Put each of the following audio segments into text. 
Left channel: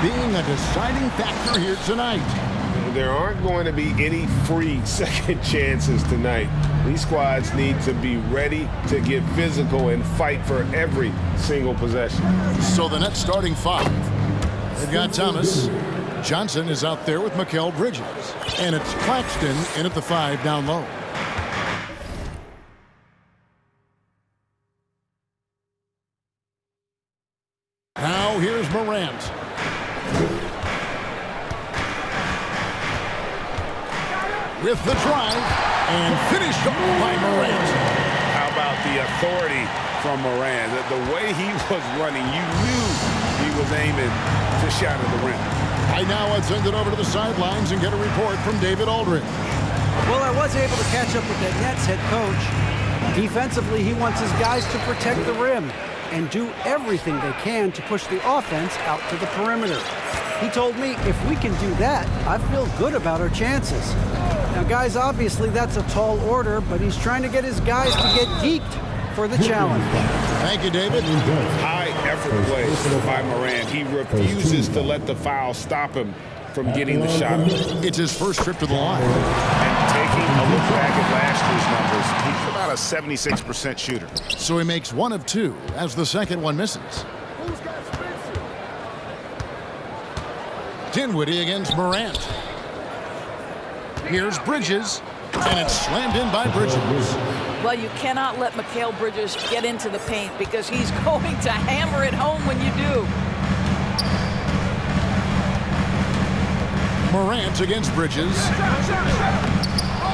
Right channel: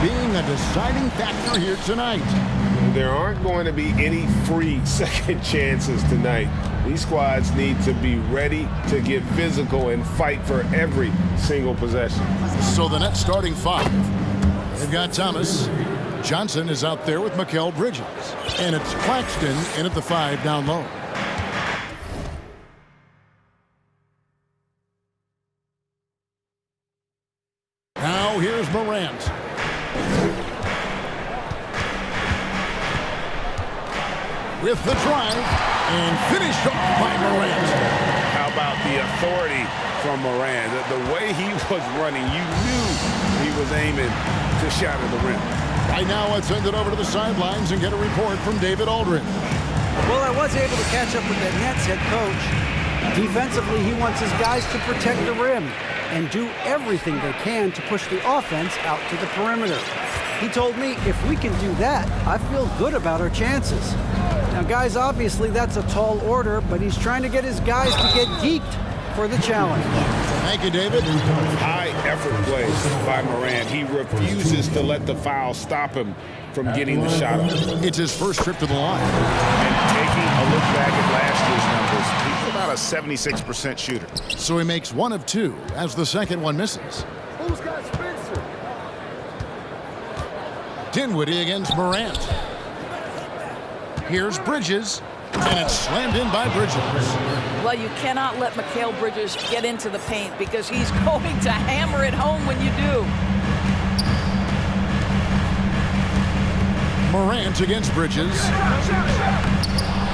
Being a deciding factor here tonight. There aren't going to be any free second chances tonight. These squads need to be ready to get physical and fight for every single possession. So the Nets starting five. They've got Thomas. Johnson is out there with Mikal Bridges. And it's Claxton in at the 5 down low. Now here's Morant. With the drive and finished off by Morant. How about the authority from Morant? The way he was running, you knew he was aiming to shatter the rim. Right now, let's send it over to the sidelines and get a report from David Aldridge. Well, I was able to catch up with that Nets head coach. Defensively, he wants his guys to protect the rim and do everything they can to push the offense out to the perimeter. He told me if we can do that, I feel good about our chances. Now, guys, obviously that's a tall order, but he's trying to get his guys to get geeked for the challenge. Thank you, David. High effort plays by Morant. He refuses to let the foul stop him from getting the shot up. It's his first trip to the line. And taking a look back at last year's numbers, he's about a 76% shooter. So he makes 1 of 2 as the second one misses. Who's got Spencer? Dinwiddie against Morant. Here's Bridges, and it's slammed in by Bridges. Well, you cannot let Mikal Bridges get into the paint because he's going to hammer it home when you do. Morant against Bridges.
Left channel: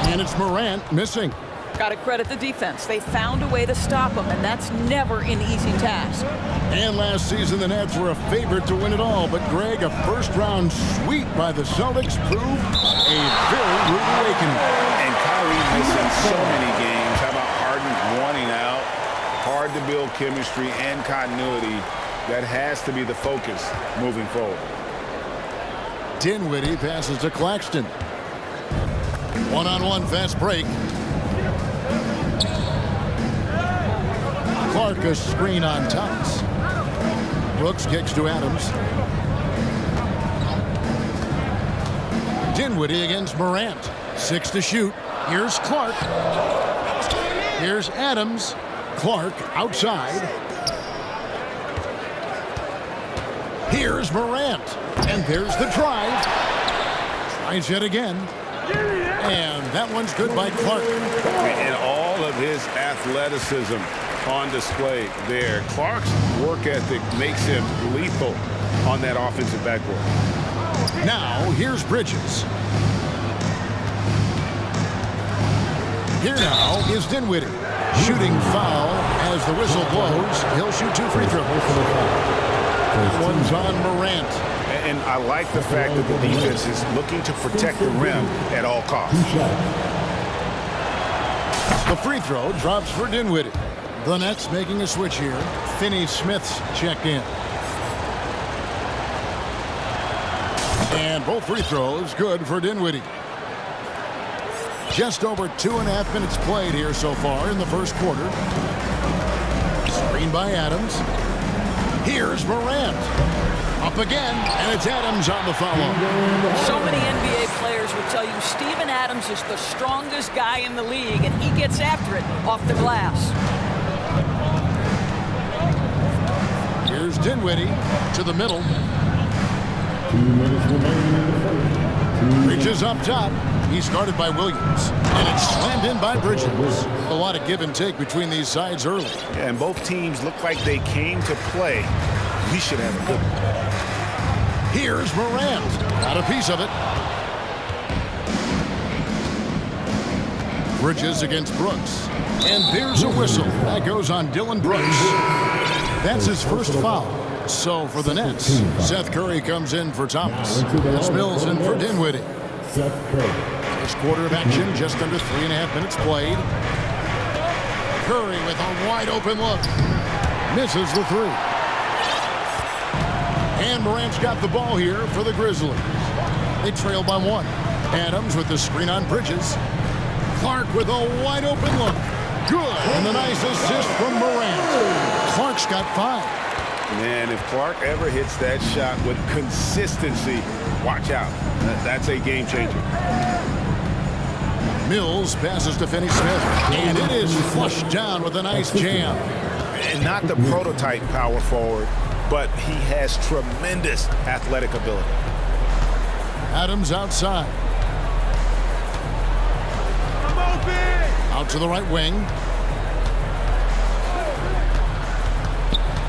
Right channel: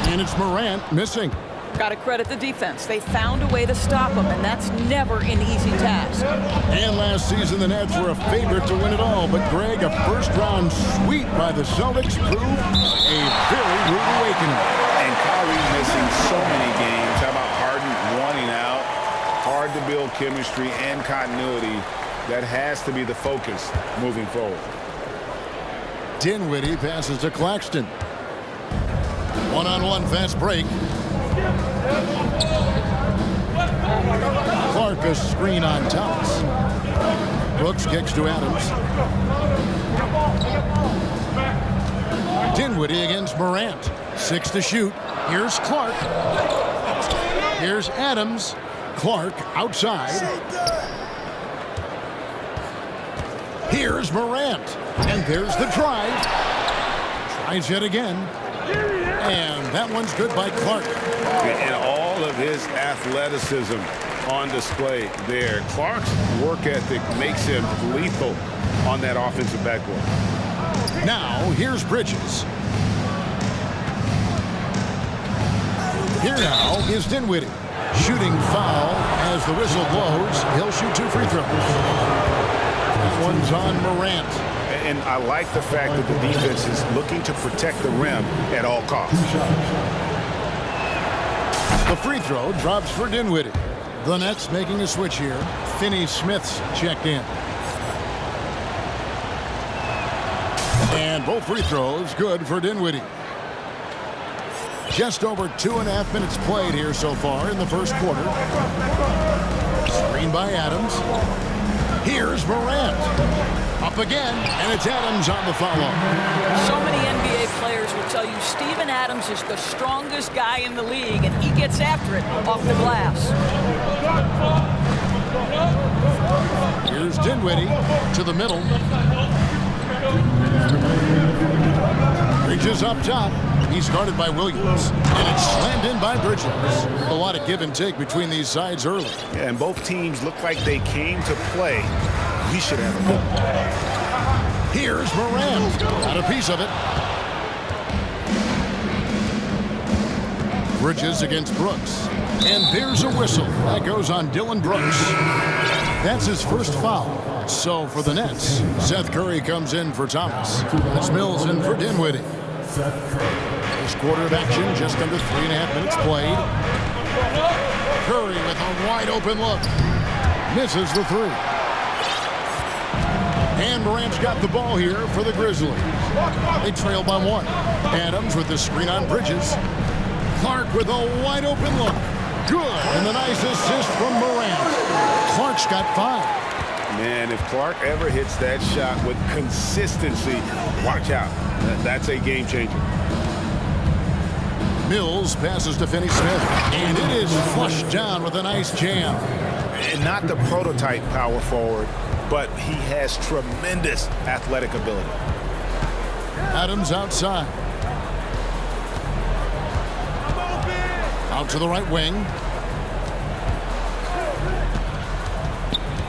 And it's Morant missing. Got to credit the defense. They found a way to stop him, and that's never an easy task. And last season, the Nets were a favorite to win it all. But, Greg, a first-round sweep by the Celtics proved a very rude awakening. And Kyrie missing so many games. How about Harden wanting out? Hard to build chemistry and continuity. That has to be the focus moving forward. Dinwiddie passes to Claxton. One-on-one fast break. Clark a screen on Thomas. Brooks kicks to Adams. Dinwiddie against Morant. 6 to shoot. Here's Clark. Here's Adams. Clark outside. Here's Morant. And there's the drive. Tries yet again. And that one's good by Clark. And all of his athleticism on display there. Clark's work ethic makes him lethal on that offensive backboard. Now, here's Bridges. Here now is Dinwiddie. Shooting foul as the whistle blows. He'll shoot 2 free throws. That one's on Morant. And I like the fact that the defense is looking to protect the rim at all costs. The free throw drops for Dinwiddie. The Nets making a switch here. Finney-Smith's checked in. And both free throws good for Dinwiddie. Just over 2.5 minutes played here so far in the first quarter. Screen by Adams. Here's Morant. Up again, and it's Adams on the follow. So many NBA players will tell you Steven Adams is the strongest guy in the league, and he gets after it off the glass. Here's Dinwiddie to the middle. Reaches up top. He's guarded by Williams. And it's slammed in by Bridges. A lot of give and take between these sides early. Yeah, and both teams look like they came to play. We should have a good one. Here's Morant. Got a piece of it. Bridges against Brooks. And there's a whistle. That goes on Dylan Brooks. That's his first foul. So for the Nets, Seth Curry comes in for Thomas. As Mills in for Dinwiddie. First quarter of action, just under 3.5 minutes played. Curry with a wide open look. Misses the 3. And Morant's got the ball here for the Grizzlies. They trail by 1. Adams with the screen on Bridges. Clark with a wide open look. Good. And the nice assist from Morant. Clark's got 5. Man, if Clark ever hits that shot with consistency, watch out. That's a game changer. Mills passes to Finney-Smith, and it is flushed down with a nice jam. And not the prototype power forward, but he has tremendous athletic ability. Adams outside. Out to the right wing.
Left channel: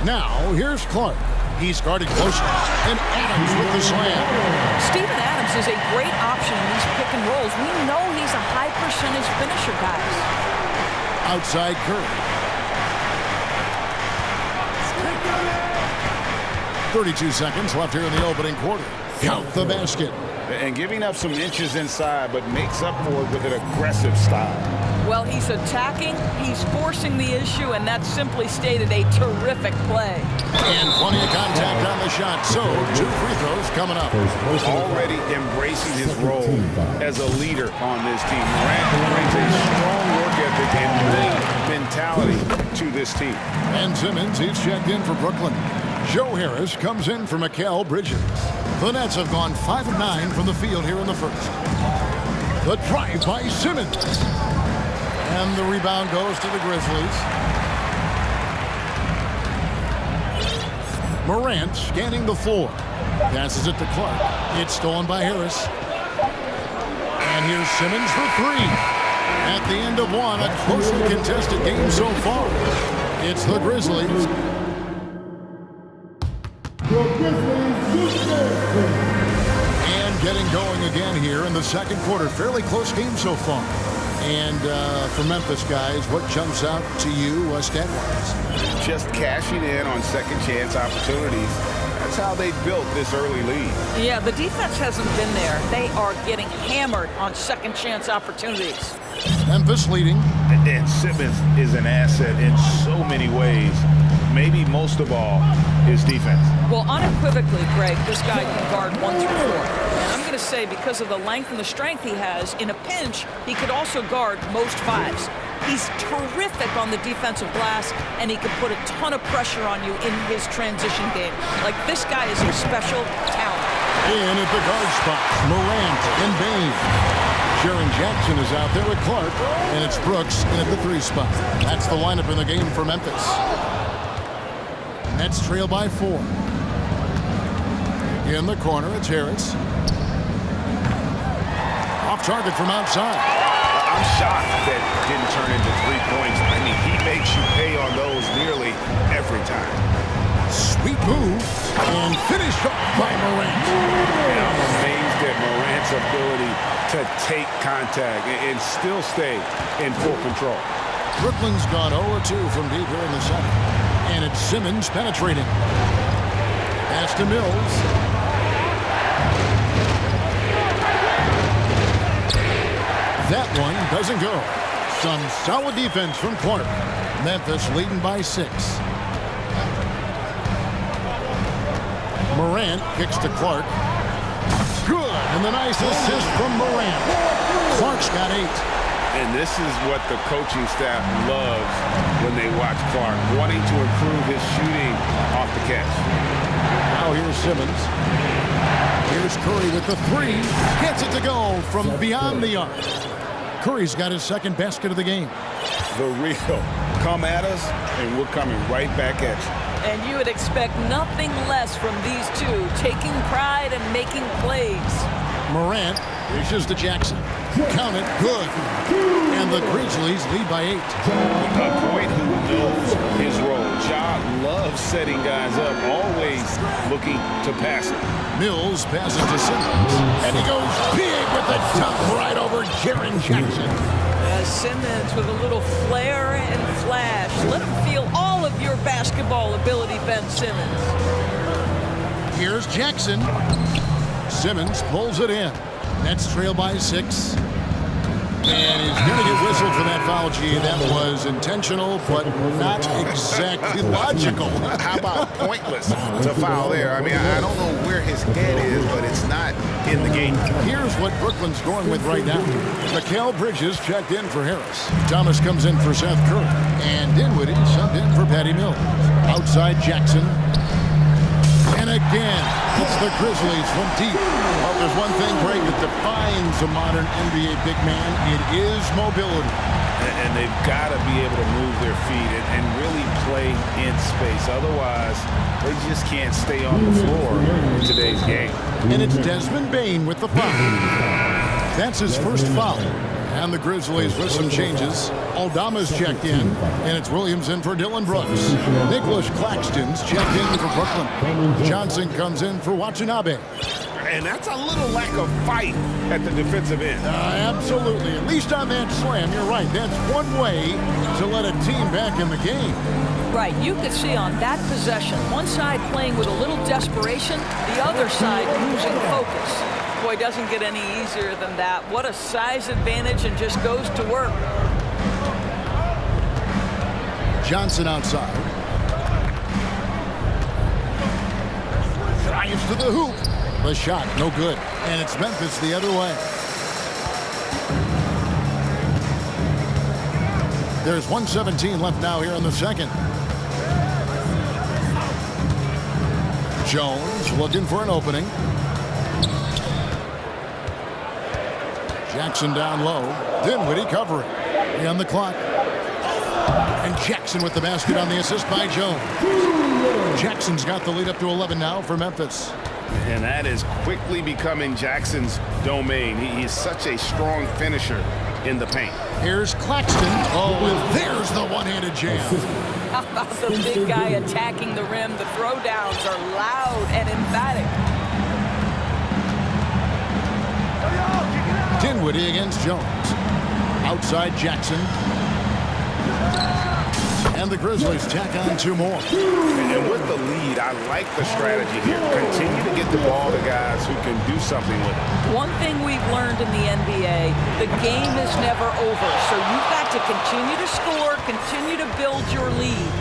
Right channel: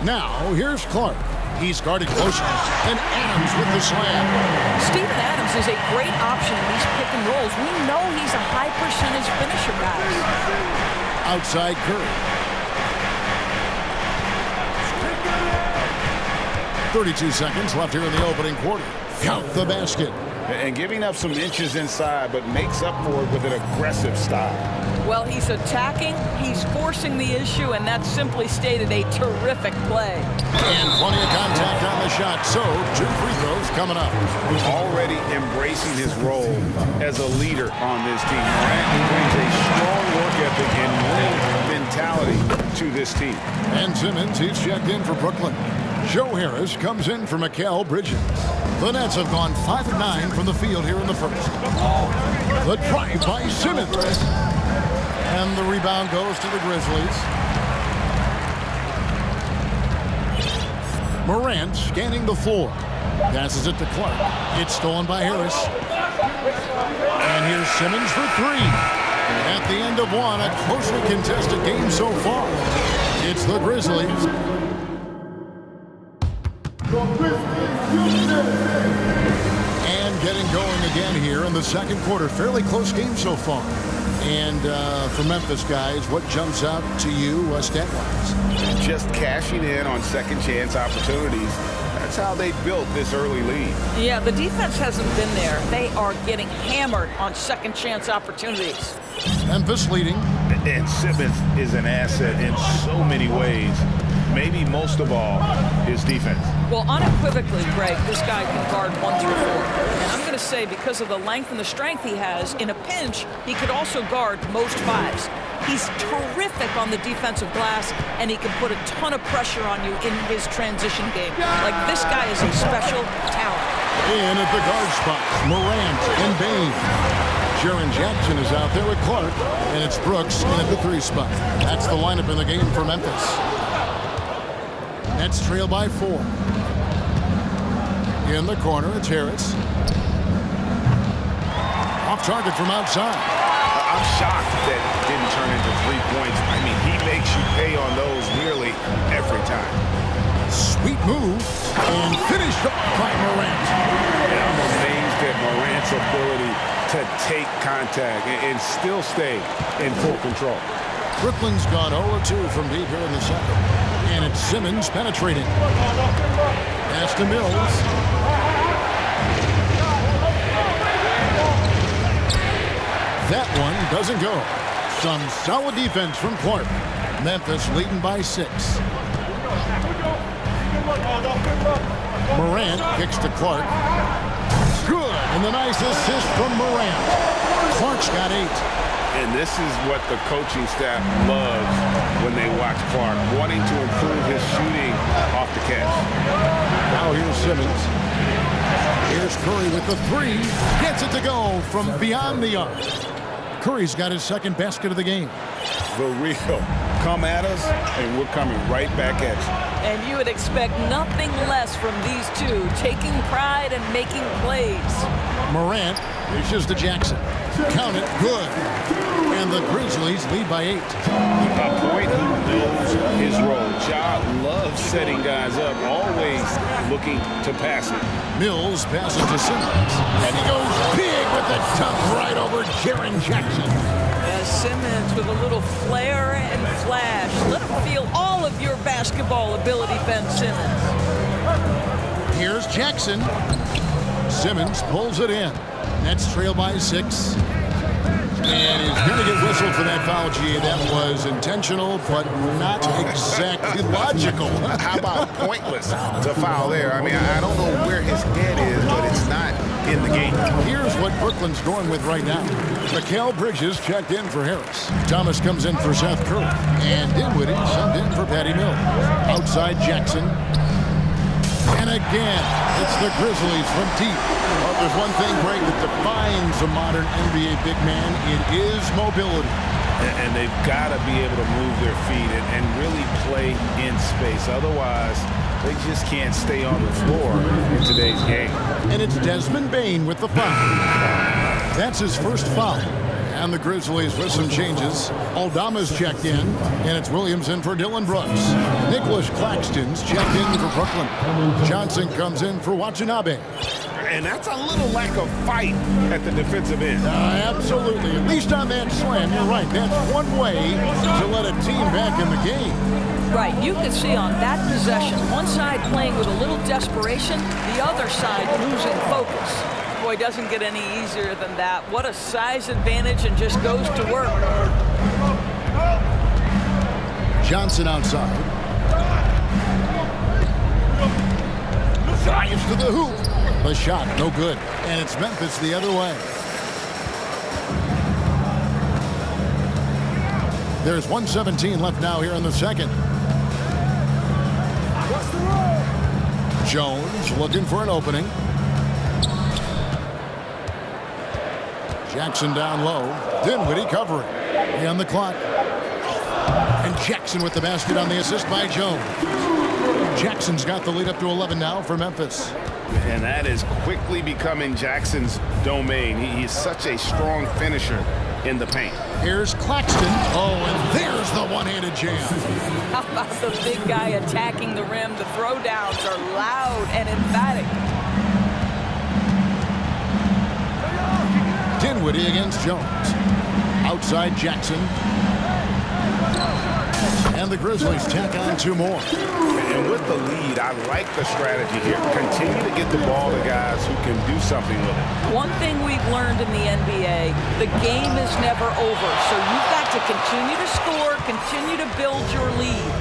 Now, here's Clark. He's guarded closely, and Adams with the slam. Steven Adams is a great option in these pick and rolls. We know he's a high percentage finisher, guys. Outside Curry. 32 seconds left here in the opening quarter. Count the basket. And giving up some inches inside, but makes up for it with an aggressive style. Well, he's attacking, he's forcing the issue, and that's simply stated a terrific play. And plenty of contact on the shot, so 2 free throws coming up. Already embracing his role as a leader on this team. Morant brings a strong work ethic and winning mentality to this team. Ben Simmons, he's checked in for Brooklyn. Joe Harris comes in for Mikal Bridges. The Nets have gone 5 of 9 from the field here in the first. The drive by Simmons. And the rebound goes to the Grizzlies. Morant scanning the floor. Passes it to Clark. It's stolen by Harris. And here's Simmons for 3. At the end of one, a closely contested game so far. It's the Grizzlies. And getting going again here in the second quarter. Fairly close game so far. And for Memphis, guys, what jumps out to you stat-wise? Just cashing in on second chance opportunities. That's how they built this early lead. Yeah, the defense hasn't been there. They are getting hammered on second chance opportunities. Memphis leading. And Simmons is an asset in so many ways. Maybe most of all, his defense. Well, unequivocally, Greg, this guy can guard 1 through 4. And I'm going to say because of the length and the strength he has, in a pinch, he could also guard most 5s. He's terrific on the defensive glass, and he can put a ton of pressure on you in his transition game. Like, this guy is a special talent. In at the guard spots, Morant and Bain. Jaren Jackson is out there with Clark, and it's Brooks in at the 3 spot. That's the lineup in the game for Memphis. Nets trail by 4. In the corner, it's Harris. Off target from outside. I'm shocked that didn't turn into 3 points. I mean, he makes you pay on those nearly every time. Sweet move, and finished off by Morant. And I'm amazed at Morant's ability to take contact and still stay in full control. Brooklyn's gone 0-2 from deep here in the second. And it's Simmons penetrating. Pass to Mills. That one doesn't go. Some solid defense from Clark. Memphis leading by 6. Morant kicks to Clark. Good, and the nice assist from Morant. Clark's got 8. And this is what the coaching staff loves when they watch Clark, wanting to improve his shooting off the catch. Now here's Simmons. Here's Curry with the 3. Gets it to go from beyond the arc. Curry's got his second basket of the game. The real. Come at us, and we're coming right back at you. And you would expect nothing less from these two, taking pride and making plays. Morant dishes to Jackson. Count it, good. And the Grizzlies lead by 8. A point who knows his role. Ja loves setting guys up, always looking to pass it. Mills passes to Simmons. And he goes big with the dunk right over Jaren Jackson. Simmons with a little flair and flash. Let him feel all of your basketball ability, Ben Simmons. Here's Jackson. Simmons pulls it in. Nets trail by 6. And he's going to get whistled for that foul, G. That was intentional, but not exactly logical. How about pointless to foul there? I mean, I don't know where his head is, but it's not in the game. Here's what Brooklyn's going with right now. Mikal Bridges checked in for Harris. Thomas comes in for Seth Curry. And Dinwiddie subbed in for Patty Mills. Outside Jackson. again, it's the Grizzlies from deep. Well, if there's one thing, Greg, that defines a modern NBA big man, it is mobility. And they've got to be able to move their feet and really play in space. Otherwise, they just can't stay on the floor in today's game. And it's Desmond Bane with the foul. That's his first foul. And the Grizzlies with some changes. Aldama's checked in, and it's Williams in for Dylan Brooks. Nicholas Claxton's checked in for Brooklyn. Johnson comes in for Watanabe. And that's a little lack of fight at the defensive end. Absolutely. At least on that slam, you're right. That's one way to let a team back in the game. Right, you could see on that possession, one side playing with a little desperation, the other side losing focus. Boy, doesn't get any easier than that. What a size advantage, and just goes to work. Johnson outside. Drives to the hoop. The shot, no good. And it's Memphis the other way. There's 1:17 left now here in the second. Jones looking for an opening. Jackson down low. Dinwiddie covering. On the clock. And Jackson with the basket on the assist by Jones. Jackson's got the lead up to 11 now for Memphis. And that is quickly becoming Jackson's domain. He's such a strong finisher in the paint. Here's Claxton. Oh, and there's the one-handed jam. How about the big guy attacking the rim? The throwdowns are loud and emphatic. Dinwiddie against Jones. Outside Jackson. And the Grizzlies tack on two more. And with the lead, I like the strategy here. Continue to get the ball to guys who can do something with it. One thing we've learned in the NBA, the game is never over. So you've got to continue to score, continue to build your lead.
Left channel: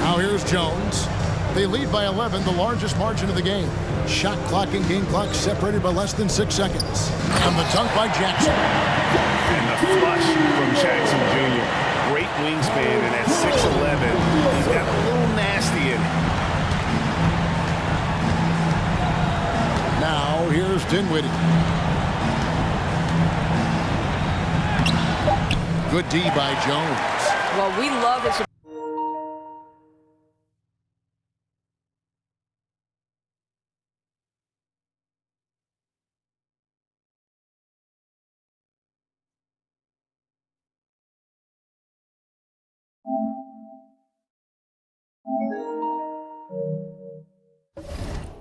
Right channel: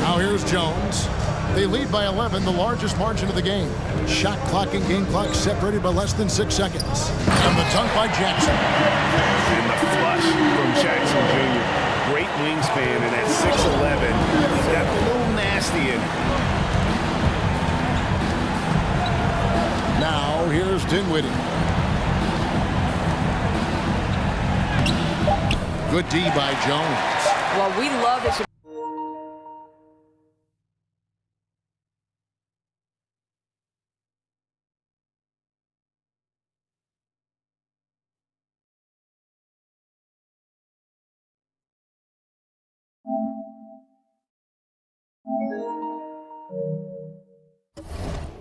Now here's Jones. They lead by 11, the largest margin of the game. Shot clock and game clock separated by less than 6 seconds. And the dunk by Jackson. And the flush from Jackson Jr. Great wingspan, and at 6'11", he's got a little nasty in it. Now here's Dinwiddie. Good D by Jones. Well, we love his...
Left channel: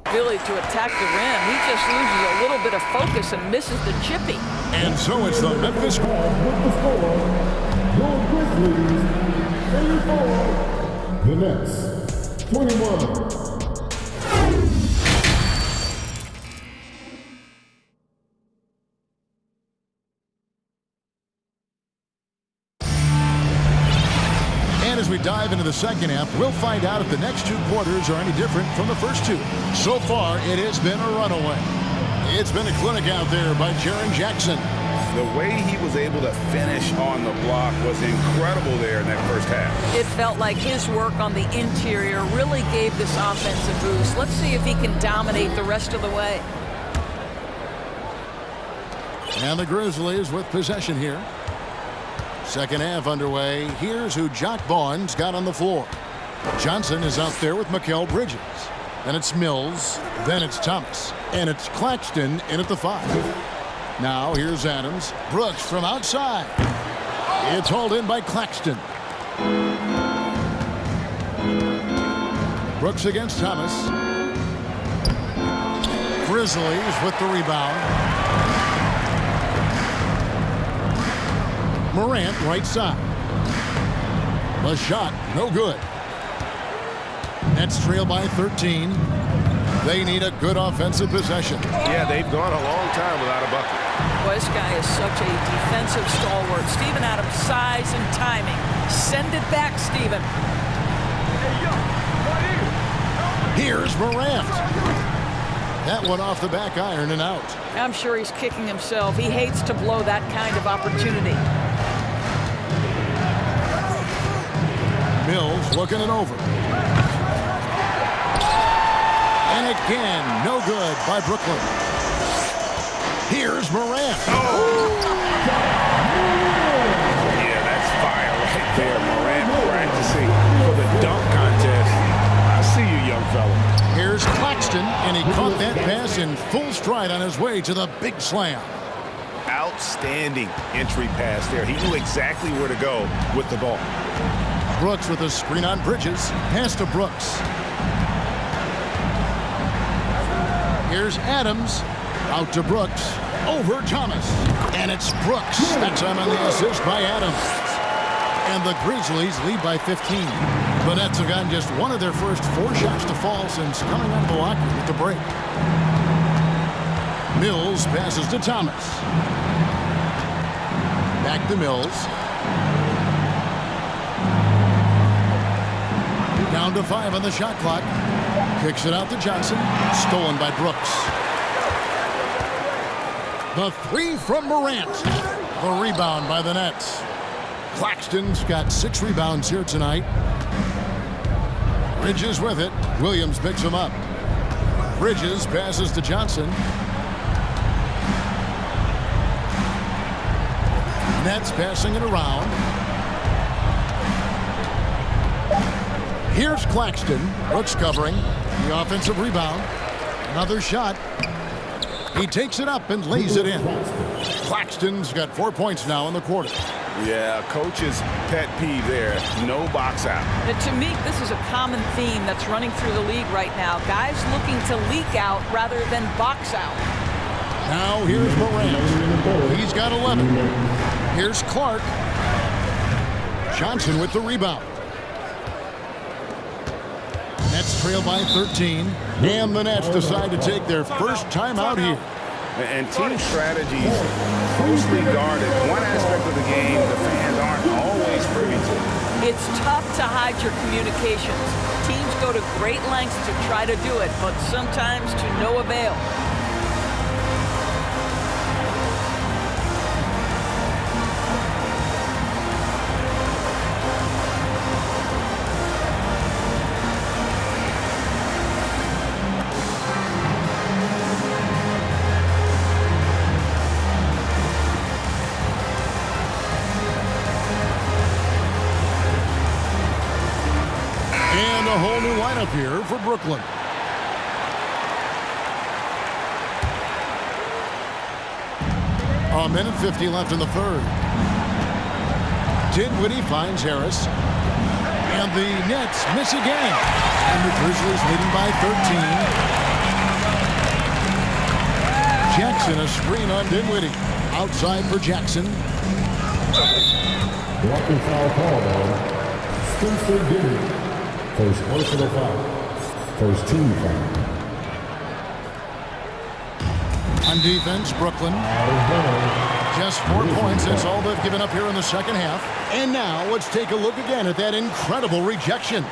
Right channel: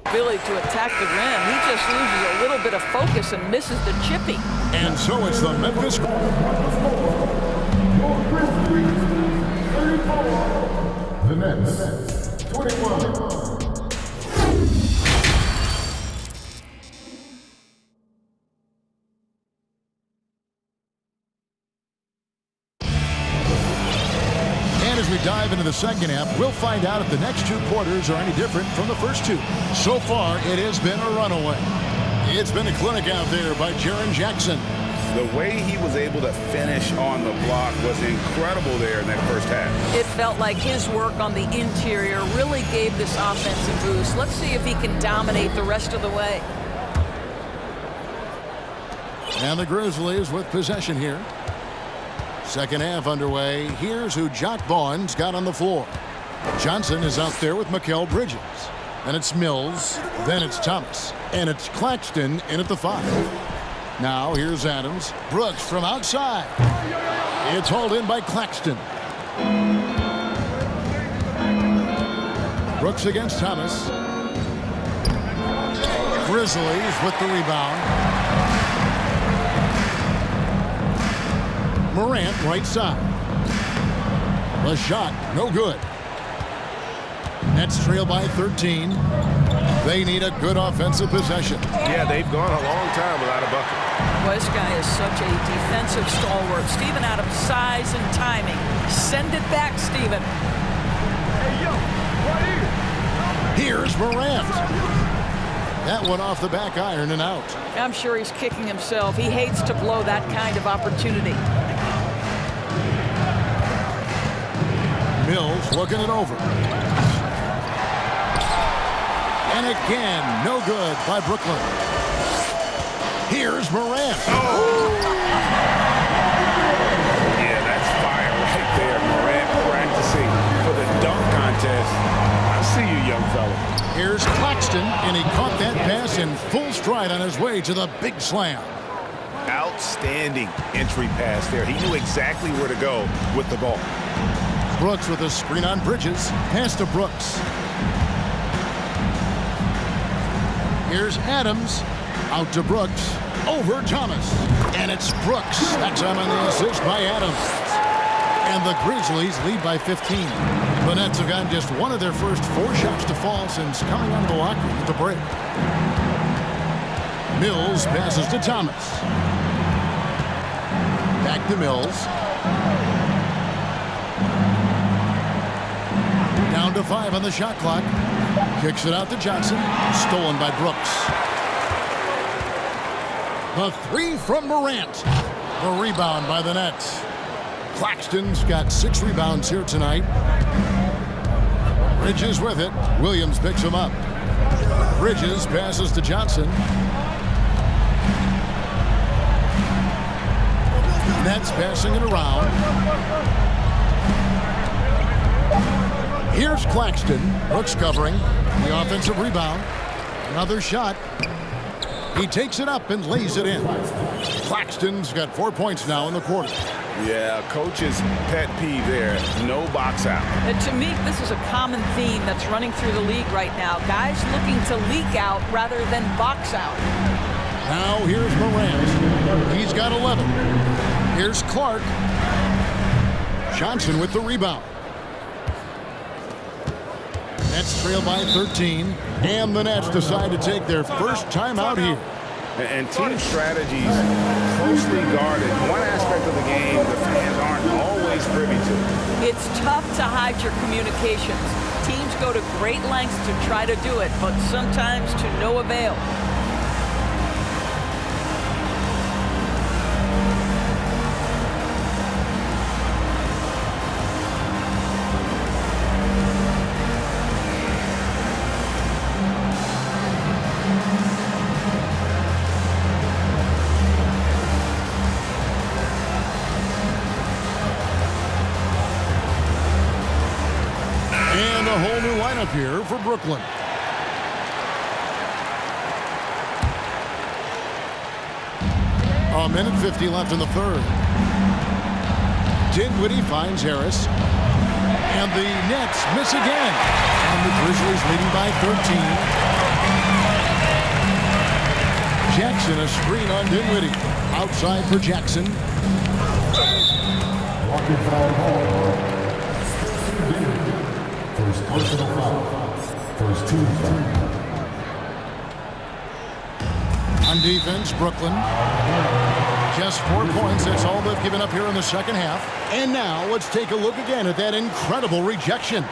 ability to attack the rim. He just loses a little bit of focus and misses the chippy. And so it's the Memphis. The Nets, 21. And as we dive into the second half, we'll find out if the next two quarters are any different from the first two. So far, it has been a runaway. It's been a clinic out there by Jaren Jackson. The way he was able to finish on the block was incredible there in that first half. It felt like his work on the interior really gave this offense a boost. Let's see if he can dominate the rest of the way. And the Grizzlies with possession here. Second half underway. Here's who Jock Vaughn's got on the floor. Johnson is out there with Mikal Bridges. Then it's Mills. Then it's Thomas. And it's Claxton in at the 5. Now here's Adams. Brooks from outside. It's hauled in by Claxton. Brooks against Thomas. Grizzlies with the rebound. Morant right side. The shot, no good. Nets trail by 13. They need a good offensive possession. Yeah, they've gone a long time without a bucket. Boy, this guy is such a defensive stalwart. Steven Adams' size and timing. Send it back, Steven. Hey, yo, right here. Here's Morant. That one off the back iron and out. I'm sure he's kicking himself. He hates to blow that kind of opportunity. Mills looking it over. And again, no good by Brooklyn. Here's Morant. Yeah, that's fire right there. Morant practicing for the dunk contest. I see you, young fella. Here's Claxton, and he caught that pass in full stride on his way to the big slam. Outstanding entry pass there. He knew exactly where to go with the ball. Brooks with a screen on Bridges. Pass to Brooks. Here's Adams. Out to Brooks. Over Thomas. And it's Brooks. That's on the assist by Adams. And the Grizzlies lead by 15. The Nets have gotten just one of their first 4 shots to fall since coming out of the locker room at the break. Mills passes to Thomas. Back to Mills. Down to 5 on the shot clock. Kicks it out to Johnson. Stolen by Brooks. The 3 from Morant. The rebound by the Nets. Claxton's got 6 rebounds here tonight. Bridges with it. Williams picks him up. Bridges passes to Johnson. Nets passing it around. Here's Claxton. Brooks covering. The offensive rebound. Another shot. He takes it up and lays it in. Claxton's got 4 points now in the quarter. Yeah, coach's pet peeve there. No box out. To me, this is a common theme that's running through the league right now. Guys looking to leak out rather than box out. Now here's Morant. He's got 11. Here's Clark. Johnson with the rebound. Nets trail by 13. And the Nets decide to take their first timeout here. And team strategies closely guarded. One aspect of the game the fans aren't always privy to. It's tough to hide your communications. Teams go to great lengths to try to do it, but sometimes to no avail. And a whole new lineup here for Brooklyn. A minute 50 left in the third. Dinwiddie finds Harris. And the Nets miss again. And the Grizzlies leading by 13. Jackson, a screen on Dinwiddie. Outside for Jackson. Blocking foul call. Spencer Dinwiddie. First personal foul. First team foul. On defense, Brooklyn. Just 4 points. That's all they've given up here in the second half. And now let's take a look again at that incredible rejection.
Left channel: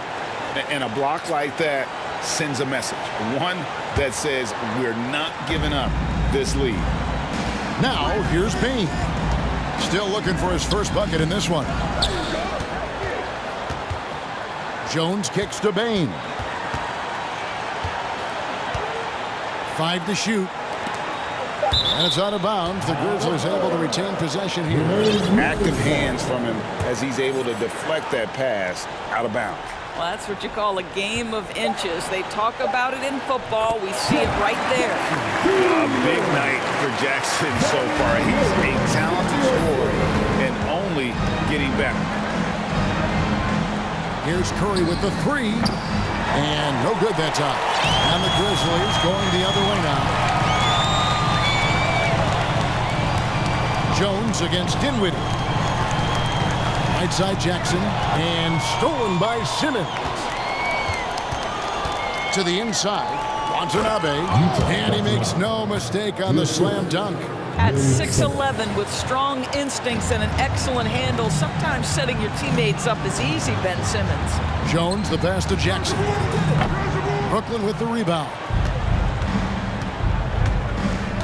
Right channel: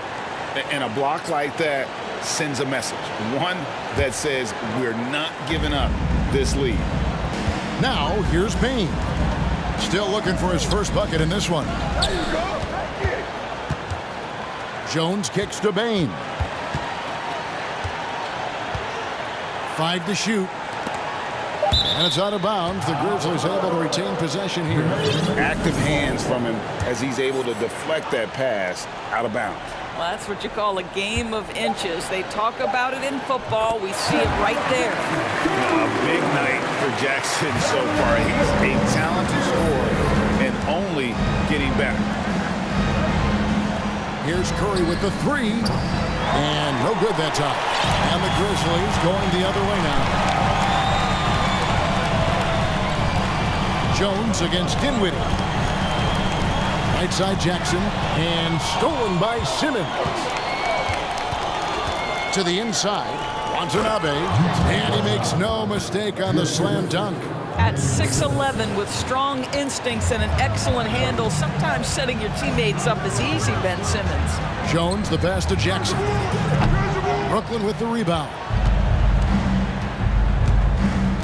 And a block like that sends a message. One that says we're not giving up this lead. Now here's Payne. Still looking for his first bucket in this one. Jones kicks to Bain. 5 to shoot. And it's out of bounds. The Grizzlies able to retain possession here. Active hands from him as he's able to deflect that pass out of bounds. Well, that's what you call a game of inches. They talk about it in football. We see it right there. A big night for Jackson so far. He's a talented scorer and only getting better. Here's Curry with the 3. And no good that time. And the Grizzlies going the other way now. Jones against Dinwiddie. Right side Jackson. And stolen by Simmons. To the inside. Watanabe. And he makes no mistake on the slam dunk. At 6'11", with strong instincts and an excellent handle, sometimes setting your teammates up is easy, Ben Simmons. Jones, the pass to Jackson. Brooklyn with the rebound.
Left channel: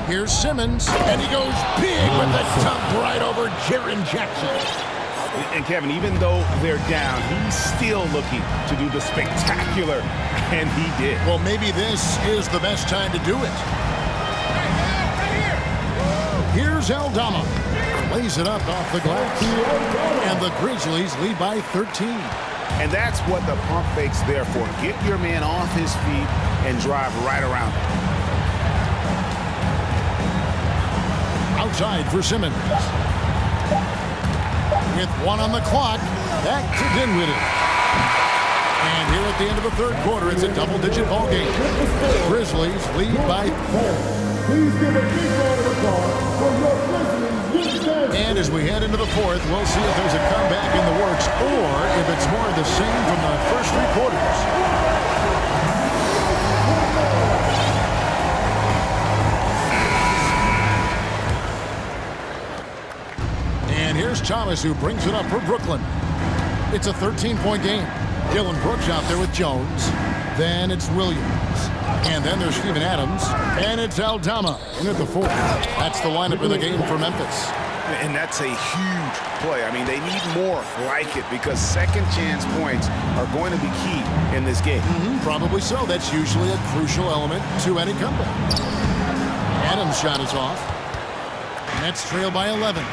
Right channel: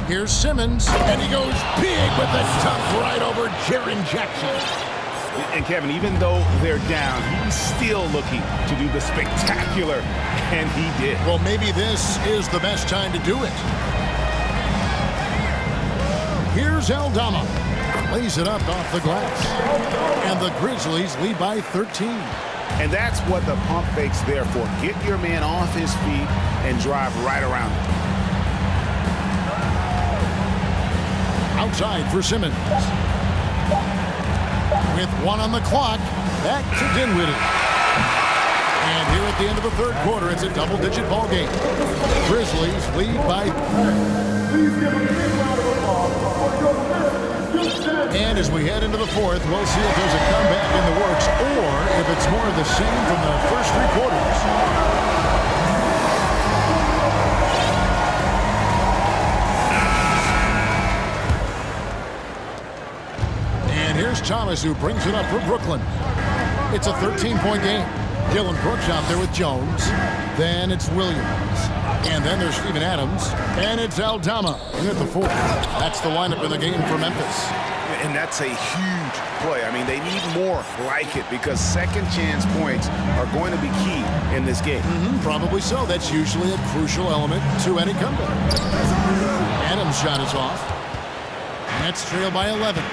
Here's Simmons, and he goes big with the dunk right over Jaren Jackson. And Kevin, even though they're down, he's still looking to do the spectacular, and he did. Well, maybe this is the best time to do it. Here's Aldama. Lays it up off the glass. And the Grizzlies lead by 13. And that's what the pump fake's there for. Get your man off his feet and drive right around him. Outside for Simmons. With one on the clock, back to Dinwiddie. And here at the end of the third quarter, it's a double-digit ball game. Grizzlies lead by... Please give a big round of applause for your Grizzlies. And as we head into the fourth, we'll see if there's a comeback in the works or if it's more of the same from the first three quarters. And here's Thomas, who brings it up for Brooklyn. It's a 13-point game. Dylan Brooks out there with Jones. Then it's Williams. And then there's Steven Adams. And it's Aldama in at the fourth. That's the lineup in the game for Memphis. And that's a huge play. I mean, they need more like it because second chance points are going to be key in this game. Probably so. That's usually a crucial element to any comeback. Adams' shot is off. Nets trail by 11.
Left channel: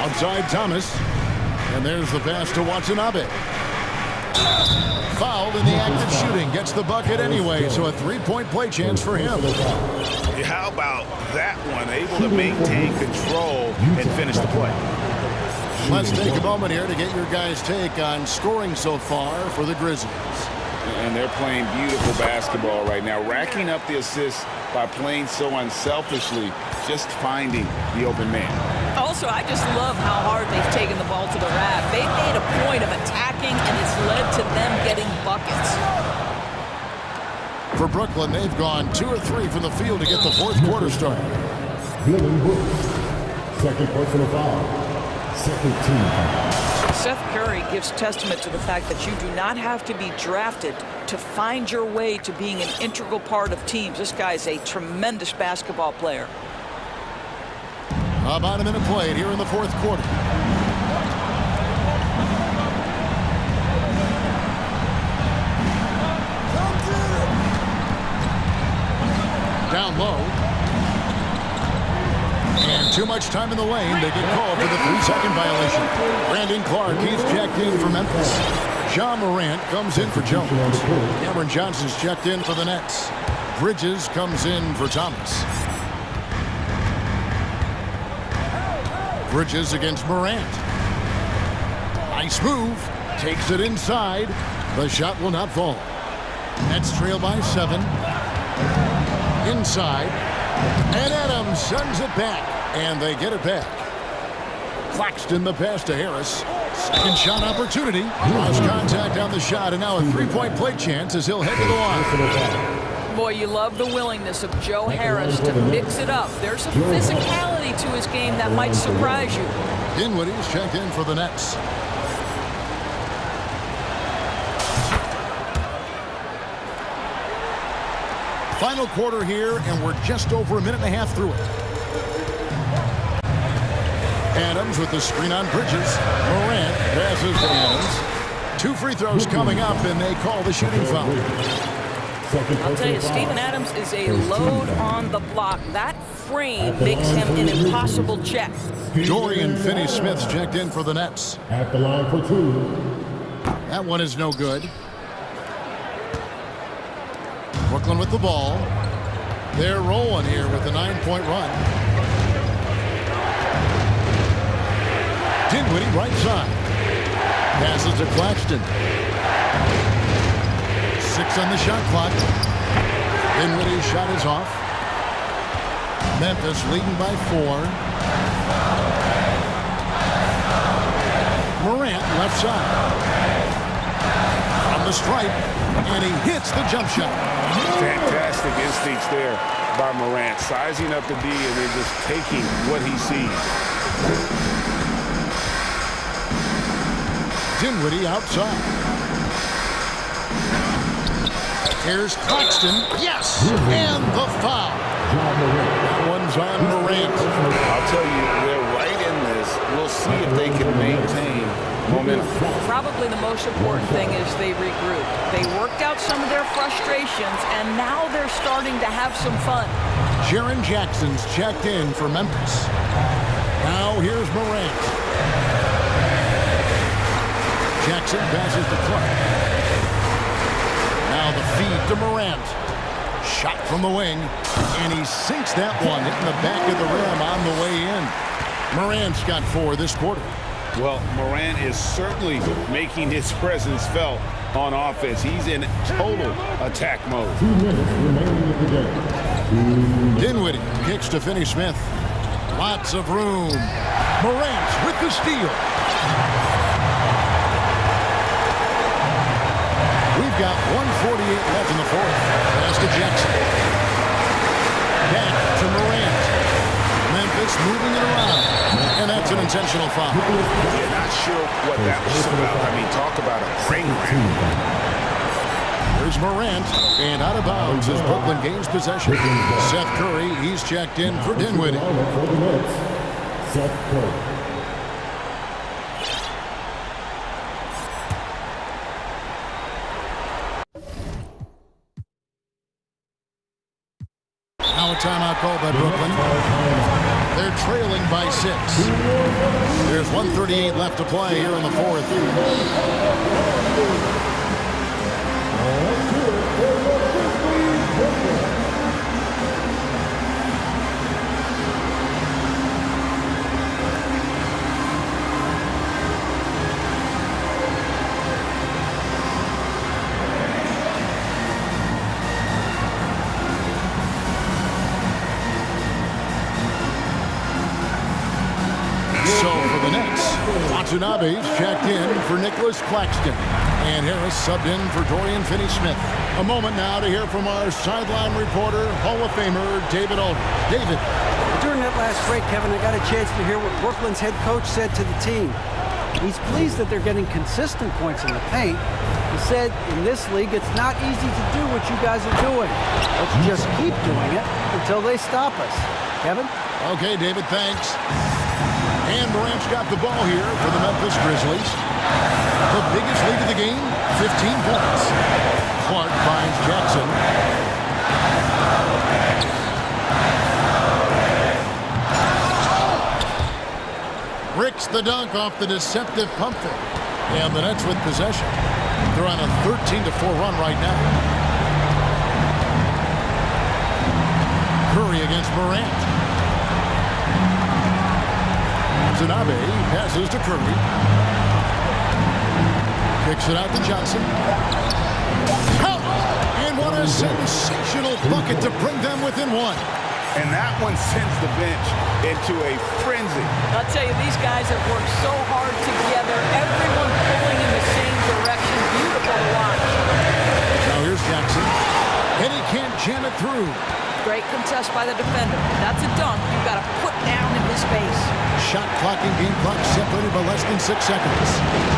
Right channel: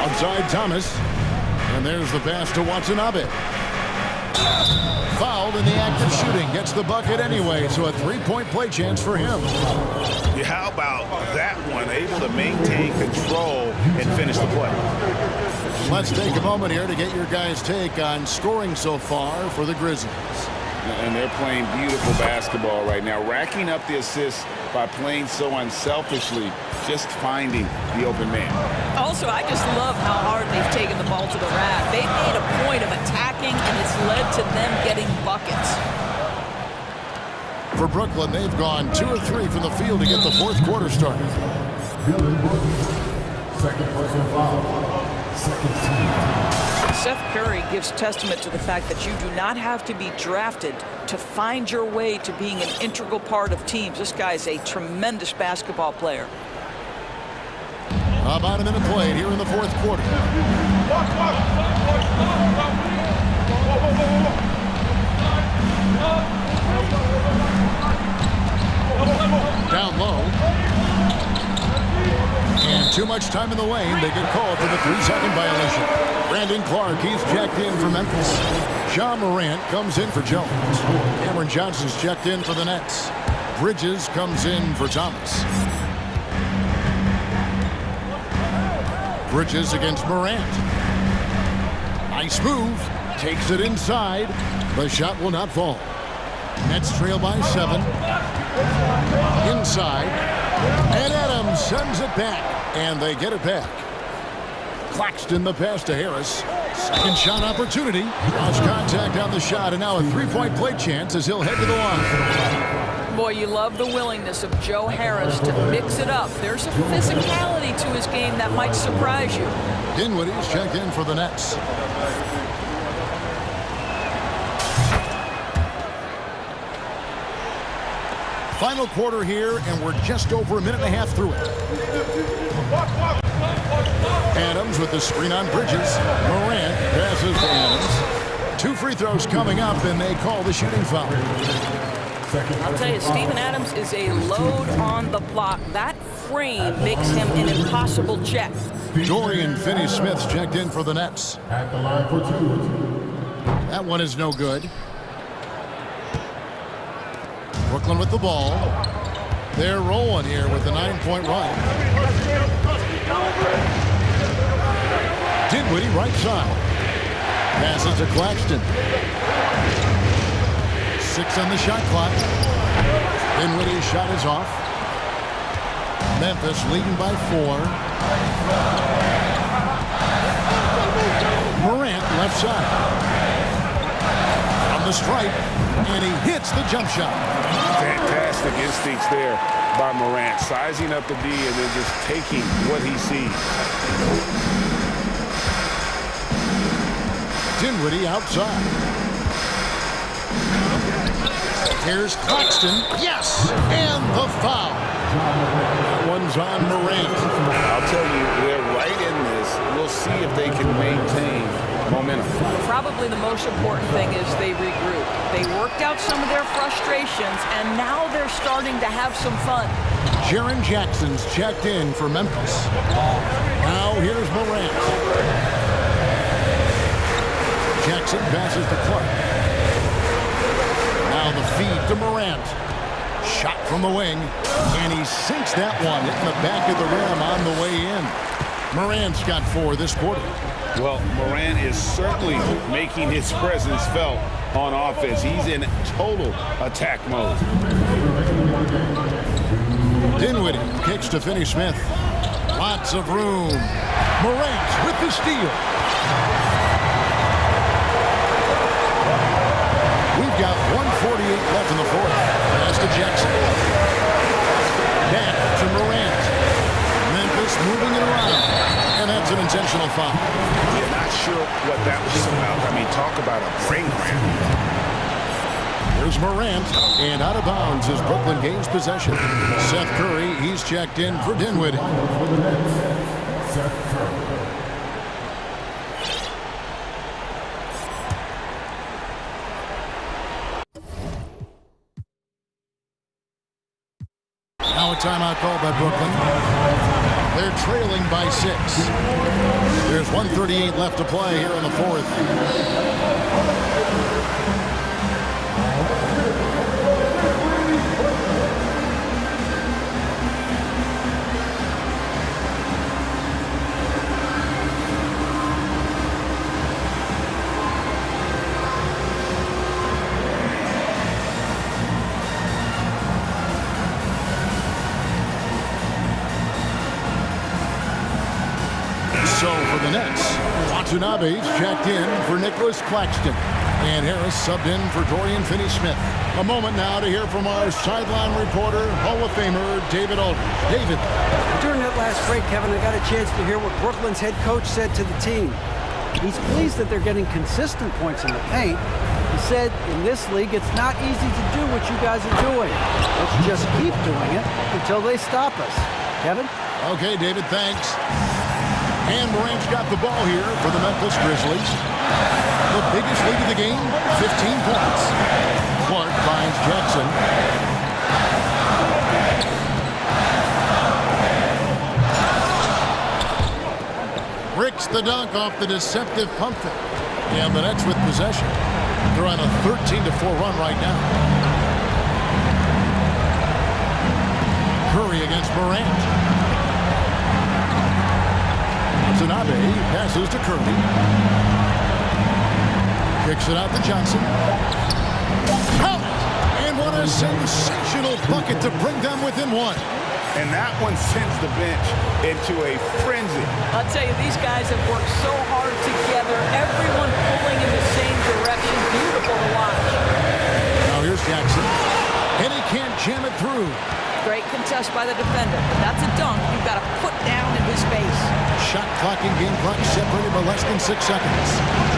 Outside Thomas. And there's the pass to Watanabe. Fouled in the act of shooting. Gets the bucket anyway, so a three-point play chance for him. Yeah, how about that one? Able to maintain control and finish the play. Let's take a moment here to get your guys' take on scoring so far for the Grizzlies. And they're playing beautiful basketball right now, racking up the assists by playing so unselfishly, just finding the open man. Also, I just love how hard they've taken the ball to the rack. They've made a point of attacking, and it's led to them getting buckets. For Brooklyn, they've gone 2 of 3 from the field to get the fourth quarter started. Dylan Brooks, second personal foul, second team foul. Seth Curry gives testament to the fact that you do not have to be drafted to find your way to being an integral part of teams. This guy is a tremendous basketball player. About a minute played here in the fourth quarter. Down low. And too much time in the lane. They get called for the 3-second violation. Brandon Clark, he's checked in for Memphis. John Morant comes in for Jones. Cameron Johnson's checked in for the Nets. Bridges comes in for Thomas. Bridges against Morant. Nice move. Takes it inside. The shot will not fall. Nets trail by 7. Inside. And Adams sends it back. And they get it back. Claxton the pass to Harris. Second shot opportunity. Draws contact on the shot. And now a 3-point play chance as he'll head to the line. Boy, you love the willingness of Joe Harris to mix it up. There's a physicality to his game that might surprise you. Dinwiddie's checked in for the Nets. Final quarter here, and we're just over a minute and a half through it. Adams with the screen on Bridges. Morant passes to Adams. 2 free throws coming up, and they call the shooting foul. I'll tell you, Steven Adams is a load on the block. That frame makes him an impossible check. Dorian Finney-Smith's checked in for the Nets. At the line for 2. That one is no good. Brooklyn with the ball. They're rolling here with a 9-point run. Dinwiddie right side. Passes to Claxton. 6 on the shot clock. Dinwiddie's shot is off. Memphis leading by 4. Morant left side. From the stripe. And he hits the jump shot. Fantastic instincts there by Morant, sizing up the D and then just taking what he sees. Dinwiddie outside. Here's Claxton. Yes! And the foul. That one's on Morant. I'll tell you, they're right in this. We'll see if they can maintain momentum. Probably the most important thing is they regrouped. They worked out some of their frustrations, and now they're starting to have some fun. Jaren Jackson's checked in for Memphis. Now here's Morant. Jackson passes to Clark. Now the feed to Morant. Shot from the wing, and he sinks that one, hitting the back of the rim on the way in. Morant's got 4 this quarter. Well, Morant is certainly making his presence felt on offense. He's in total attack mode. Dinwiddie kicks to Finney-Smith. Lots of room. Morant with the steal. We've got 1:48 left in the fourth. Pass to Jackson. Back to Morant. Memphis moving it around. And that's an intentional foul. Yeah, not sure what that was about. I mean, talk about a brain cramp. Here's Morant, and out of bounds as Brooklyn gains possession. Seth Curry, he's checked in for Dinwiddie. Seth Curry. Now a timeout called by Brooklyn. They're trailing by 6. There's 1:38 left to play here in the fourth. So for the Nets, Watanabe's checked in for Nicholas Claxton. And Harris subbed in for Dorian Finney-Smith. A moment now to hear from our sideline reporter, Hall of Famer David Aldridge. David. During that last break, Kevin, I got a chance to hear what Brooklyn's head coach said to the team. He's pleased that they're getting consistent points in the paint. He said, in this league, it's not easy to do what you guys are doing. Let's just keep doing it until they stop us. Kevin? Okay, David, thanks. And Morant's got the ball here for the Memphis Grizzlies. The biggest lead of the game, 15 points. Clark finds Jackson. Bricks the dunk off the deceptive pump fake. And the Nets with possession. They're on a 13-4 run right now. Curry against Morant. Watanabe passes to Curry. Kicks it out to Johnson. Count it! And what a sensational bucket to bring them within 1. And that one sends the bench into a frenzy. I'll tell you, these guys have worked so hard together. Everyone pulling in the same direction. Beautiful to watch. Now here's Jackson. And he can't jam it through. Great contest by the defender, but that's a dunk you've got to put down in his face. Shot clock and game clock separated by less than 6 seconds.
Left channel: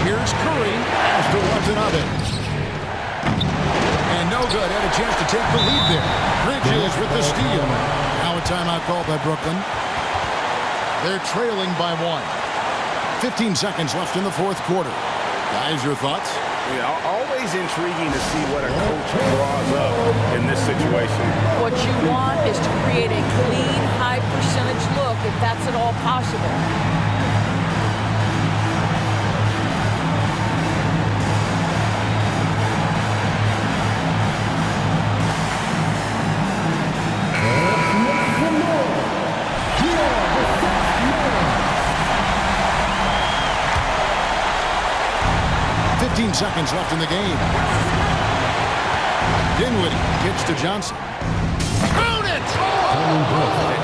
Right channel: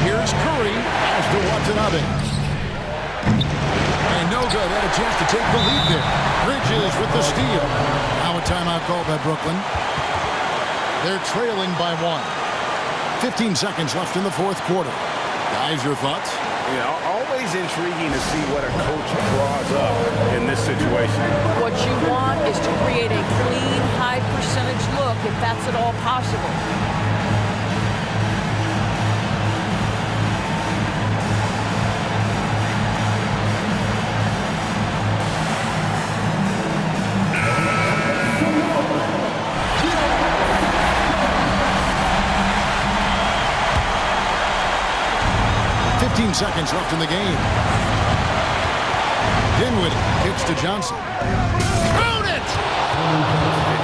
Here's Curry as to Watanabe. And no good, had a chance to take the lead there. Bridges with the steal. Now a timeout called by Brooklyn. They're trailing by 1. 15 seconds left in the fourth quarter. Guys, your thoughts? Yeah, always intriguing to see what a coach draws up in this situation. What you want is to create a clean, high percentage look, if that's at all possible. Fifteen seconds left in the game. Dinwiddie kicks to Johnson. Count it!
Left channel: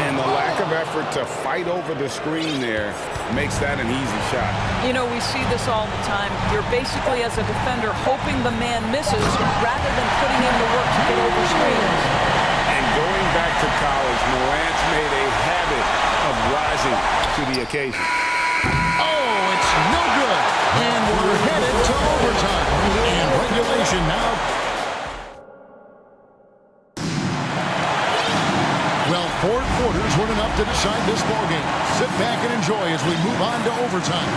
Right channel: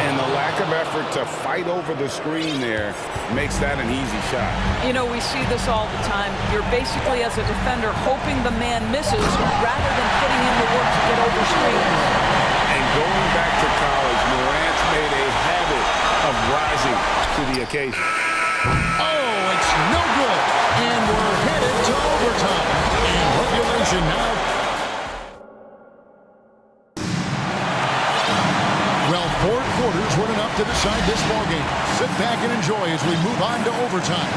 And the lack of effort to fight over the screen there makes that an easy shot. You know, we see this all the time. You're basically, as a defender, hoping the man misses rather than putting in the work to get over screens. And going back to college, Morant's made a habit of rising to the occasion. Oh, it's no good. And we're headed to overtime. And regulation now. Well, 4 quarters weren't enough to decide this ballgame. Sit back and enjoy as we move on to overtime.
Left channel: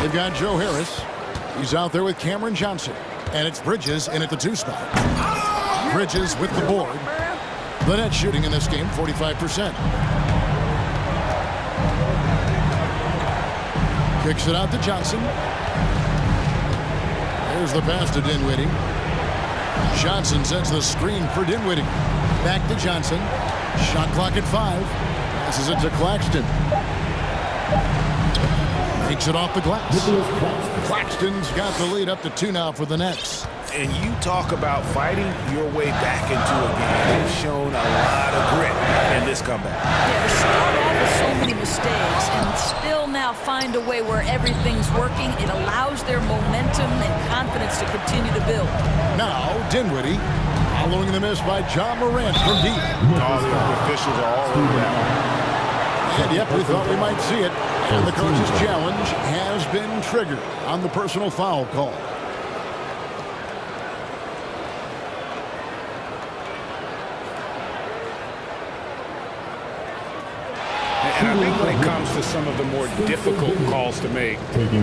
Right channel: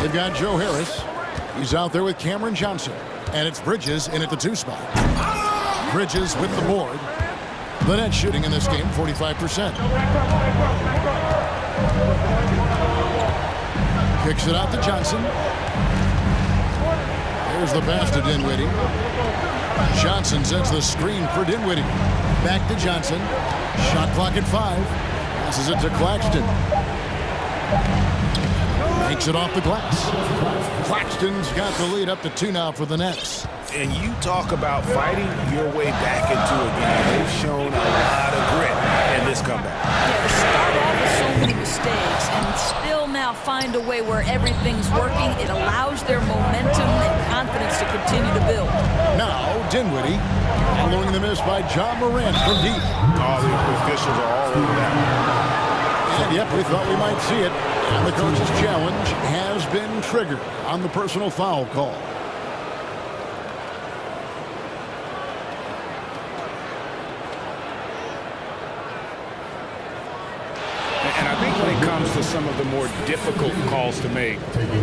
They've got Joe Harris. He's out there with Cameron Johnson. And it's Bridges in at the 2 spot. Bridges with the board. The net shooting in this game, 45%. Kicks it out to Johnson. There's the pass to Dinwiddie. Johnson sets the screen for Dinwiddie. Back to Johnson. Shot clock at 5. Passes it to Claxton. Takes it off the glass. Claxton's got the lead up to 2 now for the Nets. And you talk about fighting your way back into a game. They've shown a lot of grit in this comeback. Yeah, to start off with so many mistakes and still now find a way where everything's working, it allows their momentum and confidence to continue to build. Now, Dinwiddie, following the miss by John Morant from deep. All the officials are all over that one. And yep, we thought we might see it. And the coach's challenge has been triggered on the personal foul call. And I think when it comes to some of the more difficult calls to make,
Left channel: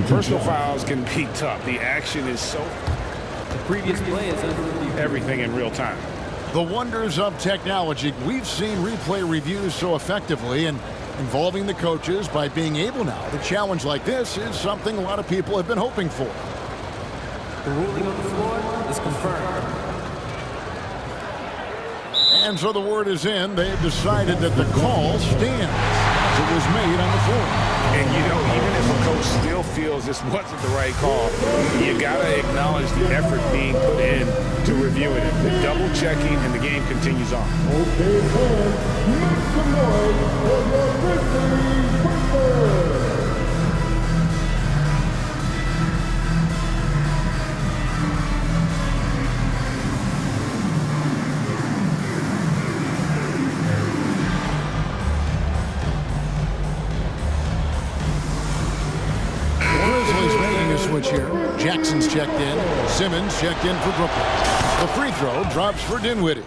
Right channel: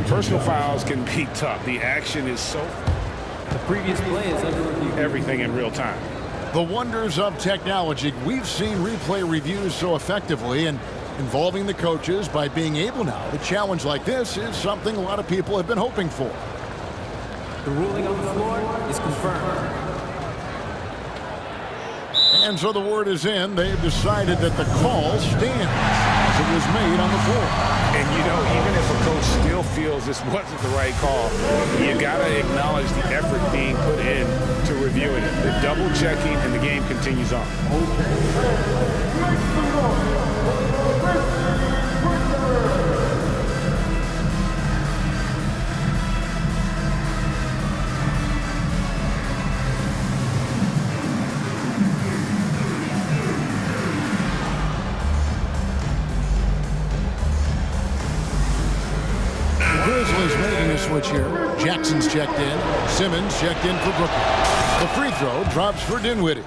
personal fouls can be tough. The action is so... The previous play is under review. Everything in real time. The wonders of technology. We've seen replay reviews so effectively, and involving the coaches by being able now to challenge like this is something a lot of people have been hoping for. The ruling on the floor is confirmed. And so the word is in. They've decided that the call stands as it was made on the floor. And, you know, even if a coach still feels this wasn't the right call, you got to acknowledge the effort being put in to reviewing it. The double checking, and the game continues on. Okay, fans, make some noise for the racing Ripper. Grizzlies making a switch here. Jackson's checked in. Simmons checked in for Brooklyn. The free throw drops for Dinwiddie.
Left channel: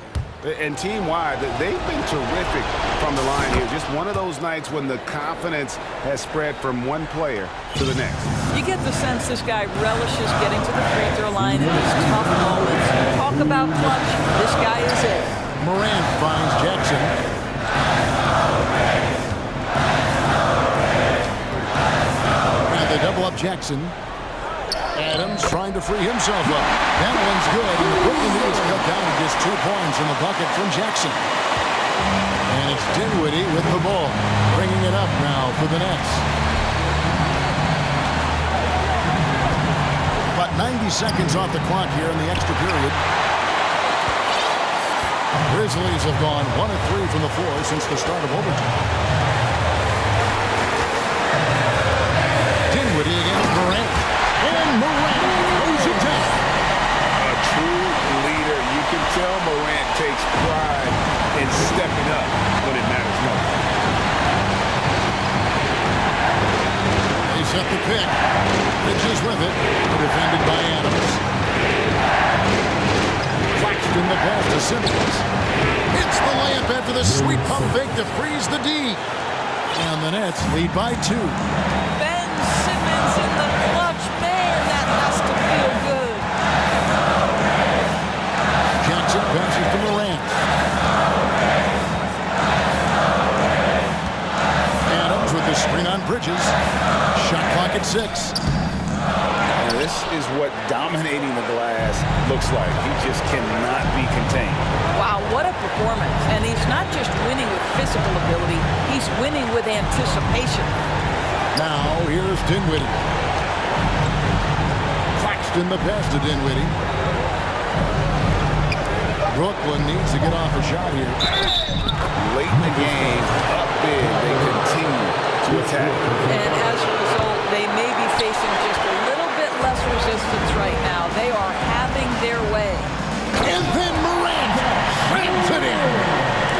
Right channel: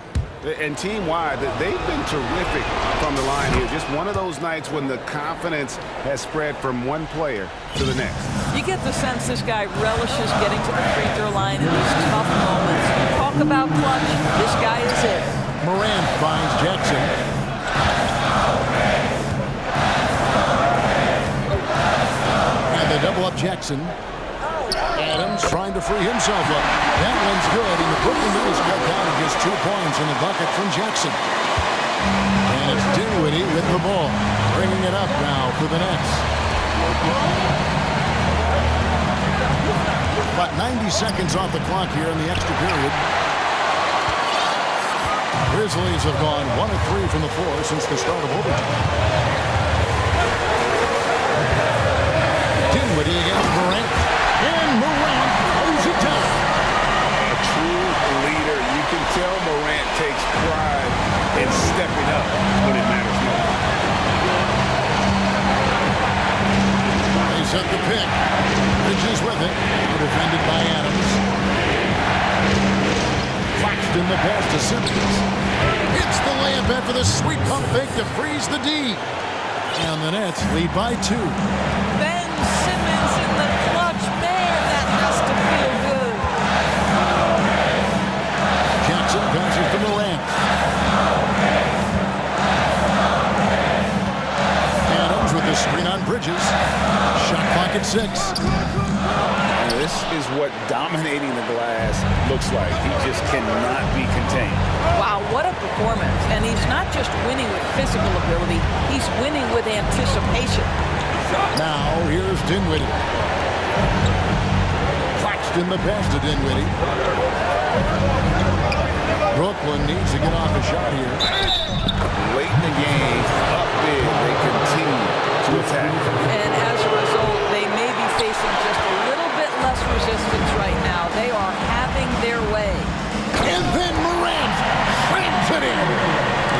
And team-wide, they've been terrific from the line here. Just one of those nights when the confidence has spread from one player to the next. You get the sense this guy relishes getting to the free throw line in these tough moments. You talk about clutch, this guy is it. Morant finds Jackson. They double up Jackson. Adams trying to free himself up. That one's good, and the Brooklyn lead is cut down to just 2 points on the bucket from Jackson. And it's Dinwiddie with the ball, bringing it up now for the Nets. About 90 seconds off the clock here in the extra period. Grizzlies have gone 1 of 3 from the floor since the start of overtime. Dinwiddie against Morant. And Morant throws it down. A true leader. You can tell Morant takes pride in stepping up when it matters most. They set the pick. Bridges with it. Defended by Adams. Claxton the pass to Simmons. Hits the layup after the sweet pump fake to freeze the D. And the Nets lead by 2. Simmons in the clutch. Man, that has to feel good. Jackson passes to Morant. Adams with the screen on Bridges. Shot clock at 6. And this is what dominating the glass looks like. He just cannot be contained. Wow, what a performance. And he's not just winning with physical ability, he's winning with anticipation. Now, here's Dinwiddie. Claxton the pass to Dinwiddie. Brooklyn needs to get off a shot here. Late in the game, up big, they continue to attack. And as a result, they may be facing just a little bit less resistance right now. They are having their way. And then Morant slams it in.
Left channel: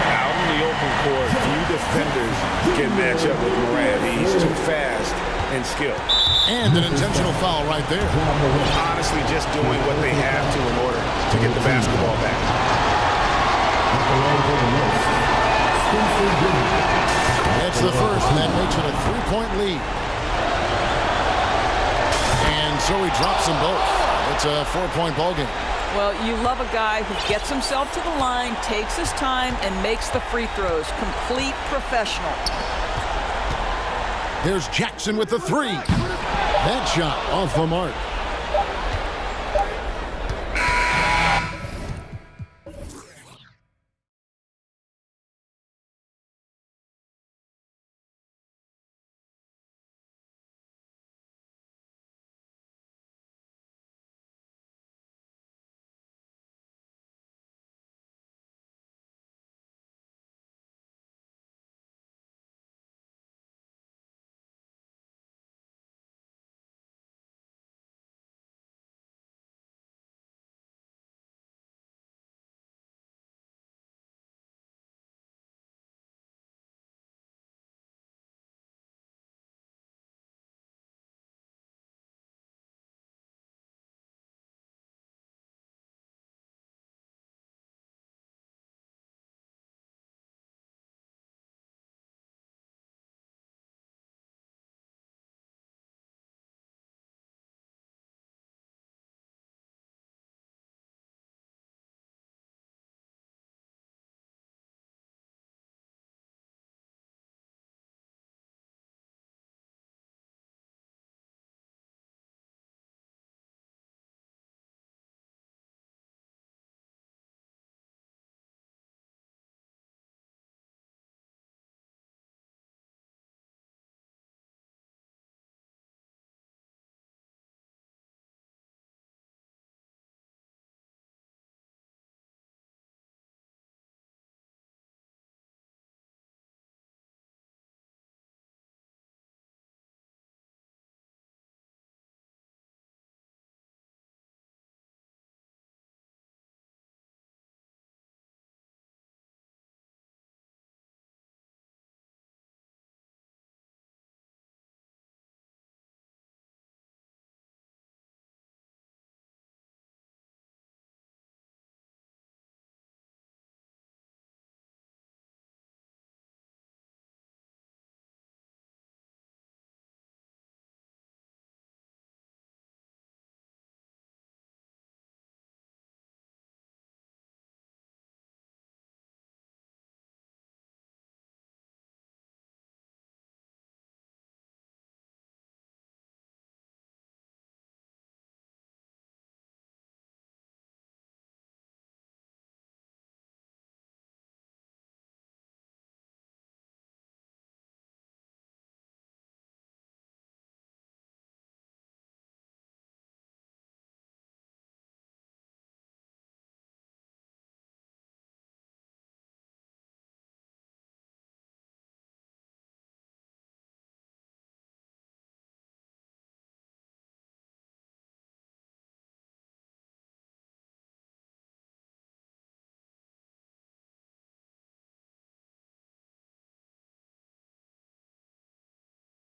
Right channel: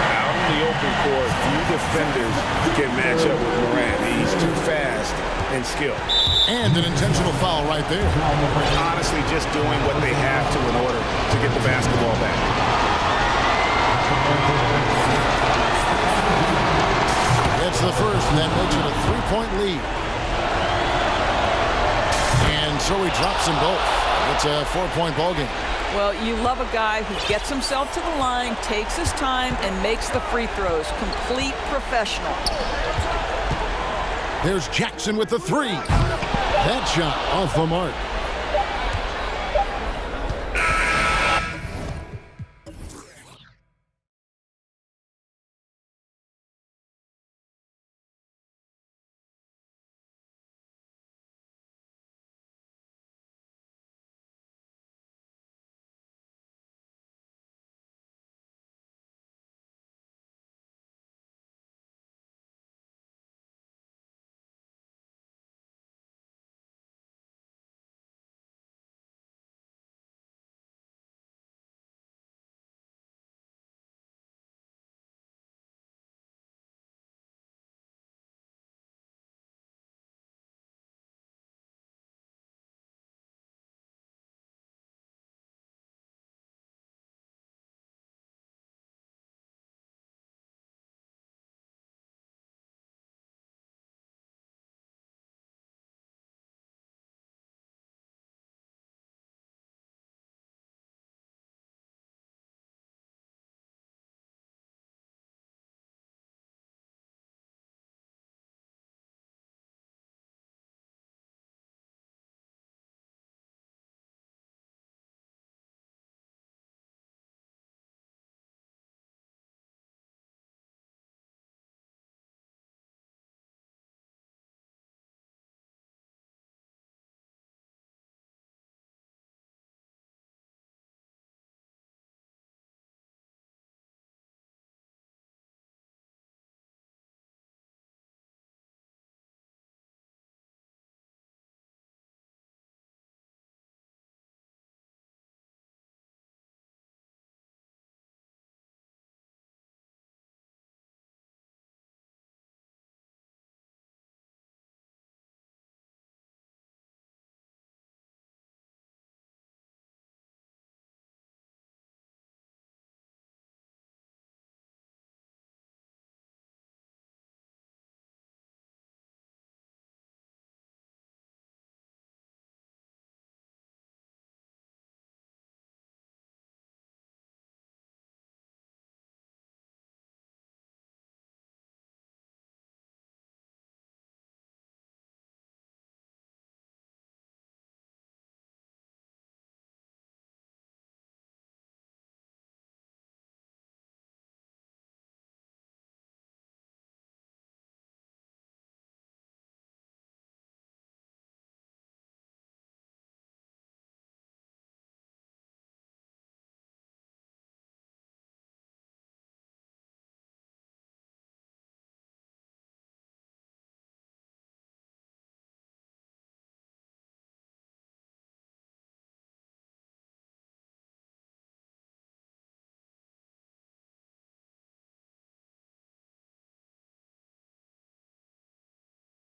Out in the open open court, few defenders can match up with Morant. He's too fast and skilled. And an intentional foul right there. Honestly, just doing what they have to in order to get the basketball back. It's the first, and that makes it a 3-point lead. And so he drops them both. It's a 4-point ball game. Well, you love a guy who gets himself to the line, takes his time, and makes the free throws. Complete professional. There's Jackson with the three. That shot off the mark.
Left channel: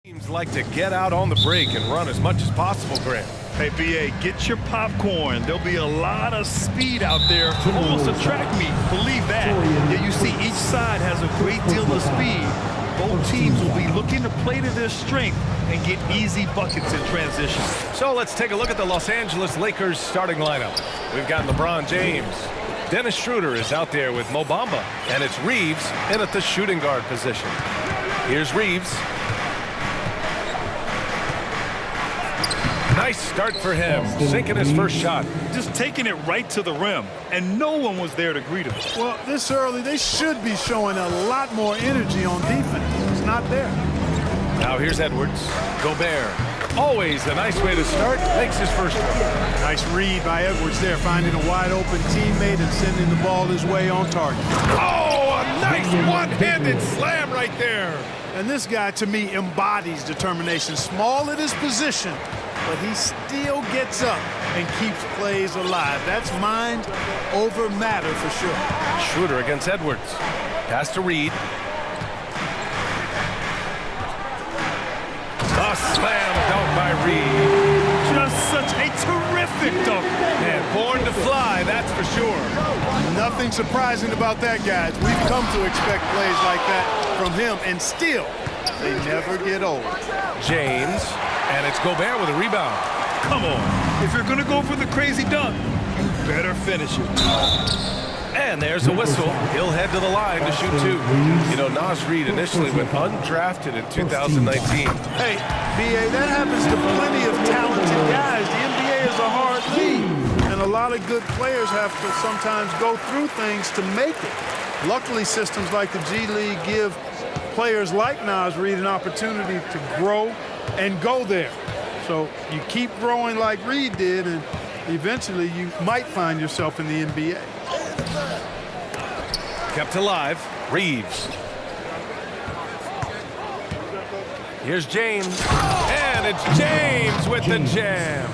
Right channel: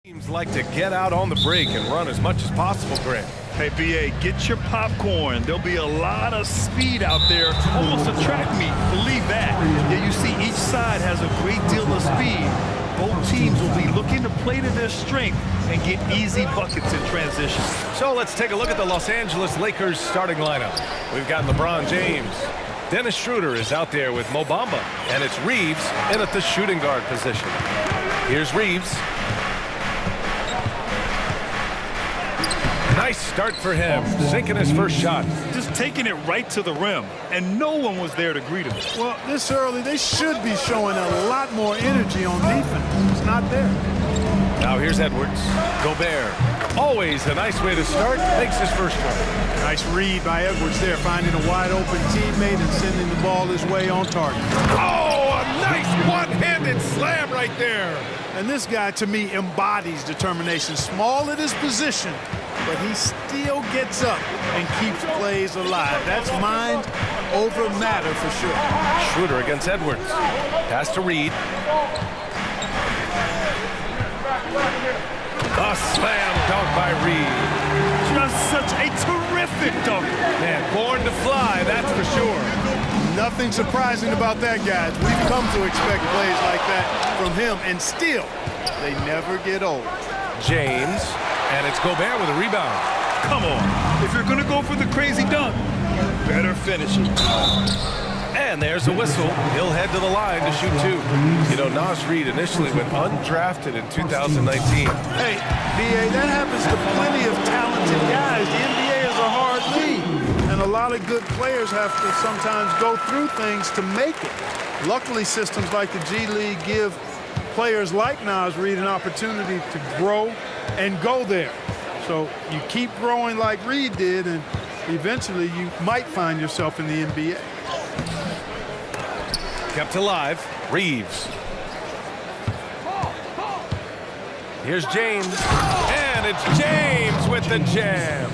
Teams like to get out on the break and run as much as possible, Grant. Hey, BA, get your popcorn. There'll be a lot of speed out there, almost a track meet. Believe that. Yeah, you see each side has a great deal of speed. Both teams will be looking to play to their strength and get easy buckets in transition. So let's take a look at the Los Angeles Lakers starting lineup. We've got LeBron James. Dennis Schroeder is out there with Mo Bamba, and it's Reeves in at the shooting guard position. Here's Reeves. Nice start for him, sinking his first shot. Just taking it right to the rim, and no one was there to greet him. Well, this early, they should be showing a lot more energy on defense. It's not there. Now here's Edwards. Gobert. Always a nice way to start. Makes his first one. Nice read by Edwards there, finding a wide-open teammate and sending the ball his way on target. Oh, a nice one-handed slam right there. And this guy, to me, embodies determination. Small at his position, but he still gets up and keeps plays alive. That's mind over matter for sure. Schroeder against Edwards. Pass to Reed. A slam dunk by Reed. Just such a terrific dunk. Man, born to fly, that's for sure. Nothing surprising about that, guys. We've come to expect plays like that from him, and still, they never get old. James, and it's Gobert with a rebound. Come on. If you're going to go for the crazy dunk, you better finish it. And there's a whistle. He'll head to the line to shoot two. You know, Naz Reid initially went undrafted in 2019. Hey, B.A., that happens to plenty of talented guys. The NBA is a hard league, and a lot of good players have to sometimes go through things to make it. Luckily, systems like the G League give players like Naz Reid an opportunity to grow and go there. So you keep growing like Reid did, and eventually you might find yourself in the NBA. Kept alive, Reeves. Here's James, and it's James with the jam.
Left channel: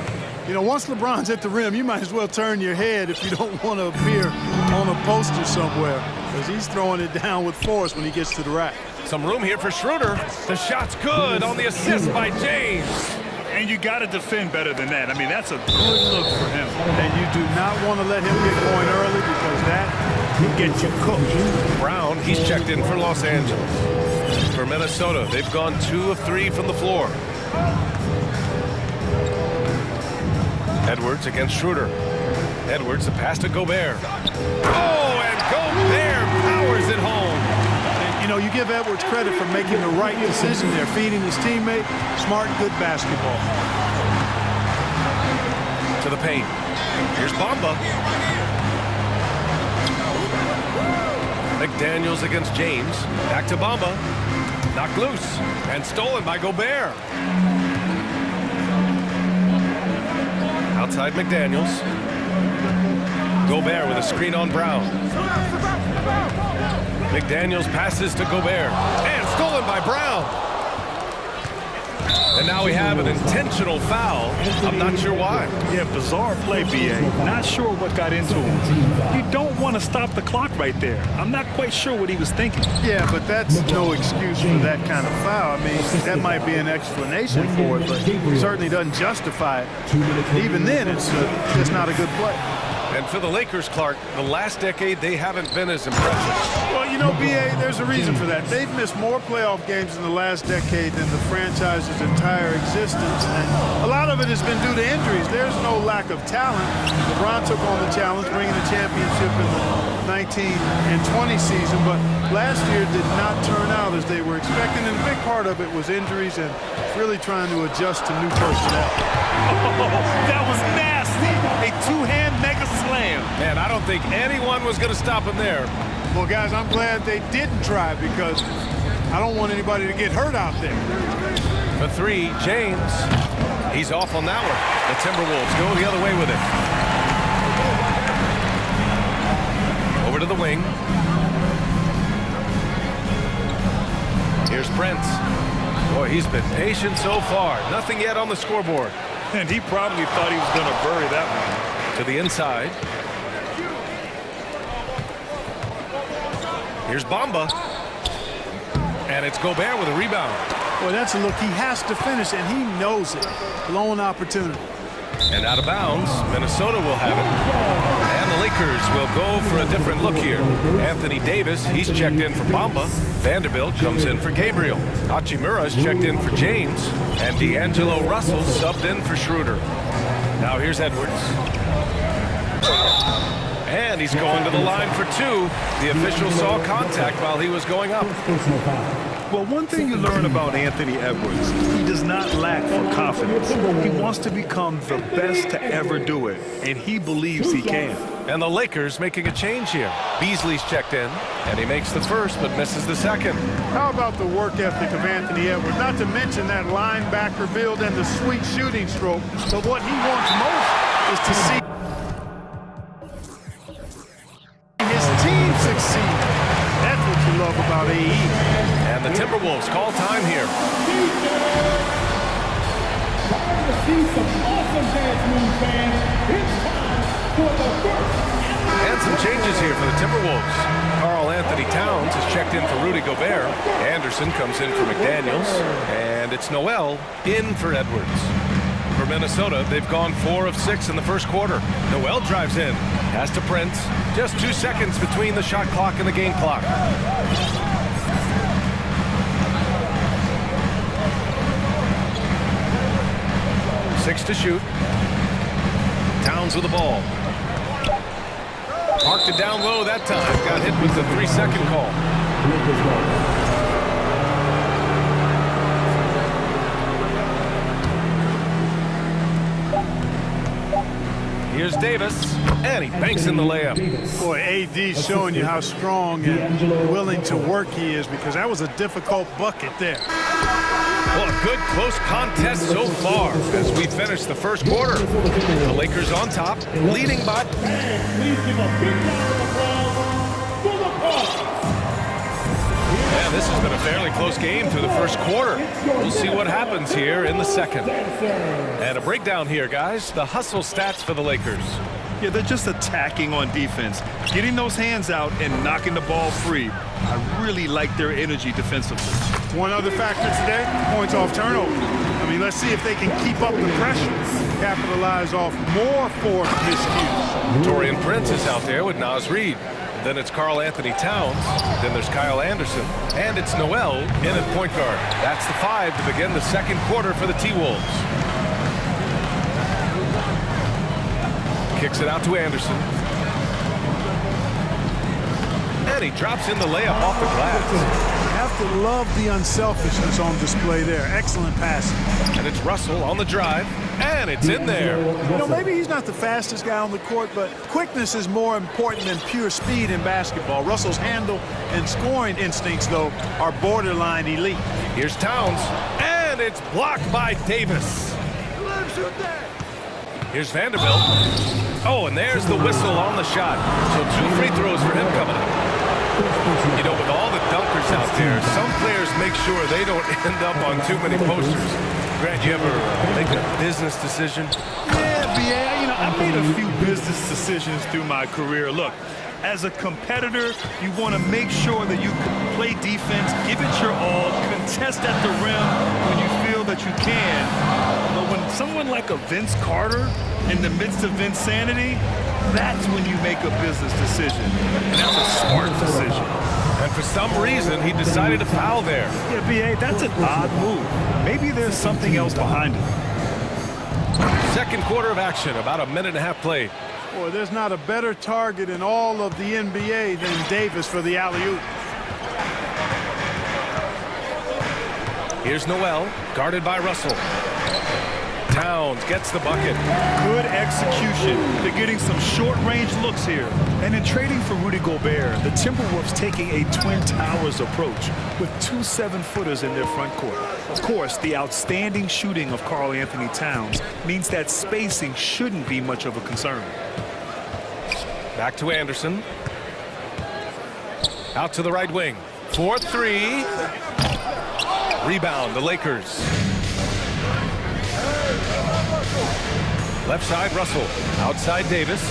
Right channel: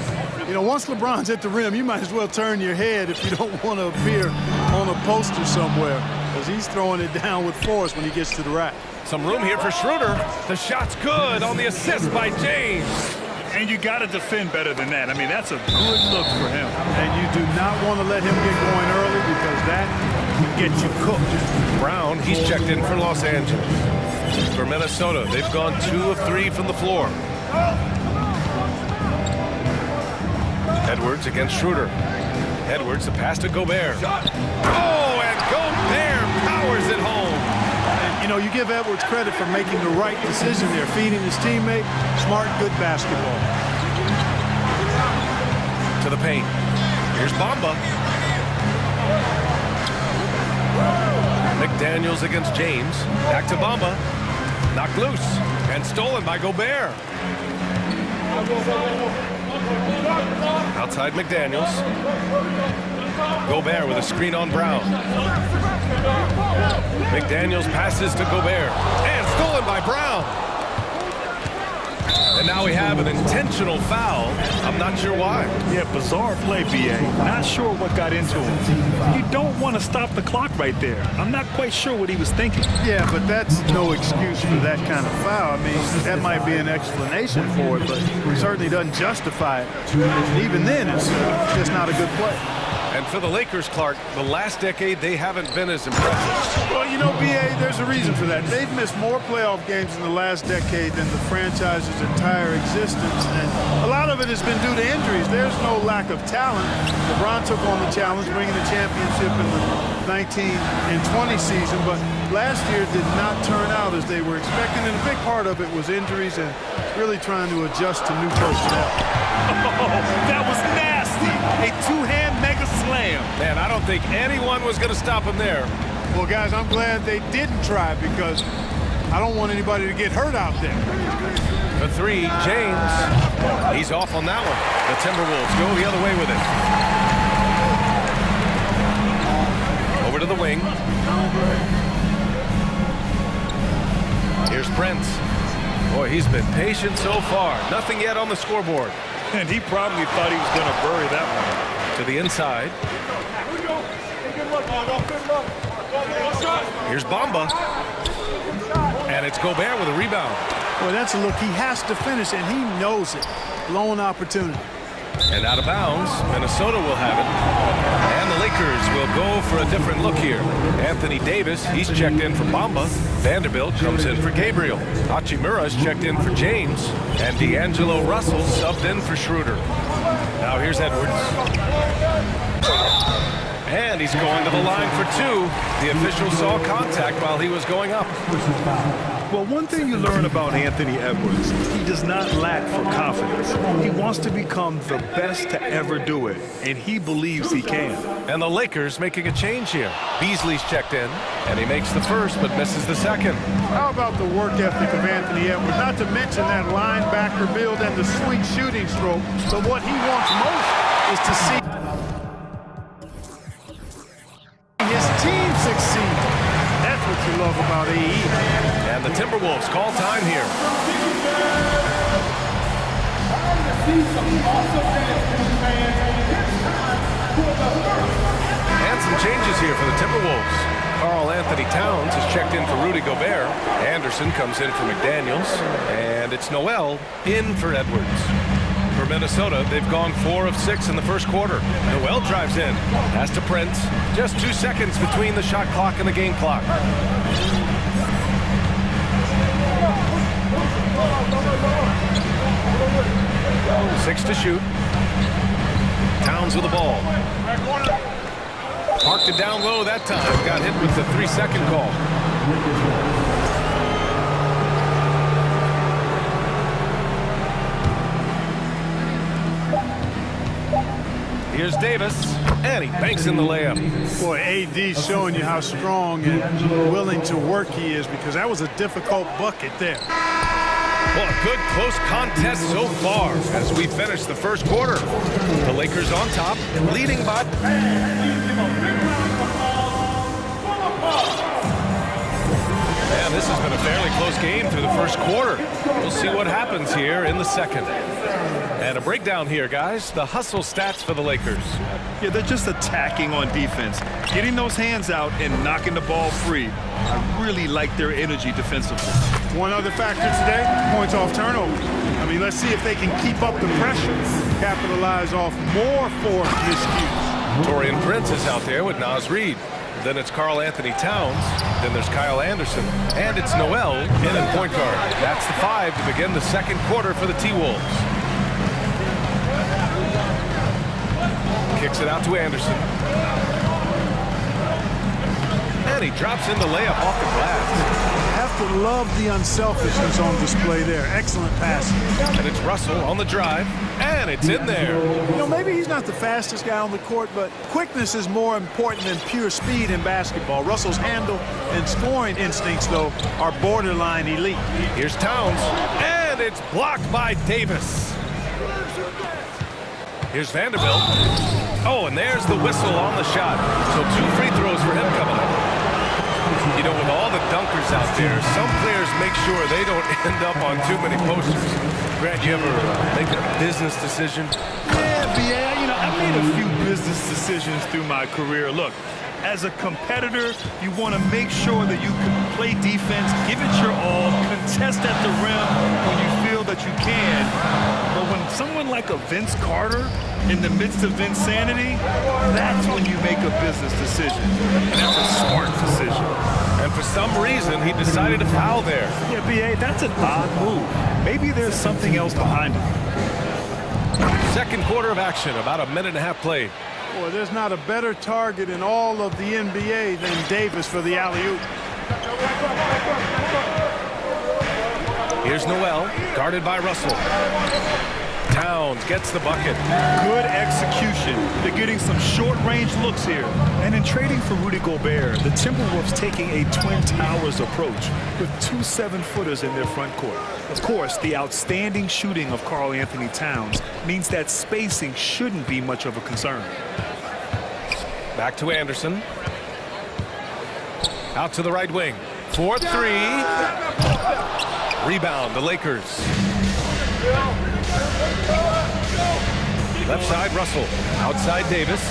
You know, once LeBron's at the rim, you might as well turn your head if you don't want to appear on a poster somewhere, because he's throwing it down with force when he gets to the rack. Some room here for Schroeder. The shot's good on the assist by James. And you got to defend better than that. I mean, that's a good look for him. And you do not want to let him get going early, because that can get you cooked. Brown, he's checked in for Los Angeles. For Minnesota, they've gone 2 of 3 from the floor. Edwards against Schroeder. Edwards, the pass to Gobert. Oh, and Gobert powers it home. And, you know, you give Edwards credit for making the right decision there, feeding his teammate. Smart, good basketball. To the paint. Here's Bamba. McDaniels against James. Back to Bamba. Knocked loose and stolen by Gobert. Outside McDaniels. Gobert with a screen on Brown. McDaniels passes to Gobert. And stolen by Brown. And now we have an intentional foul. I'm not sure why. Yeah, bizarre play, B.A. Not sure what got into him. You don't want to stop the clock right there. I'm not quite sure what he was thinking. Yeah, but that's no excuse for that kind of foul. I mean, that might be an explanation for it, but certainly doesn't justify it. And even then, it's just not a good play. And for the Lakers, Clark, the last decade, they haven't been as impressive. Well, you know, B.A., there's a reason for that. They've missed more playoff games in the last decade than the franchise's entire existence, and a lot of it has been due to injuries. There's no lack of talent. LeBron took on the challenge, bringing the championship in the 19 and 20 season, but last year did not turn out as they were expecting, and a big part of it was injuries and really trying to adjust to new personnel. Oh, that was nasty. A two-hand mega slam. Man, I don't think anyone was going to stop him there. Well, guys, I'm glad they didn't try, because I don't want anybody to get hurt out there. For 3, James. He's off on that one. The Timberwolves go the other way with it. Over to the wing. Here's Prince. Boy, he's been patient so far. Nothing yet on the scoreboard. And he probably thought he was going to bury that one. To the inside. Here's Bamba. And it's Gobert with a rebound. Boy, that's a look he has to finish, and he knows it. Blown opportunity. And out of bounds, Minnesota will have it. And the Lakers will go for a different look here. Anthony Davis, he's checked in for Bamba. Vanderbilt comes in for Gabriel. Hachimura's checked in for James. And D'Angelo Russell subbed in for Schroeder. Now here's Edwards. And he's going to the line for 2. The official saw contact while he was going up. Well, one thing you learn about Anthony Edwards, he does not lack for confidence. He wants to become the best to ever do it, and he believes he can. And the Lakers making a change here. Beasley's checked in, and he makes the first but misses the second. How about the work ethic of Anthony Edwards? Not to mention that linebacker build and the sweet shooting stroke, but what he wants most is to see his team succeed. That's what you love about AE. And the Timberwolves call time here. Time to see some awesome dance moves, fans. It's time for the first And some changes here for the Timberwolves. Karl Anthony Towns has checked in for Rudy Gobert. Anderson comes in for McDaniels. And it's Noel in for Edwards. For Minnesota, they've gone 4 of 6 in the first quarter. Noel drives in, pass to Prince. Just 2 seconds between the shot clock and the game clock. 6 to shoot. Towns with the ball. Parked it down low that time. Got hit with the 3-second call. Here's Davis, and he banks in the layup. Boy, AD's showing you how strong and willing to work he is, because that was a difficult bucket there. Well, a good close contest so far as we finish the first quarter. The Lakers on top, leading by... Yeah, this has been a fairly close game through the first quarter. We'll see what happens here in the second. And a breakdown here, guys. The hustle stats for the Lakers. Yeah, they're just attacking on defense, getting those hands out and knocking the ball free. I really like their energy defensively. One other factor today, points off turnover. I mean, let's see if they can keep up the pressure, capitalize off more forced miscues. Taurean Prince is out there with Naz Reid. Then it's Karl Anthony Towns. Then there's Kyle Anderson. And it's Noel in at point guard. That's the 5 to begin the second quarter for the T-Wolves. Kicks it out to Anderson. And he drops in the layup off the glass. You have to love the unselfishness on display there. Excellent passing. And it's Russell on the drive. And it's in there. You know, maybe he's not the fastest guy on the court, but quickness is more important than pure speed in basketball. Russell's handle and scoring instincts, though, are borderline elite. Here's Towns. And it's blocked by Davis. Here's Vanderbilt. Oh, and there's the whistle on the shot. So 2 free throws for him coming up. You know, with all the dunkers out there, some players make sure they don't end up on too many posters. Grant, you ever make a business decision? Yeah, B.A., you know, I made a few business decisions through my career. Look, as a competitor, you want to make sure that you can play defense, give it your all, contest at the rim when you feel that you can. But when someone like a Vince Carter in the midst of insanity, that's when you make a business decision. And that's a smart decision. And for some reason, he decided to foul there. Yeah, B.A., that's an odd move. Maybe there's something else behind it. Second quarter of action, about a minute and a half played. Boy, there's not a better target in all of the NBA than Davis for the alley-oop. Here's Noel, guarded by Russell. Towns gets the bucket. Good execution. They're getting some short-range looks here. And in trading for Rudy Gobert, the Timberwolves taking a Twin Towers approach with 2 7-footers in their front court. Of course, the outstanding shooting of Karl Anthony Towns means that spacing shouldn't be much of a concern. Back to Anderson. Out to the right wing. 4-3. Rebound, the Lakers. Left side, Russell. Outside, Davis.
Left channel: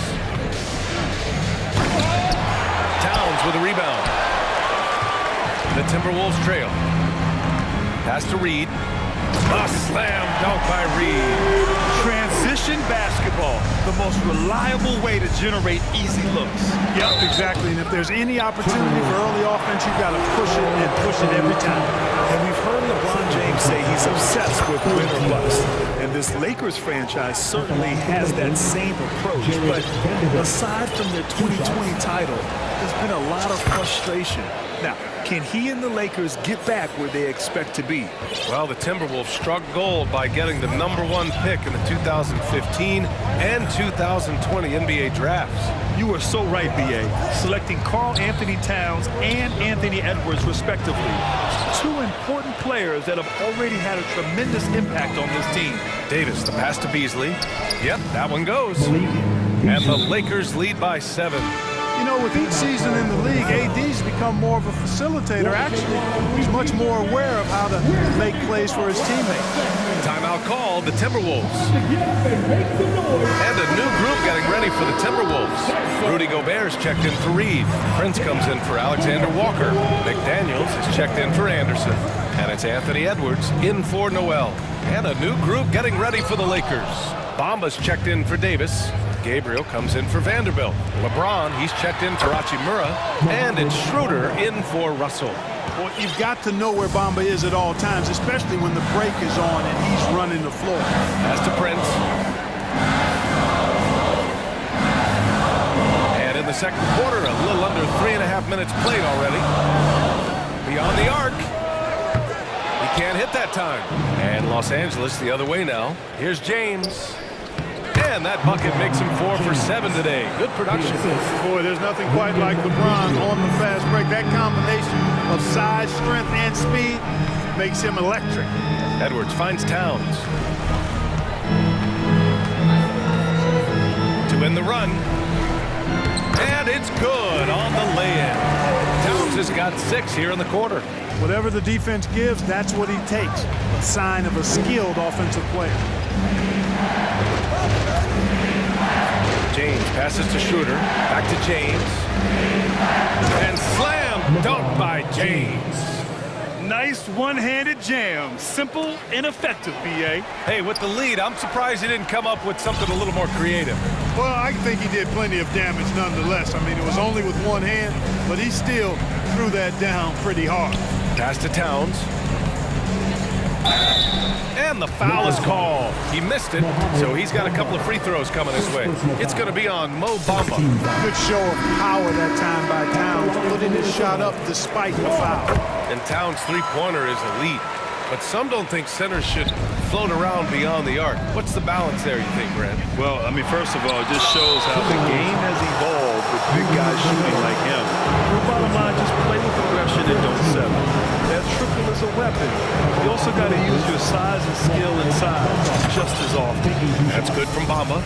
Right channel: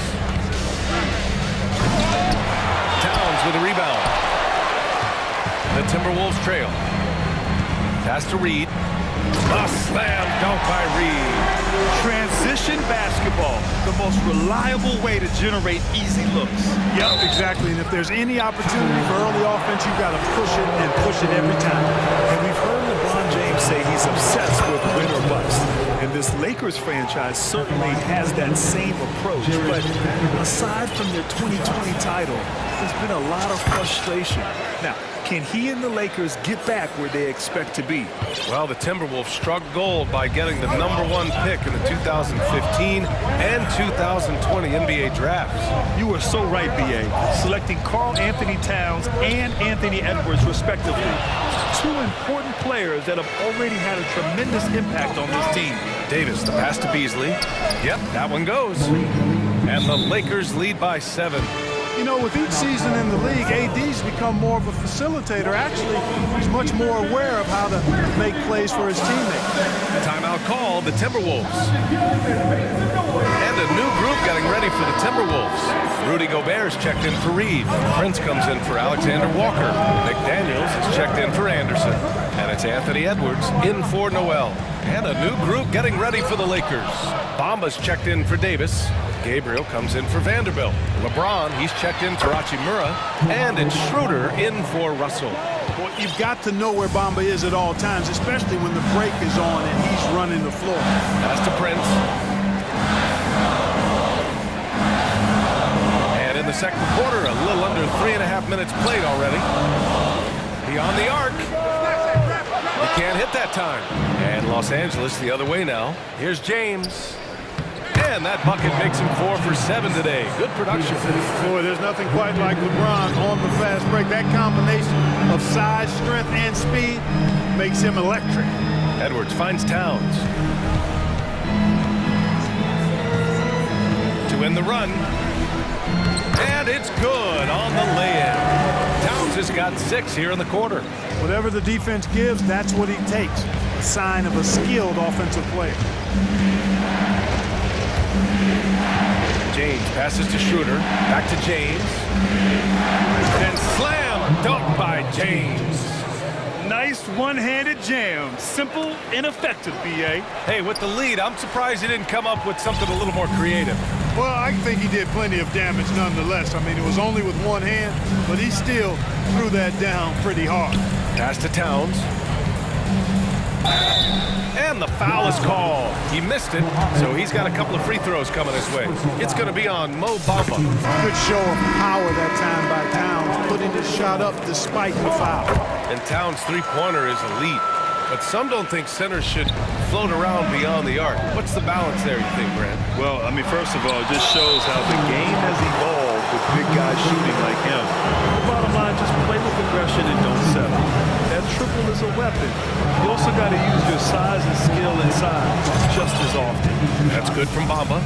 Towns with a rebound. The Timberwolves trail. Pass to Reid. A slam dunk by Reid. Transition basketball, the most reliable way to generate easy looks. Yep, exactly. And if there's any opportunity for early offense, you've got to push it and push it every time. And we've heard LeBron James say he's obsessed with win or bust. And this Lakers franchise certainly has that same approach. But aside from their 2020 title, there's been a lot of frustration. Now, can he and the Lakers get back where they expect to be? Well, the Timberwolves struck gold by getting the #1 pick in the 2015 and 2020 NBA drafts. You are so right, B.A. Selecting Karl Anthony Towns and Anthony Edwards, respectively. 2 important players that have already had a tremendous impact on this team. Davis, the pass to Beasley. Yep, that one goes. And the Lakers lead by 7. You know, with each season in the league, AD's become more of a facilitator. Actually, he's much more aware of how to make plays for his teammates. Timeout call, the Timberwolves. And a new group getting ready for the Timberwolves. Rudy Gobert's checked in for Reed. Prince comes in for Alexander Walker. McDaniels is checked in for Anderson. And it's Anthony Edwards in for Noel. And a new group getting ready for the Lakers. Bamba's checked in for Davis. Gabriel comes in for Vanderbilt. LeBron, he's checked in for Hachimura. And it's Schroeder in for Russell. Well, you've got to know where Bamba is at all times, especially when the break is on and he's running the floor. Pass to Prince. And in the second quarter, a little under 3.5 minutes played already. Beyond the arc. He can't hit that time. And Los Angeles the other way now. Here's James. And that bucket makes him 4 for 7 today. Good production. Boy, there's nothing quite like LeBron on the fast break. That combination of size, strength, and speed makes him electric. Edwards finds Towns. To win the run. And it's good on the lay-in. Towns has got 6 here in the quarter. Whatever the defense gives, that's what he takes. A sign of a skilled offensive player. James passes to Schroeder. Back to James. And slam dunk by James. Nice one-handed jam. Simple and effective, B.A. Hey, with the lead, I'm surprised he didn't come up with something a little more creative. Well, I think he did plenty of damage nonetheless. I mean, it was only with one hand, but he still threw that down pretty hard. Pass to Towns. And the foul is called. He missed it, so he's got a couple of free throws coming his way. It's going to be on Mo Bamba. Good show of power that time by Towns, putting his shot up despite the foul. And Towns' three-pointer is elite. But some don't think centers should float around beyond the arc. What's the balance there, you think, Brad? Well, I mean, first of all, it just shows how the game has evolved with big guys shooting like him. The bottom line, just play with aggression and don't settle. That triple is a weapon. You also got to use your size and skill inside just as often. That's good from Bamba.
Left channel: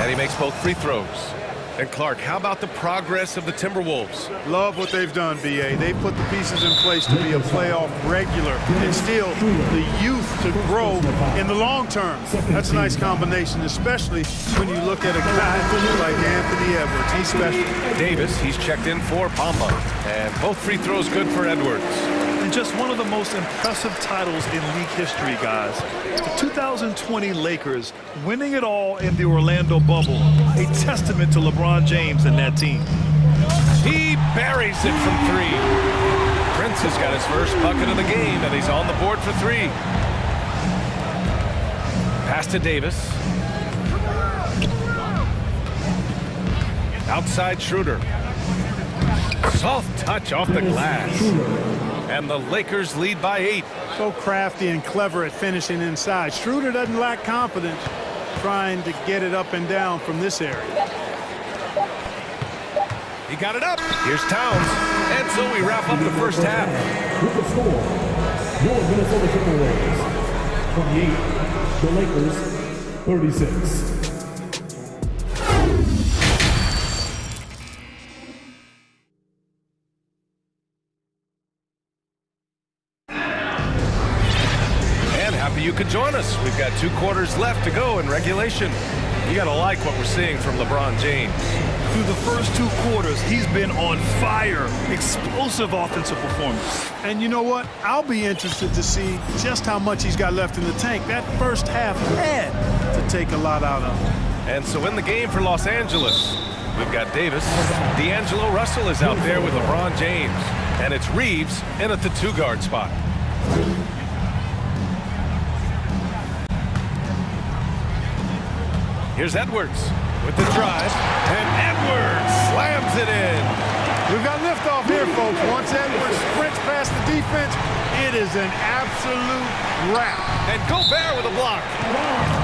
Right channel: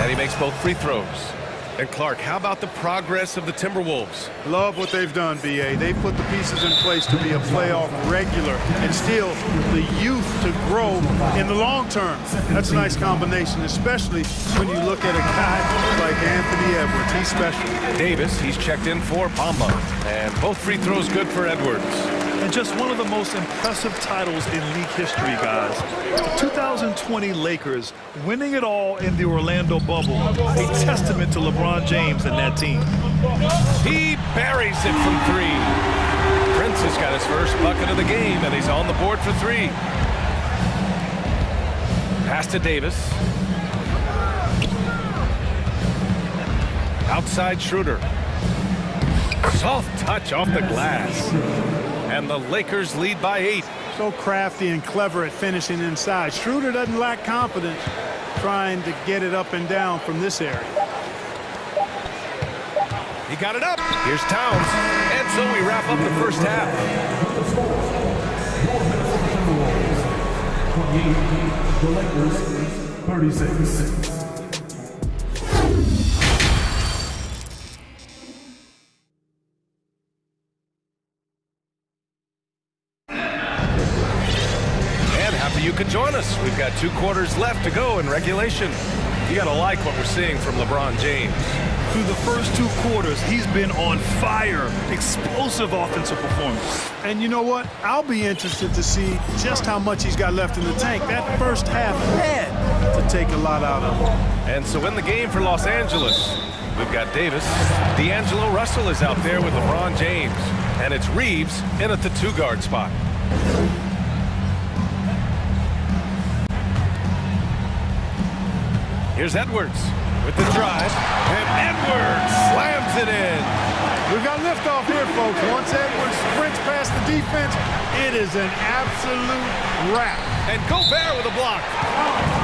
And he makes both free throws. And Clark, how about the progress of the Timberwolves? Love what they've done, B.A. They've put the pieces in place to be a playoff regular and still the youth to grow in the long term. That's a nice combination, especially when you look at a guy like Anthony Edwards. He's special. Davis, he's checked in for Bamba. And both free throws good for Edwards. And just one of the most impressive titles in league history, guys. The 2020 Lakers winning it all in the Orlando bubble. A testament to LeBron James and that team. He buries it from 3. Prince has got his first bucket of the game, and he's on the board for 3. Pass to Davis. Outside Schroeder. Soft touch off the glass. And the Lakers lead by 8. So crafty and clever at finishing inside. Schroeder doesn't lack confidence trying to get it up and down from this area. He got it up. Here's Towns. And so we wrap up the first half. With the score, your Minnesota Timberwolves 28, the Lakers 36. You could join us. We've got 2 quarters left to go in regulation. You got to like what we're seeing from LeBron James. Through the first 2 quarters, he's been on fire. Explosive offensive performance. And you know what? I'll be interested to see just how much he's got left in the tank. That first half had to take a lot out of him. And so in the game for Los Angeles, we've got Davis. D'Angelo Russell is out there with LeBron James. And it's Reeves in at the 2-guard spot. Here's Edwards with the drive, and Edwards slams it in. We've got liftoff here, folks. Once Edwards sprints past the defense, it is an absolute wrap. And Gobert with a block.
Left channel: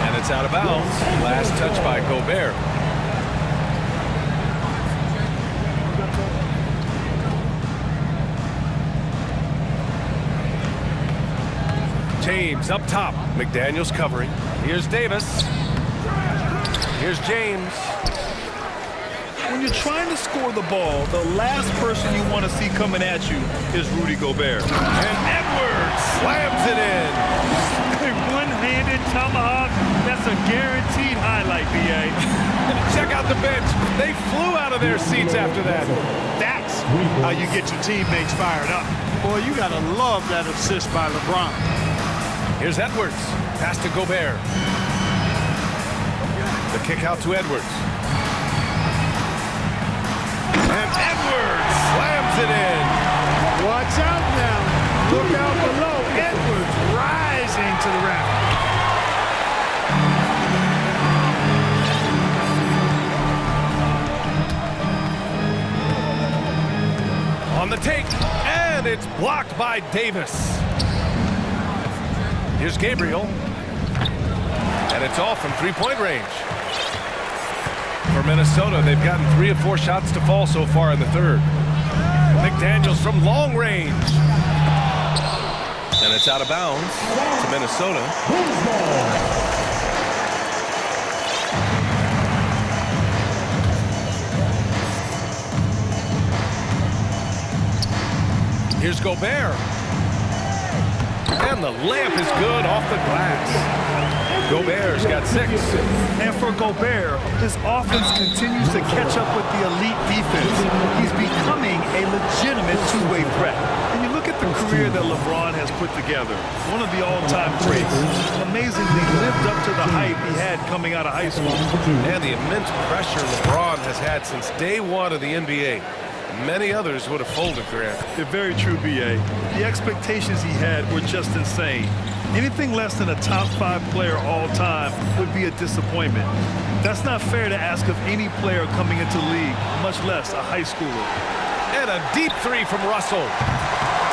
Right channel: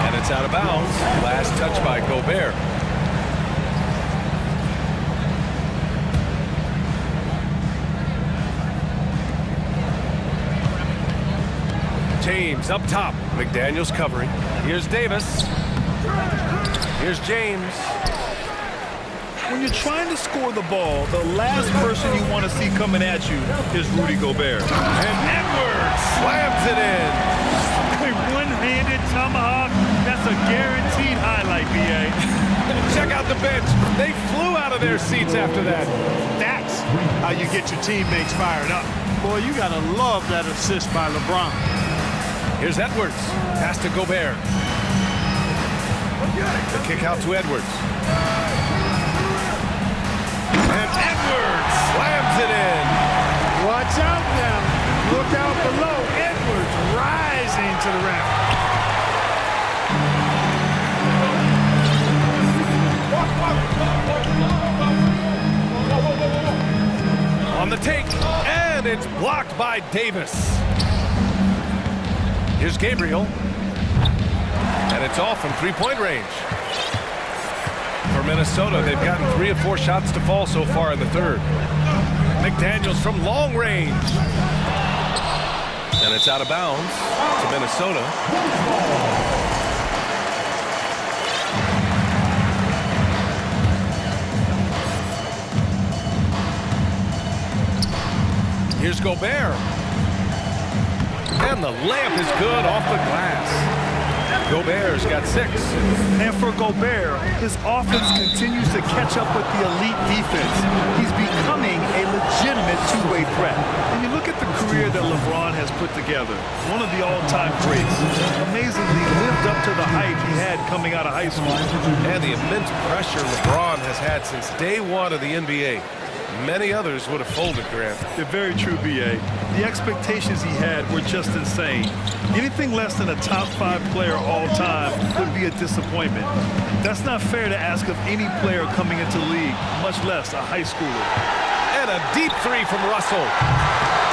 And it's out of bounds. Last touch by Gobert. James up top. McDaniels covering. Here's Davis. Here's James. When you're trying to score the ball, the last person you want to see coming at you is Rudy Gobert. And Edwards slams it in. A one-handed tomahawk, that's a guaranteed highlight, B.A. Check out the bench. They flew out of their seats after that. That's how you get your teammates fired up. Boy, you got to love that assist by LeBron. Here's Edwards. Pass to Gobert. The kick out to Edwards. And Edwards slams it in. Watch out now. Look out below. Edwards rising to the rim. On the take, and it's blocked by Davis. Here's Gabriel. And it's off from three-point range. For Minnesota, they've gotten 3 of 4 shots to fall so far in the third. McDaniels from long range. And it's out of bounds to Minnesota. Here's Gobert. And the layup is good off the glass. Gobert's got 6. And for Gobert, his offense continues to catch up with the elite defense. He's becoming a legitimate two-way threat. And you look at the career that LeBron has put together, one of the all-time greats, amazingly lived up to the hype he had coming out of high school. And the immense pressure LeBron has had since day one of the NBA. Many others would have folded, Grant. They're very true, B.A. The expectations he had were just insane. Anything less than a top 5 player all time would be a disappointment. That's not fair to ask of any player coming into the league, much less a high schooler. And a deep 3 from Russell.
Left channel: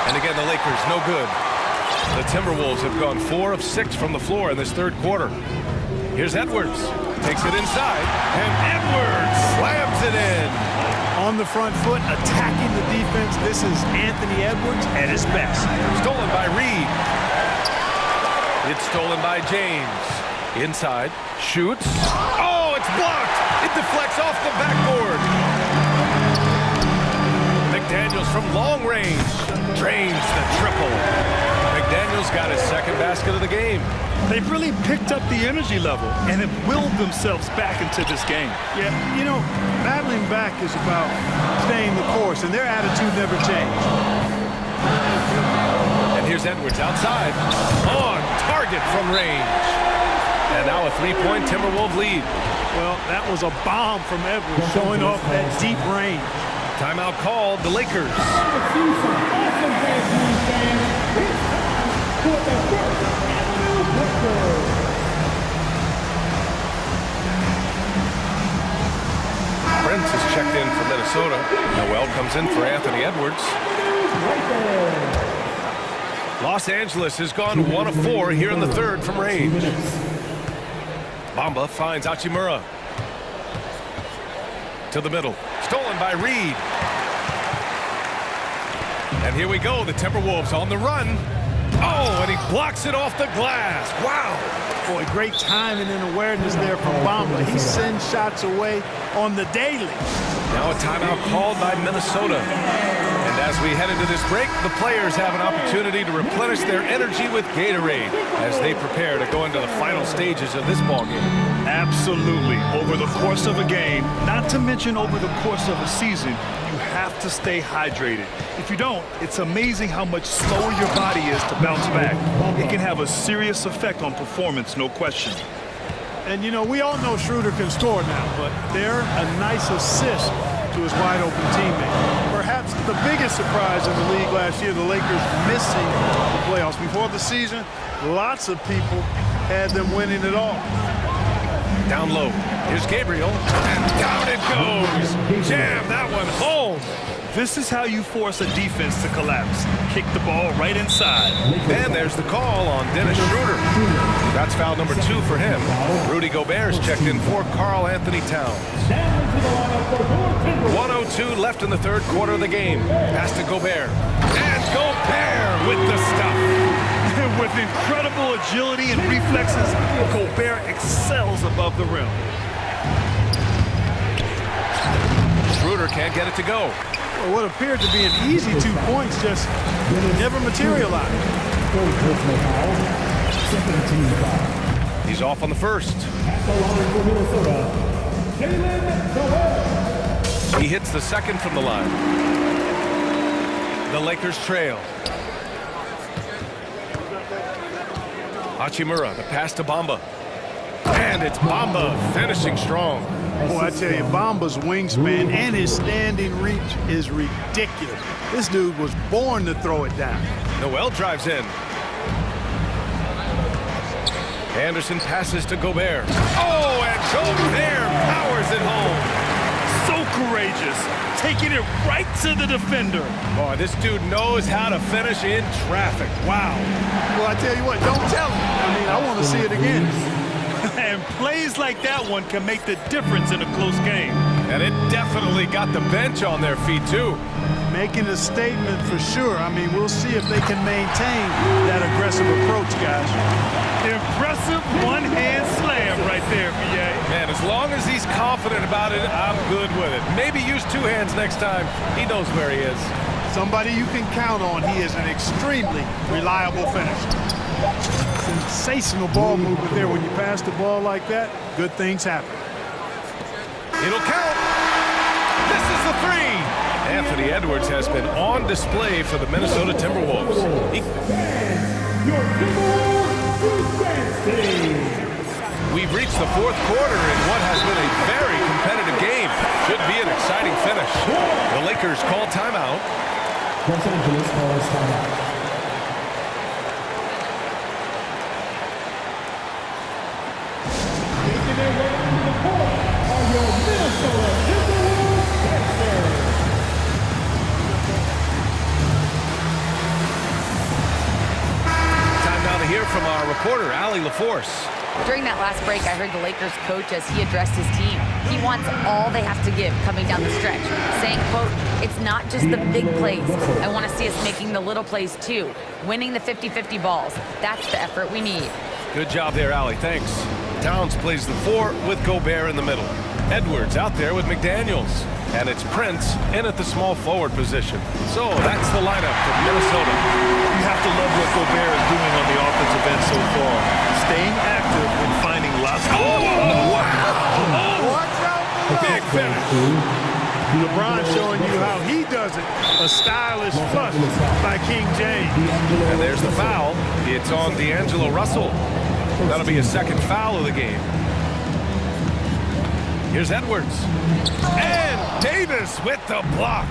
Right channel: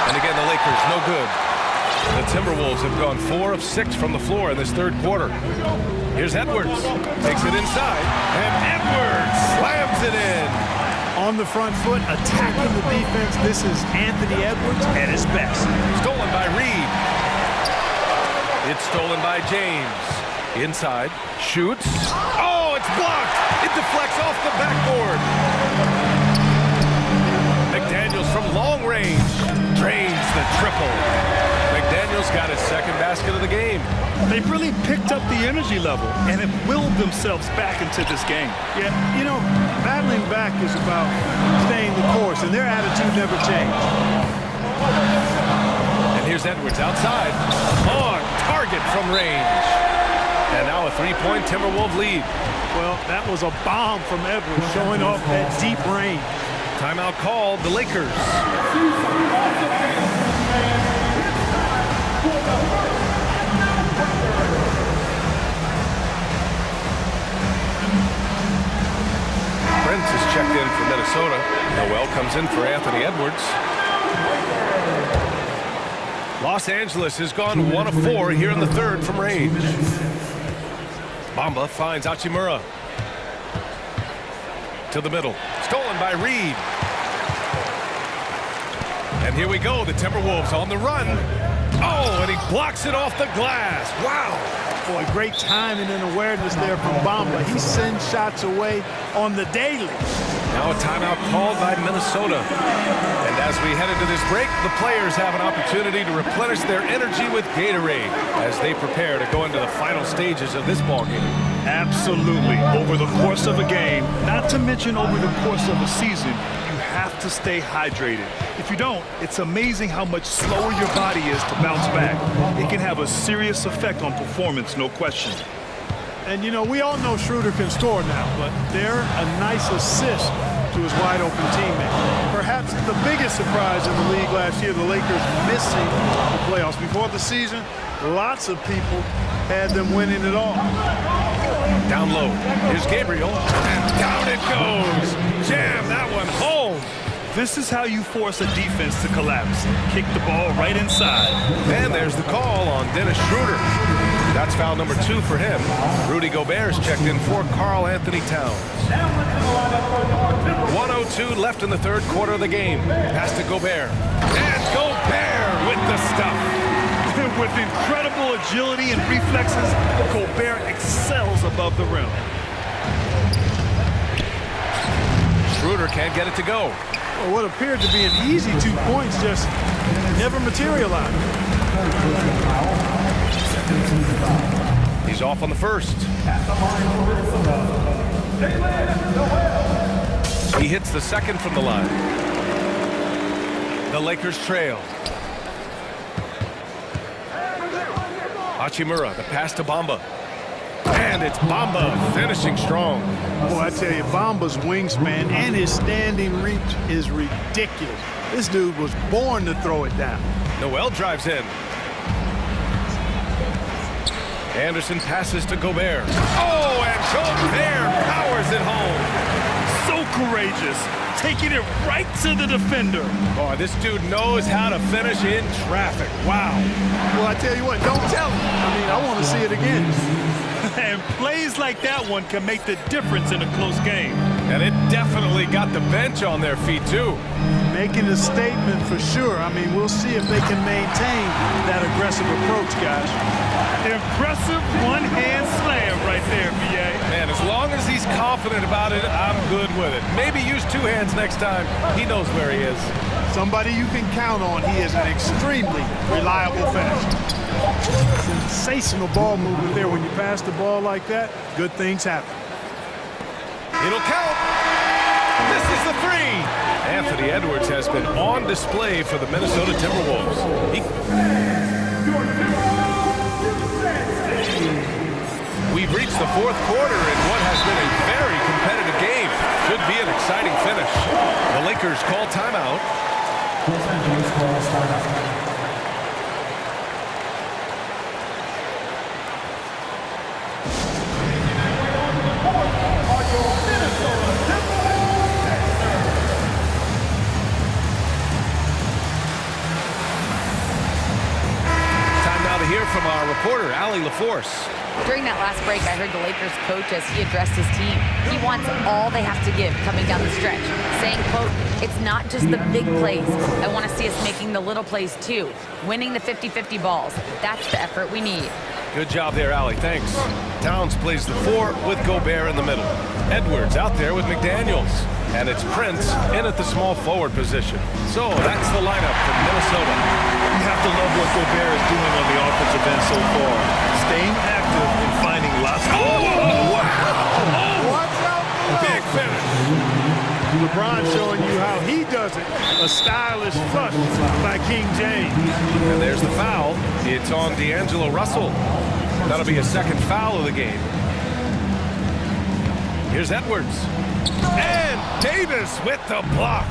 And again, the Lakers, no good. The Timberwolves have gone 4 of 6 from the floor in this third quarter. Here's Edwards. Takes it inside. And Edwards slams it in. On the front foot, attacking the defense. This is Anthony Edwards at his best. Stolen by Reed. It's stolen by James. Inside. Shoots. Oh, it's blocked. It deflects off the backboard. McDaniels from long range. Drains the triple. McDaniels got his second basket of the game. They've really picked up the energy level and have willed themselves back into this game. Yeah, you know, battling back is about staying the course, and their attitude never changed. And here's Edwards outside. On target from range. And now a 3-point Timberwolves lead. Well, that was a bomb from Edwards, showing off that deep range. Timeout called, the Lakers. Prince is checked in for Minnesota. Noel comes in for Anthony Edwards. Los Angeles has gone 1 of 4 here in the third from range. Bamba finds Hachimura. To the middle. Stolen by Reed. And here we go. The Timberwolves on the run. Oh, and he blocks it off the glass. Wow. Boy, great timing and awareness there from Bamba. He sends shots away on the daily. Now a timeout called by Minnesota. And as we head into this break, the players have an opportunity to replenish their energy with Gatorade as they prepare to go into the final stages of this ballgame. Absolutely. Over the course of a game, not to mention over the course of a season, you have to stay hydrated. If you don't, it's amazing how much slower your body is to bounce back. It can have a serious effect on performance, no question. And, you know, we all know Schroeder can score now, but they're a nice assist to his wide-open teammate. Perhaps the biggest surprise in the league last year, the Lakers missing the playoffs. Before the season, lots of people had them winning it all. Down low. Here's Gabriel. And down it goes. Jam that one home. This is how you force a defense to collapse. Kick the ball right inside. And there's the call on Dennis Schroeder. That's foul number 2 for him. Rudy Gobert's checked in for Karl Anthony Towns. 1:02 left in the third quarter of the game. Pass to Gobert. And Gobert with the stuff. With incredible agility and reflexes, Gobert excels above the rim. Schroeder can't get it to go. Well, what appeared to be an easy 2 points just never materialized. Third personal foul. Second team foul. He's off on the first. At the line for Minnesota, Noel. He hits the second from the line. The Lakers trail. Hachimura, the pass to Bamba. And it's Bamba finishing strong. Boy, I tell you, Bamba's wingspan and his standing reach is ridiculous. This dude was born to throw it down. Noel drives in. Anderson passes to Gobert. Oh, and Gobert powers it home. So courageous, taking it right to the defender. Boy, this dude knows how to finish in traffic. Wow. Well, I tell you what, don't tell him. I mean, I want to see it again. And plays like that one can make the difference in a close game. And it definitely got the bench on their feet, too. Making a statement for sure. I mean, we'll see if they can maintain that aggressive approach, guys. Impressive one-hand slam right there, B.A. Man, as long as he's confident about it, I'm good with it. Maybe use two hands next time. He knows where he is. Somebody you can count on. He is an extremely reliable finisher. Sensational ball movement there. When you pass the ball like that, good things happen. It'll count. Misses the three. Anthony Edwards has been on display for the Minnesota Timberwolves. We've reached the fourth quarter in what has been a very competitive game. Should be an exciting finish. The Lakers call timeout. Los Angeles calls timeout. Time now to hear from our reporter, Allie LaForce. During that last break, I heard the Lakers coach as he addressed his team. He wants all they have to give coming down the stretch, saying, quote, "It's not just the big plays. I want to see us making the little plays too, winning the 50-50 balls. That's the effort we need." Good job there, Allie. Thanks. Towns plays the four with Gobert in the middle. Edwards out there with McDaniels. And it's Prince in at the small forward position. So that's the lineup from Minnesota. You have to love what Gobert is doing on the offensive end so far. Staying active and finding lots of... Oh, wow! Oh, watch out below. Big finish. LeBron showing you how he does it. A stylish flush by King James. And there's the foul. It's on D'Angelo Russell. That'll be a second foul of the game. Here's Edwards. And Davis with the block.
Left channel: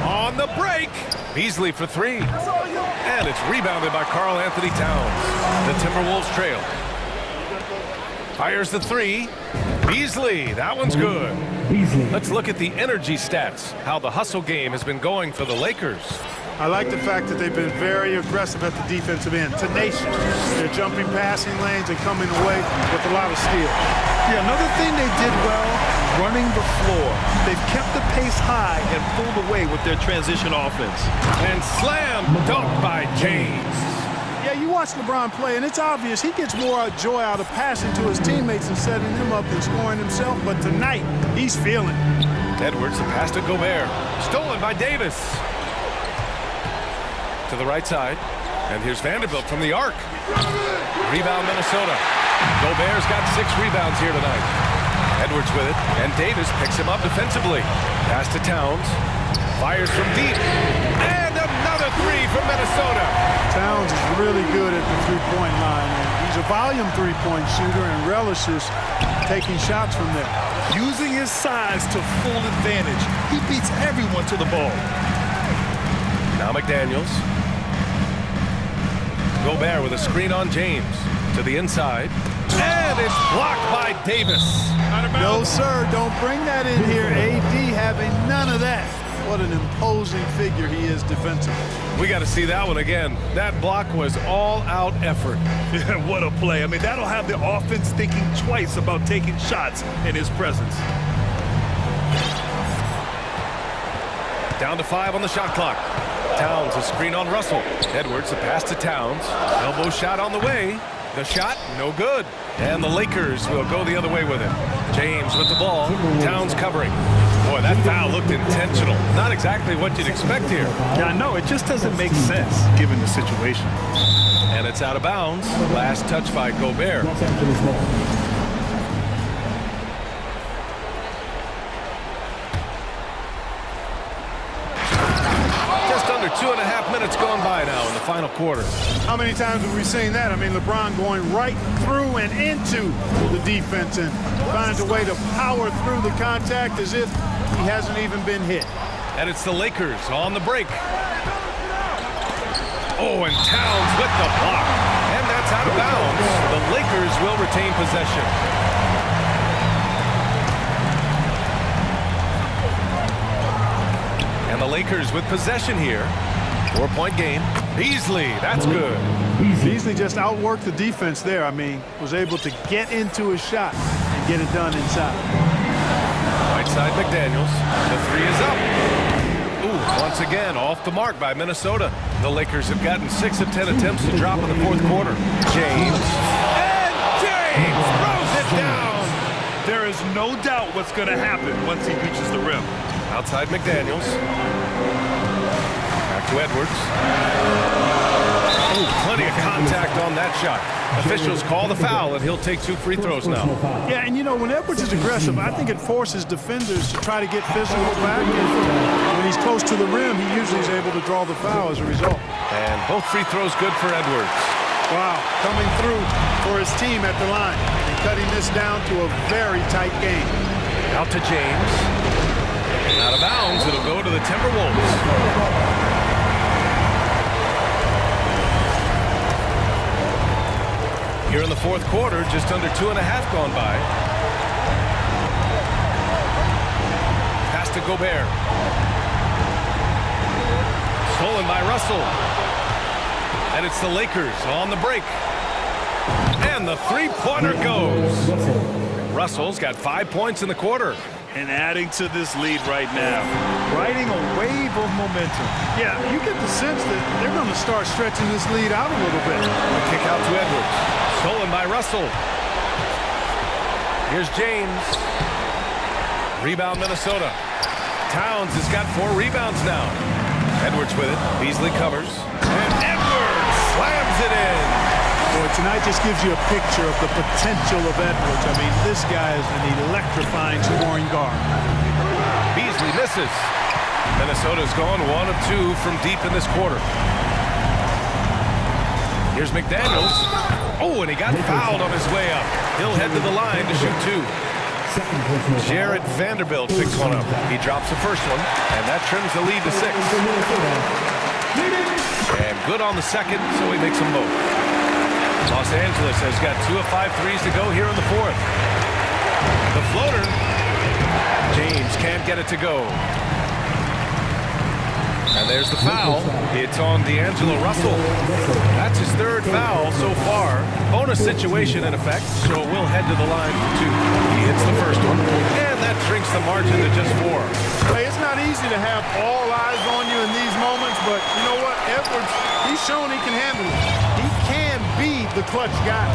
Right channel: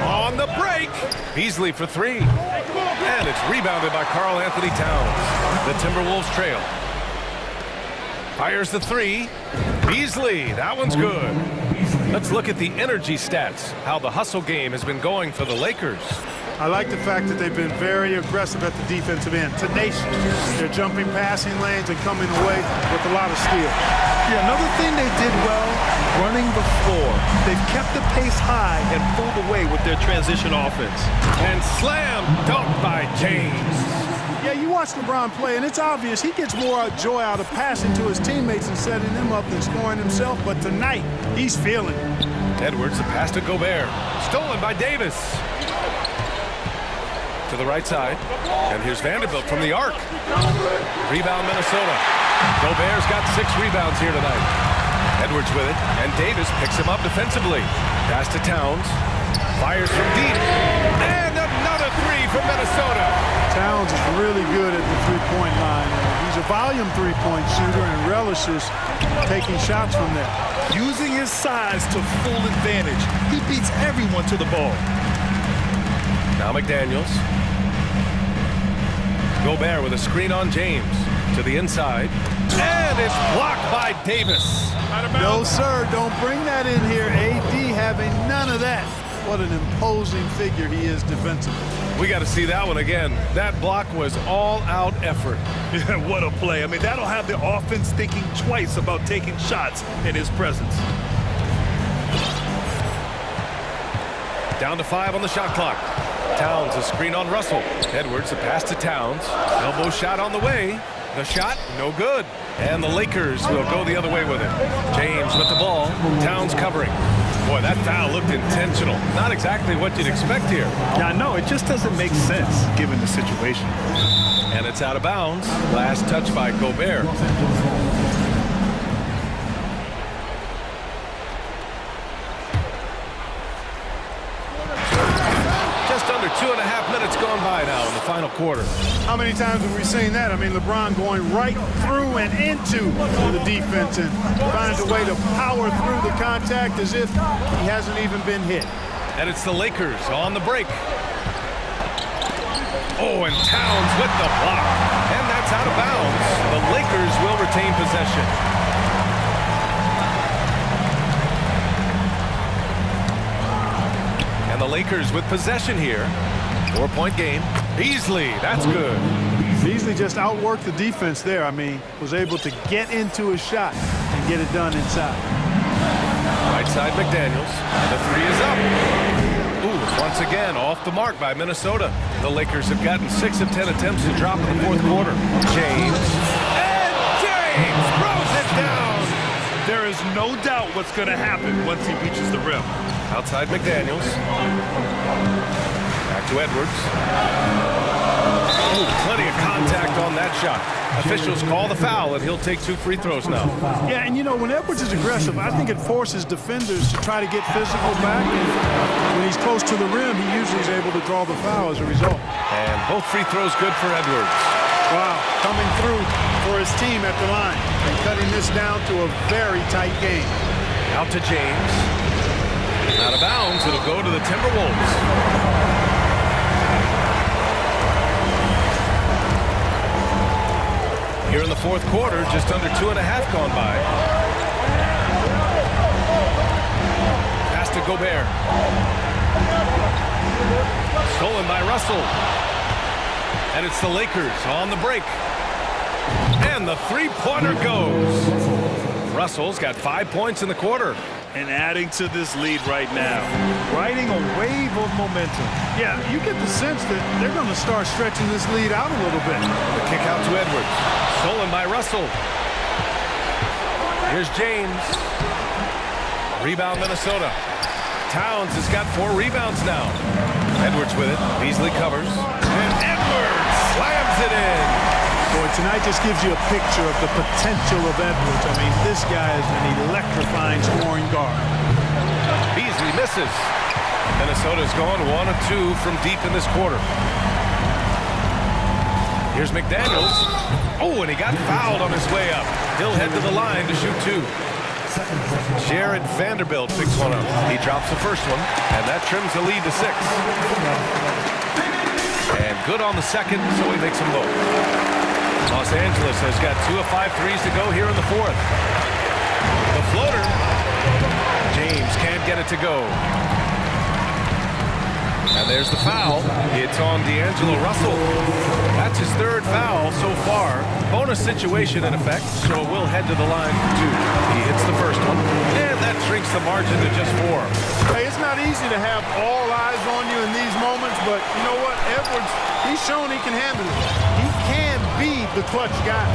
On the break. Beasley for three. And it's rebounded by Karl Anthony Towns. The Timberwolves trail. Fires the three. Beasley, that one's good. Let's look at the energy stats, how the hustle game has been going for the Lakers. I like the fact that they've been very aggressive at the defensive end, tenacious. They're jumping passing lanes and coming away with a lot of steals. Yeah, another thing they did well, running the floor. They've kept the pace high and pulled away with their transition offense. And slam dunk by James. Yeah, you watch LeBron play, and it's obvious he gets more joy out of passing to his teammates and setting them up than scoring himself. But tonight, he's feeling it. Edwards, the pass to Gobert. Stolen by Davis. To the right side. And here's Vanderbilt from the arc. Rebound, Minnesota. Gobert's got 6 rebounds here tonight. Edwards with it, and Davis picks him up defensively. Pass to Towns. Fires from deep. And another three from Minnesota. Towns is really good at the three-point line, and he's a volume three-point shooter and relishes taking shots from there. Using his size to full advantage. He beats everyone to the ball. Now McDaniels. Gobert with a screen on James. To the inside. And it's blocked by Davis. No, sir, don't bring that in here. AD having none of that. What an imposing figure he is defensively. We got to see that one again. That block was all-out effort. Yeah, what a play. I mean, that'll have the offense thinking twice about taking shots in his presence. Down to 5 on the shot clock. Towns a screen on Russell. Edwards a pass to Towns. Elbow shot on the way. The shot, no good. And the Lakers will go the other way with it. James with the ball. Towns covering. Boy, that foul looked intentional. Not exactly what you'd expect here. Yeah, I know. It just doesn't make sense given the situation. And it's out of bounds. Last touch by Gobert. Los Angeles ball. Just under 2.5 minutes gone by now in the final quarter. How many times have we seen that? I mean, LeBron going right through and into the defense and finds a way to power through the contact as if he hasn't even been hit. And it's the Lakers on the break. Oh, and Towns with the block. And that's out of bounds. The Lakers will retain possession. And the Lakers with possession here. 4-point game. Beasley, that's good. Beasley just outworked the defense there. I mean, was able to get into his shot and get it done inside. Right side McDaniels. The three is up. Ooh, once again, off the mark by Minnesota. The Lakers have gotten 6 of 10 attempts to drop in the fourth quarter. James. And James throws it down. There is no doubt what's going to happen once he reaches the rim. Outside McDaniels. Back to Edwards. Oh, plenty of contact on that shot. Officials call the foul, and he'll take 2 free throws now. Yeah, and you know, when Edwards is aggressive, I think it forces defenders to try to get physical back. And when he's close to the rim, he usually is able to draw the foul as a result. And both free throws good for Edwards. Wow, coming through for his team at the line and cutting this down to a very tight game. Out to James. Out of bounds, it'll go to the Timberwolves. Here in the fourth quarter, just under 2.5 gone by. Pass to Gobert. Stolen by Russell. And it's the Lakers on the break. And the three-pointer goes. Russell's got 5 points in the quarter. And adding to this lead right now, riding a wave of momentum. Yeah, you get the sense that they're going to start stretching this lead out a little bit. The kick out to Edwards. Stolen by Russell. Here's James. Rebound Minnesota. Towns has got 4 rebounds now. Edwards with it. Beasley covers. And Edwards slams it in. Boy, tonight just gives you a picture of the potential of Edwards. I mean, this guy is an electrifying scoring guard. Beasley misses. Minnesota's gone 1 of 2 from deep in this quarter. Here's McDaniels. Oh, and he got fouled on his way up. He'll head to the line to shoot 2. Jared Vanderbilt picks one up. He drops the first one, and that trims the lead to 6. And good on the second, so he makes them both. Los Angeles has got 2 of 5 threes to go here in the fourth. The floater. James can't get it to go. And there's the foul. It's on D'Angelo Russell. That's his 3rd foul so far. Bonus situation in effect, so we'll head to the line for 2. He hits the first one, and that shrinks the margin to just 4. Hey, it's not easy to have all eyes on you in these moments, but you know what? Edwards, he's shown he can handle it. He can be the clutch guy.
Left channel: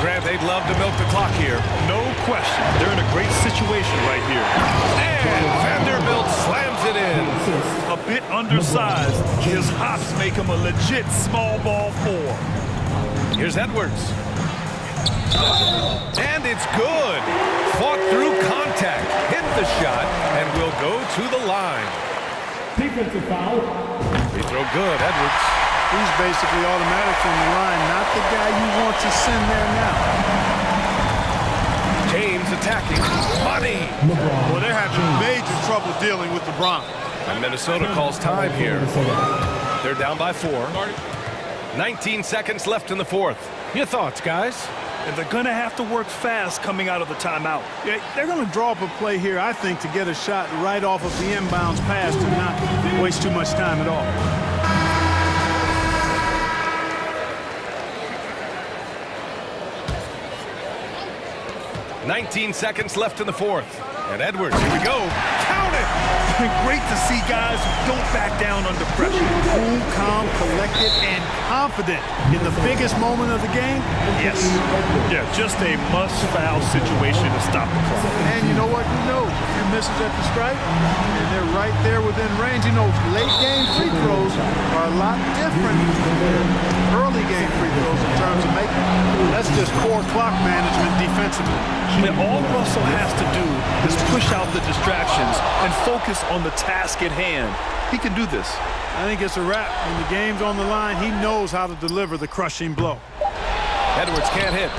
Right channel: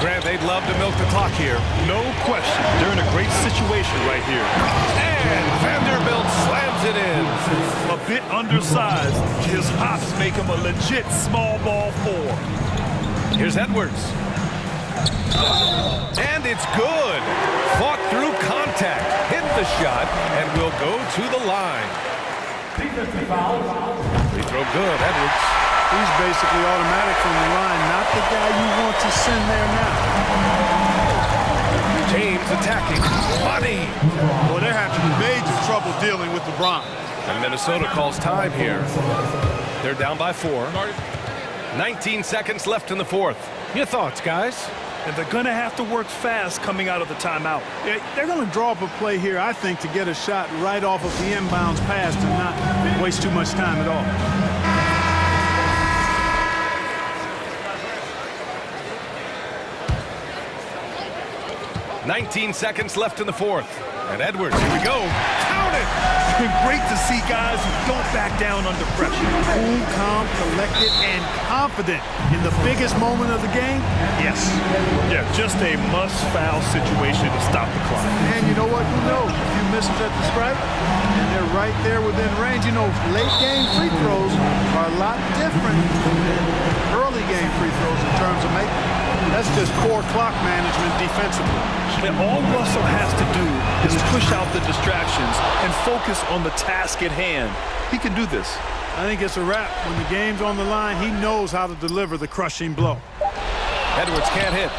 Grant, they'd love to milk the clock here. No question. They're in a great situation right here. And Vanderbilt slams it in. A bit undersized. His hops make him a legit small ball 4. Here's Edwards. And it's good. Fought through contact. Hit the shot and will go to the line. Defensive foul. Free throw good, Edwards. He's basically automatic from the line, not the guy you want to send there now. James attacking. Money. Well, they're having major trouble dealing with LeBron. And Minnesota calls time here. They're down by 4. 19 seconds left in the fourth. Your thoughts, guys? And they're going to have to work fast coming out of the timeout. Yeah, they're going to draw up a play here, I think, to get a shot right off of the inbounds pass and not waste too much time at all. 19 seconds left in the fourth. And Edwards, here we go. Count it! And great to see guys who don't back down under pressure. Cool, calm, collected, and confident in the biggest moment of the game. Yes. Yeah, just a must-foul situation to stop the clock. And you know what? Who knows? A few misses at the stripe, and they're right there within range. You know, late game free throws are a lot different than early game free throws in terms of making. That's just core clock management defensively. And all Russell has to do is push out the distractions and focus on the task at hand. He can do this. I think it's a wrap. When the game's on the line, he knows how to deliver the crushing blow. Edwards can't hit.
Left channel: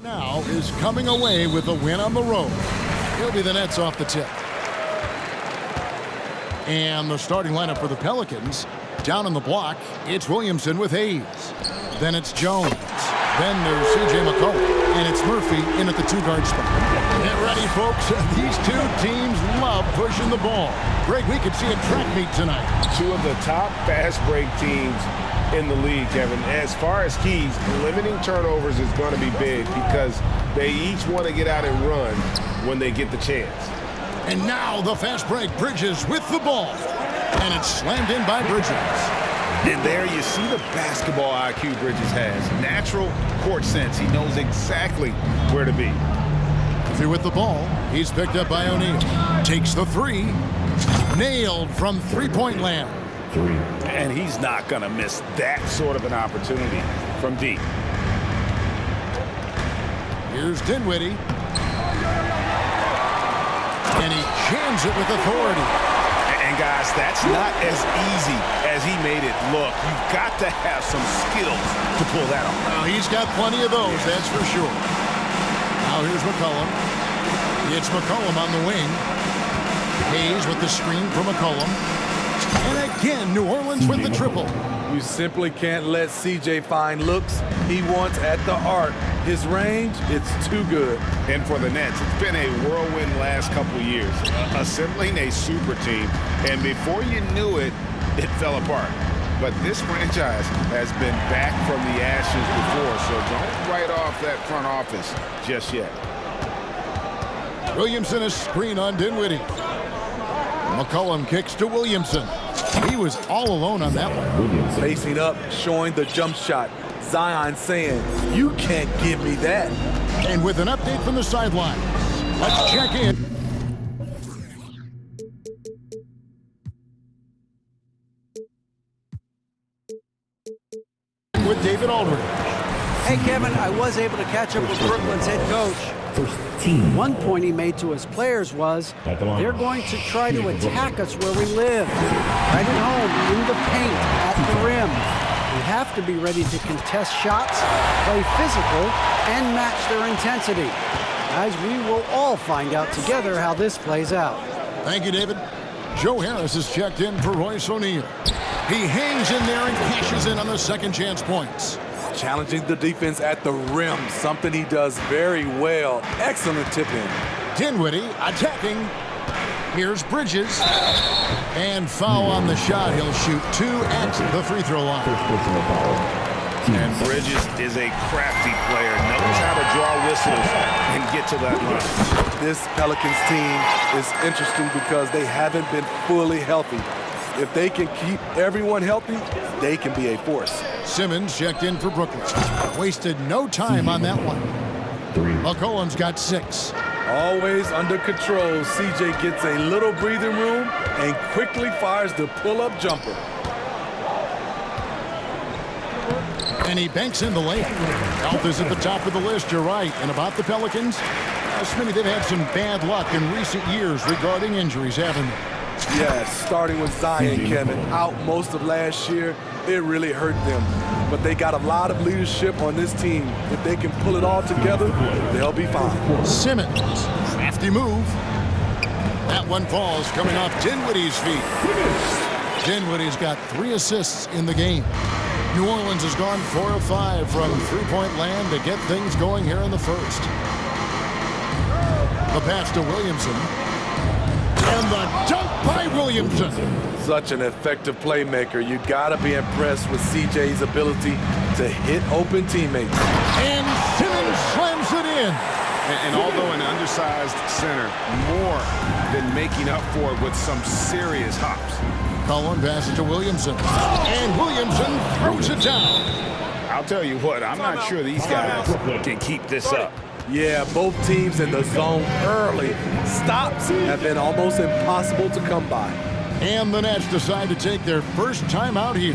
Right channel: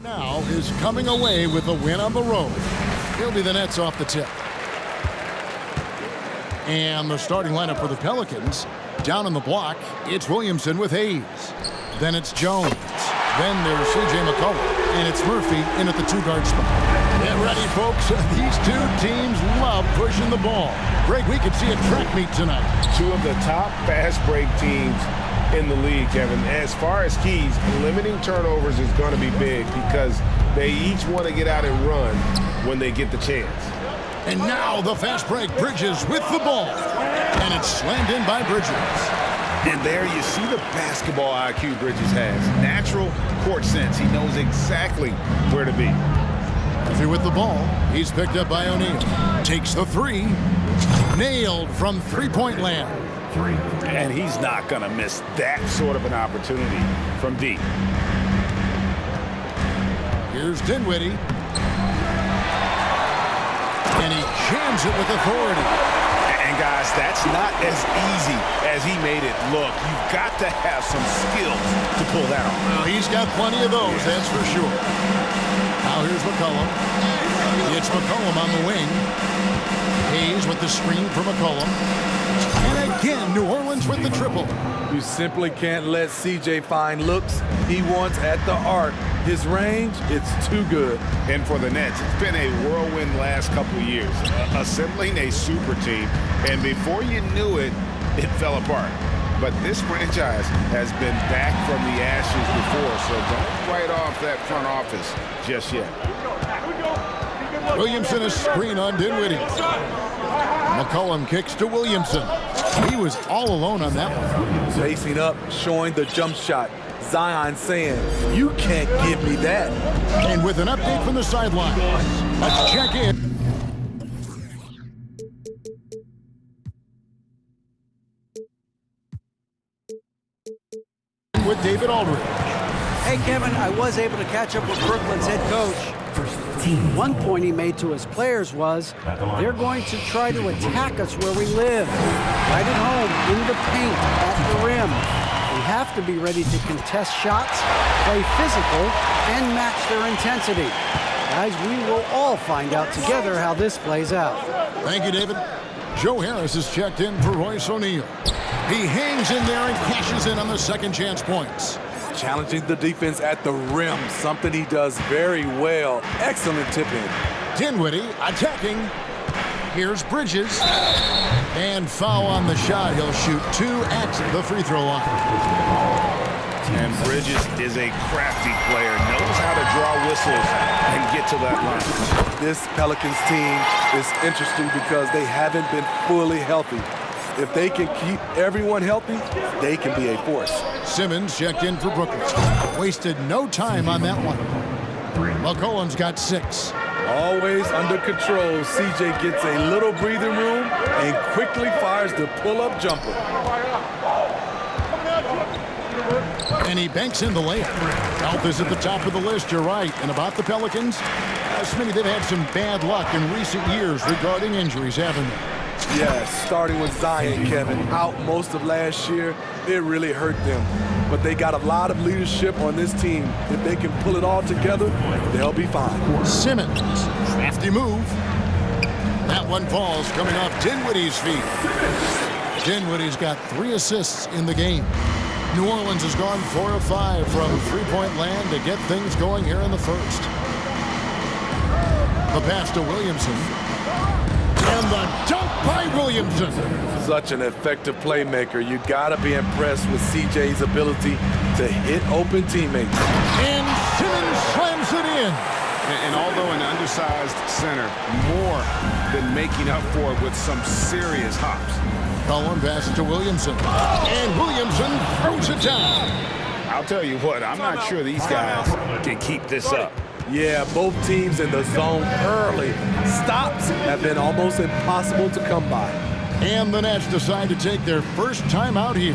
Now is coming away with a win on the road. He'll be the Nets off the tip. And the starting lineup for the Pelicans. Down on the block, it's Williamson with Hayes. Then it's Jones. Then there's C.J. McCollum. And it's Murphy in at the two-guard spot. Get ready, folks. These two teams love pushing the ball. Greg, we could see a track meet tonight. Two of the top fast break teams in the league, Kevin. As far as keys, limiting turnovers is going to be big because they each want to get out and run when they get the chance. And now the fast break, Bridges with the ball. And it's slammed in by Bridges. And there you see the basketball IQ Bridges has. Natural court sense. He knows exactly where to be. Through with the ball. He's picked up by O'Neal. Takes the three. Nailed from three-point land. And he's not going to miss that sort of an opportunity from deep. Here's Dinwiddie. And he jams it with authority. And guys, that's not as easy as he made it look. You've got to have some skills to pull that off. Well, he's got plenty of those, that's for sure. Now here's McCollum. It's McCollum on the wing. Hayes with the screen for McCollum. And again, New Orleans with the triple. You simply can't let CJ find looks he wants at the arc. His range, it's too good. And for the Nets, it's been a whirlwind last couple years, assembling a super team. And before you knew it, it fell apart. But this franchise has been back from the ashes before, so don't write off that front office just yet. Williamson a screen on Dinwiddie. McCollum kicks to Williamson. He was all alone on that one. Facing up, showing the jump shot. Zion saying, you can't give me that. And with an update from the sideline, let's check in. With David Aldridge. Hey, Kevin, I was able to catch up with Brooklyn's head coach. One point he made to his players was, they're going to try to attack us where we live, right at home, in the paint, at the rim. We have to be ready to contest shots, play physical, and match their intensity. Guys, we will all find out together how this plays out. Thank you, David. Joe Harris is checked in for Royce O'Neal. He hangs in there and cashes in on the second chance points. Challenging the defense at the rim, something he does very well. Excellent tip-in. Dinwiddie attacking. Here's Bridges. And foul on the shot. He'll shoot two at the free throw line. And Bridges is a crafty player, knows how to draw whistles and get to that line. This Pelicans team is interesting because they haven't been fully healthy. If they can keep everyone healthy, they can be a force. Simmons checked in for Brooklyn. Wasted no time on that one. McCollum's got 6. Always under control, CJ gets a little breathing room and quickly fires the pull-up jumper. And he banks in the layup. Health is at the top of the list, you're right. And about the Pelicans, Smitty, they've had some bad luck in recent years regarding injuries, haven't they? Yes, starting with Zion, Kevin, out most of last year, it really hurt them. But they got a lot of leadership on this team. If they can pull it all together, they'll be fine. Simmons, crafty move. That one falls coming off Dinwiddie's feet. Dinwiddie's got 3 assists in the game. New Orleans has gone 4 of 5 from three-point land to get things going here in the first. The pass to Williamson. And the dunk by Williamson. Such an effective playmaker. You gotta be impressed with CJ's ability to hit open teammates. And Simmons slams it in. And although an undersized center, more than making up for it with some serious hops. Cullen passes to Williamson. And Williamson throws it down. I'll tell you what, I'm not sure these guys can keep this up. Yeah, both teams in the zone early. Stops have been almost impossible to come by. And the Nets decide to take their first time out here.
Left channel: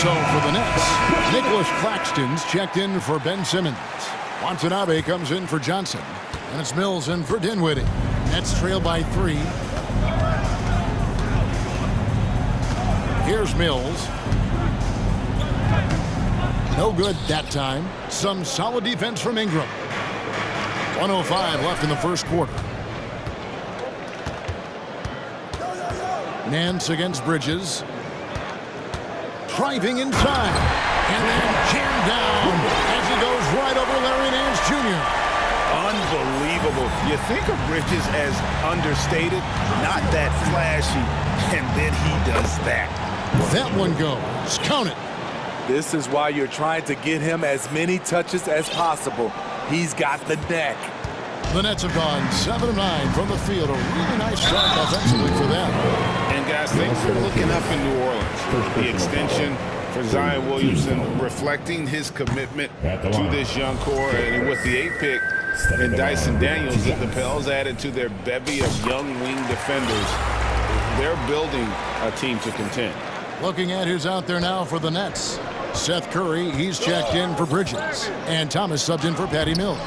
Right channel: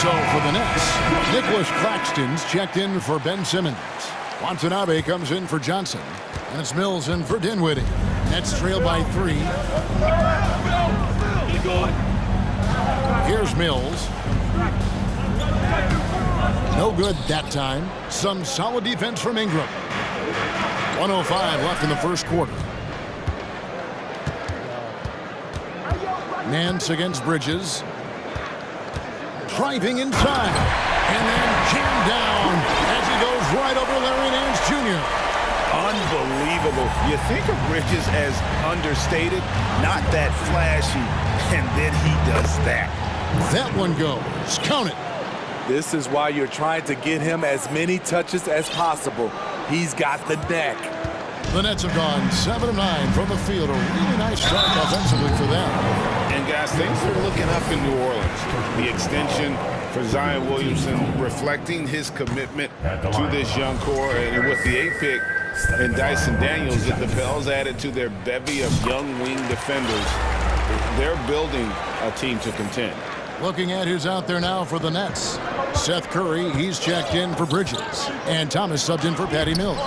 So for the Nets, Nicholas Claxton's checked in for Ben Simmons. Watanabe comes in for Johnson. And it's Mills in for Dinwiddie. Nets trail by 3. Here's Mills. No good that time. Some solid defense from Ingram. 1:05 left in the first quarter. Nance against Bridges. Driving inside. And then jammed down as he goes right over Larry Nance Jr. Unbelievable. You think of Bridges as understated, not that flashy, and then he does that. That one goes. Count it. This is why you're trying to get him as many touches as possible. He's got the neck. The Nets have gone 7 of 9 from the field. A really nice start offensively for them. And guys, things are looking up in New Orleans. The extension for Zion Williamson reflecting his commitment to this young core. And with the 8th pick and Dyson Daniels, the Pels added to their bevy of young wing defenders. They're building a team to contend. Looking at who's out there now for the Nets. Seth Curry, he's checked in for Bridges. And Thomas subbed in for Patty Mills.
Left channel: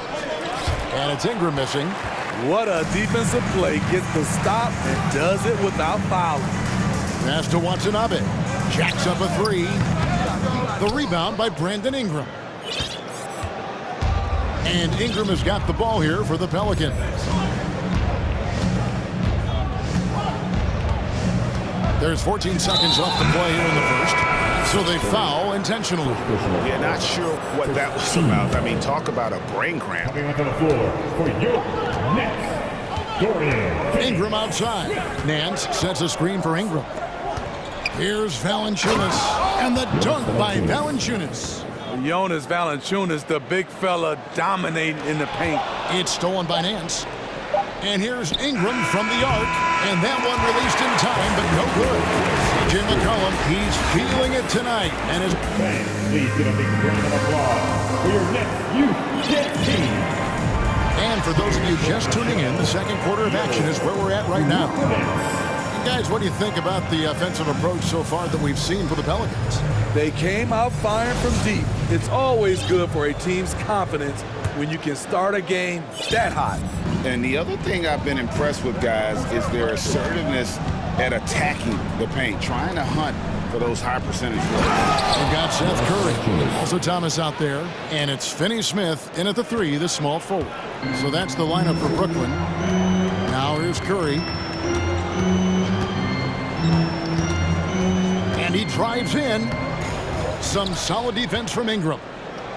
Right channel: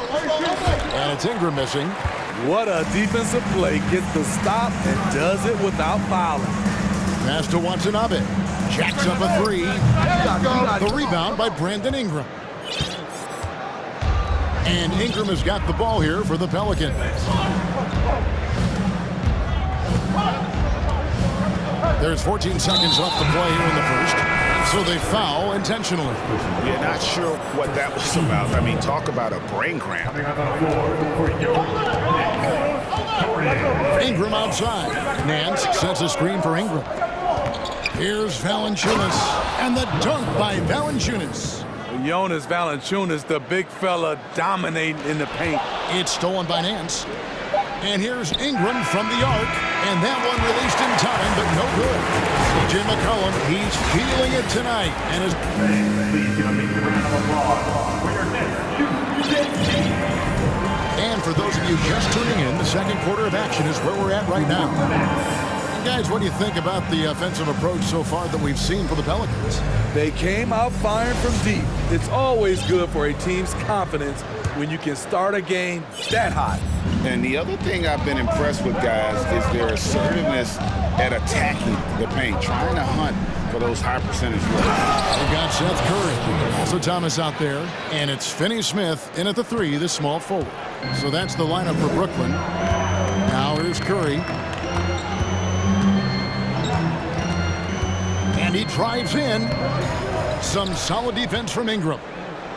And it's Ingram missing. What a defensive play. Gets the stop and does it without fouling. Pass to Watanabe. Jacks up a 3. The rebound by Brandon Ingram. And Ingram has got the ball here for the Pelicans. There's 14 seconds left to play here in the first. So they foul intentionally. Yeah, not sure what that was about. I mean, talk about a brain cramp. Ingram outside. Nance sets a screen for Ingram. Here's Valanciunas. And the dunk by Valanciunas. Jonas Valanciunas, the big fella, dominating in the paint. It's stolen by Nance. And here's Ingram from the arc. And that one released in time, but no good. C.J. McCollum, he's feeling it tonight. And his fans, please give a big round of applause for your next youth team. And for those of you just tuning in, the second quarter of action is where we're at right now. And guys, what do you think about the offensive approach so far that we've seen for the Pelicans? They came out firing from deep. It's always good for a team's confidence when you can start a game that hot. And the other thing I've been impressed with, guys, is their assertiveness at attacking the paint, trying to hunt for those high percentage looks. They've got Seth Curry, also Thomas out there, and it's Finney-Smith in at the 3, the small forward. So that's the lineup for Brooklyn. Now here's Curry. And he drives in. Some solid defense from Ingram.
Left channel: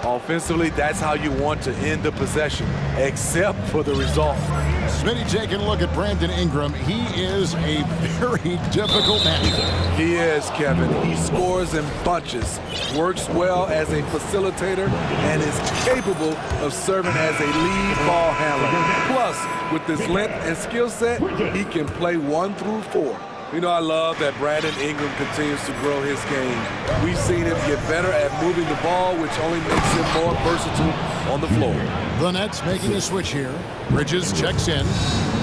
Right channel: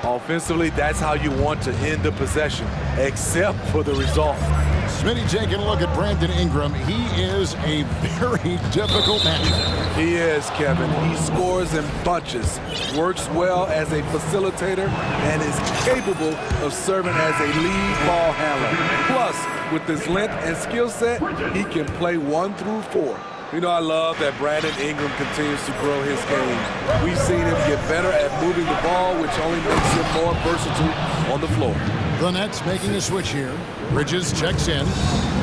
Offensively, that's how you want to end the possession, except for the result. Smitty taking a look at Brandon Ingram. He is a very difficult matchup. He is, Kevin. He scores in bunches, works well as a facilitator, and is capable of serving as a lead ball handler. Plus, with his length and skill set, he can play 1 through 4. You know, I love that Brandon Ingram continues to grow his game. We've seen him get better at moving the ball, which only makes him more versatile on the floor. The Nets making a switch here. Bridges checks in.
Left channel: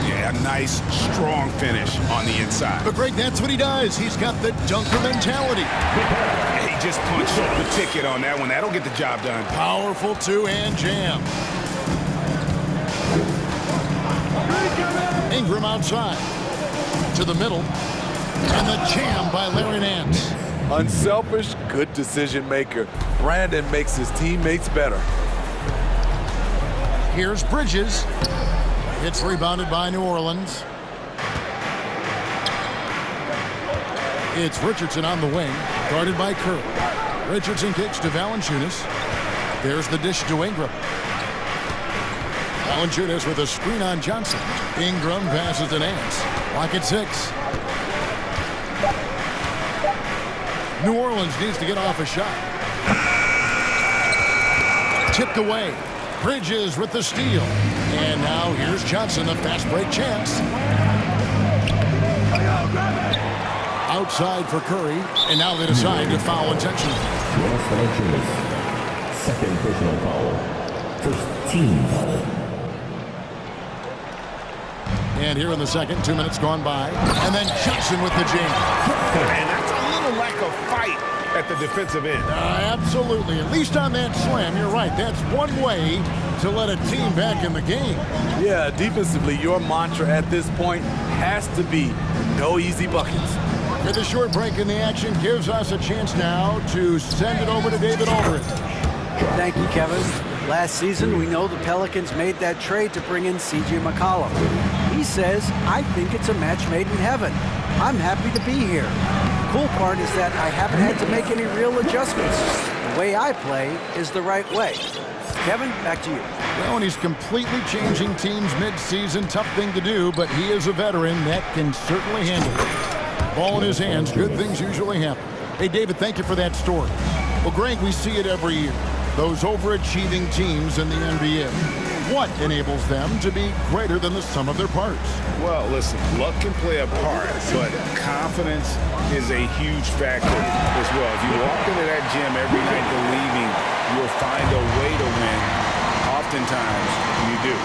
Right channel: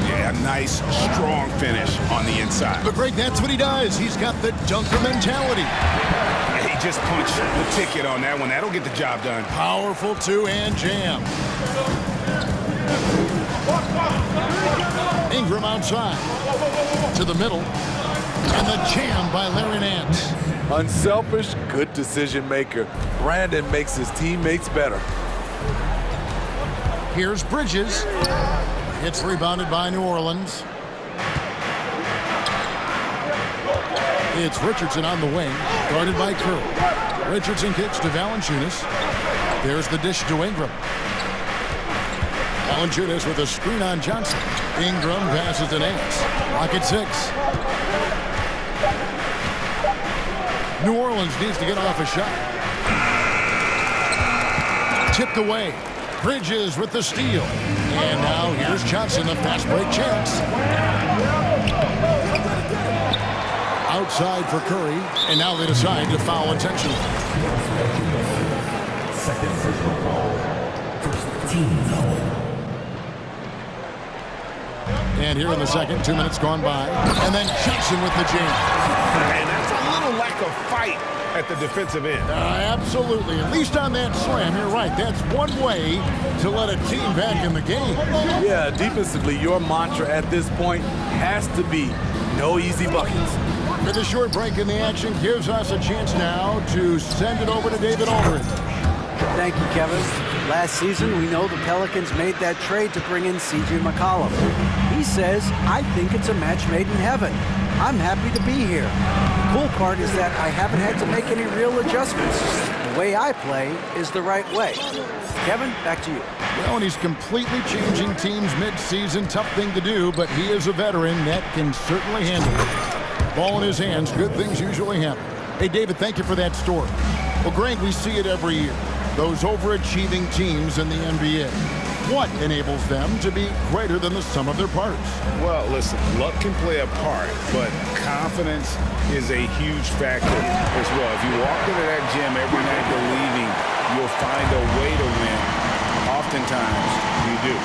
Yeah, nice, strong finish on the inside. But Greg, that's what he does. He's got the dunker mentality. He just punched the ticket on that one. That'll get the job done. Powerful two-hand jam. Ingram outside. To the middle. And the jam by Larry Nance. Unselfish, good decision maker. Brandon makes his teammates better. Here's Bridges. It's rebounded by New Orleans. It's Richardson on the wing, guarded by Curry. Richardson kicks to Valanciunas. There's the dish to Ingram. Valanciunas with a screen on Johnson. Ingram passes to Nance. Rocket 6. New Orleans needs to get off a shot. Tipped away. Bridges with the steal. And now here's Johnson, a fast break chance. Outside for Curry. And now they decide to foul intentionally. Second personal foul. First team foul. And here in the second, 2 minutes gone by. And then Johnson with the jam. And that's a little lack of fight at the defensive end. Absolutely. At least on that slam, you're right. That's one way to let a team back in the game. Yeah, defensively, your mantra at this point has to be no easy buckets. With a short break in the action gives us a chance now to send it over to David Aldridge. Thank you, Kevin. Last season, we know the Pelicans made that trade to bring in C.J. McCollum. He says, I think it's a match made in heaven. I'm happy to be here. The cool part is that I haven't had to make any real adjustments. The way I play is the right way. Kevin, back to you. Well, and he's completely changing teams mid-season. Tough thing to do, but he is a veteran that can certainly handle it. Ball in his hands, good things usually happen. Hey, David, thank you for that story. Well, Greg, we see it every year. those overachieving teams in the NBA? What enables them to be greater than the sum of their parts? Well, listen, luck can play a part, but confidence is a huge factor as well. If you walk into that gym every night believing you'll find a way to win, oftentimes you do.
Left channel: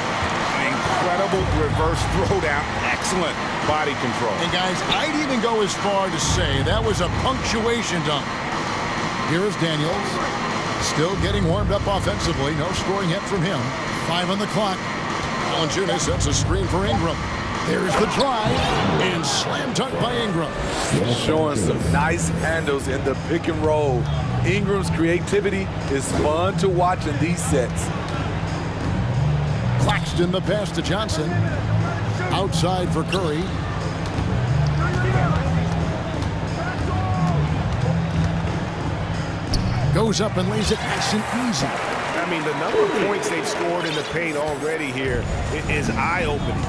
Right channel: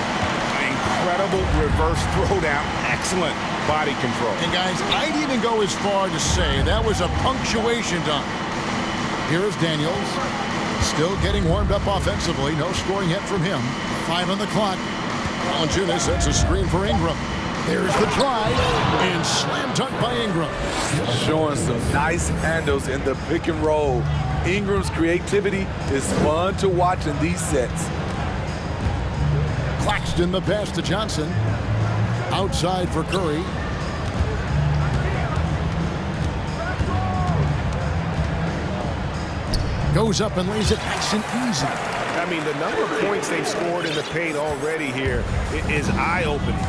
Incredible reverse throwdown, excellent body control. And guys, I'd even go as far to say that was a punctuation dunk. Here's Daniels, still getting warmed up offensively. No scoring yet from him. 5 on the clock. Valanciunas sets a screen for Ingram. There's the drive, and slam dunk by Ingram. Showing some nice handles in the pick and roll. Ingram's creativity is fun to watch in these sets. Claxton the pass to Johnson. Outside for Curry. Goes up and lays it nice and easy. I mean, the number of points they've scored in the paint already here is eye-opening.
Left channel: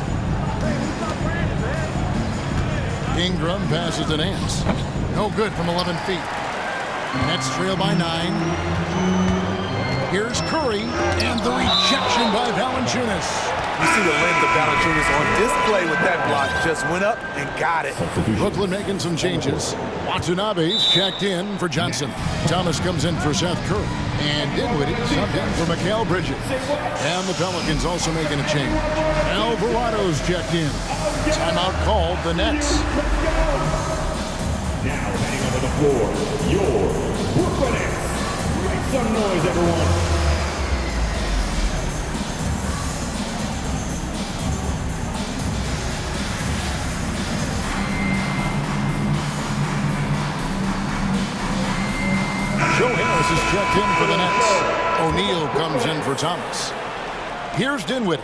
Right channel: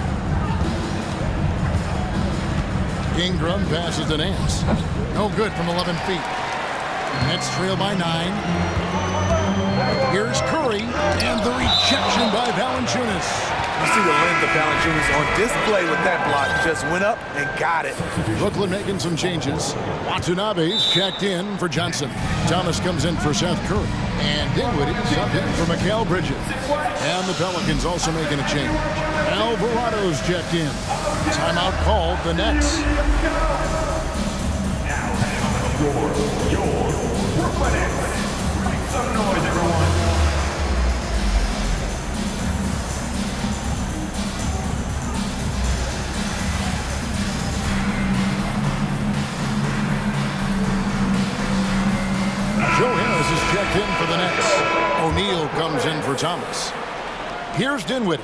Ingram passes to Nance. No good from 11 feet. Nets trail by 9. Here's Curry, and the rejection by Valanciunas. You see the length of Valanciunas on display with that block. Just went up and got it. Brooklyn making some changes. Watanabe's checked in for Johnson. Thomas comes in for Seth Curry. And Dinwiddie subbed in for Mikal Bridges. And the Pelicans also making a change. Alvarado's checked in. Timeout called, the Nets. Now heading over the floor, your Brooklyn Nets. Make some noise, everyone. Joe Harris is checked in for the Nets. O'Neal comes in for Thomas. Here's Dinwiddie.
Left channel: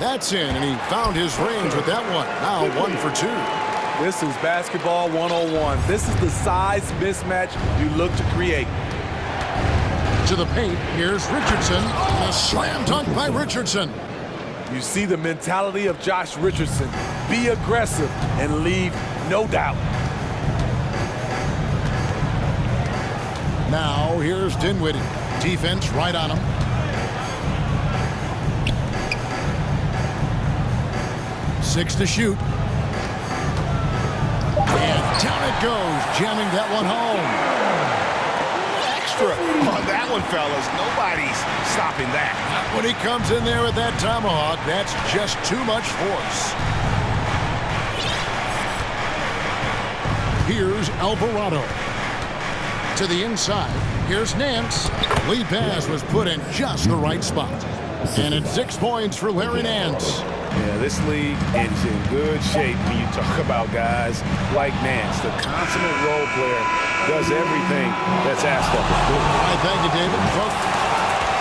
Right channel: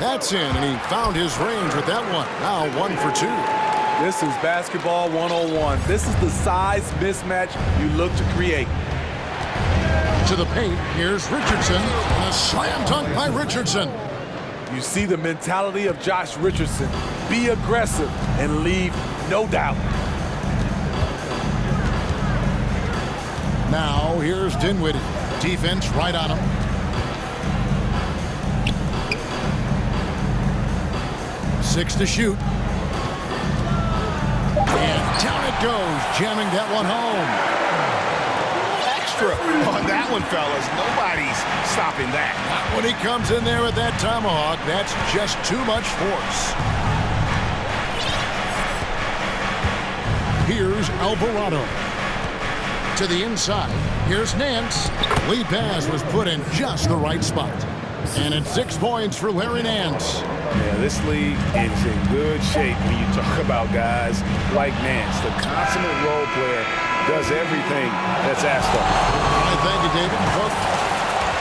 That's in, and he found his range with that one. Now 1 for 2. This is basketball 101. This is the size mismatch you look to create. To the paint, here's Richardson, and a slam dunk by Richardson. You see the mentality of Josh Richardson. Be aggressive and leave no doubt. Now here's Dinwiddie. Defense right on him. Six to shoot. And down it goes, jamming that one home. Extra on that one, fellas. Nobody's stopping that. Not when he comes in there with that tomahawk. That's just too much force. Here's Alvarado. To the inside. Here's Nance. Lead pass was put in just the right spot. And it's 6 points for Larry Nance. Yeah, this league is in good shape when you talk about guys like Nance. The consummate role player does everything that's asked of him. All right, thank you, David. Folks.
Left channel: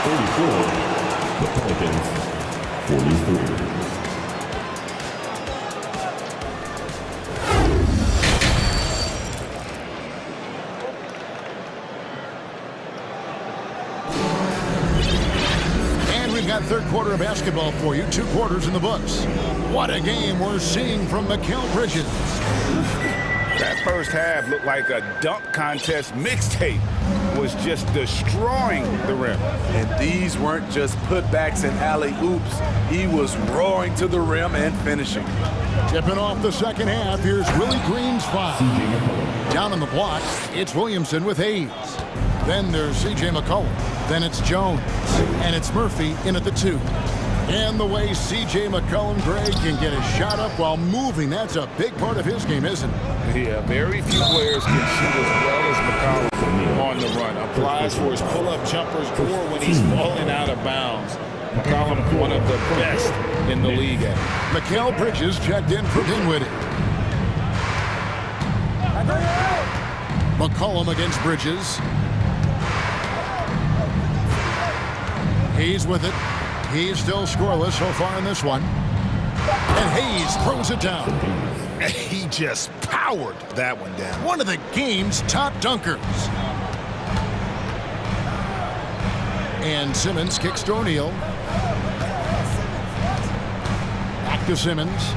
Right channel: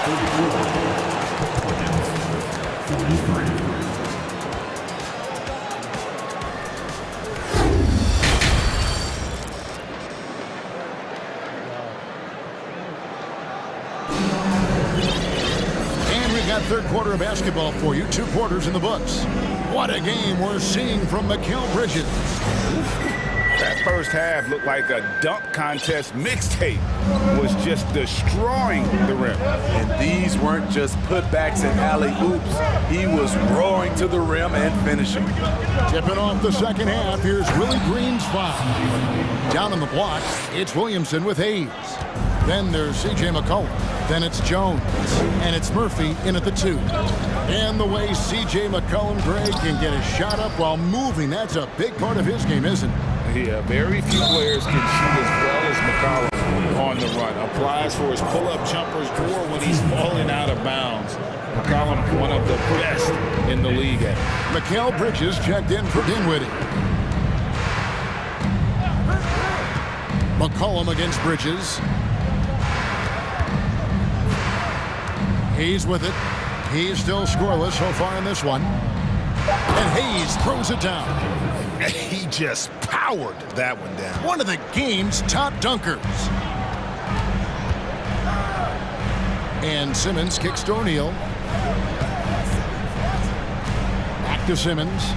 34, Pelicans, 43. We've got third quarter of basketball for you. 2 quarters in the books. What a game we're seeing from Mikal Bridges. That first half looked like a dunk contest mixtape. Was just destroying the rim. And these weren't just putbacks and alley-oops. He was roaring to the rim and finishing. Tipping off the second half, here's Willie Green's foul. Down on the block, it's Williamson with Hayes. Then there's C.J. McCollum. Then it's Jones. And it's Murphy in at the 2. And the way C.J. McCollum, Greg, can get a shot up while moving, that's a big part of his game, isn't it? Yeah, very few players can shoot as well as McCollum on the run. Applies for his pull-up jumpers or when he's falling out of bounds. McCollum, one of the best in the league at it. Mikal Bridges checked in for Dinwiddie. McCollum against Bridges. Hayes with it. He's still scoreless so far in this one. And Hayes throws it down. He just powered that one down. One of the game's top dunkers. And Simmons kicks to O'Neal. Back to Simmons.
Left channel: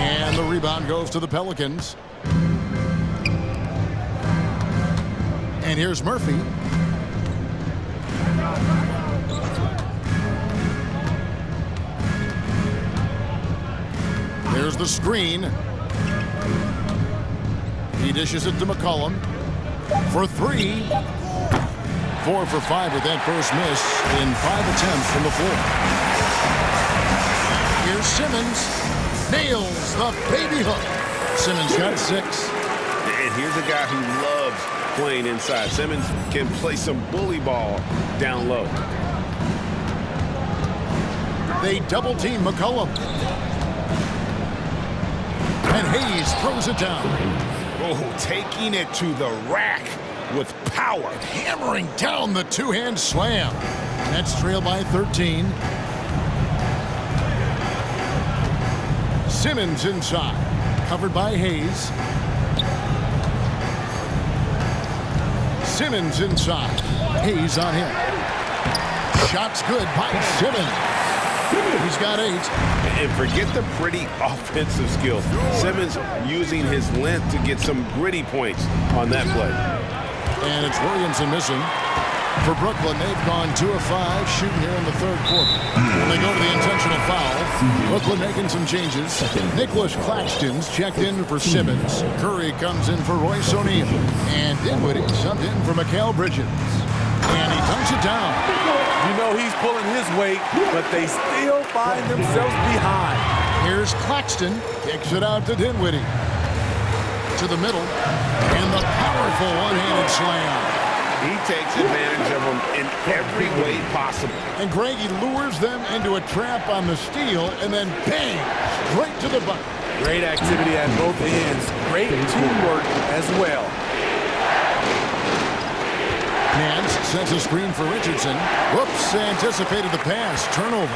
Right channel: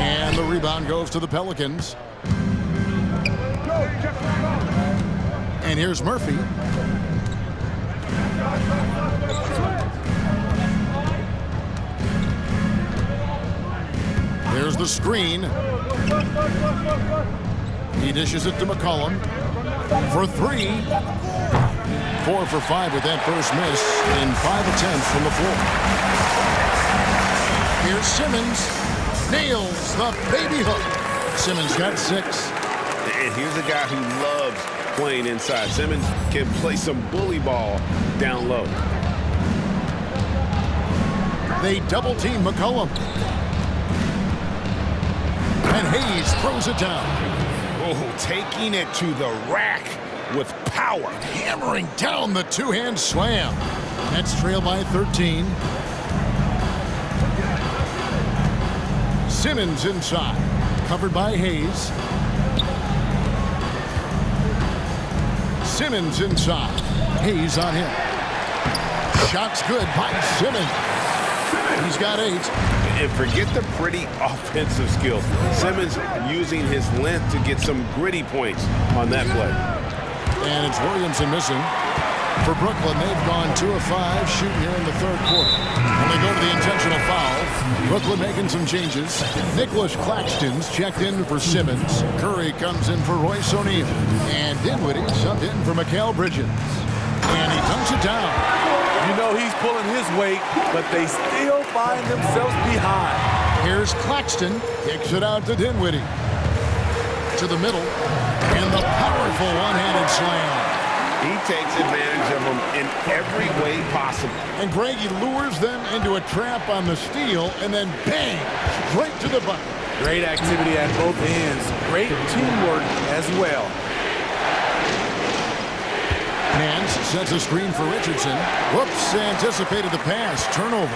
And the rebound goes to the Pelicans. And here's Murphy. There's the screen. He dishes it to McCollum for three. 4 for 5 with that first miss in 5 attempts from the floor. Here's Simmons. Nails the baby hook. Simmons got 6. And here's a guy who loves playing inside. Simmons can play some bully ball down low. They double team McCollum. And Hayes throws it down. Oh, taking it to the rack with power. Hammering down the two-hand slam. Nets trail by 13. Simmons inside. Covered by Hayes. Simmons inside. Hayes on him. Shot's good by Simmons. He's got 8. And forget the pretty offensive skills. Simmons using his length to get some gritty points on that play. And it's Williamson missing. For Brooklyn, they've gone 2 of 5 shooting here in the third quarter. And they go to the intentional foul. Brooklyn making some changes. Nicholas Claxton's checked in for Simmons. Curry comes in for Royce O'Neal. And Dinwiddie subbed in for Mikal Bridges. And he dunks it down. You know he's pulling his weight, but they still find themselves behind. Here's Claxton. Kicks it out to Dinwiddie. To the middle. And the powerful one-handed slam. He takes advantage of them in every way possible. And Greg, he lures them into a trap on the steal, and then bang, straight to the bucket. Great activity at both ends. Great teamwork as well. Nance sends a screen for Richardson. Whoops, anticipated the pass. Turnover.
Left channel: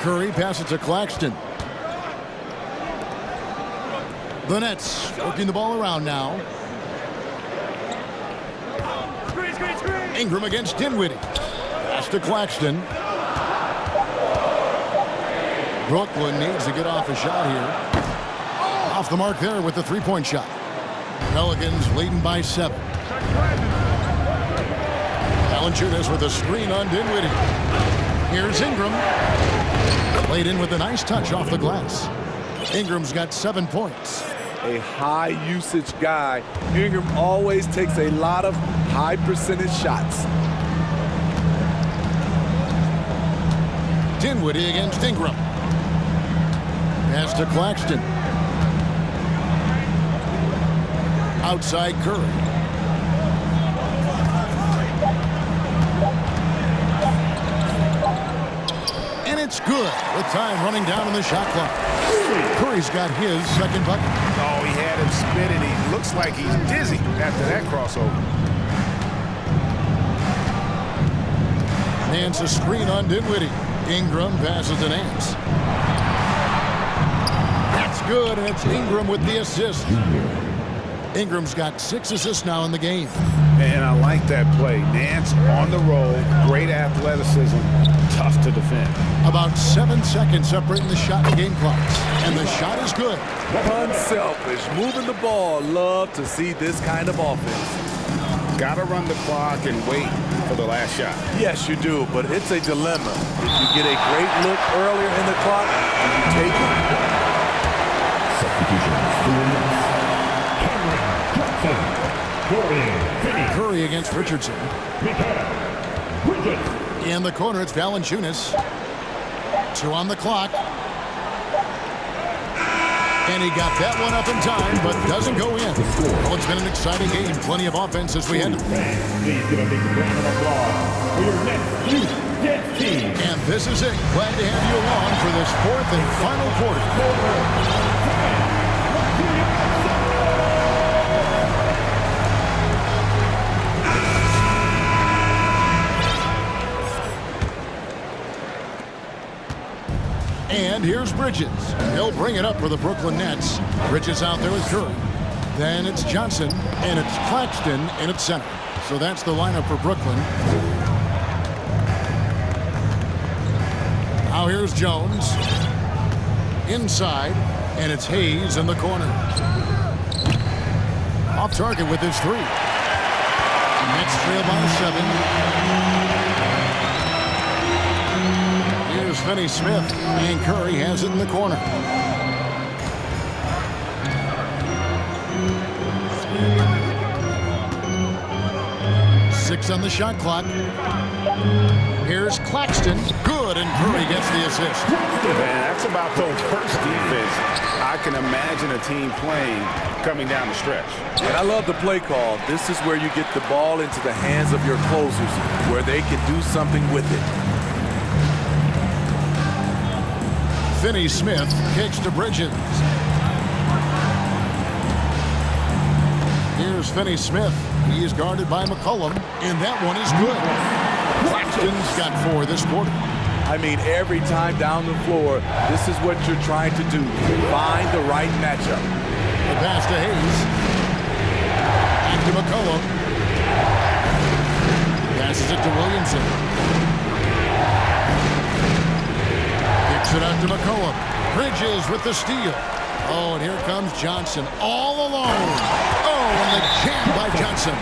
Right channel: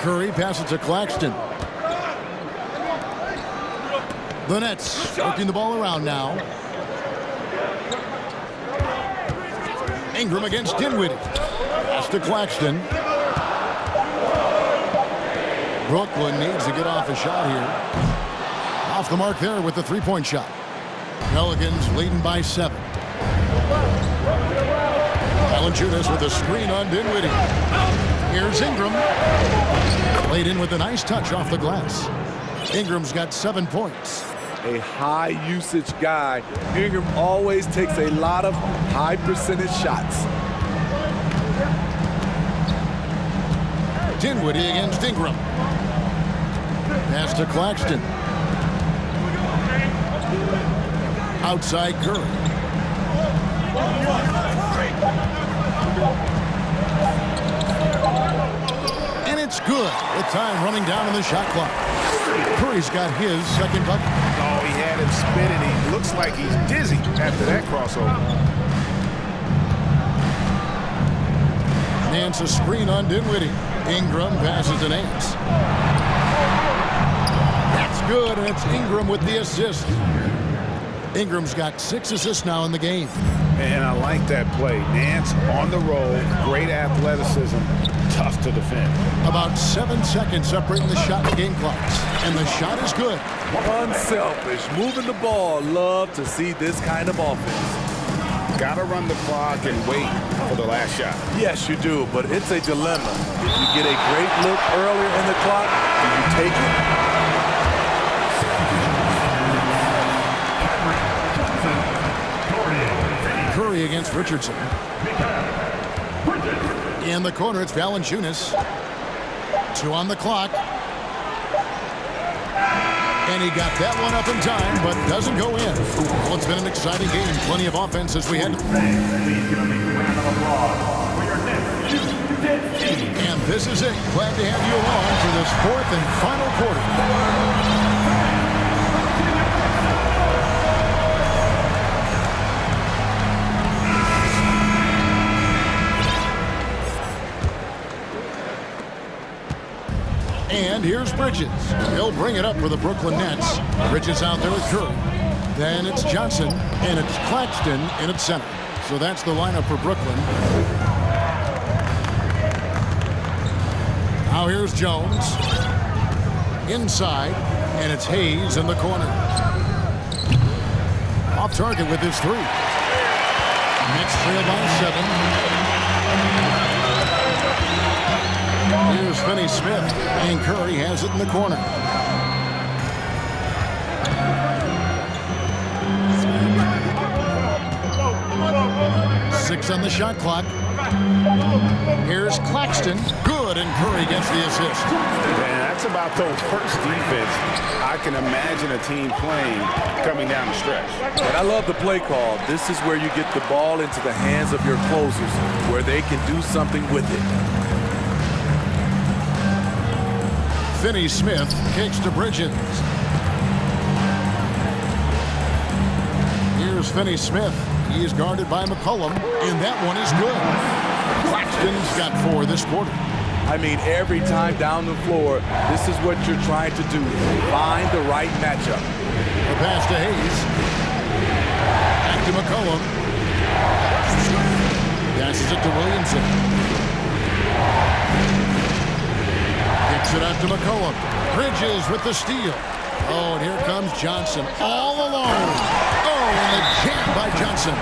Curry passes to Claxton. The Nets working the ball around now. Ingram against Dinwiddie. Pass to Claxton. Brooklyn needs to get off a shot here. Off the mark there with the three-point shot. Pelicans leading by 7. Valanciunas with a screen on Dinwiddie. Here's Ingram. Played in with a nice touch off the glass. Ingram's got 7 points. A high usage guy. Ingram always takes a lot of high percentage shots. Dinwiddie against Ingram. Pass to Claxton. Outside Curry. And it's good with time running down on the shot clock. Curry's got his second bucket. Oh, he had him spinning. He looks like he's dizzy after that crossover. Nance a screen on Dinwiddie. Ingram passes to Nance. That's good, and it's Ingram with the assist. Ingram's got 6 assists now in the game. And I like that play. Nance on the roll, great athleticism, tough to defend. About 7 seconds separating the shot and game clocks. And the shot is good. Unselfish, moving the ball. Love to see this kind of offense. Got to run the clock and wait for the last shot. Yes, you do, but it's a dilemma. If you get a great look earlier in the clock, do you take it? Curry against Richardson. In the corner, it's Valanciunas. 2 on the clock. And he got that one up in time, but doesn't go in. Well, it's been an exciting game. Plenty of offense as we head. Please give a big round of applause for your next 2 dead teams. And this is it. Glad to have you along for this 4th and final quarter. And here's Bridges. He'll bring it up for the Brooklyn Nets. Bridges out there with Curry. Then it's Johnson, and it's Claxton in its center. So that's the lineup for Brooklyn. Now here's Jones. Inside, and it's Hayes in the corner. Off target with his three. Nets trail by 7. Here's Finney-Smith, and Curry has it in the corner. Six on the shot clock. Here's Claxton. Good, and Curry gets the assist. Man, that's about the worst defense I can imagine a team playing coming down the stretch. And I love the play call. This is where you get the ball into the hands of your closers, where they can do something with it. Finney-Smith kicks to Bridges. Here's Finney-Smith. He is guarded by McCollum, and that one is good. Claxton's got 4 this quarter. I mean, every time down the floor, this is what you're trying to do. Find the right matchup. The pass to Hayes. Back to McCollum. Passes it to Williamson. Kicks it out to McCollum. Bridges with the steal. Oh, and here comes Johnson all alone. Oh, and the jam by Johnson.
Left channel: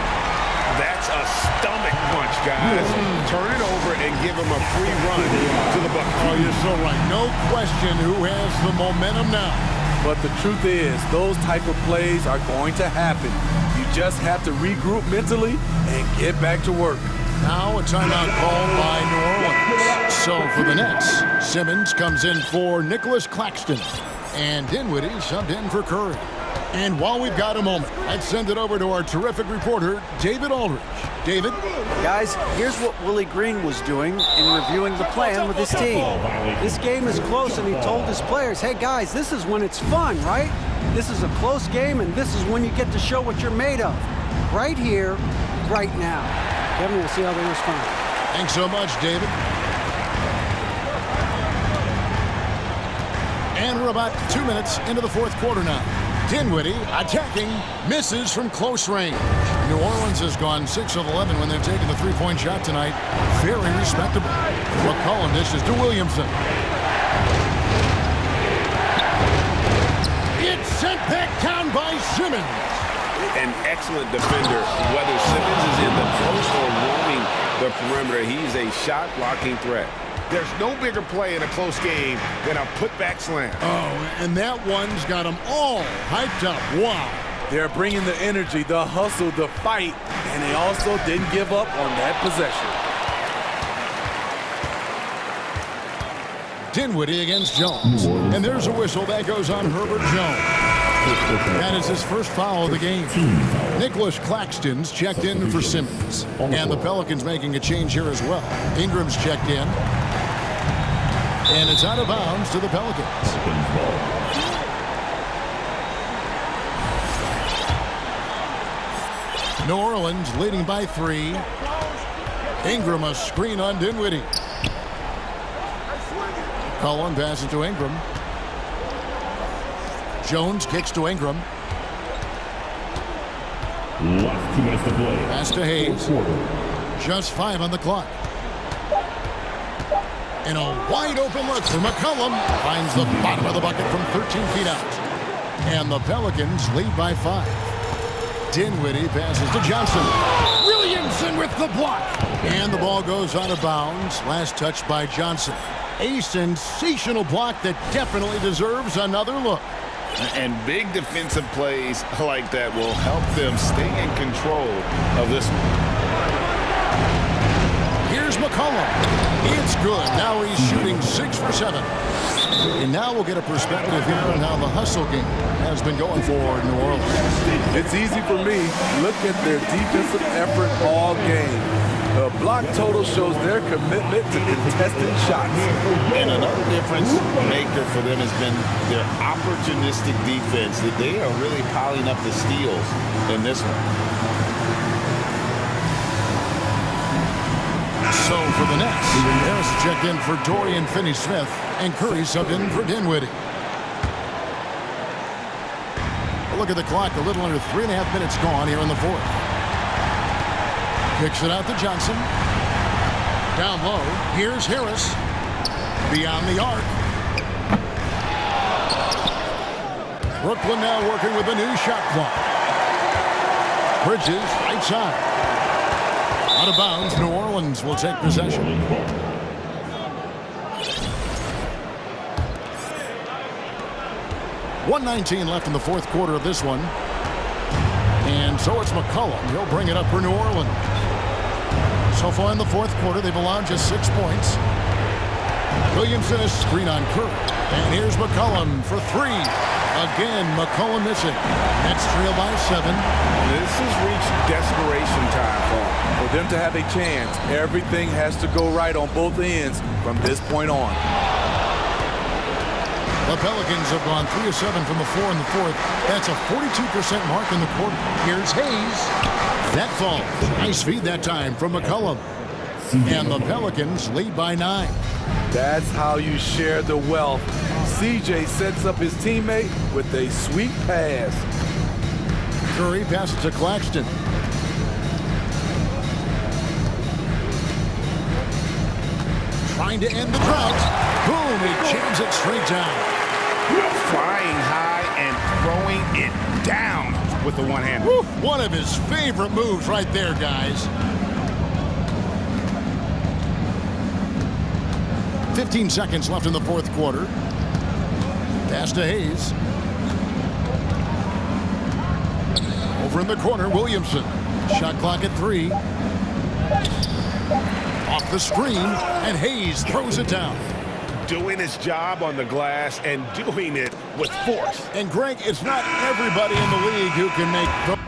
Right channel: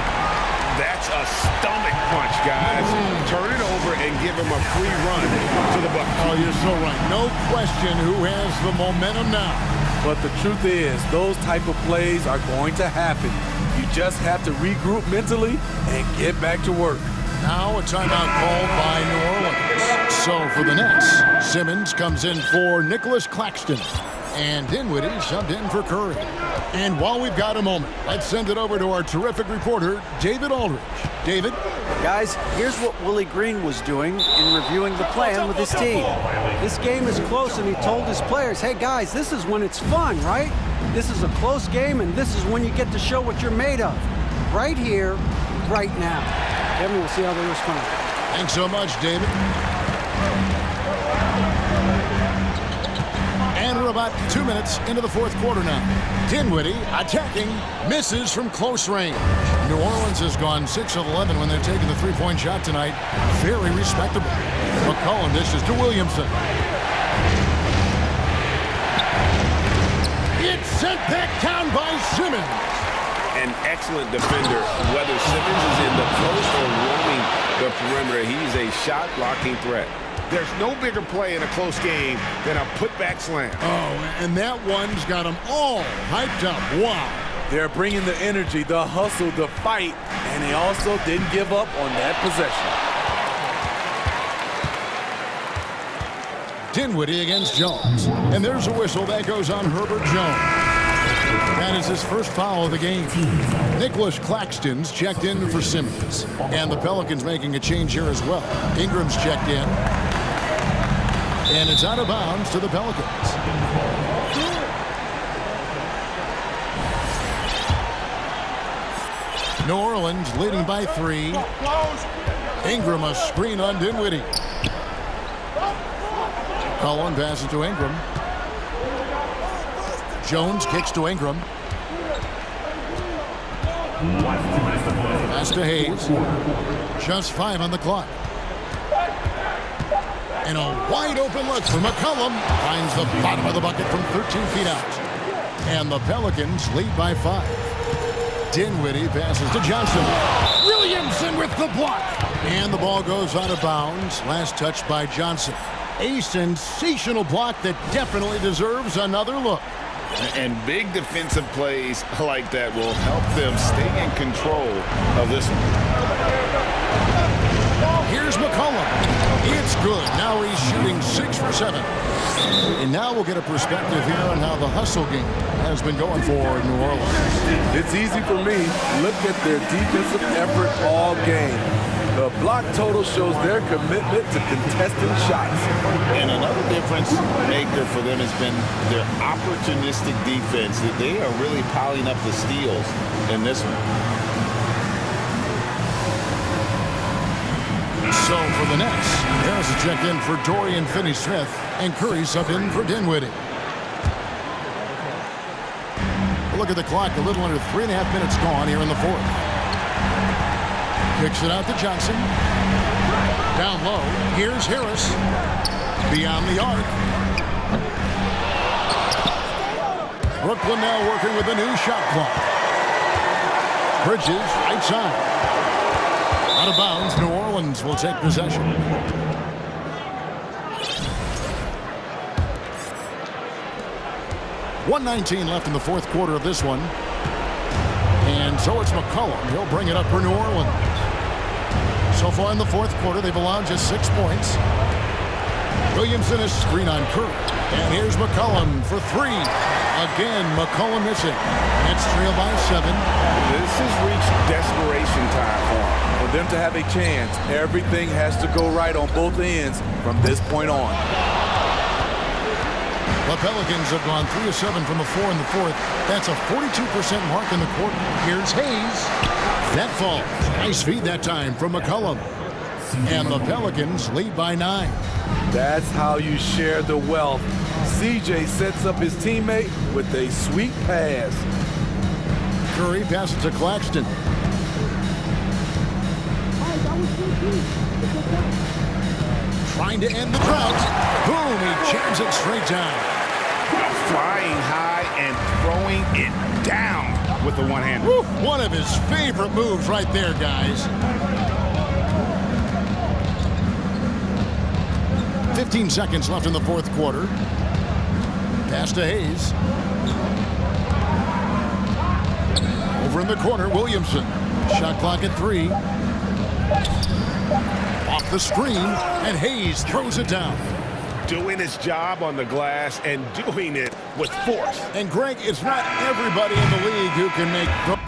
That's a stomach punch, guys. Turn it over and give him a free run to the bucket. Oh, you're so right. No question who has the momentum now. But the truth is, those type of plays are going to happen. You just have to regroup mentally and get back to work. Now a timeout called by New Orleans. So for the Nets, Simmons comes in for Nicholas Claxton. And Dinwiddie subbed in for Curry. And while we've got a moment, let's send it over to our terrific reporter, David Aldridge. David? Guys, here's what Willie Green was doing in reviewing the plan with his team. This game is close, and he told his players, hey, guys, this is when it's fun, right? This is a close game, and this is when you get to show what you're made of. Right here, right now. Kevin, we'll see how they respond. Thanks so much, David. And we're about 2 minutes into the fourth quarter now. Dinwiddie attacking, misses from close range. New Orleans has gone 6 of 11 when they've taken the three-point shot tonight. Very respectable. McCollum dishes to Williamson. It's sent back down by Simmons. An excellent defender, whether Simmons is in the post or roaming the perimeter. He's a shot-blocking threat. There's no bigger play in a close game than a putback slam. Oh, and that one's got them all hyped up. Wow. They're bringing the energy, the hustle, the fight, and they also didn't give up on that possession. Dinwiddie against Jones. And there's a whistle that goes on Herbert Jones. That is his first foul of the game. Nicholas Claxton's checked in for Simmons. And the Pelicans making a change here as well. Ingram's checked in. And it's out of bounds to the Pelicans. New Orleans leading by 3. Ingram a screen on Dinwiddie. Cullen passes to Ingram. Jones kicks to Ingram. Pass to Hayes. Just 5 on the clock. And a wide open look for McCollum. Finds the bottom of the bucket from 13 feet out. And the Pelicans lead by 5. Dinwiddie passes to Johnson. Williamson with the block. And the ball goes out of bounds. Last touch by Johnson. A sensational block that definitely deserves another look. And big defensive plays like that will help them stay in control of this one. Here's McCollum. It's good. Now he's shooting 6 for 7. And now we'll get a perspective here on how the hustle game has been going for New Orleans. It's easy for me. Look at their defensive effort all game. The block total shows their commitment to contesting shots. And another difference maker for them has been their opportunistic defense, that they are really piling up the steals in this one. So for the Nets, Harris is checked in for Dorian Finney-Smith, and Curry subbed in for Dinwiddie. A look at the clock, a little under 3.5 minutes gone here in the fourth. Kicks it out to Johnson. Down low, here's Harris. beyond the arc. Brooklyn now working with a new shot clock. Bridges, right side. Out of bounds, New Orleans will take possession. .119 left in the fourth quarter of this one. And so it's McCollum. He'll bring it up for New Orleans. So far in the fourth quarter, they've allowed just 6 points. Williamson is screen on Curry. And here's McCollum for 3. Again, McCollum missing. Nets trail by 7. This has reached desperation time for them. For them to have a chance, everything has to go right on both ends from this point on. The Pelicans have gone 3 of 7 from the floor in the fourth. That's a 42% mark in the quarter. Here's Hayes. That falls. Nice feed that time from McCollum. And the Pelicans lead by 9. That's how you share the wealth. CJ sets up his teammate with a sweet pass. Curry passes to Claxton. Trying to end the drought. Boom, he jams it straight down. Flying high and throwing it down with the one-hander. One of his favorite moves right there, guys. 15 seconds left in the fourth quarter. Pass to Hayes. Over in the corner, Williamson. Shot clock at 3. Off the screen, and Hayes throws it down. Doing his job on the glass and doing it with force. And Greg, it's not everybody in the league who can make those.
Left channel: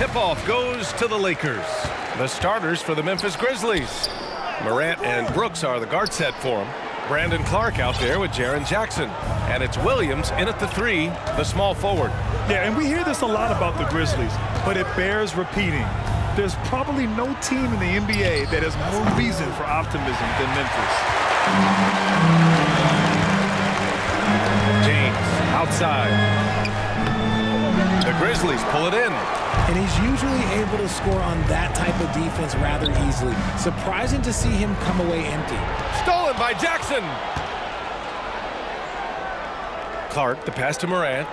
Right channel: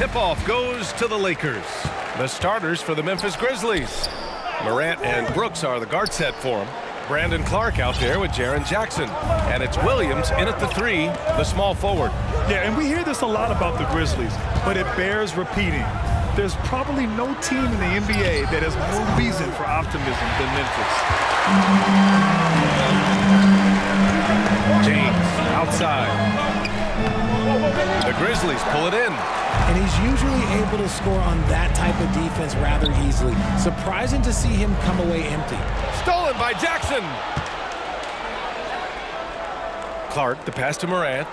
tip-off goes to the Lakers. The starters for the Memphis Grizzlies. Morant and Brooks are the guard set for him. Brandon Clark out there with Jaren Jackson. And it's Williams in at the 3, the small forward. Yeah, and we hear this a lot about the Grizzlies, but it bears repeating. There's probably no team in the NBA that has more reason for optimism than Memphis. James outside. The Grizzlies pull it in. And he's usually able to score on that type of defense rather easily. Surprising to see him come away empty. Stolen by Jackson. Clark, the pass to Morant.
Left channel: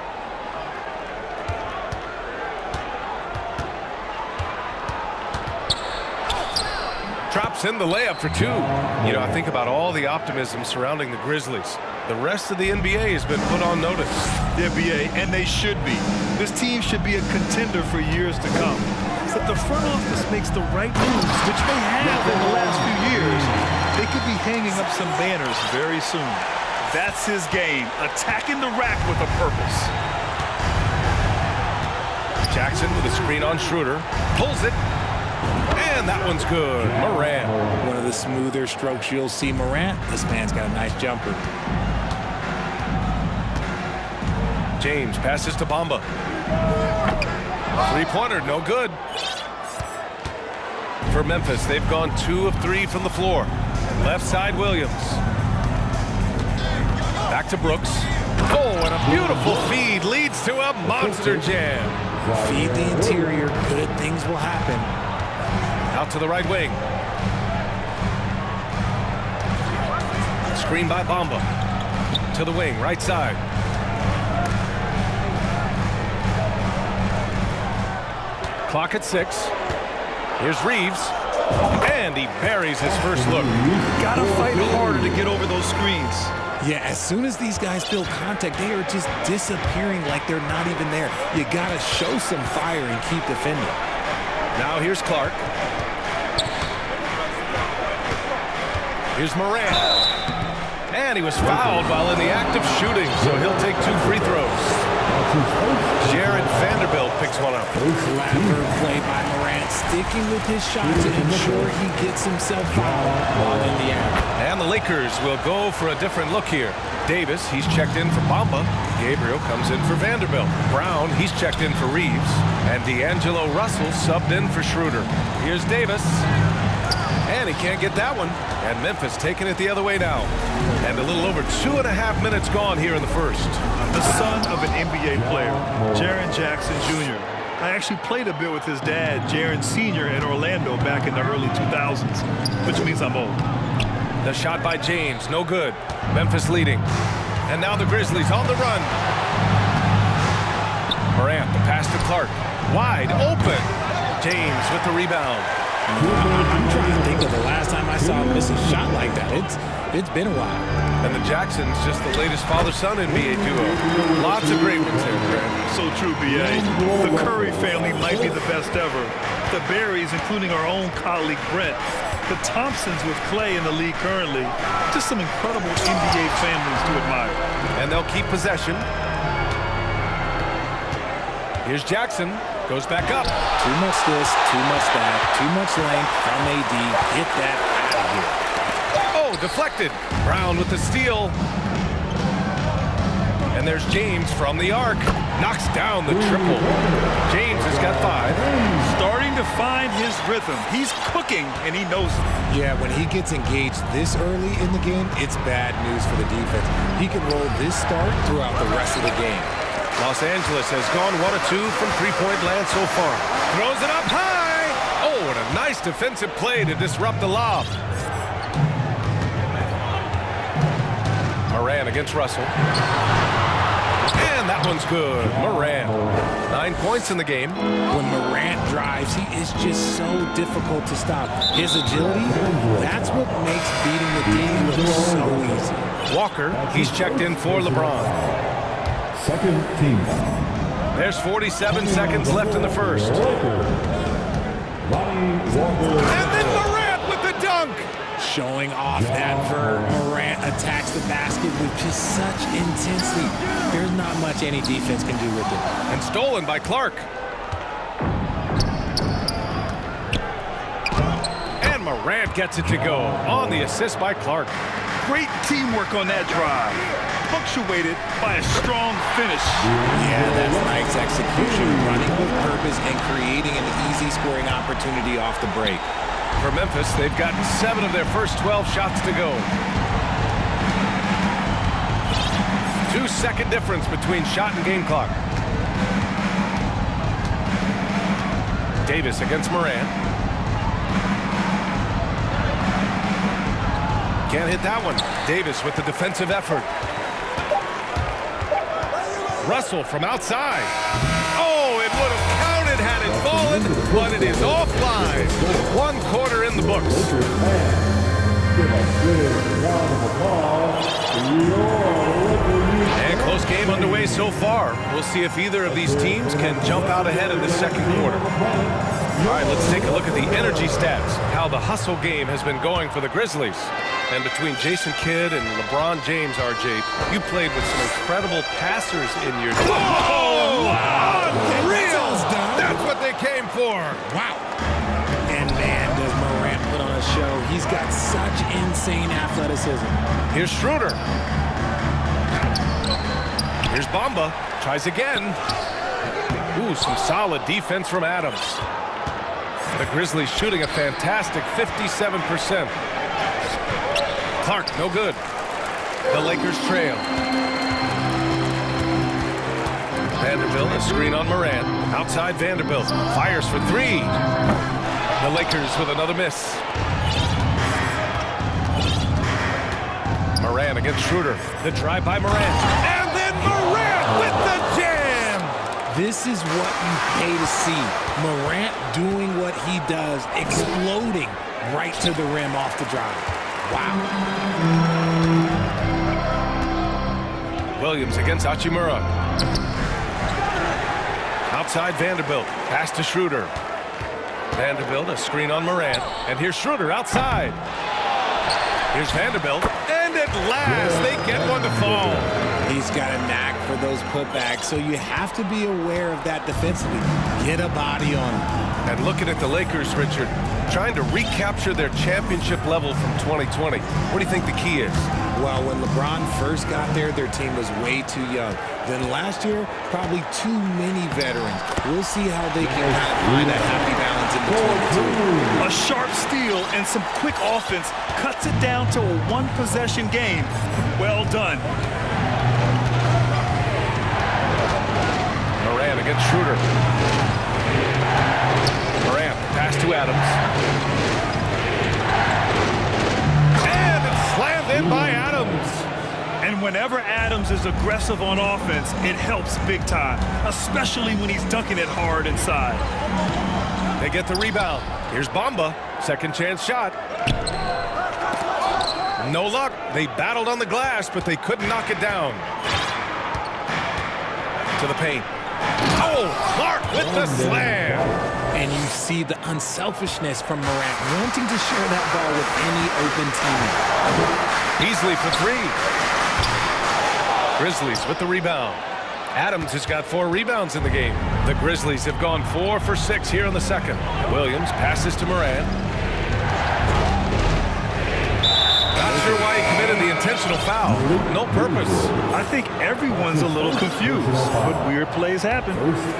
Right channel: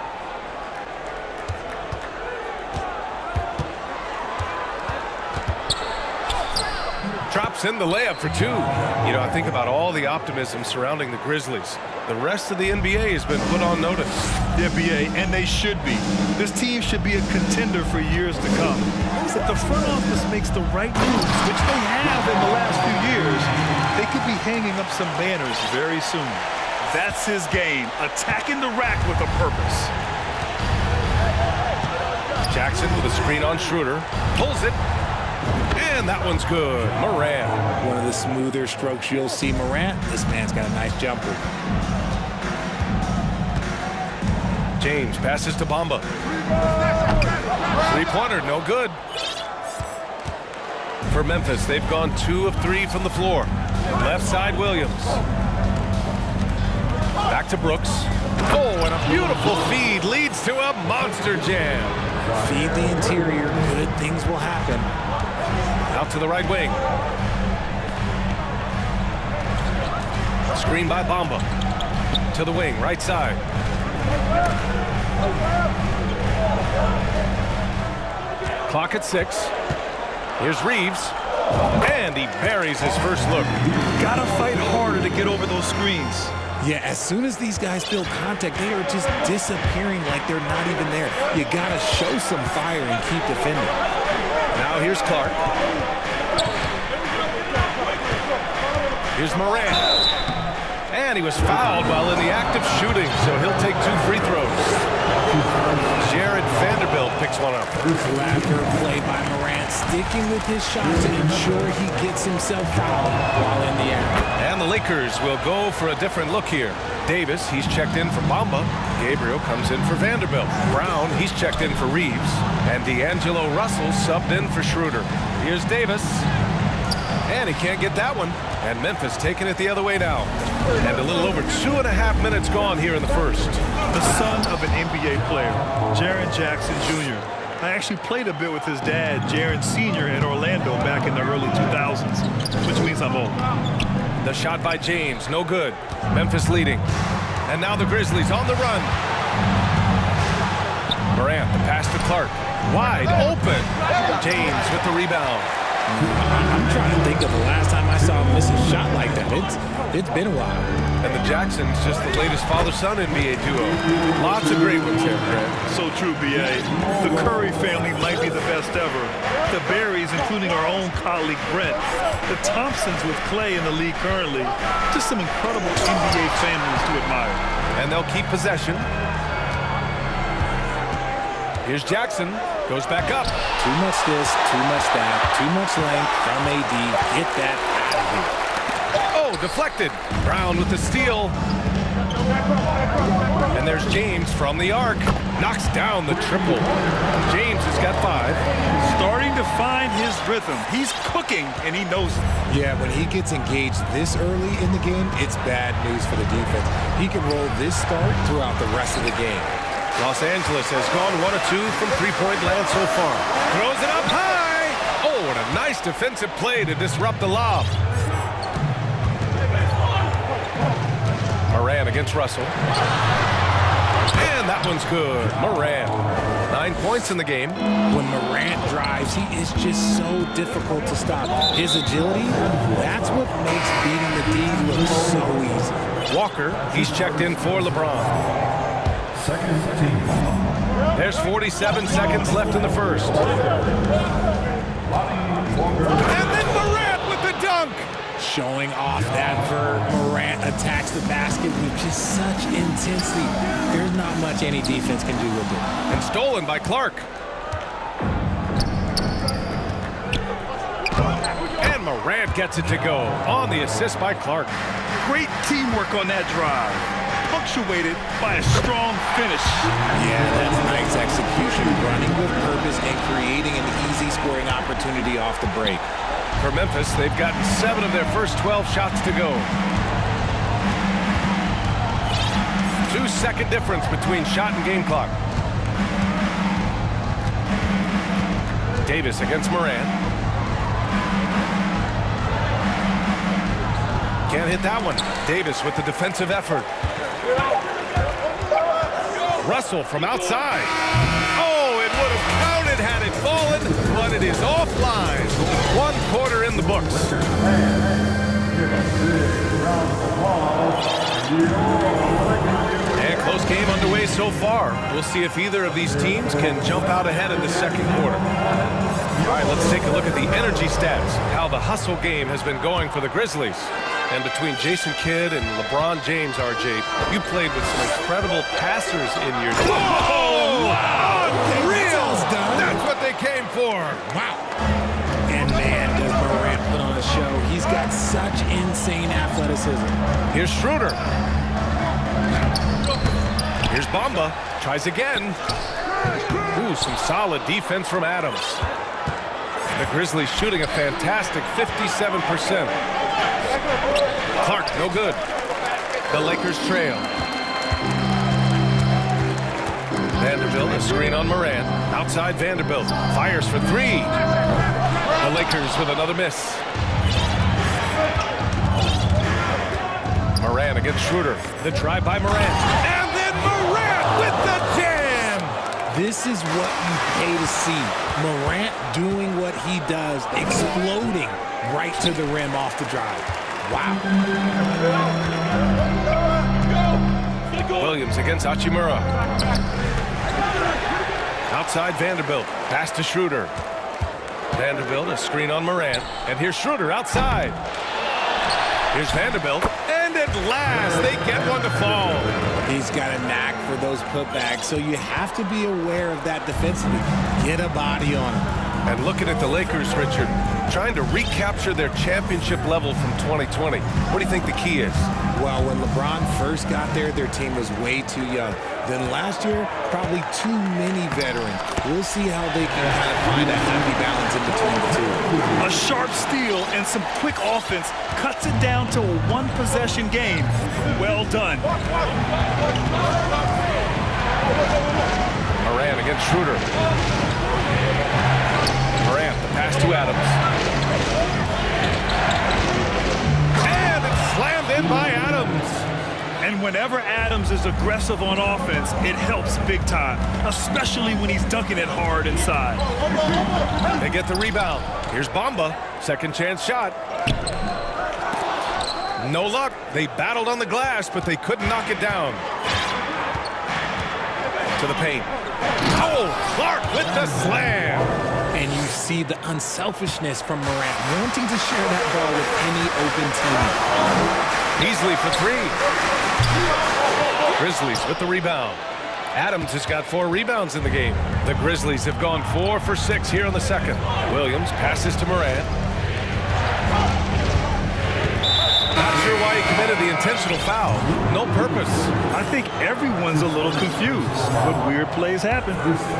Drops in the layup for 2. You know, I think about all the optimism surrounding the Grizzlies. The rest of the NBA has been put on notice. The NBA, and they should be. This team should be a contender for years to come. If the front office makes the right moves, which they have in the last few years, they could be hanging up some banners very soon. That's his game, attacking the rack with a purpose. Jackson with a screen on Schroeder. Pulls it. And that one's good. Morant. One of the smoother strokes you'll see Morant. This man's got a nice jumper. James passes to Bamba. Three-pointer, no good. For Memphis, they've gone 2 of 3 from the floor. Left side, Williams. Back to Brooks. Oh, and a beautiful feed leads to a monster jam. Feed the interior, good things will happen. Out to the right wing. Screen by Bamba. To the wing, right side. Clock at 6. Here's Reeves. And he buries his first look. Gotta fight harder to get over those screens. Yeah, as soon as these guys feel contact, they are just disappearing like they're not even there. You gotta show some fire and keep defending. Now here's Clark. Here's Morant. And he was fouled while in the act of shooting, so he'll take 2 free throws. Jared Vanderbilt picks one up. Clever play by Morant, sticking with his shot to ensure he gets himself fouled while in the act. And the Lakers will go for a different look here. Davis, he's checked in for Bamba. Gabriel comes in for Vanderbilt. Brown, he's checked in for Reeves. And D'Angelo Russell subbed in for Schroeder. Here's Davis. And he can't get that one. And Memphis taking it the other way now. And a little over 2.5 minutes gone here in the first. The son of an NBA player, Jaren Jackson Jr. I actually played a bit with his dad, Jaren Sr. in Orlando back in the early 2000s, which means I'm old. The shot by James, no good. Memphis leading. And now the Grizzlies on the run. Morant, the pass to Clark. Wide open. James with the rebound. I'm trying to think of the last time I saw him miss a shot like that. It's been a while. And the Jacksons, just the latest father-son NBA duo. Lots of great ones there, Grant. So true, B.A. The Curry family might be the best ever. The Berrys, including our own colleague Brent. The Thompsons with Clay in the league currently. Just some incredible NBA families to admire. And they'll keep possession. Here's Jackson. Goes back up. Too much this, too much that, too much length from AD. Get that out of here. Oh, deflected. Brown with the steal. And there's James from the arc. Knocks down the triple. James has got 5. Starting to find his rhythm. He's cooking, and he knows it. Yeah, when he gets engaged this early in the game, it's bad news for the defense. He can roll this start throughout the rest of the game. Los Angeles has gone 1 of 2 from three-point land so far. Throws it up high. Oh, and a nice defensive play to disrupt the lob. Morant against Russell. And that one's good. Morant. 9 points in the game. When Morant drives, he is just so difficult to stop. His agility, that's what makes beating the D look so easy. Walker, he's checked in for LeBron. Second team foul. There's 47 seconds left in the first. And then Morant with the dunk. Showing off that vert. Morant attacks the basket with just such intensity. There's not much any defense can do with it. And stolen by Clark. Morant gets it to go on the assist by Clark. Great teamwork on that drive, punctuated by a strong finish. Yeah, that's nice execution, running with purpose and creating an easy scoring opportunity off the break. For Memphis, they've gotten 7 of their first 12 shots to go. 2-second difference between shot and game clock. Davis against Morant. Can't hit that one. Davis with the defensive effort. Russell from outside. Oh, it would have counted had it fallen, but it is offline. 1 quarter in the books. And close game underway so far. We'll see if either of these teams can jump out ahead in the second quarter. All right, let's take a look at the energy stats, how the hustle game has been going for the Grizzlies. And between Jason Kidd and LeBron James, RJ, you played with some incredible passers in your team. Oh, wow. Unreal! That's what they came for. Wow. And man, does Morant put on a show. He's got such insane athleticism. Here's Schroeder. Here's Bamba. Tries again. Ooh, some solid defense from Adams. The Grizzlies shooting a fantastic 57%. Clark, no good. The Lakers trail. Vanderbilt, a screen on Morant. Outside Vanderbilt. Fires for 3. The Lakers with another miss. Morant against Schroeder. The drive by Morant. And then Morant with the jam! This is what you pay to see. Morant doing what he does, exploding right to the rim off the drive. Wow. Williams against Hachimura. Outside Vanderbilt. Pass to Schroeder. Vanderbilt, a screen on Morant. And here's Schroeder outside. Here's Vanderbilt. And at last, they get one to fall. He's got a knack for those putbacks, so you have to be aware of that defensively. Get a body on him. And looking at the Lakers, Richard, trying to recapture their championship level from 2020. What do you think the key is? Well, when LeBron first got there, their team was way too young. Then last year, probably too many veterans. We'll see how they can kind of find a happy balance in between the two. A sharp steal and some quick offense cuts it down to a 1-possession game. Well done. Morant against Schroeder. Morant, the pass to Adams. And it's slammed in by Adams. And whenever Adams is aggressive on offense, it helps big time, especially when he's dunking it hard inside. They get the rebound. Here's Bamba. Second chance shot. No luck. They battled on the glass, but they couldn't knock it down. To the paint. Oh, Clark with the slam. And you see the unselfishness from Morant, wanting to share that ball with any open teammate. Beasley for 3. Grizzlies with the rebound. Adams has got 4 rebounds in the game. The Grizzlies have gone 4 for 6 here in the second. Williams passes to Morant. Not sure why he committed the intentional foul. No purpose. I think everyone's a little confused, but weird plays happen.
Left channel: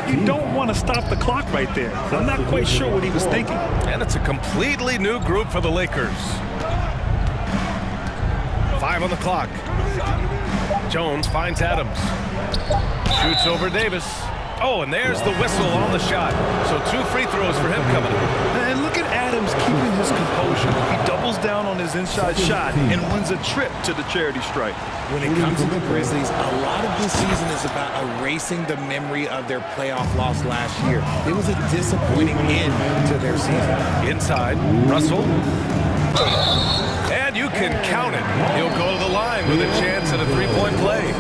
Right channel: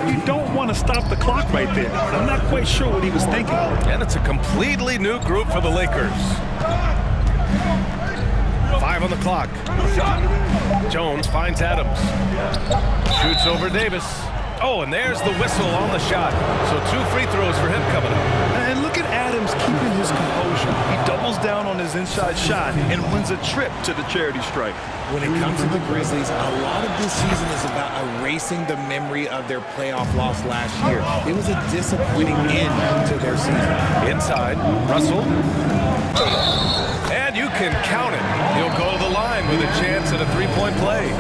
You don't want to stop the clock right there. I'm not quite sure what he was thinking. And it's a completely new group for the Lakers. 5 on the clock. Jones finds Adams. Shoots over Davis. Oh, and there's the whistle on the shot. So 2 free throws for him coming up. And look at Adams keeping his composure. He doubles down on his inside shot and wins a trip to the charity stripe. When it comes to the Grizzlies, a lot of this season is about erasing the memory of their playoff loss last year. It was a disappointing end to their season. Inside, Russell. And you can count it. He'll go to the line with a chance at a 3-point play.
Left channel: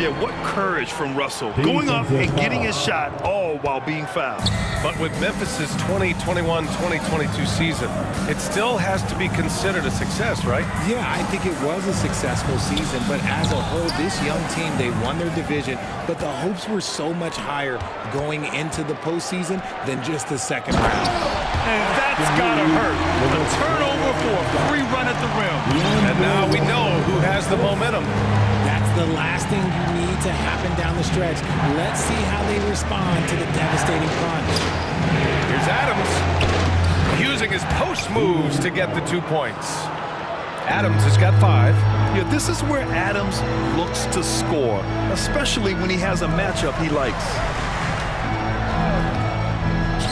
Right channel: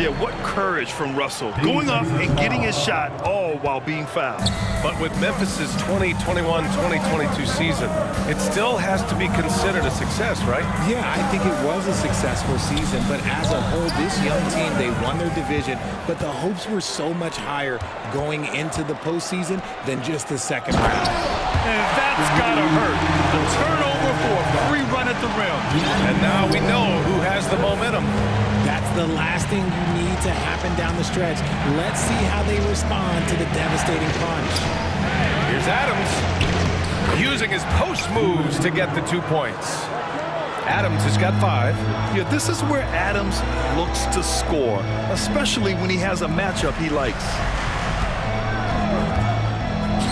Yeah, what courage from Russell. Going up and getting his shot, all while being fouled. But with Memphis's 2021-2022 season, it still has to be considered a success, right? Yeah, I think it was a successful season, but as a whole, this young team, they won their division, but the hopes were so much higher going into the postseason than just the second round. And that's gotta hurt. A turnover for a free run at the rim. And now we know who has the momentum. That's the last thing you need to happen down the stretch. Let's see how they respond to the devastating punch. Here's Adams, using his post moves to get the 2 points. Adams has got 5. Yeah, this is where Adams looks to score, especially when he has a matchup he likes.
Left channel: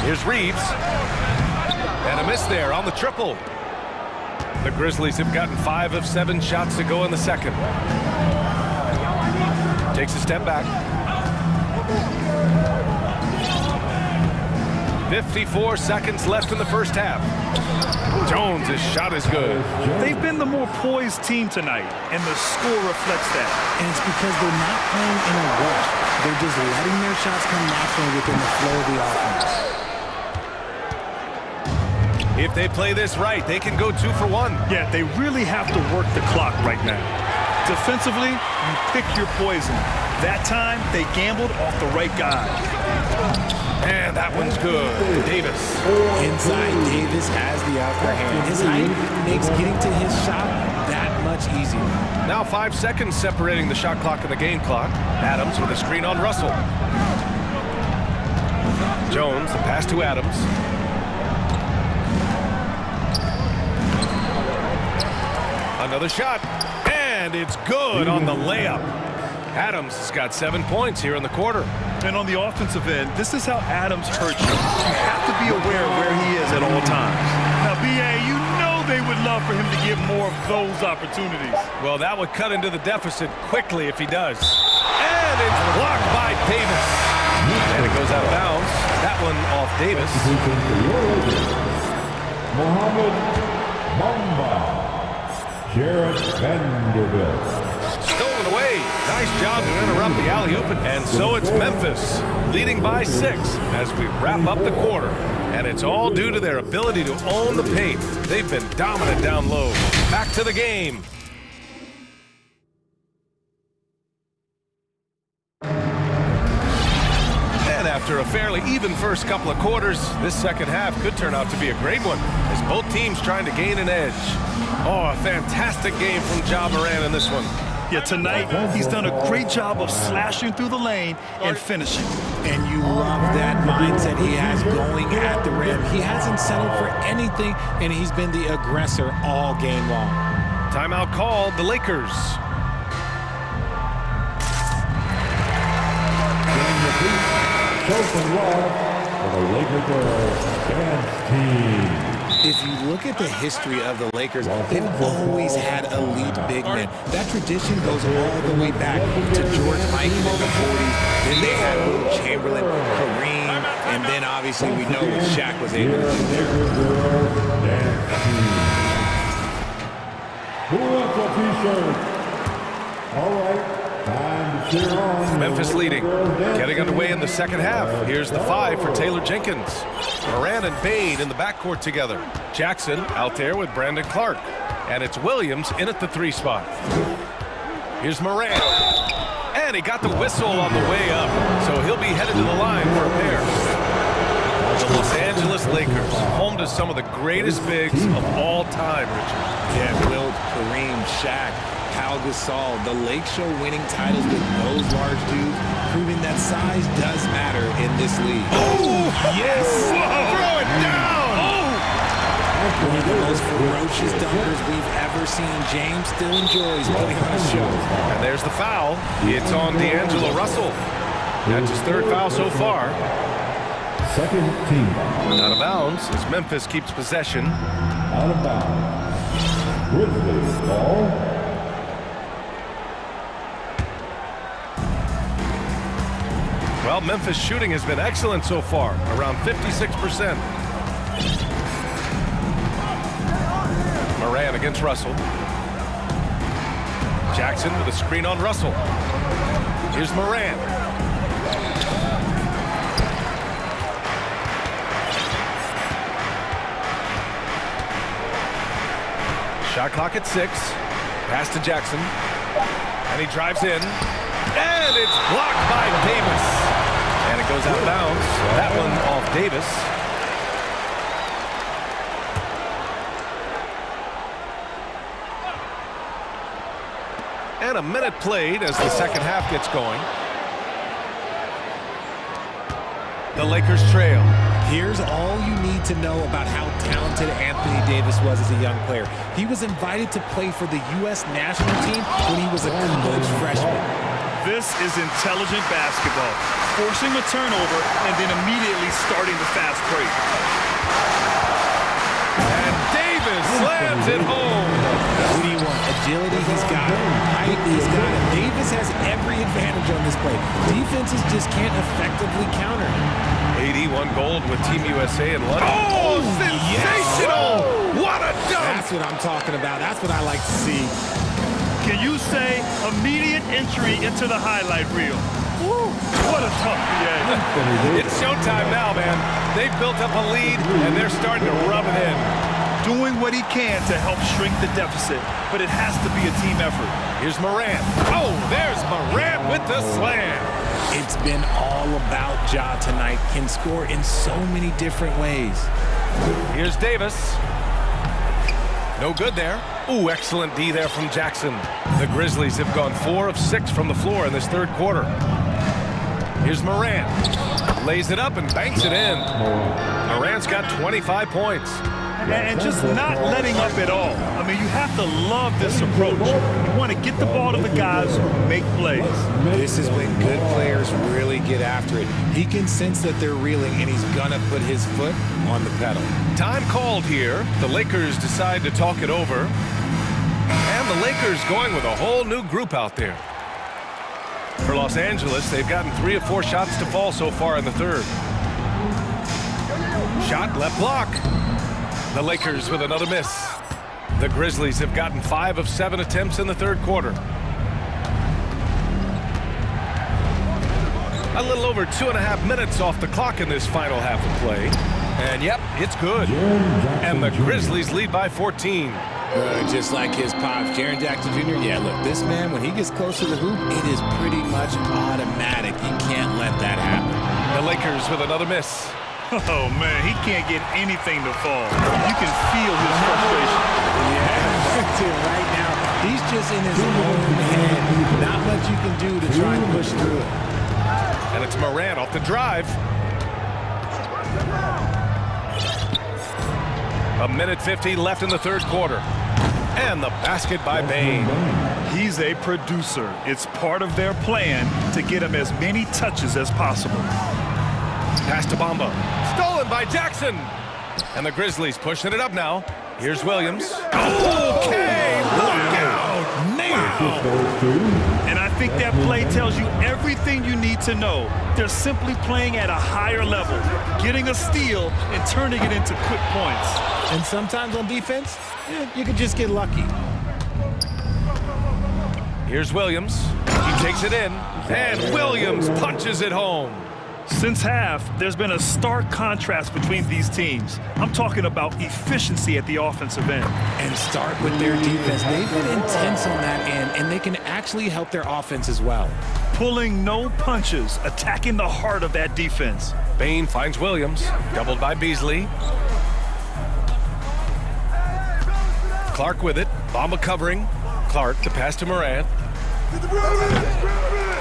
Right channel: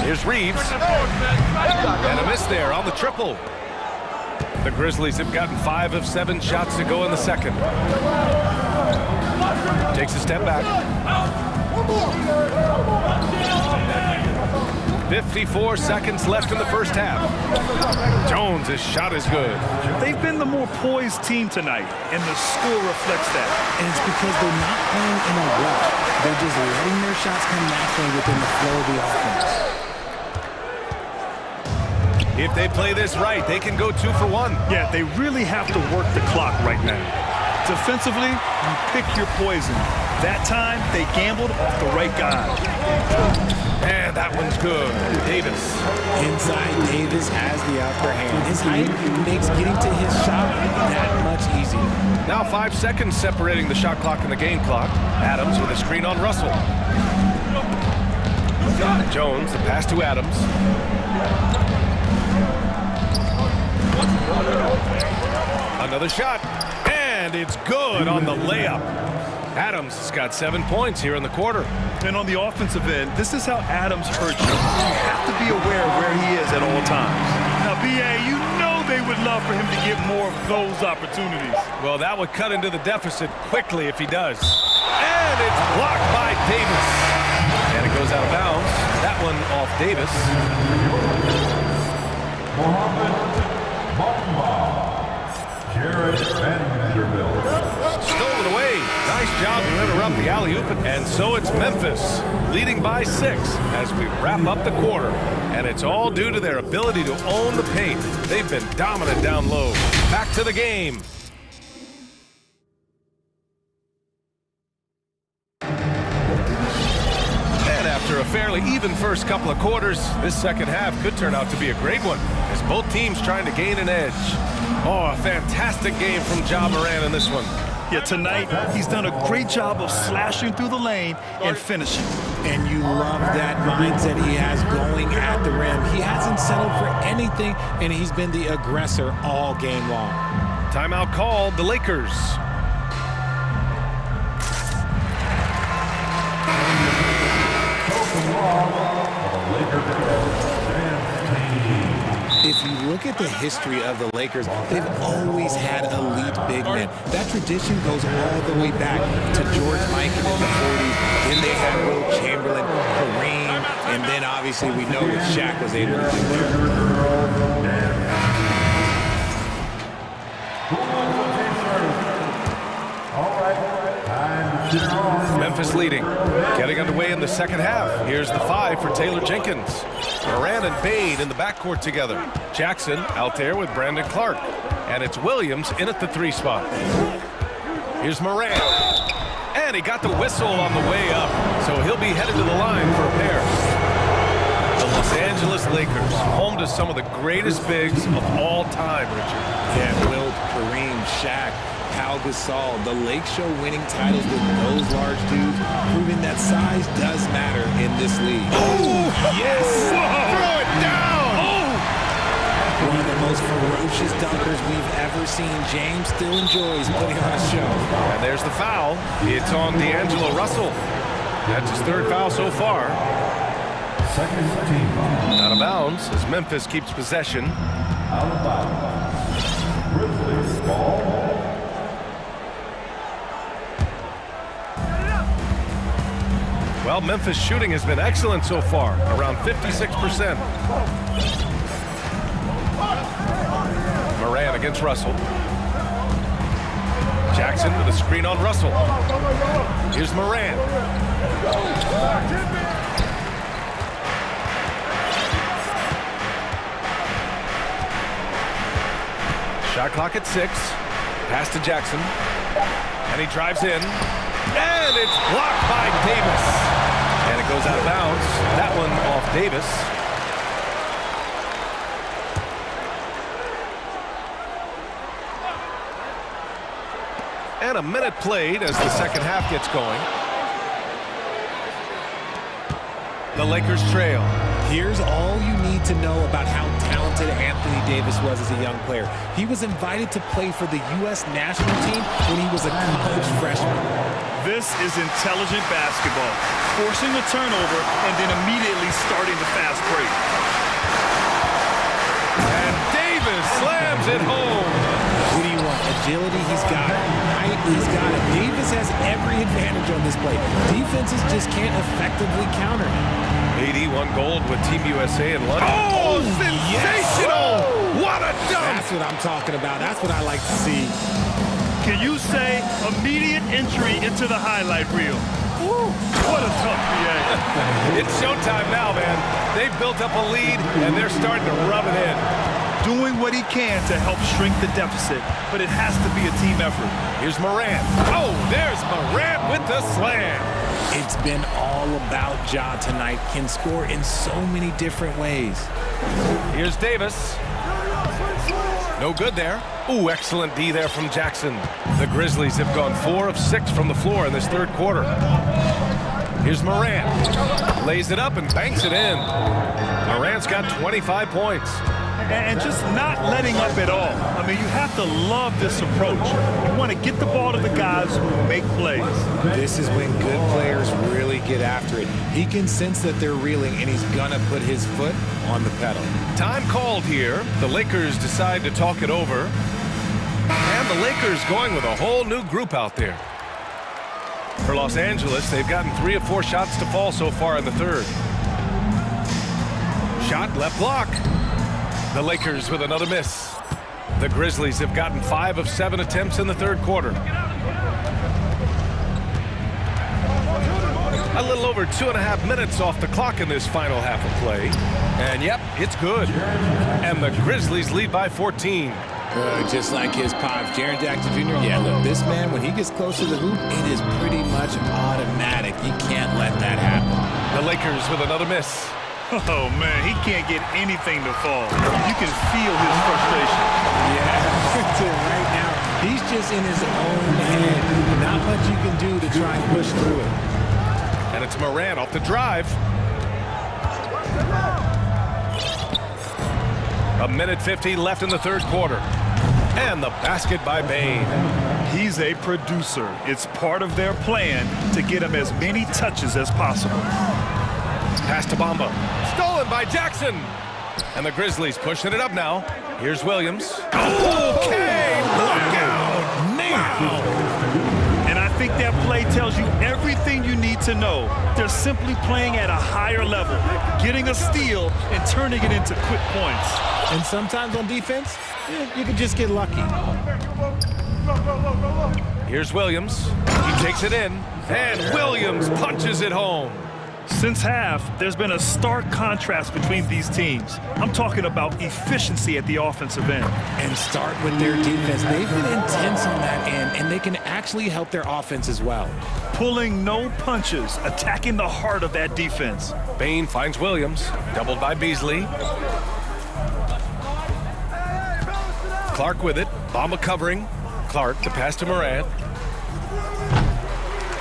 Here's Reeves. And a miss there on the triple. The Grizzlies have gotten 5 of 7 shots to go in the second. Takes a step back. 54 seconds left in the first half. Jones' shot is good. They've been the more poised team tonight, and the score reflects that. And it's because they're not playing in a rush. They're just letting their shots come naturally within the flow of the offense. If they play this right, they can go 2 for 1. Yeah, they really have to work the clock right now. Defensively, you pick your poison. That time, they gambled off the right guy. And that one's good. Davis. Inside, Davis has the upper hand. His height makes getting to his shot that much easier. Now 5 seconds separating the shot clock and the game clock. Adams with a screen on Russell. Jones, the pass to Adams. Another shot, and it's good on the layup. Adams has got 7 points here in the quarter. And on the offensive end, this is how Adams hurts you. You have to be aware of where he is at all times. Now, B.A., you know they would love for him to get more of those opportunities. Well, that would cut into the deficit quickly if he does. And it's blocked by Davis. And it goes out of bounds. That one off Davis. Mohammed Mamba. Jared Vanderbilt. Stolen away. Nice job to interrupt the alley-oop. And so it's Memphis, leading by 6 as we wrap up the quarter. And it's all due to their ability to own the paint. They've been dominant down low. Back to the game. And after a fairly even first couple of quarters, this second half could turn out to be a great one as both teams trying to gain an edge. Oh, a fantastic game from Ja Morant in this one. Yeah, tonight he's done a great job of slashing through the lane and finishing. And you love that mindset he has going at the rim. He hasn't settled for anything, and he's been the aggressor all game long. Timeout called, the Lakers. If you look at the history of the Lakers, they've always had elite big men. That tradition goes all the way back to George Mikan in the 40s. Then they had Will Chamberlain, Kareem, and then obviously we know what Shaq was able to do there. Who wants a t-shirt? All right, time to cheer on. Memphis leading, getting underway in the second half. Here's the 5 for Taylor Jenkins. Morant and Bade in the backcourt together. Jackson out there with Brandon Clark. And it's Williams in at the 3 spot. Here's Morant. And he got the whistle on the way up, so he'll be headed to the line for a pair. The Los Angeles Lakers, home to some of the greatest bigs of all time, Richard. Yeah, Wilt, Kareem, Shaq, Pau Gasol, the Lake Show winning titles with those large dudes, proving that size does matter in this league. Oh, yes! Whoa. Throw it down! Oh! One of the most ferocious dunkers we've ever seen. James still enjoys putting on a show. And there's the foul. It's on D'Angelo Russell. That's his 3rd foul so far. Second team foul. Out of bounds as Memphis keeps possession. Out of bounds. Grizzlies ball. Well, Memphis shooting has been excellent so far, around 56%. Morant against Russell. Jackson with a screen on Russell. Here's Morant. Shot clock at 6. Pass to Jackson. And he drives in. And it's blocked by Davis. And it goes out of bounds. That one off Davis. And a minute played as the second half gets going. The Lakers trail. Here's all you need to know about how talented Anthony Davis was as a young player. He was invited to play for the U.S. national team when he was a college freshman. This is intelligent basketball, forcing a turnover and then immediately starting the fast break. And Davis slams it home. What do you want? Agility, he's got it. Height, he's got it. Davis has every advantage on this play. Defenses just can't effectively counter him. 81 gold with Team USA in London. Oh, sensational! Yes. What a dunk! That's what I'm talking about. That's what I like to see. Can you say immediate entry into the highlight reel? Woo, what a tough BA. It's showtime now, man. They've built up a lead, and they're starting to rub it in. Doing what he can to help shrink the deficit, but it has to be a team effort. Here's Morant. Oh, there's Morant with the slam. It's been all about Ja tonight. Can score in so many different ways. Here's Davis. No good there. Ooh, excellent D there from Jackson. The Grizzlies have gone 4 of 6 from the floor in this third quarter. Here's Morant. Lays it up and banks it in. Morant's got 25 points. And just not letting up at all. I mean, you have to love this approach. You want to get the ball to the guys who make plays. This is when good players really get after it. He can sense that they're reeling, and he's going to put his foot on the pedal. Time called here. The Lakers decide to talk it over. And the Lakers going with a whole new group out there. For Los Angeles, they've gotten 3 of 4 shots to fall so far in the third. Shot left block. The Lakers with another miss. The Grizzlies have gotten 5 of 7 attempts in the third quarter. A little over 2.5 minutes off the clock in this final half of play. And yep, it's good. And the Grizzlies lead by 14. Just like his pops, Jaren Jackson Jr. Yeah, look, this man, when he gets close to the hoop, it is pretty much automatic. You can't let that happen. The Lakers with another miss. Oh, man, he can't get anything to fall. You can feel his frustration. Yeah, right now, he's just in his own head. Not much you can do to try and push through it. And it's Morant off the drive. A minute 50 left in the third quarter. And the basket by Bane. He's a producer. It's part of their plan to get him as many touches as possible. Pass to Bamba. Stolen by Jackson. And the Grizzlies pushing it up now. Here's Williams. Okay, look out. Wow. And I think that play tells you everything you need to know. They're simply playing at a higher level, getting a steal and turning it into quick points. And sometimes on defense, you can just get lucky. Here's Williams. He takes it in. And Williams punches it home. Since half, there's been a stark contrast between these teams. I'm talking about efficiency at the offensive end. And start with their defense. They've been intense on that end, and they can actually help their offense as well. Pulling no punches, attacking the heart of that defense. Bane finds Williams, doubled by Beasley. Clark with it, Bamba covering. Clark, the pass to Morant.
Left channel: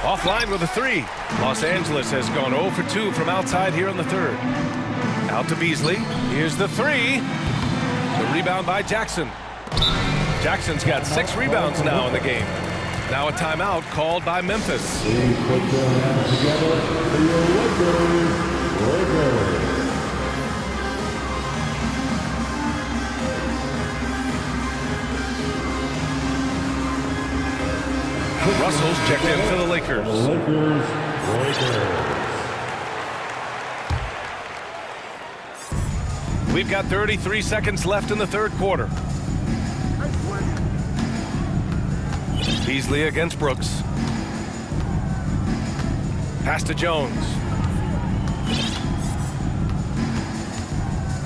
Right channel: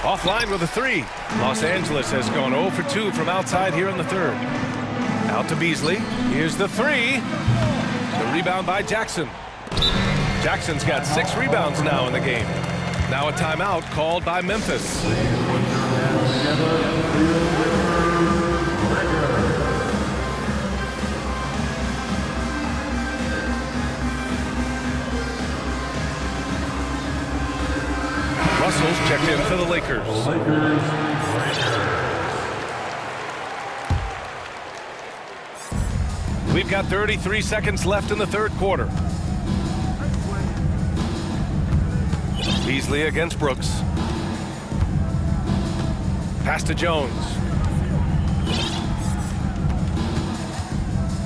Offline with a 3. Los Angeles has gone 0 for 2 from outside here in the third. Out to Beasley. Here's the 3. The rebound by Jackson. Jackson's got 6 rebounds now in the game. Now a timeout called by Memphis. Please put your hands together for your Lakers. Russell's checked in for the Lakers. We've got 33 seconds left in the third quarter. Beasley against Brooks. Pass to Jones.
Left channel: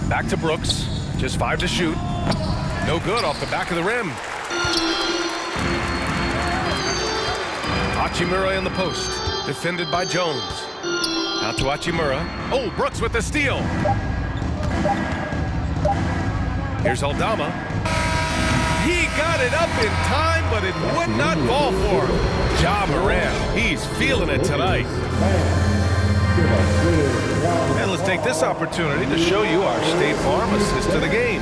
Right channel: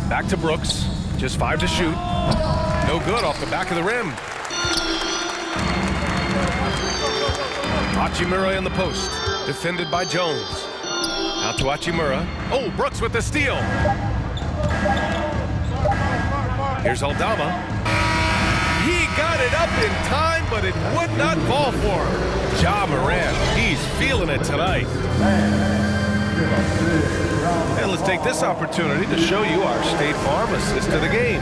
Back to Brooks. Just 5 to shoot. No good off the back of the rim. Hachimura in the post, defended by Jones. Out to Hachimura. Oh, Brooks with the steal. Here's Aldama. He got it up in time, but it would not fall for him. Ja Morant, he's feeling it tonight. And let's take this opportunity to show you our State Farm assist to the game.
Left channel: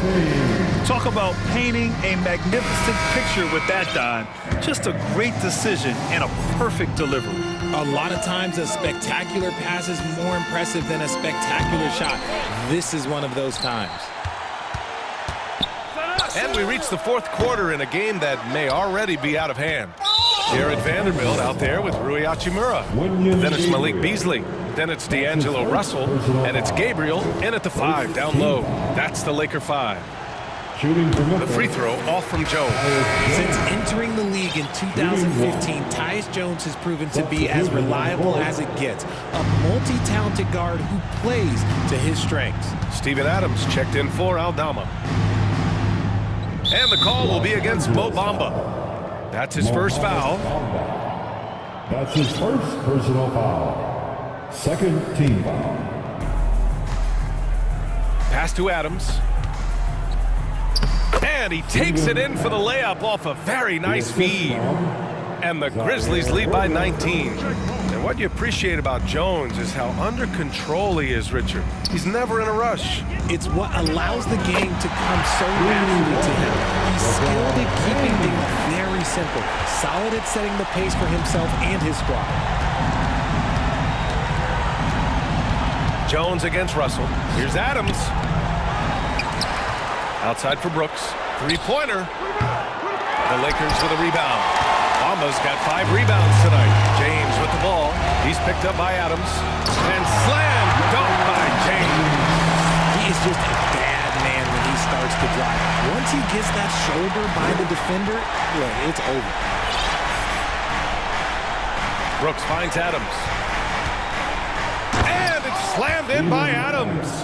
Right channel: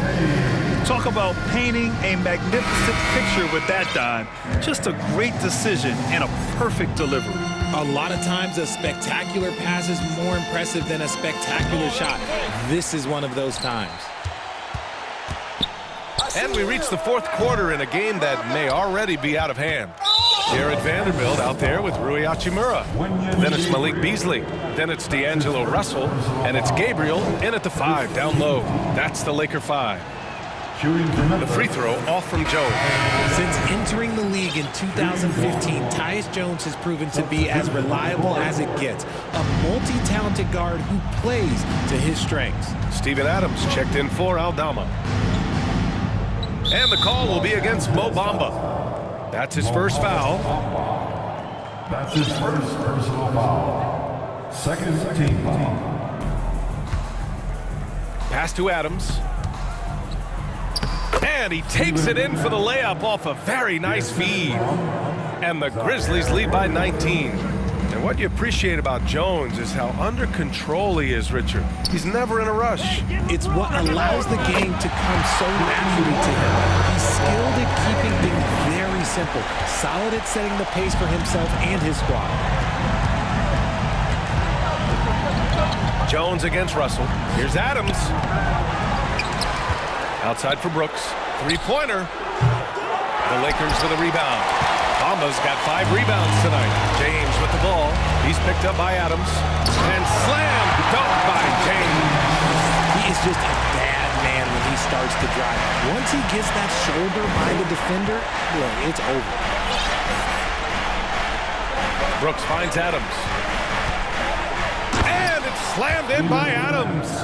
Talk about painting a magnificent picture with that dime. Just a great decision and a perfect delivery. A lot of times a spectacular pass is more impressive than a spectacular shot. This is one of those times. And we reach the fourth quarter in a game that may already be out of hand. Jared Vanderbilt out there with Rui Hachimura. Then it's Malik Beasley. Then it's D'Angelo Russell. And it's Gabriel in at the 5, down low. That's the Laker 5. The free throw off from Jones. Since entering the league in 2015, Tyus Jones has proven to be as reliable as it gets. A multi-talented guard who plays to his strengths. Steven Adams checked in for Aldama. And the call will be against Mo Bamba. That's his first foul. That's his first personal foul. Second team foul. Pass to Adams. And he takes it in for the layup off a very nice feed. And the Grizzlies lead by 19. And what you appreciate about Jones is how under control he is, Richard. He's never in a rush. It's what allows the game to come so naturally to him. He's skilled at keeping things very simple, solid at setting the pace for himself and his squad. Jones against Russell. Here's Adams. Outside for Brooks. Three-pointer. The Lakers with a rebound. Bamba's got 5 rebounds tonight. James with the ball. He's picked up by Adams. And slam dunk by James. He is just a bad man when he starts to drive. Once he gets that shoulder by the defender, boy, it's over. Brooks finds Adams. And it's slammed in by Adams.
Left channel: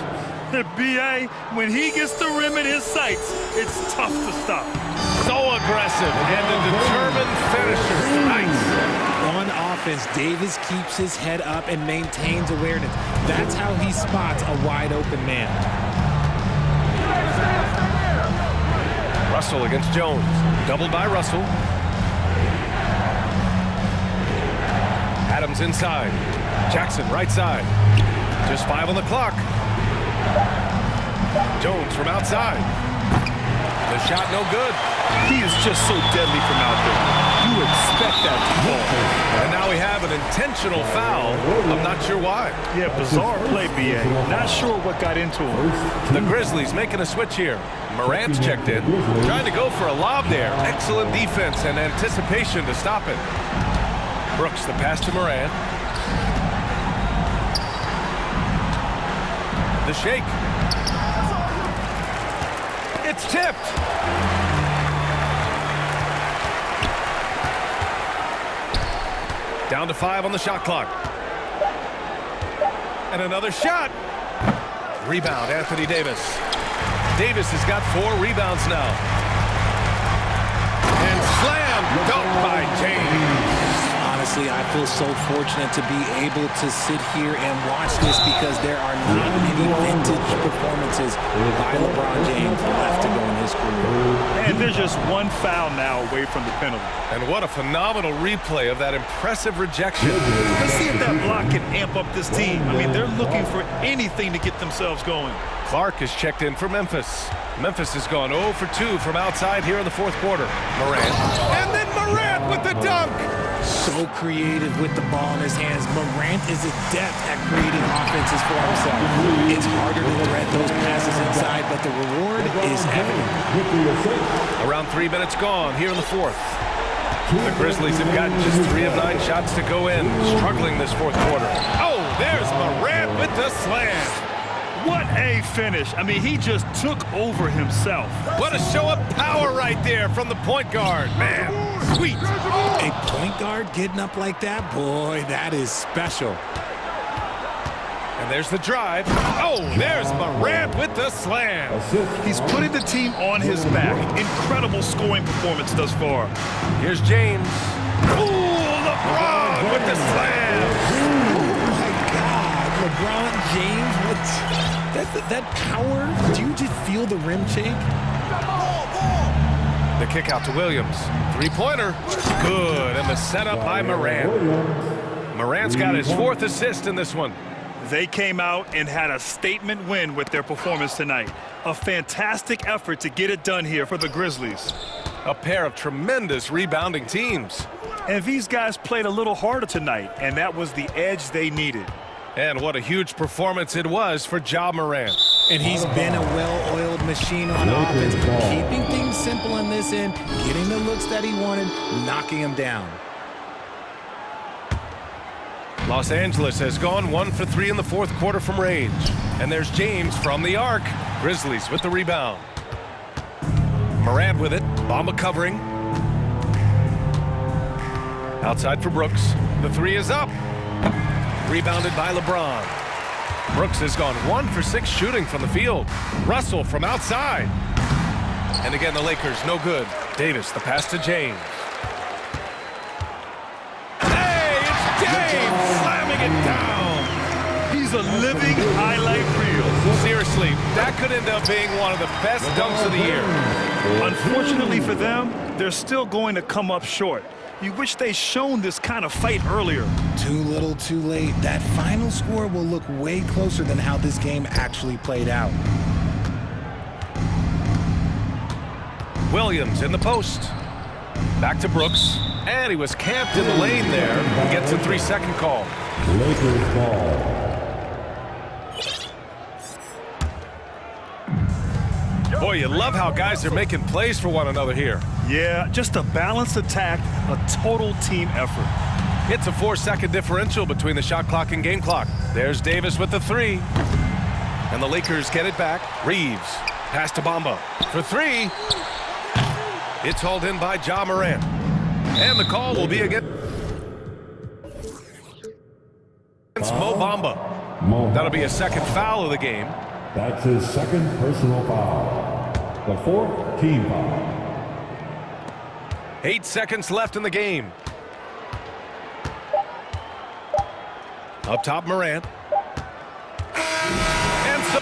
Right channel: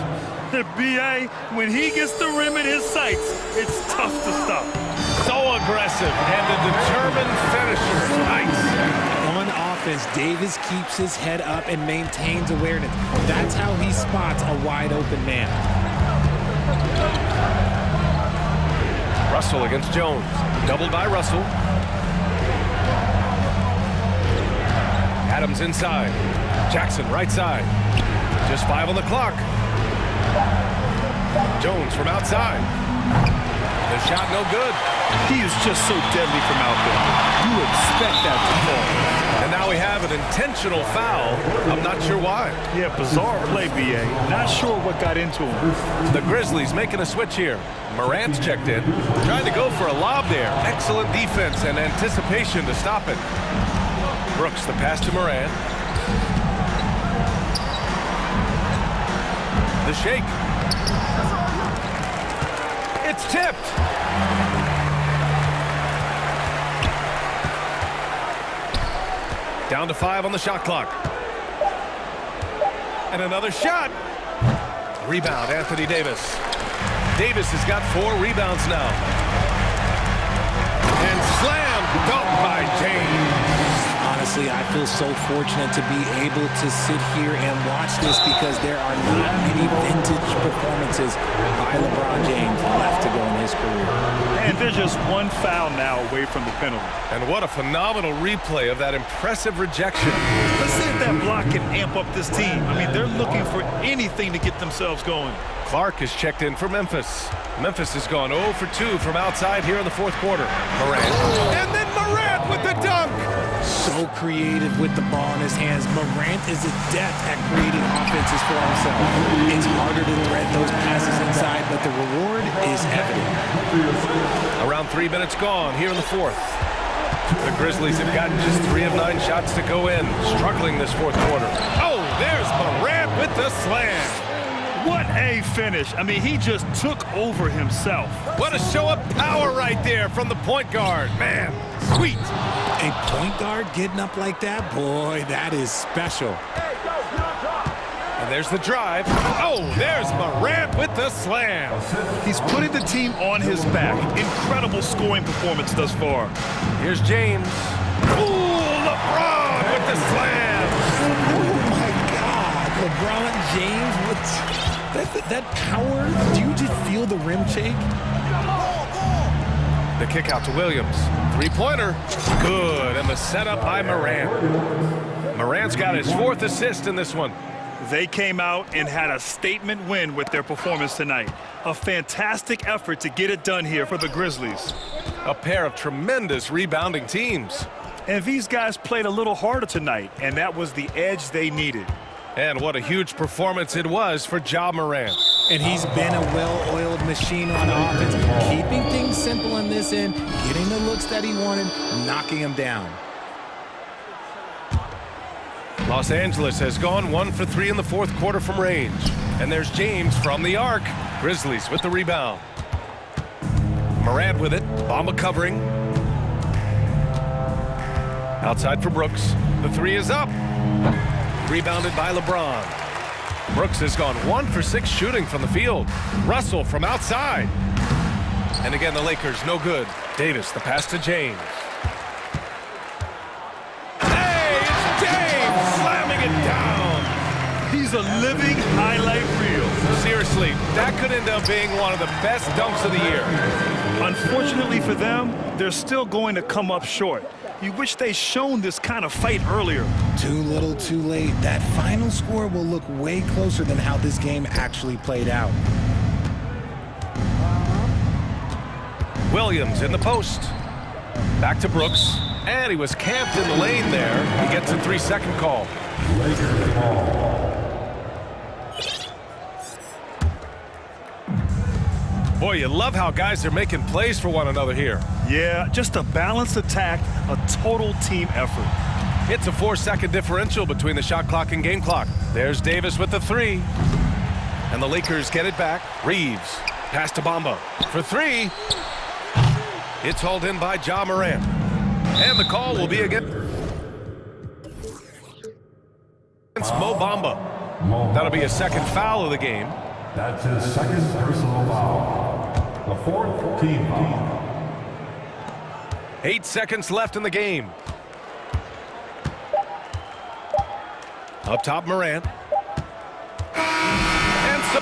B.A., when he gets the rim in his sights, it's tough to stop. So aggressive and a determined finisher. Nice. On offense, Davis keeps his head up and maintains awareness. That's how he spots a wide open man. Russell against Jones. Doubled by Russell. Adams inside. Jackson right side. Just 5 on the clock. Jones from outside. The shot no good. He is just so deadly from out there. You expect that to fall. And now we have an intentional foul. I'm not sure why. Yeah, bizarre play, B.A. Not sure what got into him. The Grizzlies making a switch here. Morant's checked in. Trying to go for a lob there. Excellent defense and anticipation to stop it. Brooks, the pass to Morant. The shake. It's tipped. Down to 5 on the shot clock. And another shot. Rebound, Anthony Davis. Davis has got 4 rebounds now. And slam dunk by James. Honestly, I feel so fortunate to be able to sit here and watch this because there are not many vintage performances by LeBron James left to go in his career. And there's just 1 foul now away from the penalty. And what a phenomenal replay of that impressive rejection. Let's see if that block can amp up this team. I mean, they're looking for anything to get themselves going. Clark is checked in for Memphis. Memphis has gone 0 for 2 from outside here in the fourth quarter. Morant. And then Morant with the dunk. So creative with the ball in his hands. Morant is adept at creating offenses for himself. It's harder to thread those passes inside, but the reward is evident. Around 3 minutes gone here in the fourth. The Grizzlies have gotten just 3 of 9 shots to go in, struggling this fourth quarter. Oh, there's Morant with the slam. What a finish. I mean, he just took over himself. What a show of power right there from the point guard. Man, sweet. A point guard getting up like that? Boy, that is special. And there's the drive. Oh, there's Morant with the slam. He's putting the team on his back. Incredible scoring performance thus far. Here's James. Ooh, LeBron with the slam. Oh, my God. LeBron James with that power. Do you just feel the rim shake? The kick out to Williams. Three-pointer. Good. And the setup by Morant. Morant's got his 4th assist in this one. They came out and had a statement win with their performance tonight. A fantastic effort to get it done here for the Grizzlies. A pair of tremendous rebounding teams. And these guys played a little harder tonight, and that was the edge they needed. And what a huge performance it was for Ja Morant. And he's been a well-oiled machine on offense, keeping things simple in this end, getting the looks that he wanted, knocking them down. Los Angeles has gone 1 for 3 in the 4th quarter from range. And there's James from the arc. Grizzlies with the rebound. Morant with it. Bamba covering. Outside for Brooks. The 3 is up. Rebounded by LeBron. Brooks has gone 1 for 6 shooting from the field. Russell from outside. And again, the Lakers no good. Davis, the pass to James. Hey, it's James slamming it down. He's a living highlight reel. Seriously, that could end up being one of the best dunks of the year. Unfortunately for them, they're still going to come up short. You wish they'd shown this kind of fight earlier. Too little, too late. That final score will look way closer than how this game actually played out. Williams in the post. Back to Brooks. And he was camped in the lane there. He gets a 3-second call. Lakers ball. Boy, you love how guys are making plays for one another here. Yeah, just a balanced attack, a total team effort. It's a 4-second differential between the shot clock and game clock. There's Davis with the 3. And the Lakers get it back. Reeves. Pass to Bamba. For 3. It's hauled in by Ja Morant. And the call will be against Mo Bamba. That'll be a 2nd foul of the game. That's his 2nd personal foul. The 4th team foul. 8 seconds left in the game. Up top, Morant. And so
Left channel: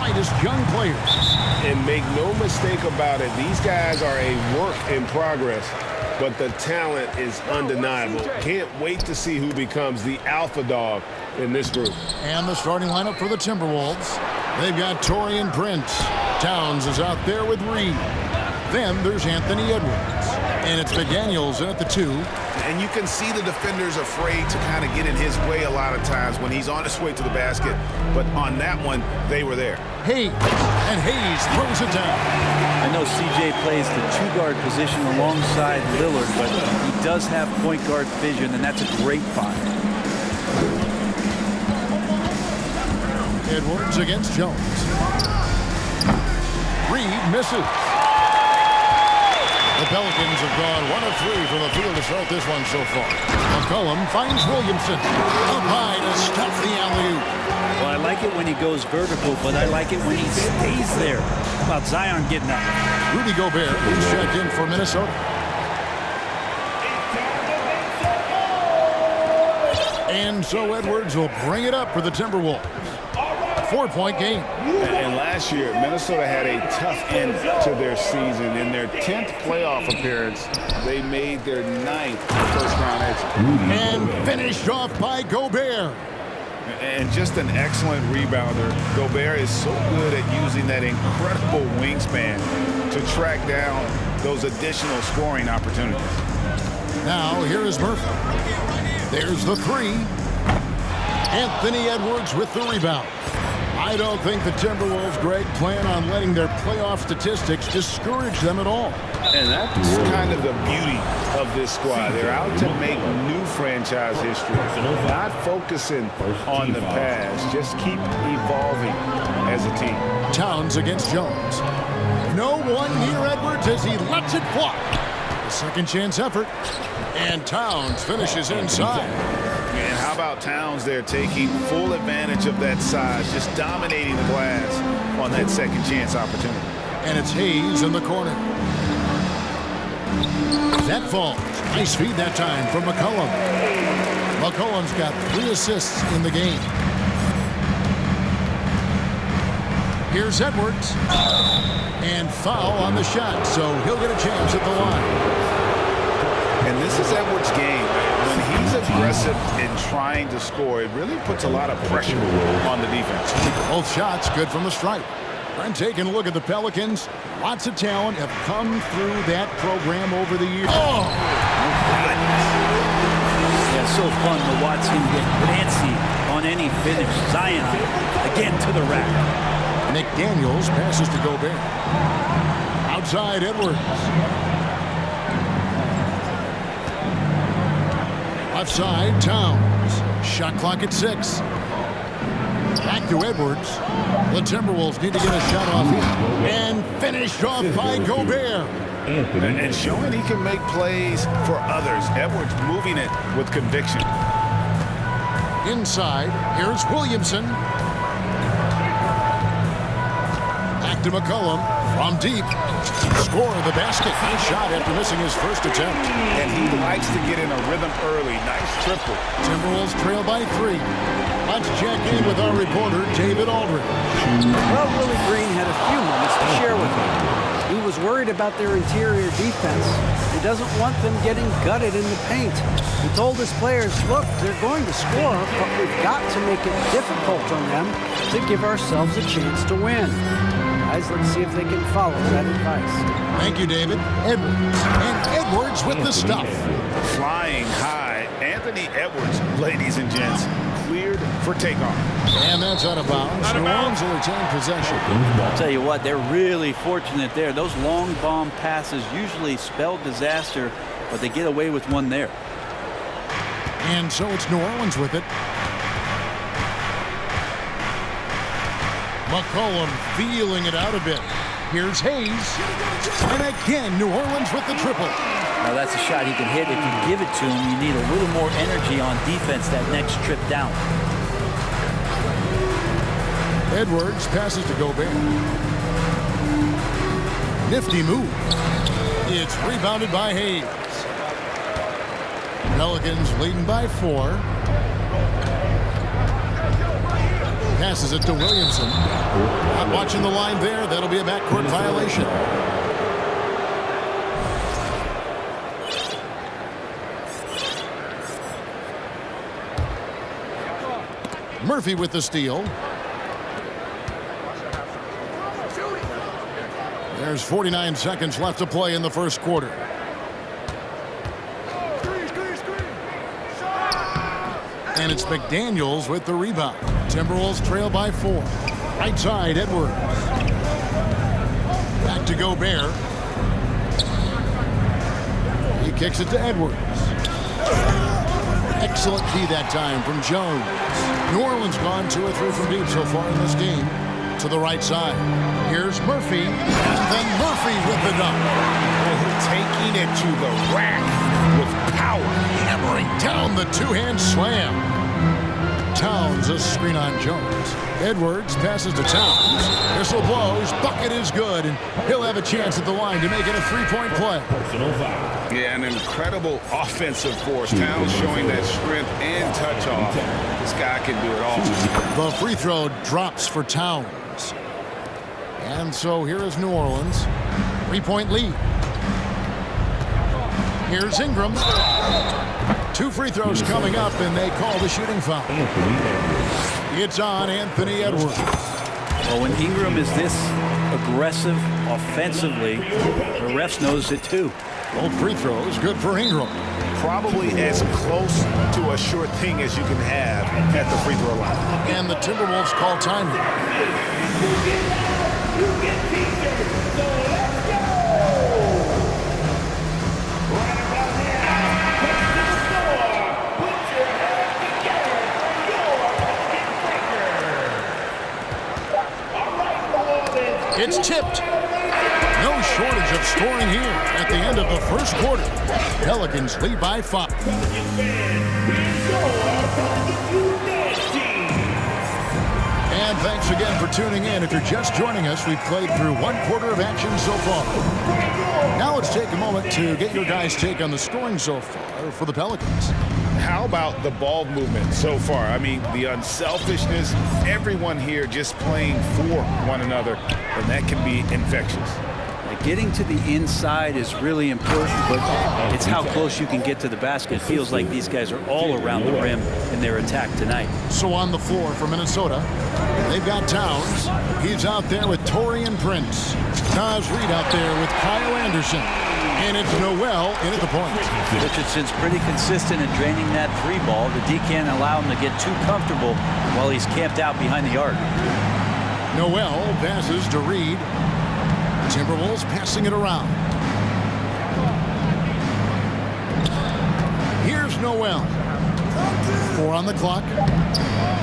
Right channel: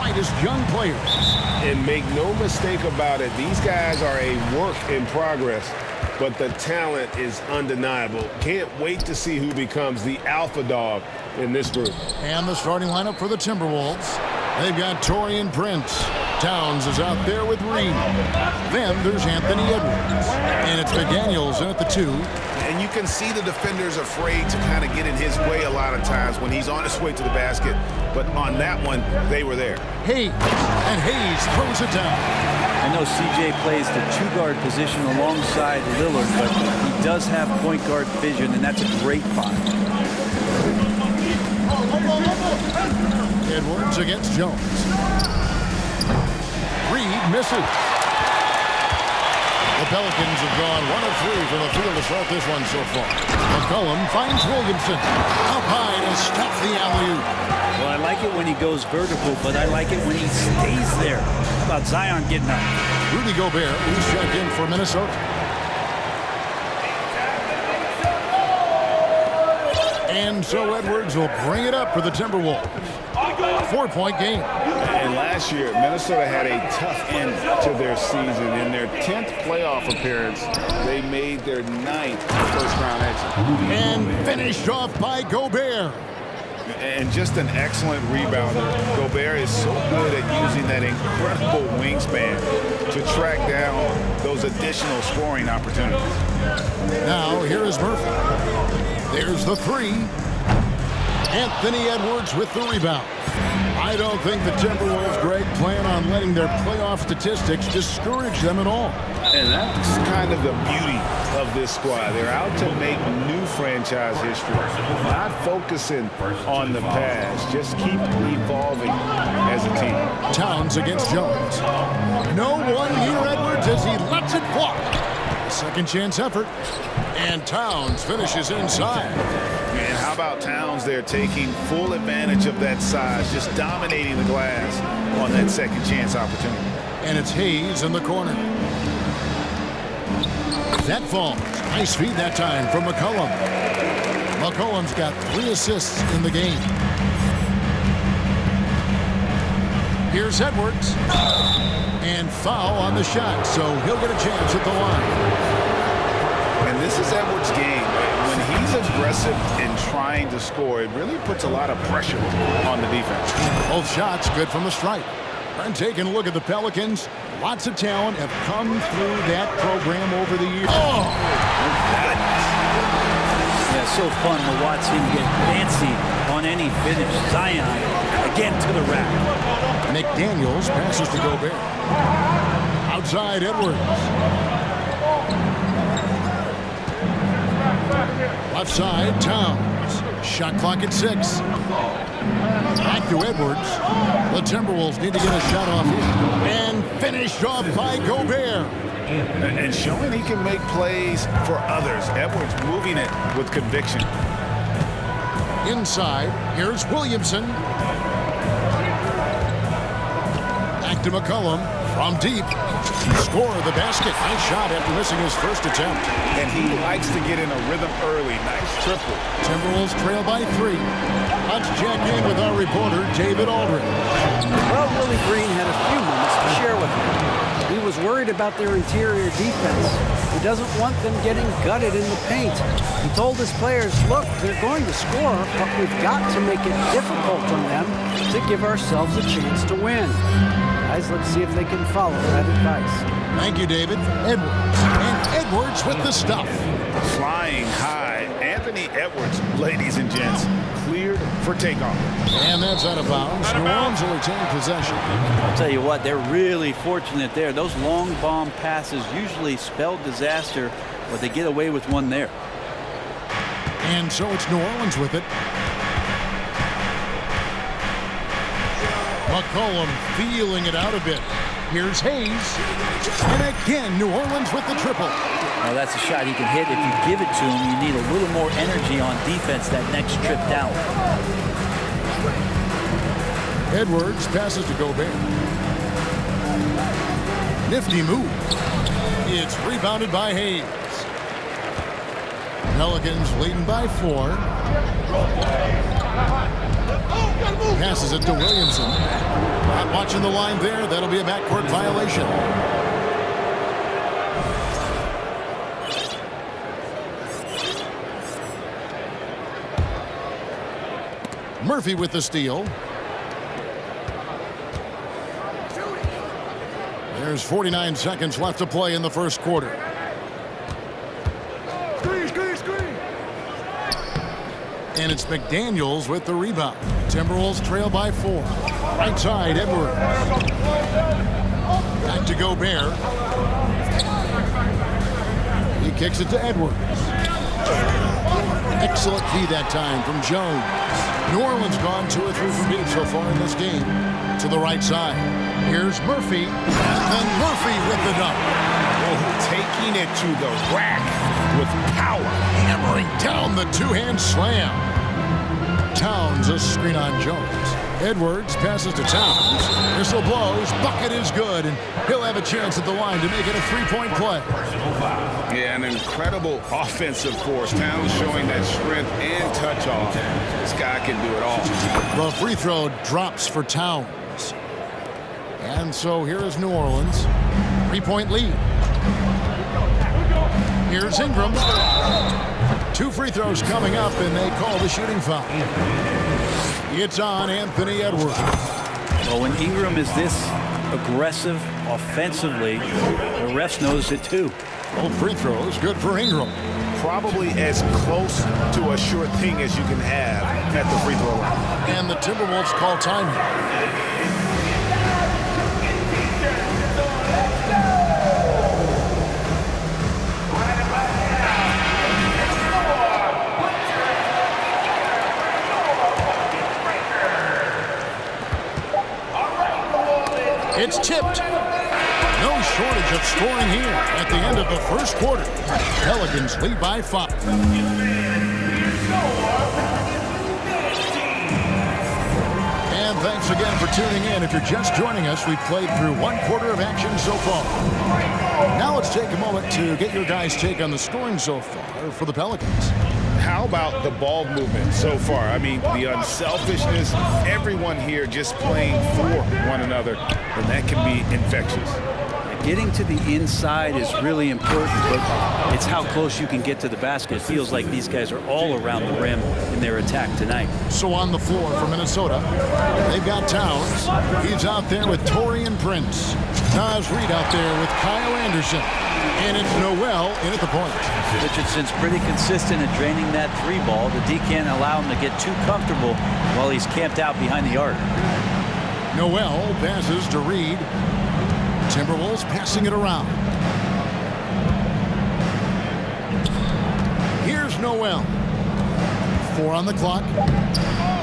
brightest young players. And make no mistake about it, these guys are a work in progress, but the talent is undeniable. Can't wait to see who becomes the alpha dog in this group. And the starting lineup for the Timberwolves. They've got Taurean Prince. Towns is out there with Reed. Then there's Anthony Edwards. And it's McDaniels in at the 2. And you can see the defenders afraid to kind of get in his way a lot of times when he's on his way to the basket. But on that one, they were there. Hayes. And Hayes throws it down. I know CJ plays the 2-guard position alongside Lillard, but he does have point guard vision, and that's a great find. Edwards against Jones. Reed misses. The Pelicans have gone 1 of 3 from the field to start this one so far. McCollum finds Williamson. Up high to stuff the alley-oop. Well, I like it when he goes vertical, but I like it when he stays there. How about Zion getting up? Rudy Gobert, who's checked in for Minnesota. And so Edwards will bring it up for the Timberwolves. 4-point game. And last year, Minnesota had a tough end to their season. In their 10th playoff appearance, they made their 9th first-round exit. And finished off by Gobert. And just an excellent rebounder. Gobert is so good at using that incredible wingspan to track down those additional scoring opportunities. Now, here is Murphy. There's the 3. Anthony Edwards with the rebound. I don't think the Timberwolves, Greg, plan on letting their playoff statistics discourage them at all. And that's kind of the beauty of this squad. They're out to make new franchise history, not focusing on the past. Just keep evolving as a team. Towns against Jones. No one near Edwards as he lets it fly. A second chance effort. And Towns finishes inside. And how about Towns there taking full advantage of that size, just dominating the glass on that second chance opportunity. And it's Hayes in the corner. That falls. Nice feed that time from McCollum. McCollum's got 3 assists in the game. Here's Edwards. And foul on the shot, so he'll get a chance at the line. And this is Edwards' game. When he's aggressive in trying to score, it really puts a lot of pressure on the defense. Both shots good from the stripe. And taking a look at the Pelicans, lots of talent have come through that program over the years. Oh! Yeah, so fun to watch him get fancy on any finish. Zion, again to the rack. McDaniels passes to Gobert. Outside Edwards. Left side, Towns. Shot clock at 6. Back to Edwards. The Timberwolves need to get a shot off here. And finished off by Gobert. And showing he can make plays for others. Edwards moving it with conviction. Inside, here's Williamson. Back to McCollum from deep. Score the basket. Nice shot after missing his first attempt. And he likes to get in a rhythm early. Nice triple. Timberwolves trail by 3. Let's check in with our reporter, David Aldridge. Well, Willie Green had a few moments to share with me. He was worried about their interior defense. He doesn't want them getting gutted in the paint. He told his players, look, they're going to score, but we've got to make it difficult on them to give ourselves a chance to win. Guys, let's see if they can follow that advice. Thank you, David. Edwards. And Edwards with the stuff. Flying high. Anthony Edwards, ladies and gents, cleared for takeoff. And that's out of bounds. New Orleans will retain possession. I'll tell you what, they're really fortunate there. Those long bomb passes usually spell disaster, but they get away with one there. And so it's New Orleans with it. McCollum feeling it out a bit. Here's Hayes. And again, New Orleans with the triple. Now that's a shot he can hit. If you give it to him, you need a little more energy on defense that next trip down. Edwards passes to Gobert. Nifty move. It's rebounded by Hayes. Pelicans leading by 4. Passes it to Williamson. Not watching the line there. That'll be a backcourt violation. Murphy with the steal. There's 49 seconds left to play in the first quarter. And it's McDaniels with the rebound. Timberwolves trail by 4. Right side, Edwards. Back to Gobert. He kicks it to Edwards. Excellent D that time from Jones. New Orleans gone 2 or 3 from deep so far in this game. To the right side. Here's Murphy. And then Murphy with the dunk. Oh, taking it to the rack with power. Hammering down the two-hand slam. Towns a screen on Jones. Edwards passes to Towns. Whistle blows. Bucket is good. And he'll have a chance at the line to make it a 3-point play. Yeah, an incredible offensive force. Towns showing that strength and touch off. This guy can do it all. The free throw drops for Towns. And so here is New Orleans. 3-point lead. Here's Ingram. 2 free throws coming up, and they call the shooting foul. It's on Anthony Edwards. Well, when Ingram is this aggressive offensively, the refs knows it too. Both free throws, good for Ingram. Probably as close to a sure thing as you can have at the free throw line. And the Timberwolves call time here. It's tipped. No shortage of scoring here at the end of the first quarter. Pelicans lead by 5. And thanks again for tuning in. If you're just joining us, we've played through 1 quarter of action so far. Now let's take a moment to get your guys' take on the scoring so far for the Pelicans. How about the ball movement so far? I mean, the unselfishness, everyone here just playing for one another, and that can be infectious. Getting to the inside is really important, but it's how close you can get to the basket. It feels like these guys are all around the rim in their attack tonight. So on the floor for Minnesota, they've got Towns. He's out there with Taurean Prince. Naz Reid out there with Kyle Anderson. And it's Noel in at the point. Richardson's pretty consistent at draining that 3 ball. The D can't allow him to get too comfortable while he's camped out behind the arc. Noel passes to Reid. Timberwolves passing it around. Here's Noel. 4 on the clock.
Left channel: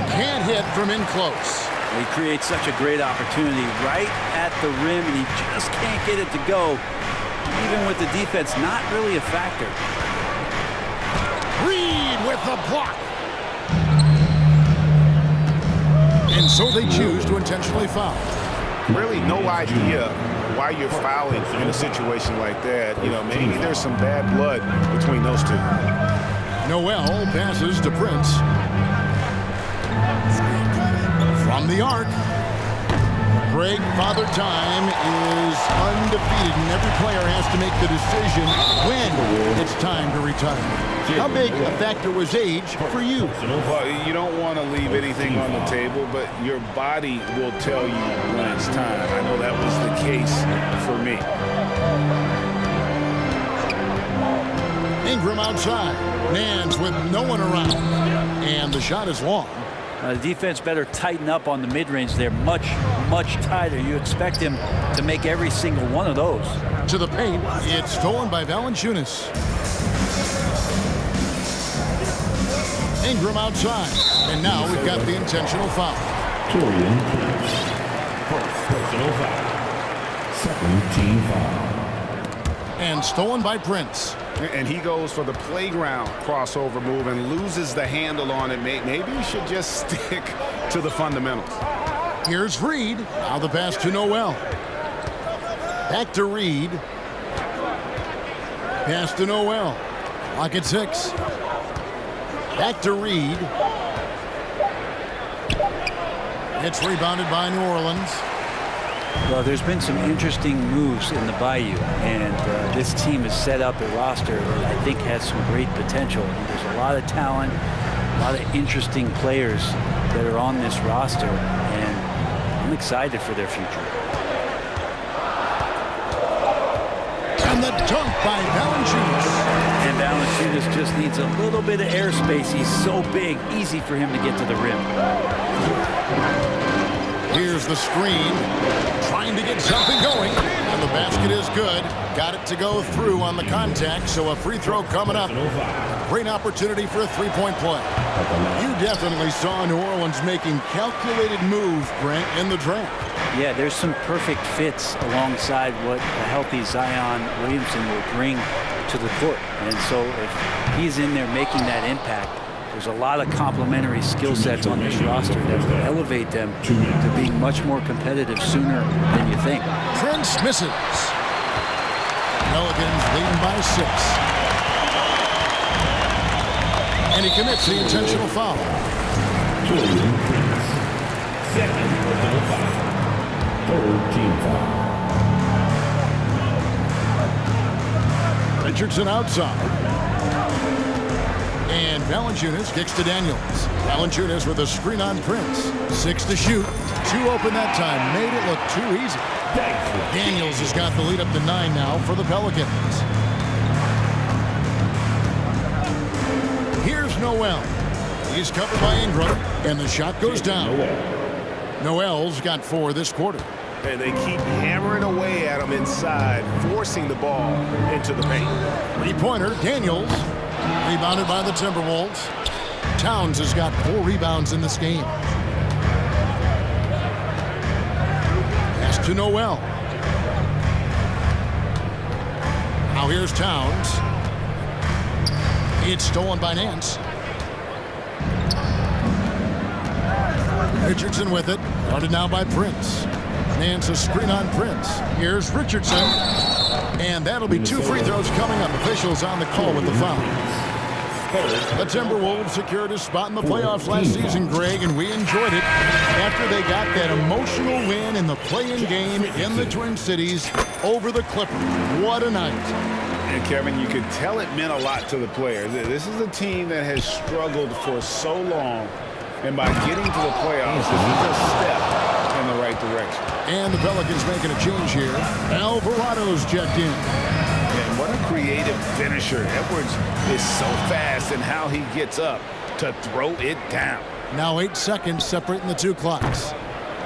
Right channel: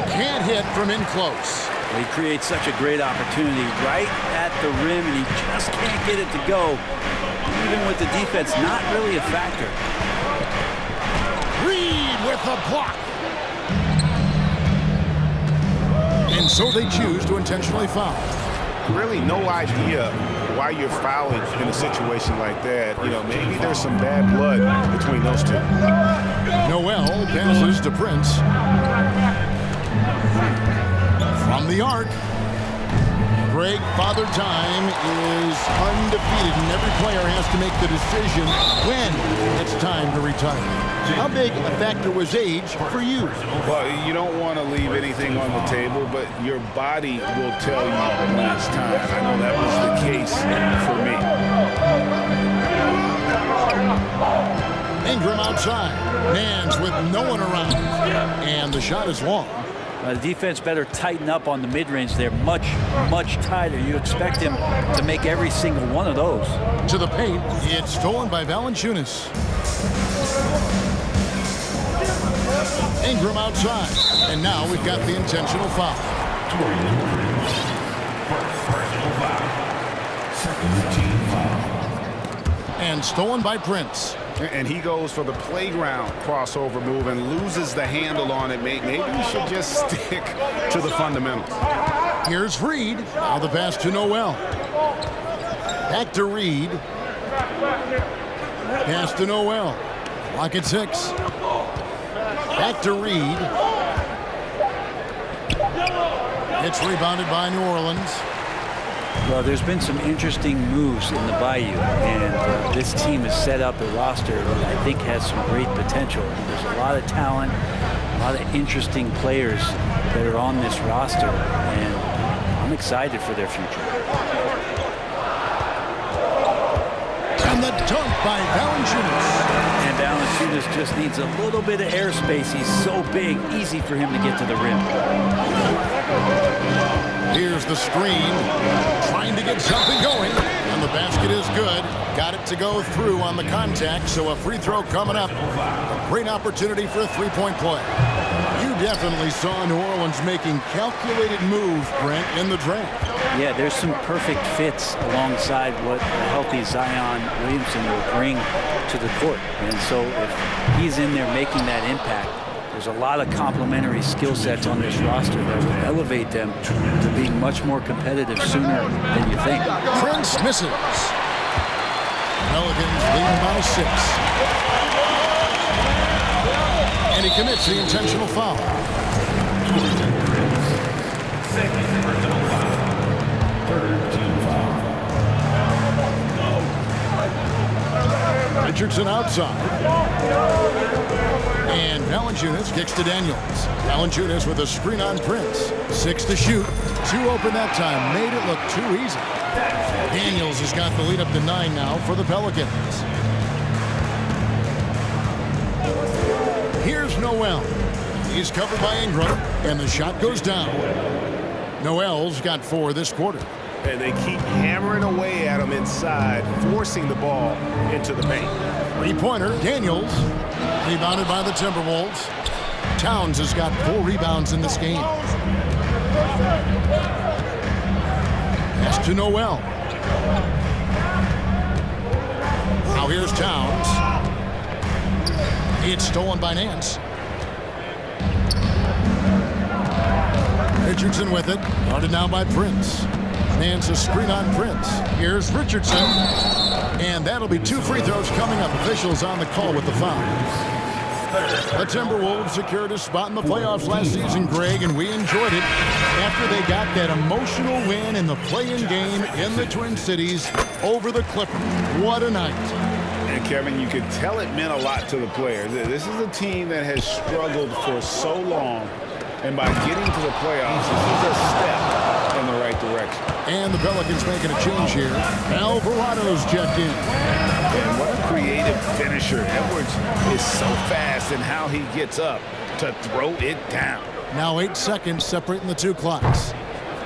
Can't hit from in close. He creates such a great opportunity right at the rim, and he just can't get it to go. Even with the defense not really a factor. Reid with the block. And so they choose to intentionally foul. Really no idea why you're fouling in a situation like that. You know, maybe there's some bad blood between those two. Noel passes to Prince. From the arc. Greg, Father Time is undefeated, and every player has to make the decision when it's time to retire. How big a factor was age for you? Well, you don't want to leave anything on the table, but your body will tell you when it's time. I know that was the case for me. Ingram outside. Nance with no one around. And the shot is long. The defense better tighten up on the mid-range there. Much, much tighter. You expect him to make every single one of those. To the paint. It's stolen by Valanciunas. Ingram outside. And now we've got the intentional foul. Taurean Prince. Personal foul. Second team foul. And stolen by Prince. And he goes for the playground crossover move and loses the handle on it. Maybe he should just stick to the fundamentals. Here's Reid. Now the pass to Noel. Back to Reid. Pass to Noel. Clock at 6. Back to Reid. It's rebounded by New Orleans. Well, there's been some interesting moves in the Bayou, and this team has set up a roster that I think has some great potential. There's a lot of talent, a lot of interesting players that are on this roster, and I'm excited for their future. And the dunk by Valanciunas. And Valanciunas just needs a little bit of airspace. He's so big, easy for him to get to the rim. Here's the screen, trying to get something going, and the basket is good. Got it to go through on the contact, so a free throw coming up. A great opportunity for a three-point play. You definitely saw New Orleans making calculated moves, Brent, in the draft. Yeah, there's some perfect fits alongside what a healthy Zion Williamson will bring to the court. And so if he's in there making that impact, there's a lot of complementary skill sets on this roster that will elevate them to being much more competitive sooner than you think. Prince misses. Pelicans leading by 6. And he commits the intentional foul. Second personal foul. Third team foul. Richardson outside. And Valanciunas kicks to Daniels. Valanciunas with a screen on Prince. 6 to shoot. 2 open that time. Made it look too easy. Daniels has got the lead up to 9 now for the Pelicans. Here's Noel. He's covered by Ingram, and the shot goes down. Noel's got 4 this quarter. And they keep hammering away at him inside, forcing the ball into the paint. Three-pointer, Daniels. Rebounded by the Timberwolves. Towns has got 4 rebounds in this game. Pass to Noel. Now here's Towns. It's stolen by Nance. Richardson with it. Guarded now by Prince. Nance a screen on Prince. Here's Richardson. And that'll be 2 free throws coming up. Officials on the call with the foul. The Timberwolves secured a spot in the playoffs last season, Greg, and we enjoyed it after they got that emotional win in the play-in game in the Twin Cities over the Clippers. What a night. And Kevin, you could tell it meant a lot to the players. This is a team that has struggled for so long, and by getting to the playoffs, this is a step in the right direction. And the Pelicans making a change here. Alvarado's checked in. And what a creative finisher. Edwards is so fast in how he gets up to throw it down. Now 8 seconds separating the 2 clocks.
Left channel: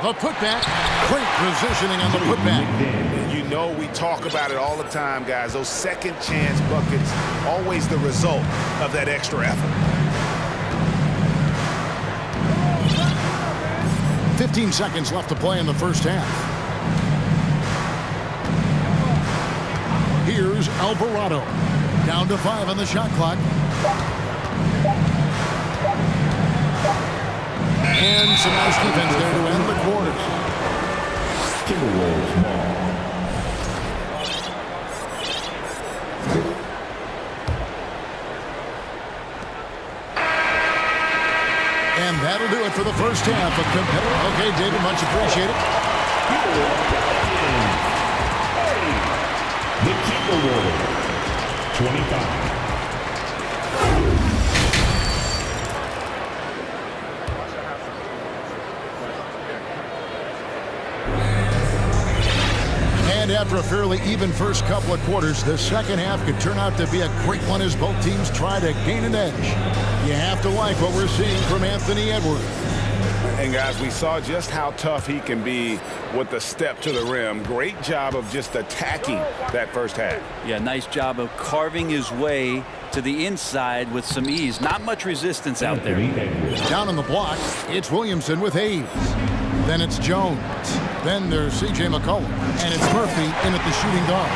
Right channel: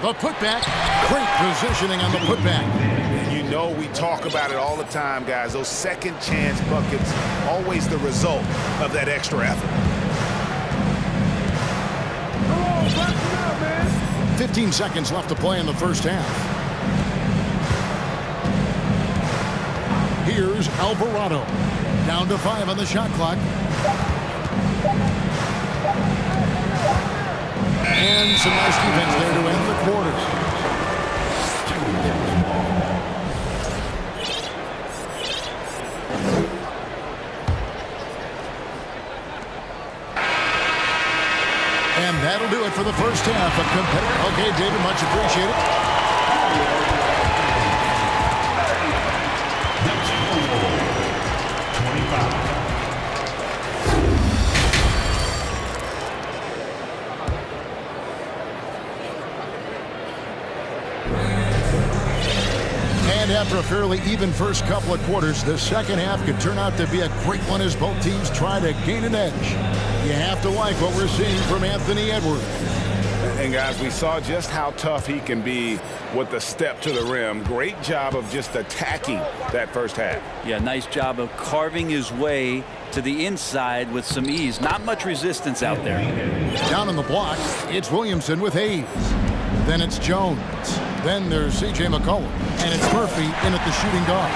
The putback. Great positioning on the putback. You know we talk about it all the time, guys. Those second chance buckets, always the result of that extra effort. 15 seconds left to play in the first half. Here's Alvarado. Down to 5 on the shot clock. And some nice defense there to end the quarter. Timberwolves ball. And that'll do it for the first half. A competitive. Okay, David, much appreciated. The Timberwolves, 25. And after a fairly even first couple of quarters, the second half could turn out to be a great one as both teams try to gain an edge. You have to like what we're seeing from Anthony Edwards. And guys, we saw just how tough he can be with the step to the rim. Great job of just attacking that first half. Yeah, nice job of carving his way to the inside with some ease. Not much resistance out there. Down on the block, it's Williamson with Hayes. Then it's Jones. Then there's C.J. McCollum. And it's Murphy in at the shooting guard.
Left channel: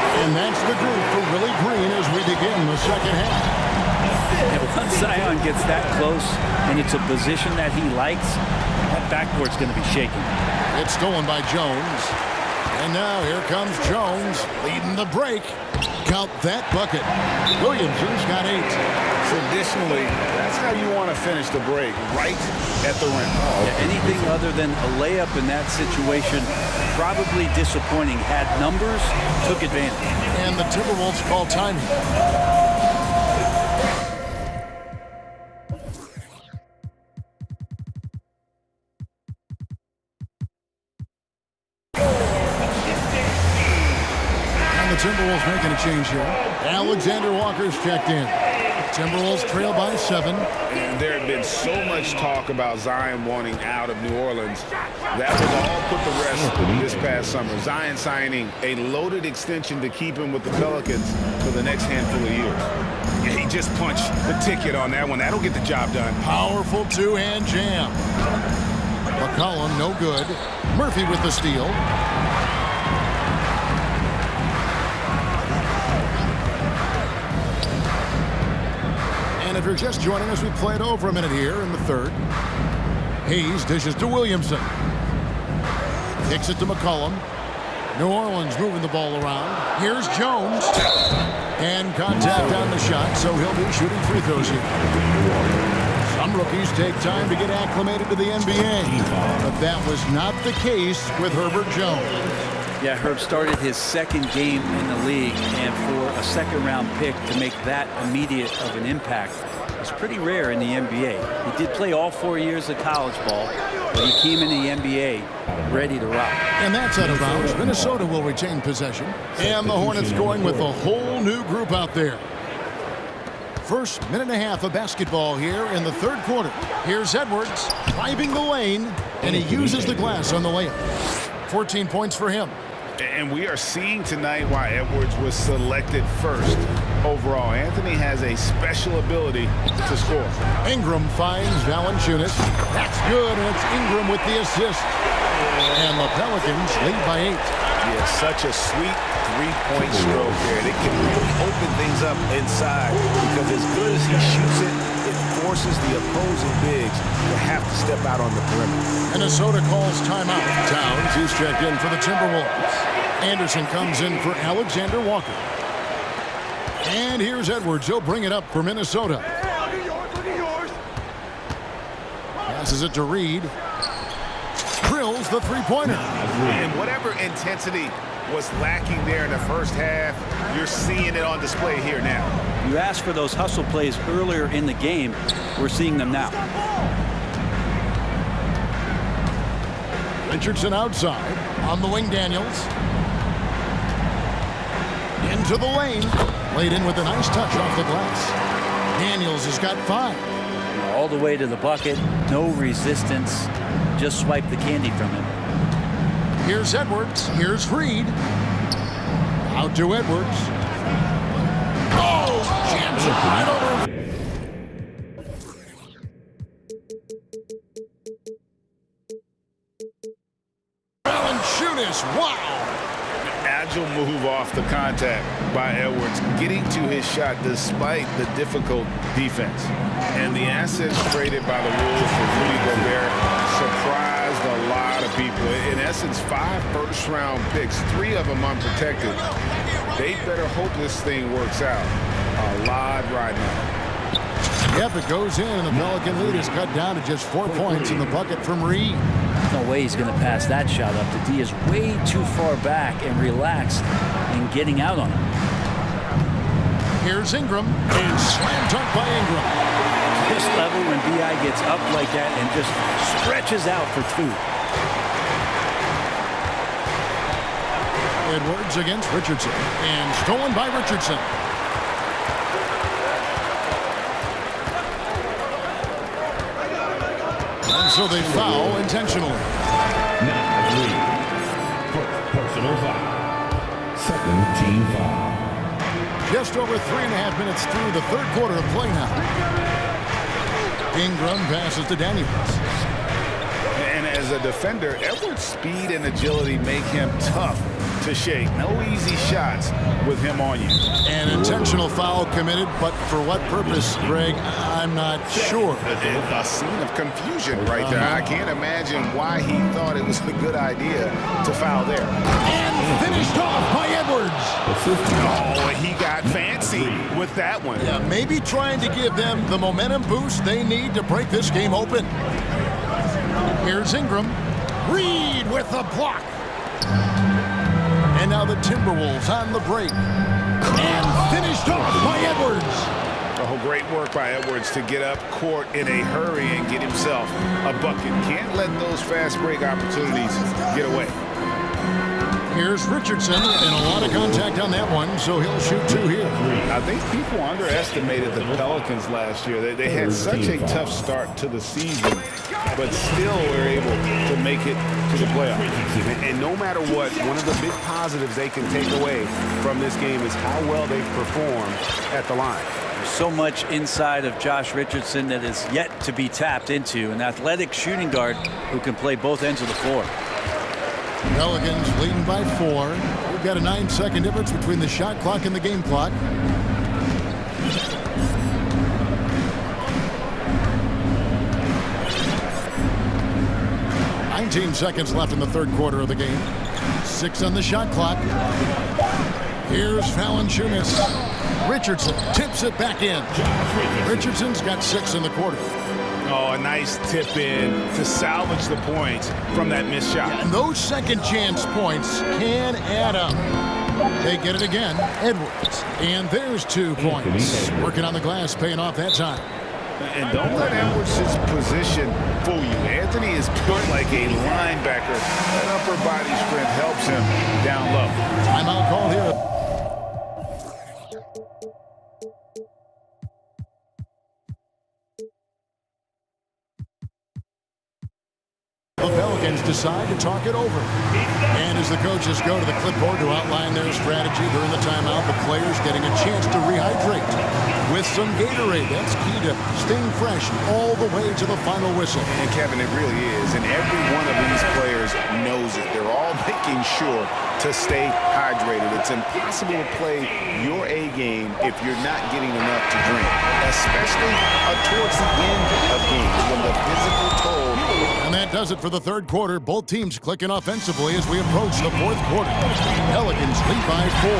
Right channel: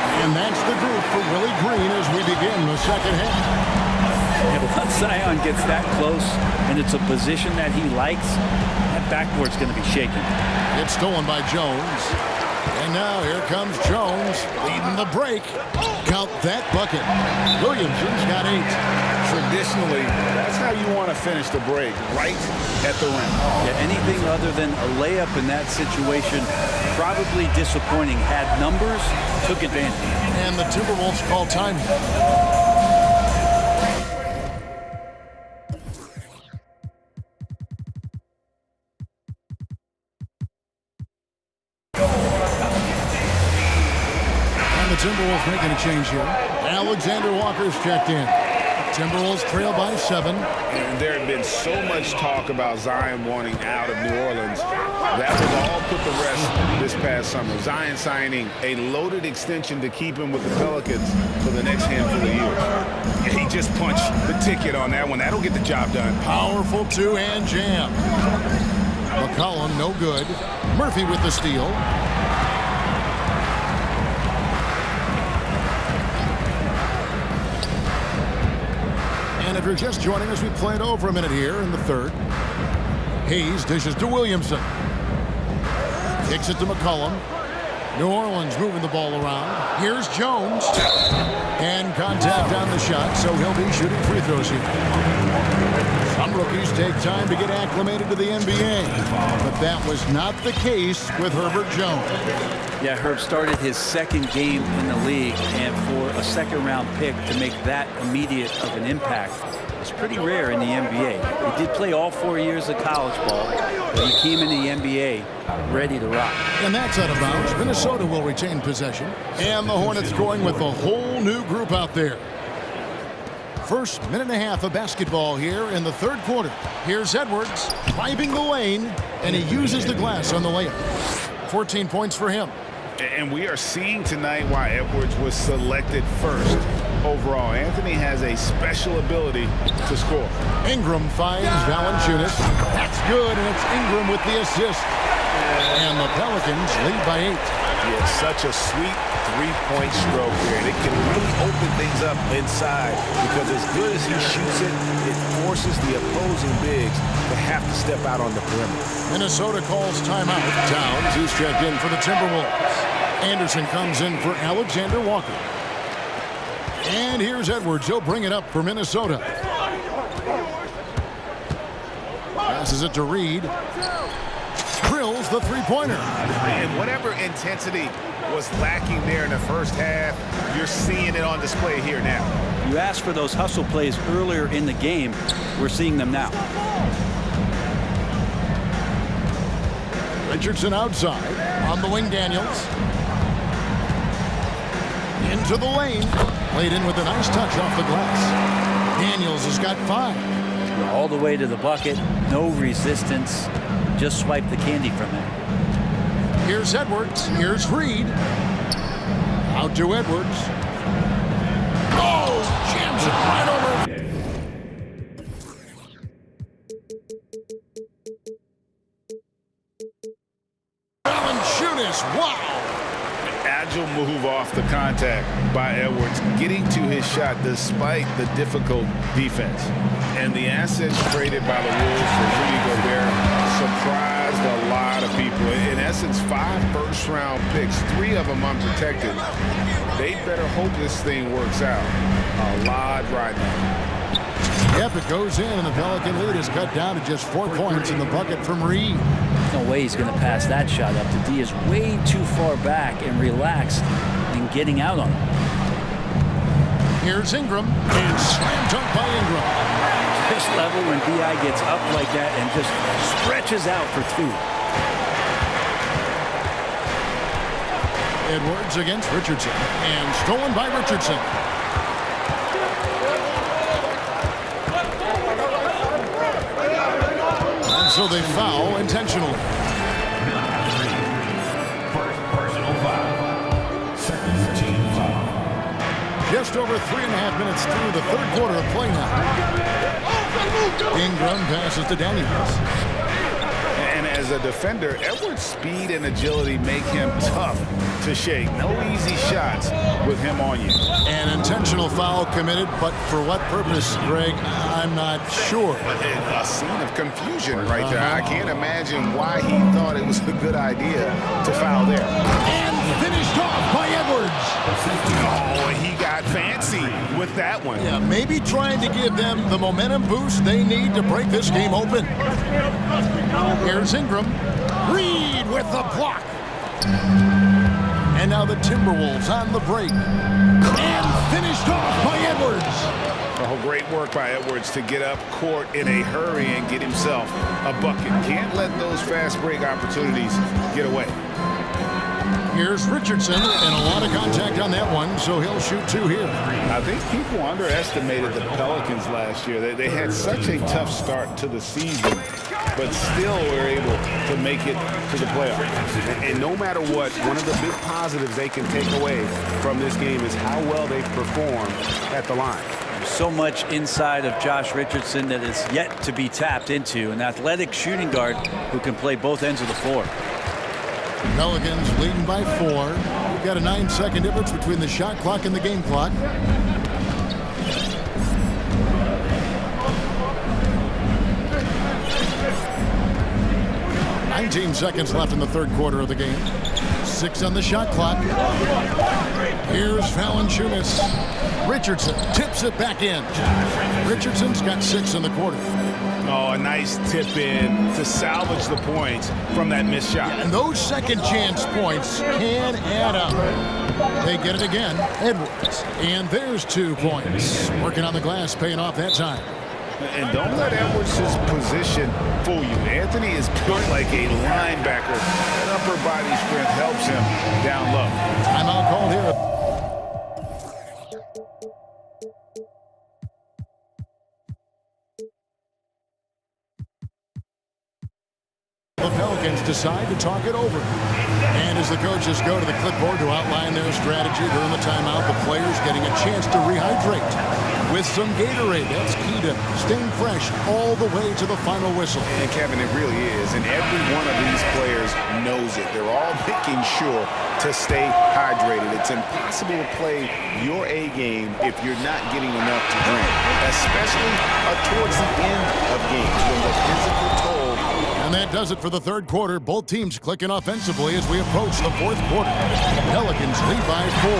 And that's the group for Willie Green as we begin the second half. And once Zion gets that close and it's a position that he likes, that backboard's going to be shaken. It's stolen by Jones. And now here comes Jones leading the break. Count that bucket. Williamson's got 8. Traditionally, that's how you want to finish the break, right at the rim. Yeah, anything other than a layup in that situation, probably disappointing. Had numbers, took advantage. And the Timberwolves call timing. And the Timberwolves making a change here. Alexander Walker's checked in. Timberwolves trail by 7. And there had been so much talk about Zion wanting out of New Orleans. That was all put to rest this past summer. Zion signing a loaded extension to keep him with the Pelicans for the next handful of years. And he just punched the ticket on that one. That'll get the job done. Powerful two-hand jam. McCollum, no good. Murphy with the steal. And if you're just joining us, we played over a minute here in the third. Hayes dishes to Williamson. Kicks it to McCollum. New Orleans moving the ball around. Here's Jones. And contact on the shot, so he'll be shooting free throws here. Some rookies take time to get acclimated to the NBA, but that was not the case with Herbert Jones. Yeah, Herb started his second game in the league, and for a second-round pick to make that immediate of an impact is pretty rare in the NBA. He did play all 4 years of college ball, but he came in the NBA ready to rock. And that's out of bounds. Minnesota will retain possession. And the Hornets going with a whole new group out there. First minute and a half of basketball here in the third quarter. Here's Edwards driving the lane, and he uses the glass on the layup. 14 points for him. And we are seeing tonight why Edwards was selected first overall. Anthony has a special ability to score. Ingram finds Valanciunas. That's good, and it's Ingram with the assist. And the Pelicans lead by 8. Yeah, such a sweet three-point stroke there. And it can really open things up inside because as good as he shoots it, it forces the opposing bigs to have to step out on the perimeter. Minnesota calls timeout. Towns, who's checked in for the Timberwolves. Anderson comes in for Alexander Walker. And here's Edwards. He'll bring it up for Minnesota. Passes it to Reed. Drills the three-pointer. And whatever intensity was lacking there in the first half, you're seeing it on display here now. You asked for those hustle plays earlier in the game. We're seeing them now. Richardson outside. On the wing, Daniels. Into the lane. Laid in with a nice touch off the glass. Daniels has got 5. All the way to the bucket. No resistance. Just swipe the candy from him. Here's Edwards. Here's Reed. Out to Edwards. Oh, jams it right over. Valanciunas, wow. Agile move off the contact by Edwards, getting to his shot despite the difficult defense. And the assets traded by the Wolves for Rudy Gobert surprised a lot of people. In essence, 5 first-round picks, 3 of them unprotected. They better hope this thing works out a lot right now. Yep, it goes in, and the Pelican lead is cut down to just 4 points in the bucket from Reed. No way he's going to pass that shot up. The D is way too far back and relaxed in getting out on him. Here's Ingram, and slam dunk by Ingram. This level when B.I. gets up like that and just stretches out for 2. Edwards against Richardson, and stolen by Richardson. And so they foul intentionally. First personal foul. Second team foul. Just over 3.5 minutes through the third quarter of play now. Ingram passes to Daniels. And as a defender, Edwards' speed and agility make him tough to shake. No easy shots with him on you. An intentional foul committed, but for what purpose, Greg, I'm not sure. A scene of confusion right there. I can't imagine why he thought it was a good idea to foul there. And finished off by Edwards. Oh, he got fancy with that one. Yeah, maybe trying to give them the momentum boost they need to break this game open. Here's Ingram. Reed with the block. And now the Timberwolves on the break. And finished off by Edwards. Oh, great work by Edwards to get up court in a hurry and get himself a bucket. Can't let those fast break opportunities get away. Here's Richardson, and a lot of contact on that one, so he'll shoot two here. I think people underestimated the Pelicans last year. They had such a tough start to the season, but still were able to make it to the playoffs. And no matter what, one of the big positives they can take away from this game is how well they perform at the line. There's so much inside of Josh Richardson that is yet to be tapped into, an athletic shooting guard who can play both ends of the floor. Pelicans leading by 4. We've got a 9-second difference between the shot clock and the game clock. "19 seconds left in the third quarter of the game. 6 on the shot clock. Here's Valanciunas. Richardson tips it back in. Richardson's got 6 in the quarter. Oh, a nice tip in to salvage the points from that missed shot. Yeah, and those second chance points can add up. They get it again. Edwards. And there's 2 points. Working on the glass, paying off that time. And don't let Edwards' position fool you. Anthony is built like a linebacker. That upper body strength helps him down low. Timeout called here. The Pelicans decide to talk it over. And as the coaches go to the clipboard to outline their strategy during the timeout, the players getting a chance to rehydrate with some Gatorade. That's key to staying fresh all the way to the final whistle. And Kevin, it really is. And every one of these players knows it. They're all making sure to stay hydrated. It's impossible to play your A game if you're not getting enough to drink, especially towards the end of games when the physical toll. And that does it for the third quarter. Both teams clicking offensively as we approach the fourth quarter. Pelicans lead by 4.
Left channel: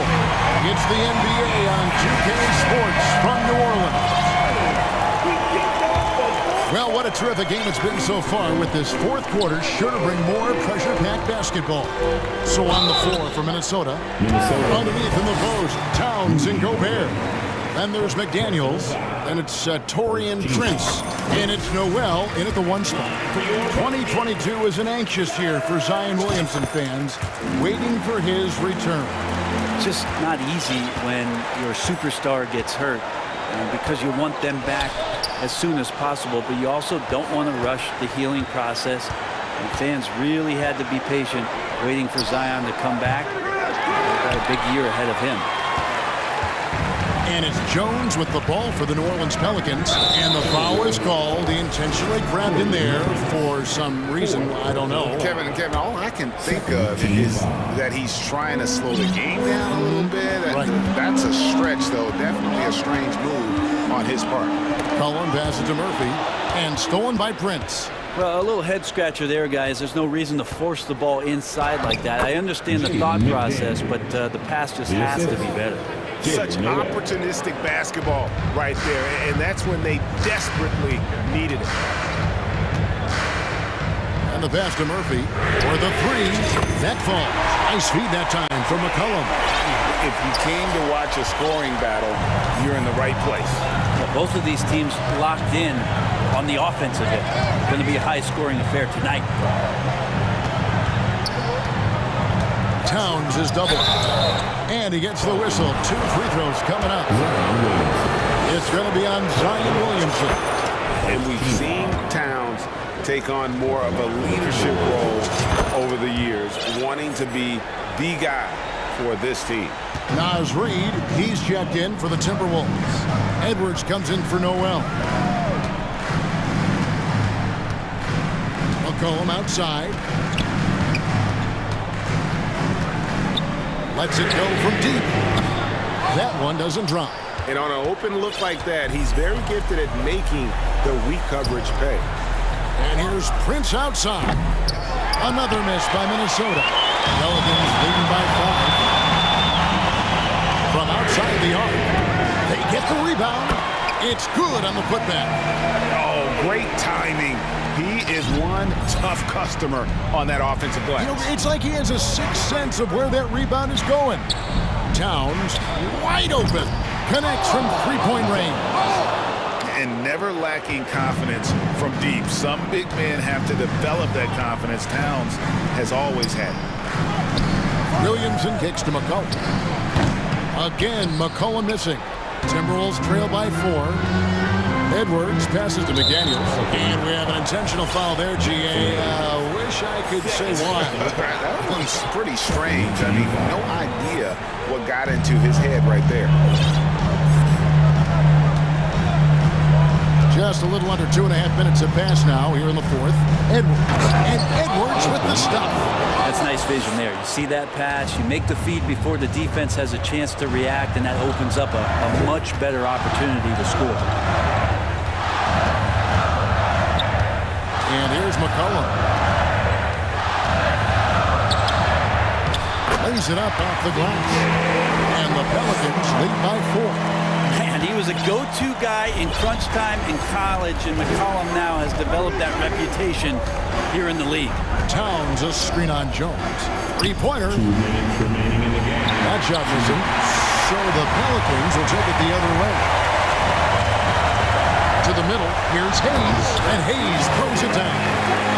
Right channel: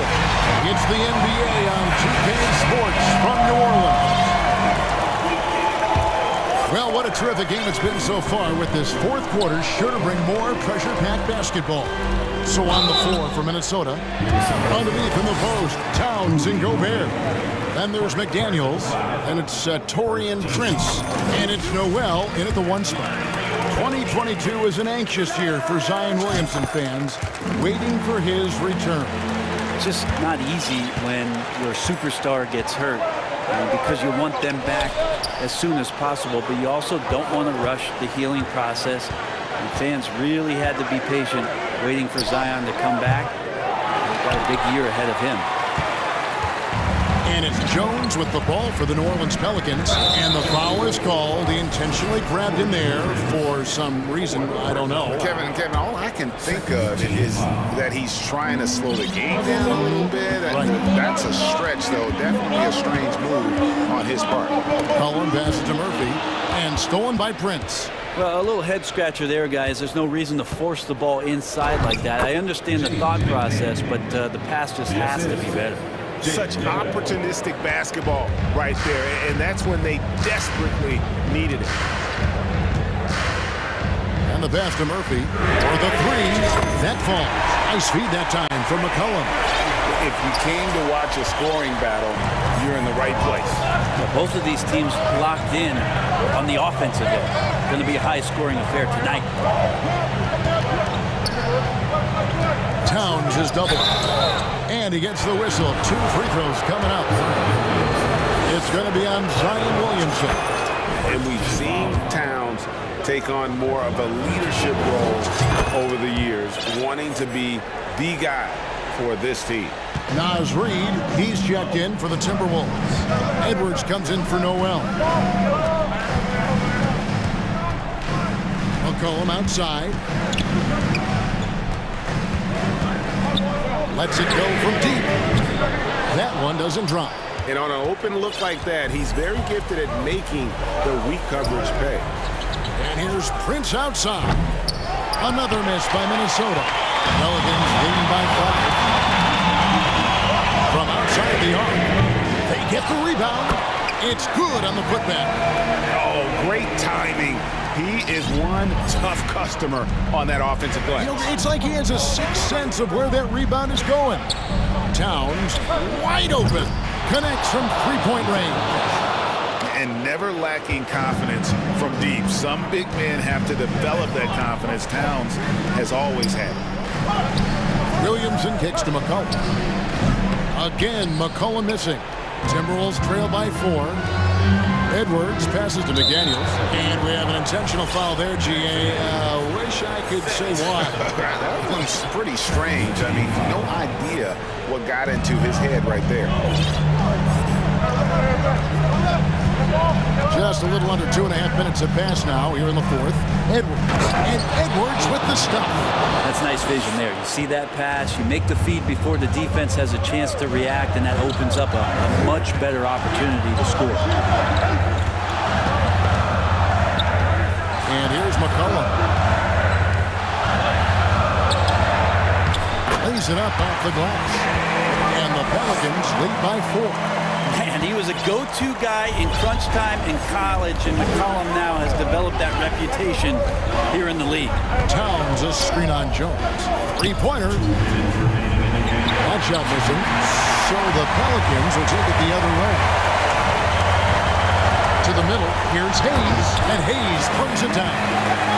It's the NBA on 2K Sports from New Orleans. Well, what a terrific game it's been so far, with this fourth quarter sure to bring more pressure-packed basketball. So on the floor for Minnesota, underneath in the post, Towns and Gobert. Then there's McDaniels, and it's Taurean Prince, and it's Noel in at the 1 spot. 2022 is an anxious year for Zion Williamson fans, waiting for his return. It's just not easy when your superstar gets hurt, because you want them back as soon as possible, but you also don't want to rush the healing process. And fans really had to be patient, waiting for Zion to come back. They've got a big year ahead of him. And it's Jones with the ball for the New Orleans Pelicans, and the foul is called. He intentionally grabbed in there for some reason, I don't know. Kevin, all I can think of is that he's trying to slow the game down a little bit. Right. That's a stretch, though. Definitely a strange move on his part. Cullen passes to Murphy, and stolen by Prince. Well, a little head scratcher there, guys. There's no reason to force the ball inside like that. I understand the thought process, but the pass just has to be better. Such opportunistic basketball right there, and that's when they desperately needed it. And the pass to Murphy for the 3. That falls. Nice feed that time from McCollum. If you came to watch a scoring battle, you're in the right place. Well, both of these teams locked in on the offensive end. Going to be a high-scoring affair tonight. Towns is double. And he gets the whistle. 2 free throws coming up. It's going to be on Zion Williamson. And we've seen Towns take on more of a leadership role over the years, wanting to be the guy for this team. Naz Reid, he's checked in for the Timberwolves. Edwards comes in for Noel. McCollum outside. Lets it go from deep. That one doesn't drop. And on an open look like that, he's very gifted at making the weak coverage pay. And here's Prince outside. Another miss by Minnesota. Pelicans leading by 5. From outside the arc, they get the rebound. It's good on the putback. Oh, great timing. He is one tough customer on that offensive glass. You know, it's like he has a sixth sense of where that rebound is going. Towns wide open. Connects from three-point range. And never lacking confidence from deep. Some big men have to develop that confidence. Towns has always had it. Williamson kicks to McCollum. Again, McCollum missing. Timberwolves trail by 4. Edwards passes to McDaniels. And we have an intentional foul there, GA. Wish I could say why. That one's pretty strange. I mean, no idea what got into his head right there. Just a little under 2.5 minutes have passed now here in the 4th. Edwards. And Edwards with the stuff. That's nice vision there. You see that pass, you make the feed before the defense has a chance to react, and that opens up a much better opportunity to score. And here's McCollum. Lays it up off the glass. And the Pelicans lead by 4. Man, he was a go-to guy in crunch time in college, and McCollum now has developed that reputation here in the league. Towns a screen on Jones. Three-pointer. That shot missing. So the Pelicans will take it the other way. To the middle. Here's Hayes. And Hayes throws it down.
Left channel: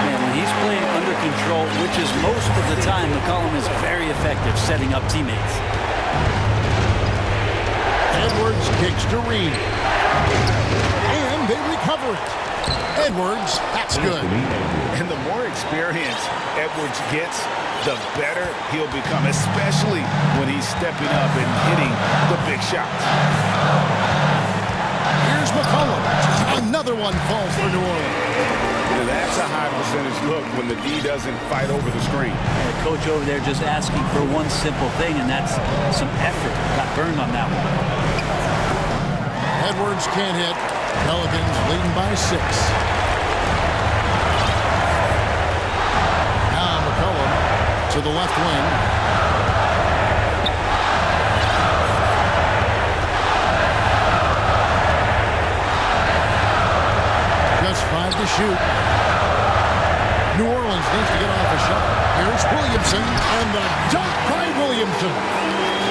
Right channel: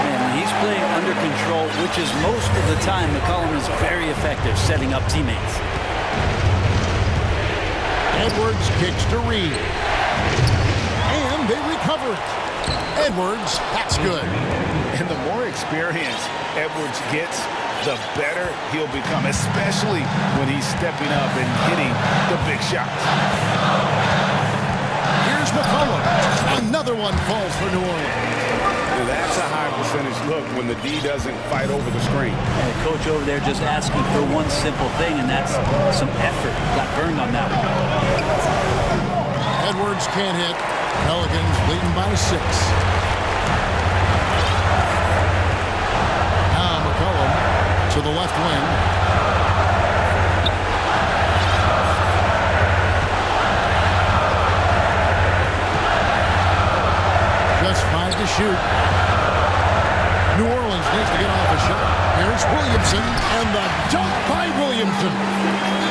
Man, when he's playing under control, which is most of the time, McCollum is very effective setting up teammates. Edwards kicks to Reed. And they recover it. Edwards, that's good. And the more experience Edwards gets, the better he'll become, especially when he's stepping up and hitting the big shots. Here's McCollum. Another one falls for New Orleans. That's a high percentage look when the D doesn't fight over the screen. And the coach over there just asking for one simple thing, and that's some effort. Got burned on that one. Edwards can't hit. Pelicans leading by 6. Now McCollum to the left wing. Just 5 to shoot. New Orleans needs to get off a shot. Here's Williamson, and the dunk by Williamson.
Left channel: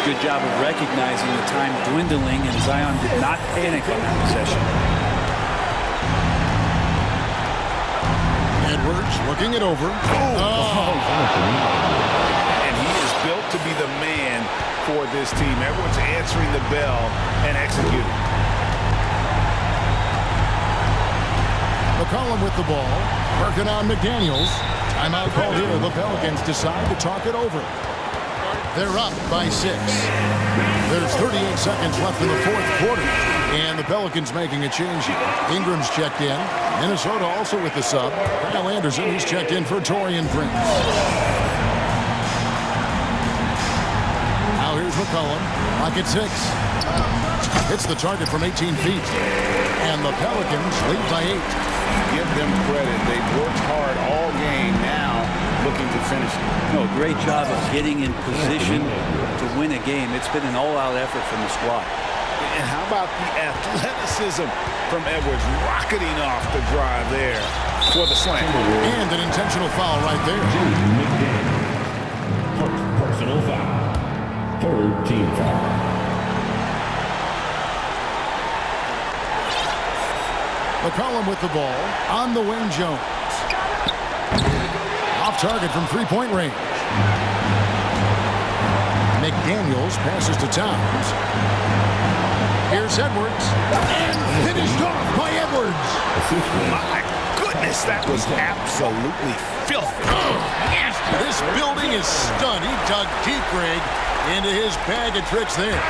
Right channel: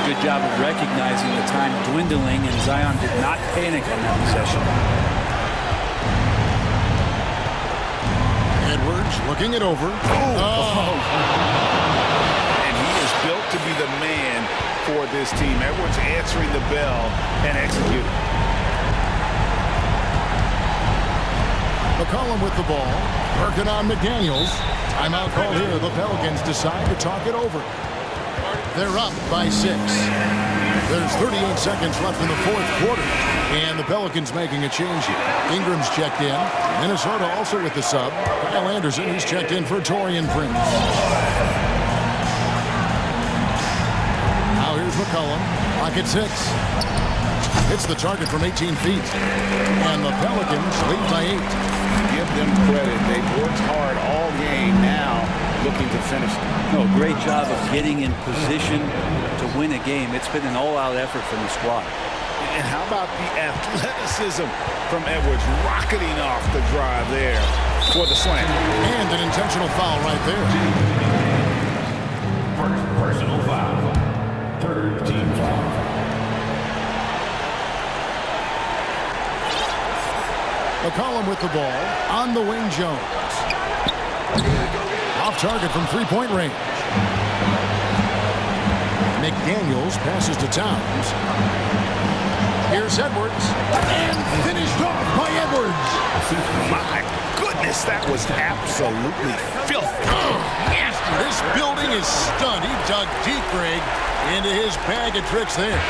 Good job of recognizing the time dwindling, and Zion did not panic on that possession. Edwards looking it over. And he is built to be the man for this team. Edwards answering the bell and executing. McCollum with the ball, working on McDaniels. Timeout called here. The Pelicans decide to talk it over. They're up by 6. There's 38 seconds left in the 4th quarter. And the Pelicans making a change here. Ingram's checked in. Minnesota also with the sub. Kyle Anderson, he's checked in for Taurean Prince. Now here's McCollum. Clock at 6. Hits the target from 18 feet. And the Pelicans lead by 8. Give them credit. They've worked hard all game, now looking to finish it. No, great job of getting in position to win a game. It's been an all-out effort from the squad. And how about the athleticism from Edwards rocketing off the drive there for the slam. And an intentional foul right there. First personal foul. Third team foul. McCollum with the ball. On the wing, Jones. Off target from three-point range. McDaniels passes to Towns. Here's Edwards. And finished off by Edwards. My goodness, that was absolutely filthy. Oh, nasty. This building is stunned. He dug deep, Greg, into his bag of tricks there.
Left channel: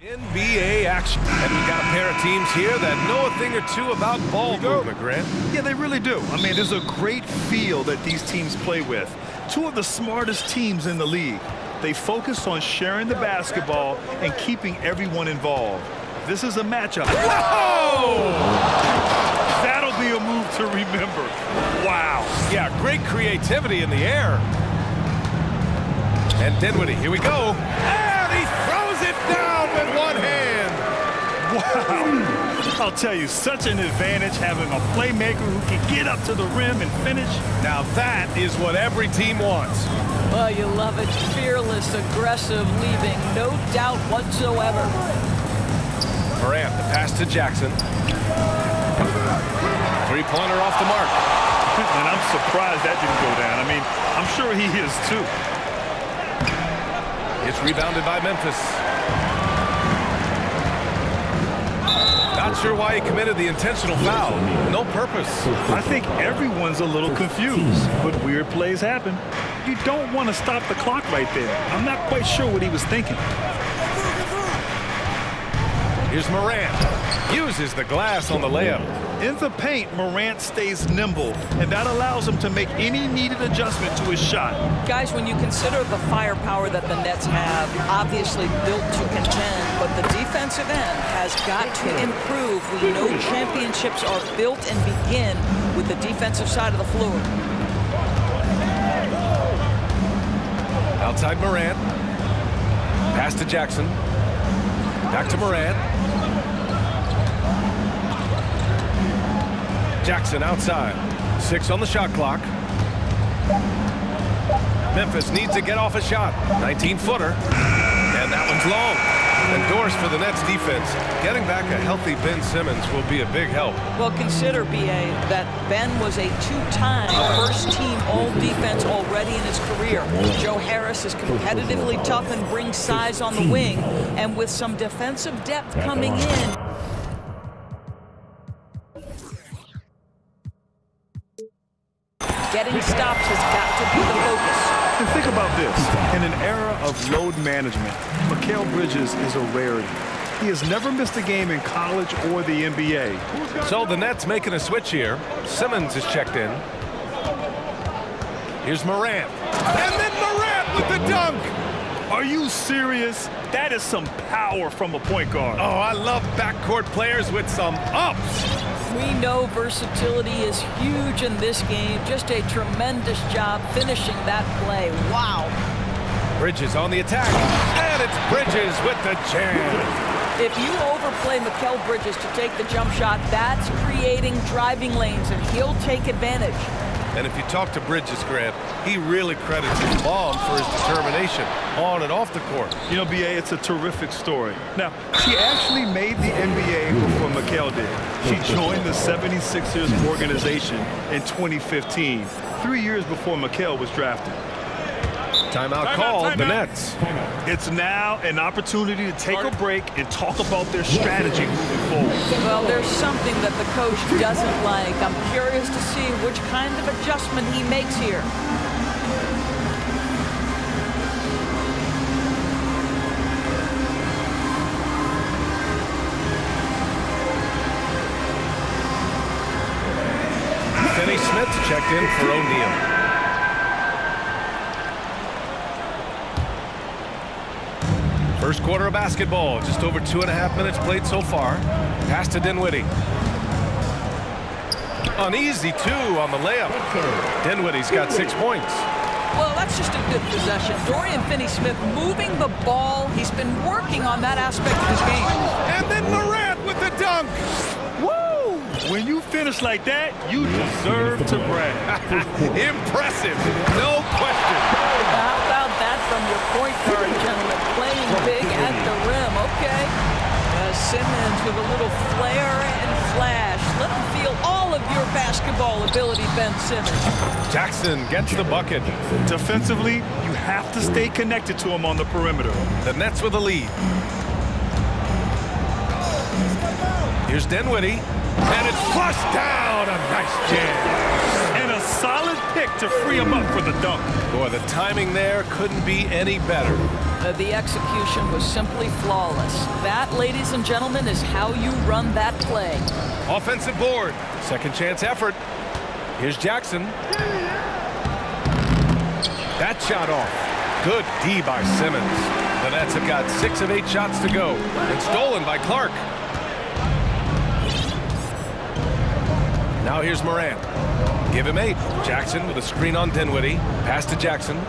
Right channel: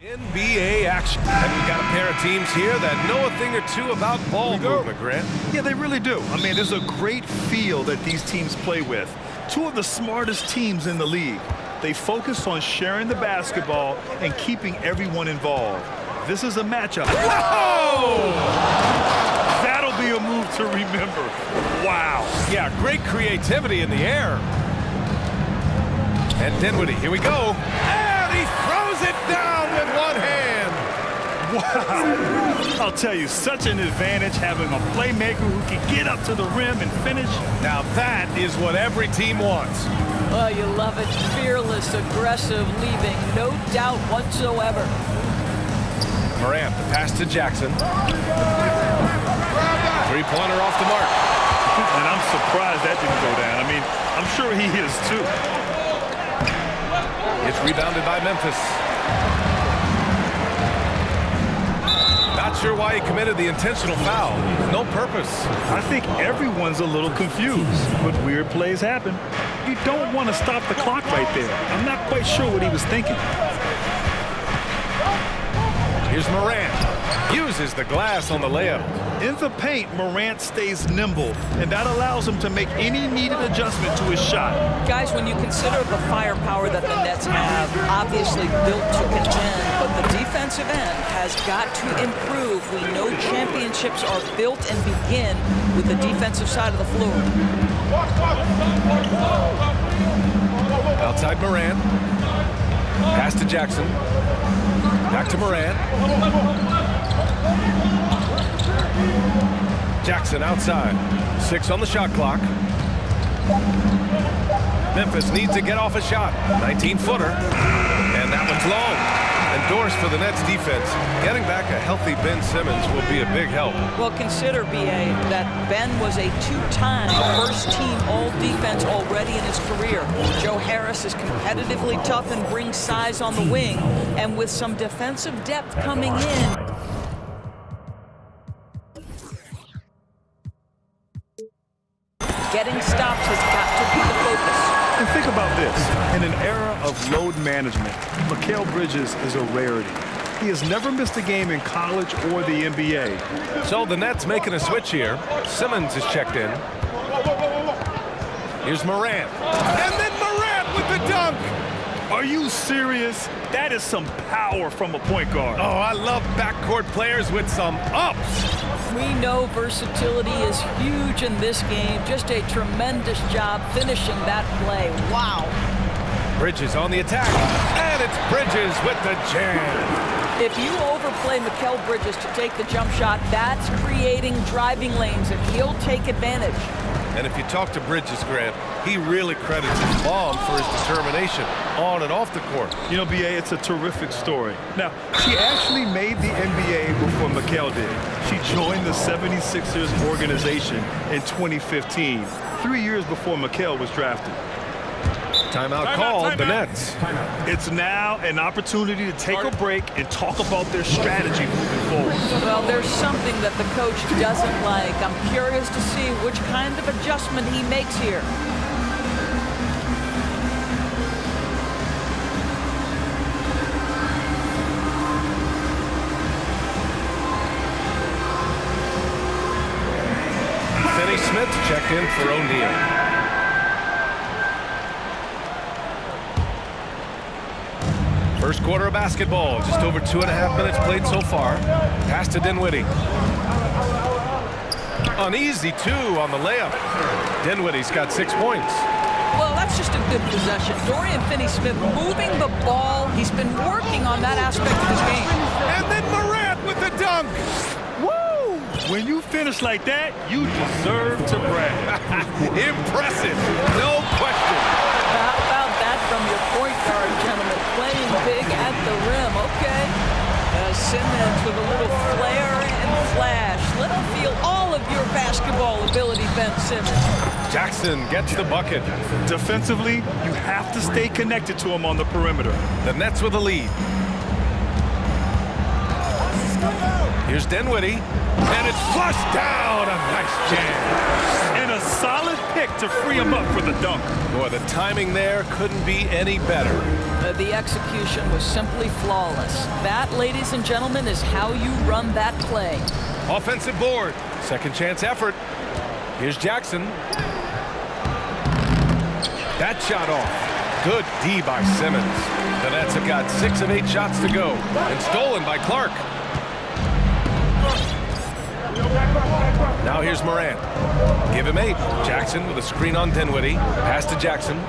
NBA action. And we've got a pair of teams here that know a thing or two about ball movement, Grant. Yeah, they really do. I mean, there's a great feel that these teams play with. Two of the smartest teams in the league. They focus on sharing the basketball and keeping everyone involved. This is a matchup. Whoa! That'll be a move to remember. Wow. Yeah, great creativity in the air. And Dinwiddie, here we go. And he throws it down with one hand. Wow. I'll tell you, such an advantage having a playmaker who can get up to the rim and finish. Now that is what every team wants. Well, you love it. Fearless, aggressive, leaving no doubt whatsoever. Morant, the pass to Jackson. Three-pointer off the mark. And I'm surprised that didn't go down. I mean, I'm sure he is too. It's rebounded by Memphis. Not sure why he committed the intentional foul. No purpose. I think everyone's a little confused, but weird plays happen. You don't want to stop the clock right there. I'm not quite sure what he was thinking. Here's Morant. Uses the glass on the layup. In the paint, Morant stays nimble, and that allows him to make any needed adjustment to his shot. Guys, when you consider the firepower that the Nets have, obviously built to contend, but the defensive end has got to improve. We know championships are built and begin with the defensive side of the floor. Outside Morant. Pass to Jackson. Back to Morant. Jackson outside. 6 on the shot clock. Memphis needs to get off a shot. 19-footer. And that one's long. Endorsed for the Nets defense. Getting back a healthy Ben Simmons will be a big help. Well, consider, B.A., that Ben was a two-time first-team all-defense already in his career. Joe Harris is competitively tough and brings size on the wing. And with some defensive depth coming in, getting stops has got to be the focus. And think about this. In an era of load management, Mikal Bridges is a rarity. He has never missed a game in college or the NBA. So the Nets making a switch here. Simmons is checked in. Here's Morant. And then Morant with the dunk. Are you serious? That is some power from a point guard. Oh, I love backcourt players with some ups. We know versatility is huge in this game. Just a tremendous job finishing that play. Wow. Bridges on the attack. And it's Bridges with the jam. If you overplay Mikal Bridges to take the jump shot, that's creating driving lanes, and he'll take advantage. And if you talk to Bridges, Grant, he really credits his mom for his determination on and off the court. You know, B.A., it's a terrific story. Now, she actually made the NBA before Mikal did. She joined the 76ers organization in 2015, 3 years before Mikal was drafted. Timeout called, the Nets. It's now an opportunity to take a break and talk about their strategy moving forward. Well, there's something that the coach doesn't like. I'm curious to see which kind of adjustment he makes here. Finney Smith checked in for O'Neal. First quarter of basketball, just over 2.5 minutes played so far. Pass to Dinwiddie. Uneasy, too, on the layup. Dinwiddie's got 6 points. Well, that's just a good possession. Dorian Finney-Smith moving the ball. He's been working on that aspect of his game. And then Morant with the dunk. Woo! When you finish like that, you deserve to brag. Impressive, no question. How about that from your point guard, gentlemen? Playing big at the rim, okay. Simmons with a little flair and flash. Let him feel all of your basketball ability, Ben Simmons. Jackson gets the bucket. Defensively, you have to stay connected to him on the perimeter. The Nets with a lead. Here's Dinwiddie. And it's flushed down. A nice jam. And a solid pick to free him up for the dunk. Boy, the timing there couldn't be any better. The execution was simply flawless. That, ladies and gentlemen, is how you run that play. Offensive board. Second chance effort. Here's Jackson. That shot off. Good D by Simmons. The Nets have got 6 of 8 shots to go. And stolen by Clark. Now here's Morant. Give him 8. Jackson with a screen on Dinwiddie. Pass to Jackson.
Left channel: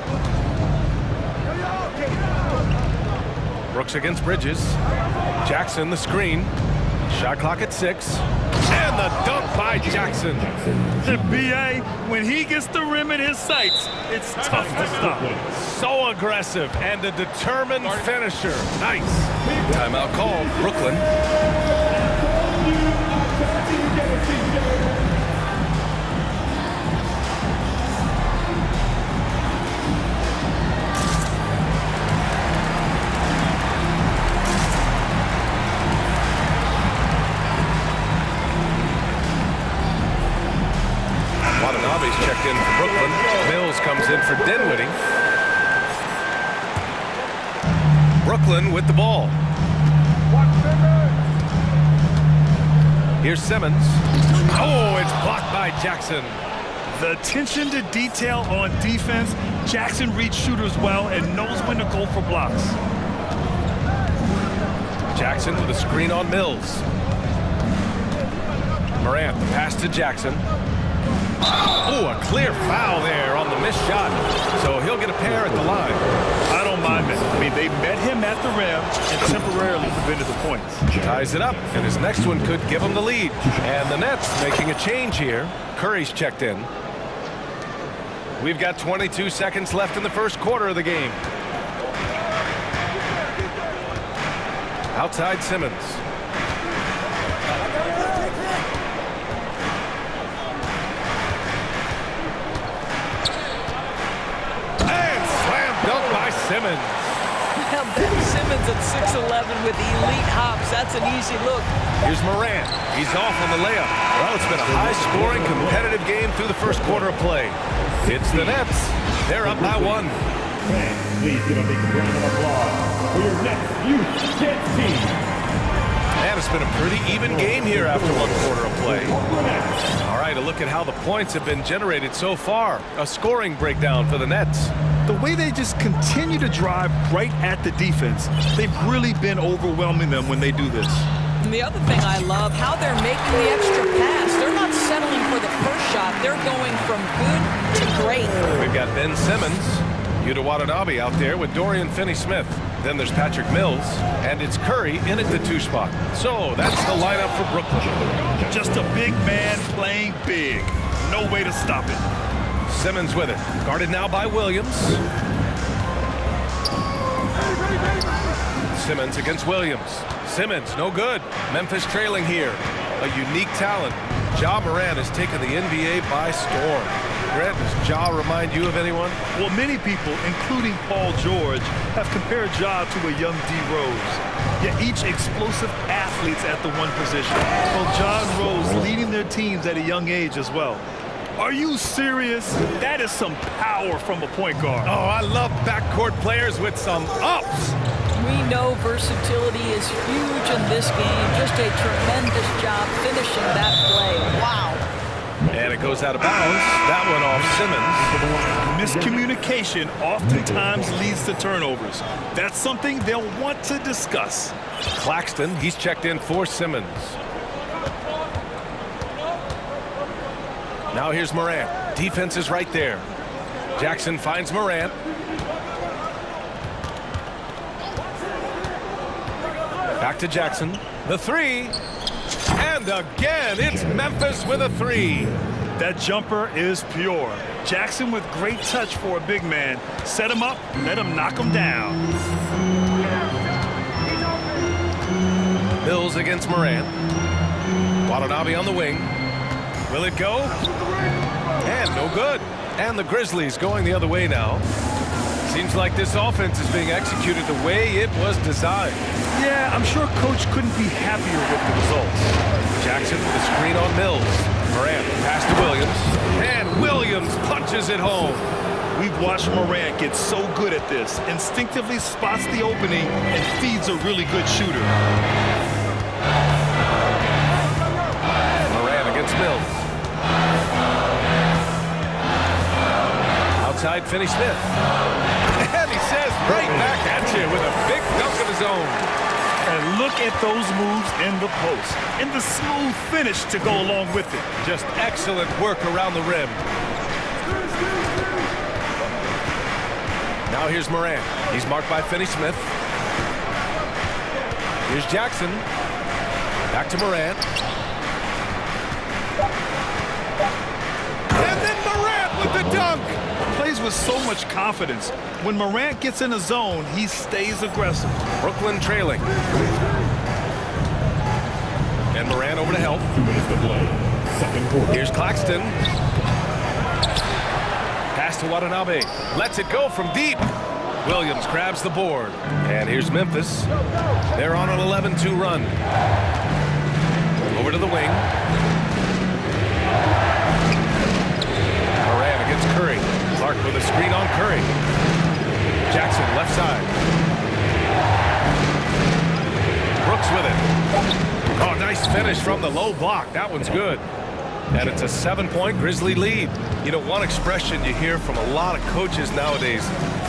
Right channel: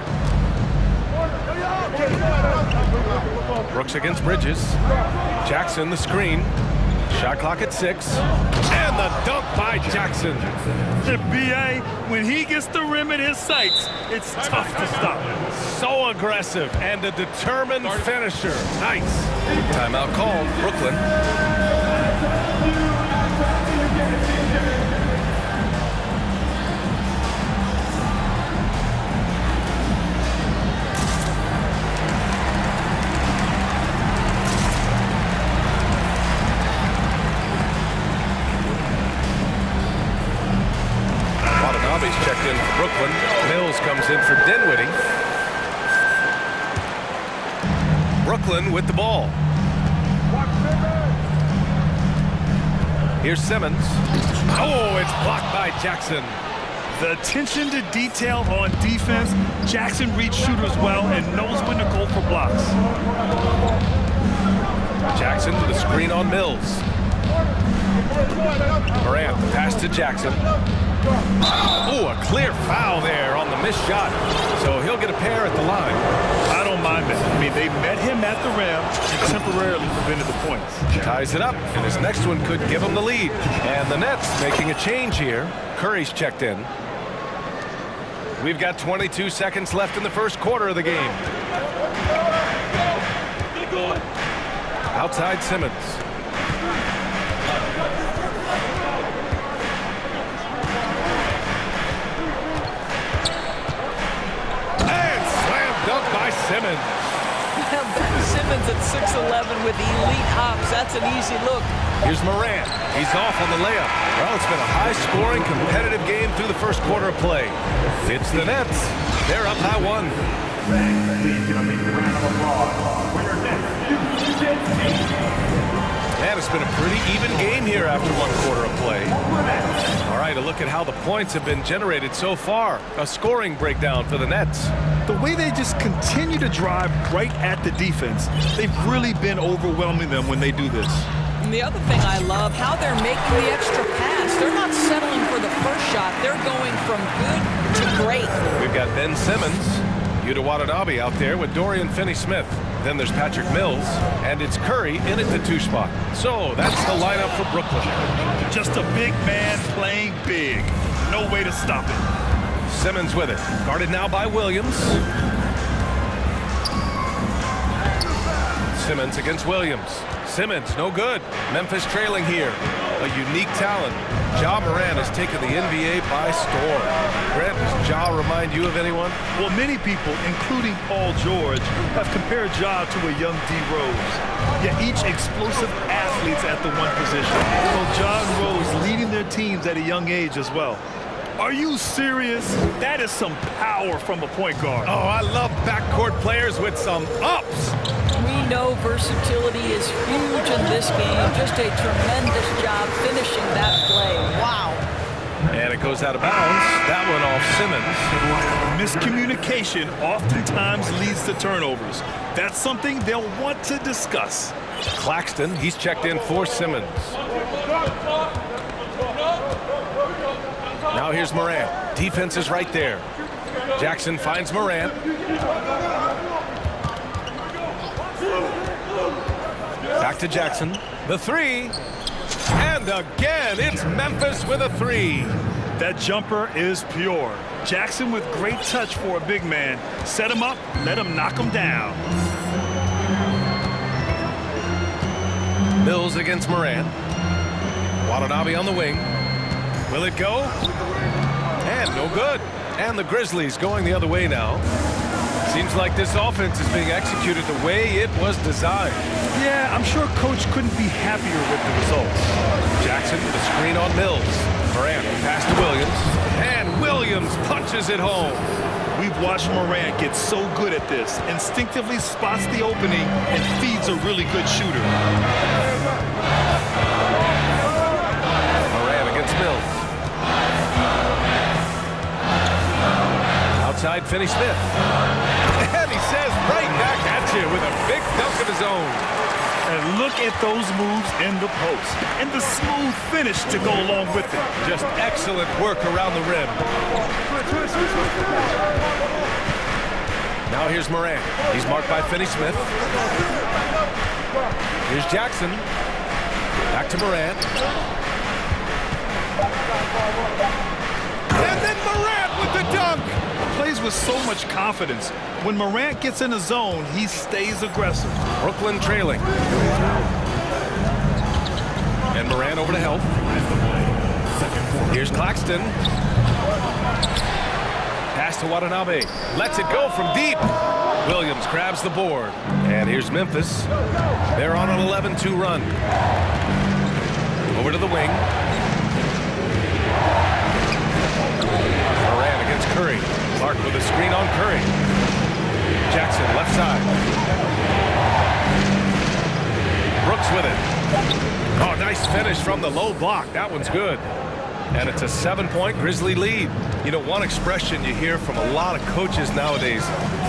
Brooks against Bridges. Jackson the screen. Shot clock at 6. And the dunk by Jackson. The BA, when he gets the rim in his sights, it's tough to stop. So aggressive and a determined finisher. Nice. Timeout called. Brooklyn. Watanabe's checked in for Brooklyn. Mills comes in for Dinwiddie. Brooklyn with the ball. Here's Simmons. Oh, it's blocked by Jackson. The attention to detail on defense. Jackson reads shooters well and knows when to go for blocks. Jackson with a screen on Mills. Morant, the pass to Jackson. Oh, a clear foul there on the missed shot. So he'll get a pair at the line. I don't mind that. I mean, they met him at the rim and temporarily prevented the points. Ties it up, and his next one could give him the lead. And the Nets making a change here. Curry's checked in. We've got 22 seconds left in the first quarter of the game. Outside Simmons. Dunk by Simmons. Ben Simmons at 6'11" with elite hops. That's an easy look. Here's Morant. He's off on the layup. Well, it's been a high-scoring, competitive game through the first quarter of play. It's the Nets. They're up by 1. Fans, please give a big round of applause for your Nets Youth Kids team. And it's been a pretty even game here after 1 quarter of play. All right, a look at how the points have been generated so far. A scoring breakdown for the Nets. The way they just continue to drive right at the defense, they've really been overwhelming them when they do this. And the other thing I love, how they're making the extra pass. They're not settling for the first shot. They're going from good to great. We've got Ben Simmons, Yuta Watanabe out there with Dorian Finney-Smith. Then there's Patrick Mills, and it's Curry in at the 2 spot. So that's the lineup for Brooklyn. Just a big man playing big. No way to stop it. Simmons with it. Guarded now by Williams. Simmons against Williams. Simmons, no good. Memphis trailing here. A unique talent. Ja Morant has taken the NBA by storm. Grant, does Ja remind you of anyone? Well, many people, including Paul George, have compared Ja to a young D. Rose. Yet each explosive athletes at the one position. Well, Ja and Rose leading their teams at a young age as well. Are you serious? That is some power from a point guard. Oh, I love backcourt players with some ups. We know versatility is huge in this game. Just a tremendous job finishing that play. Wow. And it goes out of bounds. That one off Simmons. Miscommunication oftentimes leads to turnovers. That's something they'll want to discuss. Claxton, he's checked in for Simmons. Now here's Morant. Defense is right there. Jackson finds Morant. Back to Jackson. The 3. And again, it's Memphis with a 3. That jumper is pure. Jackson with great touch for a big man. Set him up, let him knock him down. Mills against Morant. Watanabe on the wing. Will it go? And no good. And the Grizzlies going the other way now. Seems like this offense is being executed the way it was designed. Yeah, I'm sure Coach couldn't be happier with the results. Jackson with a screen on Mills. Morant pass to Williams. And Williams punches it home. We've watched Morant get so good at this. Instinctively spots the opening and feeds a really good shooter. Morant against Mills. Outside Finney-Smith. And he says right back at you with a big dunk of his own. And look at those moves in the post. And the smooth finish to go along with it. Just excellent work around the rim. Now here's Morant. He's marked by Finney-Smith. Here's Jackson. Back to Morant. And then Morant with the dunk. Plays with so much confidence. When Morant gets in a zone, he stays aggressive. Brooklyn trailing. And Morant over to help. Here's Claxton. Pass to Watanabe. Lets it go from deep. Williams grabs the board. And here's Memphis. They're on an 11-2 run. Over to the wing. Morant against Curry. Clark with a screen on Curry. Jackson left side. Brooks with it. Oh, nice finish from the low block. That one's good. And it's a 7-point Grizzly lead. You know, one expression you hear from a lot of coaches nowadays,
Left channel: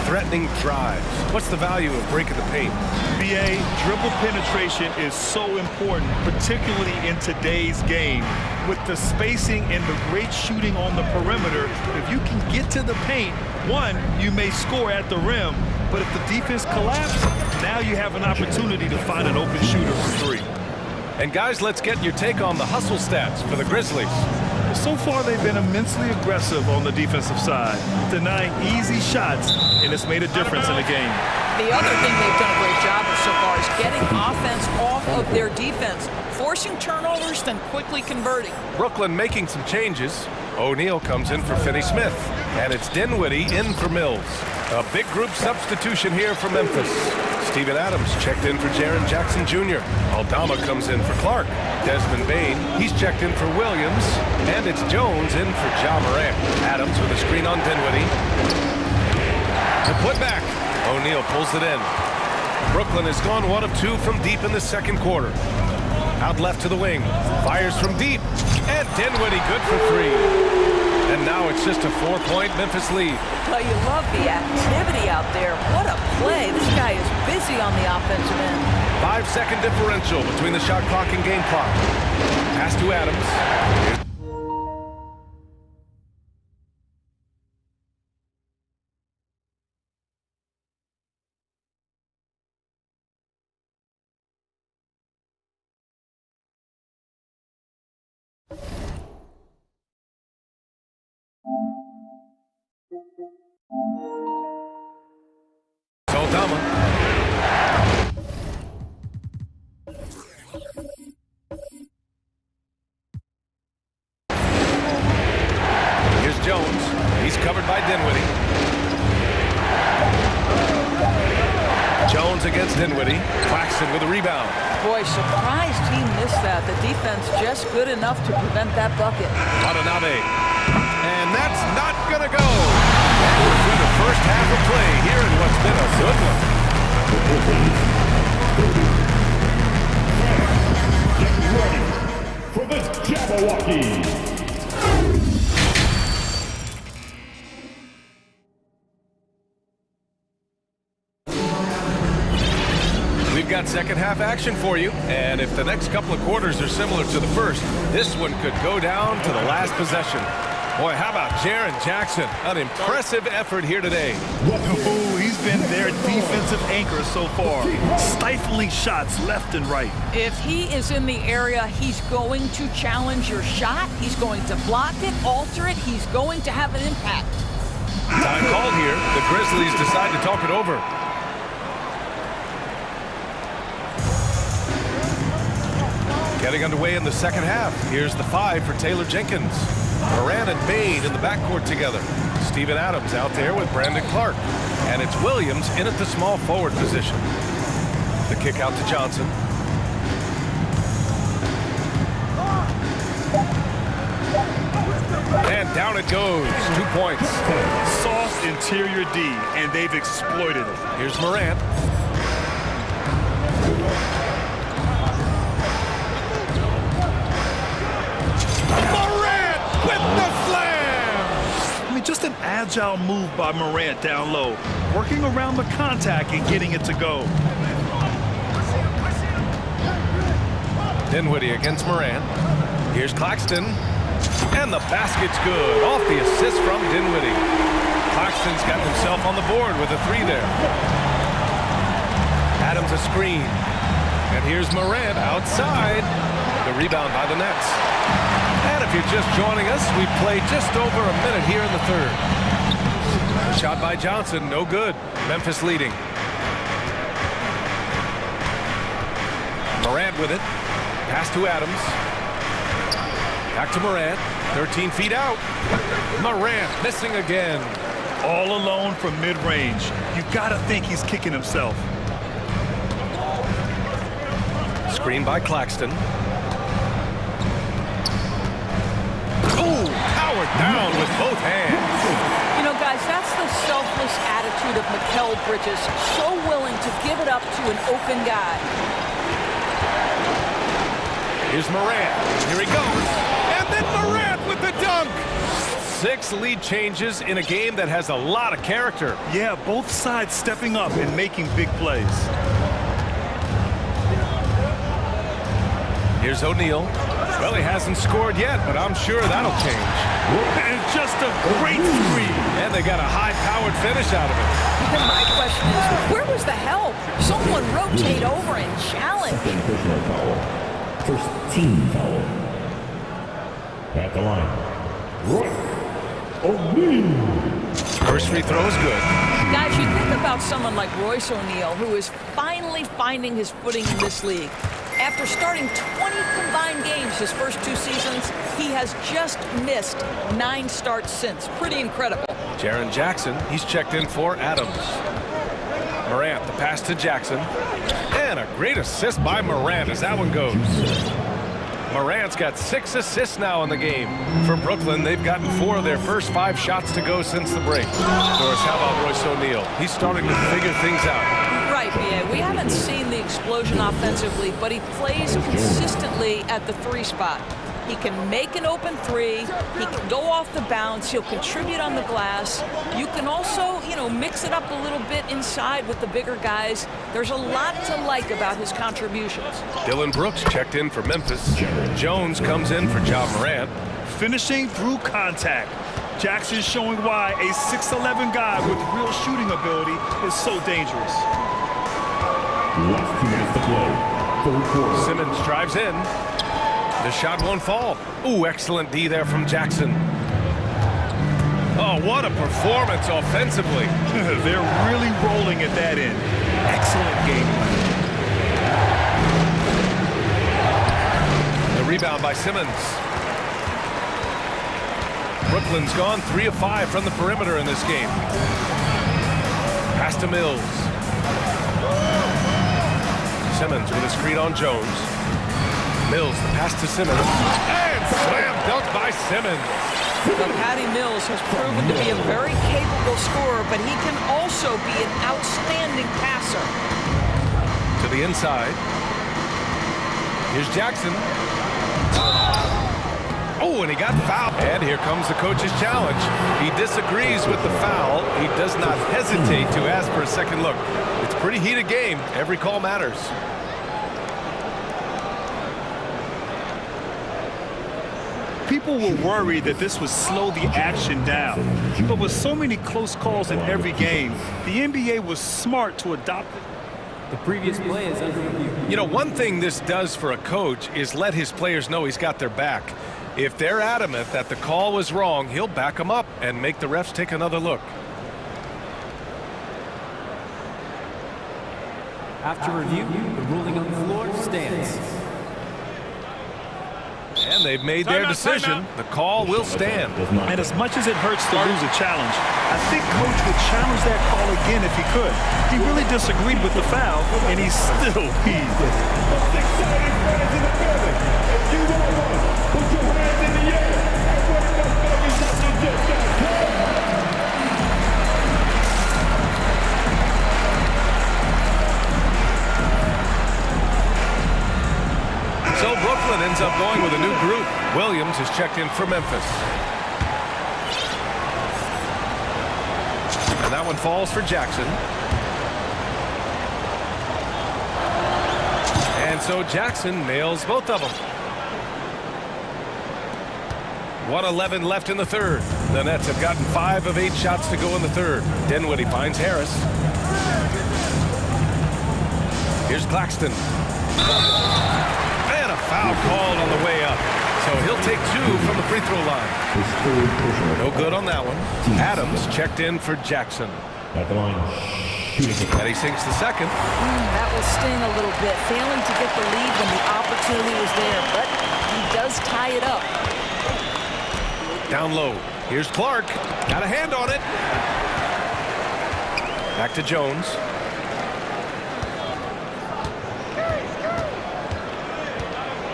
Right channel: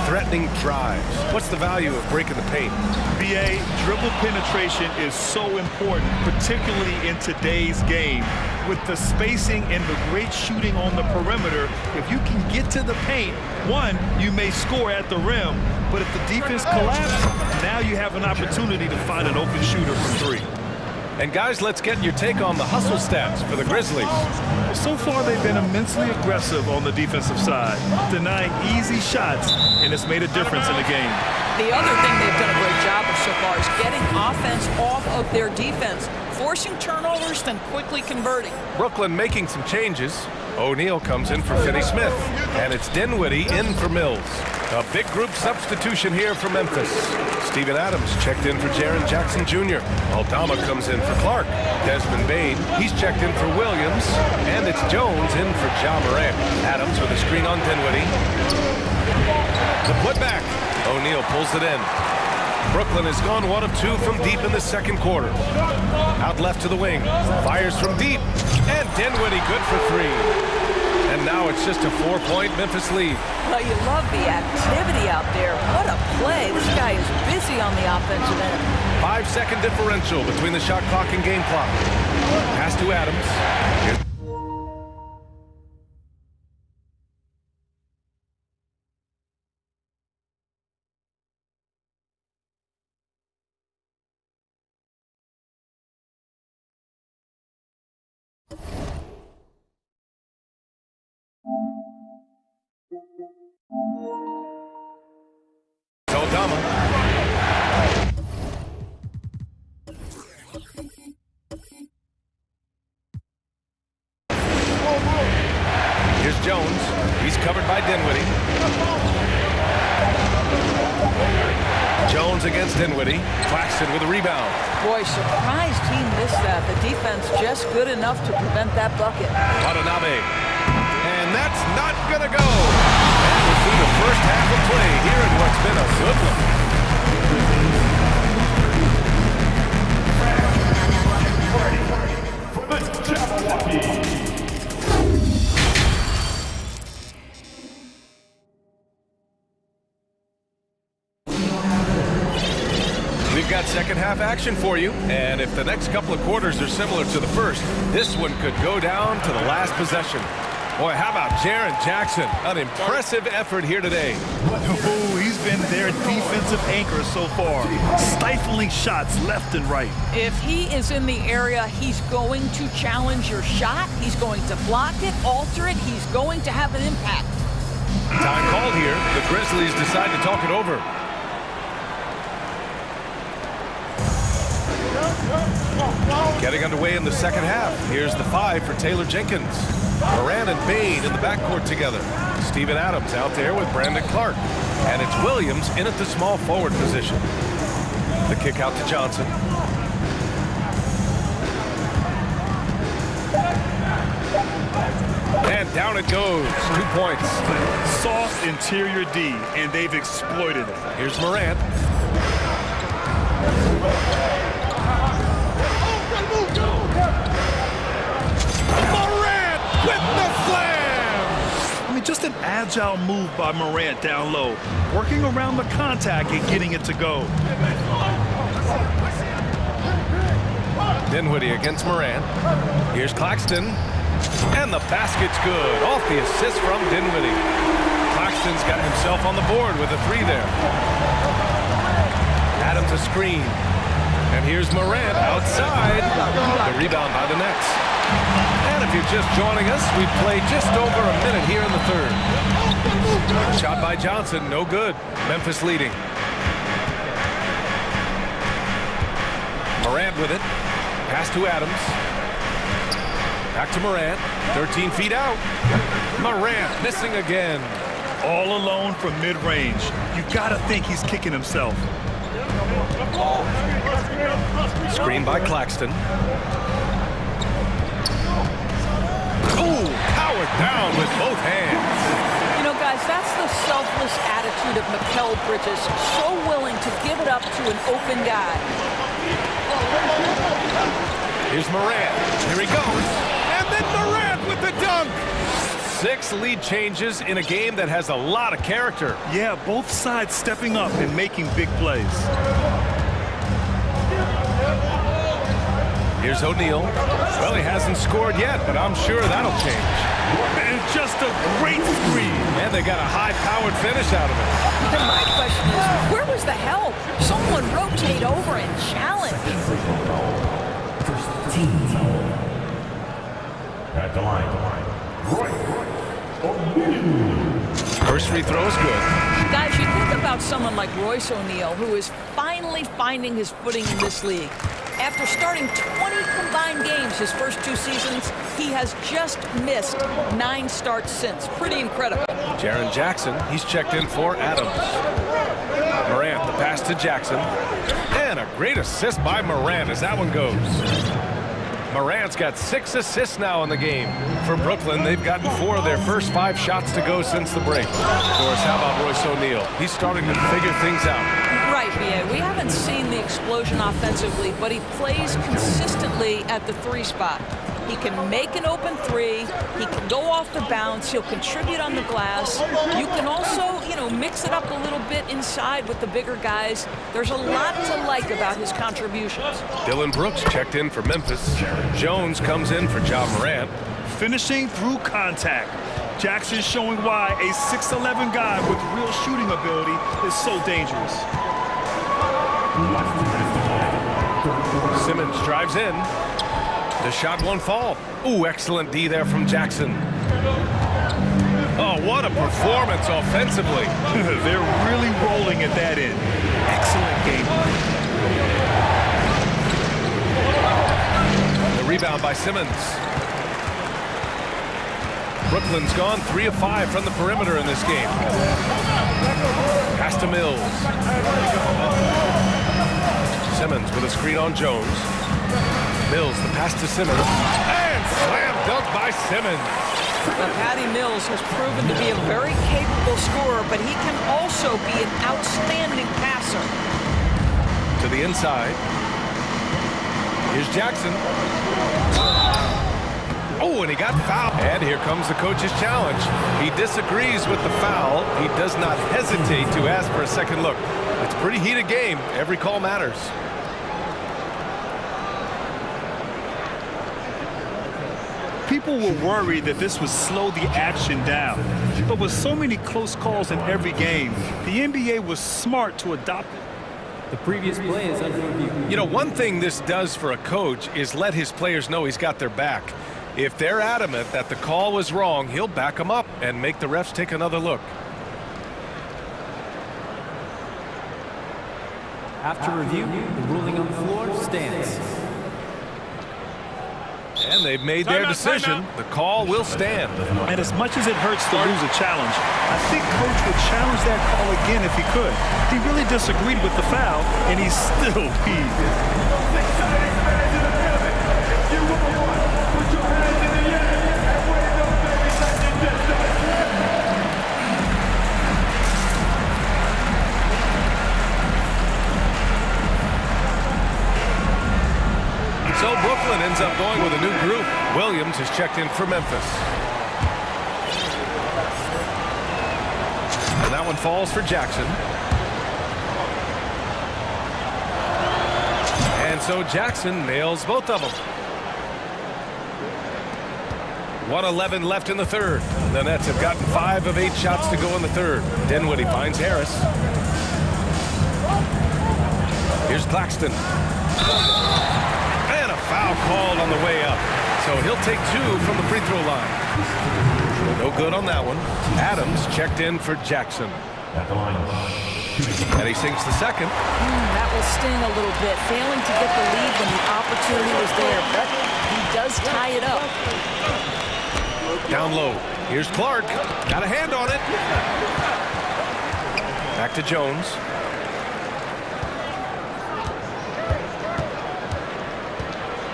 threatening drives. What's the value of breaking the paint? BA, dribble penetration is so important, particularly in today's game. With the spacing and the great shooting on the perimeter, if you can get to the paint, one, you may score at the rim, but if the defense collapses, now you have an opportunity to find an open shooter for three. And guys, let's get your take on the hustle stats for the Grizzlies. Well, so far they've been immensely aggressive on the defensive side, denying easy shots, and it's made a difference in the game. The other thing they've done a great job of so far is getting offense off of their defense, forcing turnovers, then quickly converting. Brooklyn making some changes. O'Neal comes in for Finney-Smith, and it's Dinwiddie in for Mills. A big group substitution here for Memphis. Steven Adams checked in for Jaren Jackson Jr. Aldama comes in for Clark. Desmond Bane, he's checked in for Williams. And it's Jones in for Ja Morant. Adams with a screen on Dinwiddie. The putback. O'Neal pulls it in. Brooklyn has gone 1 of 2 from deep in the second quarter. Out left to the wing. Fires from deep. And Dinwiddie good for 3. And now it's just a 4-point Memphis lead. Well, you love the activity out there. What a play. This guy is busy on the offensive end. 5-second differential between the shot clock and game clock. Pass to Adams. Aldama. Here's Jones. He's covered by Dinwiddie. Jones against Dinwiddie. Claxton with a rebound. Boy, surprised he missed that. The defense just good enough to prevent that bucket. Watanabe. And that's not going to go. And we're through the first half of play here in what's been a good one. For the Jabberwocky. We've got second half action for you, and if the next couple of quarters are similar to the first, this one could go down to the last possession. Boy, how about Jaren Jackson? An impressive effort here today. Oh, he's been their defensive anchor so far. Stifling shots left and right. If he is in the area, he's going to challenge your shot. He's going to block it, alter it. He's going to have an impact. Time called here. The Grizzlies decide to talk it over. Getting underway in the second half. Here's the 5 for Taylor Jenkins. Morant and Bane in the backcourt together. Steven Adams out there with Brandon Clark. And it's Williams in at the small forward position. The kick out to Johnson. And down it goes. 2 points. Soft interior D, and they've exploited it. Here's Morant. Morant with the slam! I mean, just an agile move by Morant down low, working around the contact and getting it to go. Dinwiddie against Morant. Here's Claxton. And the basket's good. Off the assist from Dinwiddie. Claxton's got himself on the board with a 3 there. Adams a screen. And here's Morant outside. The rebound by the Nets. And if you're just joining us, we've played just over a minute here in the third. A shot by Johnson, no good. Memphis leading. Morant with it. Pass to Adams. Back to Morant. 13 feet out. Morant missing again. All alone from mid-range. You gotta think he's kicking himself. Screen by Claxton. Ooh, powered down with both hands. You know, guys, that's the selfless attitude of Mikal Bridges. So willing to give it up to an open guy. Here's Morant. Here he goes. And then Morant with the dunk. 6 lead changes in a game that has a lot of character. Yeah, both sides stepping up and making big plays. Here's O'Neal. Well, he hasn't scored yet, but I'm sure that'll change. And just a great screen. And they got a high-powered finish out of it. And my question is, where was the help? Someone rotate over and challenge. First team foul. At the line, Roy O'Neal. First free throw is good. Guys, you think about someone like Royce O'Neal, who is finally finding his footing in this league. After starting 20 combined games his first 2 seasons, he has just missed 9 starts since. Pretty incredible. Jaren Jackson, he's checked in for Adams. Morant, the pass to Jackson. And a great assist by Morant as that one goes. Morant's got 6 assists now in the game. For Brooklyn, they've gotten 4 of their first 5 shots to go since the break. Of course, how about Royce O'Neal? He's starting to figure things out. Right, B.A. We haven't seen the explosion offensively, but he plays consistently at the 3 spot. He can make an open 3. He can go off the bounce. He'll contribute on the glass. You can also, mix it up a little bit inside with the bigger guys. There's a lot to like about his contributions. Dylan Brooks checked in for Memphis. Jones comes in for Ja Morant. Finishing through contact. Jackson showing why a 6'11" guy with real shooting ability is so dangerous. Last 2 minutes to play. Third quarter. Simmons drives in. The shot won't fall. Ooh, excellent D there from Jackson. Oh, what a performance offensively. They're really rolling at that end. Excellent game plan. The rebound by Simmons. Brooklyn's gone 3 of 5 from the perimeter in this game. Pass to Mills. Simmons with a screen on Jones. Mills, the pass to Simmons. And slam dunk by Simmons. But Patty Mills has proven to be a very capable scorer, but he can also be an outstanding passer. To the inside. Here's Jackson. Oh, and he got fouled. And here comes the coach's challenge. He disagrees with the foul. He does not hesitate to ask for a second look. It's a pretty heated game. Every call matters. People were worried that this would slow the action down. But with so many close calls in every game, the NBA was smart to adopt it. The previous play is under review. One thing this does for a coach is let his players know he's got their back. If they're adamant that the call was wrong, he'll back them up and make the refs take another look. After review, the ruling on the floor stands. And they've made their decision. The call will stand. And as much as it hurts to lose a challenge, I think Coach would challenge that call again if he could. He really disagreed with the foul, and he's still peeved. Most exciting fans in the building. You all won. Put your hands in the air and wave those babies. So Brooklyn ends up going with a new group. Williams is checked in for Memphis. And that one falls for Jackson. And so Jackson nails both of them. 1:11 left in the third. The Nets have gotten 5 of 8 shots to go in the third. Dinwiddie finds Harris. Here's Claxton. And a foul called on the way up. So he'll take 2 from the free throw line. No good on that one. Adams checked in for Jackson. At the line. And he sinks the second. That will sting a little bit, failing to get the lead when the opportunity was there, but he does tie it up. Down low. Here's Clark. Got a hand on it. Back to Jones.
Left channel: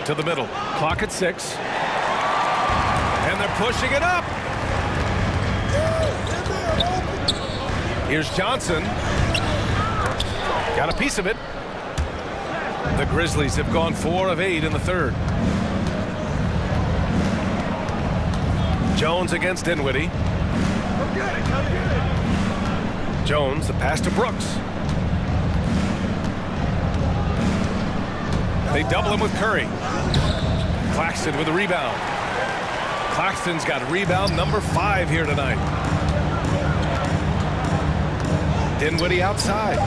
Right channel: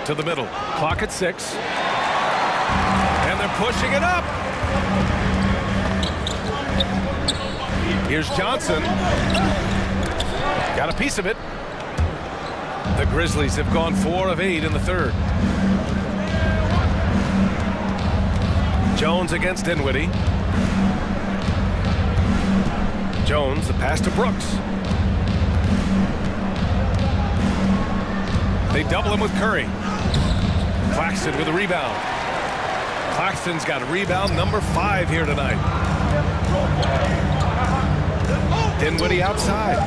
To the middle. Clock at 6. And they're pushing it up. Here's Johnson. Got a piece of it. The Grizzlies have gone 4 of 8 in the third. Jones against Dinwiddie. Jones, the pass to Brooks. They double him with Curry. Claxton with a rebound. Claxton's got a rebound number 5 here tonight. Dinwiddie outside.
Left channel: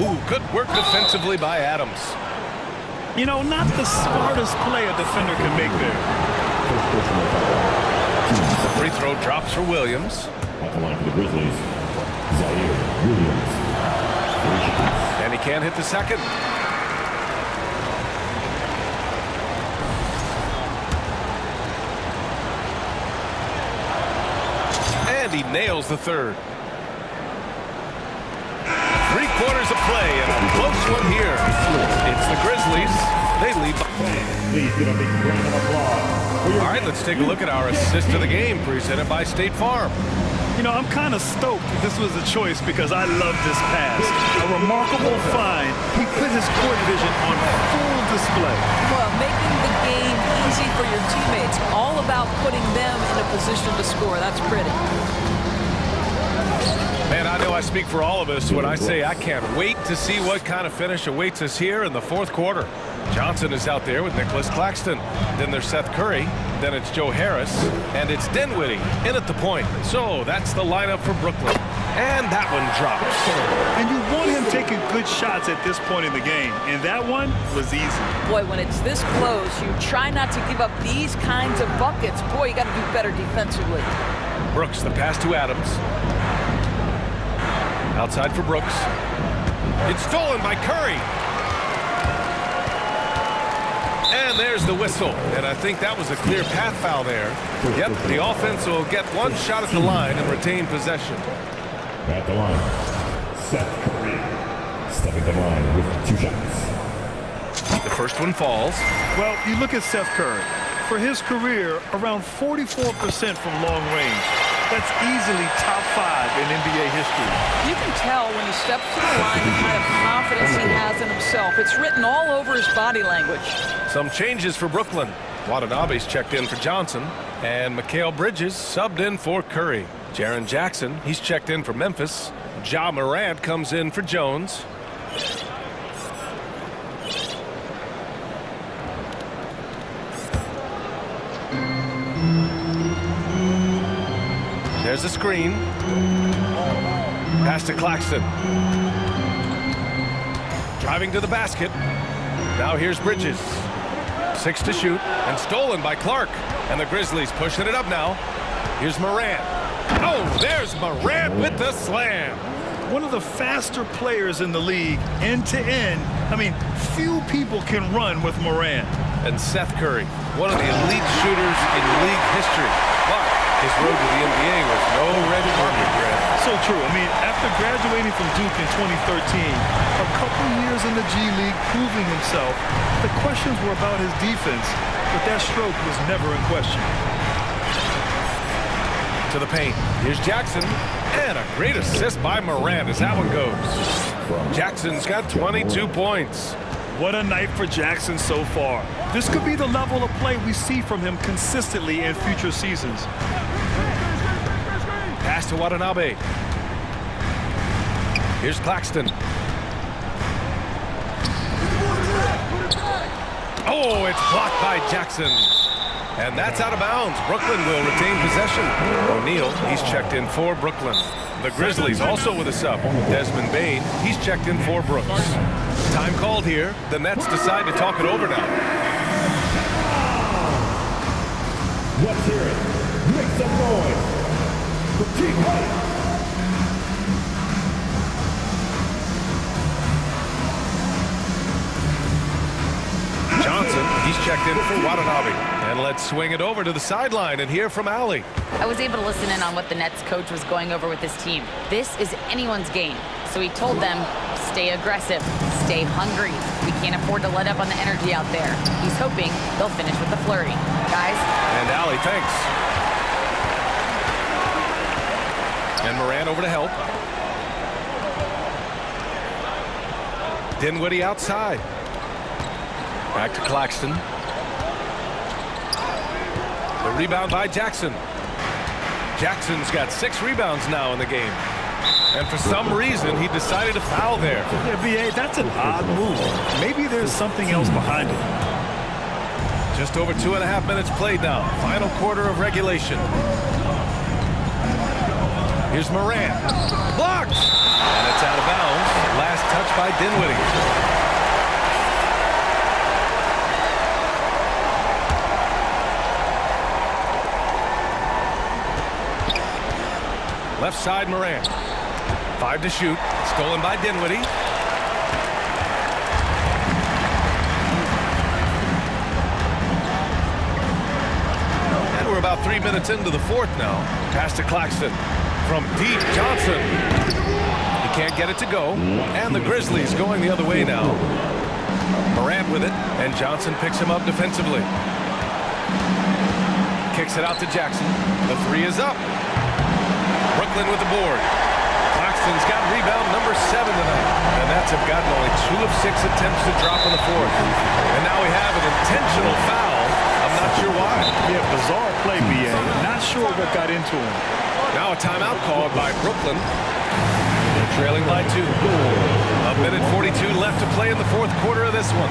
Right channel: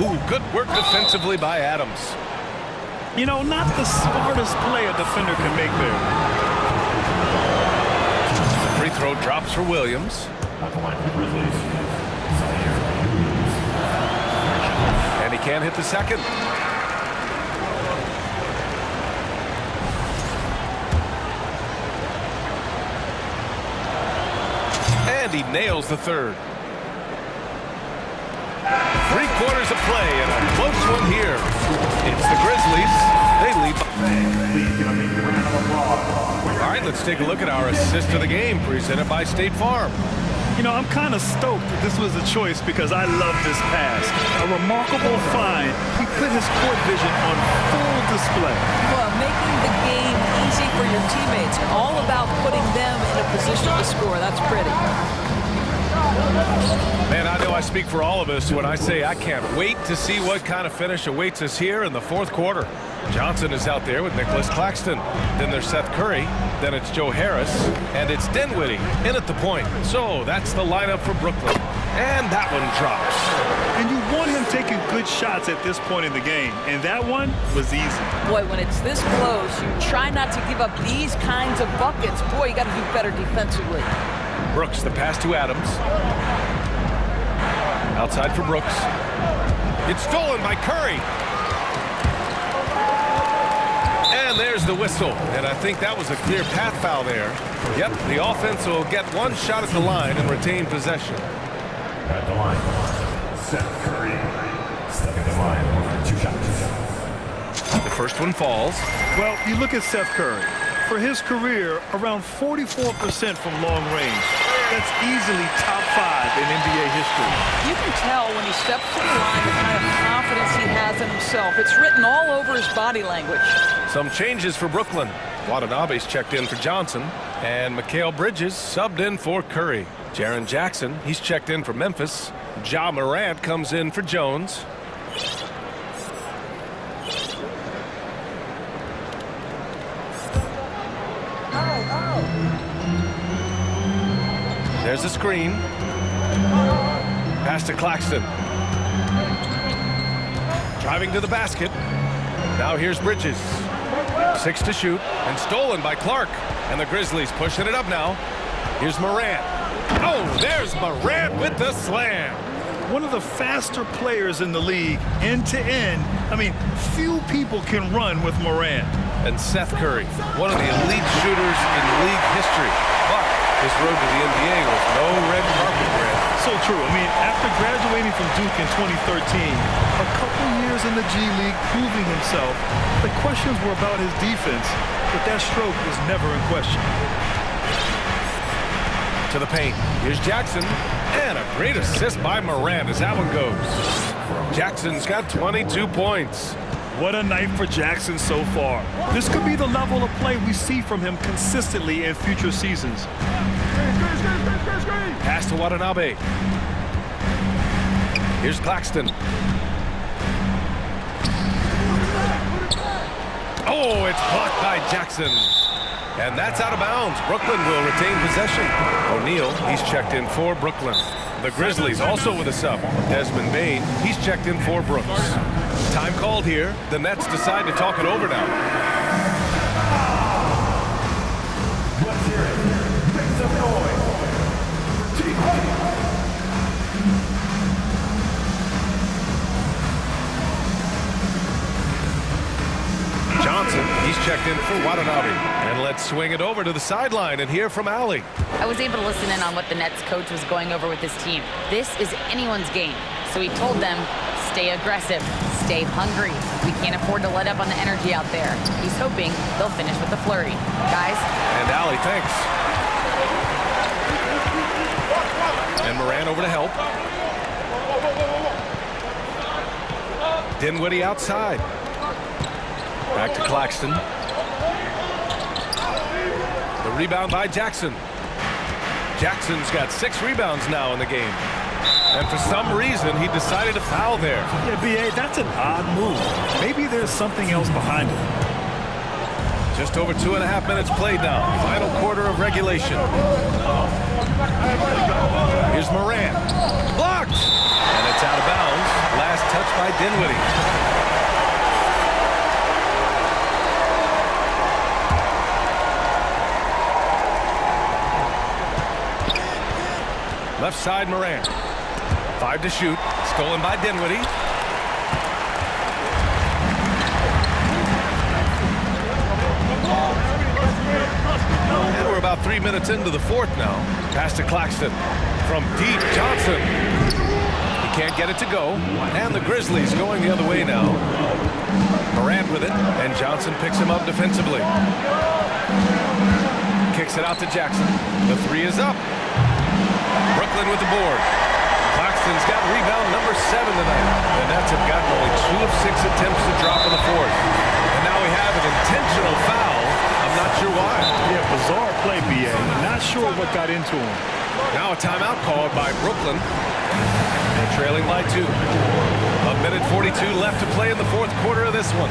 Ooh, good work defensively by Adams. You know, not the smartest play a defender can make there. The free throw drops for Williams. At the line for the Grizzlies. Zaire Williams. And he can't hit the second. And he nails the third. 3 quarters of play and a close one here. It's the Grizzlies. They lead. Please give a big round of applause. All right, let's take a look at our assist of the game presented by State Farm. You know, I'm kind of stoked that this was a choice because I love this pass. A remarkable find. He put his court vision on full display. Well, making the game easy for your teammates. All about putting them in a position to score. That's pretty. Man, I know I speak for all of us when I say I can't wait to see what kind of finish awaits us here in the fourth quarter. Johnson is out there with Nicholas Claxton. Then there's Seth Curry. Then it's Joe Harris. And it's Dinwiddie in at the point. So that's the lineup for Brooklyn. And that one drops. And you want him taking good shots at this point in the game. And that one was easy. Boy, when it's this close, you try not to give up these kinds of buckets. Boy, you got to do better defensively. Brooks, the pass to Adams. Outside for Brooks. It's stolen by Curry. And there's the whistle. And I think that was a clear path foul there. Yep, the offense will get one shot at the line and retain possession. At the line, Seth Curry. Stepping the line with 2 shots. The first one falls. Well, you look at Seth Curry. For his career, around 44% from long range. That's easily top 5 in NBA history. You can tell when he steps to the line the kind of confidence he has in himself. It's written all over his body language. Some changes for Brooklyn. Watanabe's checked in for Johnson. And Mikal Bridges subbed in for Curry. Jaren Jackson, he's checked in for Memphis. Ja Morant comes in for Jones. There's a screen. Pass to Claxton. Driving to the basket. Now here's Bridges. 6 to shoot and stolen by Clark. And the Grizzlies pushing it up now. Here's Morant. Oh, there's Morant with the slam. One of the faster players in the league, end to end. I mean, few people can run with Morant. And Seth Curry, one of the elite shooters in league history. But his road to the NBA was no red carpet, Grant. So true. I mean, after graduating from Duke in 2013, a couple years in the G League proving himself, the questions were about his defense. but that stroke was never in question. To the paint. Here's Jackson. And a great assist by Morant as that one goes. Jackson's got 22 points. What a night for Jackson so far. This could be the level of play we see from him consistently in future seasons. Pass to Watanabe. Here's Claxton. Oh, it's blocked by Jackson. And that's out of bounds. Brooklyn will retain possession. O'Neal, he's checked in for Brooklyn. The Grizzlies also with a sub. Desmond Bane, he's checked in for Brooks. Time called here. The Nets decide to talk it over now. Let's hear it. Make some noise for Team White. Johnson, he's checked in for Watanabe. And let's swing it over to the sideline and hear from Allie. I was able to listen in on what the Nets coach was going over with his team. This is anyone's game. So he told them, stay aggressive, stay hungry. We can't afford to let up on the energy out there. He's hoping they'll finish with a flurry. Guys? And Allie, thanks. And Morant over to help. Dinwiddie outside. Back to Claxton. The rebound by Jackson. Jackson's got 6 rebounds now in the game. And for some reason, he decided to foul there. Yeah, B.A., that's an odd move. Maybe there's something else behind it. Just over 2.5 minutes played now. Final quarter of regulation. Here's Morant. Blocked! And it's out of bounds. Last touch by Dinwiddie. Left side, Morant. 5 to shoot. Stolen by Dinwiddie. And we're about 3 minutes into the fourth now. Pass to Claxton. From deep, Johnson. He can't get it to go. And the Grizzlies going the other way now. Morant with it. And Johnson picks him up defensively. Kicks it out to Jackson. The 3 is up. Brooklyn with the board. Claxton's got rebound number 7 tonight. The Nets have gotten only 2 of 6 attempts to drop in the fourth. And now we have an intentional foul. I'm not sure why. Yeah, bizarre play, B.A. Not sure what got into him. Now a timeout called by Brooklyn. They're trailing by 2. 1:42 left to play in the fourth quarter of this one.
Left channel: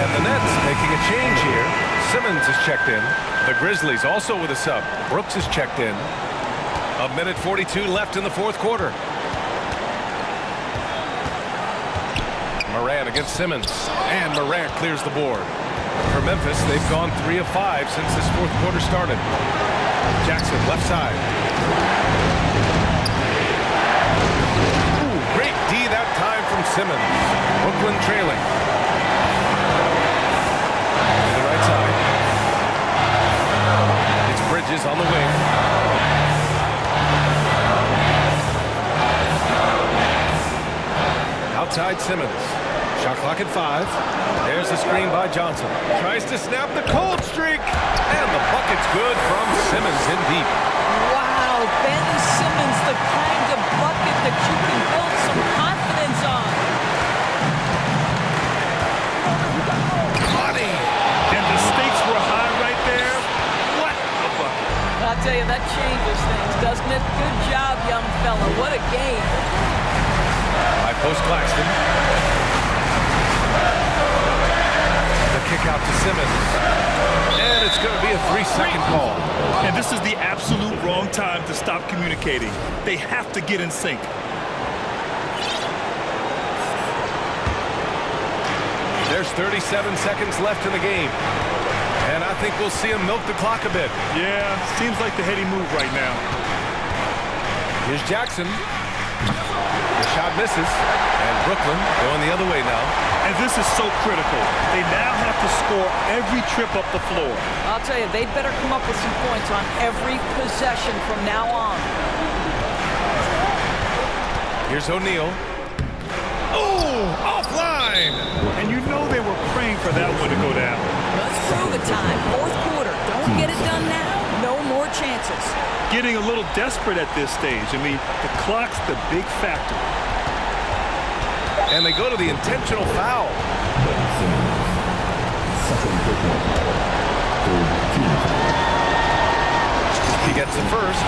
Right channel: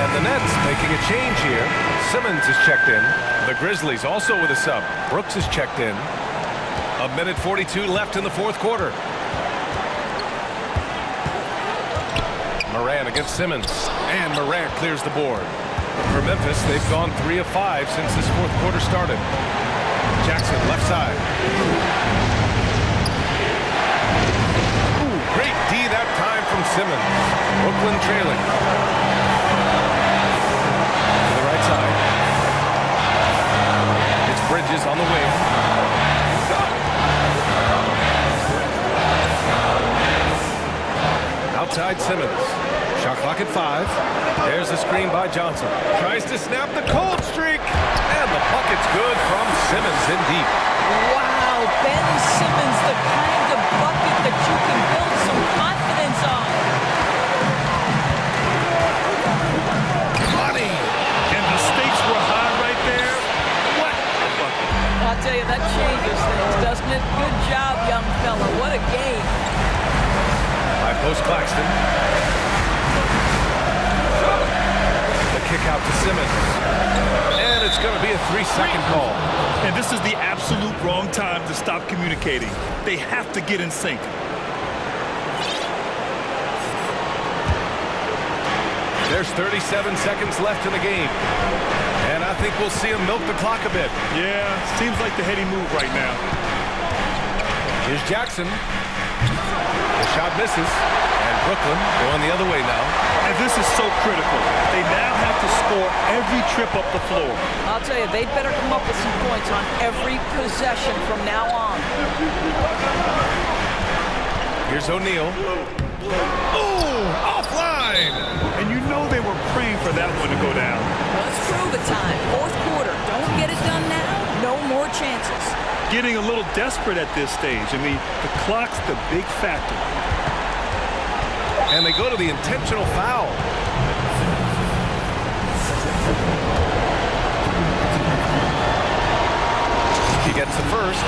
And the Nets making a change here. Simmons is checked in. The Grizzlies also with a sub. Brooks is checked in. 1:42 left in the fourth quarter. Morant against Simmons. And Morant clears the board. For Memphis, they've gone 3 of 5 since this fourth quarter started. Jackson, left side. Ooh, great D that time from Simmons. Brooklyn trailing. To the right side. It's Bridges on the wing. Outside Simmons. Shot clock at 5. There's a screen by Johnson. Tries to snap the cold streak. And the bucket's good from Simmons in deep. Wow, Ben Simmons, the kind of bucket that you can build some confidence on. Money! And the stakes were high right there. What a bucket. I'll tell you, that changes things, doesn't it? Good job, young fella. What a game. By post Claxton. The kick out to Simmons. And it's going to be a 3-second call. And this is the absolute wrong time to stop communicating. They have to get in sync. There's 37 seconds left in the game. And I think we'll see him milk the clock a bit. Yeah, seems like the heady move right now. Here's Jackson. The shot misses. And Brooklyn going the other way now. And this is so critical. They now have to score every trip up the floor. I'll tell you, they'd better come up with some points on every possession from now on. Here's O'Neal. Oh, offline! line. And you know they were praying for that one to go down. Let's prove it time. Fourth quarter. Don't get it done now. No more chances. Getting a little desperate at this stage. I mean, the clock's the big factor. And they go to the intentional foul. He gets the first,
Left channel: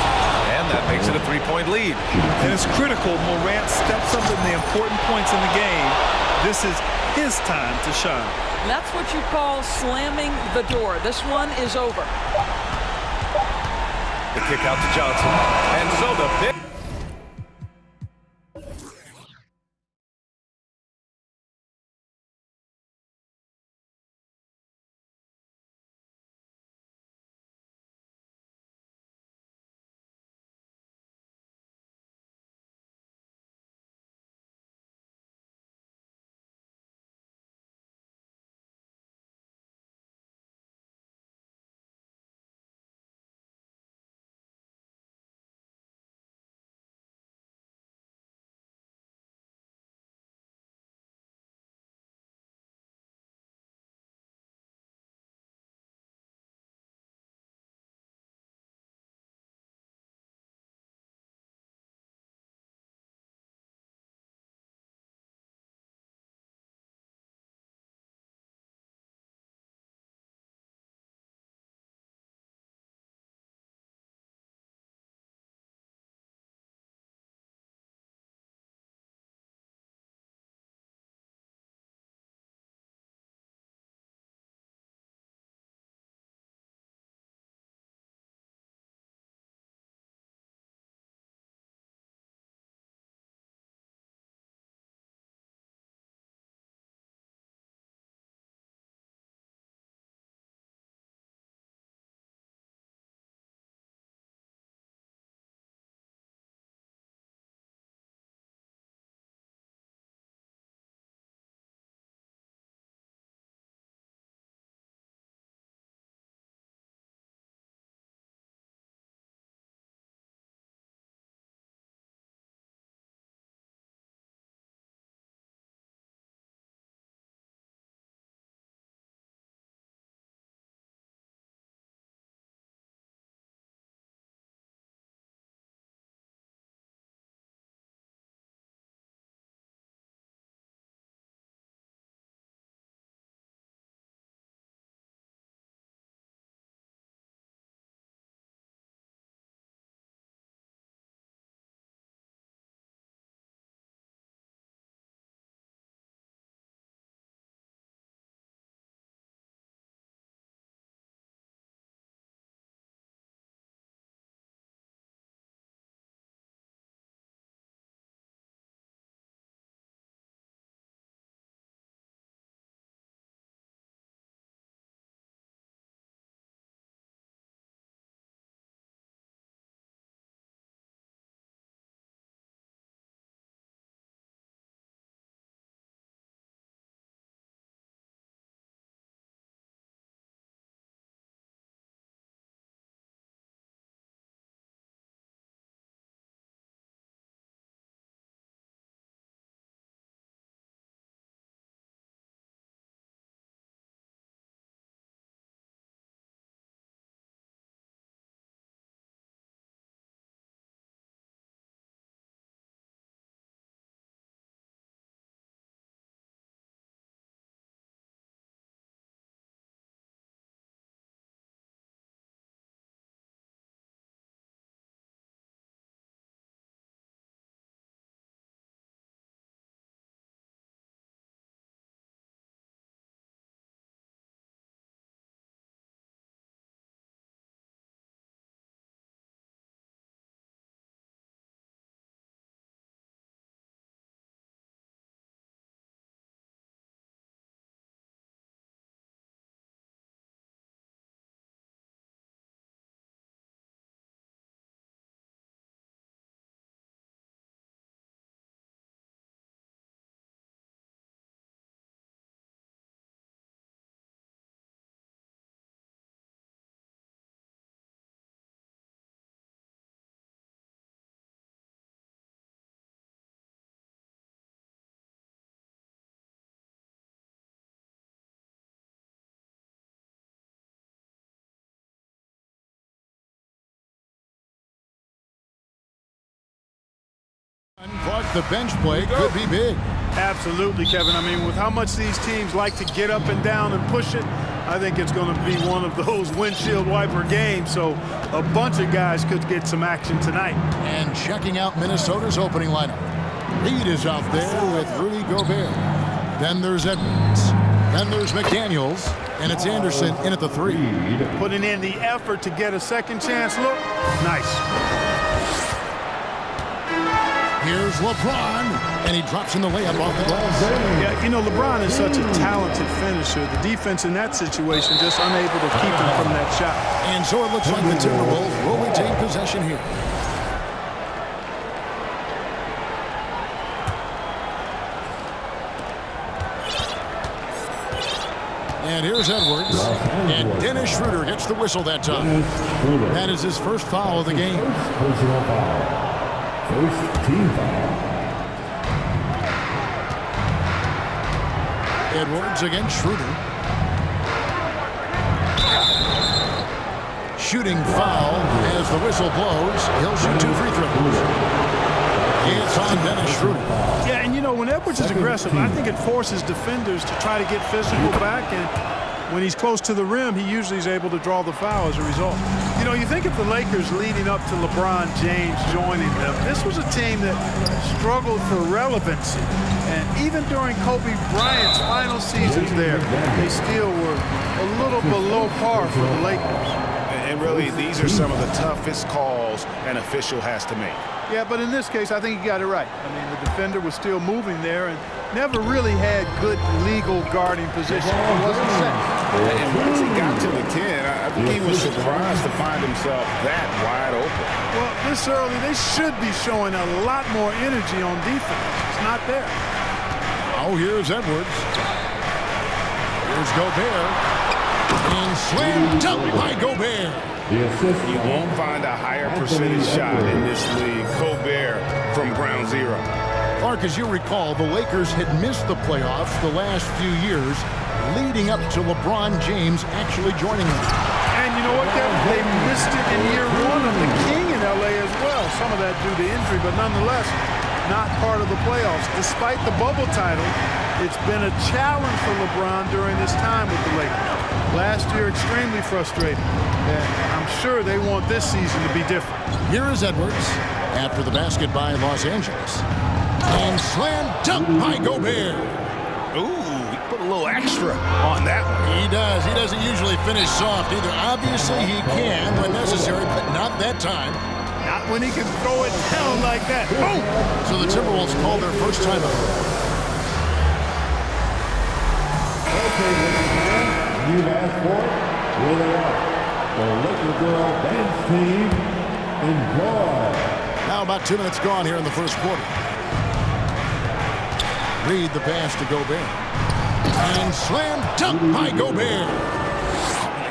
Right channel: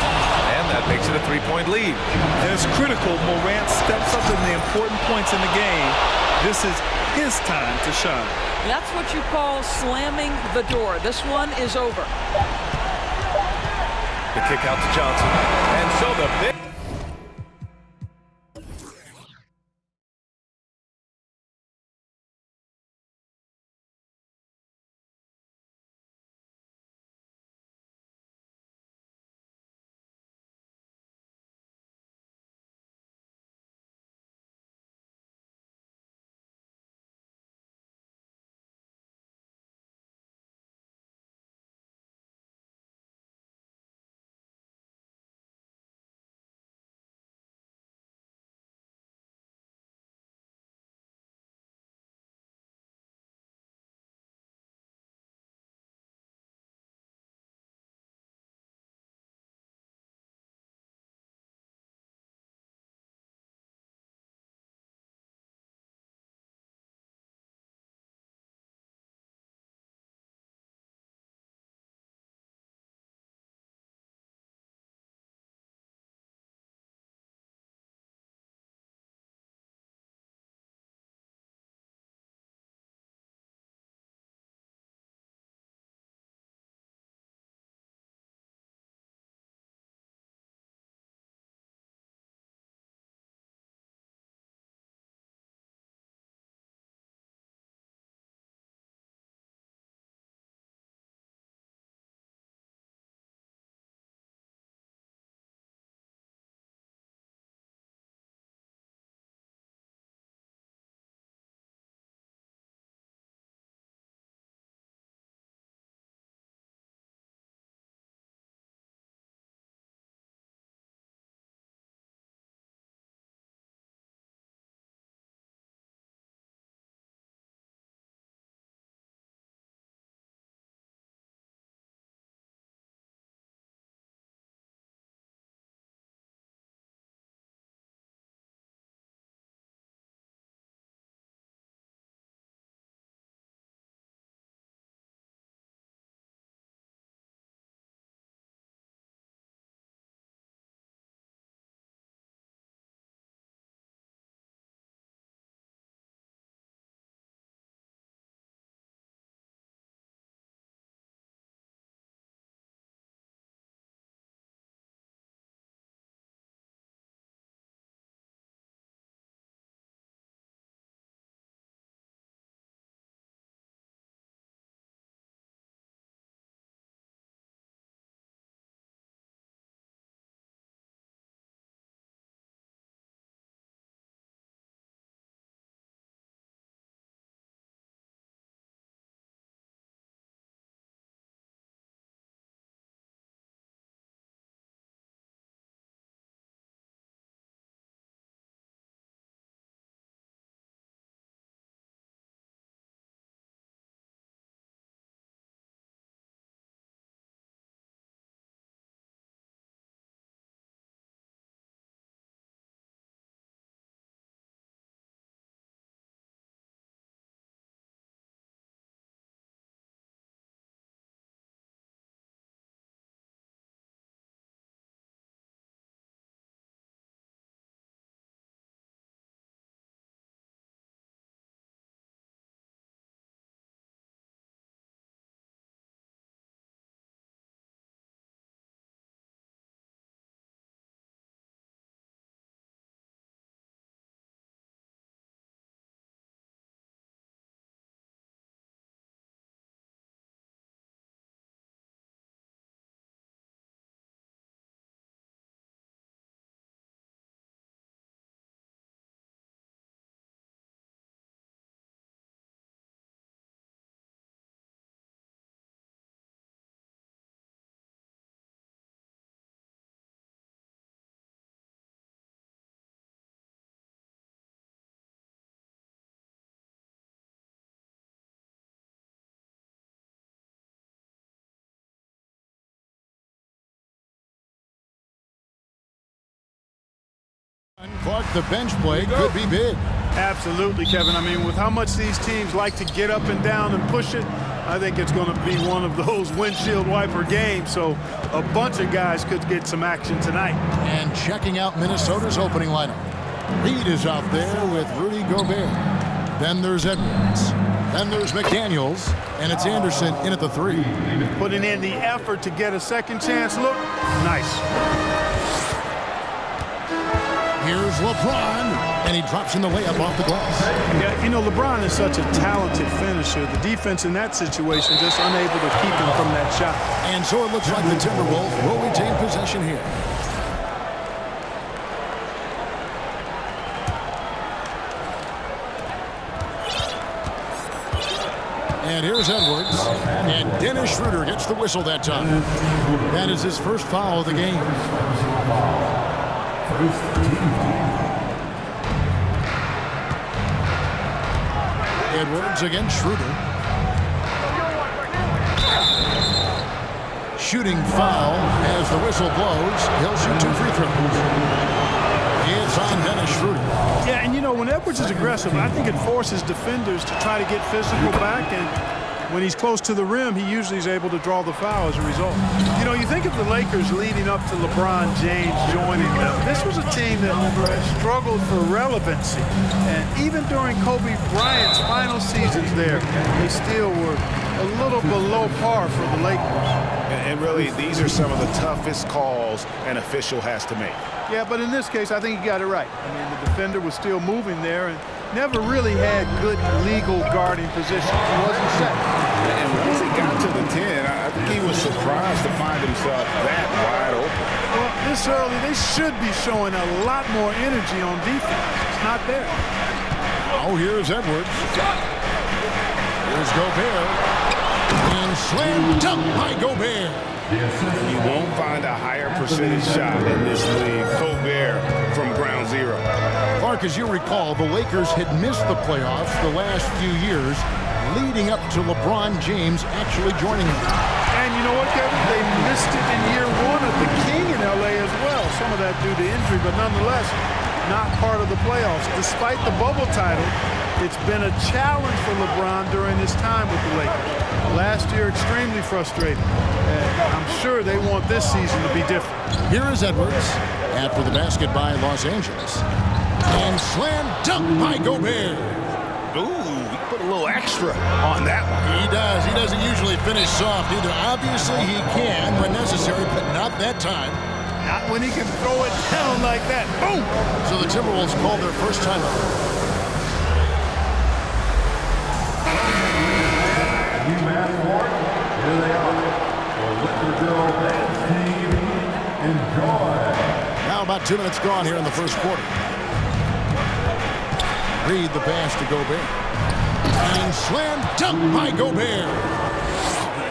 and that makes it a three-point lead. And it's critical Morant steps up in the important points in the game. This is his time to shine. That's what you call slamming the door. This one is over. The kick out to Johnson. And so the big... Clark, the bench play could be big. Absolutely, Kevin. I mean, with how much these teams like to get up and down and push it, I think it's going to be one of those windshield wiper games. So a bunch of guys could get some action tonight. And checking out Minnesota's opening lineup. Reed is out there with Rudy Gobert. Then there's Edwards. Then there's McDaniels. And it's Anderson in at the 3. Putting in the effort to get a second chance look. Nice. Here's LeBron, and he drops in the layup off the glass. Yeah, you know, LeBron is such a talented finisher. The defense in that situation just unable to keep him from that shot. And so it looks like the Timberwolves will retain possession here. And here's Edwards, and Dennis Schroeder gets the whistle that time. That is his first foul of the game. Personal foul. First team foul. Edwards against Schroeder. Shooting foul as the whistle blows. He'll shoot 2 free throws. It's on Dennis Schroeder. Yeah, and you know, when Edwards is aggressive, I think it forces defenders to try to get physical back, and when he's close to the rim, he usually is able to draw the foul as a result. You know, you think of the Lakers leading up to LeBron James joining them. This was a team that struggled for relevancy. And even during Kobe Bryant's final seasons there, they still were a little below par for the Lakers. And really, these are some of the toughest calls an official has to make. Yeah, but in this case, I think he got it right. I mean, the defender was still moving there and never really had good legal guarding position. He wasn't set. And once he got to the 10, I think he was surprised to find himself that wide open. Well, this early, they should be showing a lot more energy on defense. It's not there. Oh, here's Edwards. Here's Gobert. And slam dunk by Gobert. You won't find a higher percentage shot in this league. Gobert from ground zero. Clark, as you recall, the Lakers had missed the playoffs the last few years, leading up to LeBron James actually joining them. And you know what, Kevin? They missed it in year 1 of the King in L.A. as well. Some of that due to injury, but nonetheless, not part of the playoffs. Despite the bubble title, it's been a challenge for LeBron during his time with the Lakers. Last year, extremely frustrating. And I'm sure they want this season to be different. Here is Edwards after the basket by Los Angeles. And slam dunk by Gobert. Ooh, he put a little extra on that one. He does. He doesn't usually finish soft either. Obviously, he can when necessary, but not that time. Not when he can throw it down like that. Boom! So the Timberwolves called their first timeout. You've asked for it. Here they are. The Lakers dance team. Enjoy. Now about 2 minutes gone here in the first quarter. Reed the pass to Gobert. And slam dunk by Gobert.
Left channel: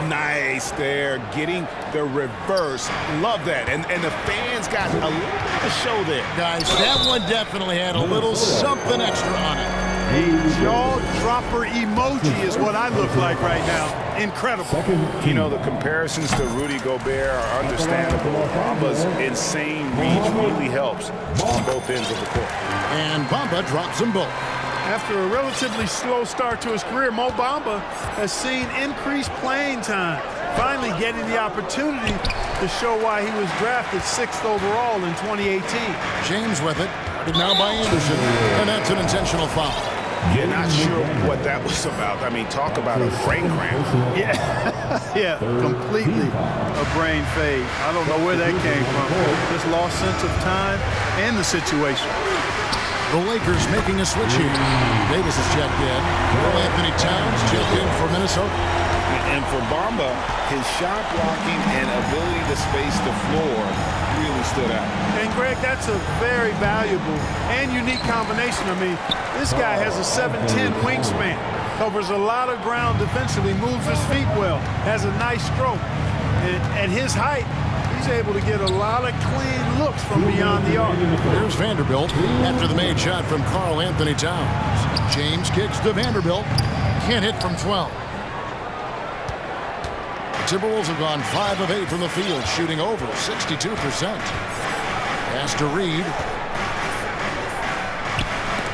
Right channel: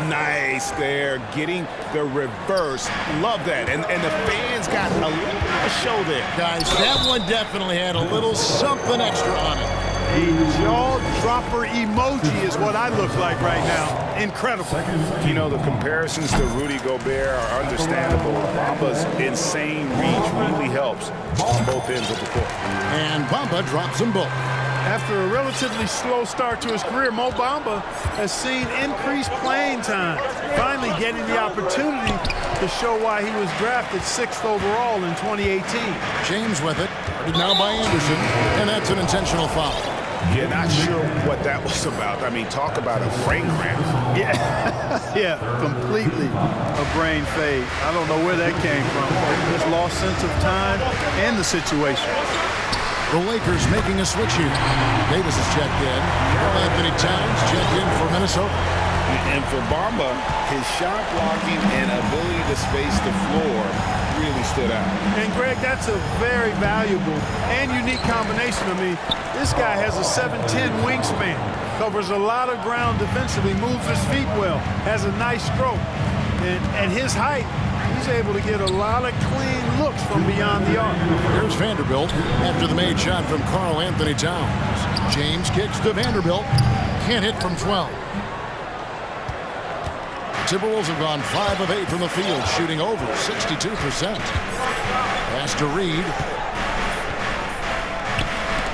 Nice there, getting the reverse. Love that. And the fans got a little bit of a show there. Guys, that one definitely had a little something extra on it. A jaw-dropper emoji is what I look like right now. Incredible. You know, the comparisons to Rudy Gobert are understandable. Bamba's insane reach really helps on both ends of the court. And Bamba drops them both. After a relatively slow start to his career, Mo Bamba has seen increased playing time, finally getting the opportunity to show why he was drafted 6th overall in 2018. James with it, guarded now by Anderson, and that's an intentional foul. Yeah, not sure what that was about. I mean, talk about a brain cramp. Yeah, completely a brain fade. I don't know where that came from. Just lost sense of time and the situation. The Lakers making a switch here. Davis has checked in. Karl Anthony Towns checked in for Minnesota. And for Bamba, his shot blocking and ability to space the floor really stood out. And Greg, that's a very valuable and unique combination. I mean, this guy has a 7'10" wingspan, covers a lot of ground defensively, moves his feet well, has a nice stroke. And at his height, he's able to get a lot of clean looks from beyond the arc. Here's Vanderbilt after the made shot from Karl Anthony Towns. James kicks to Vanderbilt. Can't hit from 12. The Timberwolves have gone 5 of 8 from the field, shooting over 62%. Pass to Reed.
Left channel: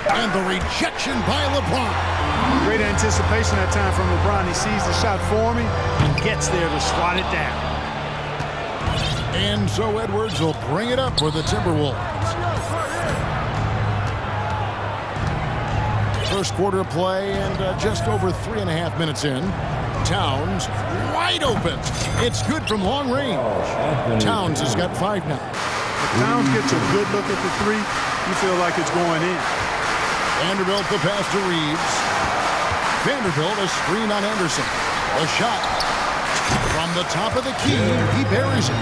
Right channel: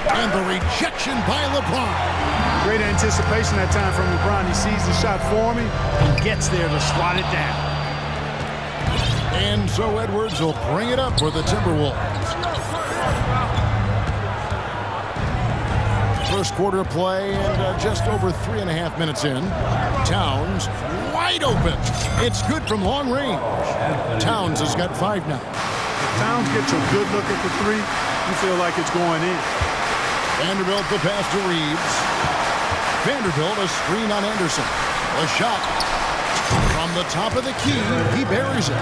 And the rejection by LeBron. Great anticipation that time from LeBron. He sees the shot forming and gets there to swat it down. And so Edwards will bring it up for the Timberwolves. First quarter of play and just over 3.5 minutes in. Towns wide open. It's good from long range. Towns has got 5 now. If Towns gets a good look at the three, you feel like it's going in. Vanderbilt the pass to Reeves. Vanderbilt a screen on Anderson. A shot from the top of the key. He buries it.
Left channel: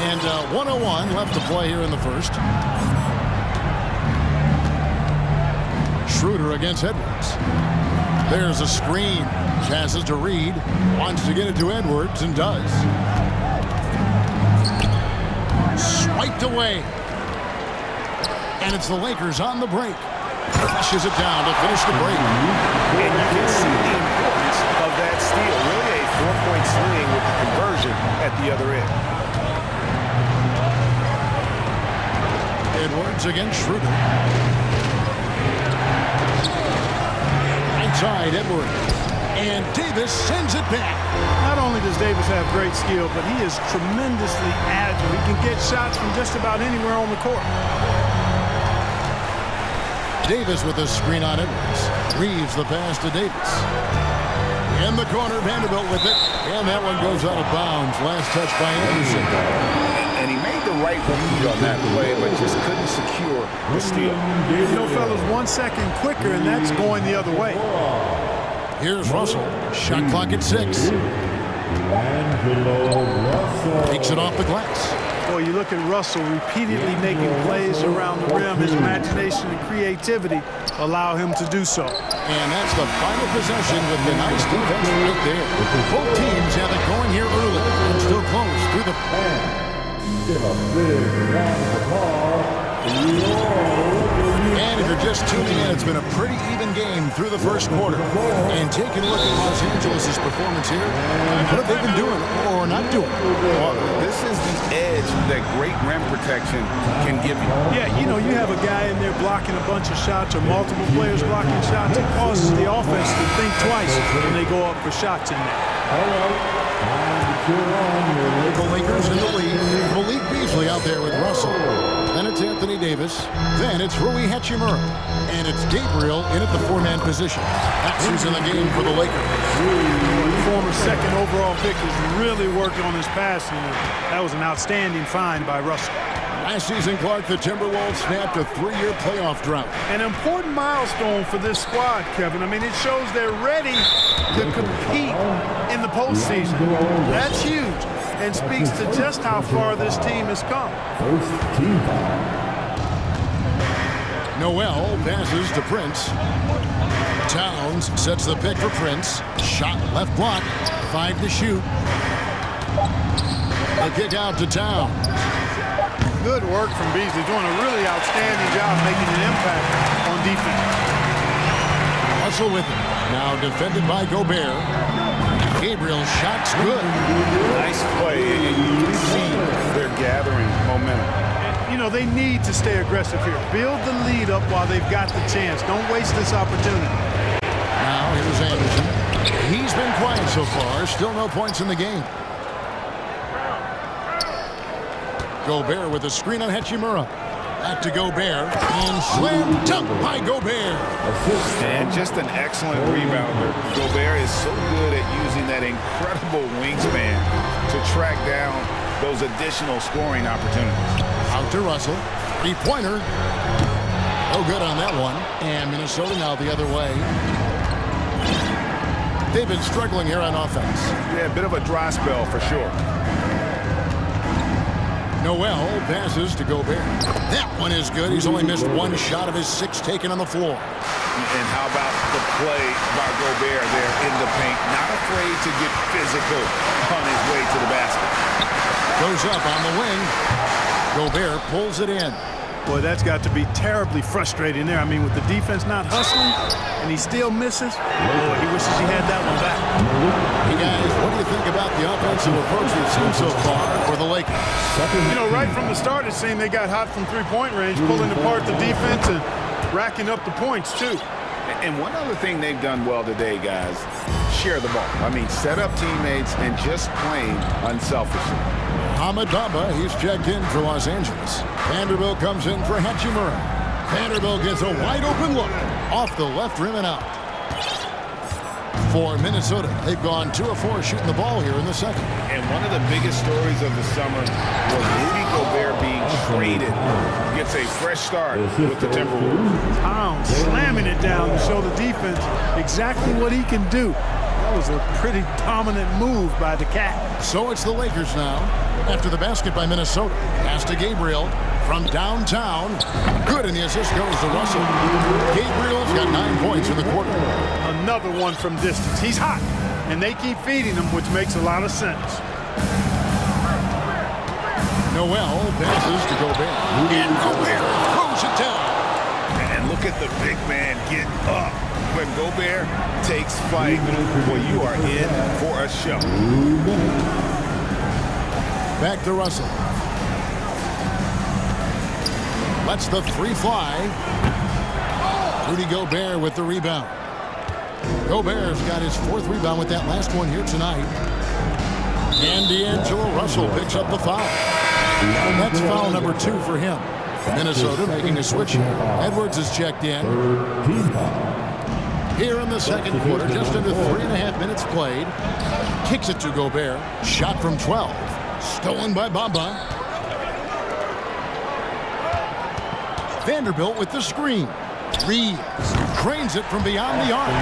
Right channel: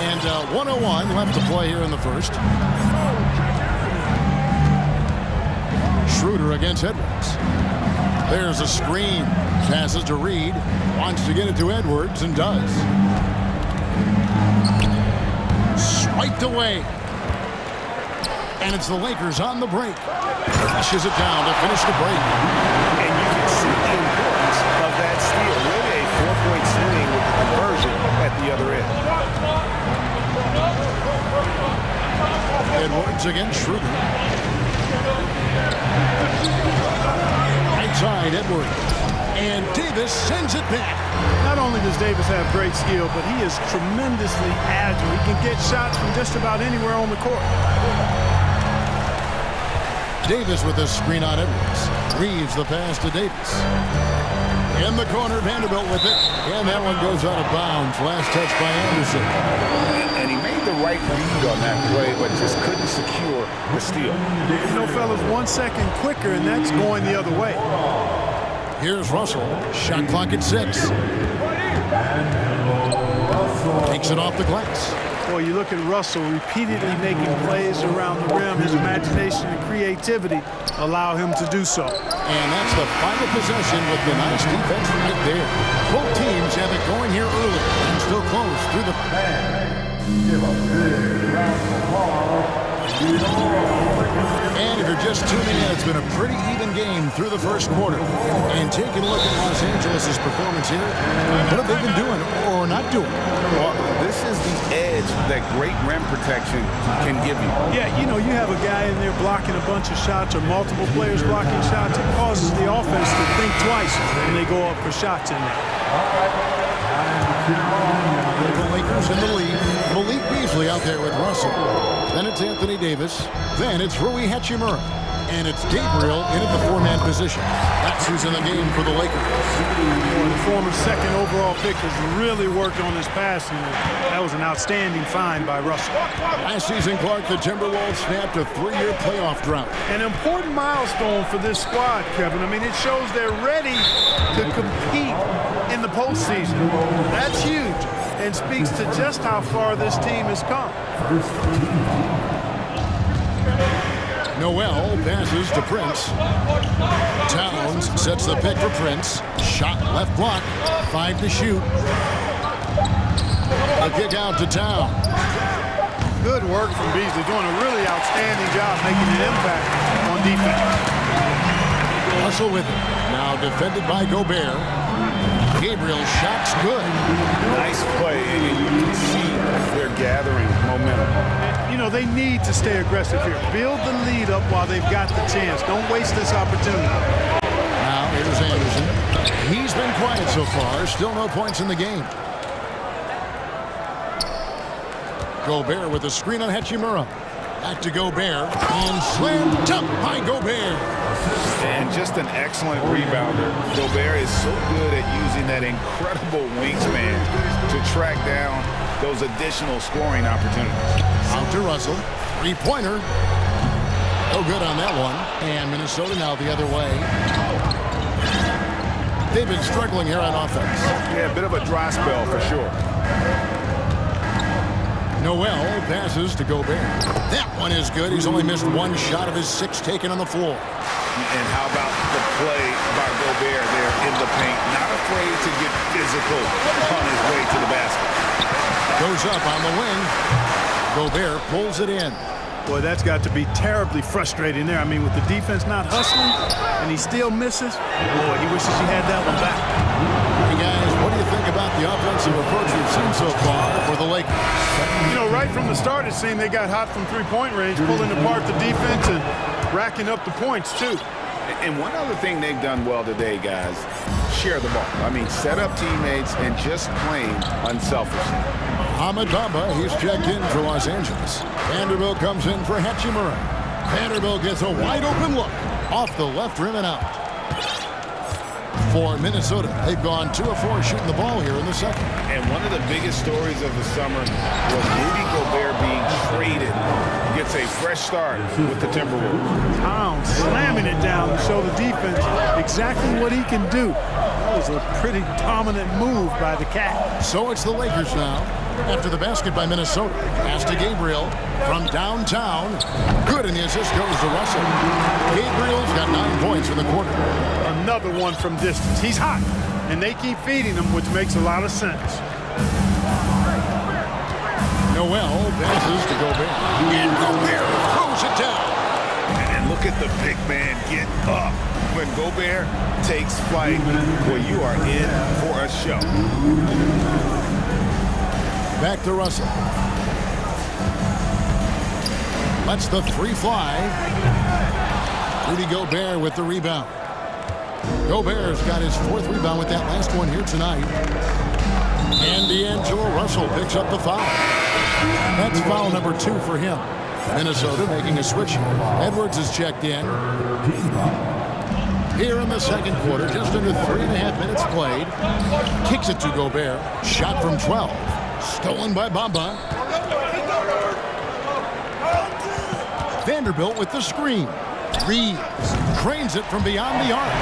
And 1:01 left to play here in the first. Schroeder against Edwards. There's a screen. Passes to Reed. Wants to get it to Edwards and does. Swiped away. And it's the Lakers on the break. Flushes it down to finish the break. And you can see the importance of that steal. Really a 4-point swing with the conversion at the other end. Edwards against Schroeder. Right side, Edwards. And Davis sends it back. Not only does Davis have great skill, but he is tremendously agile. He can get shots from just about anywhere on the court. Davis with a screen on Edwards. Reeves the pass to Davis. In the corner, Vanderbilt with it. And that one goes out of bounds. Last touch by Anderson. And he made the right read on that play, but just couldn't secure the steal. You know, fellas, 1 second quicker, and that's going the other way. Here's Russell. Shot clock at 6. Takes it off the glass. Boy, you look at Russell repeatedly making plays around the rim. His imagination and creativity allow him to do so. And that's the final possession with the nice defense right there. Both teams have it going here early and still close through the... Give a big round of applause. And if you're just tuning in, it's been a pretty even game through the first quarter. And taking a look at Los Angeles' performance here, what have they been doing or not doing? Well, this is the edge that great rim protection can give you. Yeah, you know, you have a guy in there blocking a bunch of shots or multiple players blocking shots. It causes the offense to think twice when they go up for shots in there. All right, time to cheer on. The Lakers in the lead. Malik Beasley out there with Russell. Then it's Anthony Davis. Then it's Rui Hachimura. And it's Gabriel in at the 4-man position. That's who's in the game for the Lakers. The former second overall pick has really worked on his passing. That was an outstanding find by Russell. Last season, Clark, the Timberwolves snapped a 3-year playoff drought. An important milestone for this squad, Kevin. I mean, it shows they're ready to compete in the postseason. That's huge and speaks to just how far this team has come. First team foul. Noel passes to Prince. Towns sets the pick for Prince. Shot left block. 5 to shoot. A kick out to Towns. Good work from Beasley, doing a really outstanding job making an impact on defense. Russell with it. Now defended by Gobert. Gabriel's shot's good. Nice play, and you can see they're gathering momentum. You know, they need to stay aggressive here. Build the lead up while they've got the chance. Don't waste this opportunity. Now here's Anderson. He's been quiet so far. Still no points in the game. Gobert with a screen on Hachimura. Back to Gobert. And slam dunk by Gobert. And just an excellent rebounder. Gobert is so good at using that incredible wingspan to track down those additional scoring opportunities. Out to Russell. 3-pointer. No good on that one. And Minnesota now the other way. They've been struggling here on offense. Yeah, a bit of a dry spell for sure. Noel passes to Gobert. That one is good. He's only missed 1 shot of his 6 taken on the floor. And how about the play by Gobert there in the paint? Not afraid to get physical on his way to the basket. Goes up on the wing. Gobert pulls it in. Boy, that's got to be terribly frustrating there. I mean, with the defense not hustling and he still misses, boy, he wishes he had that one back. Hey, guys, what do you think about the offensive approach we've seen so far for the Lakers? You know, right from the start, it seemed they got hot from three-point range, pulling apart the defense and racking up the points, too. And one other thing they've done well today, guys, share the ball. I mean, set up teammates and just playing unselfishly. Ahmed Bamba, he's checked in for Los Angeles. Vanderbilt comes in for Hachimura. Vanderbilt gets a wide-open look off the left rim and out. For Minnesota, they've gone 2 of 4 shooting the ball here in the second. And one of the biggest stories of the summer was Rudy Gobert being traded. Gets a fresh start with the Timberwolves. Towns slamming it down to show the defense exactly what he can do. That was a pretty dominant move by the Cat. So it's the Lakers now. After the basket by Minnesota. Pass to Gabriel from downtown. Good, and the assist goes to Russell. Gabriel's got 9 points in the quarter. Another one from distance. He's hot, and they keep feeding him, which makes a lot of sense. Noel passes to Gobert. And Gobert throws it down. And look at the big man get up. When Gobert takes flight, boy, you are in for a show. Back to Russell. Lets the 3 fly. Rudy Gobert with the rebound. Gobert's got his 4th rebound with that last one here tonight. And D'Angelo Russell picks up the foul. That's foul number 2 for him. Minnesota making a switch here. Edwards is checked in. Here in the second quarter, just under 3.5 minutes played. Kicks it to Gobert. Shot from 12. Stolen by Bamba. Vanderbilt with the screen. Reeves trains it from beyond the arc.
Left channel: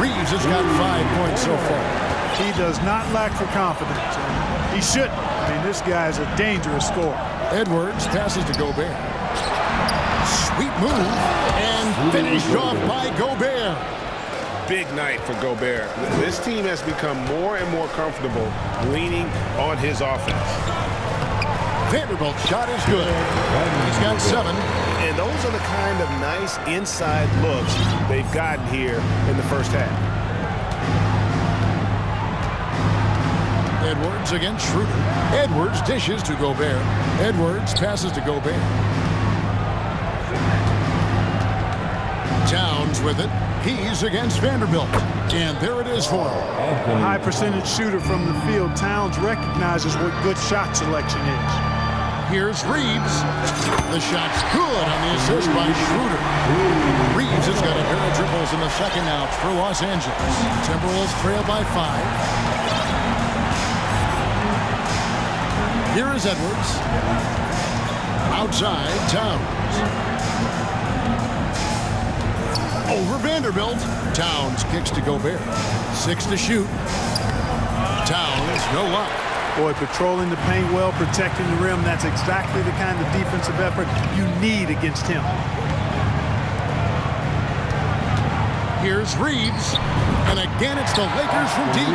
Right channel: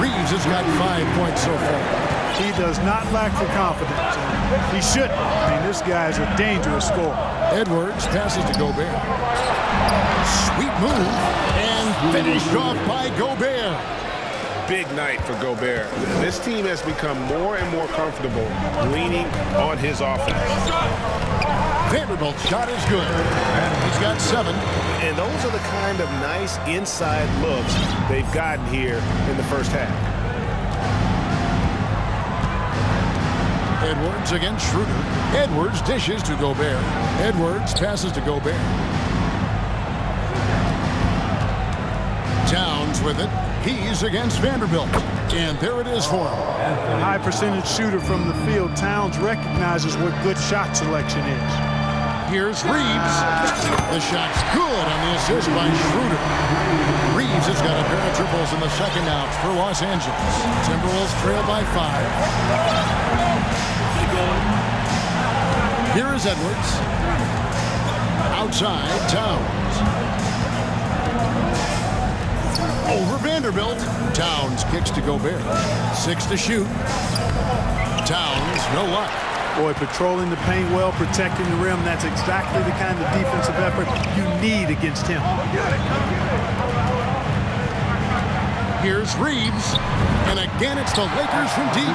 Reeves has got 5 points so far. He does not lack for confidence, and he shouldn't. I mean, this guy is a dangerous scorer. Edwards passes to Gobert. Sweet move, and finished off by Gobert. Big night for Gobert. This team has become more and more comfortable leaning on his offense. Vanderbilt's shot is good. He's got 7. And those are the kind of nice inside looks they've gotten here in the first half. Edwards against Schroeder. Edwards dishes to Gobert. Edwards passes to Gobert. Towns with it. He's against Vanderbilt. And there it is for him. A high percentage shooter from the field. Towns recognizes what good shot selection is. Here's Reeves. The shot's good on the assist by Schroeder. Reeves has got a pair of triples in the second out for Los Angeles. Timberwolves trail by 5. Here is Edwards. Outside, Towns. Over Vanderbilt. Towns kicks to Gobert. 6 to shoot. Towns, no luck. Boy, patrolling the paint well, protecting the rim. That's exactly the kind of defensive effort you need against him. Here's Reeves. And again, it's the Lakers from deep.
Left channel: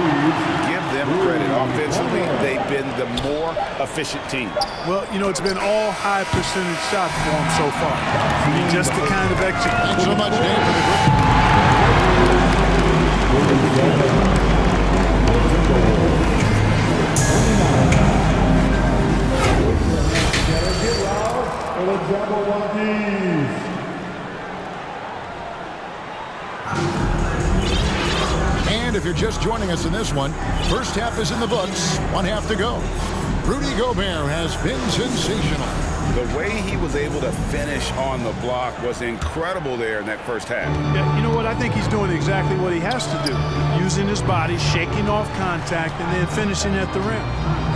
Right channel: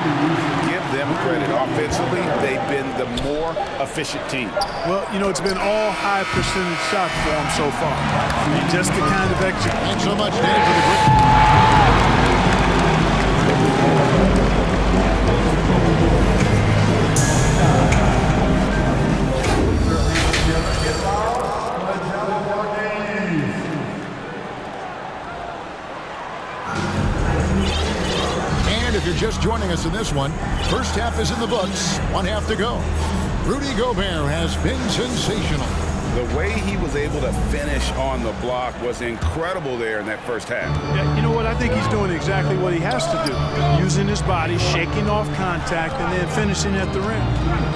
Give them credit. Offensively, they've been the more efficient team. Well, you know, it's been all high percentage shots for them so far. I mean, just the kind of execution. Thanks so much, Dave, for the grip. And if you're just joining us in this one, first half is in the books, 1 half to go. Rudy Gobert has been sensational. The way he was able to finish on the block was incredible there in that first half. Yeah, you know what? I think he's doing exactly what he has to do. Using his body, shaking off contact, and then finishing at the rim.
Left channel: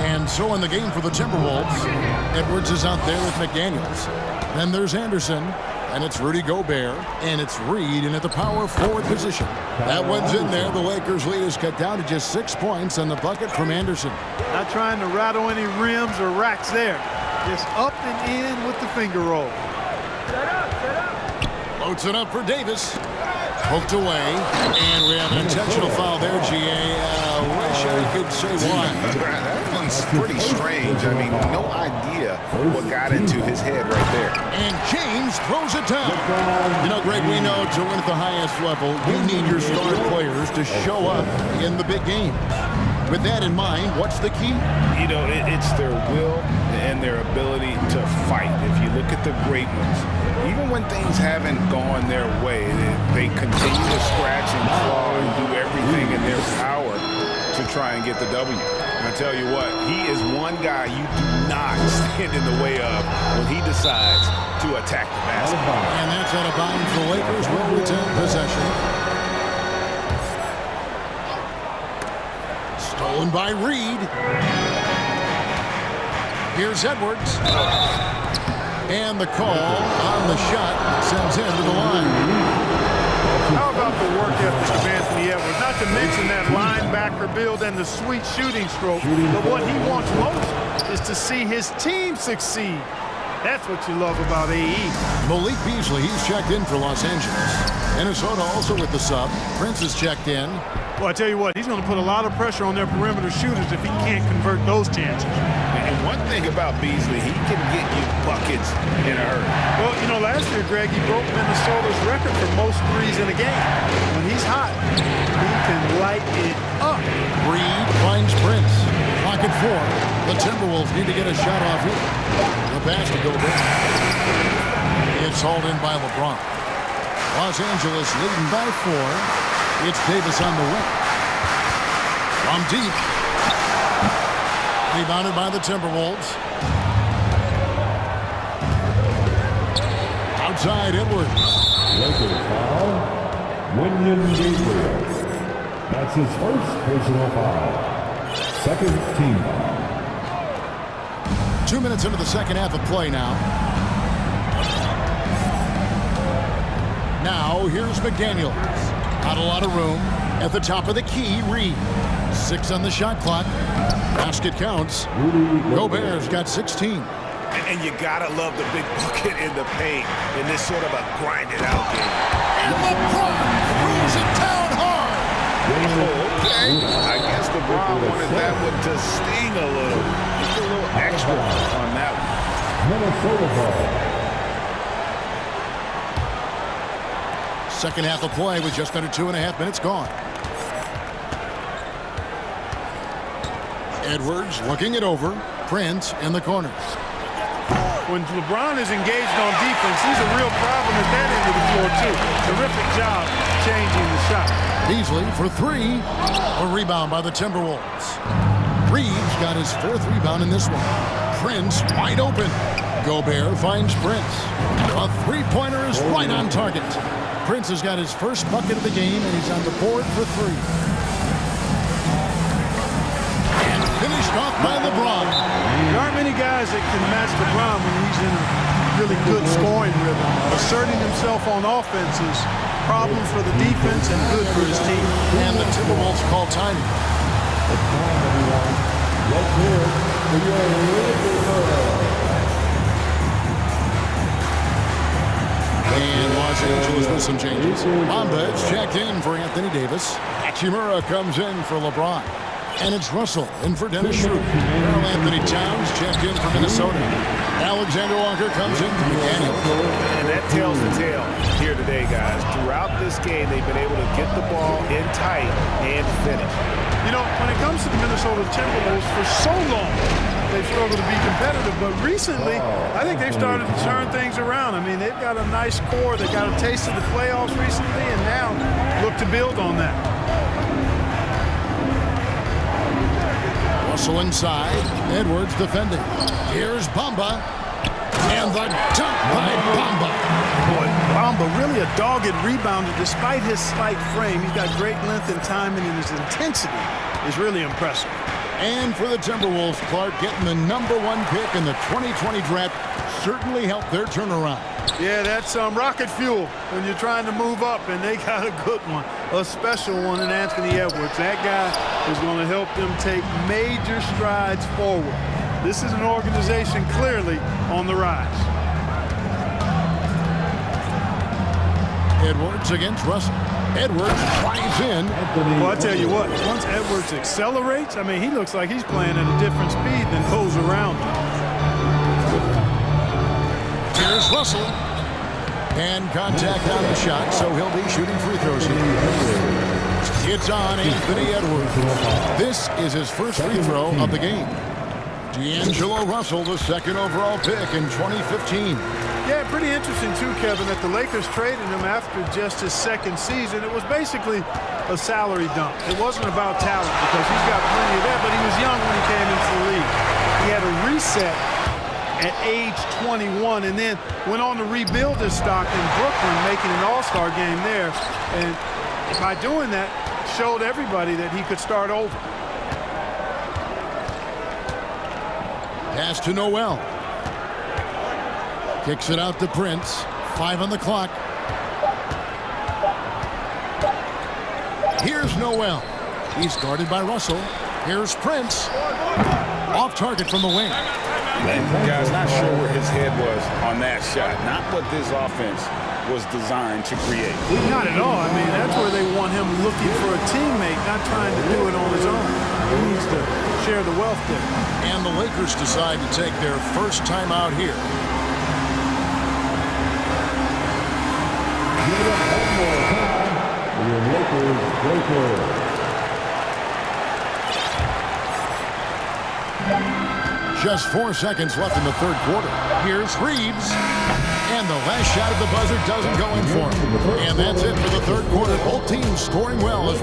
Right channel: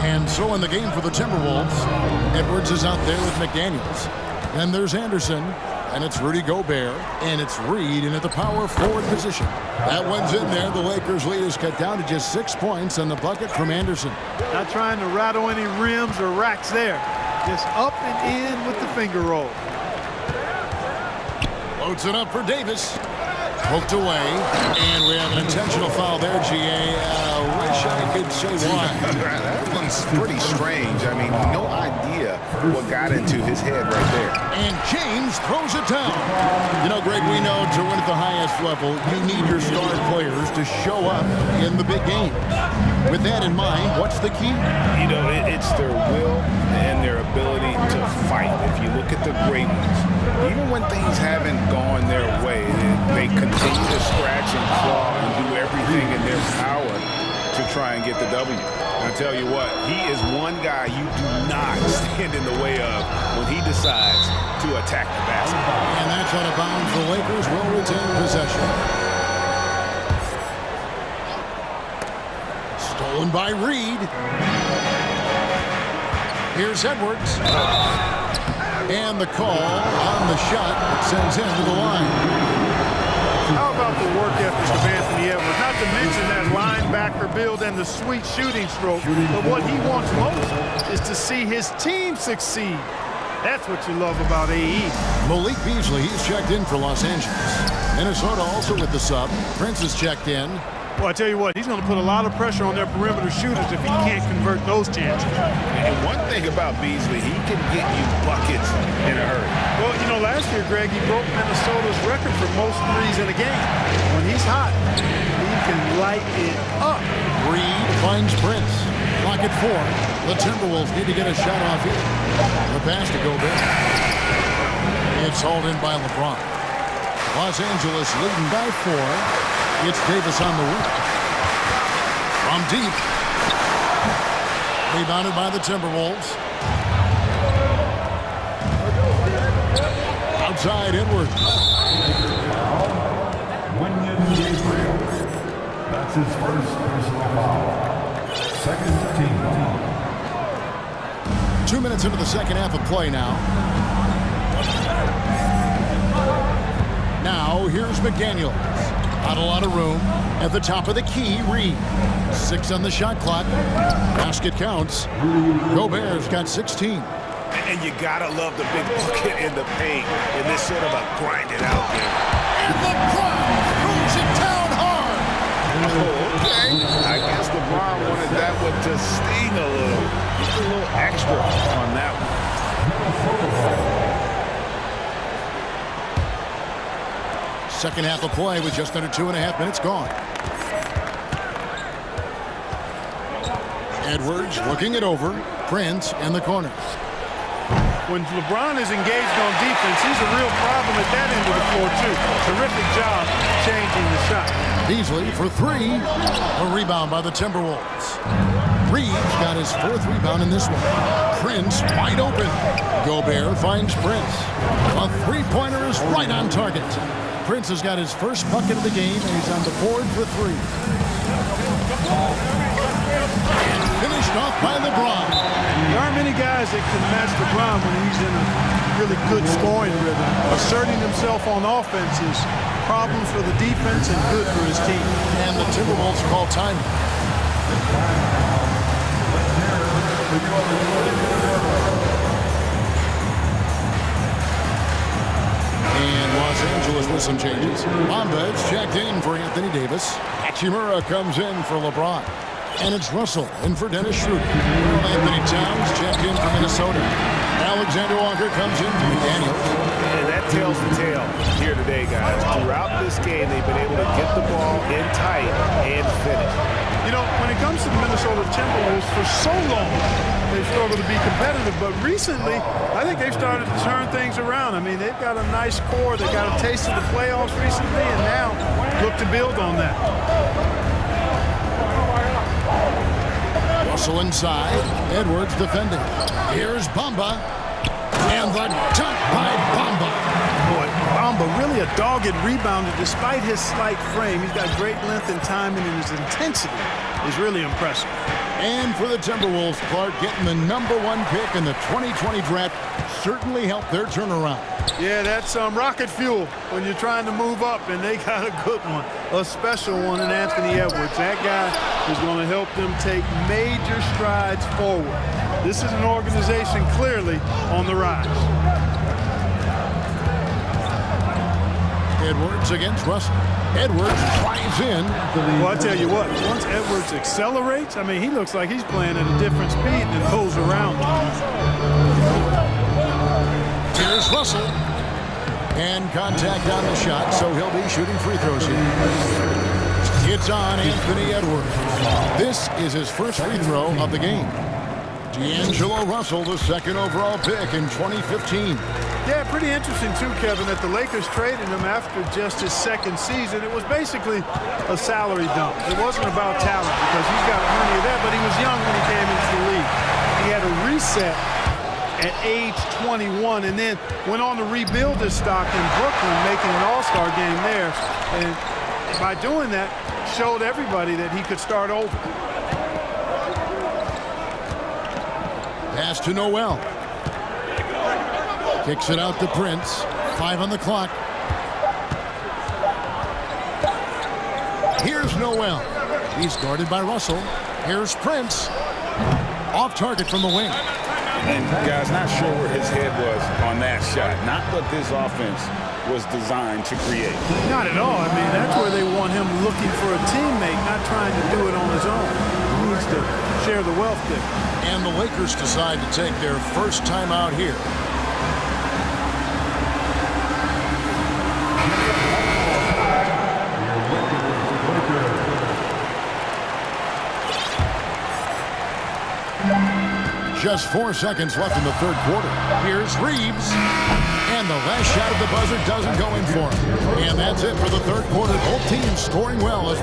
And so in the game for the Timberwolves, Edwards is out there with McDaniels. Then there's Anderson. And it's Rudy Gobert, and it's Reed in at the power forward position. That one's in there. The Lakers' lead is cut down to just 6 points on the bucket from Anderson. Not trying to rattle any rims or racks there. Just up and in with the finger roll. Loads it up for Davis. Poked away, and we have an intentional foul there, GA. Wish I could say why. That one's pretty strange. I mean, no idea what got into his head right there. And James throws it down. You know, Greg, we know to win at the highest level, you need your star players to show up in the big game. With that in mind, what's the key? You know, it's their will and their ability to fight. If you look at the great ones, even when things haven't gone their way, they continue to scratch and claw and do everything in their power to try and get the W. And I tell you what, he is one guy you do not stand in the way of when he decides to attack the basket. And that's out of bounds. The Lakers will retain possession. Stolen by Reed. Here's Edwards. And the call on the shot that sends him to the line. How about the work ethic of Anthony Edwards? Not to mention that linebacker build and the sweet shooting stroke. But what he wants most is to see his team succeed. That's what you love about AE. Malik Beasley, he's checked in for Los Angeles. Minnesota also with the sub. Prince is checked in. Well, I tell you what, he's going to put a lot of pressure on their perimeter shooters if he can't convert those chances. And one thing about Beasley, he can get you buckets in a hurry. Well, you know, last year, Greg, he broke Minnesota's record for most threes in a game. When he's hot, he can light it up. Reed finds Prince. Clock at 4. The Timberwolves need to get a shot off here. The pass to Gobert. It's hauled in by LeBron. Los Angeles leading by 4. It's Davis on the wing. From deep. Rebounded by the Timberwolves. Outside Edwards. Lakers foul. Wenyen Gabriel. That's his first personal foul. Second team foul. 2 minutes into the second half of play now. Now here's McDaniels. Not a lot of room. At the top of the key, Reed. 6 on the shot clock. Basket counts. Gobert's got 16. And you gotta love the big bucket in the paint in this sort of a grinded out game. And LeBron throws it down hard. Oh, okay. I guess LeBron wanted that one to sting a little. Just a little extra on that one. Minnesota ball. Second half of play with just under 2.5 minutes gone. Edwards looking it over. Prince in the corner. When LeBron is engaged on defense, he's a real problem at that end of the floor, too. Terrific job changing the shot. Beasley for 3. A rebound by the Timberwolves. Reeves got his 4th rebound in this one. Prince wide open. Gobert finds Prince. A three-pointer is right on target. Prince has got his first bucket of the game, and he's on the board for 3. And finished off by LeBron. There aren't many guys that can match LeBron when he's in a really good scoring rhythm. Asserting himself on offense is problems for the defense and good for his team. And the Timberwolves call timing. Let's hear it for your Lakers. And Los Angeles with some changes. Bomba's checked in for Anthony Davis. Hachimura comes in for LeBron. And it's Russell in for Dennis Schroeder. Earl Anthony Towns checked in for Minnesota. Alexander Walker comes in for McDaniels. And that tells the tale here today, guys. Throughout this game, they've been able to get the ball in tight and finish. You know, when it comes to the Minnesota Timberwolves, for so long, they've struggled to be competitive, but recently, I think they've started to turn things around. I mean, they've got a nice core. They got a taste of the playoffs recently, and now look to build on that. Russell inside. Edwards defending. Here's Bamba. And the dunk by Bamba. Boy, Bamba really a dogged rebounder despite his slight frame. He's got great length and timing, and his intensity is really impressive. And for the Timberwolves, Clark, getting the #1 pick in the 2020 draft certainly helped their turnaround. Yeah, that's rocket fuel when you're trying to move up, and they got a good one, a special one in Anthony Edwards. That guy is going to help them take major strides forward. This is an organization clearly on the rise. Edwards against Russell. Edwards drives in. Well, I tell you what, once Edwards accelerates, I mean, he looks like he's playing at a different speed than those around him. Here's Russell. And contact on the shot, so he'll be shooting free throws here. It's on Anthony Edwards. This is his first free throw of the game. D'Angelo Russell, the second overall pick in 2015. Yeah, pretty interesting too, Kevin, that the Lakers traded him after just his second season. It was basically a salary dump. It wasn't about talent because he's got plenty of that, but he was young when he came into the league. He had a reset at age 21 and then went on to rebuild his stock in Brooklyn, making an all-star game there. And by doing that, showed everybody that he could start over. Pass to Noel. Kicks it out to Prince. 5 on the clock. Here's Noel. He's guarded by Russell. Here's Prince. Off target from the wing. And guys, not sure where his head was on that shot. Not what this offense was designed to create. Not at all. I mean, that's where they want him looking for a teammate, not trying to do it on his own. He needs to share the wealth there. And the Lakers decide to take their first time out here. Just 4 seconds left in the third quarter. Here's Reeves. And the last shot of the buzzer doesn't go in for him. And that's it for the third quarter. Both teams scoring well.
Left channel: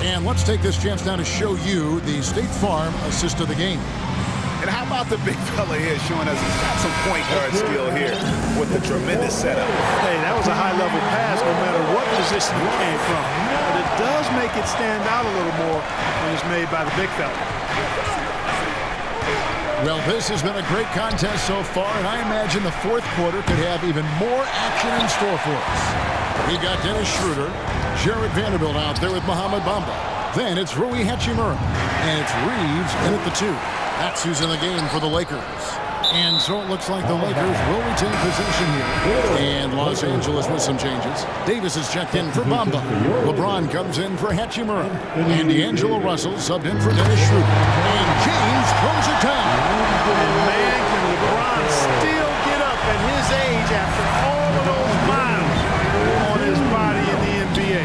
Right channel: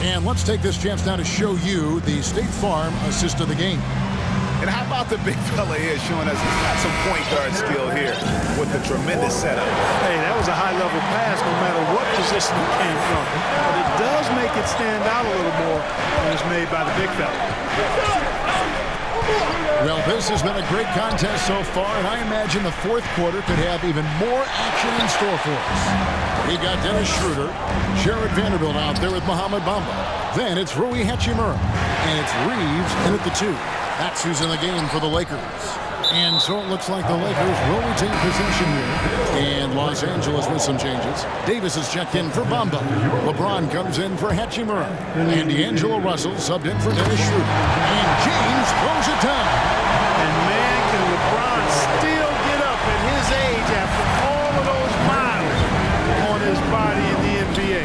And let's take this chance now to show you the State Farm assist of the game. And how about the big fella here showing us he's got some point guard skill here with the tremendous setup. Hey, that was a high-level pass no matter what position it came from. But it does make it stand out a little more when it's made by the big fella. Well, this has been a great contest so far, and I imagine the fourth quarter could have even more action in store for us. We've got Dennis Schroeder, Jared Vanderbilt out there with Mohamed Bamba. Then it's Rui Hachimura, and it's Reeves in at the 2. That's who's in the game for the Lakers. And so it looks like the Lakers will retain possession here. And Los Angeles with some changes. Davis is checked in for Bamba. LeBron comes in for Hachimura. And D'Angelo Russell subbed in for Dennis Schroeder. And James throws it down. And man, can LeBron still get up at his age after all of those miles on his body in the NBA.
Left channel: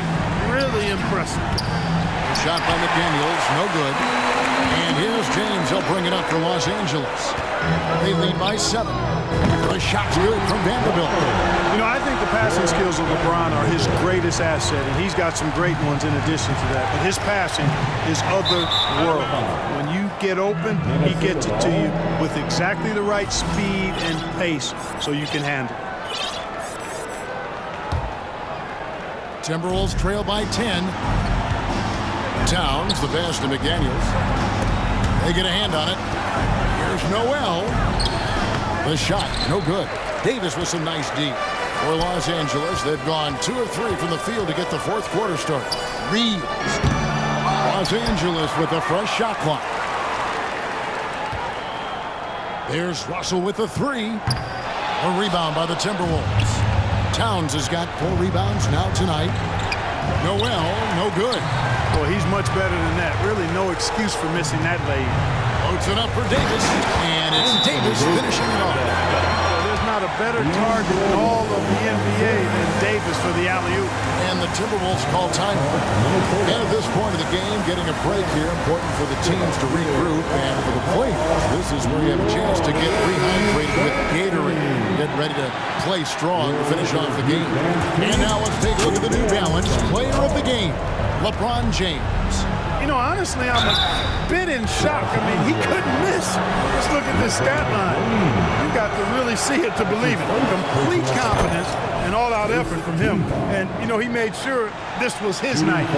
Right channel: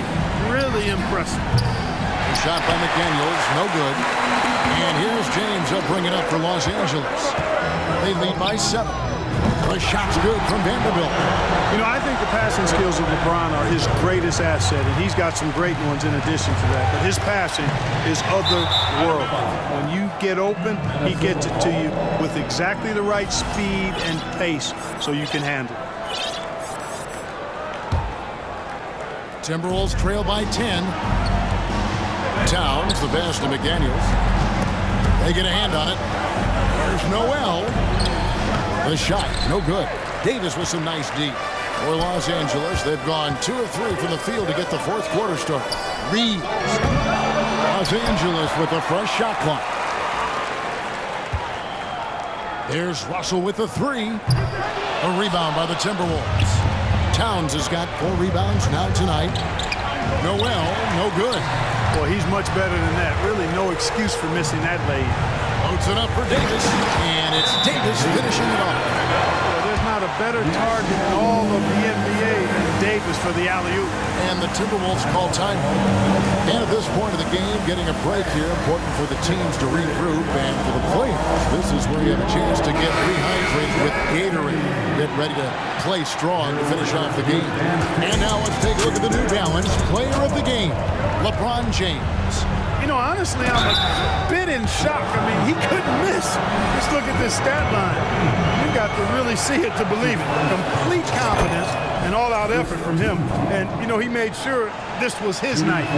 Really impressive. A shot by McDaniels, no good. And here's James. He'll bring it up for Los Angeles. They lead by 7. The shot's good from Vanderbilt. You know, I think the passing skills of LeBron are his greatest asset, and he's got some great ones in addition to that. But his passing is otherworldly. When you get open, he gets it to you with exactly the right speed and pace so you can handle it. Timberwolves trail by 10. Towns, the pass to McDaniels. They get a hand on it. Here's Noel. The shot, no good. Davis with some nice D. For Los Angeles, they've gone 2 of 3 from the field to get the fourth quarter started. Reeves. Los Angeles with a fresh shot clock. There's Russell with the 3. A rebound by the Timberwolves. Towns has got 4 rebounds now tonight. Noel, no good. Well, he's much better than that. Really no excuse for missing that lay-in. Floats it up for Davis, and it's Davis finishing it off. Well, there's not a better target in all of the NBA than Davis for the alley-oop. And the Timberwolves call time. And at this point of the game, getting a break here, important for the teams to regroup, and for the players, this is where you have a chance to get rehydrated with Gatorade. Get ready to play strong to finish off the game. And now let's take a look at the New Balance player of the game, LeBron James. You know, honestly, I'm a bit in shock. I mean, he couldn't miss. Just look at this stat line. You've got to really see it to believe it. Complete confidence and all-out effort from him. And, you know, he made sure this was his night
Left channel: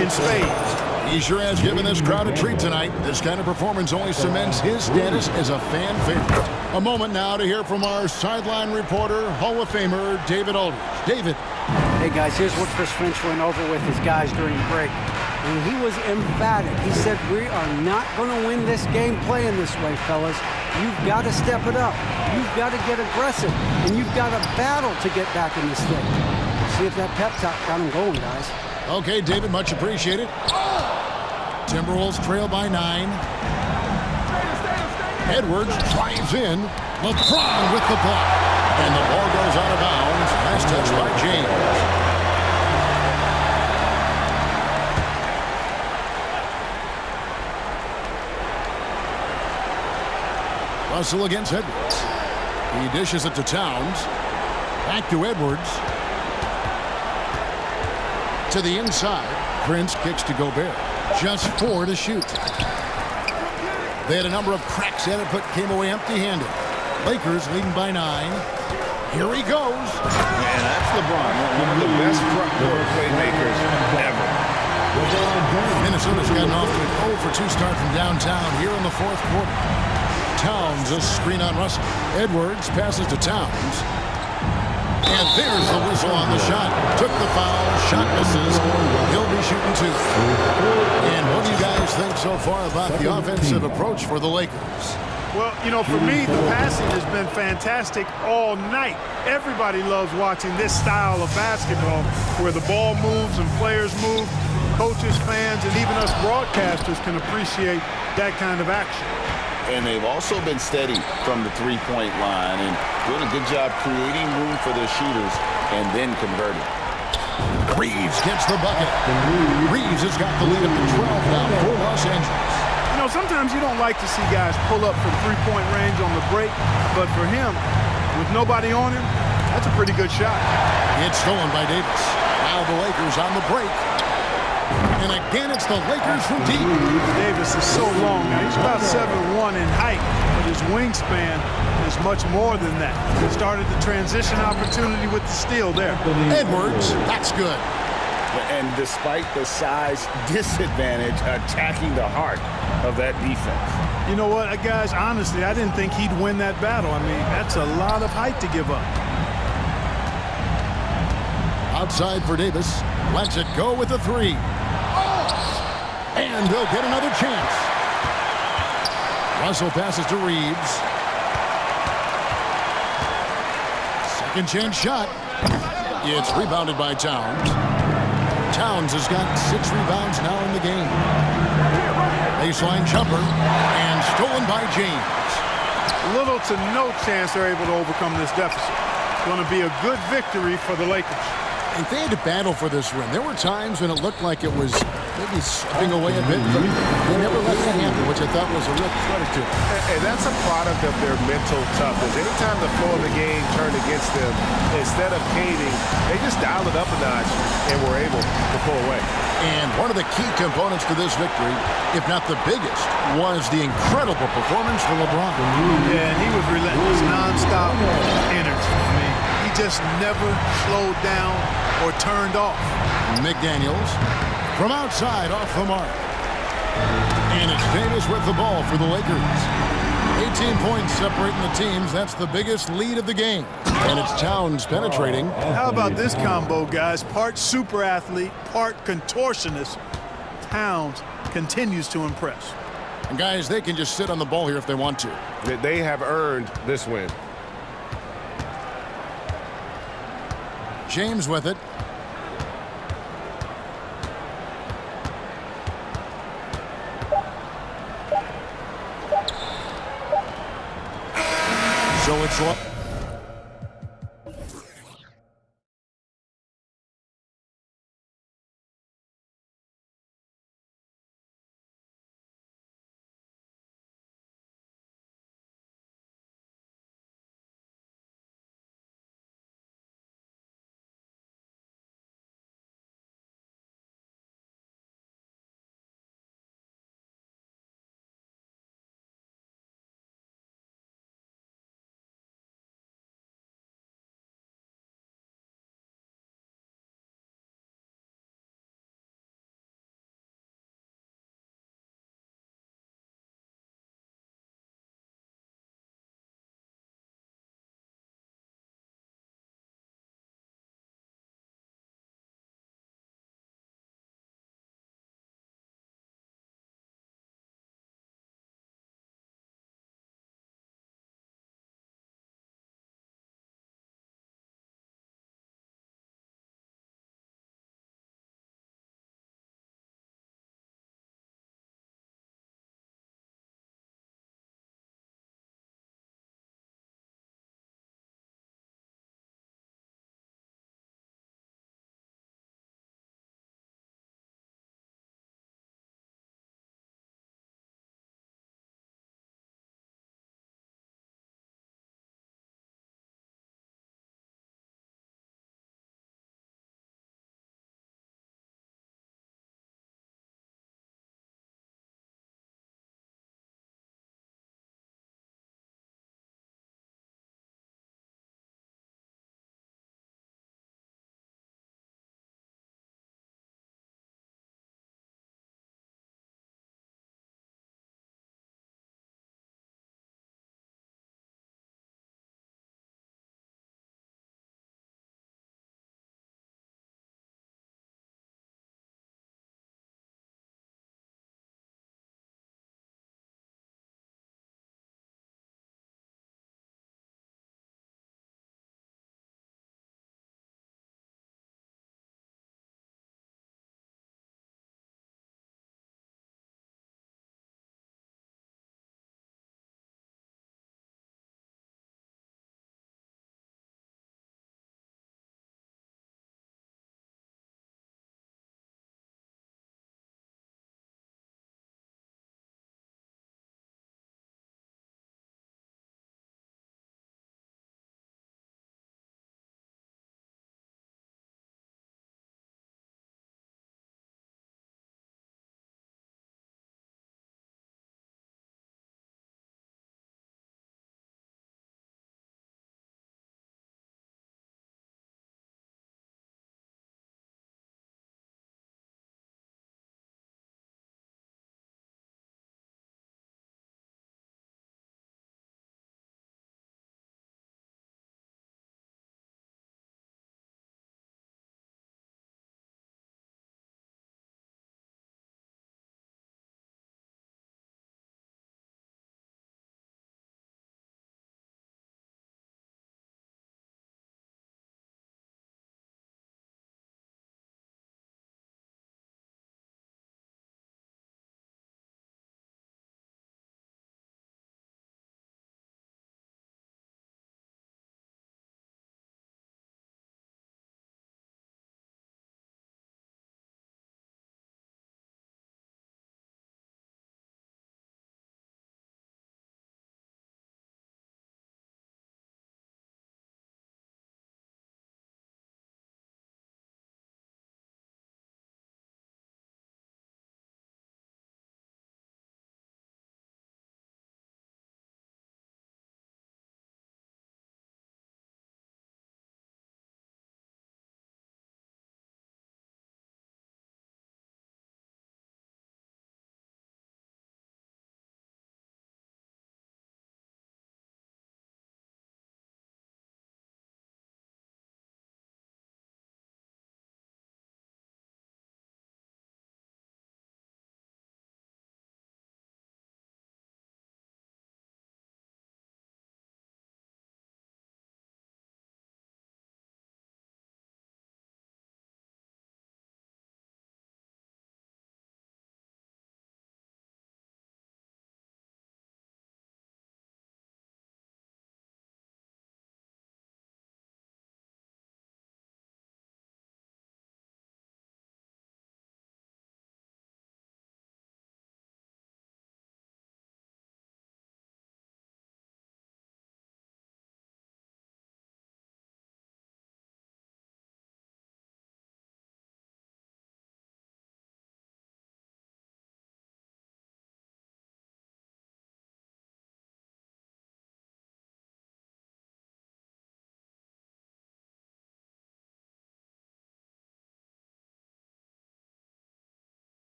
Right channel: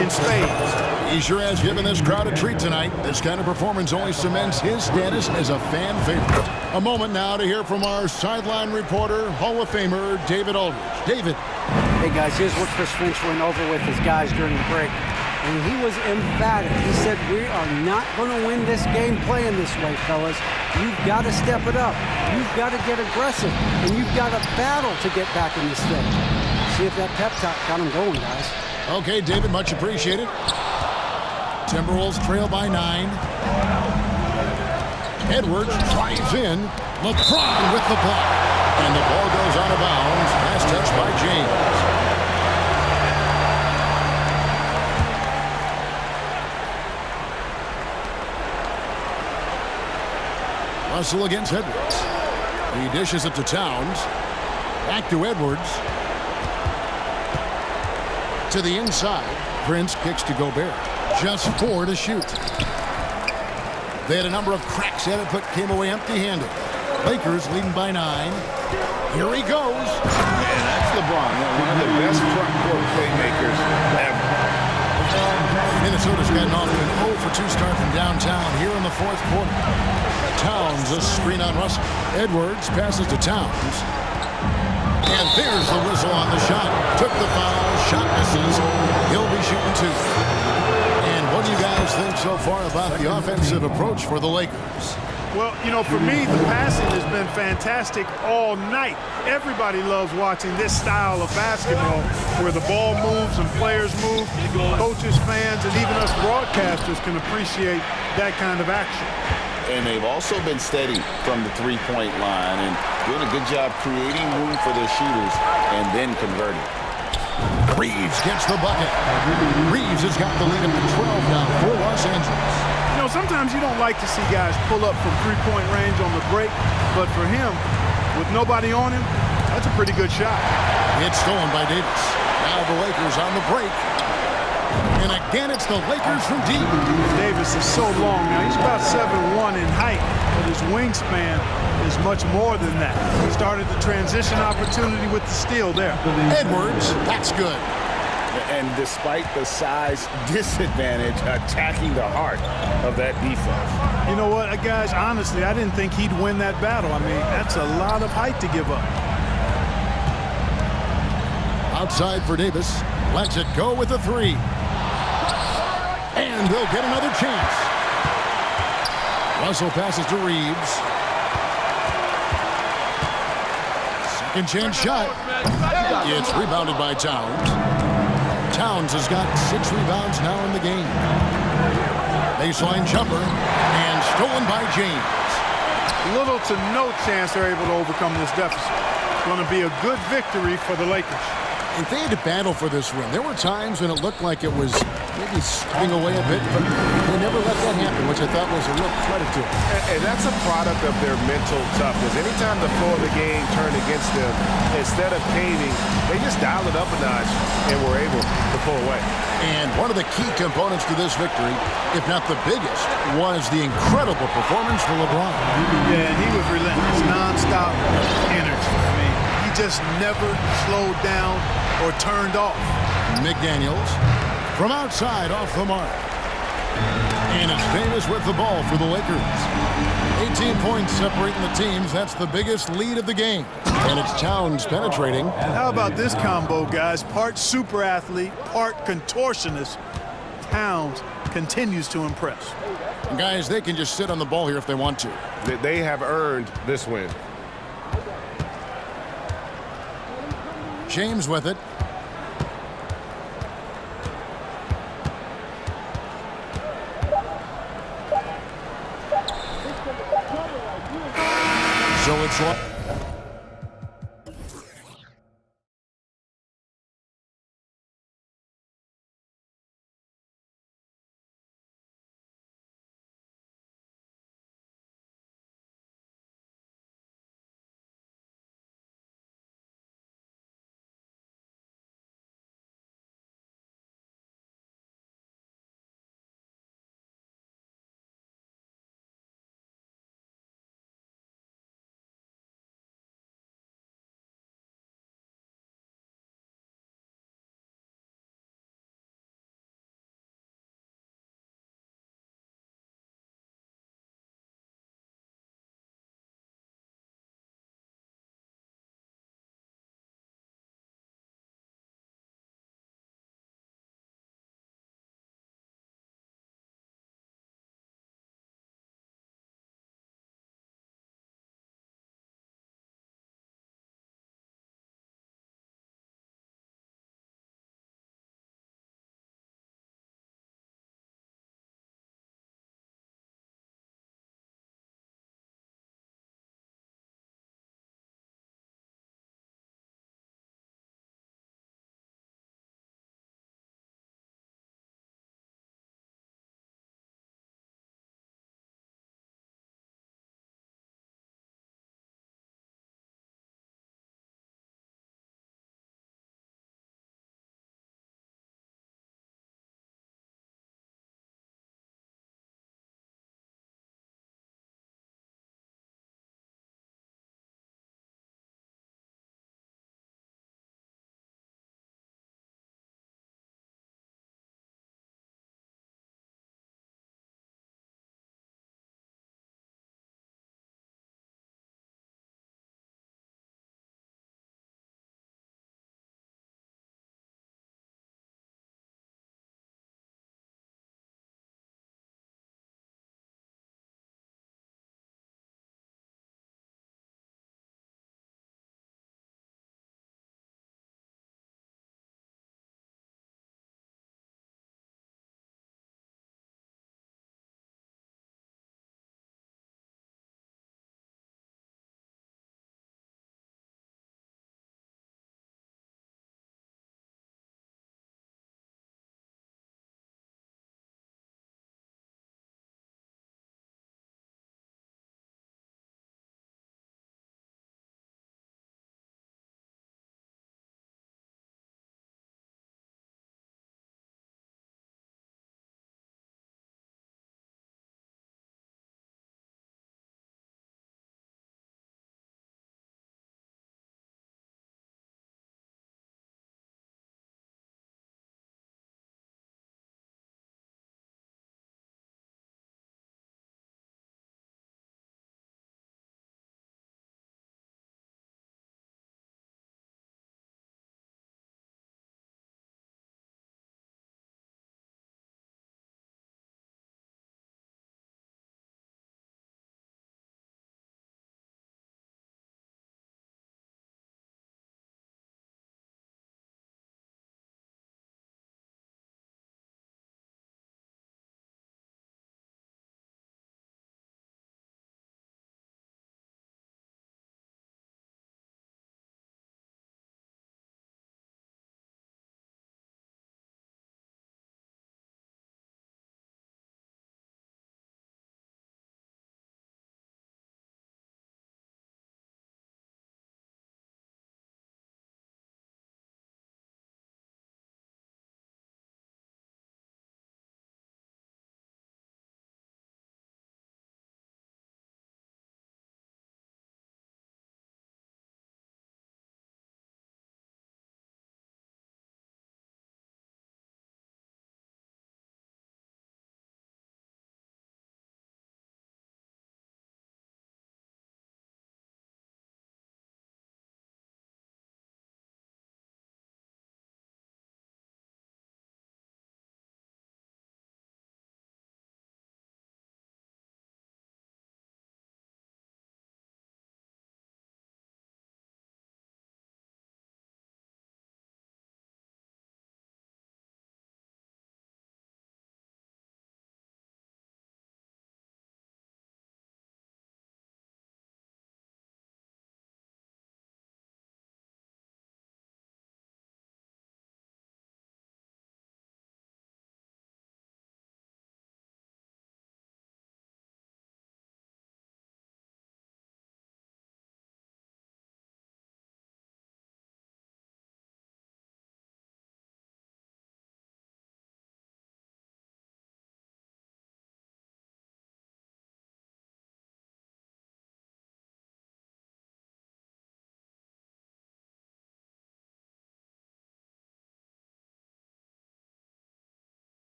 in spades. He sure has given this crowd a treat tonight. This kind of performance only cements his status as a fan favorite. A moment now to hear from our sideline reporter, Hall of Famer David Aldridge. David. Hey, guys, here's what Chris Finch went over with his guys during the break. and he was emphatic. He said, "We are not going to win this game playing this way, fellas. You've got to step it up. You've got to get aggressive, and you've got to battle to get back in this thing." See if that pep talk got him going, guys. Okay, David, much appreciated. Timberwolves trail by 9. Edwards drives in. LeBron with the block. And the ball goes out of bounds. Last touch by James. Russell against Edwards. He dishes it to Towns. Back to Edwards. To the inside. Prince kicks to Gobert. Just 4 to shoot. They had a number of cracks at it, but came away empty-handed. Lakers leading by 9. Here he goes. And that's LeBron, one of the best front court playmakers ever. Minnesota's gotten off to an 0 for 2 start from downtown here in the 4th quarter. Towns, a screen on Russell. Edwards passes to Towns. And there's the whistle on the shot. Took the foul, shot misses. He'll be shooting 2. And what do you guys think so far about the offensive approach for the Lakers? Well, you know, for me, the passing has been fantastic all night. Everybody loves watching this style of basketball where the ball moves and players move. Coaches, fans, and even us broadcasters can appreciate that kind of action. And they've also been steady from the three-point line and doing a good job creating room for their shooters and then converting. Reeves gets the bucket. Reeves has got the lead up to 12 now for Los Angeles. You know, sometimes you don't like to see guys pull up from three-point range on the break, but for him, with nobody on him, that's a pretty good shot. It's stolen by Davis. Now the Lakers on the break. And again, it's the Lakers from deep. Davis is so long now. He's about 7'1" in height, but his wingspan is much more than that. Started the transition opportunity with the steal there. Edwards, that's good. And despite the size disadvantage, attacking the heart of that defense. You know what, guys, honestly, I didn't think he'd win that battle. I mean, that's a lot of height to give up. Outside for Davis. Lets it go with a 3. And they'll get another chance. Russell passes to Reeves. Second chance shot. It's rebounded by Towns. Towns has got 6 rebounds now in the game. Baseline jumper and stolen by James. Little to no chance they're able to overcome this deficit. It's going to be a good victory for the Lakers. And they had to battle for this win. There were times when it looked like it was maybe slipping away a bit, but they never let that happen, which I thought was a real credit to them. And that's a product of their mental toughness. Anytime the flow of the game turned against them, instead of caving, they just dialed it up a notch and were able to pull away. And one of the key components to this victory, if not the biggest, was the incredible performance for LeBron. Yeah, and he was relentless, nonstop energy. I mean, he just never slowed down or turned off. McDaniels from outside off the mark. And it's Davis with the ball for the Lakers. 18 points separating the teams. That's the biggest lead of the game. And it's Towns penetrating. How about this combo, guys? Part super athlete, part contortionist. Towns continues to impress. And guys, they can just sit on the ball here if they want to. They have earned this win. James with it. So it's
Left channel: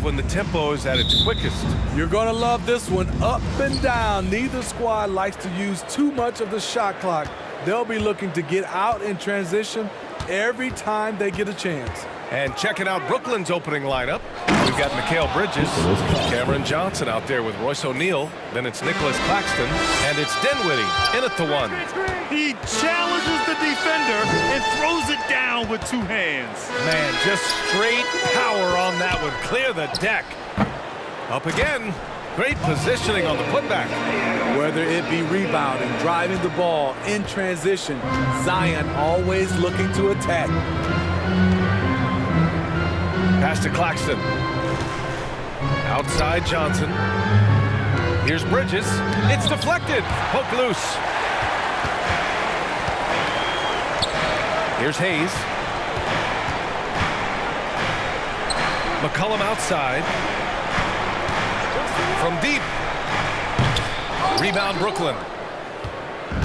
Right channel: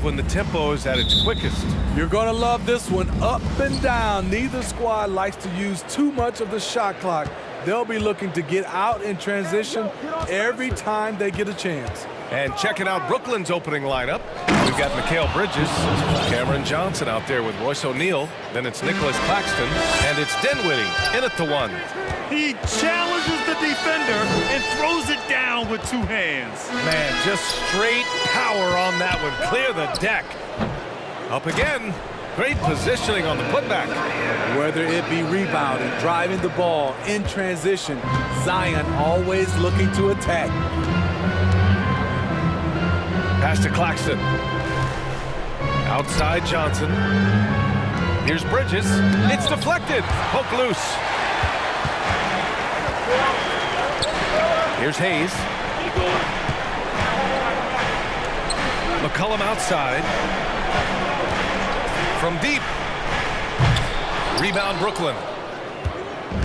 When the tempo is at its quickest. You're going to love this one. Up and down. Neither squad likes to use too much of the shot clock. They'll be looking to get out in transition every time they get a chance. And checking out Brooklyn's opening lineup, we've got Mikal Bridges, Cameron Johnson out there with Royce O'Neal, then it's Nicholas Claxton, and it's Dinwiddie in at the one. He challenges the defender and throws it down with two hands. Man, just straight power on that one. Clear the deck. Up again. Great positioning on the putback. Whether it be rebounding, driving the ball, in transition, Zion always looking to attack. Pass to Claxton. Outside Johnson. Here's Bridges. It's deflected. Poke loose. Here's Hayes. McCollum outside. From deep. Rebound Brooklyn.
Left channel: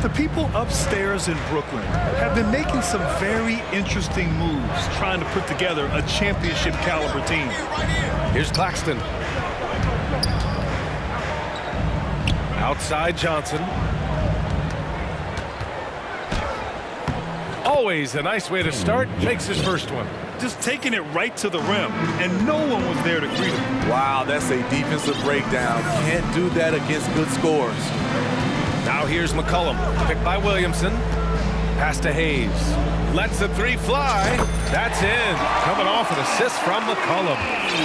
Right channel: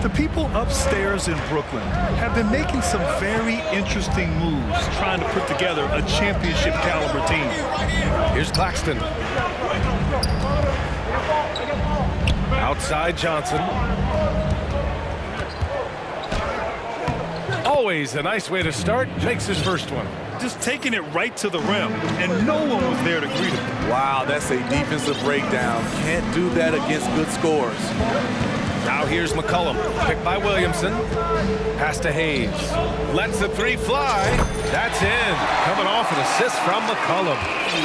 The people upstairs in Brooklyn have been making some very interesting moves trying to put together a championship caliber team. Here's Claxton. Outside Johnson. Always a nice way to start. Makes his first one. Just taking it right to the rim, and no one was there to greet him. Wow, that's a defensive breakdown. Can't do that against good scores. Now here's McCollum, picked by Williamson. Pass to Hayes. Lets the three fly. That's in. Coming off an assist from McCollum.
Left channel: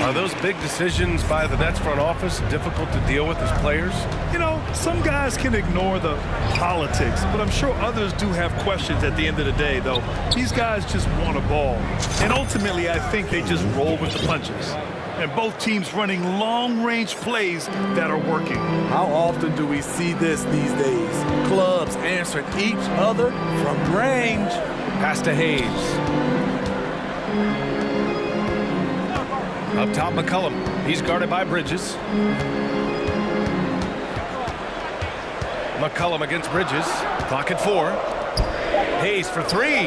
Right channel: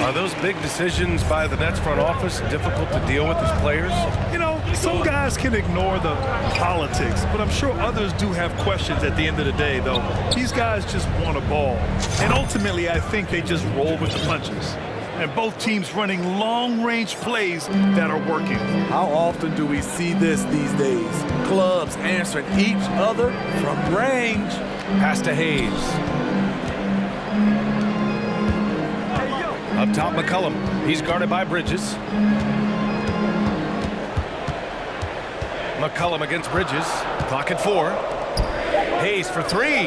Are those big decisions by the Nets front office difficult to deal with as players? You know, some guys can ignore the politics, but I'm sure others do have questions at the end of the day, though. These guys just want a ball. And ultimately, I think they just roll with the punches. And both teams running long-range plays that are working. How often do we see this these days? Clubs answering each other from range. Pass to Hayes. Up top, McCollum. He's guarded by Bridges. McCollum against Bridges. Clock at 4. Hayes for 3.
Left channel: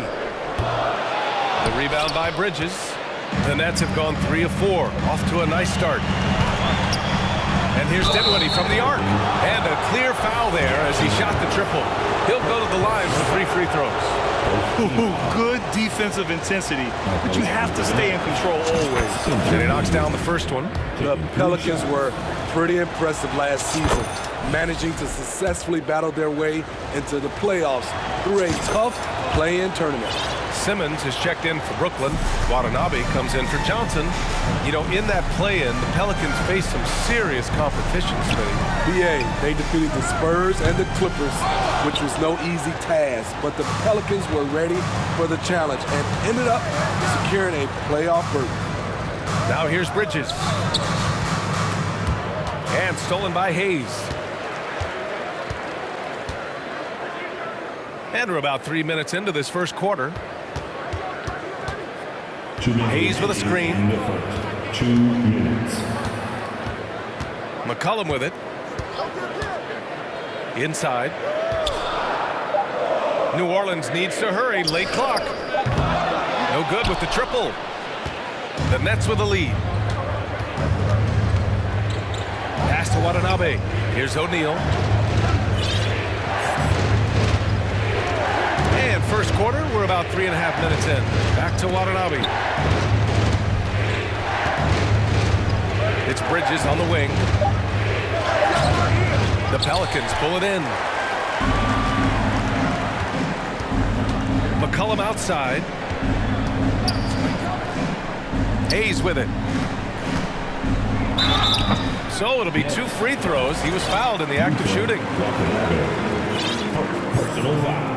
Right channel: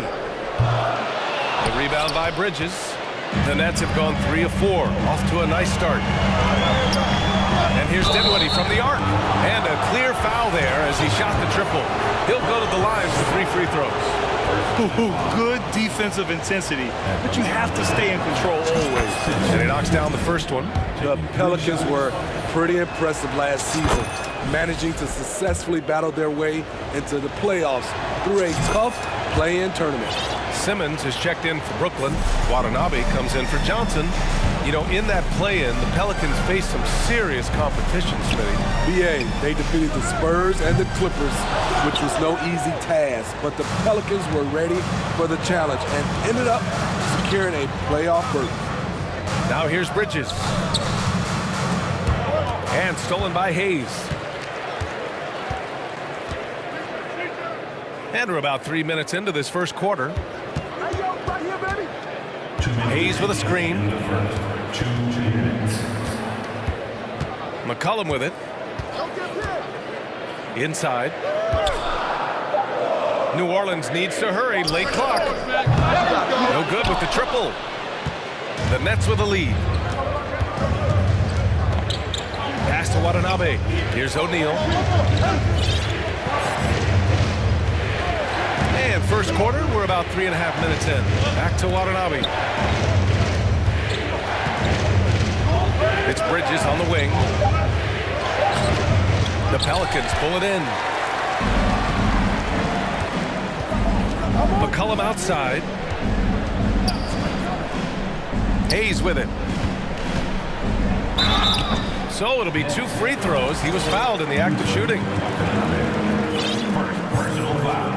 The rebound by Bridges. The Nets have gone 3 of 4, off to a nice start. And here's Dinwiddie from the arc. And a clear foul there as he shot the triple. He'll go to the line for 3 free throws. Good defensive intensity, but you have to stay in control always. And he knocks down the first one. The Pelicans were pretty impressive last season, managing to successfully battle their way into the playoffs through a tough play-in tournament. Simmons is checked in for Brooklyn. Watanabe comes in for Johnson. You know, in that play-in, the Pelicans faced some serious competition, Smitty. BA, they defeated the Spurs and the Clippers, which was no easy task, but the Pelicans were ready for the challenge and ended up securing a playoff berth. Now here's Bridges. And stolen by Hayes. And we're about 3 minutes into this first quarter. Hayes with a screen. 2 minutes. McCollum with it. Inside. New Orleans needs to hurry. Late clock. No good with the triple. The Nets with a lead. Pass to Watanabe. Here's O'Neal. And first quarter, we're about 3.5 minutes in. Back to Watanabe. It's Bridges on the wing. The Pelicans pull it in. McCollum outside. Hayes with it. So it'll be 2 free throws. He was fouled in the act of shooting. Personal foul.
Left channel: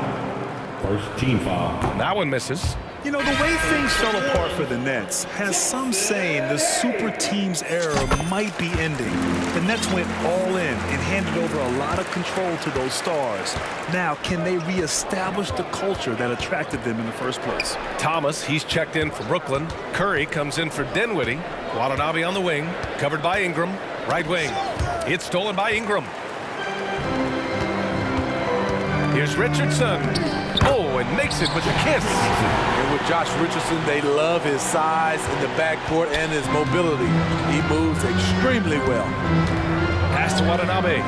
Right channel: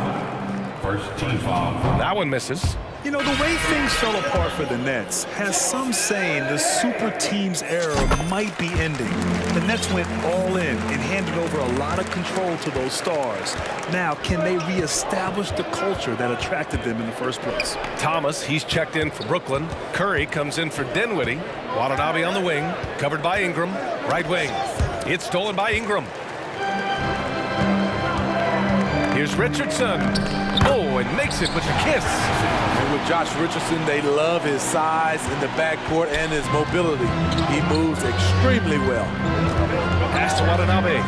First team foul. That one misses. You know, the way things fell apart for the Nets has some saying the super team's era might be ending. The Nets went all in and handed over a lot of control to those stars. Now, can they reestablish the culture that attracted them in the first place? Thomas, he's checked in for Brooklyn. Curry comes in for Dinwiddie. Watanabe on the wing, covered by Ingram. Right wing. It's stolen by Ingram. Here's Richardson. Oh, and makes it with the kiss. And with Josh Richardson, they love his size in the backcourt and his mobility. He moves extremely well. Pass to Watanabe.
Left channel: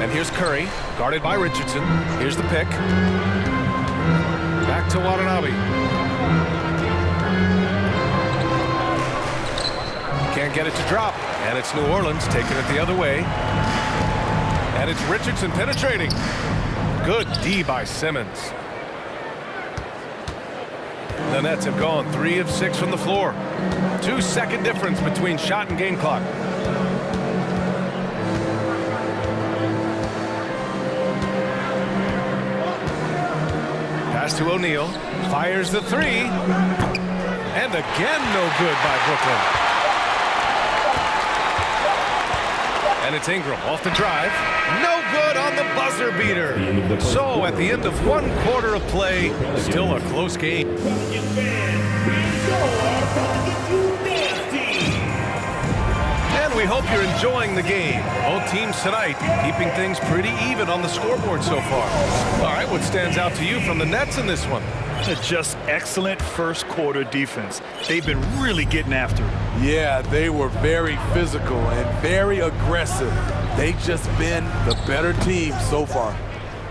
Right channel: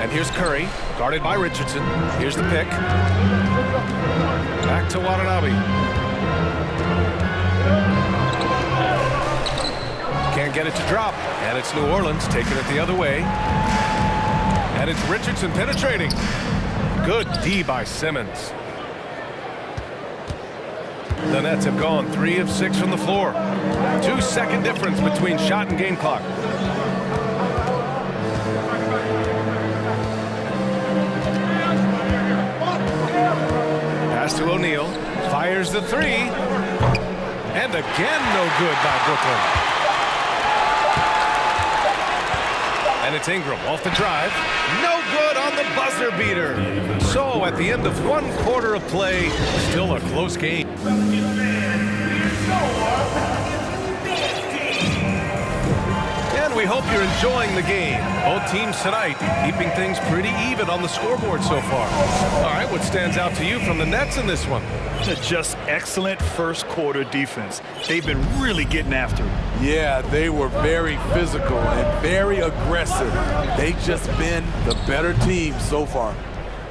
And here's Curry, guarded by Richardson. Here's the pick. Back to Watanabe. Can't get it to drop. And it's New Orleans taking it the other way. And it's Richardson penetrating. Good D by Simmons. The Nets have gone 3 of 6 from the floor. 2-second difference between shot and game clock. Pass to O'Neal. Fires the 3. And again, no good by Brooklyn. And it's Ingram off the drive. No good on the buzzer beater. So at the end of 1 quarter of play, still a close game. And we hope you're enjoying the game. Both teams tonight keeping things pretty even on the scoreboard so far. All right, what stands out to you from the Nets in this one? Just excellent first quarter defense. They've been really getting after it. Yeah, they were very physical and very aggressive. They've just been the better team so far.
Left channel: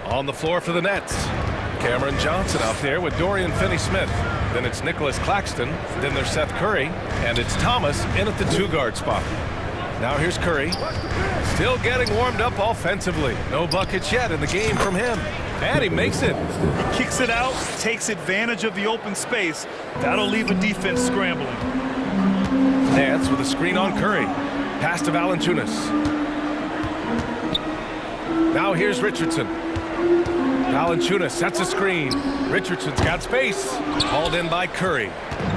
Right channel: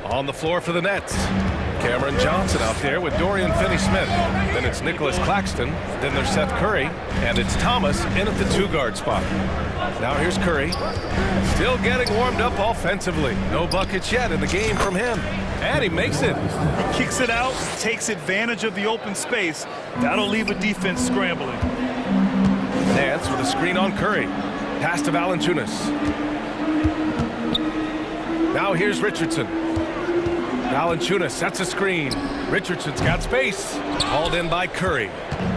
On the floor for the Nets, Cameron Johnson out there with Dorian Finney-Smith. Then it's Nicholas Claxton. Then there's Seth Curry. And it's Thomas in at the 2-guard spot. Now here's Curry. Still getting warmed up offensively. No buckets yet in the game from him. And he makes it. Kicks it out, takes advantage of the open space. That'll leave a defense scrambling. Nance with a screen on Curry. Pass to Valanciunas. Now here's Richardson. Valanciunas sets a screen. Richardson's got space. Hauled in by Curry.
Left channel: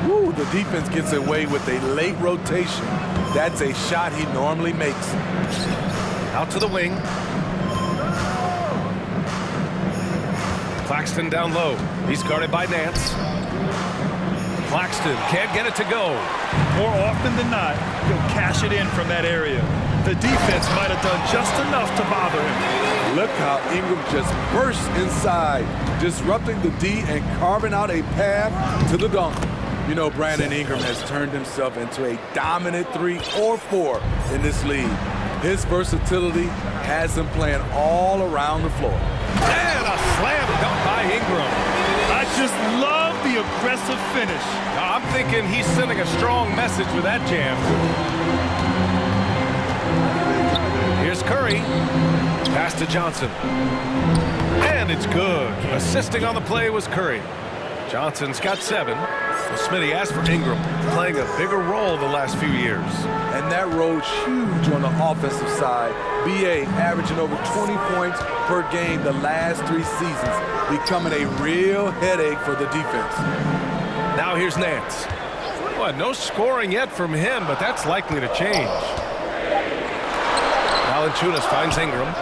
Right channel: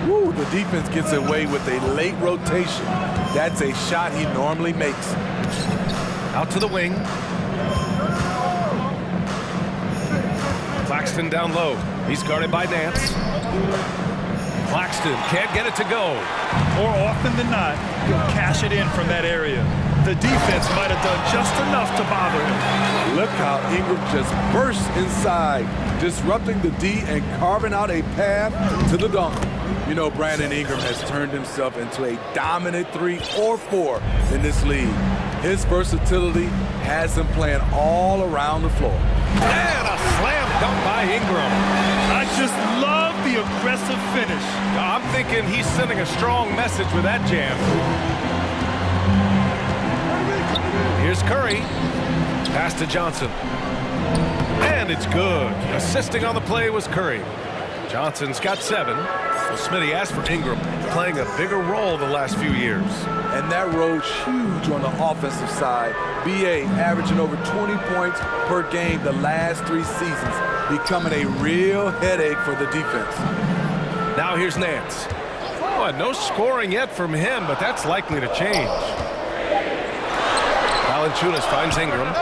Woo, the defense gets away with a late rotation. That's a shot he normally makes. Out to the wing. Claxton down low. He's guarded by Nance. Claxton can't get it to go. More often than not, he'll cash it in from that area. The defense might have done just enough to bother him. Look how Ingram just bursts inside, disrupting the D and carving out a path to the dunk. You know, Brandon Ingram has turned himself into a dominant 3 or 4 in this league. His versatility has him playing all around the floor. And a slam dunk by Ingram. I just love the aggressive finish. I'm thinking he's sending a strong message with that jam. Here's Curry. Pass to Johnson. And it's good. Assisting on the play was Curry. Johnson's got 7. Well, Smitty asked for Ingram, playing a bigger role the last few years. And that role's huge on the offensive side. BA averaging over 20 points per game the last 3 seasons, becoming a real headache for the defense. Now here's Nance. Well, no scoring yet from him, but that's likely to change. Valanciunas finds Ingram.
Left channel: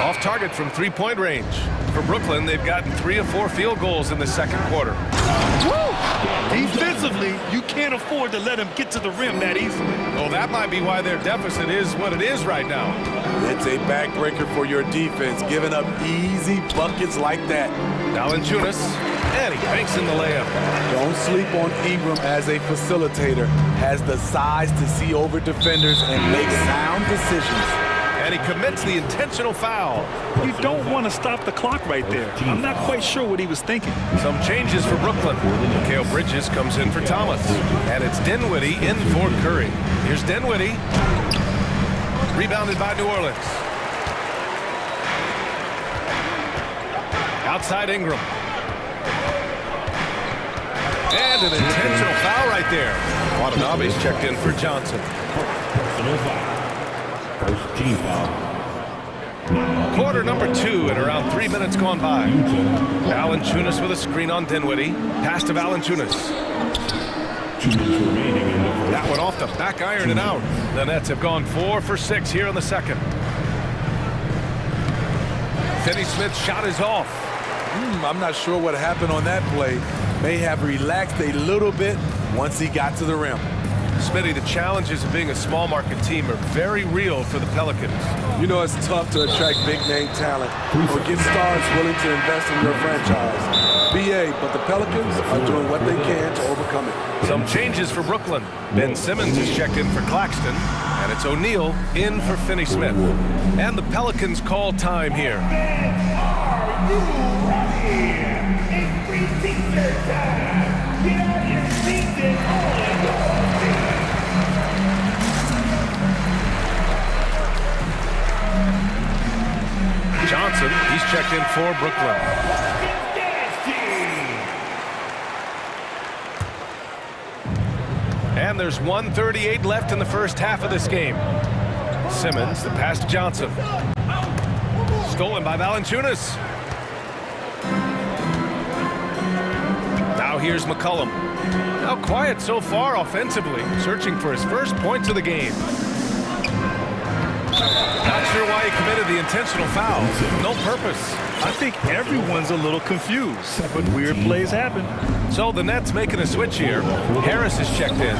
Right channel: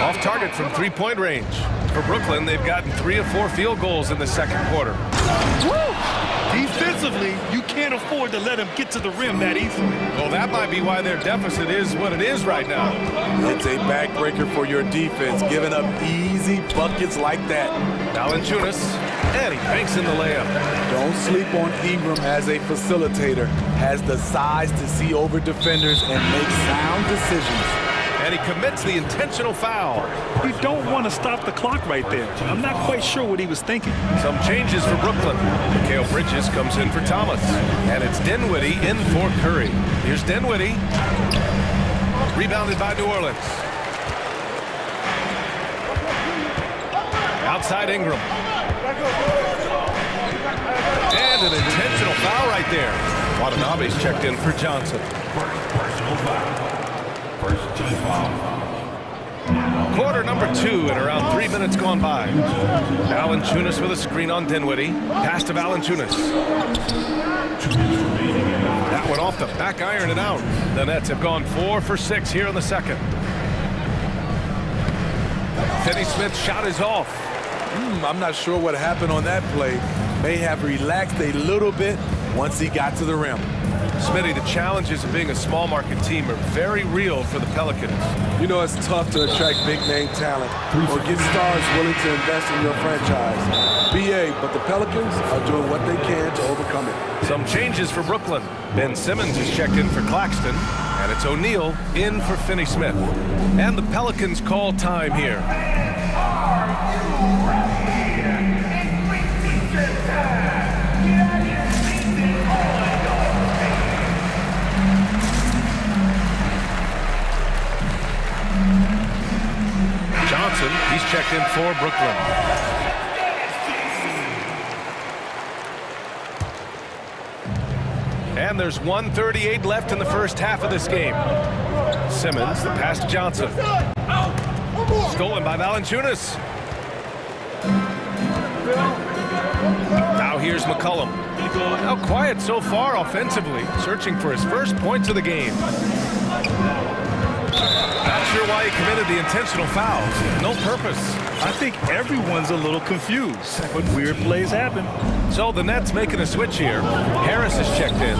Off target from 3-point range. For Brooklyn, they've gotten 3 of 4 field goals in the second quarter. Woo! Defensively, you can't afford to let him get to the rim that easily. Well, that might be why their deficit is what it is right now. It's a backbreaker for your defense, giving up easy buckets like that. Valanciunas, and he banks in the layup. Don't sleep on Ingram as a facilitator. Has the size to see over defenders and make sound decisions. And he commits the intentional foul. You don't want to stop the clock right there. I'm not quite sure what he was thinking. Some changes for Brooklyn. Mikal Bridges comes in for Thomas. And it's Dinwiddie in for Curry. Here's Dinwiddie. Rebounded by New Orleans. Outside Ingram. And an intentional foul right there. Watanabe's checked in for Johnson. Personal foul. First team foul. Quarter number 2 and around 3 minutes gone by. Valanciunas with a screen on Dinwiddie. Pass to Valanciunas. 2 minutes remaining in the first. That one off the back iron and out. The Nets have gone 4 for 6 here in the second. Finney-Smith's shot is off. I'm not sure what happened on that play. May have relaxed a little bit once he got to the rim. Smitty, the challenges of being a small market team are very real for the Pelicans. You know it's tough to attract big-name talent or get stars willing to invest in your franchise. BA, but the Pelicans are doing what they can to overcome it. Some changes for Brooklyn. Ben Simmons is checked in for Claxton, and it's O'Neal in for Finney-Smith. And the Pelicans call time here. Johnson, he's checked in for Brooklyn. And there's 1:38 left in the first half of this game. Simmons, the pass to Johnson. Stolen by Valanciunas. Now here's McCollum. Now quiet so far offensively, searching for his first points of the game. Not sure why he committed the intentional foul. No purpose. I think everyone's a little confused, but weird plays happen. So the Nets making a switch here. Harris is checked in.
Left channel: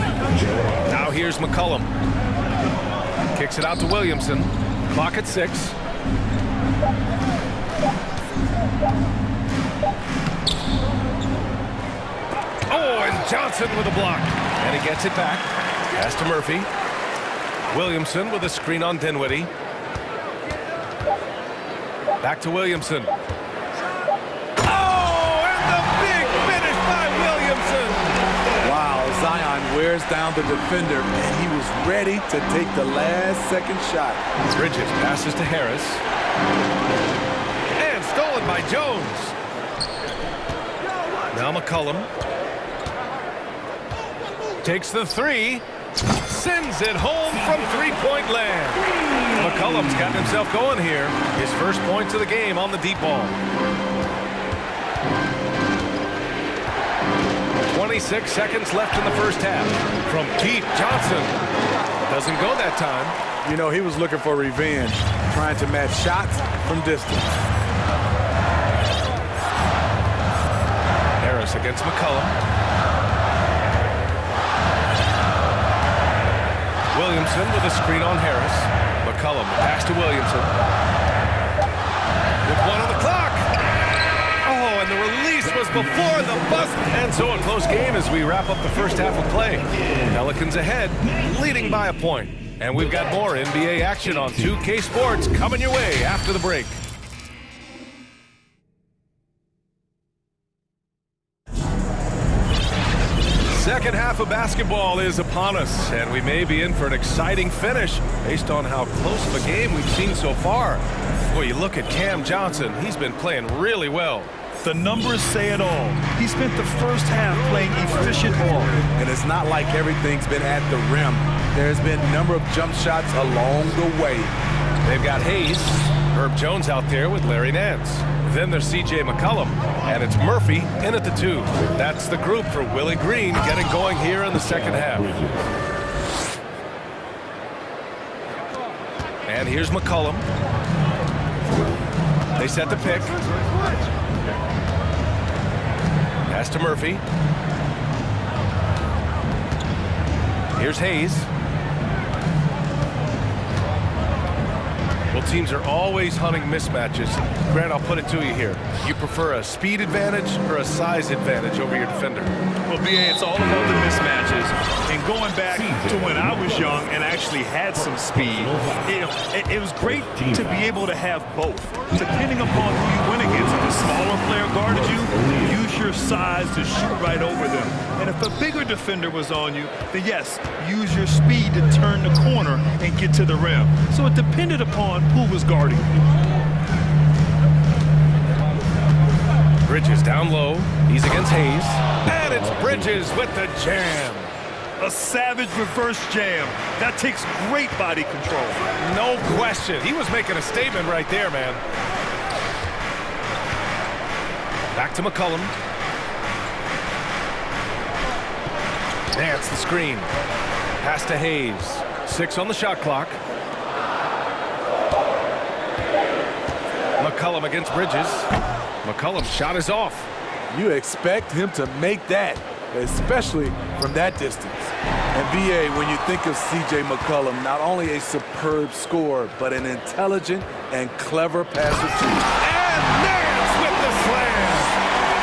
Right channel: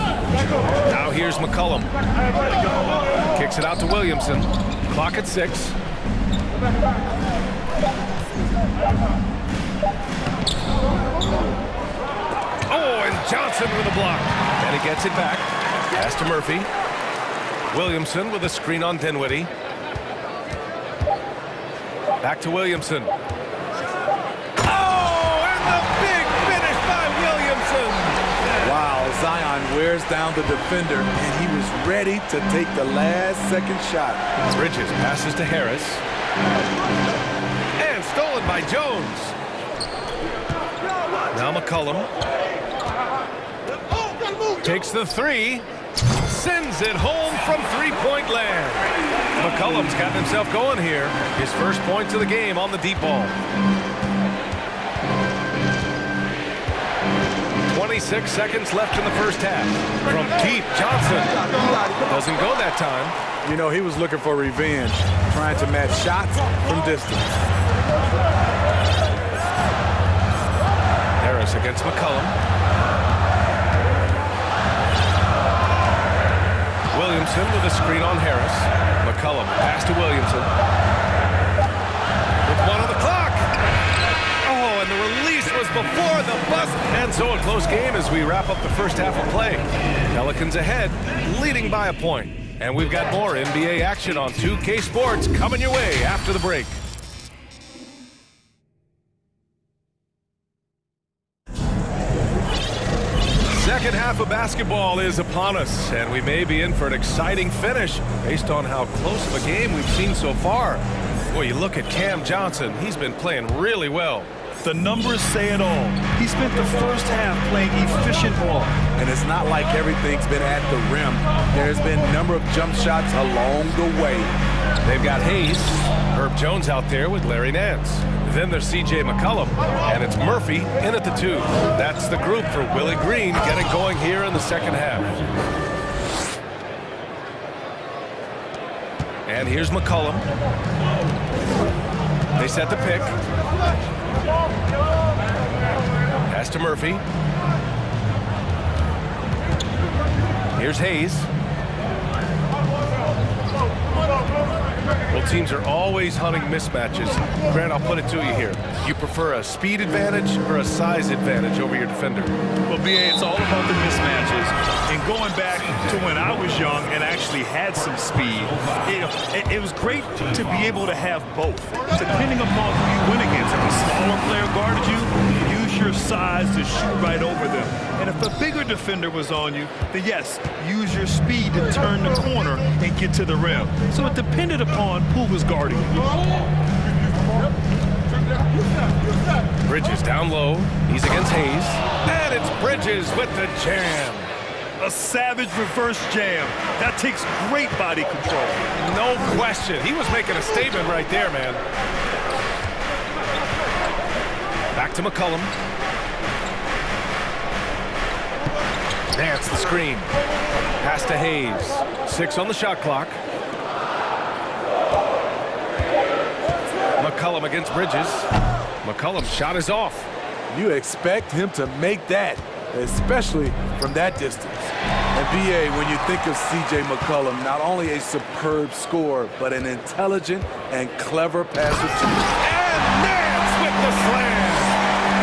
Now here's McCollum. Kicks it out to Williamson. Clock at 6. Oh, and Johnson with a block. And he gets it back. Pass to Murphy. Williamson with a screen on Dinwiddie. Back to Williamson. Oh, and the big finish by Williamson. Wow, Zion wears down the defender, and he was ready to take the last-second shot. Bridges passes to Harris. And stolen by Jones. Now McCollum. Takes the three. Sends it home from three-point land. McCollum's gotten himself going here. His first points of the game on the deep ball. 26 seconds left in the first half. From deep, Johnson. Doesn't go that time. You know, he was looking for revenge, trying to match shots from distance. Harris against McCollum. Williamson with a screen on Harris. McCollum, pass to Williamson. With 1 on the clock. Oh, and the release was before the buzzer. And so a close game as we wrap up the first half of play. Pelicans ahead, leading by a point. And we've got more NBA action on 2K Sports coming your way after the break. Second half of basketball is upon us, and we may be in for an exciting finish based on how close of a game we've seen so far. Well, you look at Cam Johnson, he's been playing really well. The numbers say it all. He spent the first half playing efficient ball. And it's not like everything's been at the rim. There's been a number of jump shots along the way. They've got Hayes, Herb Jones out there with Larry Nance. Then there's C.J. McCollum, and it's Murphy in at the 2. That's the group for Willie Green getting going here in the second half. And here's McCollum. They set the pick. Pass to Murphy. Here's Hayes. Well, teams are always hunting mismatches. Grant, I'll put it to you here. You prefer a speed advantage or a size advantage over your defender? Well, BA, it's all about the mismatches. And going back to when I was young and actually had some speed, it was great to be able to have both. Depending upon who you win against, if a smaller player guarded you, use your size to shoot right over them. And if a bigger defender was on you, then yes, use your speed to turn the corner and get to the rim. So it depended upon who was guarding you. Bridges down low. He's against Hayes. And it's Bridges with the jam. A savage reverse jam. That takes great body control. No question. He was making a statement right there, man. Back to McCollum. Nance the screen. Pass to Hayes. 6 on the shot clock. McCollum against Bridges. McCollum's shot is off. You expect him to make that, especially from that distance. And B.A., when you think of C.J. McCollum, not only a superb scorer, but an intelligent and clever passer too. And Nance with the slam.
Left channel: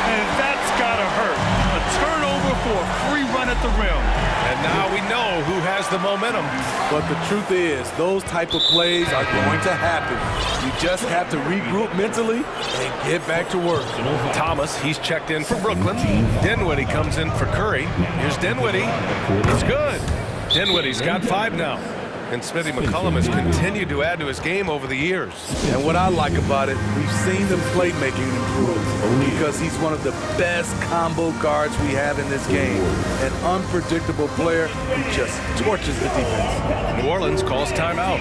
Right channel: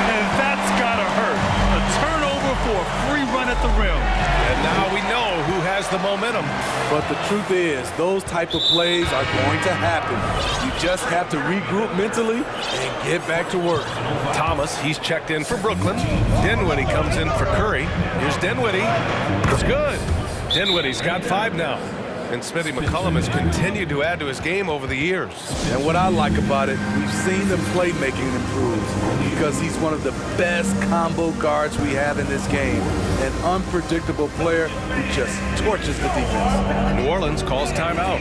And that's gotta hurt. A turnover for a free run at the rim. And now we know who has the momentum. But the truth is, those type of plays are going to happen. You just have to regroup mentally and get back to work. Thomas, he's checked in for Brooklyn. Dinwiddie comes in for Curry. Here's Dinwiddie. It's good. Dinwiddie's got 5 now. And Smitty McCollum has continued to add to his game over the years. And what I like about it, we've seen the playmaking improve because he's one of the best combo guards we have in this game. An unpredictable player who just torches the defense. New Orleans calls timeout.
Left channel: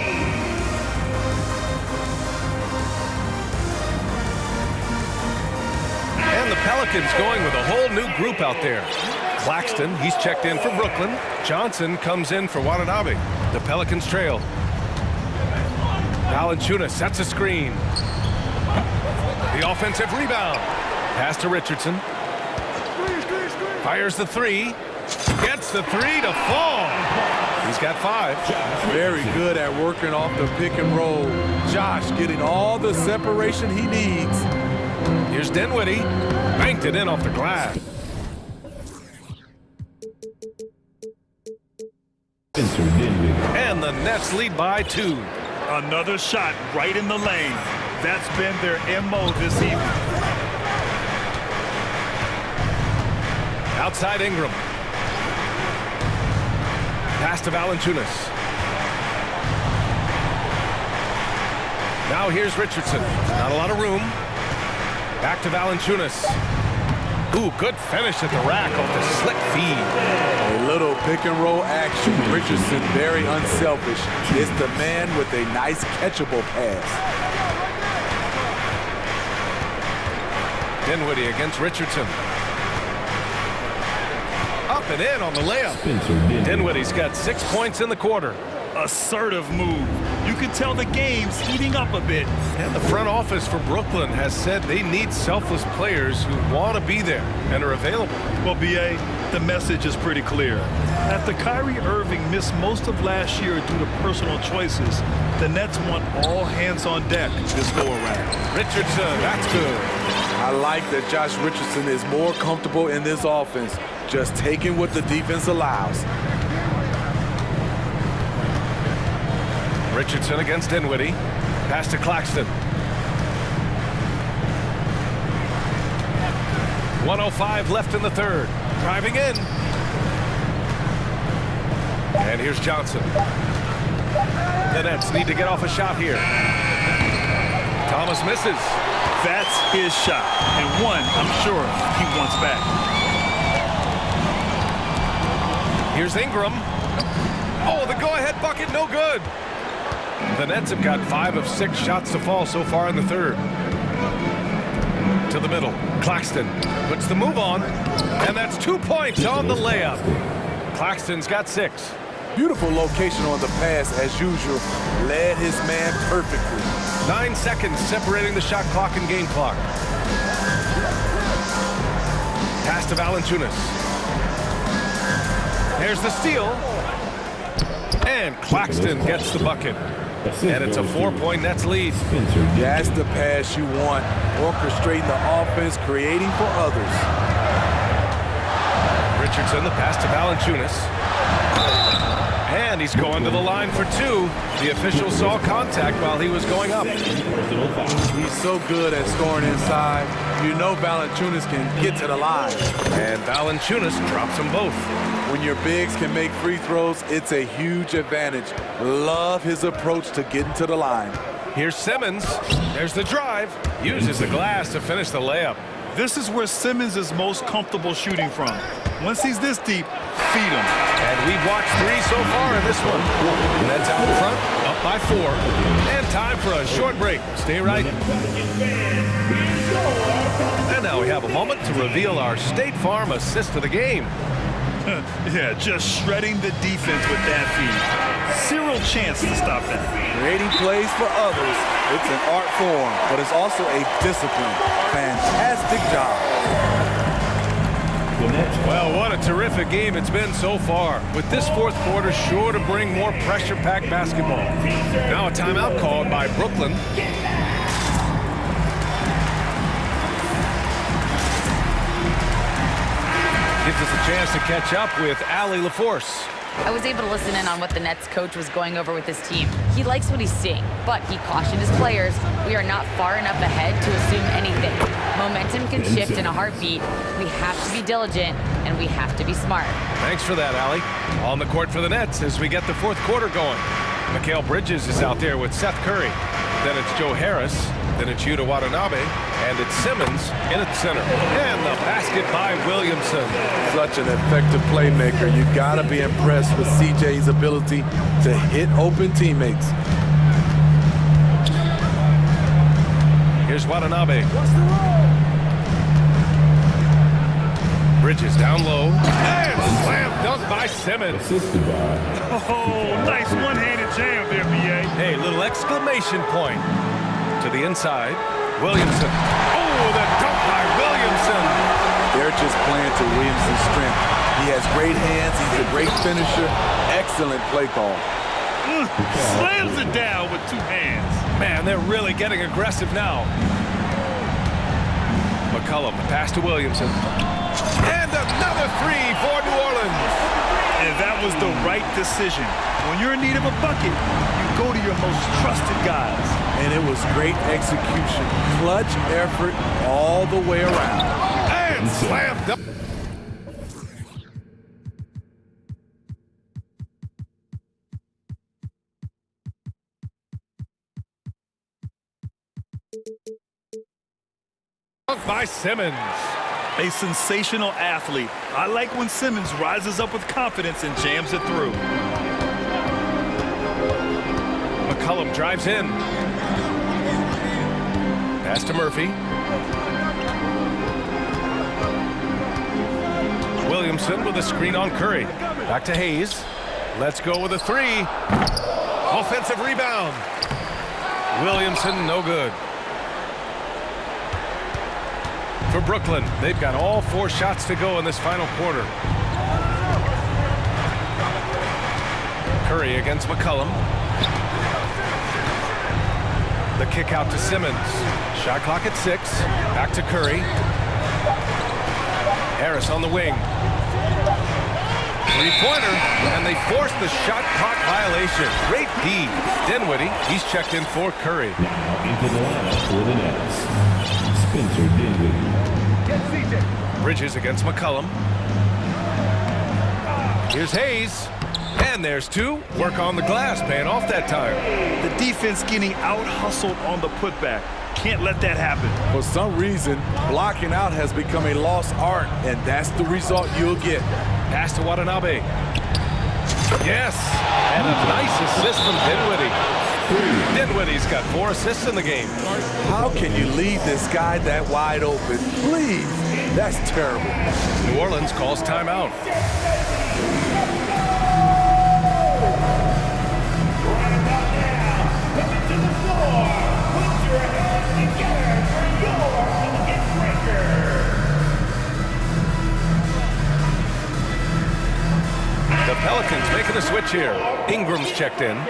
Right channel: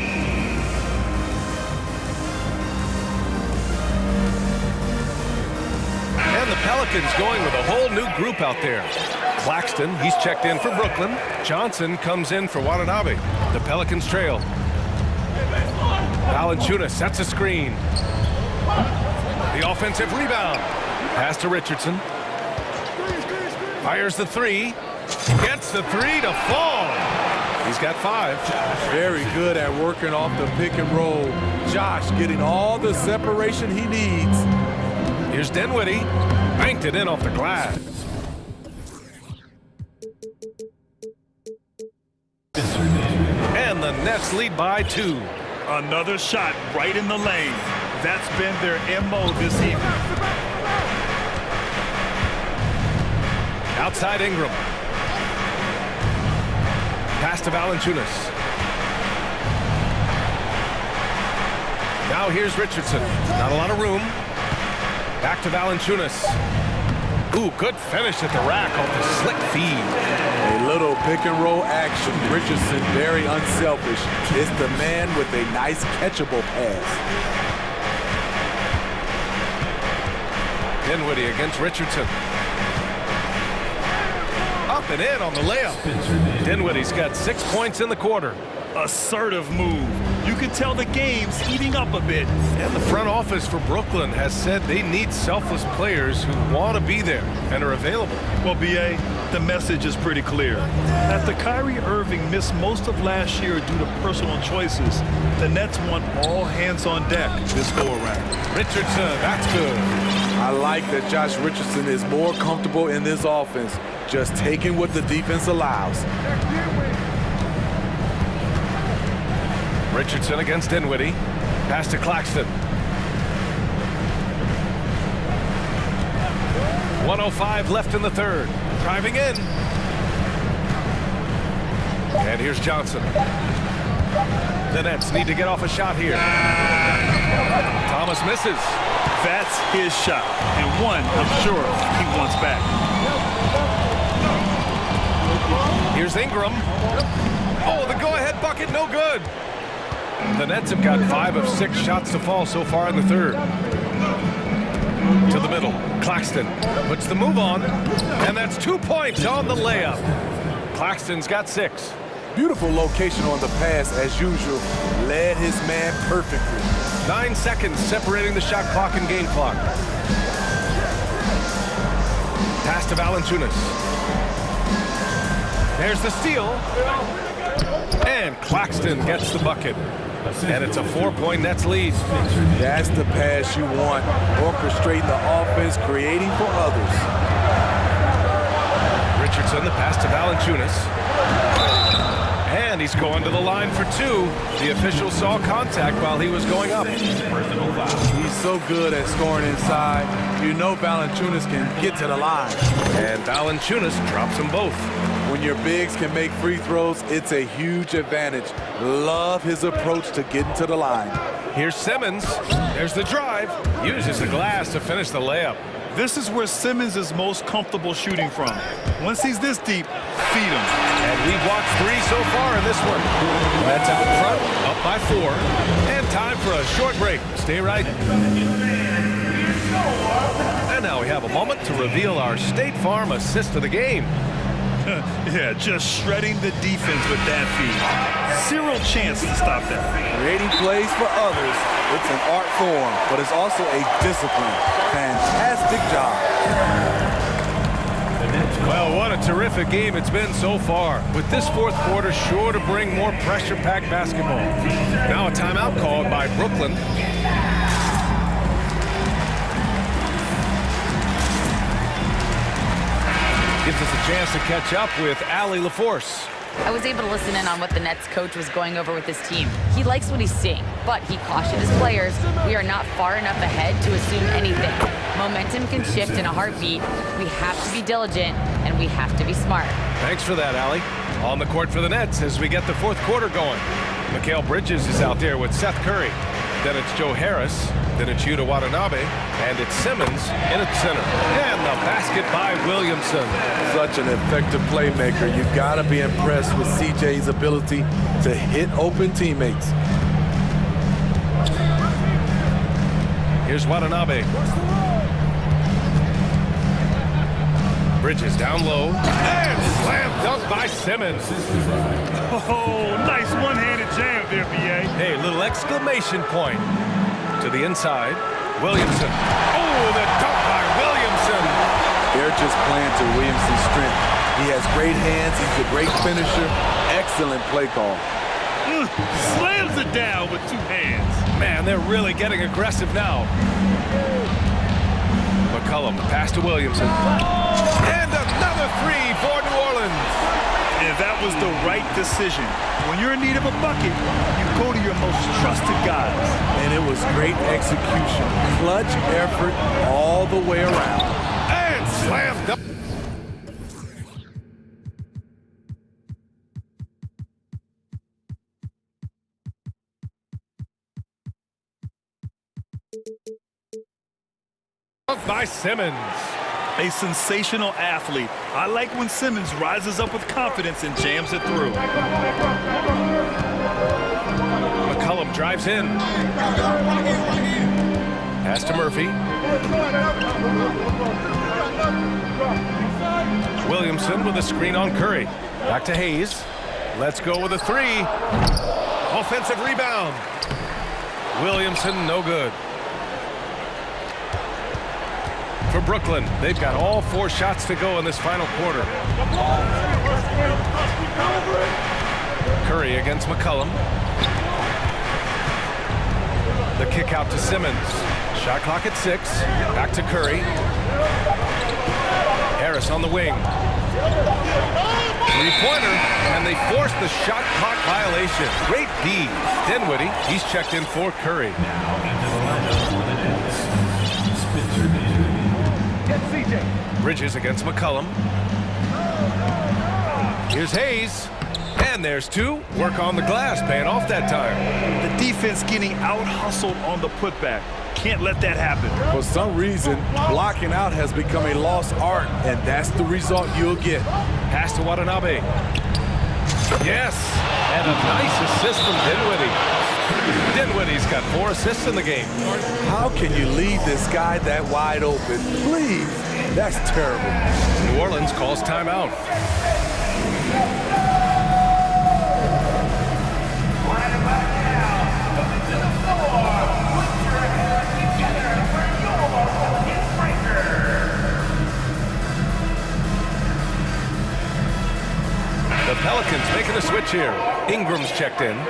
And the Pelicans going with a whole new group out there. Claxton, he's checked in for Brooklyn. Johnson comes in for Watanabe. The Pelicans trail. Valanciunas sets a screen. The offensive rebound. Pass to Richardson. Fires the 3. Gets the 3 to fall. He's got 5. Very good at working off the pick and roll. Josh getting all the separation he needs. Here's Dinwiddie. Banked it in off the glass. And the Nets lead by 2. Another shot right in the lane. That's been their MO this evening. Outside Ingram. Pass to Valanciunas. Now here's Richardson. Not a lot of room. Back to Valanciunas. Ooh, good finish at the rack off the slick feed. A little pick and roll action. Richardson very unselfish. It's the man with a nice catchable pass. Dinwiddie against Richardson. Up and in on the layup. Dinwiddie's got 6 points in the quarter. Assertive move. You can tell the game's heating up a bit. And the front office for Brooklyn has said they need selfless players who want to be there and are available. Well, B.A., the message is pretty clear. After Kyrie Irving missed most of last year due to personal choices, the Nets want all hands on deck this go-around. Richardson, that's good. I like that Josh Richardson is more comfortable in this offense, just taking what the defense allows. Richardson against Dinwiddie. Pass to Claxton. 1:05 left in the third. Driving in. And here's Johnson. The Nets need to get off a shot here. Thomas misses. That's his shot. And one, I'm sure, he wants back. Here's Ingram. Oh, the go-ahead bucket, no good. The Nets have got 5 of 6 shots to fall so far in the third. To the middle. Claxton puts the move on. And that's 2 points on the layup. Claxton's got 6. Beautiful location on the pass as usual. Led his man perfectly. 9 seconds separating the shot clock and game clock. Pass to Valanciunas. There's the steal. And Claxton gets the bucket. And it's a 4-point Nets lead. That's the pass you want. Orchestrating the offense, creating for others. Richardson, the pass to Valanciunas. And he's going to the line for 2. The official saw contact while he was going up. He's so good at scoring inside. You know Valanciunas can get to the line. And Valanciunas drops them both. When your bigs can make free throws, it's a huge advantage. Love his approach to getting to the line. Here's Simmons. There's the drive. Uses the glass to finish the layup. This is where Simmons is most comfortable shooting from. Once he's this deep, feed him. And we've watched 3 so far in this one. Nets out in front, up by 4. And time for a short break. Stay right. And now we have a moment to reveal our State Farm assist of the game. Yeah, just shredding the defense with that feed. Zero chance to stop that. Creating plays for others, it's an art form, but it's also a discipline. Fantastic job. The Nets Well, what a terrific game it's been so far, with this fourth quarter sure to bring more pressure-packed basketball. Now a timeout called by Brooklyn. Gives us a chance to catch up with Allie LaForce. I was able to listen in on what the Nets coach was going over with his team. He likes what he's seeing, but he cautioned his players, we are not far enough ahead to assume anything. Momentum can shift in a heartbeat. We have to be diligent, and we have to be smart. Thanks for that, Allie. On the court for the Nets as we get the fourth quarter going. Mikal Bridges is out there with Seth Curry. Then it's Joe Harris. Then it's Yuta Watanabe. And it's Simmons in at center. And the basket by Williamson. Such an effective playmaker. You gotta be impressed with CJ's ability to hit open teammates. Here's Watanabe. Bridges down low. And slam dunk by Simmons. Oh, nice one-handed jam there, B.A. Hey, little exclamation point. To the inside. Williamson. Oh, the dunk by Williamson. They're just playing to Williamson's strength. He has great hands. He's a great finisher. Excellent play call. Slams it down with two hands. Man, they're really getting aggressive now. McCollum, the pass to Williamson. And another three for New Orleans. And that was the right decision. When you're in need of a bucket, you go to your most trusted guys. And it was great execution. Clutch effort all the way around. And slam dunk. By Simmons. A sensational athlete. I like when Simmons rises up with confidence and jams it through. McCollum drives in. Pass to Murphy. Williamson with a screen on Curry. Back to Hayes. Let's go with a three. Offensive rebound. Williamson, no good. For Brooklyn, they've got all four shots to go in this final quarter. Curry against McCollum. The kick out to Simmons. Shot clock at 6. Back to Curry. Harris on the wing. Three-pointer, and they force the shot clock violation. Great D. Dinwiddie, he's checked in for Curry. Now into the lineup for the Nets. Spencer Dinwiddie. Bridges against McCollum. Here's Hayes. And there's two. Work on the glass, paying off that time. The defense getting out-hustled on the putback. Can't let that happen. For some reason, blocking out has become a lost art, and that's the result you'll get. Pass to Watanabe. Yes, and a nice assist from Dinwiddie. Dinwiddie's got 4 assists in the game. How can you leave this guy that wide open? Please, that's terrible. New Orleans calls timeout. The Pelicans making a switch here. Ingram's checked in.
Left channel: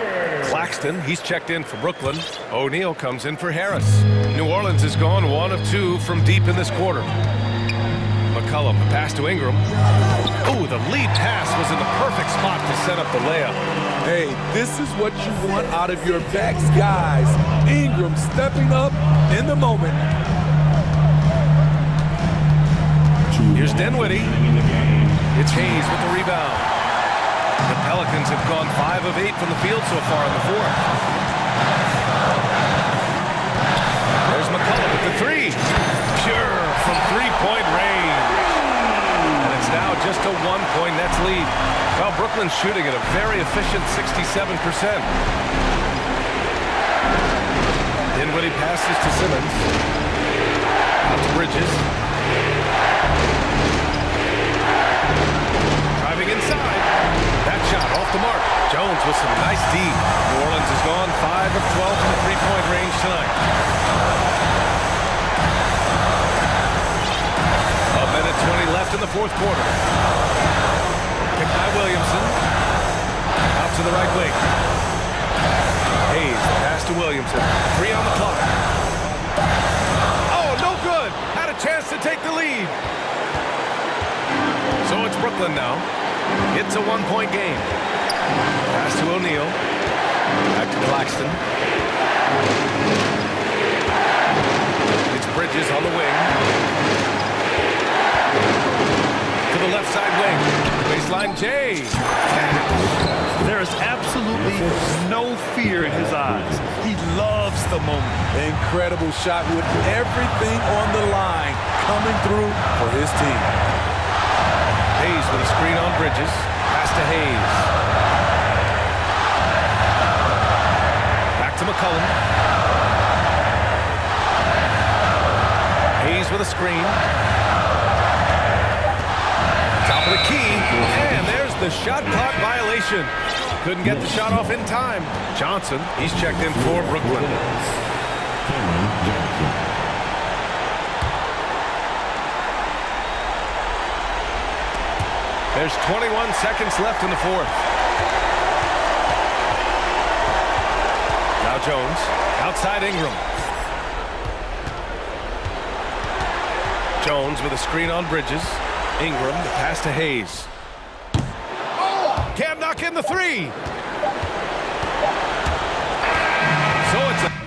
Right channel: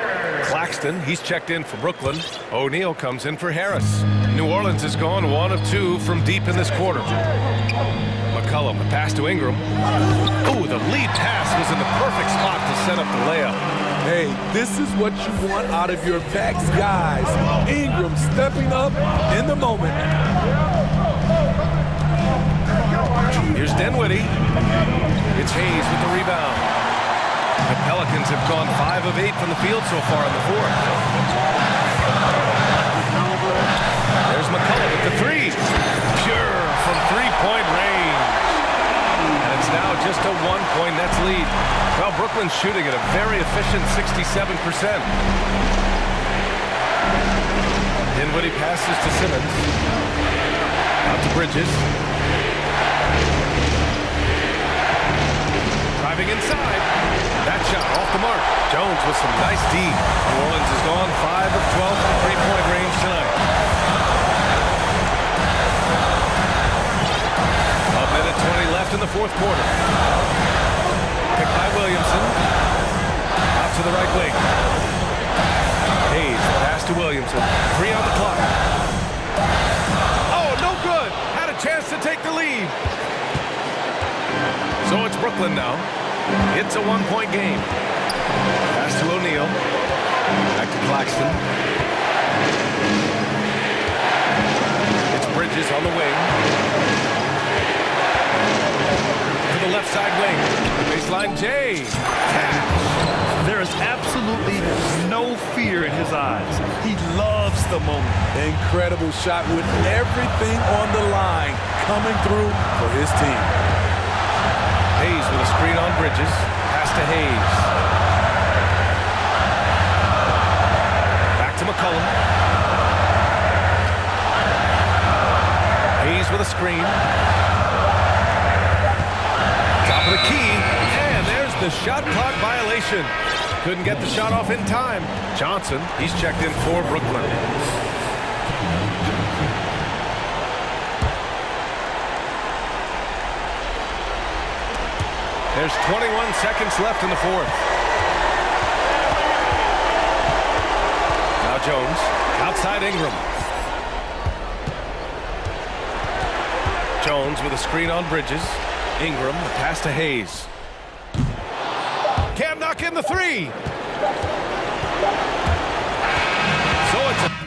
Claxton, he's checked in for Brooklyn. O'Neal comes in for Harris. New Orleans has gone 1 of 2 from deep in this quarter. McCollum, the pass to Ingram. Ooh, the lead pass was in the perfect spot to set up the layup. Hey, this is what you want out of your backs, guys. Ingram stepping up in the moment. Here's Dinwiddie. It's Hayes with the rebound. The Pelicans have gone 5 of 8 from the field so far in the fourth. There's McCollum with the three. Pure from three-point range. And it's now just a 1-point Nets lead. Well, Brooklyn's shooting at a very efficient 67%. Dinwiddie passes to Simmons. Out to Bridges. Driving inside. That shot off the mark. Jones with some nice D. New Orleans has gone 5 of 12 from three-point range tonight. A 1:20 left in the fourth quarter. Picked by Williamson. Out to the right wing. Hayes, pass to Williamson. 3 on the clock. Oh, no good. Had a chance to take the lead. So it's Brooklyn now. It's a 1-point game. Pass to O'Neal. Back to Claxton. It's Bridges on the wing. To the left side wing. The baseline, Jay. Catch. There is absolutely no fear in his eyes. He loves the moment. Incredible shot with everything on the line coming through for his team. Hayes with a screen on Bridges. Pass to Hayes. Back to McCollum. Hayes with a screen. Top of the key, and there's the shot clock violation. Couldn't get the shot off in time. Johnson, he's checked in for Brooklyn. There's 21 seconds left in the fourth. Now Jones, outside Ingram. Jones with a screen on Bridges. Ingram, the pass to Hayes. Can't knock in the three. So it's a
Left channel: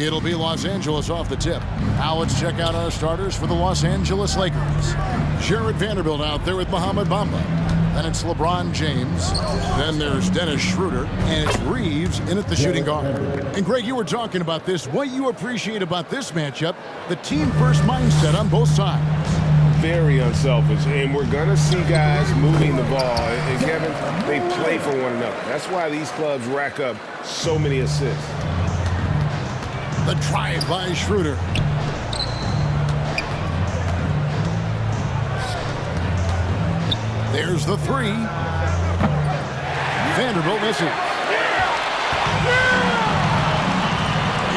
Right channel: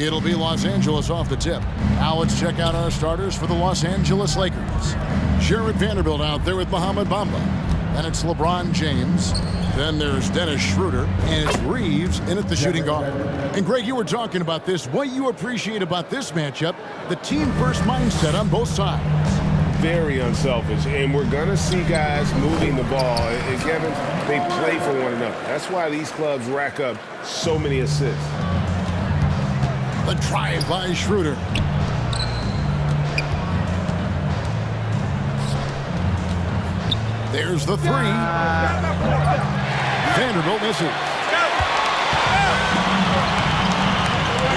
It'll be Los Angeles off the tip. Now let's check out our starters for the Los Angeles Lakers. Jared Vanderbilt out there with Mohamed Bamba. Then it's LeBron James. Then there's Dennis Schroeder. And it's Reeves in at the shooting guard. And Greg, you were talking about this. What you appreciate about this matchup, the team-first mindset on both sides. Very unselfish. And we're going to see guys moving the ball. And Kevin, they play for one another. That's why these clubs rack up so many assists. The drive by Schroeder. There's the three. Vanderbilt misses.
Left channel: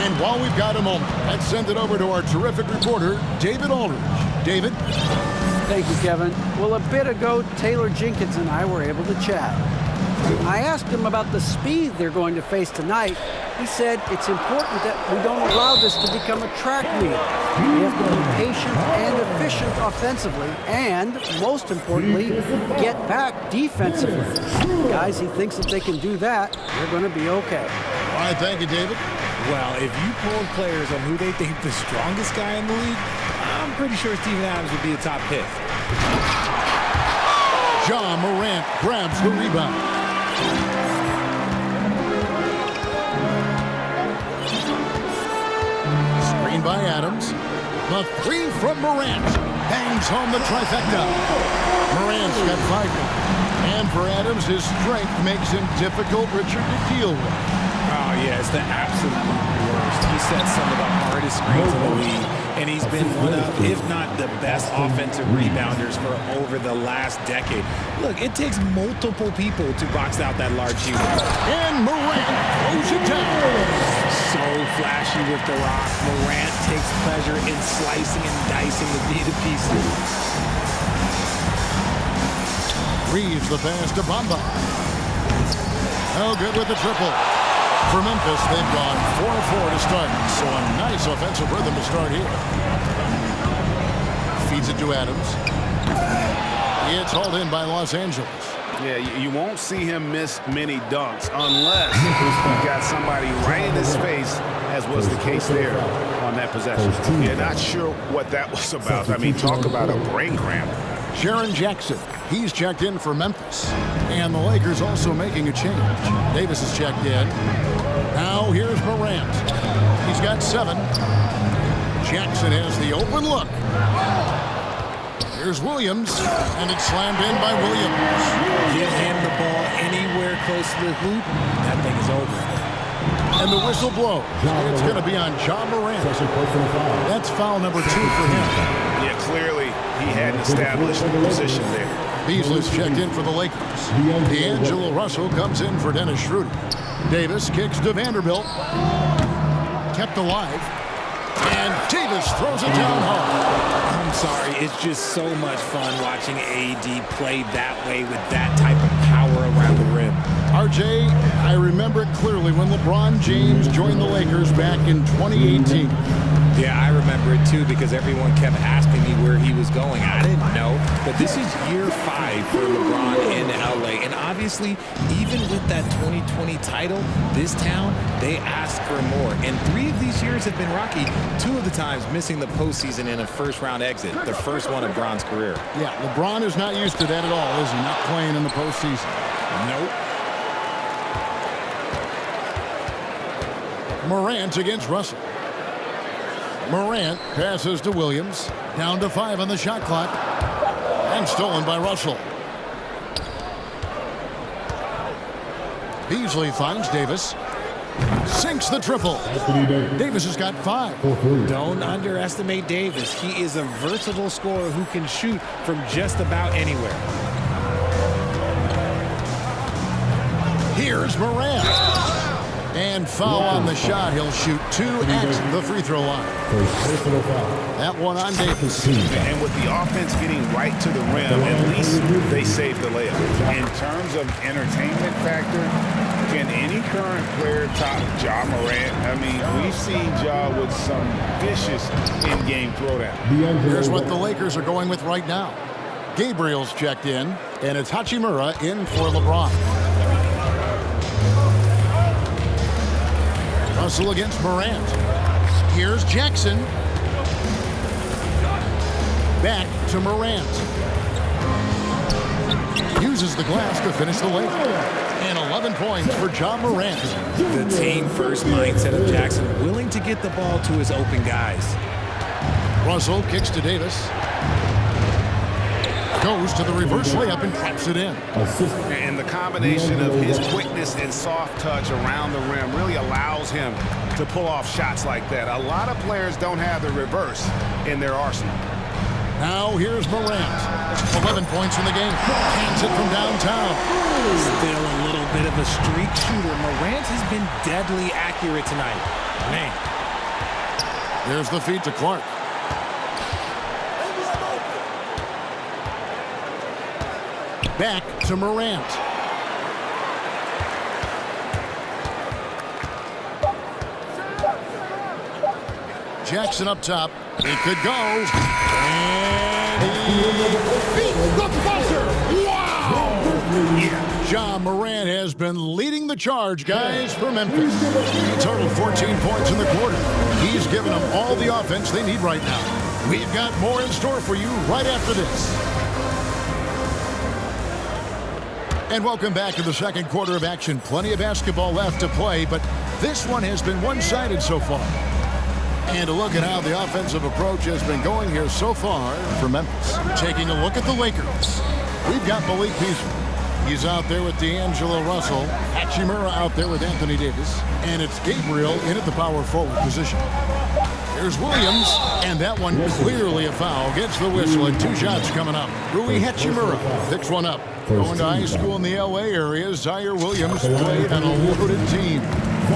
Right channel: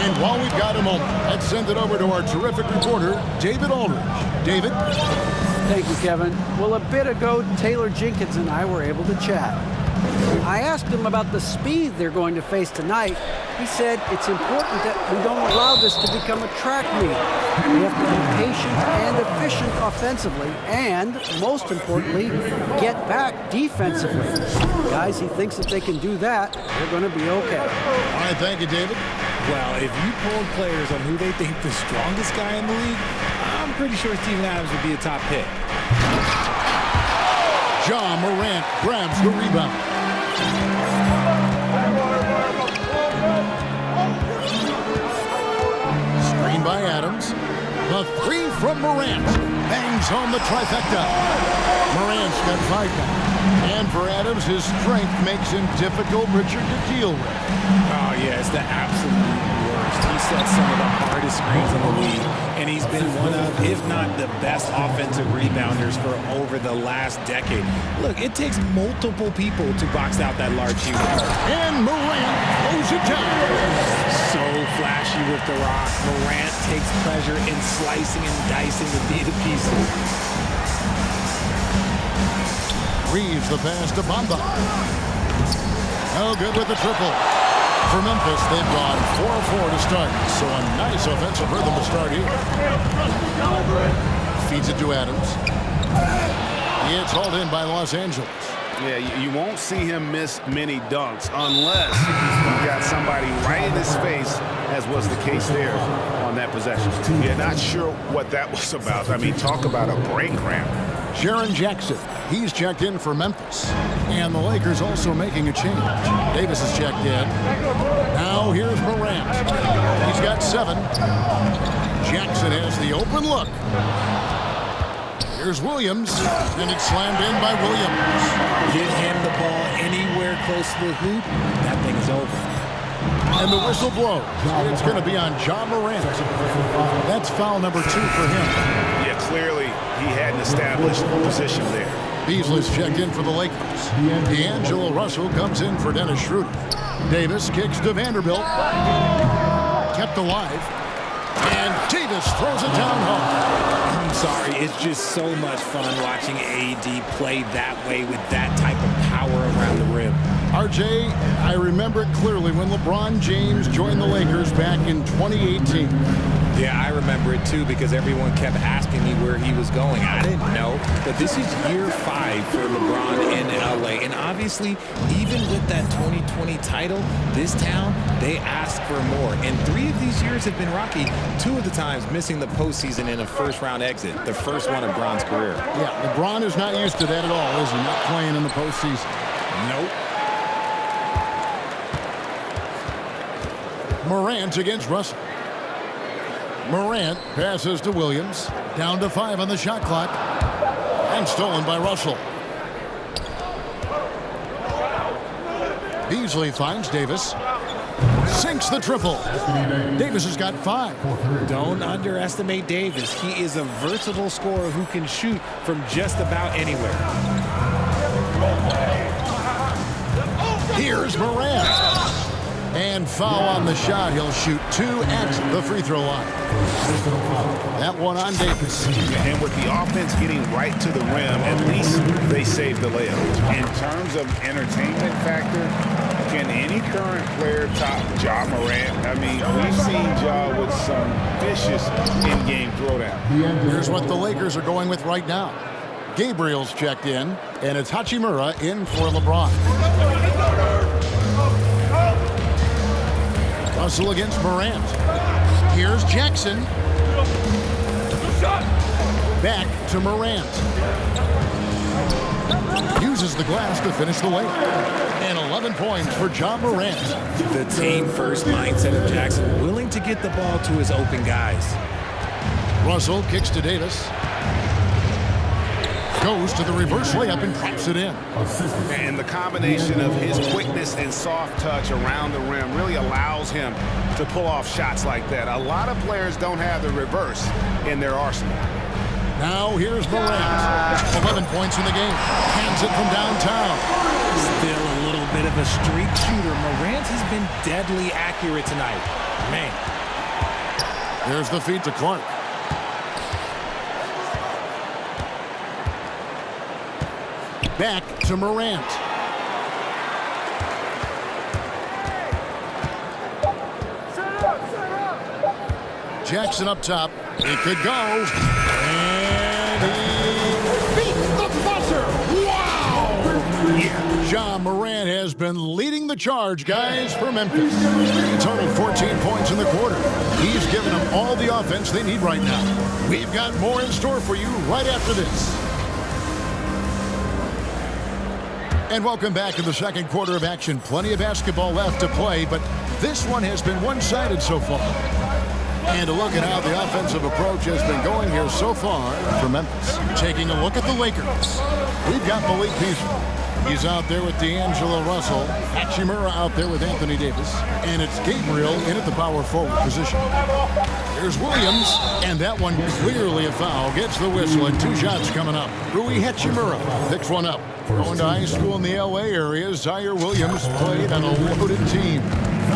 And while we've got a moment, let's send it over to our terrific reporter, David Aldridge. David? Thank you, Kevin. Well, a bit ago, Taylor Jenkins and I were able to chat. I asked him about the speed they're going to face tonight. He said it's important that we don't allow this to become a track meet. We have to be patient and efficient offensively, and most importantly, get back defensively. Guys, he thinks if they can do that, they're going to be okay. All right, thank you, David. Well, if you polled players on who they think the strongest guy in the league, I'm pretty sure Steven Adams would be a top pick. Ja Morant grabs the rebound. Screen by Adams. The three from Morant. Bangs home the trifecta. Morant's got 5 now. And for Adams, his strength makes him difficult, Richard, to deal with. Oh, yeah, it's the absolute worst. He sets some of the hardest screens in the league, and he's been one of, if not the best offensive rebounders for over the last decade. Look, it takes multiple people to box out that large shooter. And Morant throws it down. So flashy with the rock. Morant takes pleasure in slicing and dicing the D to pieces. Reeves the pass to Bamba. No good with the triple. For Memphis, they've gone 4-4 to start, so a nice offensive rhythm to start here. Feeds it to Adams. It's hauled in by Los Angeles. Yeah, you won't see him miss many dunks unless you've got somebody right in his face, as was the case there on that possession. You're not sure what that was about. I mean, talk about a brain cramp. Jaren Jackson, he's checked in for Memphis. And the Lakers also making a change. Davis is checked in. Now here's Morant. He's got 7. Jackson has the open look. Here's Williams, and it's slammed in by Williams. Get him the ball anywhere close to the hoop, that thing is over. And the whistle blows. It's going to be on Ja Morant. That's foul number 2 for him. Yeah, clearly he had an established position there. Beasley's checked in for the Lakers. D'Angelo Russell comes in for Dennis Schroeder. Davis kicks to Vanderbilt. Kept alive. And Davis throws it down hard. I'm sorry, it's just so much fun watching AD play that way with that type of power around the rim. RJ, I remember it clearly when LeBron James joined the Lakers back in 2018. Yeah, I remember it too because everyone kept asking me where he was going. I didn't know, but this is year 5 for LeBron in LA. And obviously, even with that 2020 title, this town, they asked for more. And 3 of these years have been rocky, 2 of the times missing the postseason in a first-round exit, the first one of LeBron's career. Yeah, LeBron is not used to that at all, is he? Not playing in the postseason. Nope. Morant against Russell. Morant passes to Williams. Down to 5 on the shot clock. And stolen by Russell. Beasley finds Davis. Sinks the triple. Davis has got 5. Don't underestimate Davis. He is a versatile scorer who can shoot from just about anywhere. Here's Morant. And foul on the shot. He'll shoot 2 at the free throw line. That one on Davis. And with the offense getting right to the rim, at least they saved the layup. In terms of entertainment factor, can any current player top Ja Morant? I mean, we've seen Ja with some vicious in-game throwdown. Here's what the Lakers are going with right now. Gabriel's checked in, and it's Hachimura in for LeBron. Russell against Morant. Here's Jackson. Back to Morant. Uses the glass to finish the layup. And 11 points for Ja Morant. The team-first mindset of Jackson, willing to get the ball to his open guys. Russell kicks to Davis. Goes to the reverse layup and traps it in. And the combination of his quickness and soft touch around the rim really allows him to pull off shots like that. A lot of players don't have the reverse in their arsenal. Now here's Morant. 11 points in the game. Cans it from downtown. Still a little bit of a streak shooter. Morant has been deadly accurate tonight. Man. There's the feed to Clark. Back to Morant. Jackson up top. It could go. And he beats the buzzer. Wow! Yeah. Ja Morant has been leading the charge, guys, for Memphis. He totaled 14 points in the quarter. He's given them all the offense they need right now. We've got more in store for you right after this. And welcome back to the second quarter of action. Plenty of basketball left to play, but this one has been one-sided so far. And a look at how the offensive approach has been going here so far for Memphis. Taking a look at the Lakers. We've got Malik Beasley. He's out there with D'Angelo Russell. Hachimura out there with Anthony Davis. And it's Gabriel in at the power forward position. Here's Williams, and that one clearly a foul. Gets the whistle, and 2 shots coming up. Rui Hachimura picks one up. Going to high school in the L.A. area, Zaire Williams played on a loaded team.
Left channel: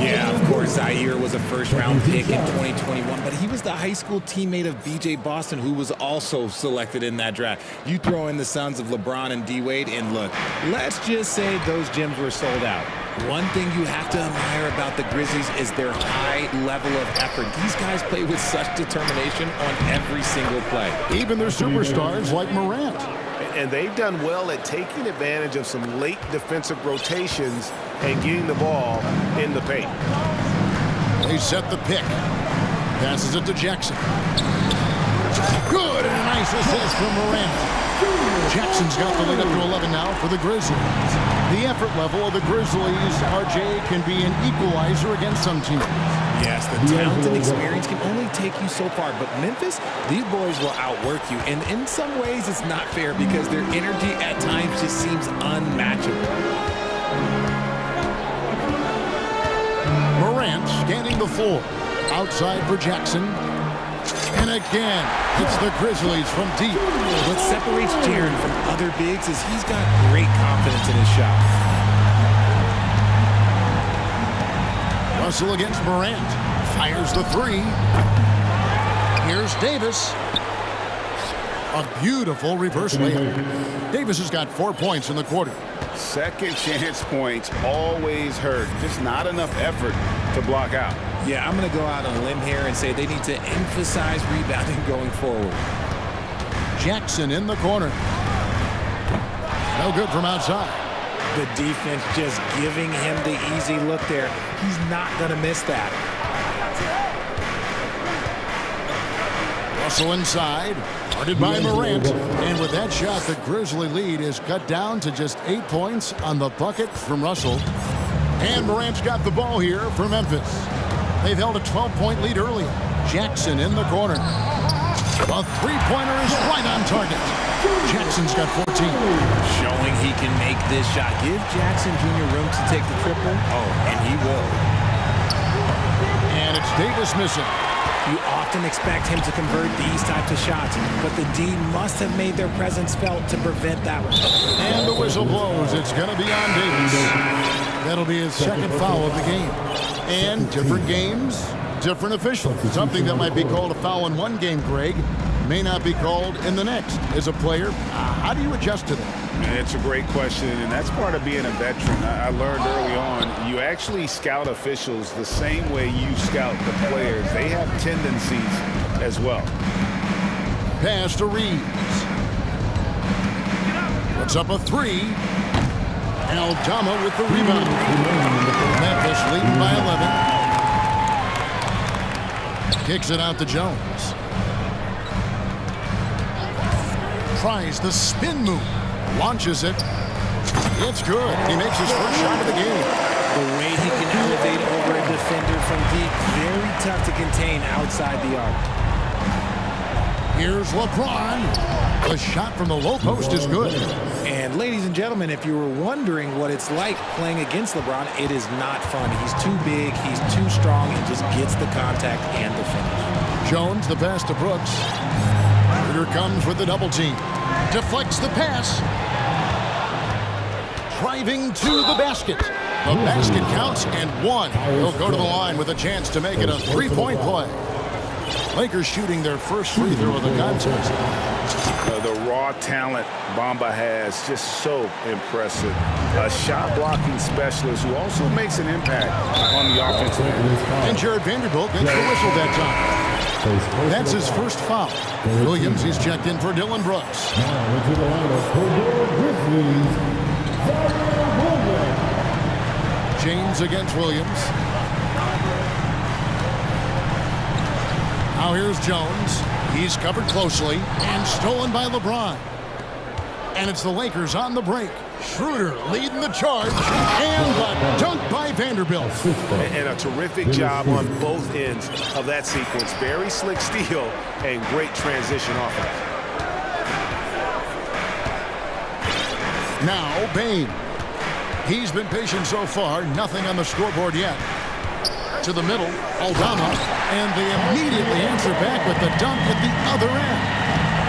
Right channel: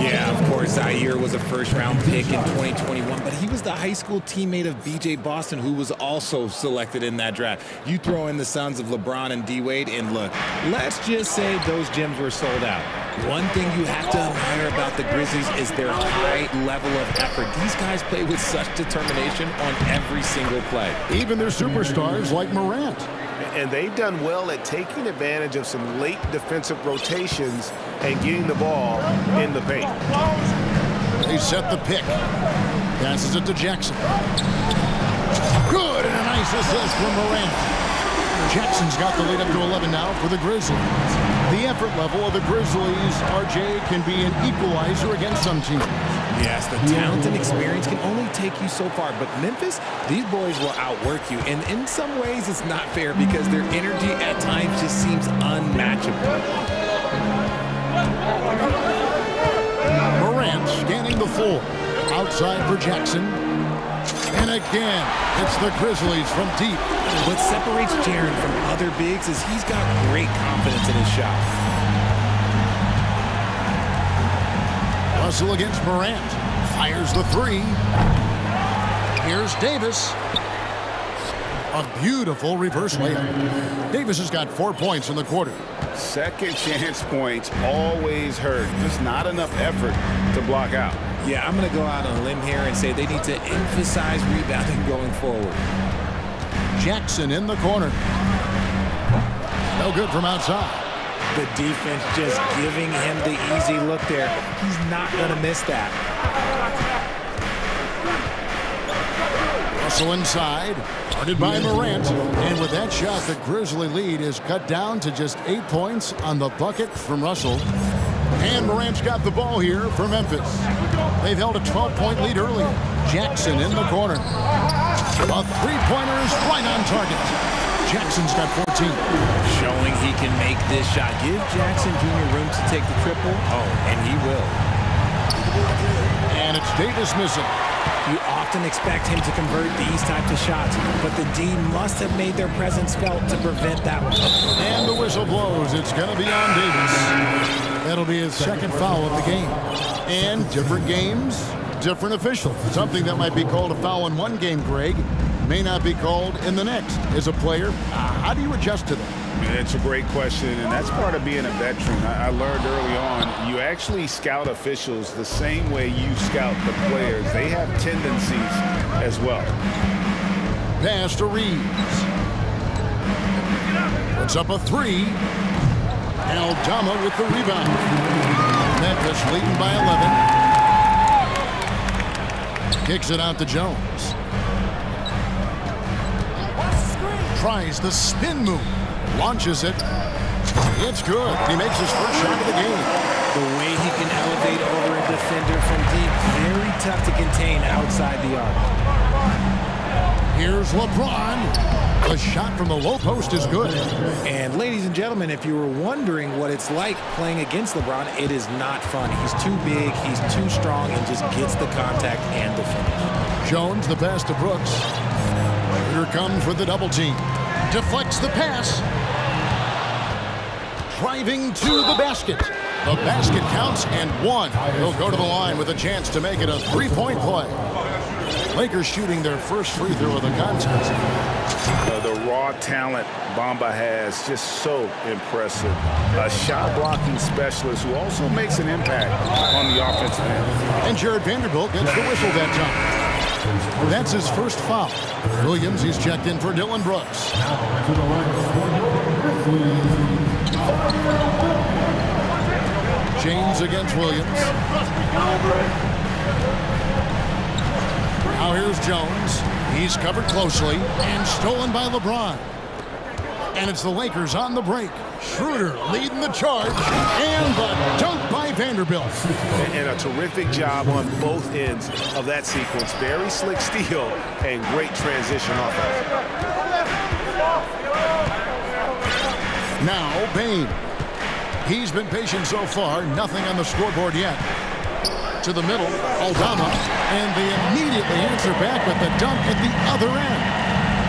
Yeah, of course, Zaire was a first-round pick in 2021, but he was the high school teammate of B.J. Boston, who was also selected in that draft. You throw in the sons of LeBron and D-Wade, and look, let's just say those gyms were sold out. One thing you have to admire about the Grizzlies is their high level of effort. These guys play with such determination on every single play. Even their superstars like Morant. And they've done well at taking advantage of some late defensive rotations and getting the ball in the paint. They set the pick. Passes it to Jackson. Good, and a nice assist from Morant. Jackson's got the lead up to 11 now for the Grizzlies. The effort level of the Grizzlies, RJ, can be an equalizer against some teams. Yes, the talent and experience can only take you so far, but Memphis, these boys will outwork you, and in some ways it's not fair because their energy at times just seems unmatchable. Morant scanning the floor. Outside for Jackson. And again, it's the Grizzlies from deep. What separates Jaren from other bigs is he's got great confidence in his shot. Russell against Morant. Fires the 3. Here's Davis. A beautiful reverse layup. Davis has got 4 points in the quarter. Second chance points always hurt. Just not enough effort to block out. Yeah, I'm going to go out on a limb here and say they need to emphasize rebounding going forward. Jackson in the corner. No good from outside. The defense just giving him the easy look there. He's not going to miss that. Russell inside. Guarded by Morant. And with that shot, the Grizzly lead is cut down to just 8 points on the bucket from Russell. And Morant's got the ball here for Memphis. They've held a 12-point lead earlier. Jackson in the corner. A three-pointer is right on target. Jackson's got 14. Showing he can make this shot. Give Jackson Jr. room to take the triple. Oh, and he will. And it's Davis missing. You often expect him to convert these types of shots, but the D must have made their presence felt to prevent that one. And the whistle blows. It's going to be on Davis. That'll be his second foul of the game. And different games, different officials. Something that might be called a foul in one game, Greg, may not be called in the next. As a player, how do you adjust to that? It's a great question, and that's part of being a veteran. I learned early on, you actually scout officials the same way you scout the players. They have tendencies as well. Pass to Reeves. Puts up a 3. Aldama with the rebound. Memphis leading by 11. Kicks it out to Jones. Tries the spin move. Launches it. It's good. He makes his first shot of the game. The way he can elevate over a defender from deep, very tough to contain outside the arc. Here's LeBron. The shot from the low post is good. And ladies and gentlemen, if you were wondering what it's like playing against LeBron, it is not fun. He's too big, he's too strong, and just gets the contact and the finish. Jones, the pass to Brooks. Schroeder comes with the double team. Deflects the pass. Driving to the basket. The basket counts and one. He'll go to the line with a chance to make it a three-point play. Lakers shooting their first free throw of the contest. The raw talent Bamba has, just so impressive. A shot blocking specialist who also makes an impact on the offensive end. And Jared Vanderbilt gets the whistle that time. That's his first foul. Williams, he's checked in for Dylan Brooks. Now into the lineup for the Grizzlies. James against Williams. Now here's Jones. He's covered closely and stolen by LeBron. And it's the Lakers on the break. Schroeder leading the charge and the dunk by Vanderbilt. And a terrific job on both ends of that sequence. Very slick steal and great transition offense. Now Bain. He's been patient so far. Nothing on the scoreboard yet. To the middle, Aldama, and they immediately answer back with the dunk at the other end.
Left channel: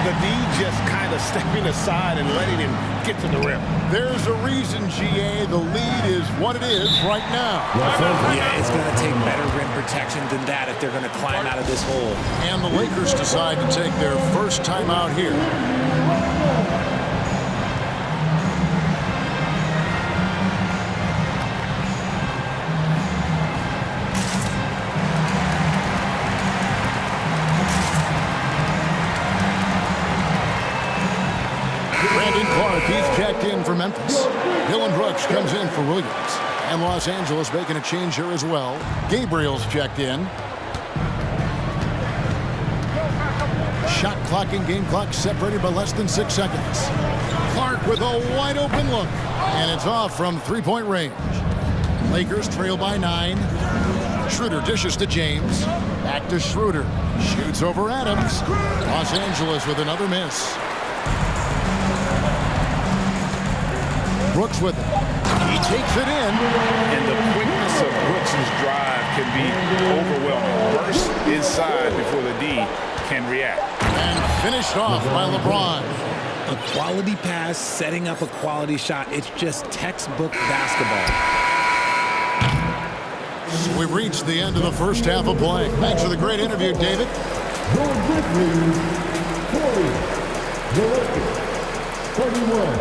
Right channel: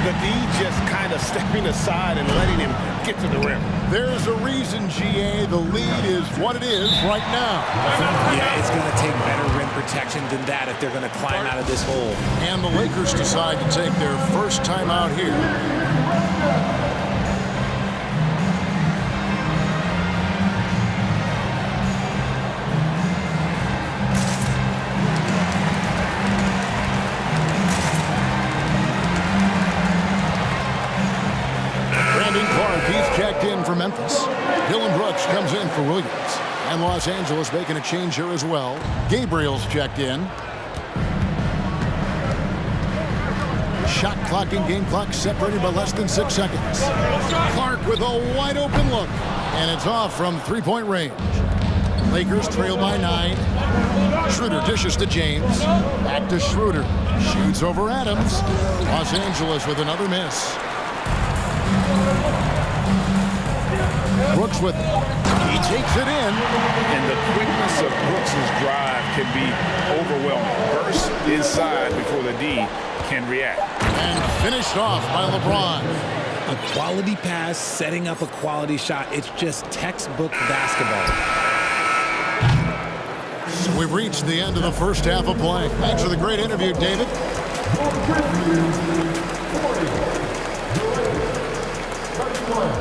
The D just kind of stepping aside and letting him get to the rim. There's a reason, GA, the lead is what it is right now. Yeah, it's going to take better rim protection than that if they're going to climb out of this hole. And the Lakers decide to take their first time out here. Clark, he's checked in for Memphis. Dylan Brooks comes in for Williams. And Los Angeles making a change here as well. Gabriel's checked in. Shot clock and game clock separated by less than 6 seconds. Clark with a wide open look. And it's off from three-point range. Lakers trail by 9. Schroeder dishes to James. Back to Schroeder. Shoots over Adams. Los Angeles with another miss. Brooks with it. He takes it in. And the quickness of Brooks's drive can be overwhelming. Burst inside before the D can react. And finished off by LeBron. A quality pass, setting up a quality shot. It's just textbook basketball. So we've reached the end of the first half of play. Thanks for the great interview, David. Your Grizzlies 40. The Lakers 31.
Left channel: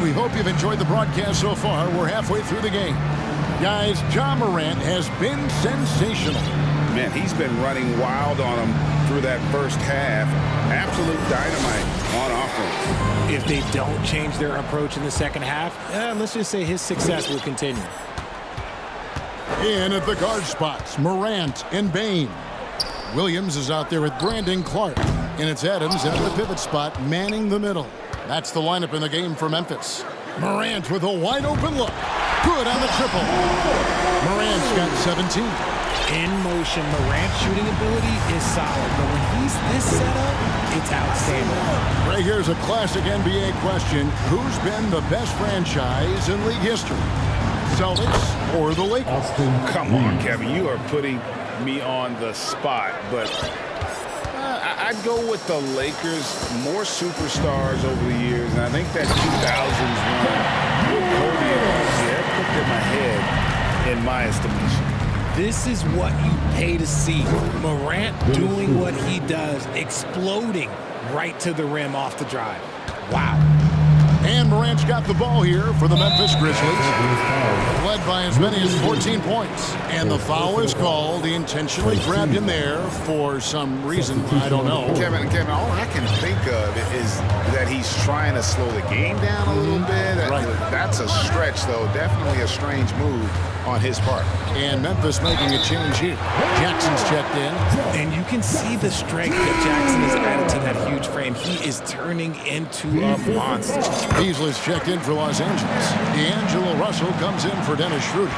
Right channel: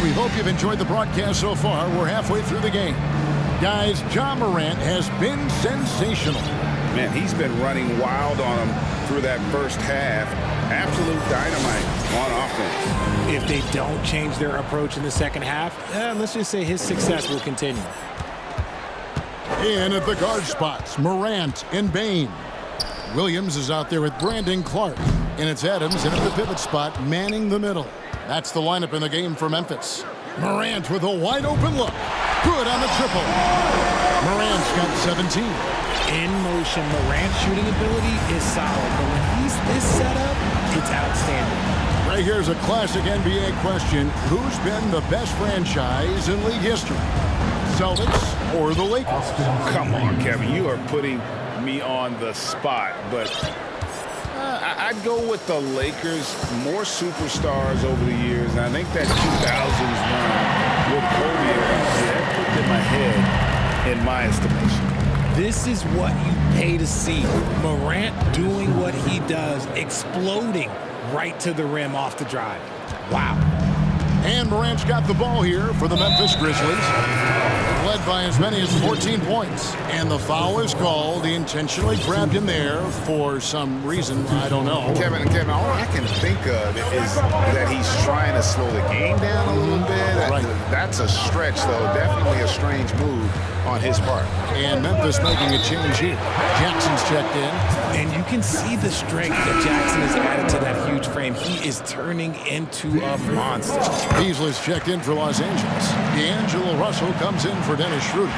We hope you've enjoyed the broadcast so far. We're halfway through the game. Guys, Ja Morant has been sensational. Man, he's been running wild on him through that first half. Absolute dynamite on offense. If they don't change their approach in the second half, let's just say his success will continue. In at the guard spots, Morant and Bain. Williams is out there with Brandon Clark. And it's Adams in at the pivot spot, manning the middle. That's the lineup in the game for Memphis. Morant with a wide open look. Good on the triple. Morant's got 17. In motion, Morant's shooting ability is solid, but when he's this set up, it's outstanding. Right here's a classic NBA question. Who's been the best franchise in league history? Celtics or the Lakers? Come on, Kevin. You are putting me on the spot, but I'd go with the Lakers. More superstars over the years, and I think that 2000s run with Kobe and company, that put them ahead in my estimation. This is what you pay to see. Morant doing what he does, exploding right to the rim off the drive. Wow. And Morant's got the ball here for the Memphis Grizzlies. Led by as many as 14 points. And the foul is called. He intentionally grabbed him there for some reason. I don't know. Kevin, all I can think of is that he's trying to slow the game down a little bit. That's a stretch, though. Definitely a strange move on his part. And Memphis making a change here. Jackson's checked in. And you can see the strength that Jackson has added to that huge frame. He is turning into a monster. Beasley's checked in for Los Angeles. D'Angelo Russell comes in for Dennis Schroeder.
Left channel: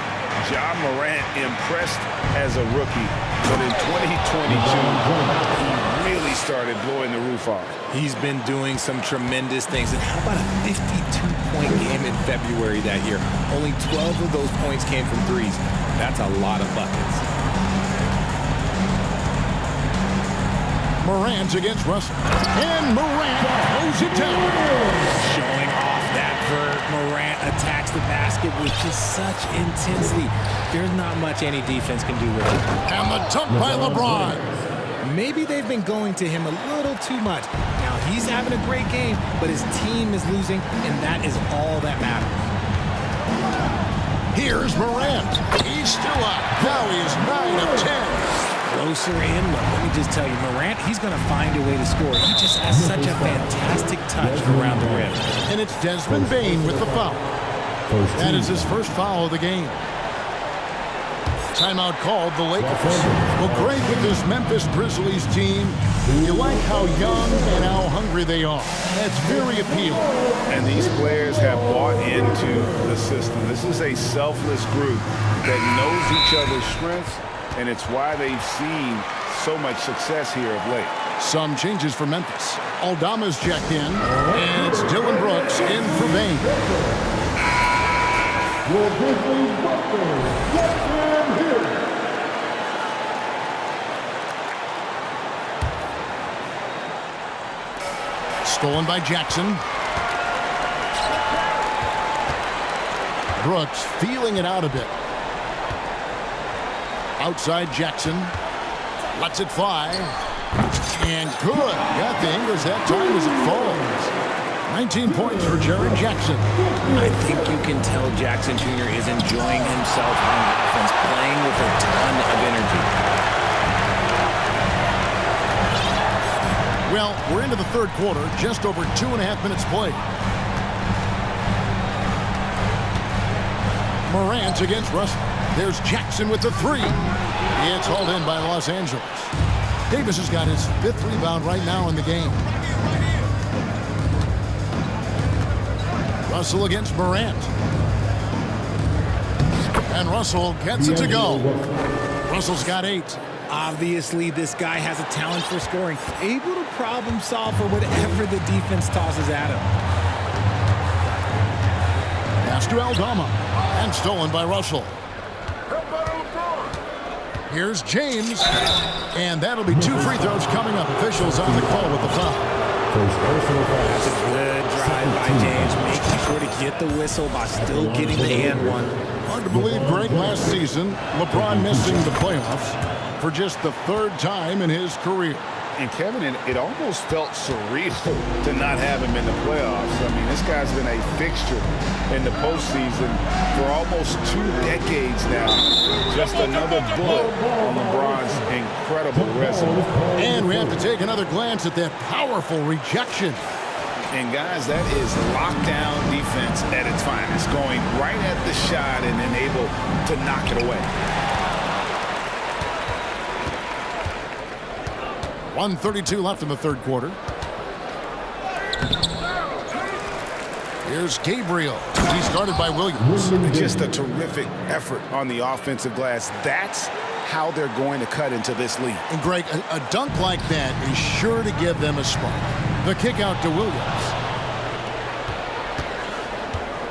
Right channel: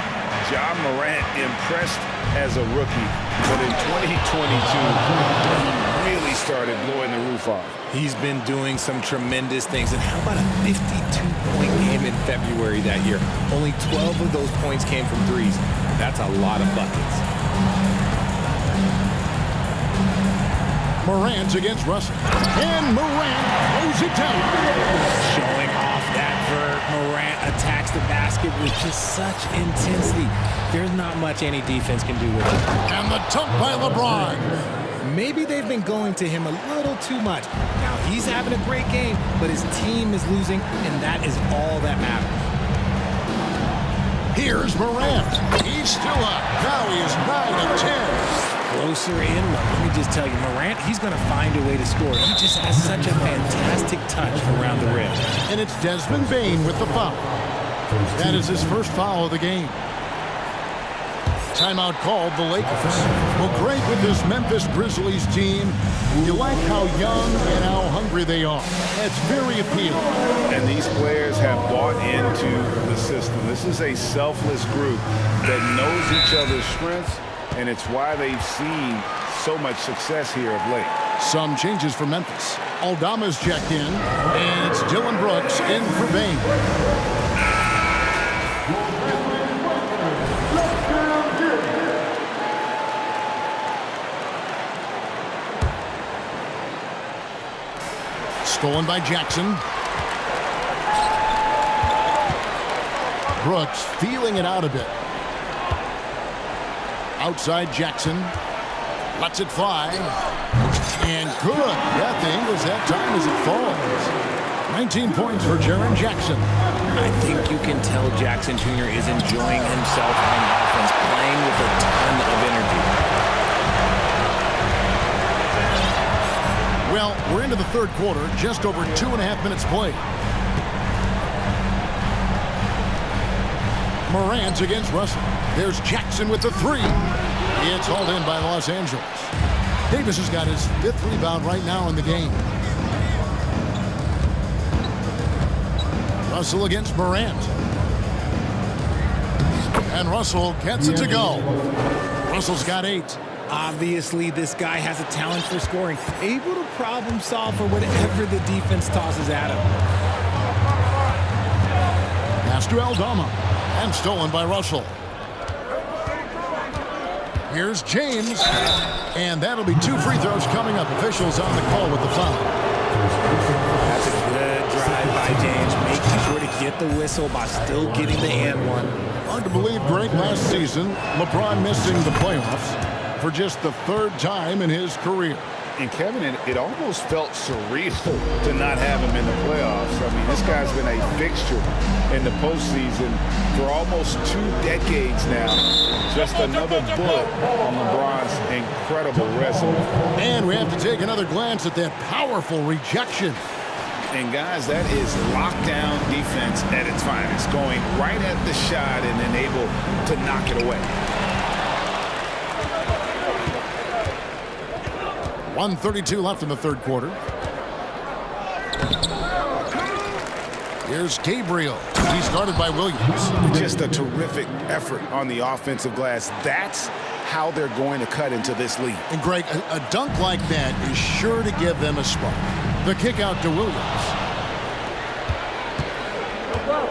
Ja Morant impressed as a rookie, but in 2022, he really started blowing the roof off. He's been doing some tremendous things. And how about a 52-point game in February that year? Only 12 of those points came from threes. That's a lot of buckets. Morant against Russell. And Morant throws it down. Showing off that vert. Morant attacks the basket with just such intensity. There's not much any defense can do with it. And the dunk by LeBron. Maybe they've been going to him a little too much. Now he's having a great game, but his team is losing, and that is all that matters. Here's Morant. He's still up. Now he is 9 of 10. Closer in. Look, let me just tell you, Morant, he's going to find a way to score. He just has such a fantastic touch around the rim. And it's Desmond Bane with the foul. That is his first foul of the game. Timeout called the Lakers. Well, great with this Memphis Grizzlies team. You like how young and how hungry they are. It's very appealing. And these players have bought into the system. This is a selfless group that knows each other's strengths, and it's why they've seen so much success here of late. Some changes for Memphis. Aldama's checked in, and it's Dylan Brooks in for Bane. Stolen by Jackson. Brooks feeling it out a bit. Outside Jackson. Lets it fly. And good. Got the English that time as it falls. 19 points for Jaren Jackson. I think you can tell Jackson Jr. is enjoying himself on offense, playing with a ton of energy. Well, we're into the third quarter, just over 2.5 minutes played. Morant against Russell. There's Jackson with the three. It's hauled in by Los Angeles. Davis has got his 5th rebound right now in the game. Russell against Morant. And Russell gets it to go. Russell's got 8. Obviously, this guy has a talent for scoring, able to problem solve for whatever the defense tosses at him. Pass to Aldama, and stolen by Russell. Here's James, and that'll be 2 free throws coming up. Officials on the call with the foul. That's a good drive by James, making sure to get the whistle by still getting the and one. Hard to believe, Greg, last season, LeBron missing the playoffs for just the 3rd time in his career. And Kevin, it almost felt surreal to not have him in the playoffs. I mean, this guy's been a fixture in the postseason for almost 2 decades now. Just another bullet on LeBron's incredible resume. And we have to take another glance at that powerful rejection. And guys, that is lockdown defense at its finest, going right at the shot and then able to knock it away. 1:32 left in the third quarter. Here's Gabriel. He's guarded by Williams. Just a terrific effort on the offensive glass. That's how they're going to cut into this lead. And Greg, a dunk like that is sure to give them a spark. The kick out to Williams.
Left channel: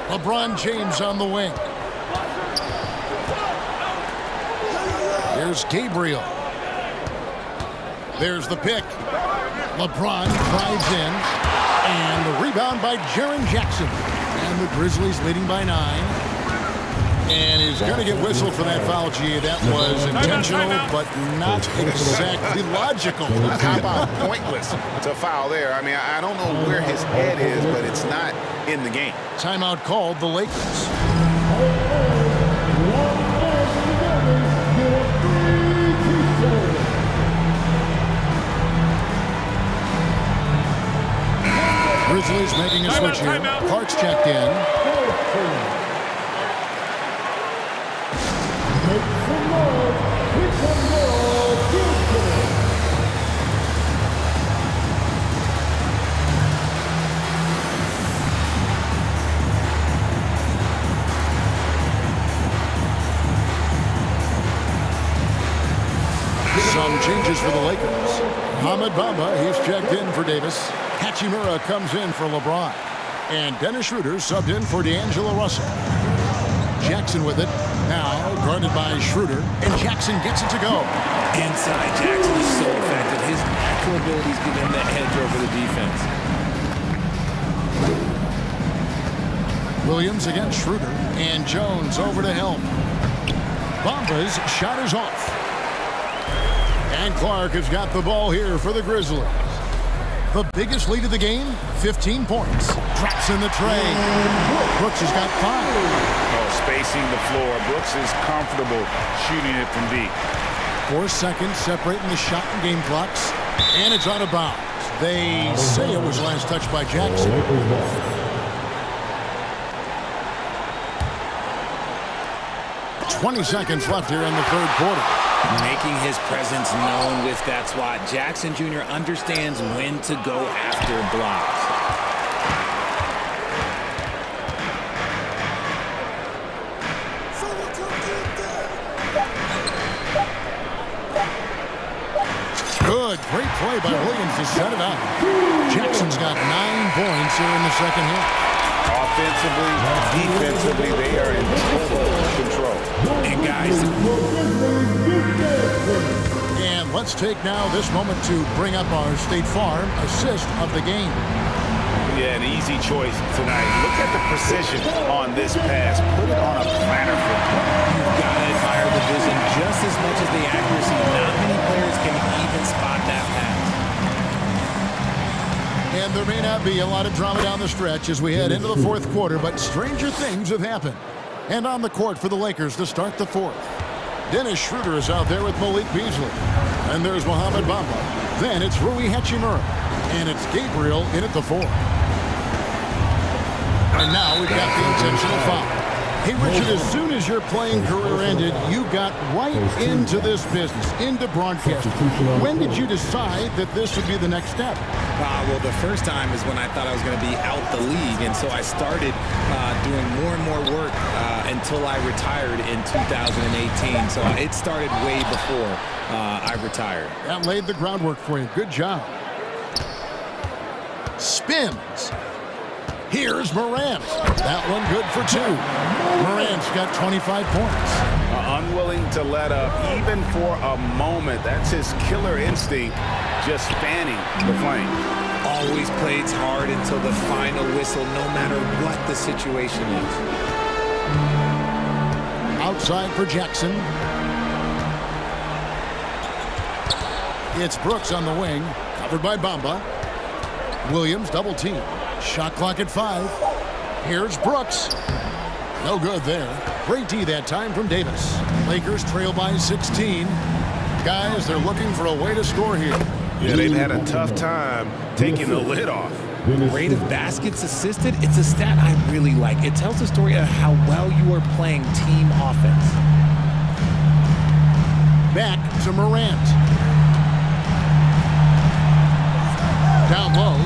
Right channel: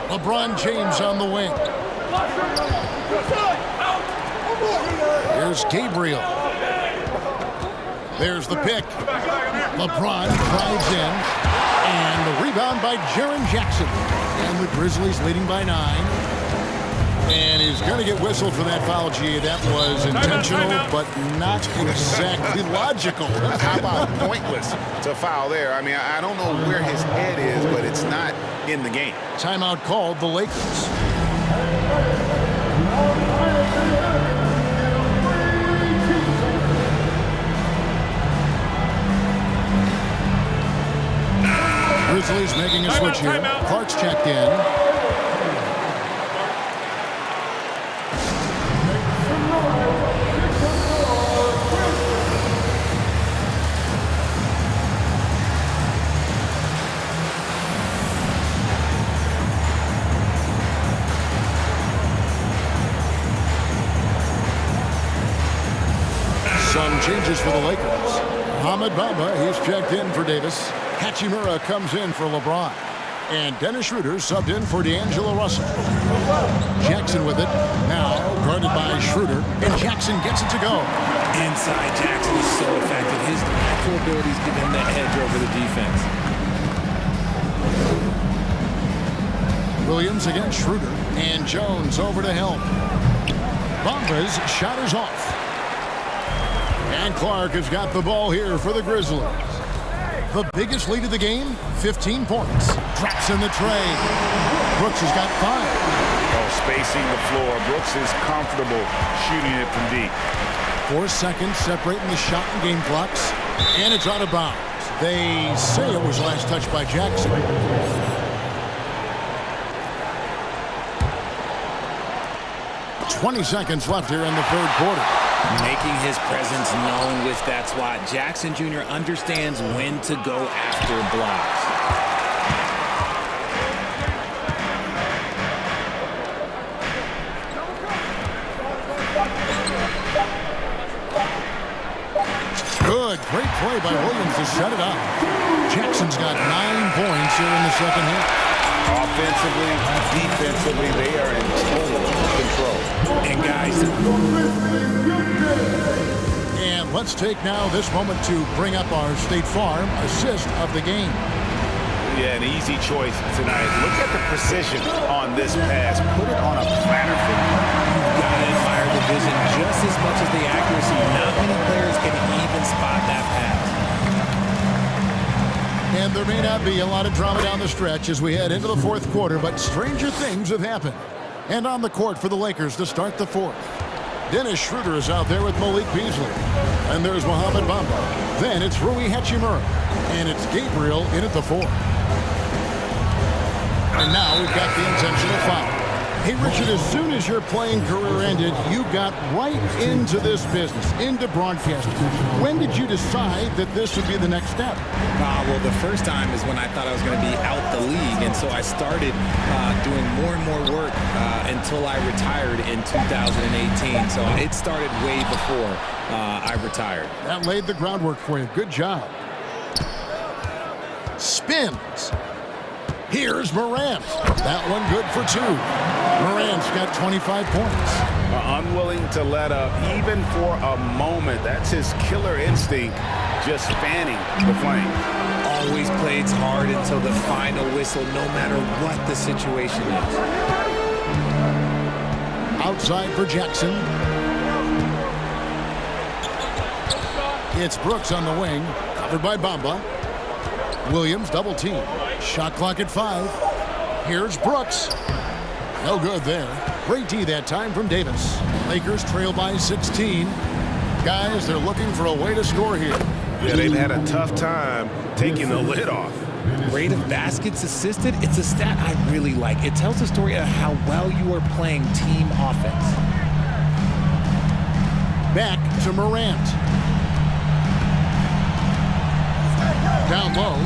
LeBron James on the wing. Here's Gabriel. There's the pick. LeBron drives in. And the rebound by Jaren Jackson. And the Grizzlies leading by 9. And he's going to get whistled for that foul, G. That was intentional, but not exactly logical. How about pointless to foul there? I mean, I don't know where his head is, but it's not in the game. Timeout called the Lakers. Grizzlies making a switch here. Clark's checked in. Some changes for the Lakers. Ahmed Bamba, he's checked in for Davis. Hachimura comes in for LeBron. And Dennis Schroeder subbed in for D'Angelo Russell. Jackson with it. Now guarded by Schroeder. And Jackson gets it to go. Inside, Jackson is so effective. His natural abilities give him the edge over the defense. Williams against Schroeder. And Jones over to help. Bamba's shot is off. And Clark has got the ball here for the Grizzlies. The biggest lead of the game, 15 points. Drops in the tray. Brooks has got 5. Oh, spacing the floor. Brooks is comfortable shooting it from deep. 4 seconds separating the shot and game clocks. And it's out of bounds. They say it was last touched by Jackson. "20 seconds left here in the third quarter. Making his presence known with that swat. Jackson Jr. understands when to go after blocks. Good, great play by Williams to set it up. Jackson's got 9 points here in the second half. Offensively, defensively, they are in total control. And guys, and let's take now this moment to bring up our State Farm assist of the game. Yeah, an easy choice tonight. Look at the precision on this pass. Put it on a platter for him. You've got to admire the vision just as much as the accuracy. Not many players can even spot that pass. And there may not be a lot of drama down the stretch as we head into the fourth quarter, but stranger things have happened. And on the court for the Lakers to start the fourth. Dennis Schroeder is out there with Malik Beasley. And there's Mohamed Bamba. Then it's Rui Hachimura. And it's Gabriel in at the 4. And now we've got the intentional foul. Hey, Richard, as soon as your playing career ended, you got right into this business, into broadcasting. When did you decide that this would be the next step? Well, the first time is when I thought I was going to be out the league, and so I started doing more and more work until I retired in 2018. So it started way before I retired. That laid the groundwork for you. Good job. Spins. Here's Morant. That one good for 2. Morant's got 25 points. Unwilling to let up even for a moment. That's his killer instinct, just fanning the flame. Always plays hard until the final whistle, no matter what the situation is. Outside for Jackson. It's Brooks on the wing, covered by Bamba. Williams double team. Shot clock at 5. Here's Brooks. No good there. Great D that time from Davis. Lakers trail by 16. Guys, they're looking for a way to score here. Yeah, they've had a tough time taking the lid off. Rate of baskets assisted, it's a stat I really like. It tells the story of how well you are playing team offense. Back to Morant. Down low.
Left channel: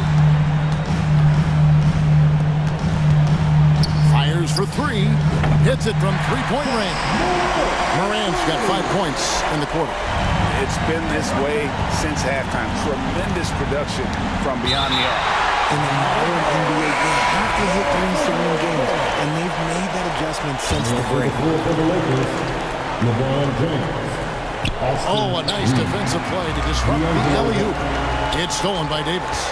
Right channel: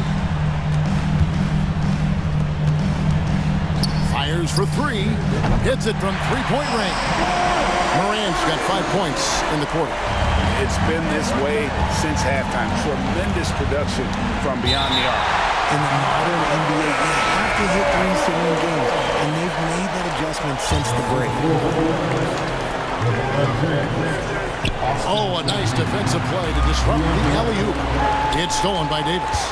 Fires for 3. Hits it from three-point range. Morant's got 5 points in the quarter. It's been this way since halftime. Tremendous production from beyond the arc. In the modern NBA, you have to hit threes to win games, and they've made that adjustment since the break. Oh, a nice defensive play to disrupt the alley-oop. It's stolen by Davis.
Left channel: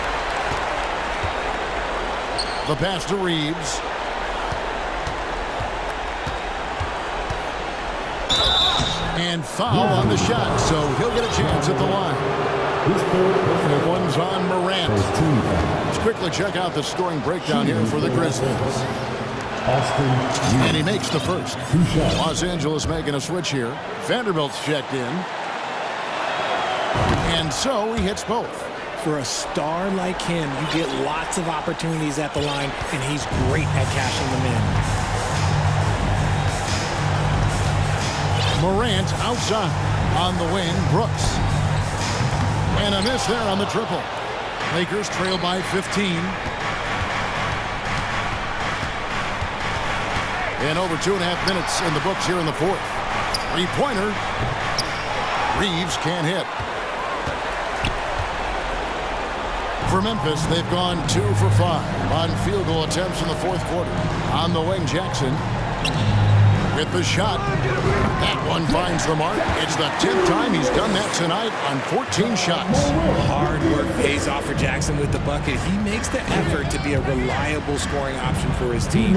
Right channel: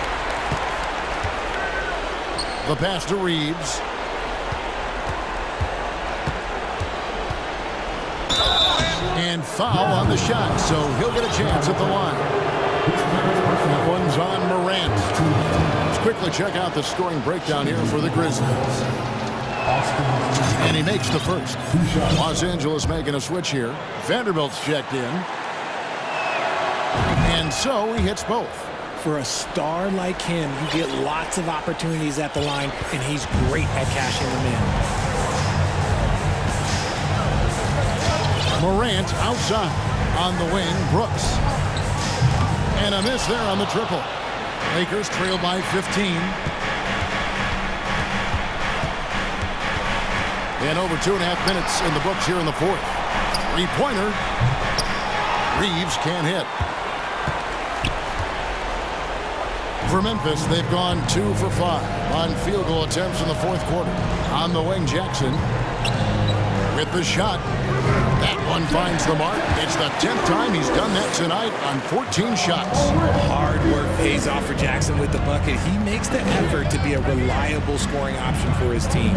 The pass to Reeves. And foul on the shot, so he'll get a chance at the line. That one's on Morant. Let's quickly check out the scoring breakdown here for the Grizzlies. And he makes the first. Los Angeles making a switch here. Vanderbilt's checked in. And so he hits both. For a star like him, you get lots of opportunities at the line, and he's great at cashing them in. Morant outside. On the wing, Brooks. And a miss there on the triple. Lakers trail by 15. And over 2.5 minutes in the books here in the fourth. Three-pointer. Reeves can't hit. For Memphis, they've gone 2 for 5 on field goal attempts in the fourth quarter. On the wing, Jackson with the shot. That one finds the mark. It's the 10th time he's done that tonight on 14 shots. Hard work pays off for Jackson with the bucket. He makes the effort to be a reliable scoring option for his team.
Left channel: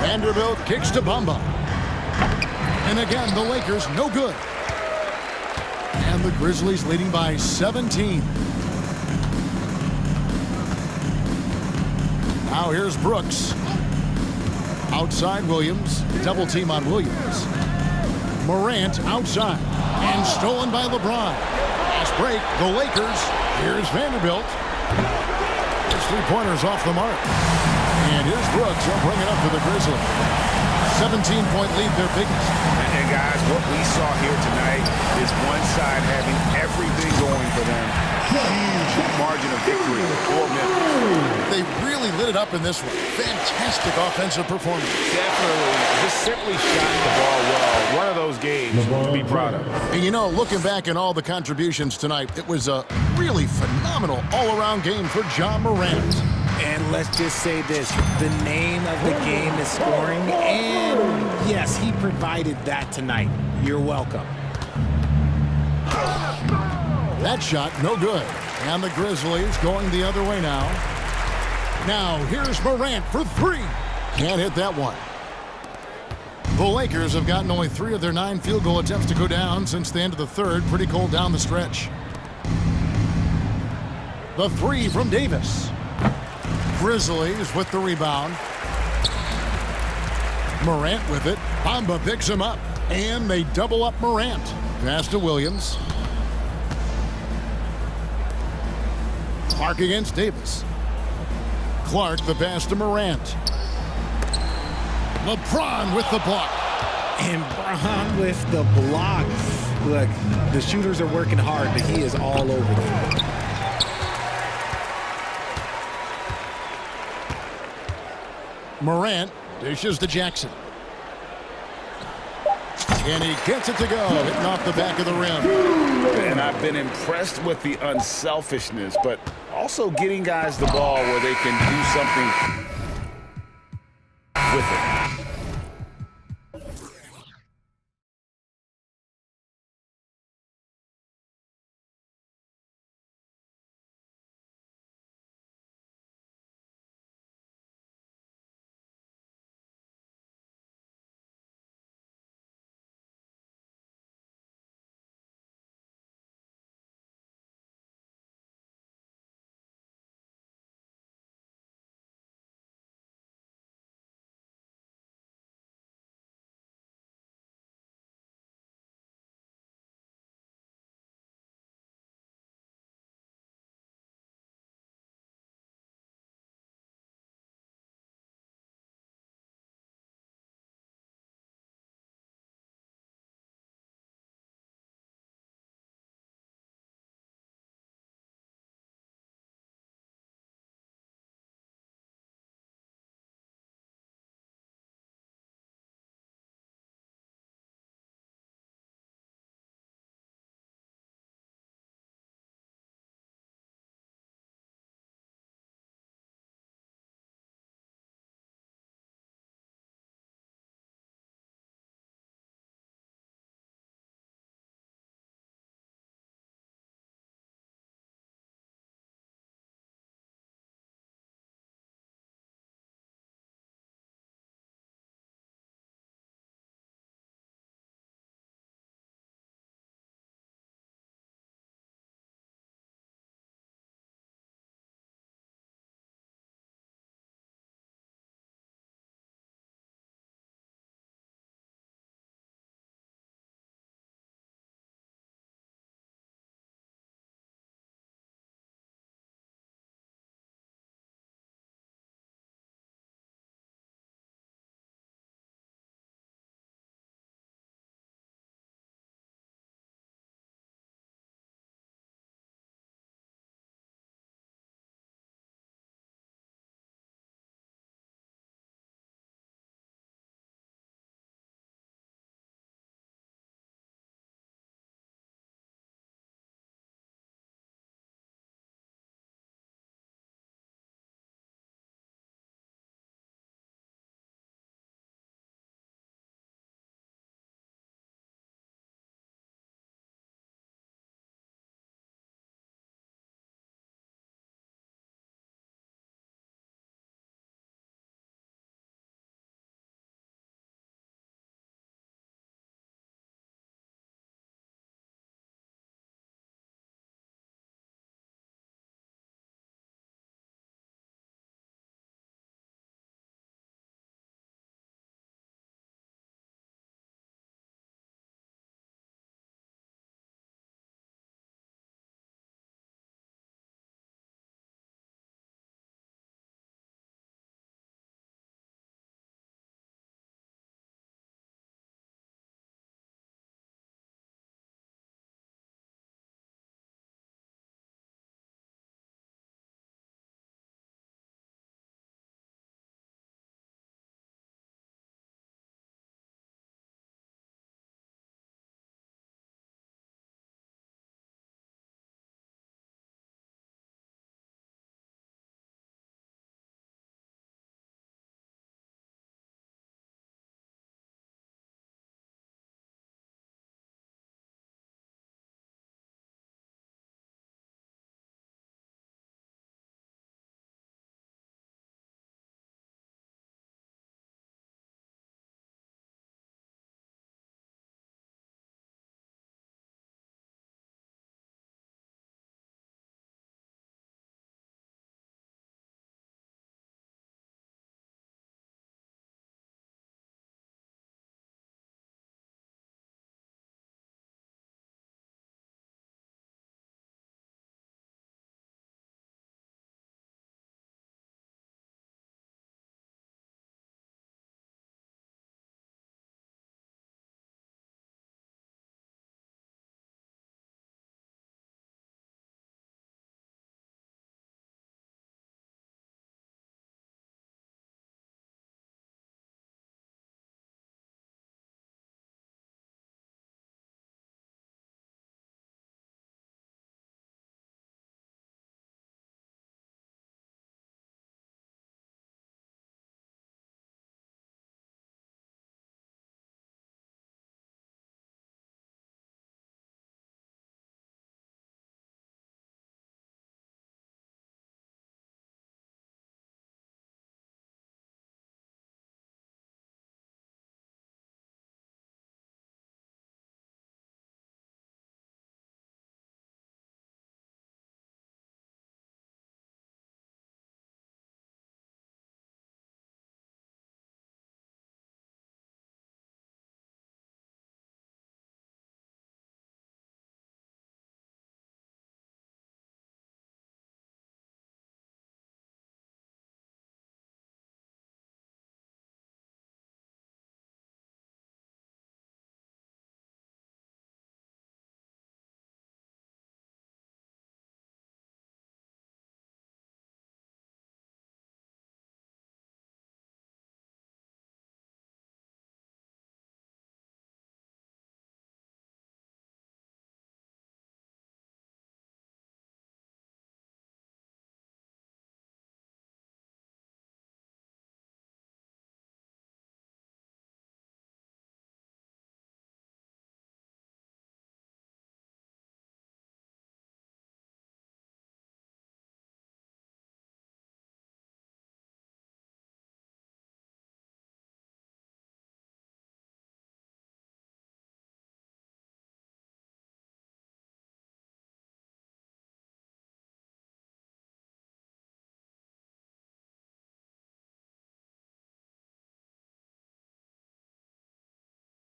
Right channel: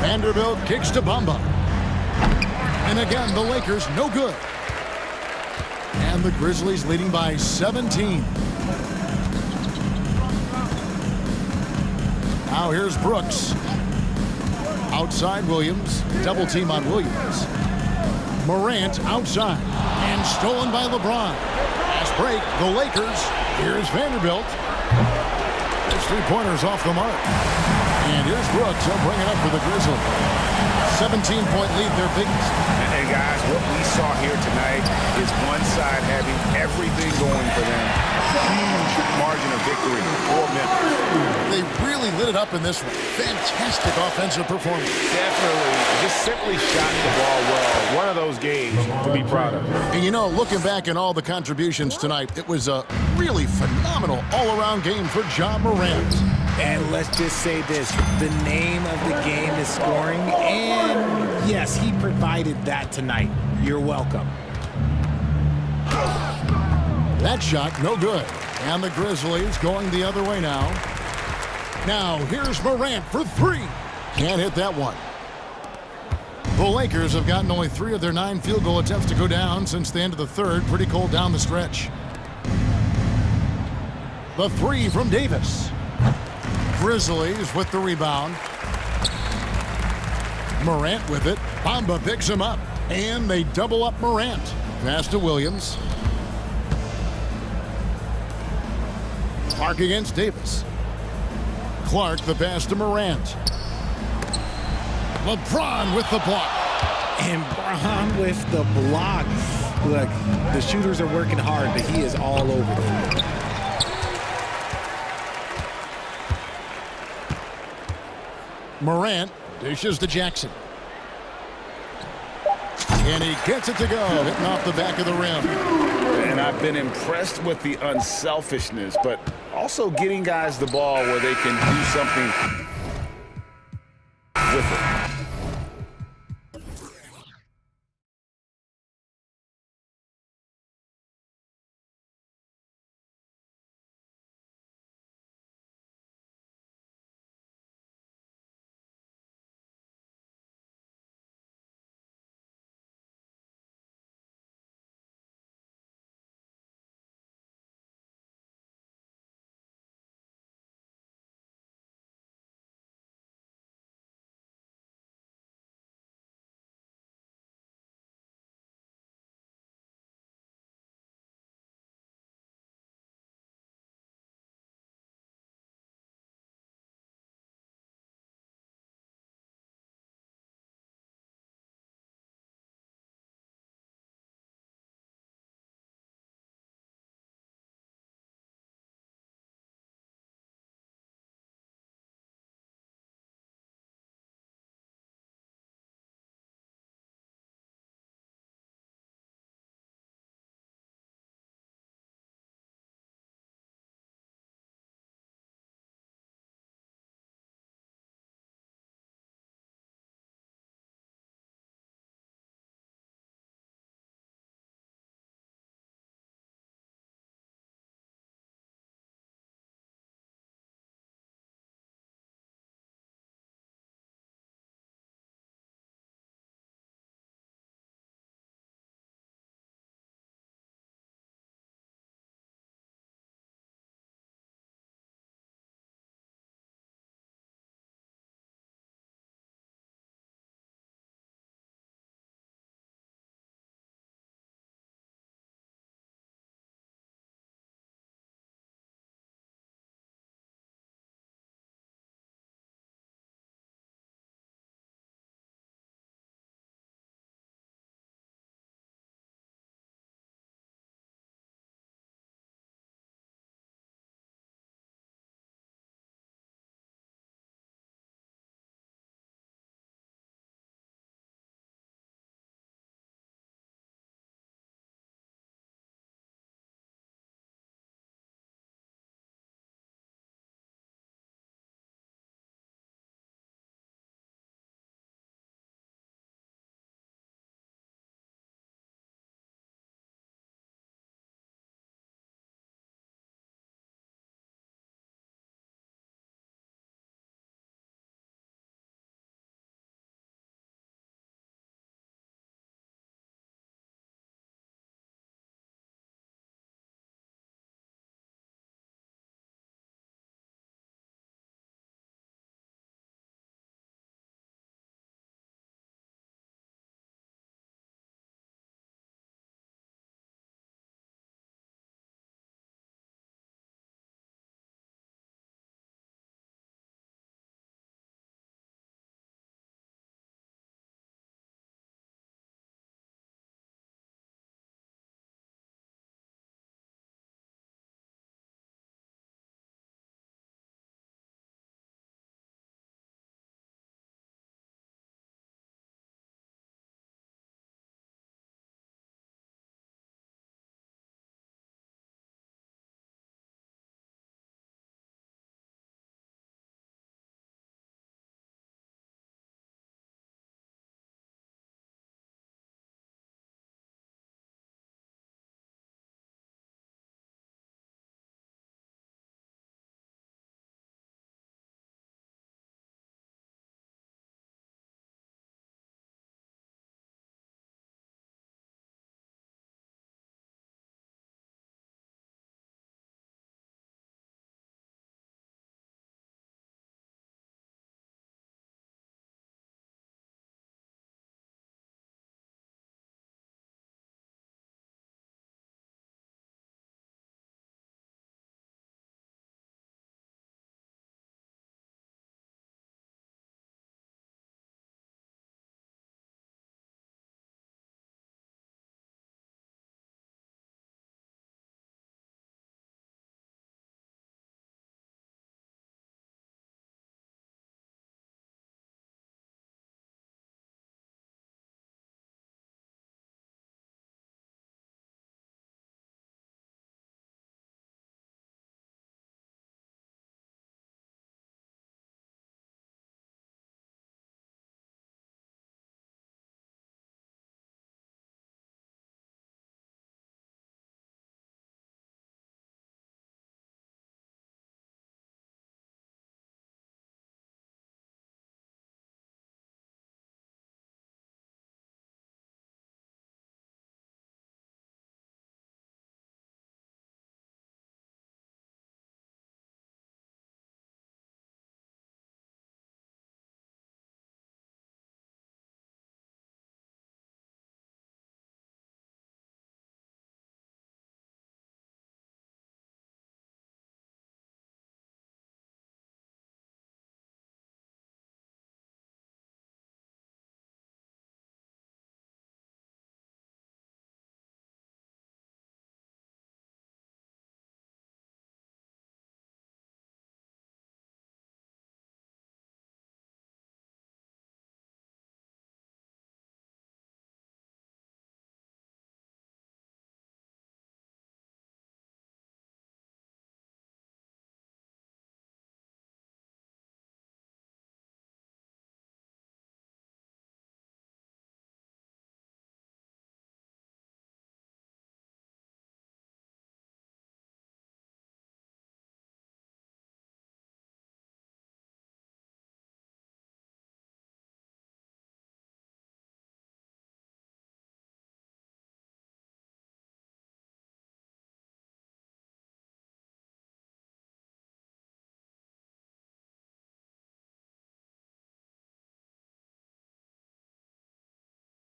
Vanderbilt kicks to Bamba. And again, the Lakers no good. And the Grizzlies leading by 17. Now here's Brooks. Outside Williams. Double team on Williams. Morant outside. And stolen by LeBron. Fast break. The Lakers. Here's Vanderbilt. His three-pointers off the mark. And here's Brooks. He'll bring it up for the Grizzlies. 17-point lead, their biggest. And guys, what we saw here tonight is one side having everything going for them. Huge margin of victory for Memphis. They really lit it up in this one. Fantastic offensive performance. Definitely, just simply shot the ball well. One of those games to be proud of. And you know, looking back at all the contributions tonight, it was a really phenomenal all-around game for Ja Morant. And let's just say this, the name of the game is scoring, and yes, he provided that tonight. You're welcome. That shot, no good. And the Grizzlies going the other way now. Now, here's Morant for three. Can't hit that one. The Lakers have gotten only 3 of their 9 field goal attempts to go down since the end of the third. Pretty cold down the stretch. The three from Davis. Grizzlies with the rebound. Morant with it. Bamba picks him up. And they double up Morant. Pass to Williams. Clark against Davis. Clark the pass to Morant. LeBron with the block. And Bron with the block. Look, the shooters are working hard, but he is all over them. Morant dishes to Jackson. And he gets it to go, hitting off the back of the rim. And I've been impressed with the unselfishness, but also getting guys the ball where they can do something with it.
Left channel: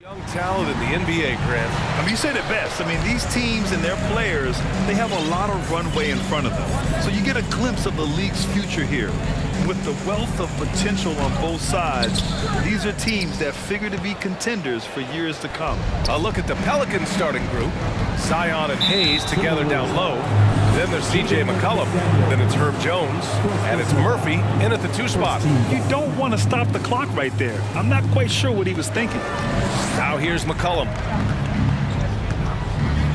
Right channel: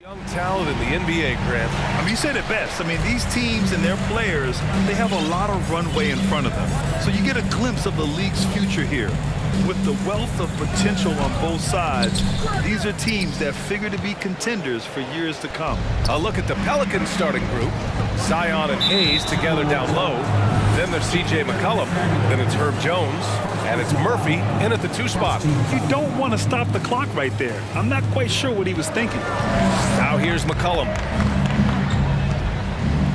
Young talent in the NBA, Grant. I mean, you said it best. I mean, these teams and their players, they have a lot of runway in front of them. So you get a glimpse of the league's future here. With the wealth of potential on both sides, these are teams that figure to be contenders for years to come. A look at the Pelicans starting group. Zion and Hayes together down low. Then there's C.J. McCollum. Then it's Herb Jones. And it's Murphy in at the 2 spot. You don't want to stop the clock right there. I'm not quite sure what he was thinking. Now here's McCollum.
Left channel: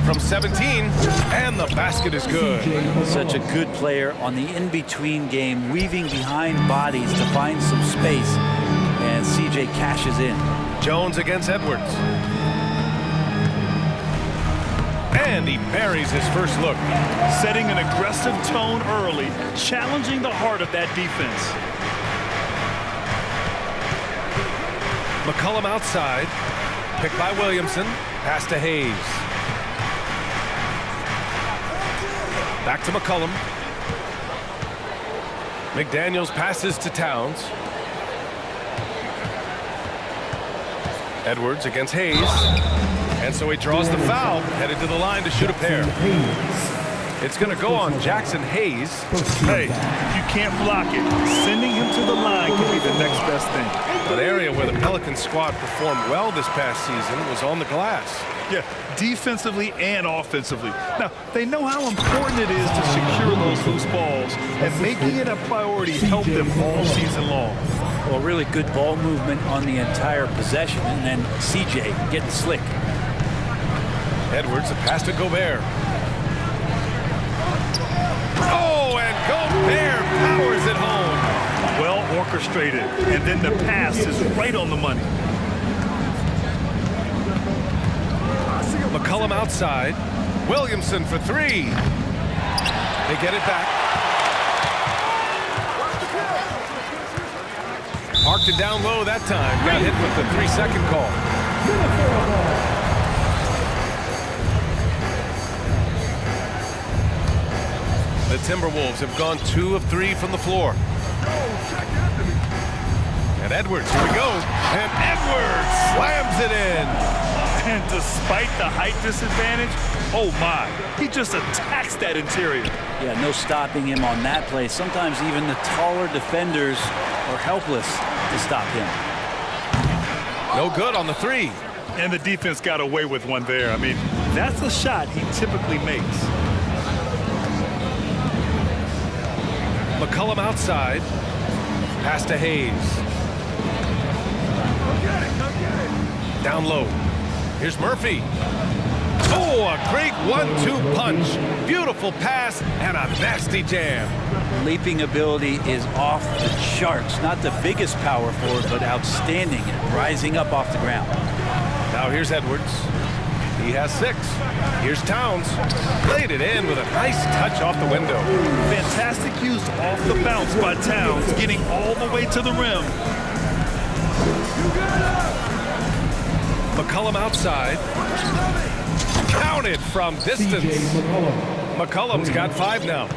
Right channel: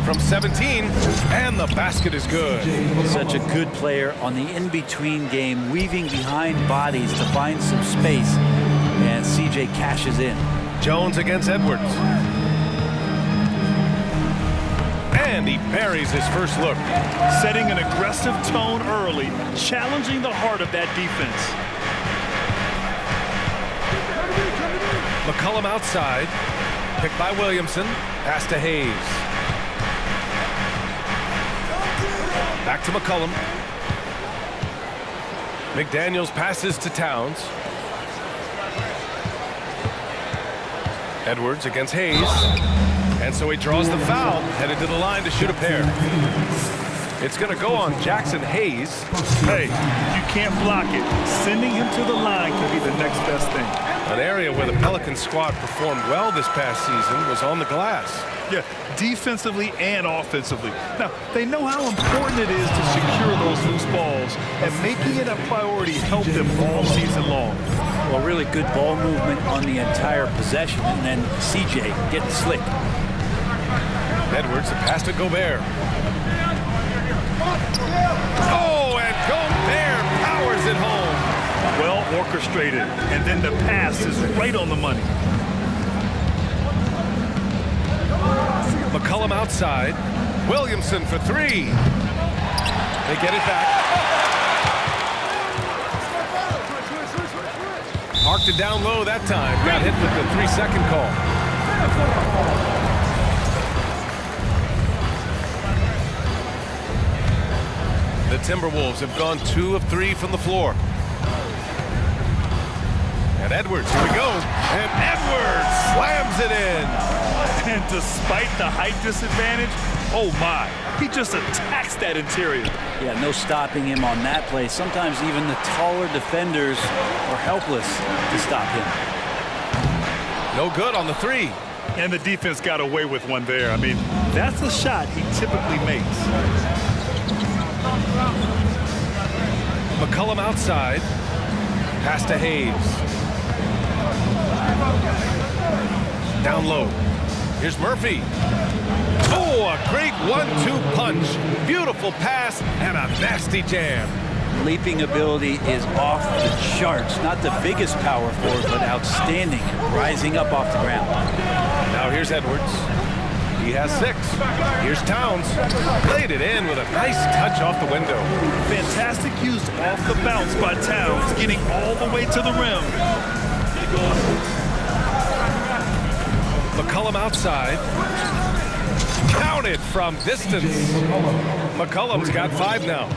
From 17, and the basket is good. Such a good player on the in-between game, weaving behind bodies to find some space, and C.J. cashes in. Jones against Edwards. And he buries his first look. Setting an aggressive tone early, challenging the heart of that defense. McCollum outside, picked by Williamson, pass to Hayes. Back to McCollum. McDaniels passes to Towns. Edwards against Hayes. And so he draws the foul, headed to the line to shoot a pair. It's going to go on Jackson Hayes. Hey, you can't block it. Sending him to the line can be the next best thing. An area where the Pelicans squad performed well this past season was on the glass. Yeah, defensively and offensively. Now, they know how important it is to secure those loose balls, and making it a priority helped them all season long. Well, really good ball movement on the entire possession, and then C.J. getting slick. Edwards, the pass to Gobert. Oh, and Gobert powers it home. Well orchestrated, and then the pass is right on the money. McCollum outside. Williamson for 3. They get it back. Parked it down low that time. Got hit with the 3-second call. The Timberwolves have gone 2 of 3 from the floor. And Edwards, here we go. And Edwards slams it in. And despite the height disadvantage, oh my, he just attacks that interior. Yeah, no stopping him on that play. Sometimes even the taller defenders are helpless to stop him. No good on the 3. And the defense got away with one there. I mean, that's a shot he typically makes. McCollum outside. Pass to Hayes. Down low. Here's Murphy. Oh, a great 1-2 punch. Beautiful pass and a nasty jam. Leaping ability is off the charts. Not the biggest power forward, but outstanding at rising up off the ground. Now here's Edwards. He has 6. Here's Towns. Played it in with a nice touch off the window. Fantastic use off the bounce by Towns, getting all the way to the rim. McCollum outside. Counted from distance. McCollum's got 5 now.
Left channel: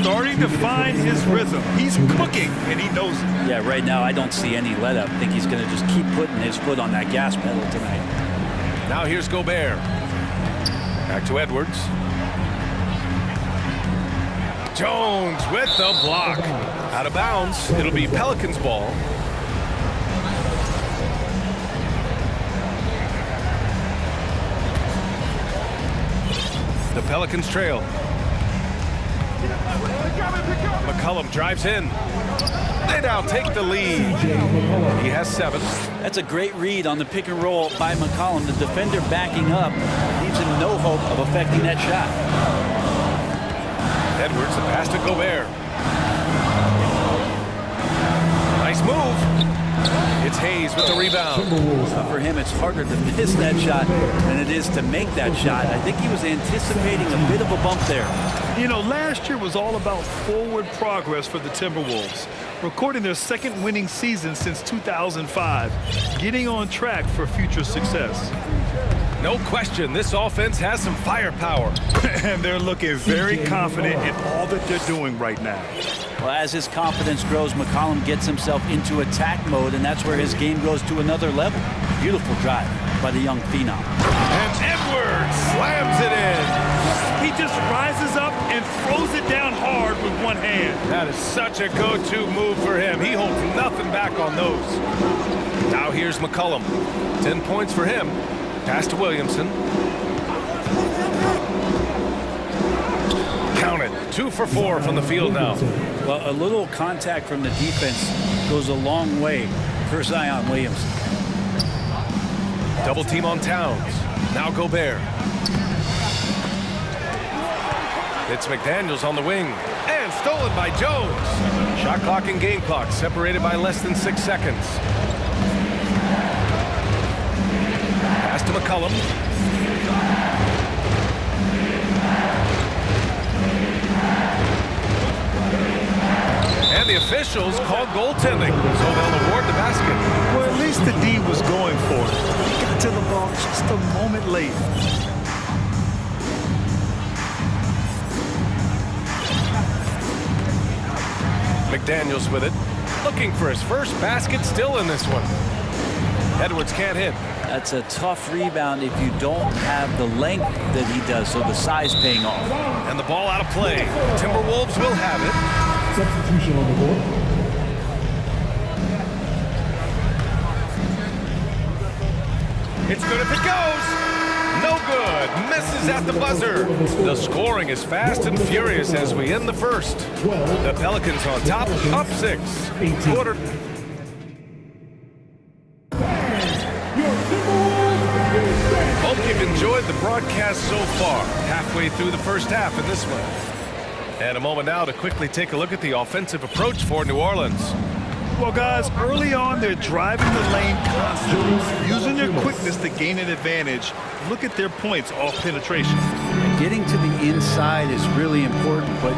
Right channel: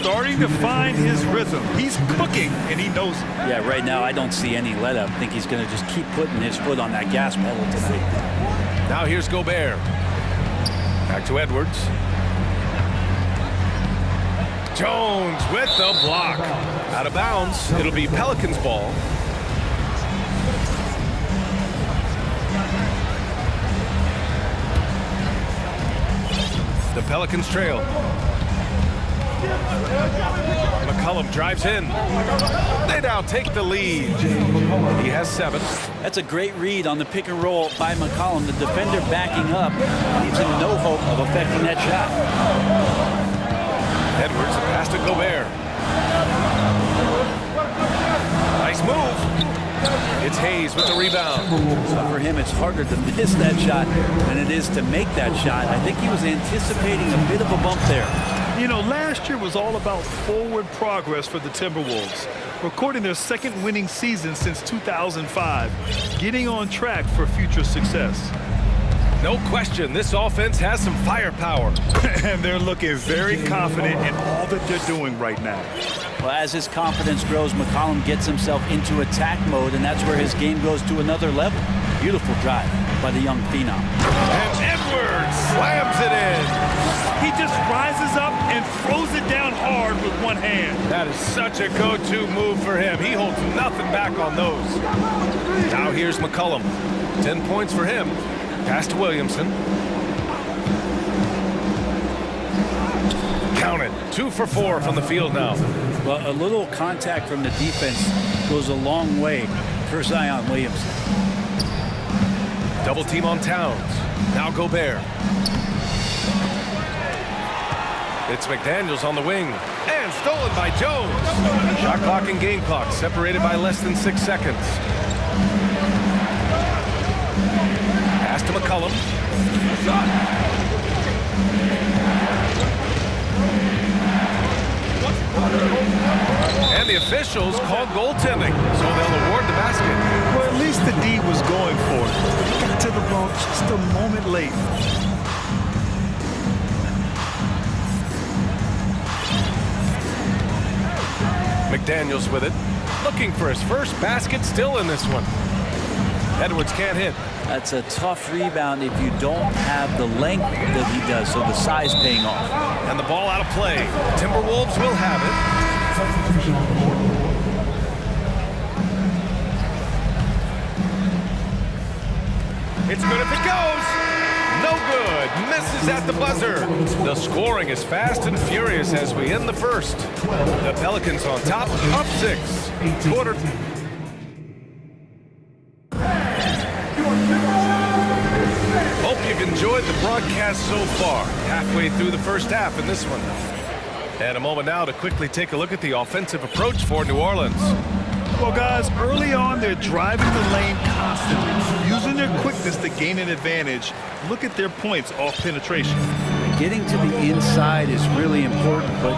Starting to find his rhythm. He's cooking, and he knows it. Yeah, right now I don't see any let up. I think he's going to just keep putting his foot on that gas pedal tonight. Now here's Gobert. Back to Edwards. Jones with the block. Out of bounds. It'll be Pelicans ball. The Pelicans trail. McCollum drives in. They now take the lead. He has 7. That's a great read on the pick and roll by McCollum. The defender backing up leaves him no hope of affecting that shot. Edwards, the pass to Gobert. Nice move. It's Hayes with the rebound. For him, it's harder to miss that shot than it is to make that shot. I think he was anticipating a bit of a bump there. You know, last year was all about forward progress for the Timberwolves, recording their 2nd winning season since 2005, getting on track for future success. No question, this offense has some firepower. And they're looking very confident in all that they're doing right now. Well, as his confidence grows, McCollum gets himself into attack mode, and that's where his game goes to another level. Beautiful drive. by the young phenom. And Edwards slams it in. He just rises up and throws it down hard with one hand. That is such a go-to move for him. He holds nothing back on those. Now here's McCollum. 10 points for him. Pass to Williamson. Count it. 2 for 4 from the field now. Well, a little contact from the defense goes a long way for Zion Williamson. Double team on Towns. Now Gobert. It's McDaniels on the wing. And stolen by Jones. Shot clock and game clock separated by less than 6 seconds. Pass to McCollum. And the officials call goaltending, so they'll award the basket. Well, at least the D was going for it, but he got to the ball just a moment late. McDaniels with it, looking for his first basket, still in this one. Edwards can't hit. That's a tough rebound if you don't have the length that he does, so the size paying off. And the ball out of play. Timberwolves will have it. Substitution on the board. It's good if it goes. No good. Misses at the buzzer. The scoring is fast and furious as we end the first. The Pelicans on top, up 6. Quarter. Hope you've enjoyed the broadcast so far. Halfway through the first half in this one. And a moment now to quickly take a look at the offensive approach for New Orleans. Well, guys, early on, they're driving the lane constantly, using their quickness to gain an advantage. Look at their points off penetration. And getting to the inside is really important, but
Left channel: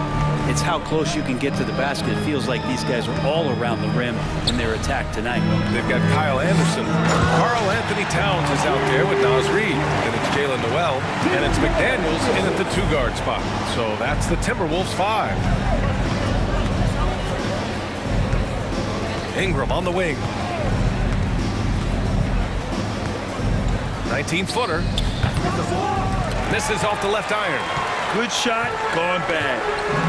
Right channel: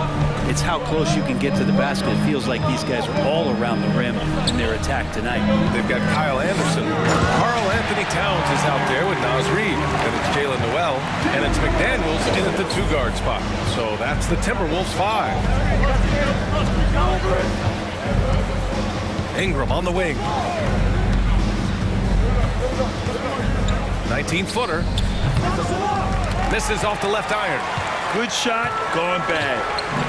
it's how close you can get to the basket. It feels like these guys are all around the rim in their attack tonight. They've got Kyle Anderson. Karl Anthony Towns is out there with Naz Reid. Then it's Jalen Noel. And it's McDaniels in at the 2-guard spot. So that's the Timberwolves 5. Ingram on the wing. 19-footer. Misses off the left iron. Good shot, gone bad.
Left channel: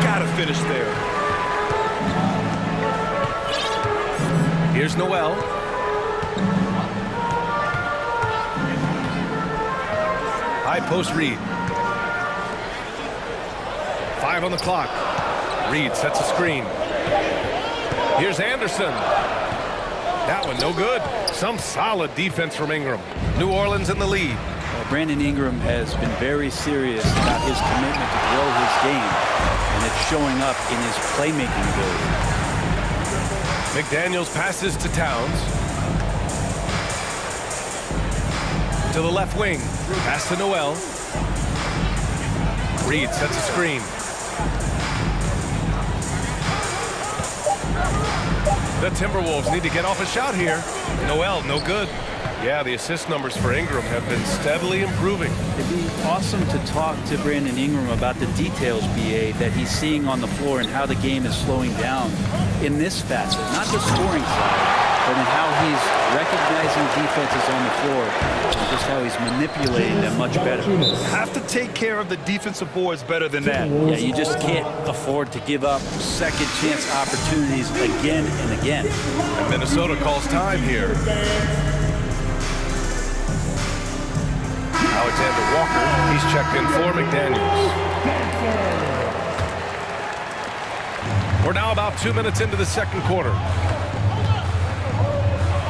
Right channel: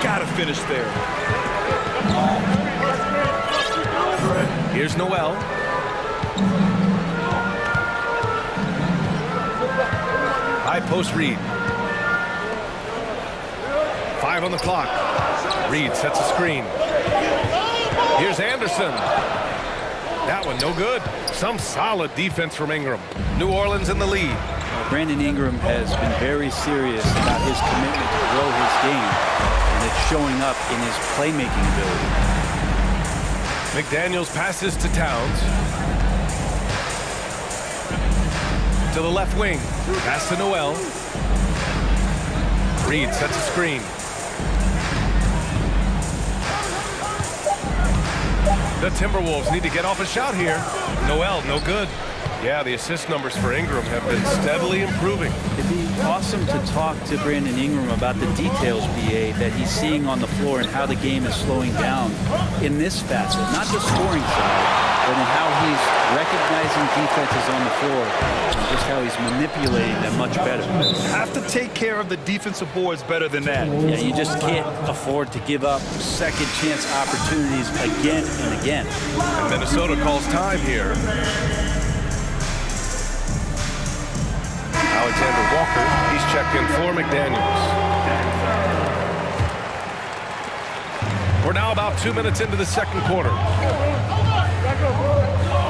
Gotta finish there. Here's Noel. High post Reid. 5 on the clock. Reid sets a screen. Here's Anderson. That one no good. Some solid defense from Ingram. New Orleans in the lead. Brandon Ingram has been very serious about his commitment to grow his game, and it's showing up in his playmaking ability. McDaniels passes to Towns. To the left wing. Pass to Noel. Reid sets a screen. The Timberwolves need to get off a shot here. Noel, no good. Yeah, the assist numbers for Ingram have been steadily improving. It'd be awesome to talk to Brandon Ingram about the details, BA, that he's seeing on the floor and how the game is slowing down in this facet, not the scoring side, but in how he's recognizing defenses on the floor and just how he's manipulating them much better. Have to take care of the defensive boards better than that. Yeah, you just can't afford to give up second chance opportunities again and again. And Minnesota calls time here. Alexander Walker, he's checked in for McDaniels. We're now about 2 minutes into the second quarter.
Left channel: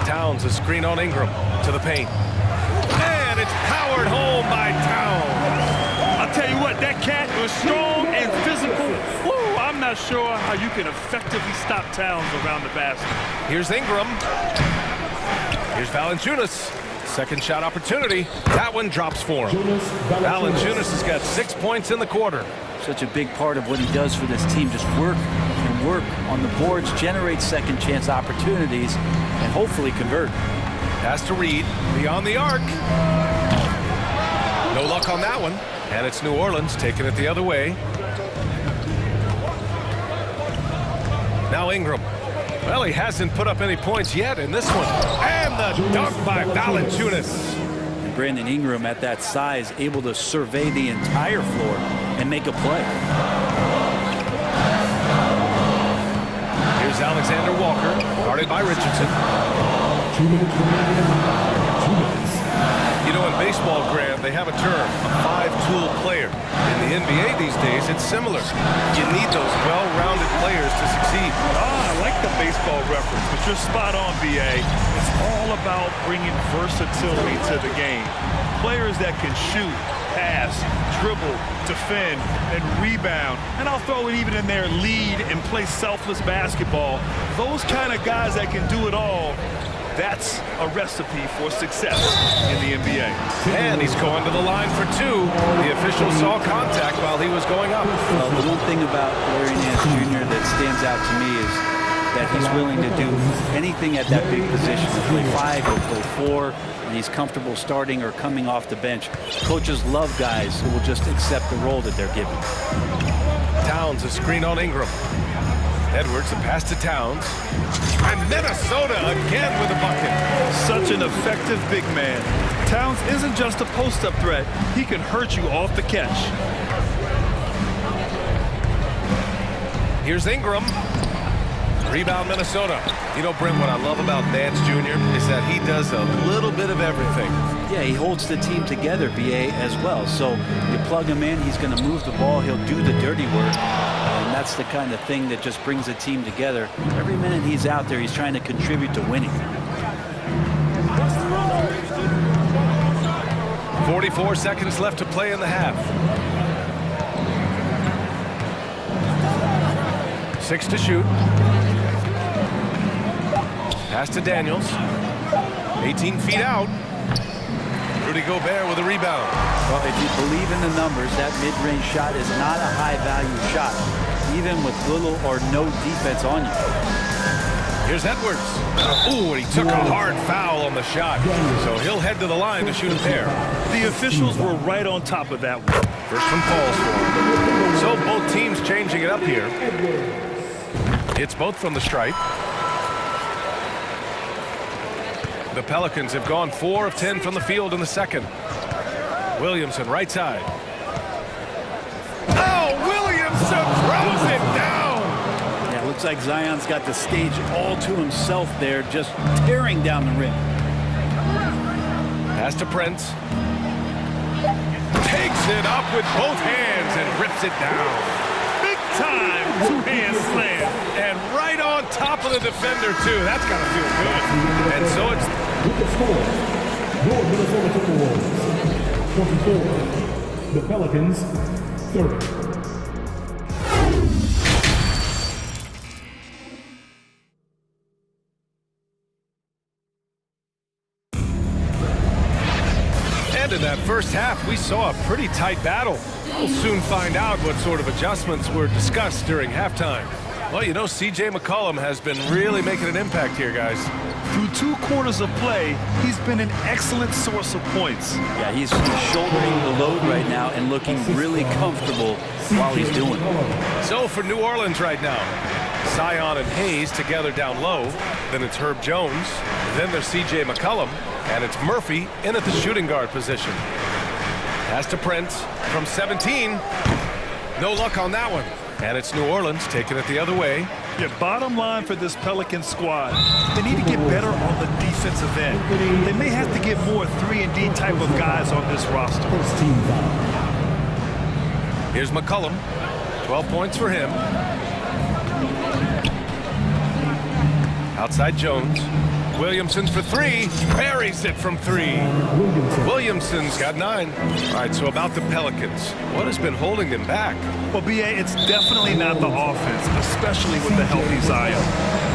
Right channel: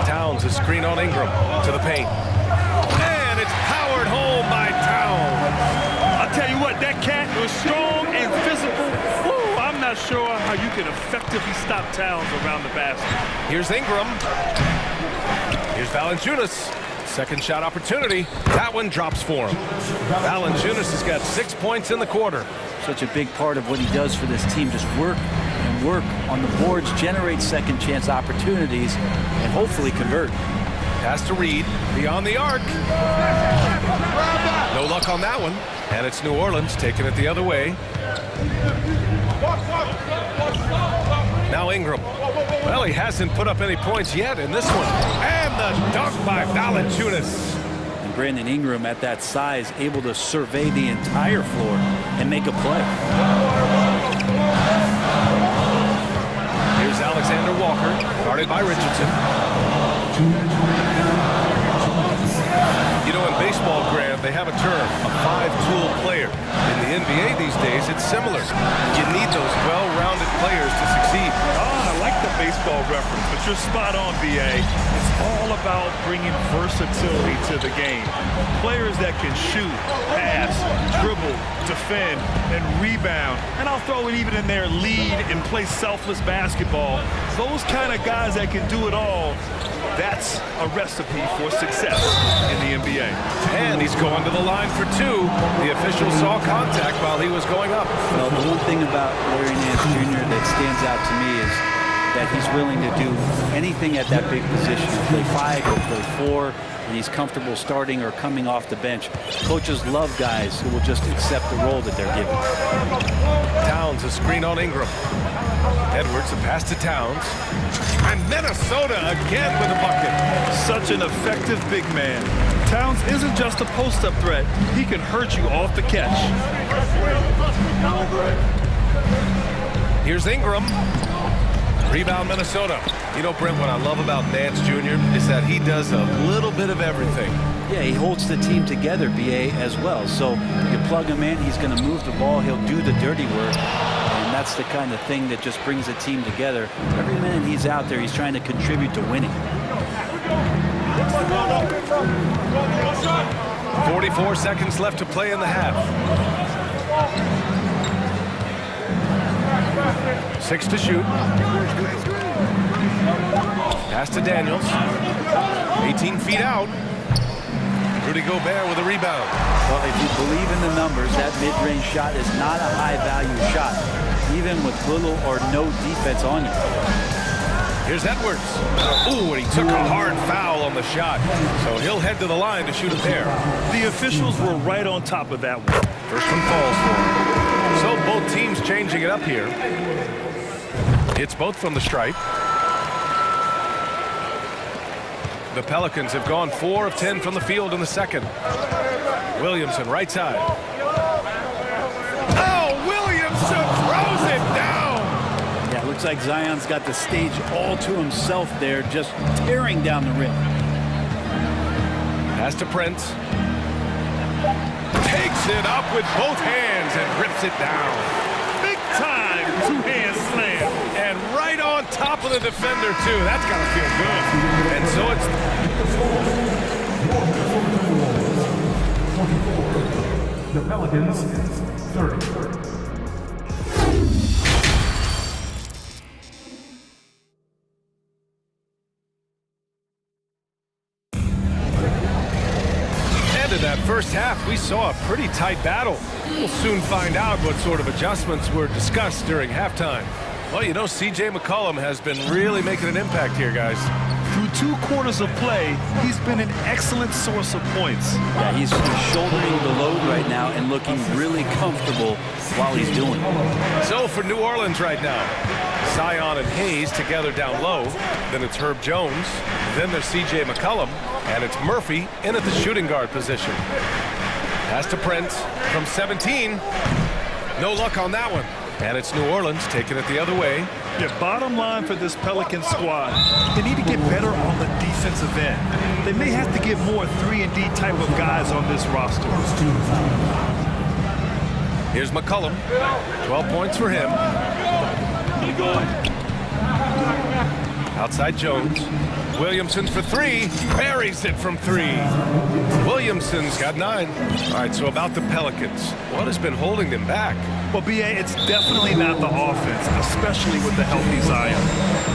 Towns, a screen on Ingram to the paint. And it's powered home by Towns. I'll tell you what, that cat was strong and physical. Woo, I'm not sure how you can effectively stop Towns around the basket. Here's Ingram. Here's Valanciunas. Second shot opportunity. That one drops for him. Valanciunas has got 6 points in the quarter. Such a big part of what he does for this team, just work and work on the boards, generate second chance opportunities, and hopefully convert. Pass to Reid, beyond the arc. No luck on that one. And it's New Orleans taking it the other way. Now Ingram. Well, he hasn't put up any points yet in this one. And the dunk by Valanciunas. Brandon Ingram at that size, able to survey the entire floor and make a play. Here's Alexander Walker, guarded by Richardson. 2 minutes remaining. 2 minutes. You know, in baseball, Grant, they have a term, a five-tool player. In the NBA these days, it's similar. You need those well-rounded players to succeed. I like the baseball reference, but you're spot on, BA. It's all about bringing versatility to the game. Players that can shoot, pass, dribble, defend, and rebound. And I'll throw it even in there, lead and play selfless basketball. Those kind of guys that can do it all, that's a recipe for success in the NBA. And he's going to the line for two. The official saw contact while he was going up. Well, the one thing about Larry Nance Jr. that stands out to me is that he's willing to do anything at that big position. He'll play 5, he'll play 4, and he's comfortable starting or coming off the bench. Coaches love guys who will just accept the role that they're given. Towns, a screen on Ingram. Edwards, a pass to Towns. And Minnesota again with a bucket. Such an effective big man. Towns isn't just a post-up threat. He can hurt you off the catch. Here's Ingram. Rebound, Minnesota. You know, Brent, what I love about Nance Jr. is that he does a little bit of everything. Yeah, he holds the team together, BA, as well. So you plug him in, he's going to move the ball, he'll do the dirty work. And that's the kind of thing that just brings the team together. Every minute he's out there, he's trying to contribute to winning. 44 seconds left to play in the half. 6 to shoot. Pass to Daniels. 18 feet out. Rudy Gobert with a rebound. Well, if you believe in the numbers, that mid-range shot is not a high-value shot, even with little or no defense on you. Here's Edwards. Ooh, and he took a hard foul on the shot. So he'll head to the line to shoot a pair. The officials were right on top of that one. First one falls for him. So both teams changing it up here. It's both from the stripe. The Pelicans have gone 4 of 10 from the field in the second. Williamson, right side. Oh, Williamson throws it down. Yeah, it looks like Zion's got the stage all to himself there, just tearing down the rim. Pass to Prince. Takes it up with both hands and rips it down. Big time two-hand slam. And right on top of the defender, too. That's got to feel good. And so it's... With the score, your Minnesota Timberwolves, 24. The Pelicans, 30. And in that first half, we saw a pretty tight battle. We'll soon find out what sort of adjustments were discussed during halftime. Well, you know, C.J. McCollum has been really making an impact here, guys. Through 2 quarters of play, he's been an excellent source of points. Yeah, he's shouldering the load right now and looking really comfortable while he's doing it. So for New Orleans right now, Zion and Hayes together down low. Then it's Herb Jones. Then there's C.J. McCollum. And it's Murphy in at the shooting guard position. Pass to Prince from 17. No luck on that one. And it's New Orleans taking it the other way. Yeah, bottom line for this Pelican squad, they need to get better on the defensive end. They may have to get more 3-and-D type of guys on this roster. Here's McCollum. 12 points for him. Outside Jones. Williamson for 3. Buries it from 3. Williamson's got 9. All right, so about the Pelicans. What has been holding them back? Well, B.A., it's definitely not the offense, especially with the healthy Zion.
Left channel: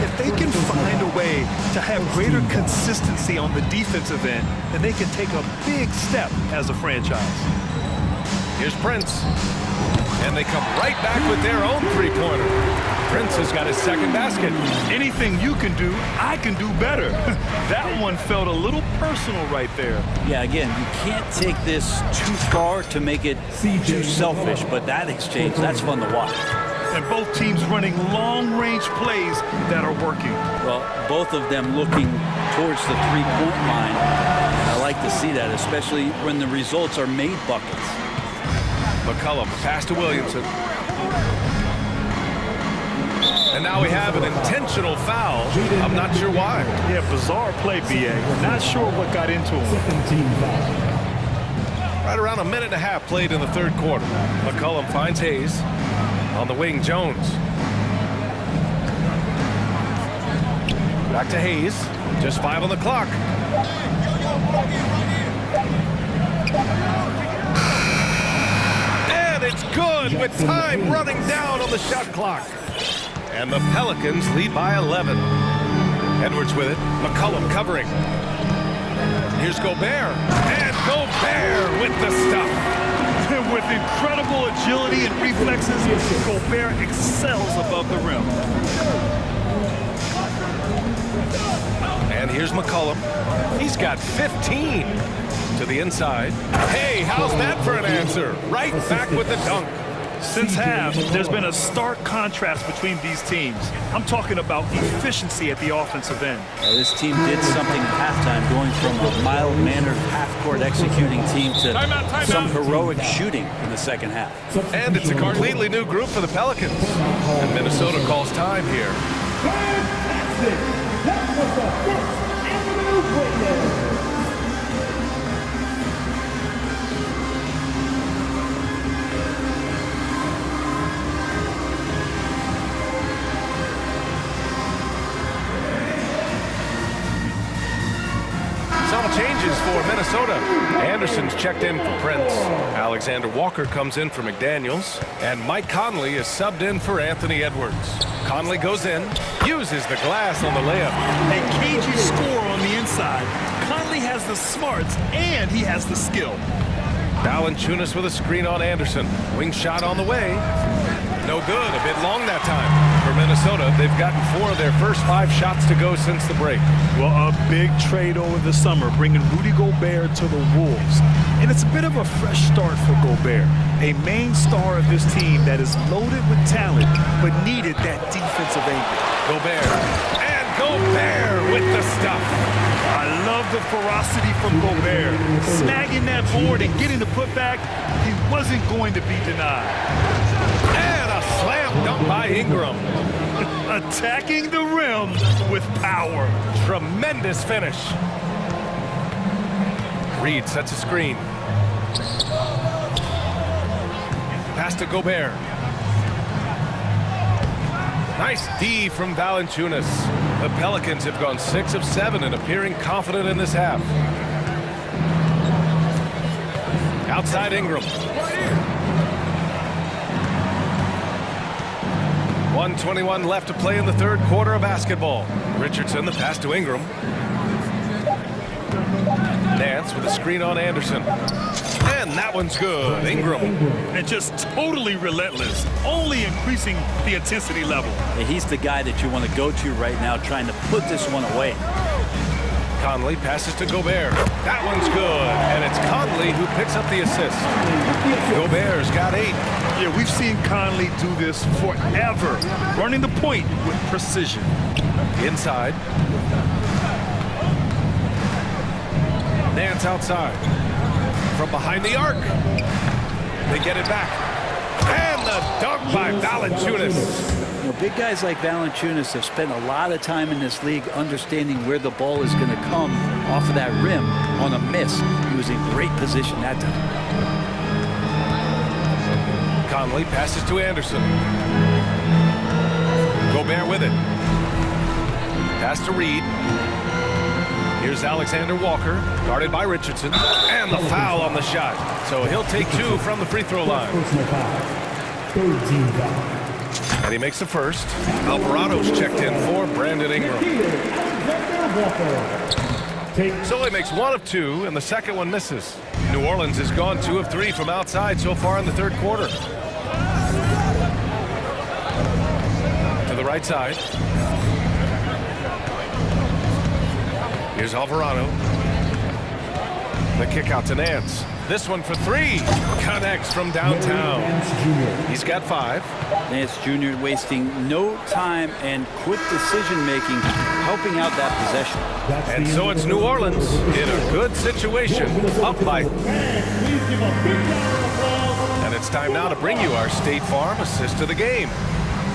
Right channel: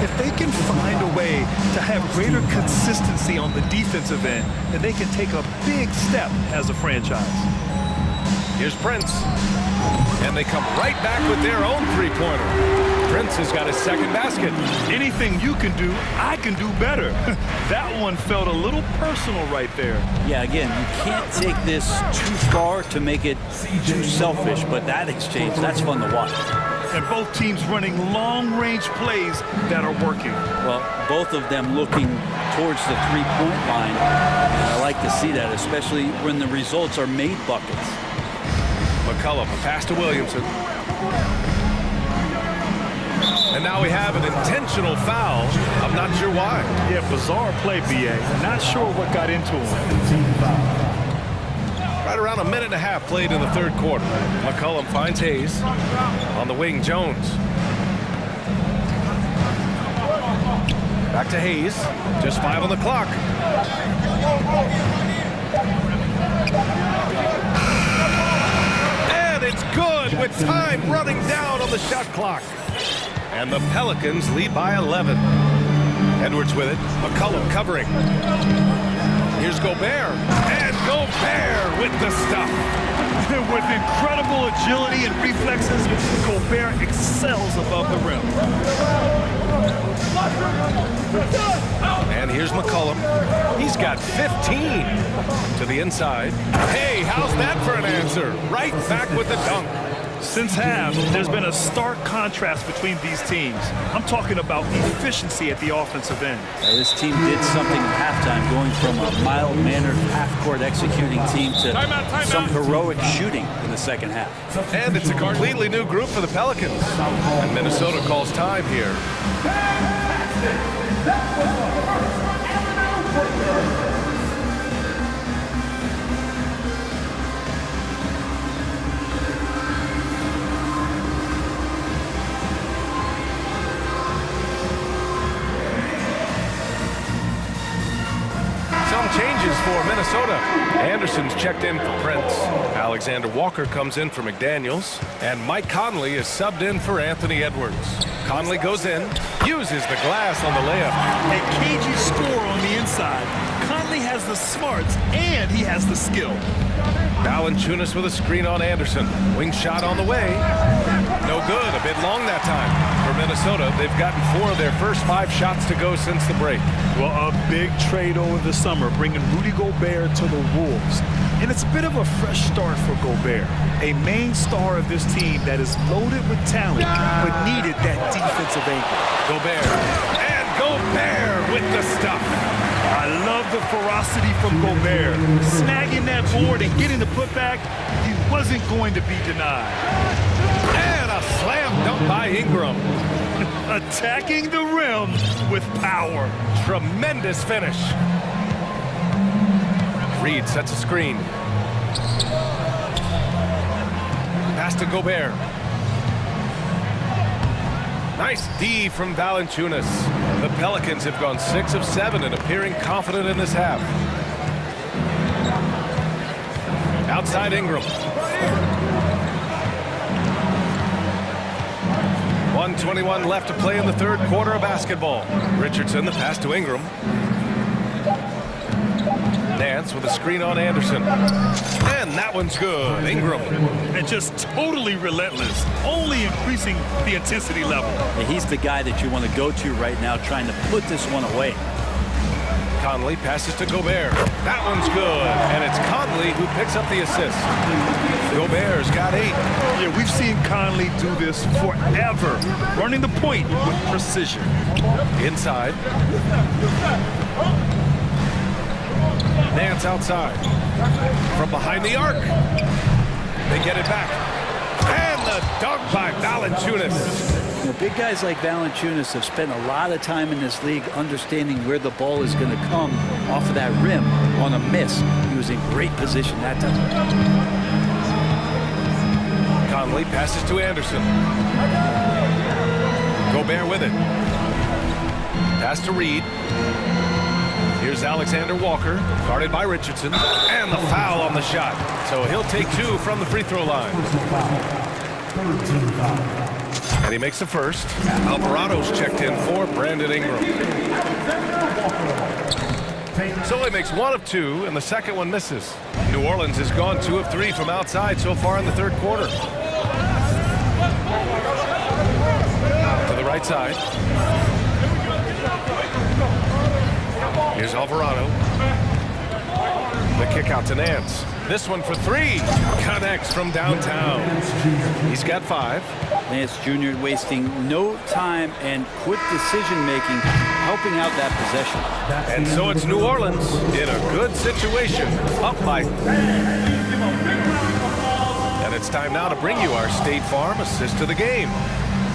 If they can find a way to have greater consistency on the defensive end, then they can take a big step as a franchise. Here's Prince. And they come right back with their own three-pointer. Prince has got his second basket. Anything you can do, I can do better. That one felt a little personal right there. Yeah, again, you can't take this too far to make it too selfish, but that exchange, that's fun to watch. and both teams running long-range plays that are working. Well, both of them looking towards the three-point line, and I like to see that, especially when the results are made buckets. McCollum, a pass to Williamson. And now we have an intentional foul. I'm not sure why. Yeah, bizarre play, B.A. Not sure what got into him. Right around a minute and a half played in the third quarter. McCollum finds Hayes. On the wing, Jones. Back to Hayes. Just 5 on the clock. And it's good with time running down on the shot clock. And the Pelicans lead by 11. Edwards with it. McCollum covering. Here's Gobert. And Gobert with the stuff. With incredible agility and reflexes, Gobert excels above the rim. And here's McCollum. He's got 15 to the inside. Hey, how's that for an answer? Right back with the dunk. Since half, there's been a stark contrast between these teams. I'm talking about efficiency at the offensive end. This team did something at halftime, going from a mild-mannered half-court executing team to some heroic shooting in the second half. And it's a completely new group for the Pelicans. And Minnesota calls time here. That was the first avenue witness. Some changes for Minnesota. Anderson's checked in for Prince. Alexander Walker comes in for McDaniels. And Mike Conley is subbed in for Anthony Edwards. Conley goes in, uses the glass on the layup. A cagey score on the inside. Conley has the smarts and he has the skill. Valanciunas with a screen on Anderson. Wing shot on the way. No good, a bit long that time. For Minnesota, they've gotten 4 of their first 5 shots to go since the break. Well, a big trade over the summer, bringing Rudy Gobert to the Wolves. And it's a bit of a fresh start for Gobert, a main star of this team that is loaded with talent, but needed that defensive anchor. Gobert, and Gobert with the stuff. I love the ferocity from Gobert. Snagging that board and getting the putback, he wasn't going to be denied. And a slam dunk by Ingram. Attacking the rim with power. Tremendous finish. Reed sets a screen. Pass to Gobert. Nice D from Valanciunas. The Pelicans have gone 6 of 7 and appearing confident in this half. Outside Ingram. 1:21 left to play in the third quarter of basketball. Richardson, the pass to Ingram. Nance with a screen on Anderson. And that one's good. Ingram. And just totally relentless, only increasing the intensity level. Yeah, he's the guy that you want to go to right now, trying to put this one away. Conley passes to Gobert. That one's good. And it's Conley who picks up the assist. Gobert's got 8. Yeah, we've seen Conley do this forever, running the point with precision. Inside. Nance outside. From behind the arc. They get it back. And the dunk by Valanciunas. You know, big guys like Valanciunas have spent a lot of time in this league understanding where the ball is going to come off of that rim on a miss. He was in great position that time. Conley passes to Anderson. Gobert with it. Pass to Reed. Here's Alexander Walker, guarded by Richardson. And the foul on the shot. So he'll take 2 from the free throw line. Third team foul. And he makes the first. Alvarado's checked in for Brandon Ingram. So he makes 1 of 2, and the second one misses. New Orleans has gone 2 of 3 from outside so far in the third quarter. To the right side. Here's Alvarado. The kick out to Nance. This one for three. Connects from downtown. He's got 5. Nance Jr. wasting no time and quick decision-making, helping out that possession. And so it's New Orleans in a good situation, up by. And it's time now to bring you our State Farm assist to the game.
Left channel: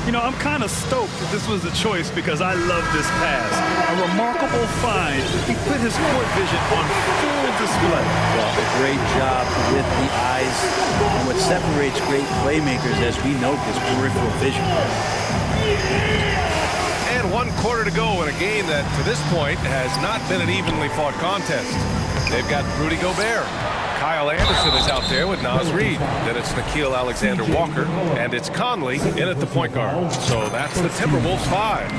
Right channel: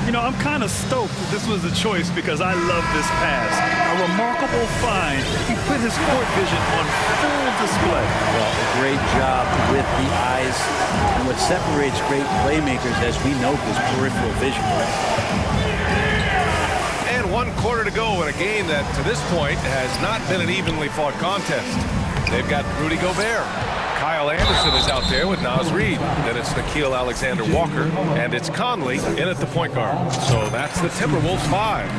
You know, I'm kind of stoked that this was a choice because I love this pass. A remarkable find. He put his court vision on full display. Well, a great job with the eyes. And what separates great playmakers, as we note, is peripheral vision. And 1 quarter to go in a game that, to this point, has not been an evenly fought contest. They've got Rudy Gobert. Kyle Anderson is out there with Naz Reid. Then it's Nickeil Alexander-Walker, and it's Conley in at the point guard. So that's the Timberwolves 5.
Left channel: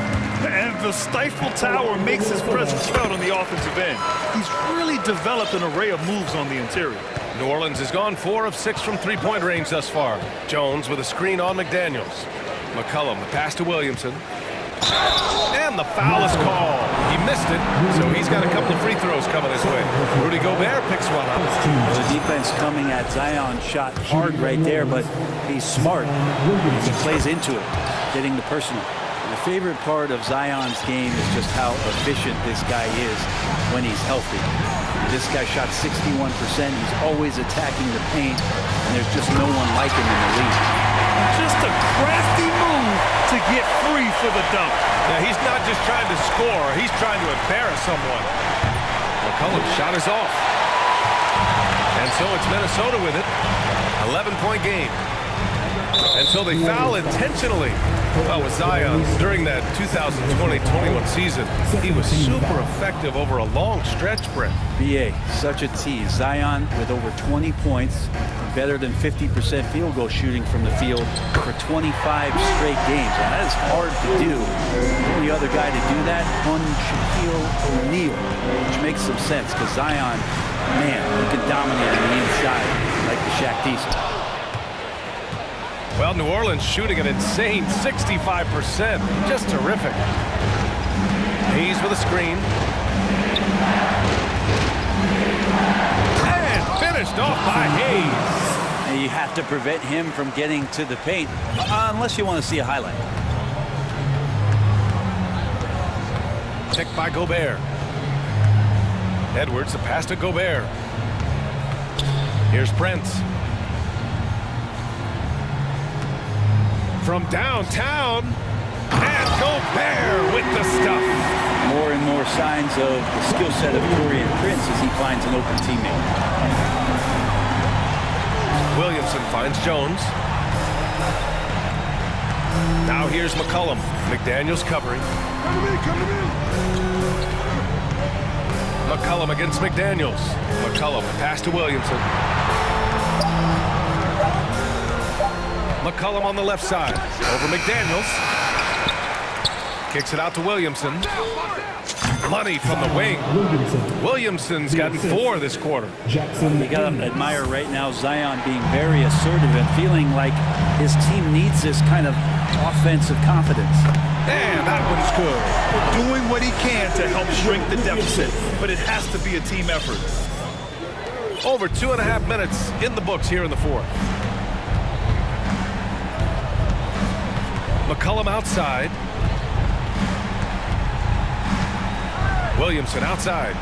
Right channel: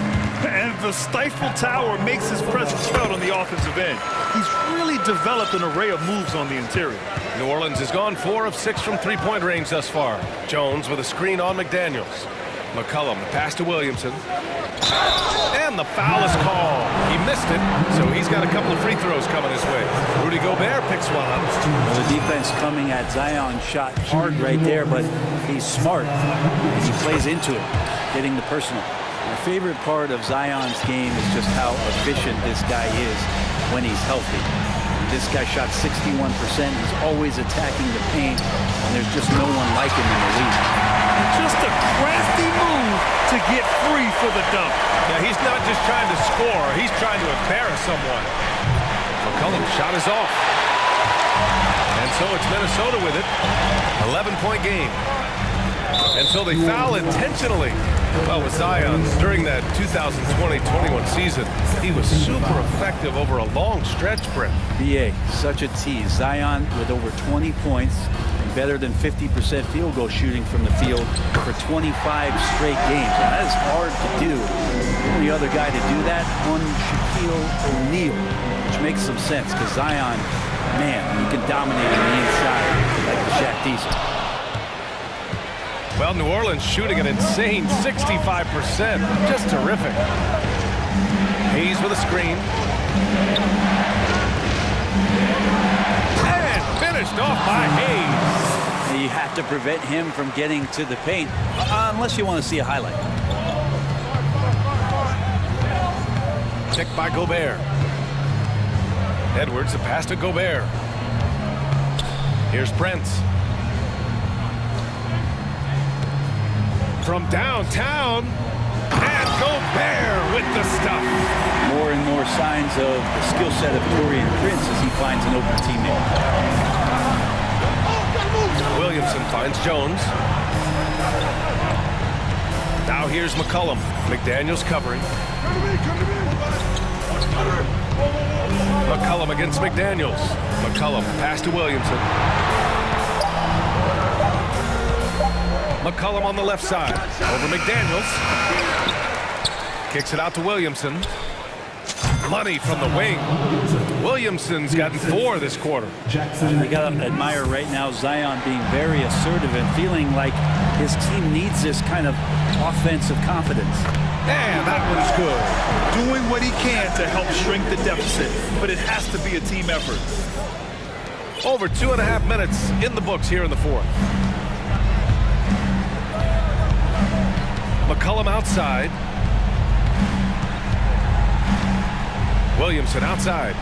And the Stifle Tower makes his presence felt on the offensive end. He's really developed an array of moves on the interior. New Orleans has gone 4 of 6 from three-point range thus far. Jones with a screen on McDaniels. McCollum, the pass to Williamson. And the foul is called. He missed it, so he's got a couple of free throws coming his way. Rudy Gobert picks one up. Well, the defense coming at Zion shot hard right there, but he's smart, and he plays into it, getting the personal. My favorite part of Zion's game is just how efficient this guy is when he's healthy. This guy shot 61%. He's always attacking the paint, and there's just no one like him in the league. And just a crafty move to get free for the dunk. Yeah, he's not just trying to score. He's trying to embarrass someone. McCollum's shot is off. And so it's Minnesota with it. 11-point game. And so they foul intentionally. Well, with Zion, during that 2020-21 season, he was super effective over a long stretch, Brent. BA, such a tease. Zion with over 20 points and better than 50% field goal shooting from the field for 25 straight games. Now, that is hard to do. The only other guy to do that, one Shaquille O'Neal, which makes some sense because Zion, man, he can dominate on the inside like the Shaq Diesel. Well, New Orleans shooting an insane 65%. Just terrific. Hayes with a screen. And finished off by Hayes. And you have to prevent him from getting to the paint, unless you want to see a highlight. Picked by Gobert. Edwards, a pass to Gobert. Here's Prince. From downtown, and Gobert with the stuff. More and more signs of the skill set of Taurean Prince as he finds an open teammate. Williamson finds Jones. Now here's McCollum. McDaniels covering. Come to me. McCollum against McDaniels. McCollum, pass to Williamson. McCollum on the left side. Over McDaniels. Kicks it out to Williamson. Money from the wing. Williamson's gotten 4 this quarter. You got to admire right now Zion being very assertive and feeling like his team needs this kind of offensive confidence. And that one's good. Doing what he can to help shrink the deficit, but it has to be a team effort. Over 2.5 minutes in the books here in the fourth. McCollum outside. Williamson outside.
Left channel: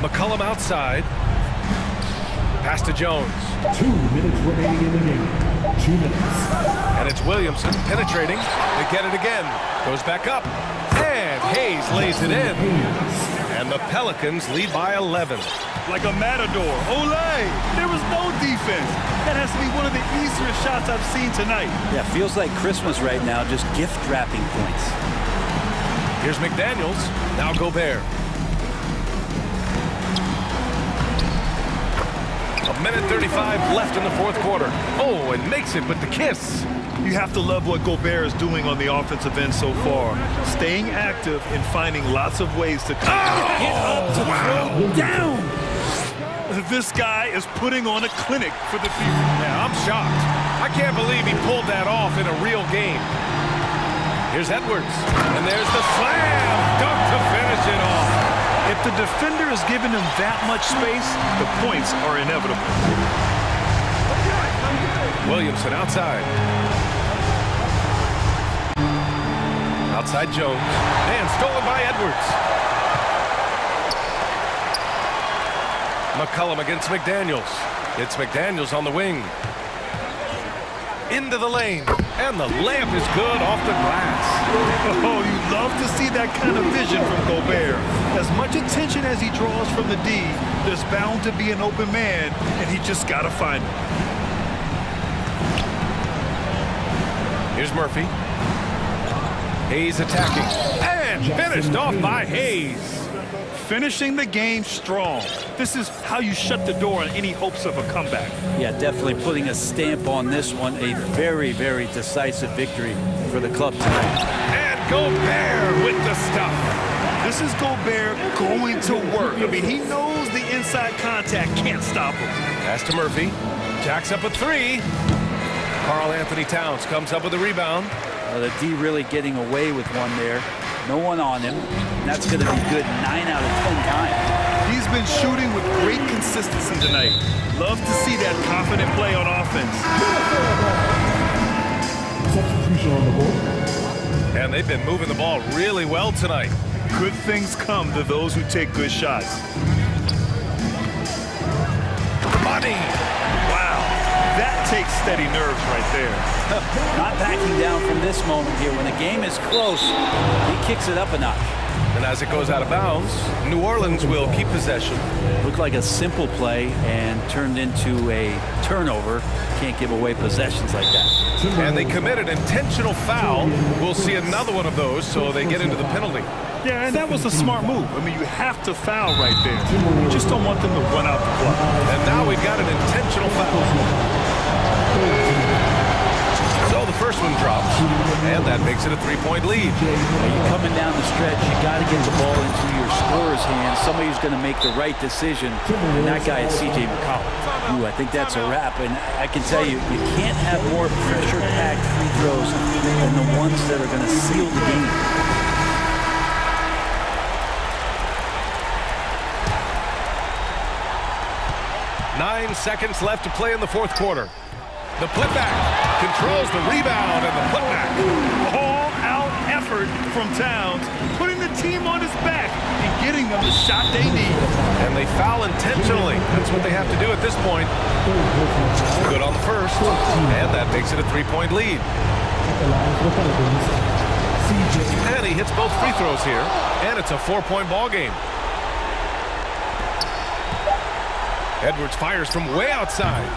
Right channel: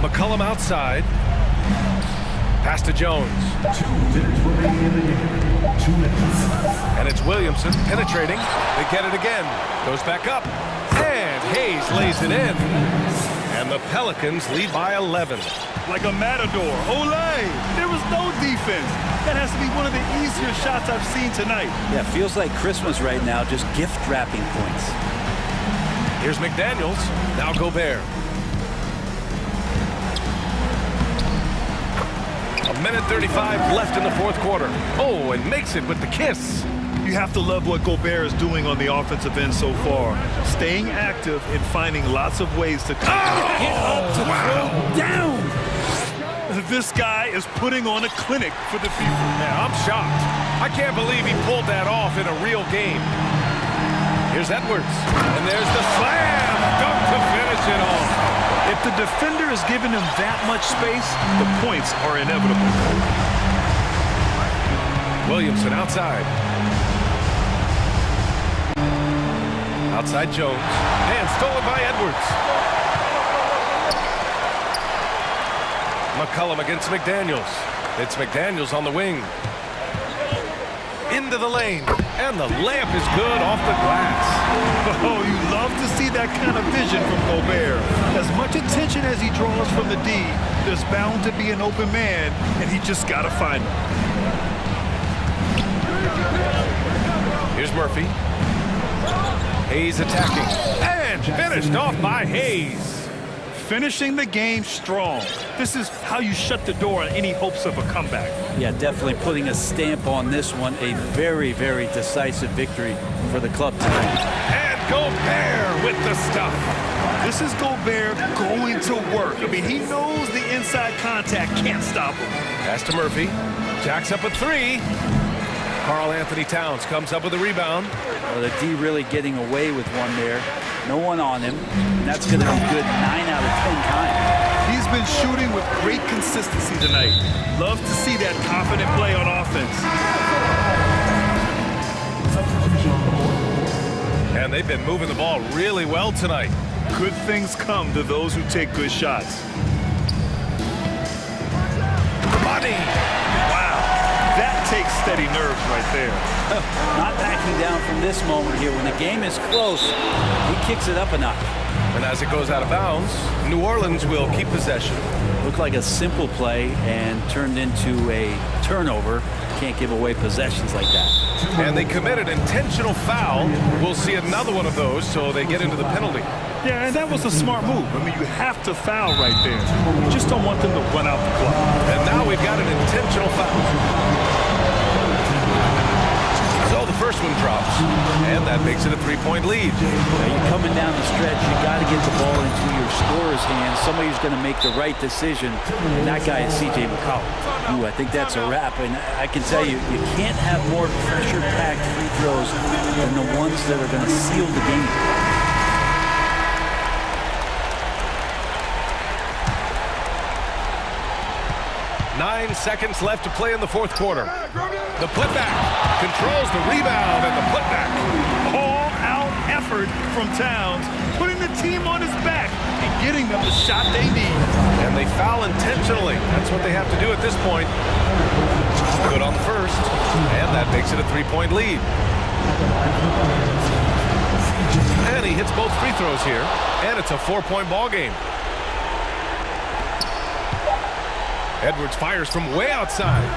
McCollum outside. Pass to Jones. 2 minutes remaining in the game. 2 minutes. And it's Williamson penetrating. They get it again. Goes back up. And Hayes lays it in. And the Pelicans lead by 11. Like a matador. Olé! There was no defense. That has to be one of the easier shots I've seen tonight. Yeah, feels like Christmas right now, just gift wrapping points. Here's McDaniels. Now Gobert. A minute 35 left in the fourth quarter. Oh, and makes it with the kiss. You have to love what Gobert is doing on the offensive end so far. Staying active and finding lots of ways to get up to throw down. This guy is putting on a clinic for the people. Man, I'm shocked. I can't believe he pulled that off in a real game. Here's Edwards. And there's the slam dunk to finish it off. If the defender is giving him that much space, the points are inevitable. Williamson outside. Outside Jones. And stolen by Edwards. McCollum against McDaniels. It's McDaniels on the wing. Into the lane. And the layup is good off the glass. Oh, you love to see that kind of vision from Gobert. As much attention as he draws from the D, there's bound to be an open man, and he just got to find him. Here's Murphy. Hayes attacking. And finished off by Hayes. Finishing the game strong. This is how you shut the door on any hopes of a comeback. Yeah, definitely putting a stamp on this one. A very, very decisive victory for the club tonight. And Gobert with the stuff. This is Gobert going to work. I mean, he knows the inside contact can't stop him. Pass to Murphy. Jacks up a three. Karl Anthony Towns comes up with a rebound. Well, the D really getting away with one there. No one on him. And that's going to be good 9 out of 10 times. He's been shooting with great consistency tonight. Love to see that confident play on offense. And they've been moving the ball really well tonight. Good things come to those who take good shots. Money! Wow, that takes steady nerves right there. Not backing down from this moment here. When the game is close, he kicks it up a notch. And as it goes out of bounds, New Orleans will keep possession. Looked like a simple play and turned into a turnover. Can't give away possessions like that. And they committed intentional foul. We'll see another one of those, so they get into the penalty. Yeah, and that was a smart move. I mean, you have to foul right there. You just don't want them to run out the clock. And now we've got an intentional foul. So the first one drops, and that makes it a 3-point lead. Now you're coming down the stretch, you got to get the ball into your scorer's hands. Somebody who's going to make the right decision, and that guy is C.J. McCollum. Ooh, I think that's a wrap, and I can tell you, you can't have more pressure-packed free throws than the ones that are going to seal the game. Nine seconds left to play in the fourth quarter. The putback controls the rebound and the putback. All-out effort from Towns, putting the team on his back and getting them the shot they need. And they foul intentionally. That's what they have to do at this point. Good on the first, and that makes it a 3-point lead. And he hits both free throws here, and it's a 4-point ball game. Edwards fires from way outside.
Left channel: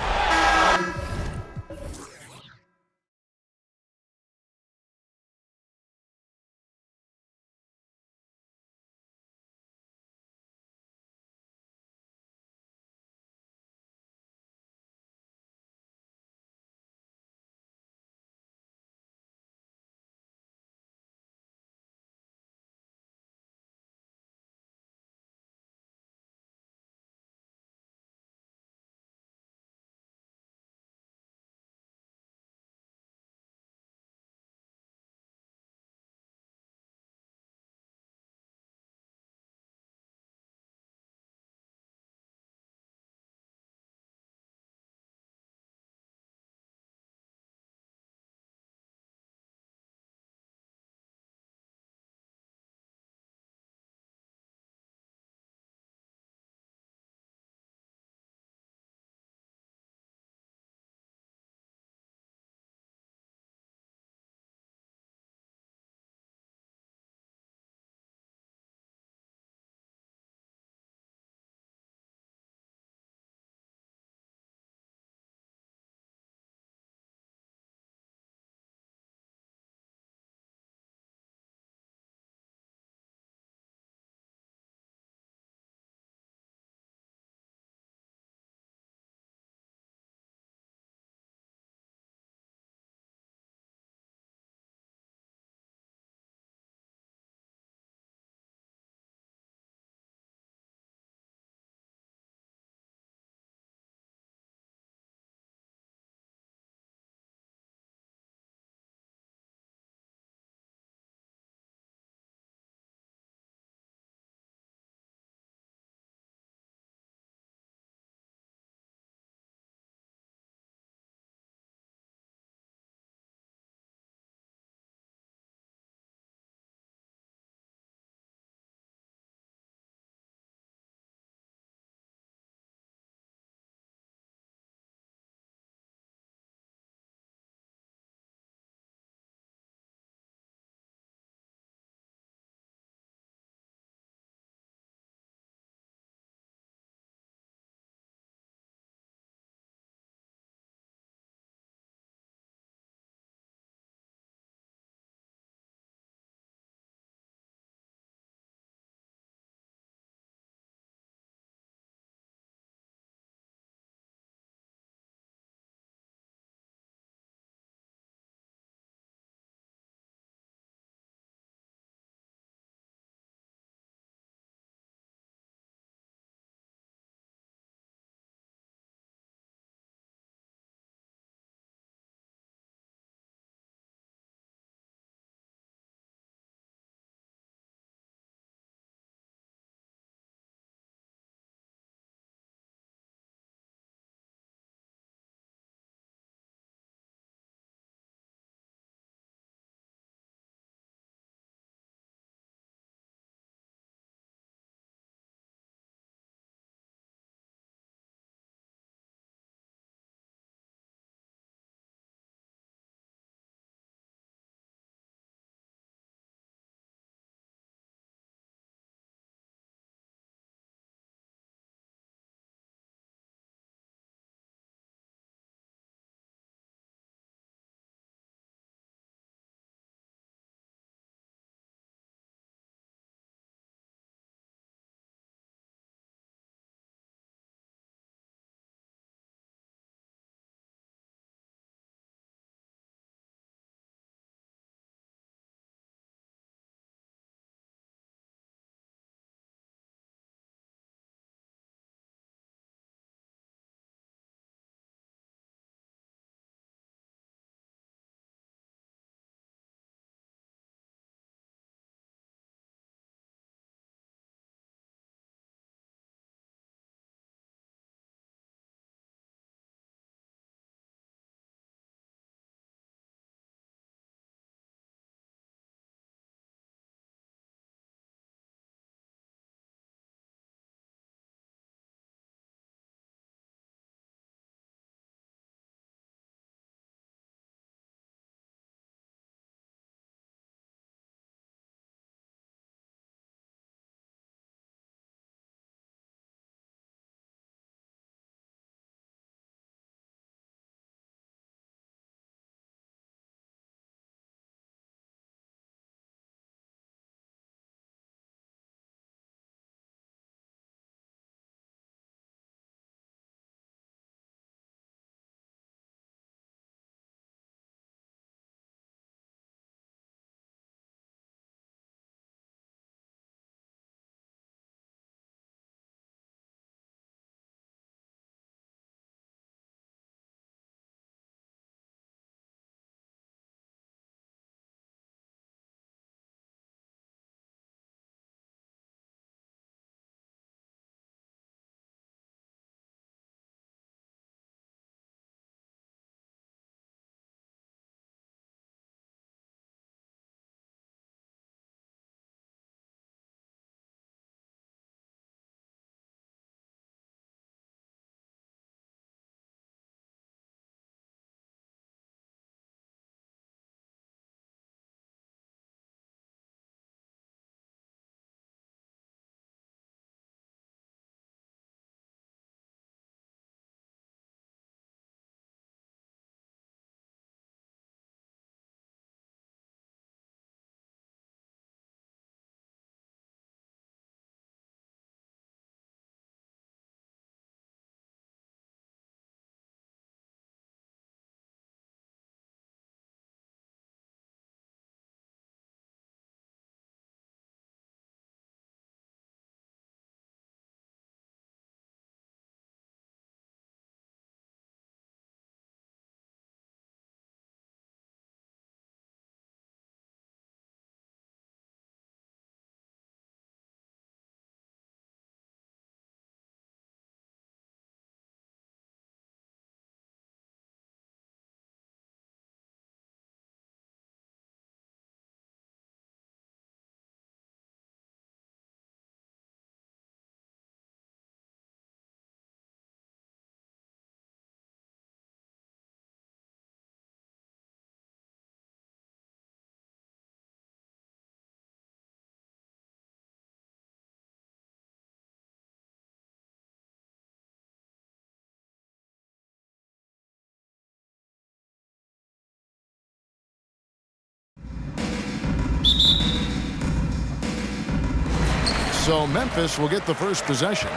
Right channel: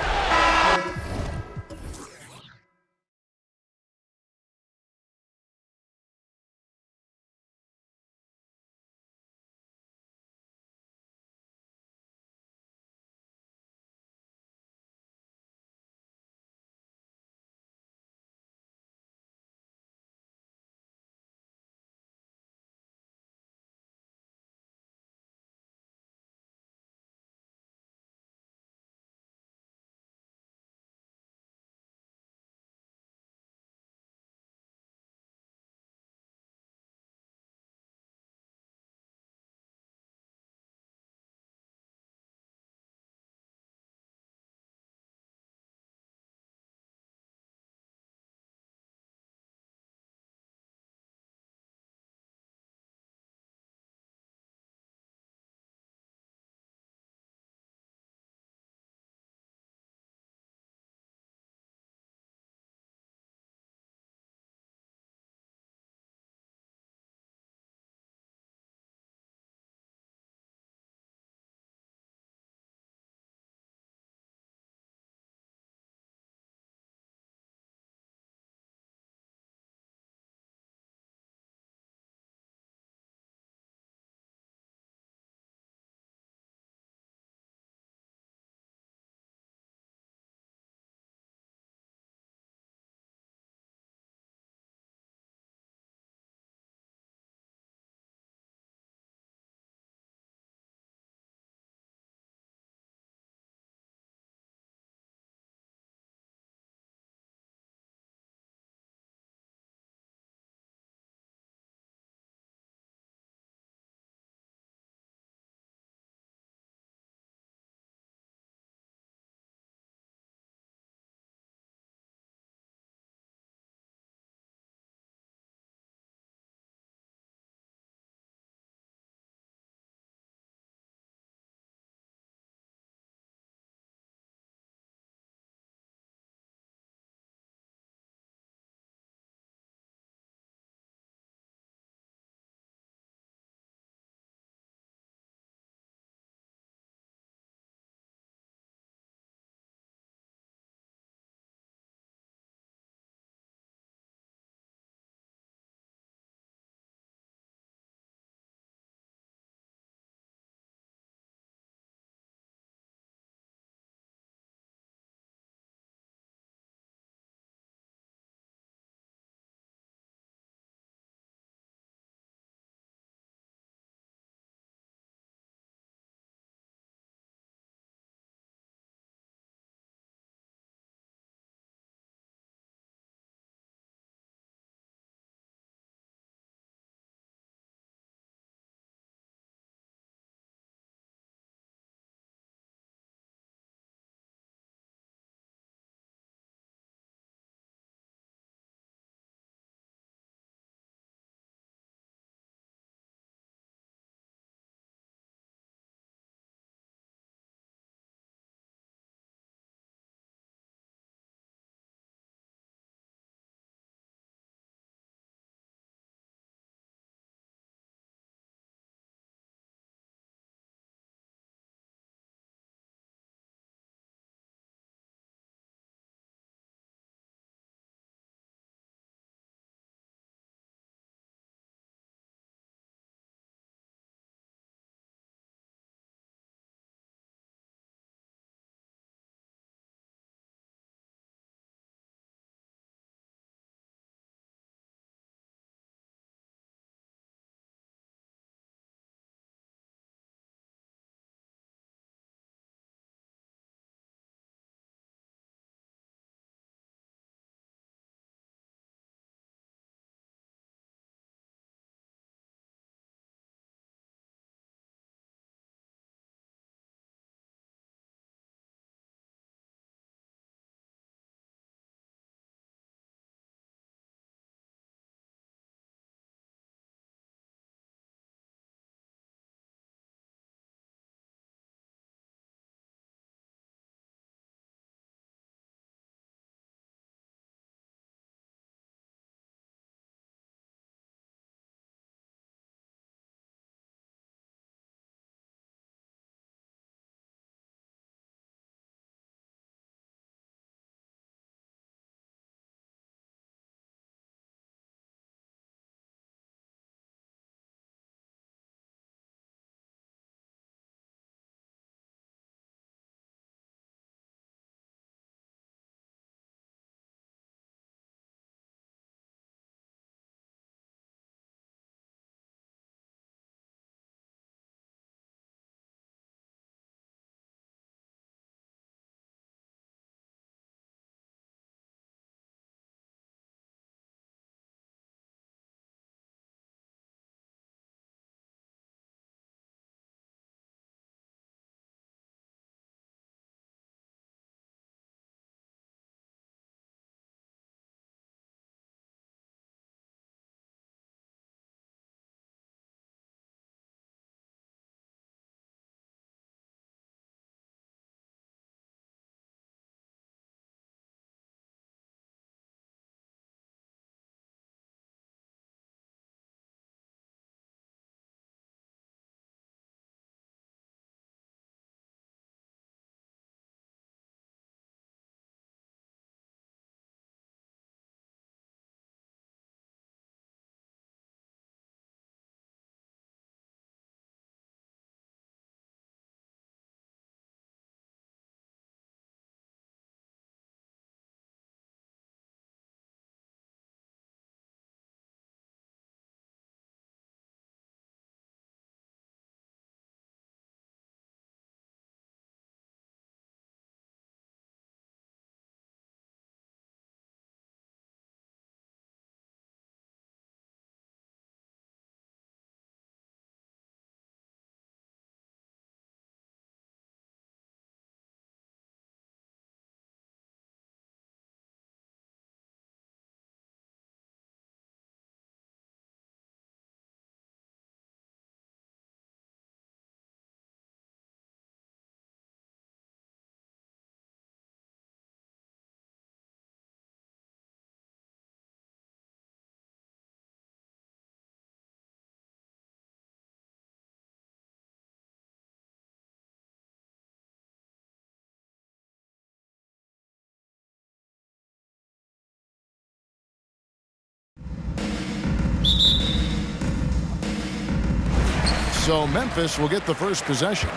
So Memphis will get the first possession.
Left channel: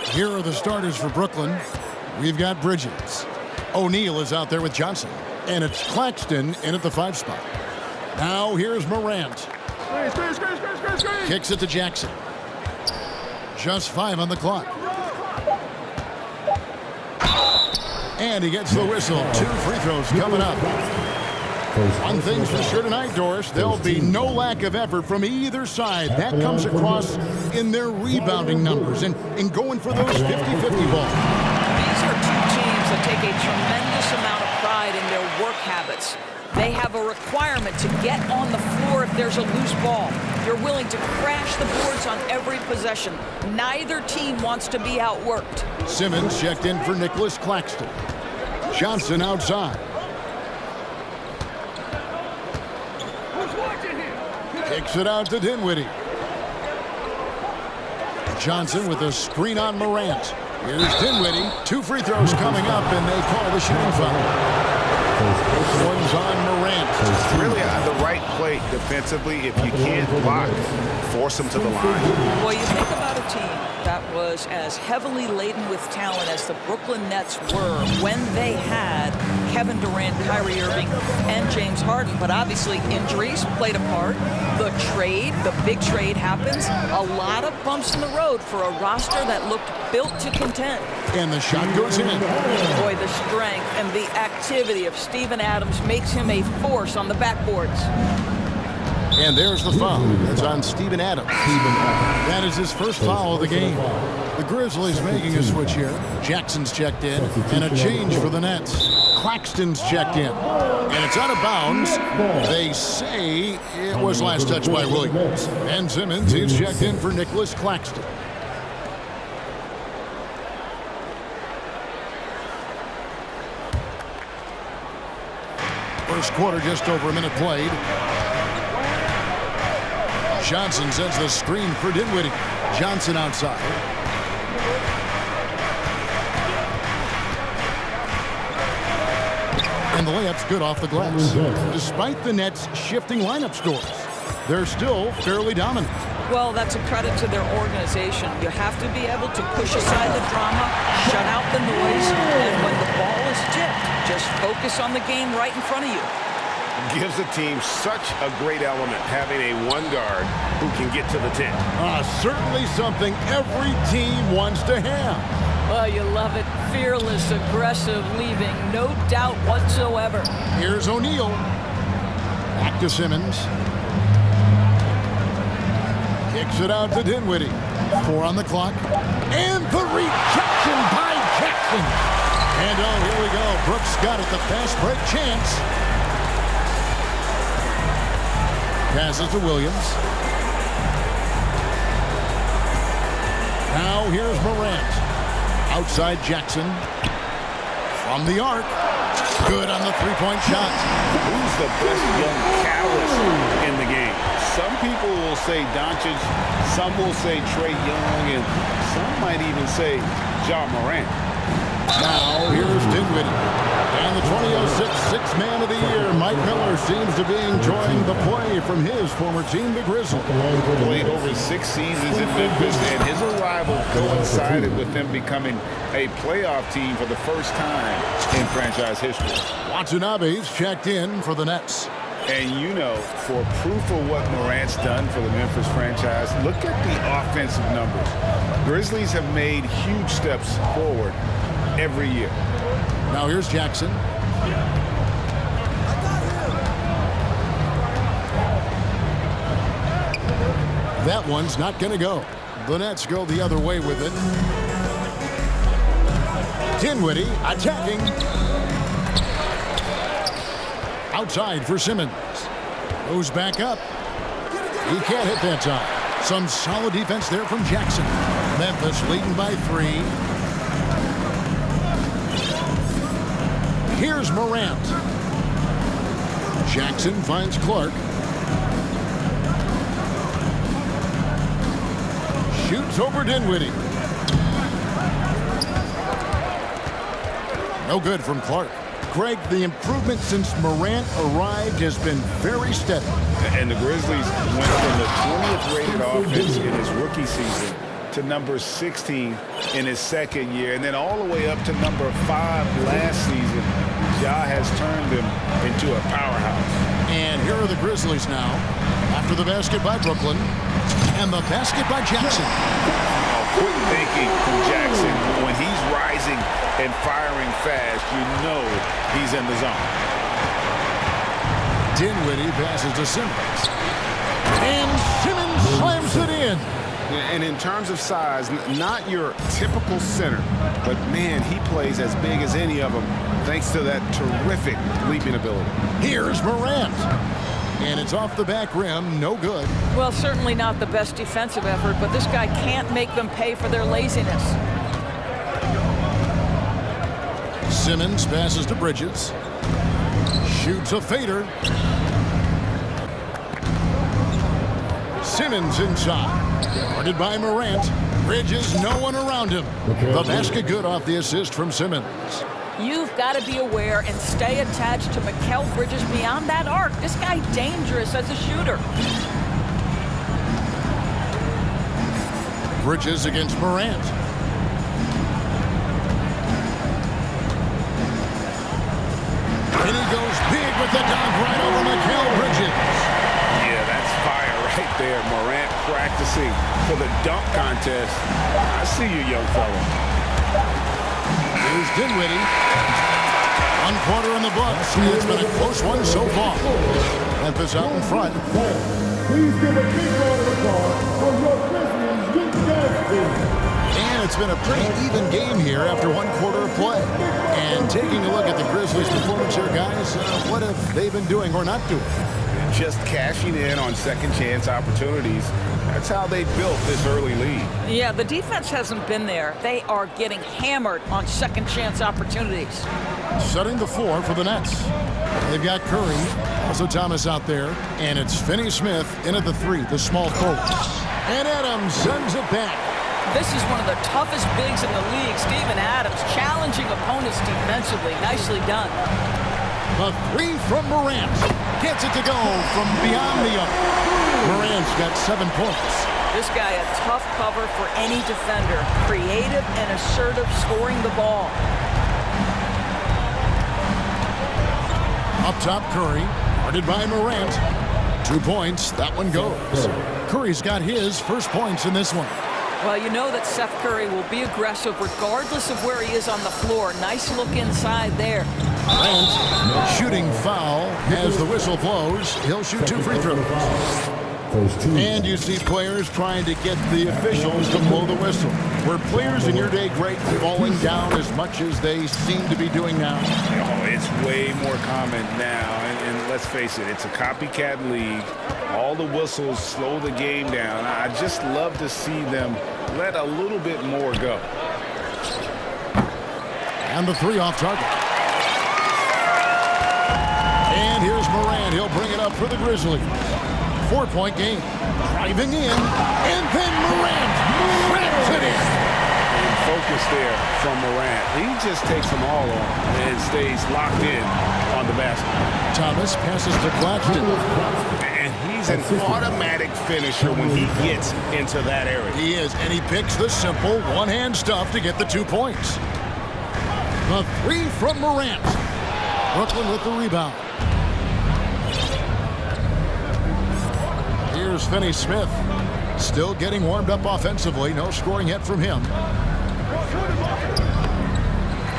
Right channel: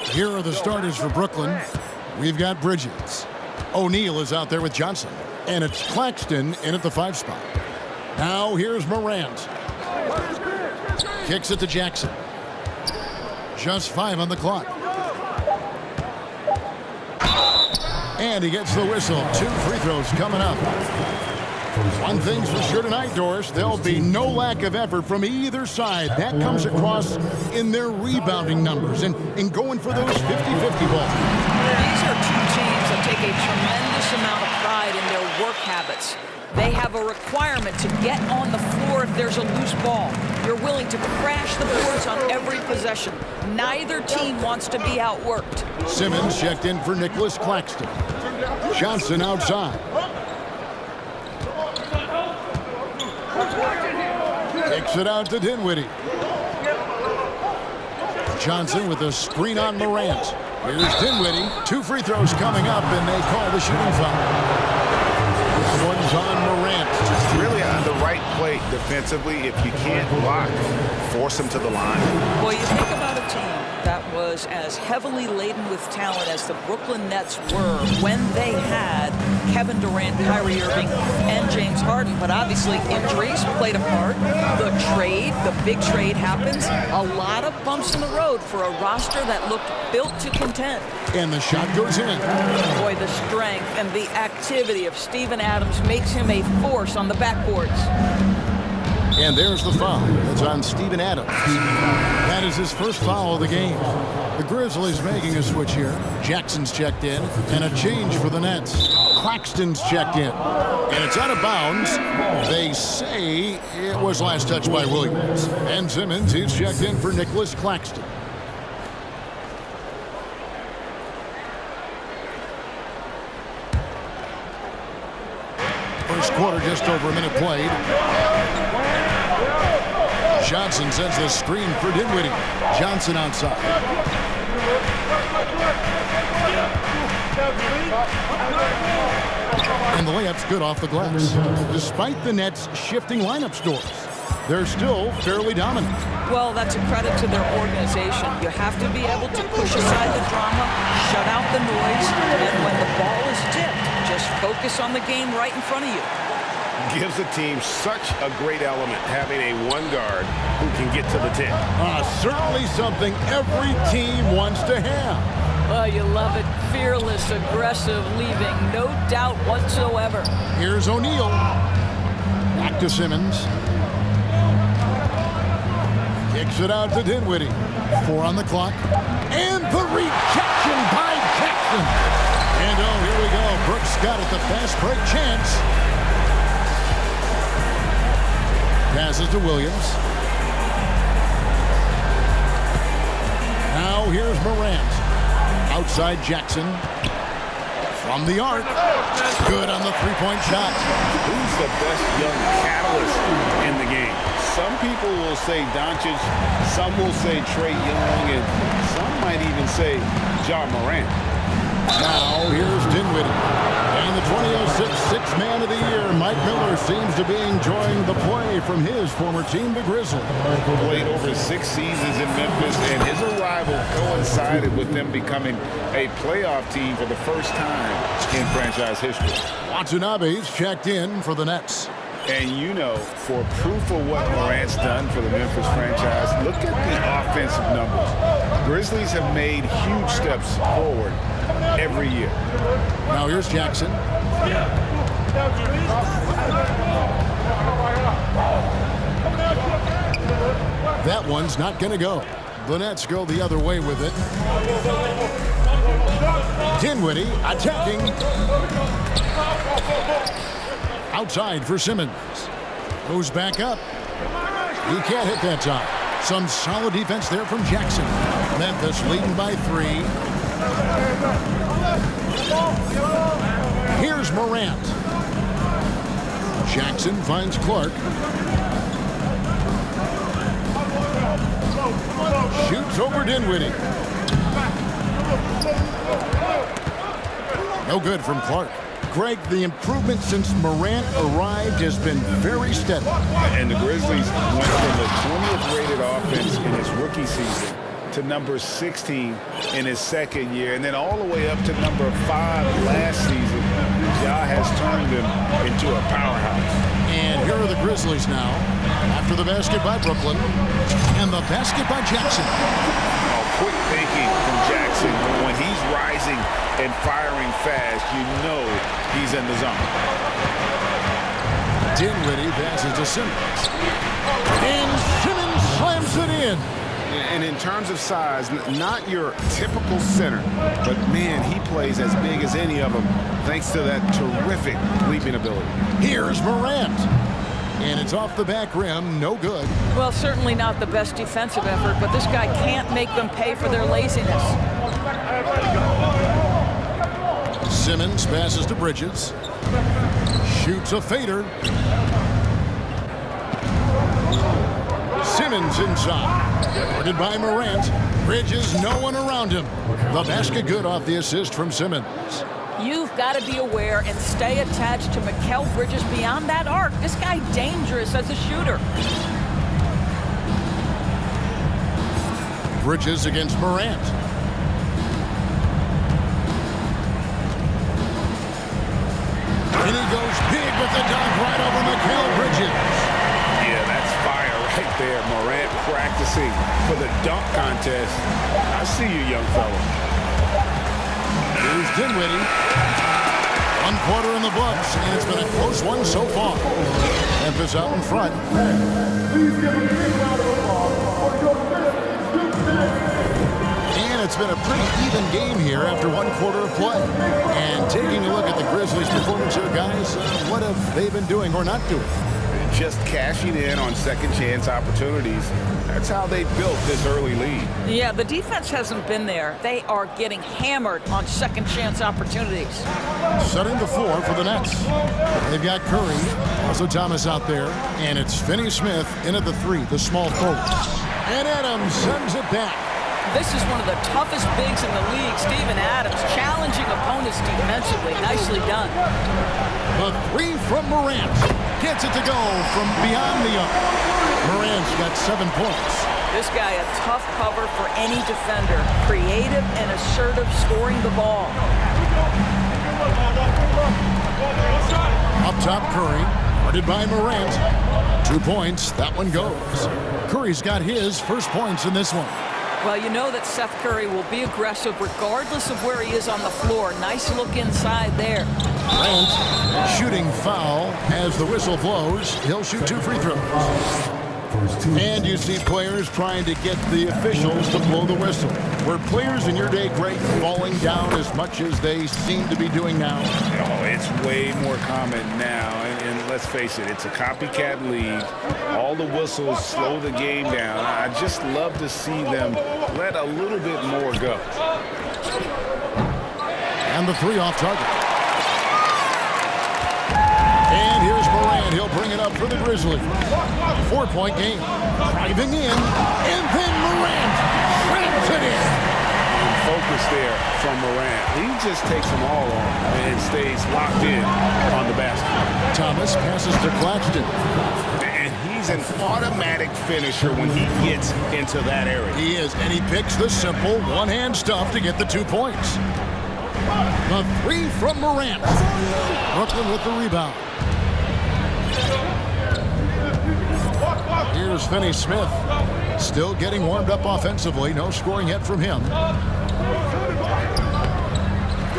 Here are the starters for Brooklyn. We've got Bridges. O'Neal is out there with Johnson. And it's Claxton in at the 5 spot. Now here's Morant. Kicks it to Jackson. Just 5 on the clock. And he gets the whistle. 2 free throws coming up. One thing's for sure tonight, Doris. There'll be no lack of effort from either side. That comes across in their rebounding numbers and in going for those 50-50 balls. These are 2 teams that take a tremendous amount of pride in their work habits. They have a requirement to get on the floor if there's a loose ball. You're willing to crash the boards on every possession. Neither team wants to be outworked. Simmons checked in for Nicholas Claxton. Johnson outside. Kicks it out to Dinwiddie. Johnson with a screen on Morant. Here's Dinwiddie. 2 free throws coming up, and they call the shooting foul. This one's on Morant. Really on the right play defensively. If you can't block, force them to the line. Well, you think about a team that was as heavily laden with talent as the Brooklyn Nets were when they had Kevin Durant, Kyrie Irving, and James Harden. But obviously injuries played a part. The trade, the big trade happens. A lot of bumps in the road for a roster that looked built to contend. And the shot goes in. Boy, the strength and the activity of Steven Adams makes him a force on the backboards. And there's the foul. That's on Steven Adams. That is his first foul of the game. The Grizzlies making a switch here. Jackson's checked in, and a change for the Nets. Claxton's checked in, and it's out of bounds. They say it was last touched by Williams. Ben Simmons, he's checked in for Nicholas Claxton. First quarter, just over a minute played. Johnson sends the screen for Dinwiddie. Johnson outside. And the layup's good off the glass. Despite the Nets shifting lineup scores, they're still fairly dominant. Well, that's a credit to their organization. You have to be able to push aside the drama, shut out the noise, and when the ball is tipped, just focus on the game right in front of you. Gives a team such a great element having a 1 guard who can get to the 10. Certainly something every team wants to have. Well, you love it. Fearless, aggressive, leaving no doubt whatsoever. Here's O'Neal. Back to Simmons. Kicks it out to Dinwiddie. 4 on the clock. And the rejection by Jackson. And oh, here we go. Brooks got it, the fast break chance. Passes to Williams. Now here's Morant. Outside Jackson. From the arc. Good on the 3-point shot. Who's the best young catalyst in the game? Some people will say Doncic, some will say Trae Young, and some might even say Ja Morant. Now here's Dinwiddie. And the 2006 Sixth Man of the Year, Mike Miller, seems to be enjoying the play from his former team, the Grizzlies. Played over 6 seasons in Memphis, and his arrival coincided with them becoming a playoff team for the first time in franchise history. Watanabe's checked in for the Nets. And you know, for proof of what Morant's done for the Memphis franchise, look at the offensive numbers. Grizzlies have made huge steps forward every year. Now here's Jackson. That one's not going to go. The Nets go the other way with it. Dinwiddie attacking. Outside for Simmons. Goes back up. He can't hit that time. Some solid defense there from Jackson. Memphis leading by 3. Here's Morant. Jackson finds Clark. Shoots over Dinwiddie. No good from Clark. Greg, the improvement since Morant arrived has been very steady. And the Grizzlies went from the 20th rated offense in his rookie season to number 16 in his second year, and then all the way up to number 5 last season. Ja has turned them into a powerhouse. And here are the Grizzlies now, after the basket by Brooklyn, and the basket by Jackson. Oh, quick thinking from Jackson. When he's rising and firing fast, you know he's in the zone. Dinwiddie passes to Simmons. And Simmons slams it in. And in terms of size, not your typical center, but man, he plays as big as any of them thanks to that terrific leaping ability. Here's Morant. And it's off the back rim, no good. Well, certainly not the best defensive effort, but this guy can't make them pay for their laziness. Simmons passes to Bridges. Shoots a fader. Simmons inside. Guarded by Morant. Bridges, no one around him. The basket good off the assist from Simmons. You've got to be aware and stay attached to Mikal Bridges beyond that arc. This guy dangerous as a shooter. Bridges against Morant. And he goes big with the dunk right over Mikal Bridges. Yeah, that's fire right there. Morant practicing for the dunk contest. I see you, young fella. Here's Dinwiddie. 1 quarter in the books, and it's been a close one so far. Memphis out in front. Please give a big round of applause for your Grizzlies youth dance team. And it's been a pretty even game here after 1 quarter of play. And taking a look at the Grizzlies' performance here, guys, what have they been doing or not doing? Just cashing in on second chance opportunities. That's how they built this early lead. Yeah, the defense hasn't been there. They are getting hammered on second chance opportunities. Setting the floor for the Nets. They've got Curry, also Thomas out there, and it's Finney-Smith in at the 3, the small forward. And Adams sends it back. This is one of the toughest bigs in the league, Steven Adams, challenging opponents defensively. Nicely done. The 3 from Morant. Gets it to go from beyond the arc. Morant's got 7 points. This guy a tough cover for any defender. Creative and assertive scoring the ball. Up top, Curry. Guarded by Morant. 2 points. That one goes. Curry's got his first points in this one. Well, you know that Seth Curry will be aggressive regardless of where he is on the floor. Nice look inside there. Morant, shooting foul as the whistle blows. He'll shoot 2 free throws. And you see players trying to get the officials to blow the whistle. Were players in your day, Greg, falling down as much as they seem to be doing now? Oh, it's way more common now. And let's face it, it's a copycat league. All the whistles slow the game down. I just love to see them let a little bit more go. And the 3 off target. And here's Morant. He'll bring it up for the Grizzlies. 4-point game. Driving in. And then Morant slams it in. And focus there from Morant. He just takes them all on and stays locked in on the basket. Thomas passes to Claxton. And he's an automatic finisher when he gets into that area. He is, and he picks the simple one-hand stuff to get the 2 points. The 3 from Morant. Brooklyn with the rebound. Here's Finney-Smith. Still getting warmed up offensively. No scoring yet from him.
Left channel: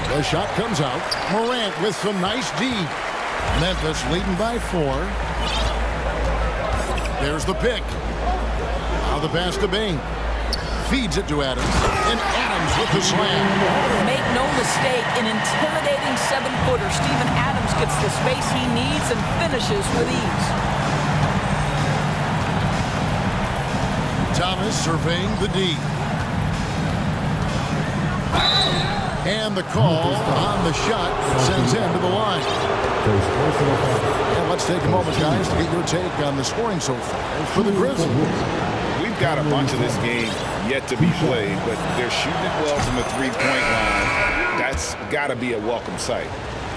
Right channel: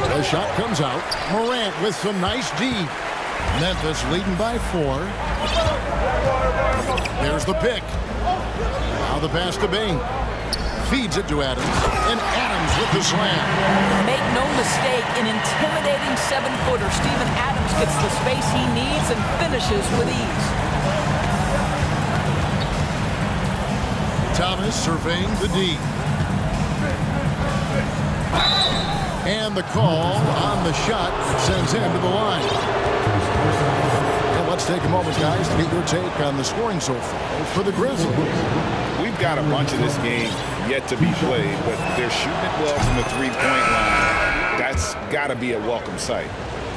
The shot comes out. Morant with some nice D. Memphis leading by 4. There's the pick. Now the pass to Bain. Feeds it to Adams. And Adams with the slam. Make no mistake, an intimidating 7-footer. Steven Adams gets the space he needs and finishes with ease. Thomas surveying the D. And the call on the shot that sends him to the line. And let's take a moment, guys, to get your take on the scoring so far for the Grizzlies. We've got a bunch of this game yet to be played, but they're shooting it well from the 3-point line. That's got to be a welcome sight.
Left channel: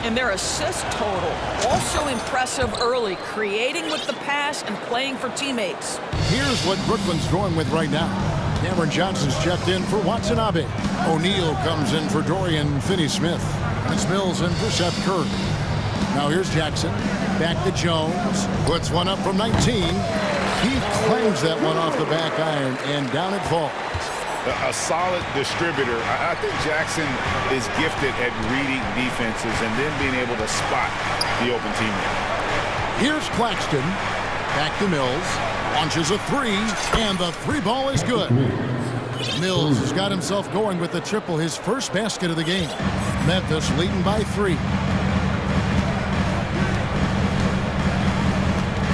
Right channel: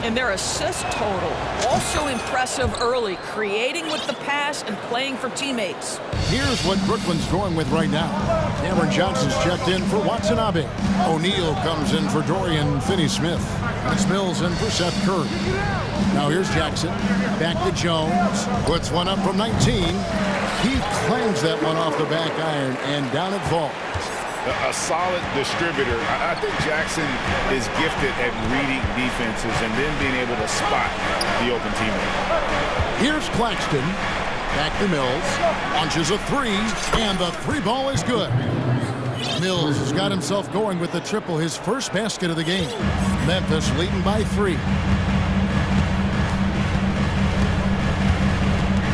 And their assist total, also impressive early, creating with the pass and playing for teammates. Here's what Brooklyn's going with right now. Cameron Johnson's checked in for Watanabe. O'Neal comes in for Dorian Finney-Smith. And it's Mills in for Seth Curry. Now here's Jackson. Back to Jones. Puts one up from 19. He clangs that one off the back iron, and down it falls. A solid distributor. I think Jackson is gifted at reading defenses and then being able to spot the open teammate. Here's Claxton. Back to Mills. Launches a three, and the three ball is good. Mills has got himself going with the triple, his first basket of the game. Memphis leading by 3.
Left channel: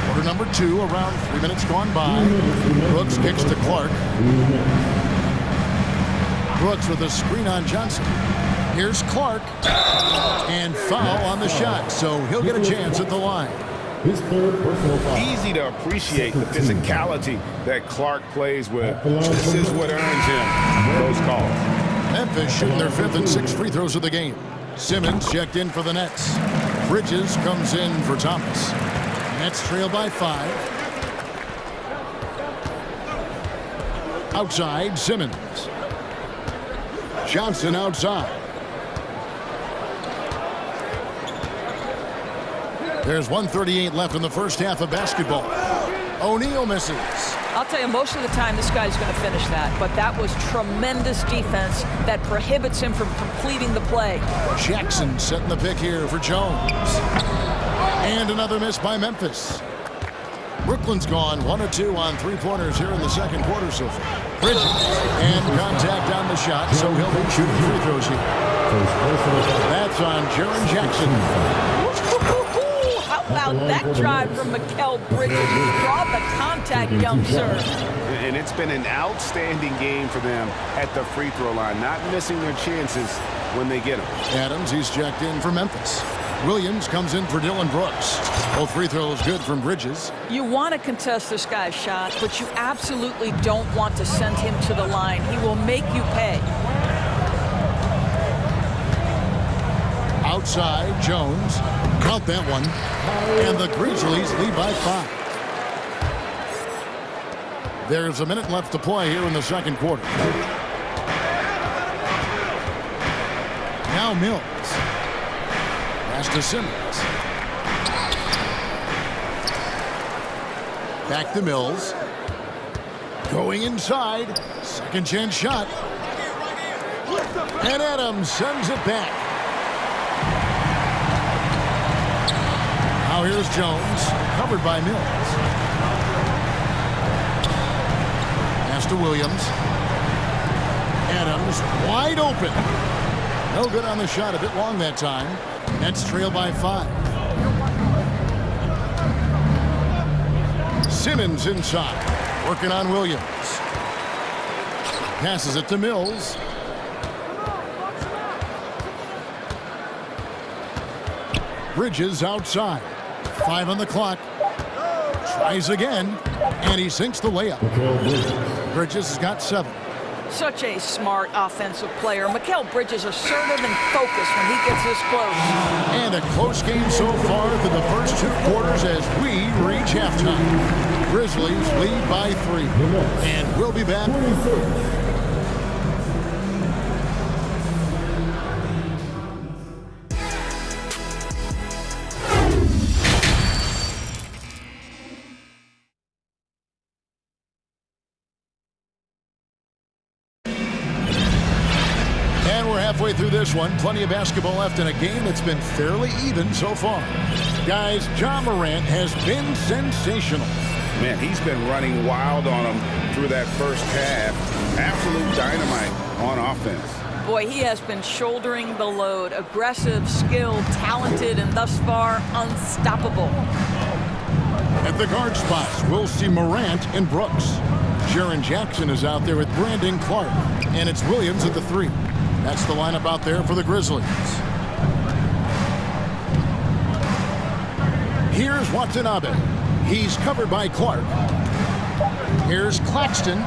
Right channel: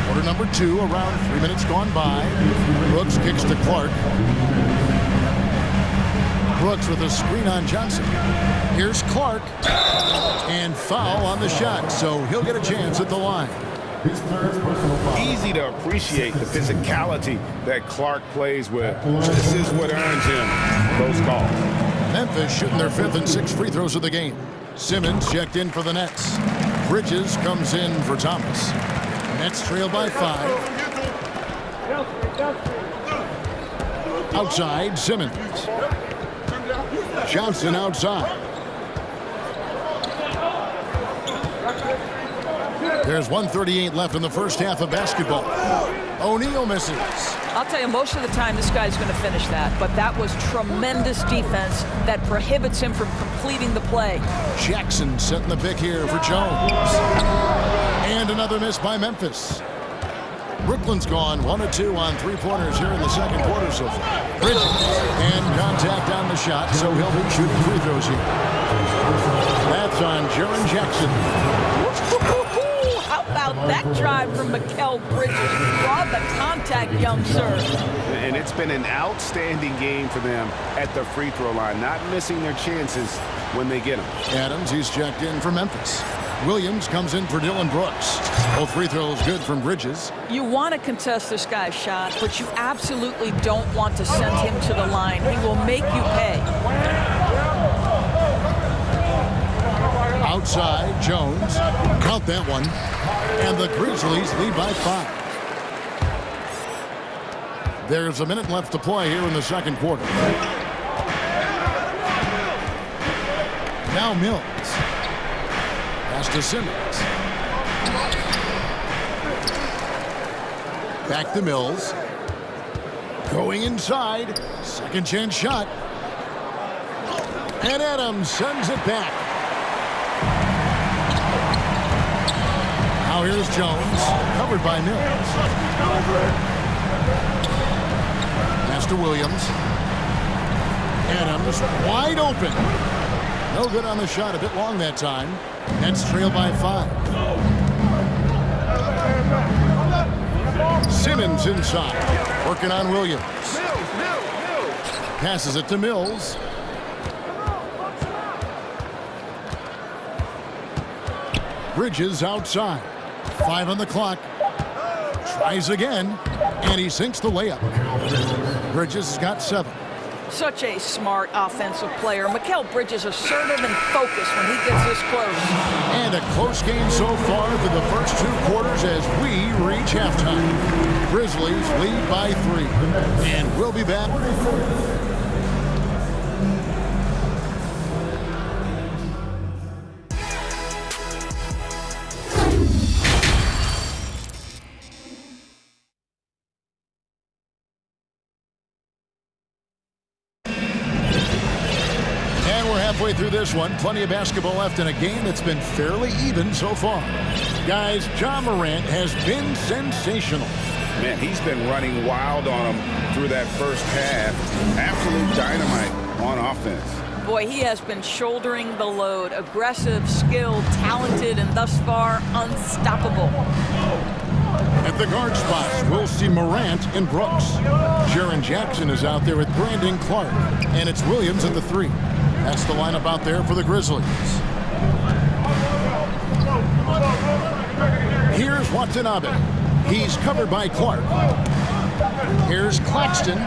Quarter number 2, around 3 minutes gone by. Brooks kicks to Clark. Brooks with a screen on Johnson. Here's Clark. And foul on the shot, so he'll get a chance at the line. Easy to appreciate the physicality that Clark plays with. This is what earns him those calls. Memphis shooting their 5th and 6th free throws of the game. Simmons checked in for the Nets. Bridges comes in for Thomas. Nets trail by 5. Outside, Simmons. Johnson outside. There's 1:38 left in the first half of basketball. O'Neal misses. I'll tell you, most of the time this guy's going to finish that, but that was tremendous defense that prohibits him from completing the play. Jackson setting the pick here for Jones. And another miss by Memphis. Brooklyn's gone 1 of 2 on 3-pointers here in the second quarter so far. Bridges and contact on the shot, so he'll be shooting free throws here. That's on Jaren Jackson. How about that drive from Mikal Bridges? Draw the contact, young sir. And it's been an outstanding game for them at the free throw line, not missing their chances when they get them. Adams, he's checked in for Memphis. Williams comes in for Dylan Brooks. Both free throws good from Bridges. You want to contest this guy's shot, but you absolutely don't want to send him to the line. He will make you pay. Outside, Jones. Count that one. And the Grizzlies lead by 5. There's a minute left to play here in the second quarter. Now Mills. Pass to Simmons. Back to Mills. Going inside. Second chance shot. And Adams sends it back. Now here's Jones. Covered by Mills. Pass to Williams. Adams wide open. No good on the shot. A bit long that time. Nets trail by 5. Simmons inside. Working on Williams. Passes it to Mills. Bridges outside. 5 on the clock. Tries again. And he sinks the layup. Bridges has got 7. Such a smart offensive player. Mikal Bridges assertive and focused when he gets this close. And a close game so far through the first 2 quarters as we reach halftime. Grizzlies lead by 3. And we'll be back. Halfway through this one, plenty of basketball left in a game that's been fairly even so far. Guys, Ja Morant has been sensational. Man, he's been running wild on them through that first half. Absolute dynamite on offense. Boy, he has been shouldering the load. Aggressive, skilled, talented, and thus far, unstoppable. At the guard spots, we'll see Morant and Brooks. Jaren Jackson is out there with Brandon Clark. And it's Williams at the 3. That's the lineup out there for the Grizzlies. Here's Watanabe. He's covered by Clark. Here's Claxton.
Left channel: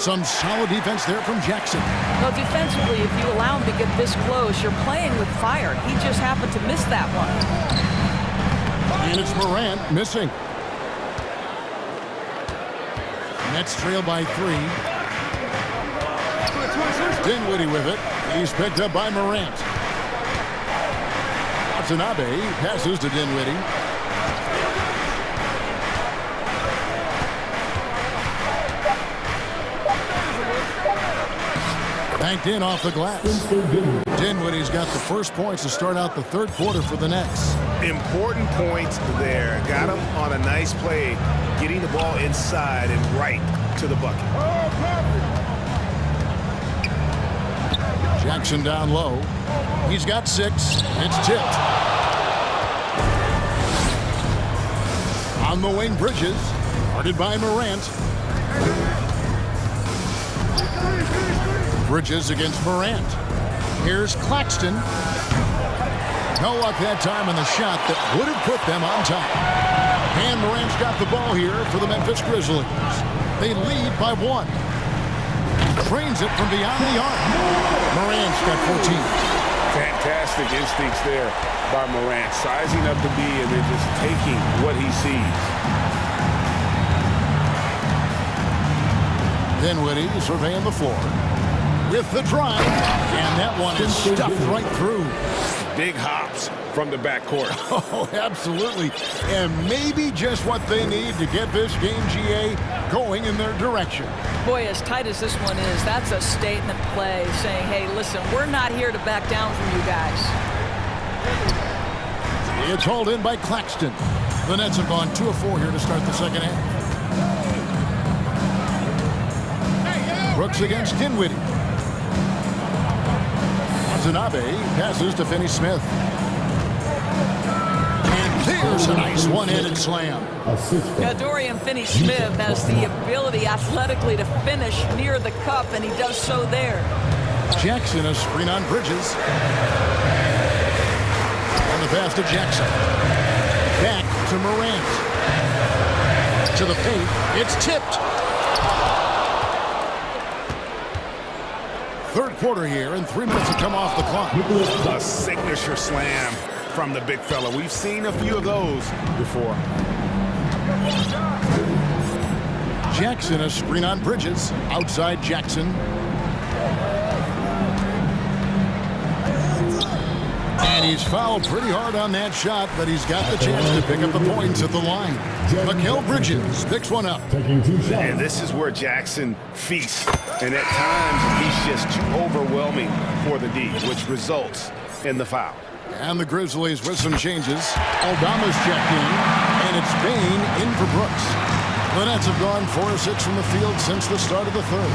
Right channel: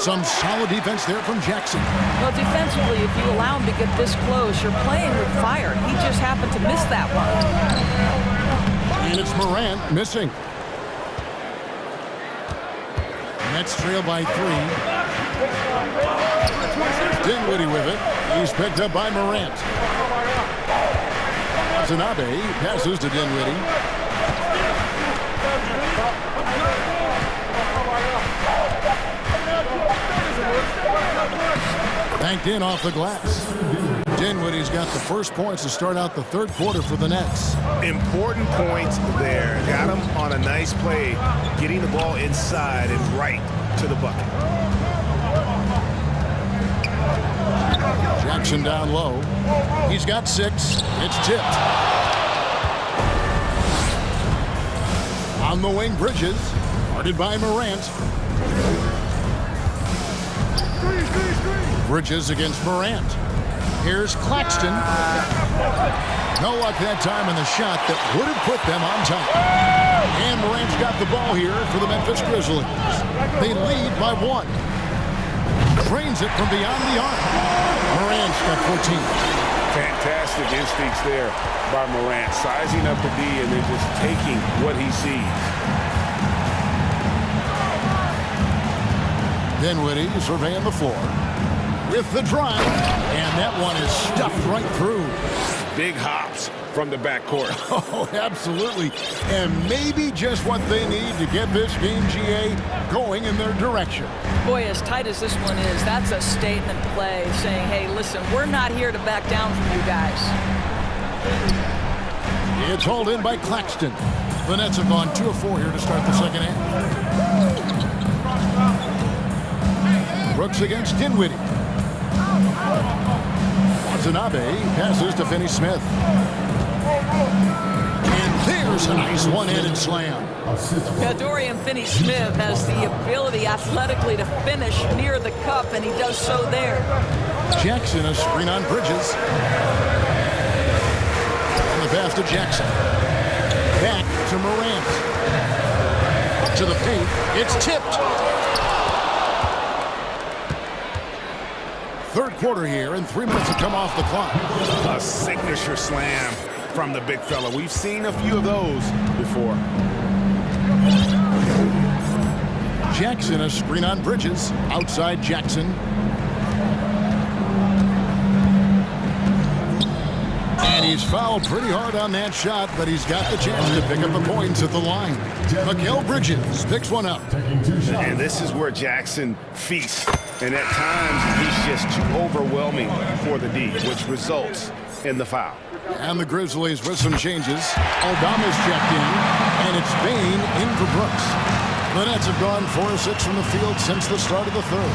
Some solid defense there from Jackson. Well, defensively, if you allow him to get this close, you're playing with fire. He just happened to miss that one. And it's Morant missing. Nets trail by 3. Dinwiddie with it. He's picked up by Morant. Watanabe passes to Dinwiddie. Banked in off the glass. Dinwiddie's got the first points to start out the third quarter for the Nets. Important points there. Got him on a nice play, getting the ball inside and right to the bucket. Jackson down low. He's got 6. It's tipped. On the wing, Bridges. Guarded by Morant. Bridges against Morant. Here's Claxton. No luck that time on the shot that would have put them on top. And Morant's got the ball here for the Memphis Grizzlies. They lead by 1. Trains it from beyond the arc. Morant's got 14. Fantastic instincts there by Morant, sizing up the D and then just taking what he sees. Dinwiddie surveying the floor with the drive, and that one is stuffed right through. Big hops from the backcourt. Oh, absolutely. And maybe just what they need to get this game, GA, going in their direction. Boy, as tight as this one is, that's a statement play saying, hey, listen, we're not here to back down from you guys. It's hauled in by Claxton. The Nets have gone 2 of 4 here to start the second half. Brooks against Dinwiddie. Watanabe passes to Finney-Smith. And there's a nice one-handed slam. Now, Dorian Finney-Smith has the ability athletically to finish near the cup, and he does so there. Jackson, a screen on Bridges. And the pass to Jackson. Back to Morant. To the paint. It's tipped. Third quarter here, and 3 minutes to come off the clock. A signature slam from the big fella. We've seen a few of those before. Jackson, a screen on Bridges. Outside Jackson. And he's fouled pretty hard on that shot, but he's got the chance to pick up the points at the line. Mikal Bridges picks one up. And this is where Jackson feasts. And at times, he's just too overwhelming for the D, which results in the foul. And the Grizzlies with some changes. Aldama's checked in, and it's Bain in for Brooks. The Nets have gone 4 of 6 from the field since the start of the third.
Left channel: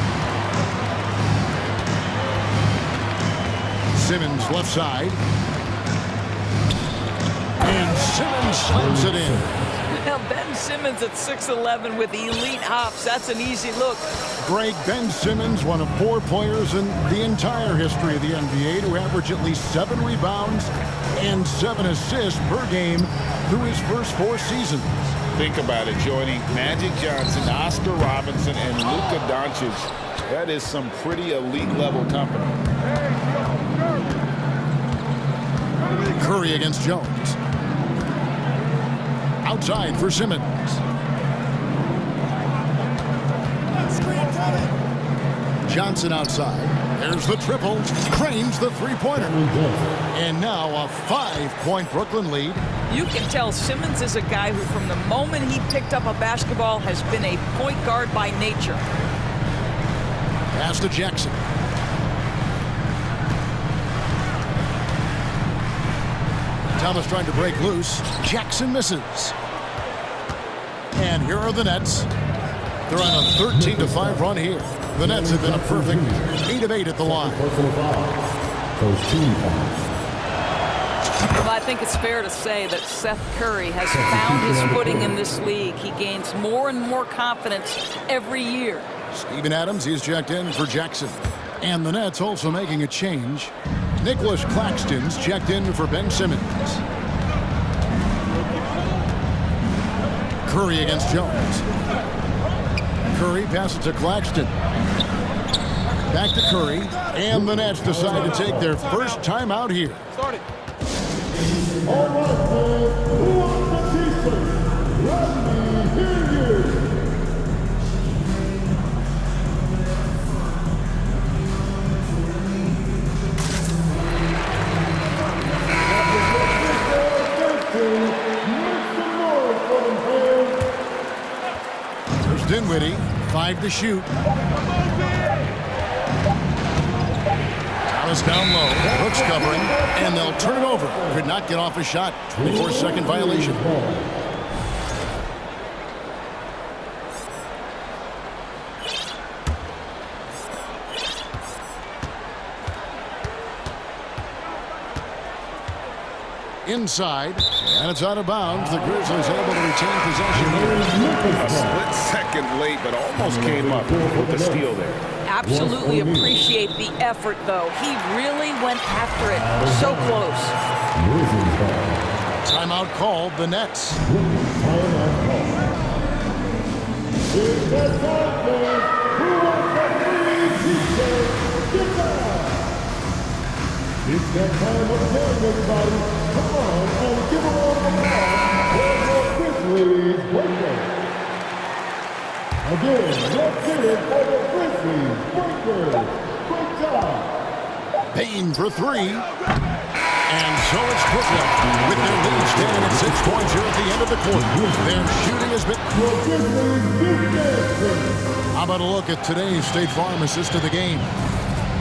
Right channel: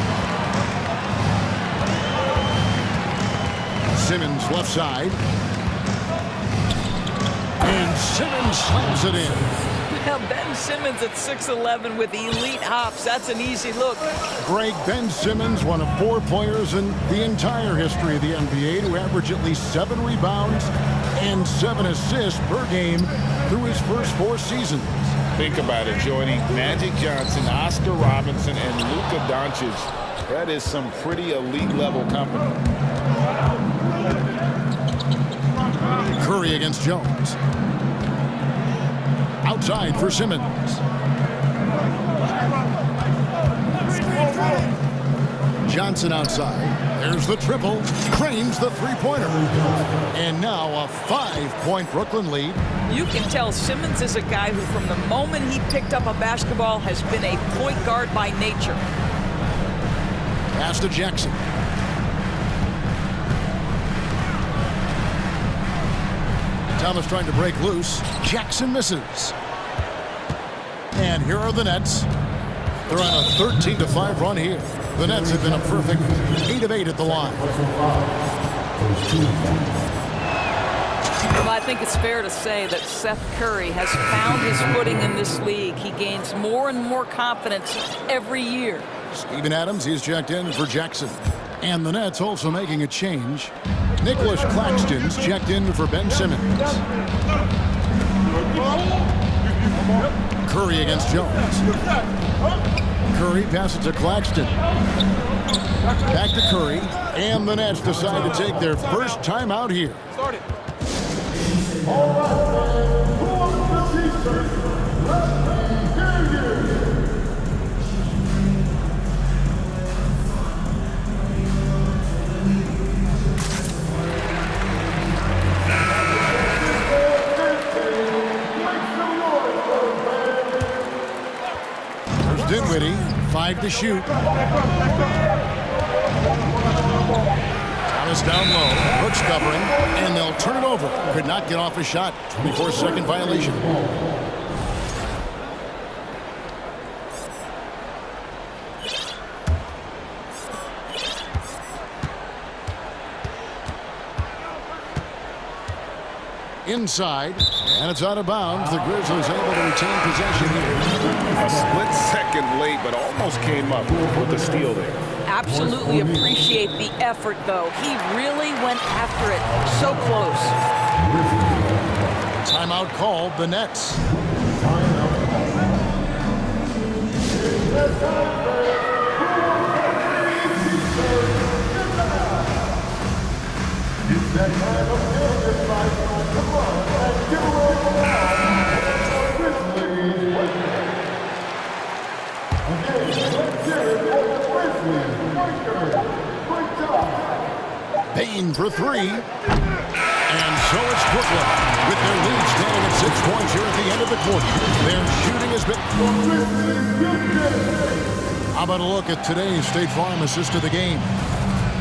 Simmons left side. And Simmons slams it in. Well, Ben Simmons at 6'11" with elite hops. That's an easy look. Greg, Ben Simmons, one of 4 players in the entire history of the NBA to average at least 7 rebounds and 7 assists per game through his first 4 seasons. Think about it, joining Magic Johnson, Oscar Robinson, and Luka Doncic. That is some pretty elite level company. Curry against Jones. Outside for Simmons. Johnson outside. There's the triple. Cranes the three-pointer. And now a 5-point Brooklyn lead. You can tell Simmons is a guy who, from the moment he picked up a basketball, has been a point guard by nature. Pass to Jackson. Thomas trying to break loose. Jackson misses. And here are the Nets. They're on a 13-5 run here. The Nets have been a perfect 8 of 8 at the line. Well, I think it's fair to say that Seth Curry has found his footing in this league. He gains more and more confidence every year. Steven Adams, he's checked in for Jackson. And the Nets also making a change. Nicholas Claxton's checked in for Ben Simmons. Curry against Jones. Curry passes to Claxton. Back to Curry. And the Nets decide to take their first timeout here. Start it. All right, fans, who wants the t-shirt? Let me hear you. There's Dinwiddie, 5 to shoot. Thomas down low, Brooks covering, and they'll turn it over. Could not get off a shot. 24-second violation. Inside, and it's out of bounds. The Grizzlies able to retain possession here. A split second late, but almost came up with the steal there. Absolutely appreciate the effort, though. He really went after it. So close. Timeout called, the Nets. It's that time of game, everybody. Come on and give a round of applause for the Grizzlies Breakers. Again, let's hear it for the Grizzlies Breakers. Great job. Payne for 3. And so it's Brooklyn with their lead standing at 6 points here at the end of the quarter. Their shooting has been... How about a look at today's State Farm assist of the game?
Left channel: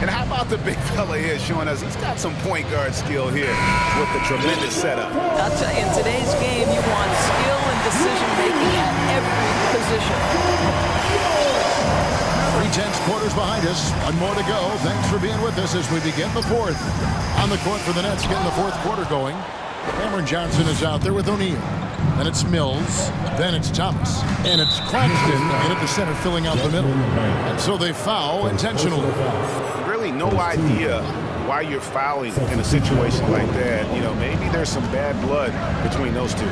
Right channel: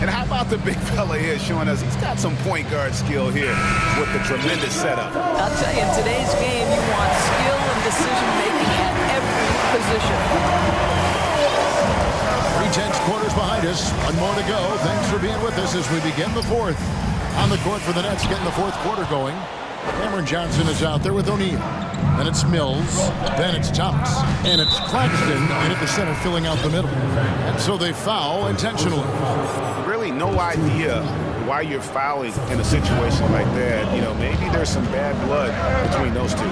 And how about the big fella here showing us he's got some point guard skill here with the tremendous setup. I'll tell you, in today's game, you want skill and decision-making at every position. 3/10 quarters behind us. One more to go. Thanks for being with us as we begin the fourth. On the court for the Nets, getting the fourth quarter going. Cameron Johnson is out there with O'Neal. Then it's Mills. Then it's Thomas. And it's Claxton in at the center, filling out the middle. And so they foul intentionally. Really no idea why you're fouling in a situation like that. You know, maybe there's some bad blood between those two.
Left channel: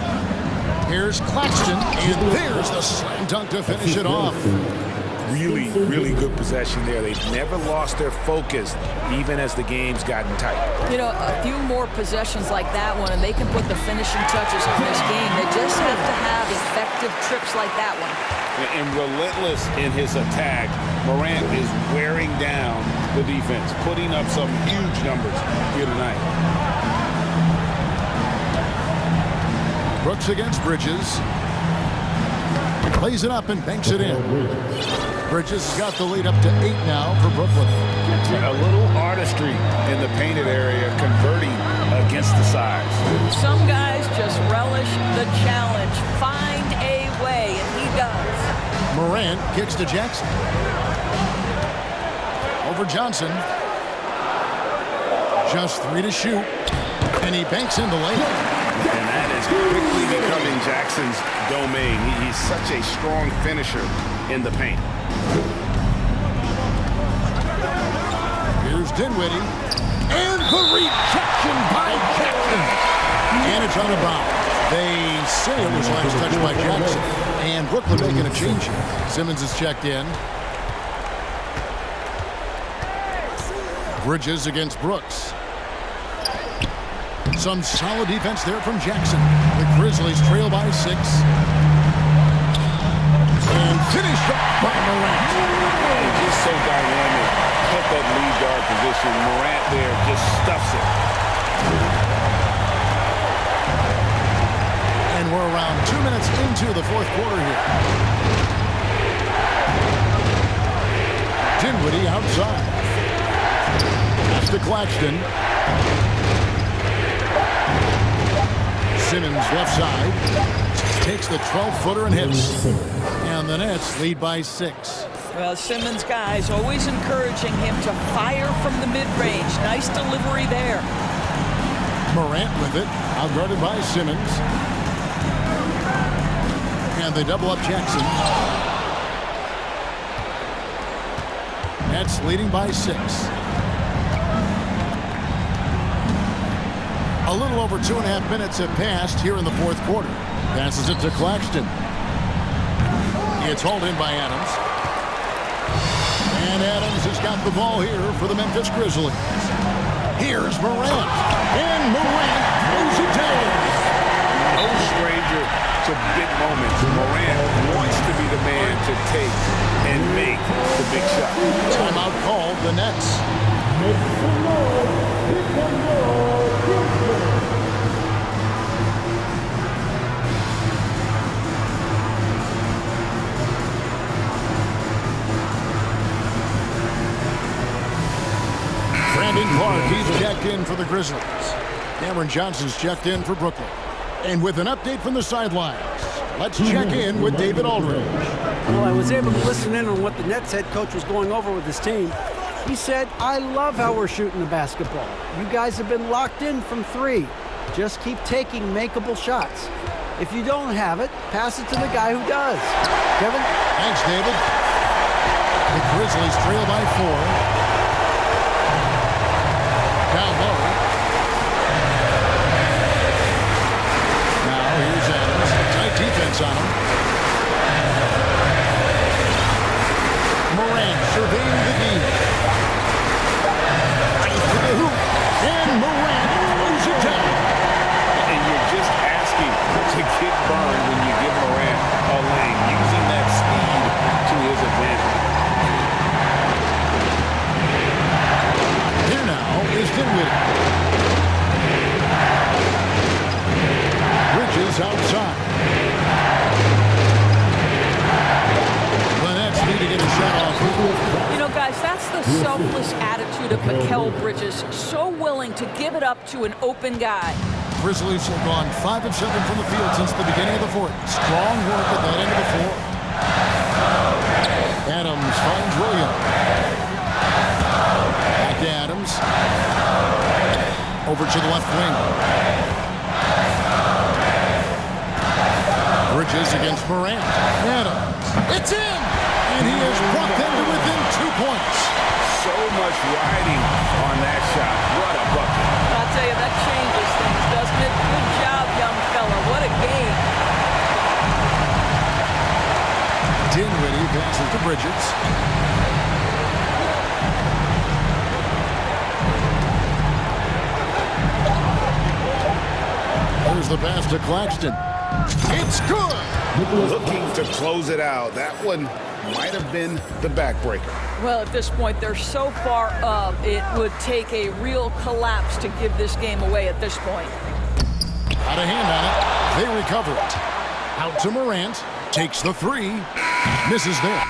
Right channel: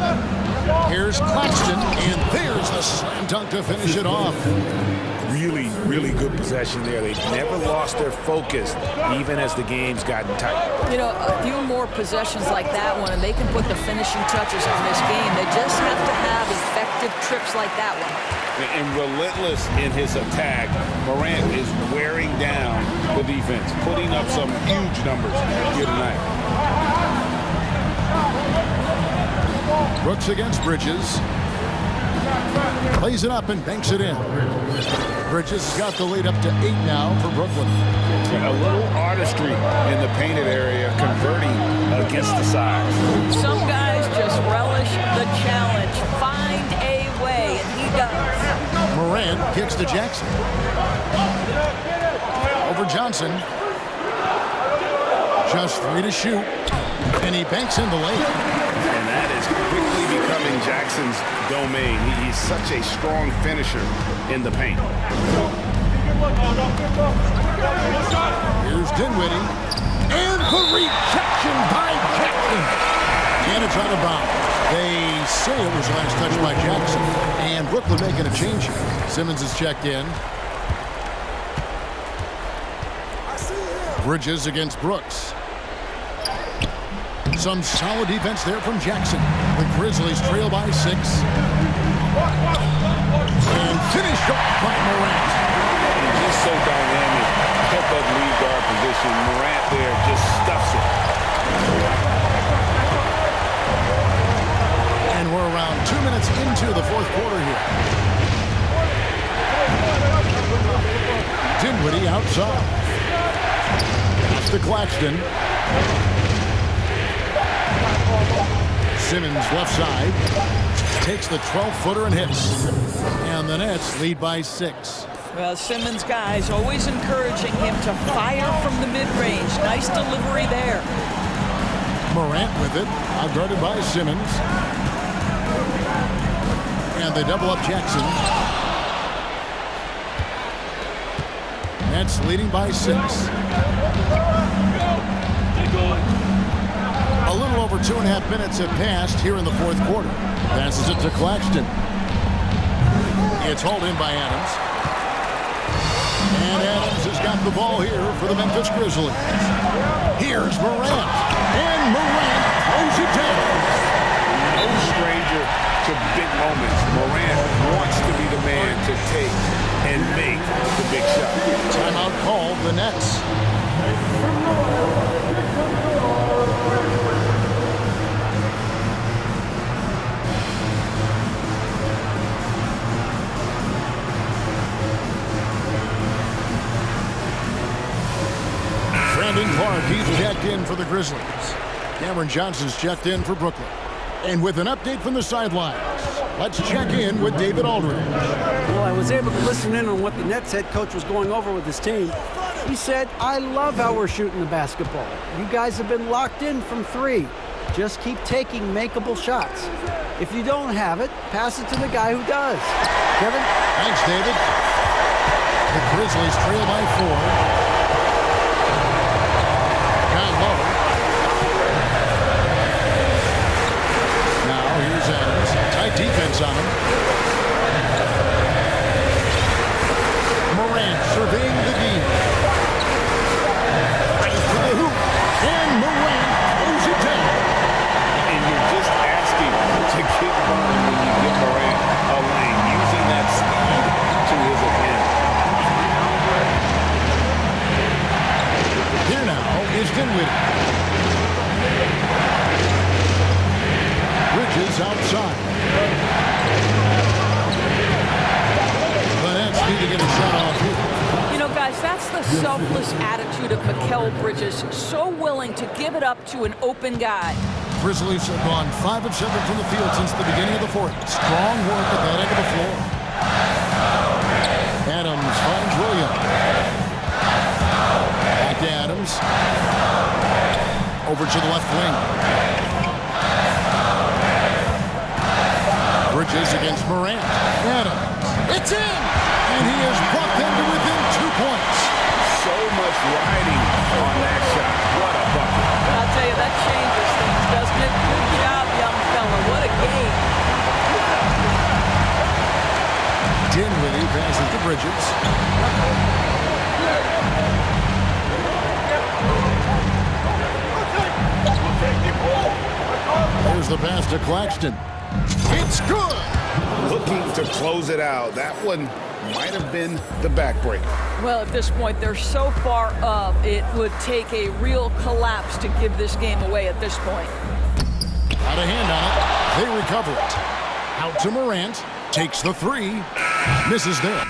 Here's Claxton, and there's the slam dunk to finish it off. Really, really good possession there. They've never lost their focus, even as the game's gotten tight. You know, a few more possessions like that one, and they can put the finishing touches on this game. They just have to have effective trips like that one. And relentless in his attack, Morant is wearing down the defense, putting up some huge numbers here tonight. Brooks against Bridges. Plays it up and banks it in. Bridges has got the lead up to 8 now for Brooklyn. A little artistry in the painted area, converting against the size. Some guys just relish the challenge. Find a way, and he does. Morant kicks to Jackson. Over Johnson. Just 3 to shoot. And he banks in the layup. And that is quickly becoming Jackson's domain. He's such a strong finisher in the paint. Here's Dinwiddie. And the rejection by Jackson. And it's out of bounds. They say it was last touched by Jackson. And Brooklyn making a change here. Simmons is checked in. Bridges against Brooks. Some solid defense there from Jackson. The Grizzlies trail by 6. And finished off by Morant. And just so dynamic at that lead guard position. Morant there just stuffs it. And we're around 2 minutes into the fourth quarter here. Dinwiddie outside. Pass to Claxton. Simmons left side. Takes the 12-footer and hits. And the Nets lead by 6. Well, Simmons' guys always encouraging him to fire from the mid-range. Nice delivery there. Morant with it. Outguarded by Simmons. And they double up Jackson. Nets leading by 6. A little over 2.5 minutes have passed here in the fourth quarter. Passes it to Claxton. It's hauled in by Adams. And Adams has got the ball here for the Memphis Grizzlies. Here's Morant. And Morant throws it down. No stranger to big moments. Morant wants to be the man to take and make the big shot. Timeout called, the Nets. Brandon Clark, he's checked in for the Grizzlies. Cameron Johnson's checked in for Brooklyn. And with an update from the sidelines, let's check in with David Aldridge. Well, I was able to listen in on what the Nets head coach was going over with his team. He said, I love how we're shooting the basketball. You guys have been locked in from three. Just keep taking makeable shots. If you don't have it, pass it to the guy who does. Kevin? Thanks, David. The Grizzlies trail by 4. Down low. Now here's Adams. Tight defense on him. Morant surveying the D. Right to the hoop. And Morant throws it down. And you're just asking to get burned when you give Morant a lane, using that speed to his advantage. Here now is Dinwiddie. Bridges outside. The Nets need to get a shot off here. You know, guys, that's the selfless attitude of Mikal Bridges. So willing to give it up to an open guy. Grizzlies have gone 5 of 7 from the field since the beginning of the fourth. Strong work at that end of the floor. Adams finds Williams. Back to Adams. Over to the left wing. Bridges against Morant. Adams. It's in! And he has brought them to within 2 points. So much riding on that shot. What a bucket. I'll tell you, that changes things, doesn't it? Good job, young fella. What a game. Dinwiddie passes to Bridges. Here's the pass to Claxton. It's good! Looking to close it out. That one might have been the backbreaker. Well, at this point, they're so far up, it would take a real collapse to give this game away at this point. Got a hand on it. They recover it. Out to Morant. Takes the 3. Misses there.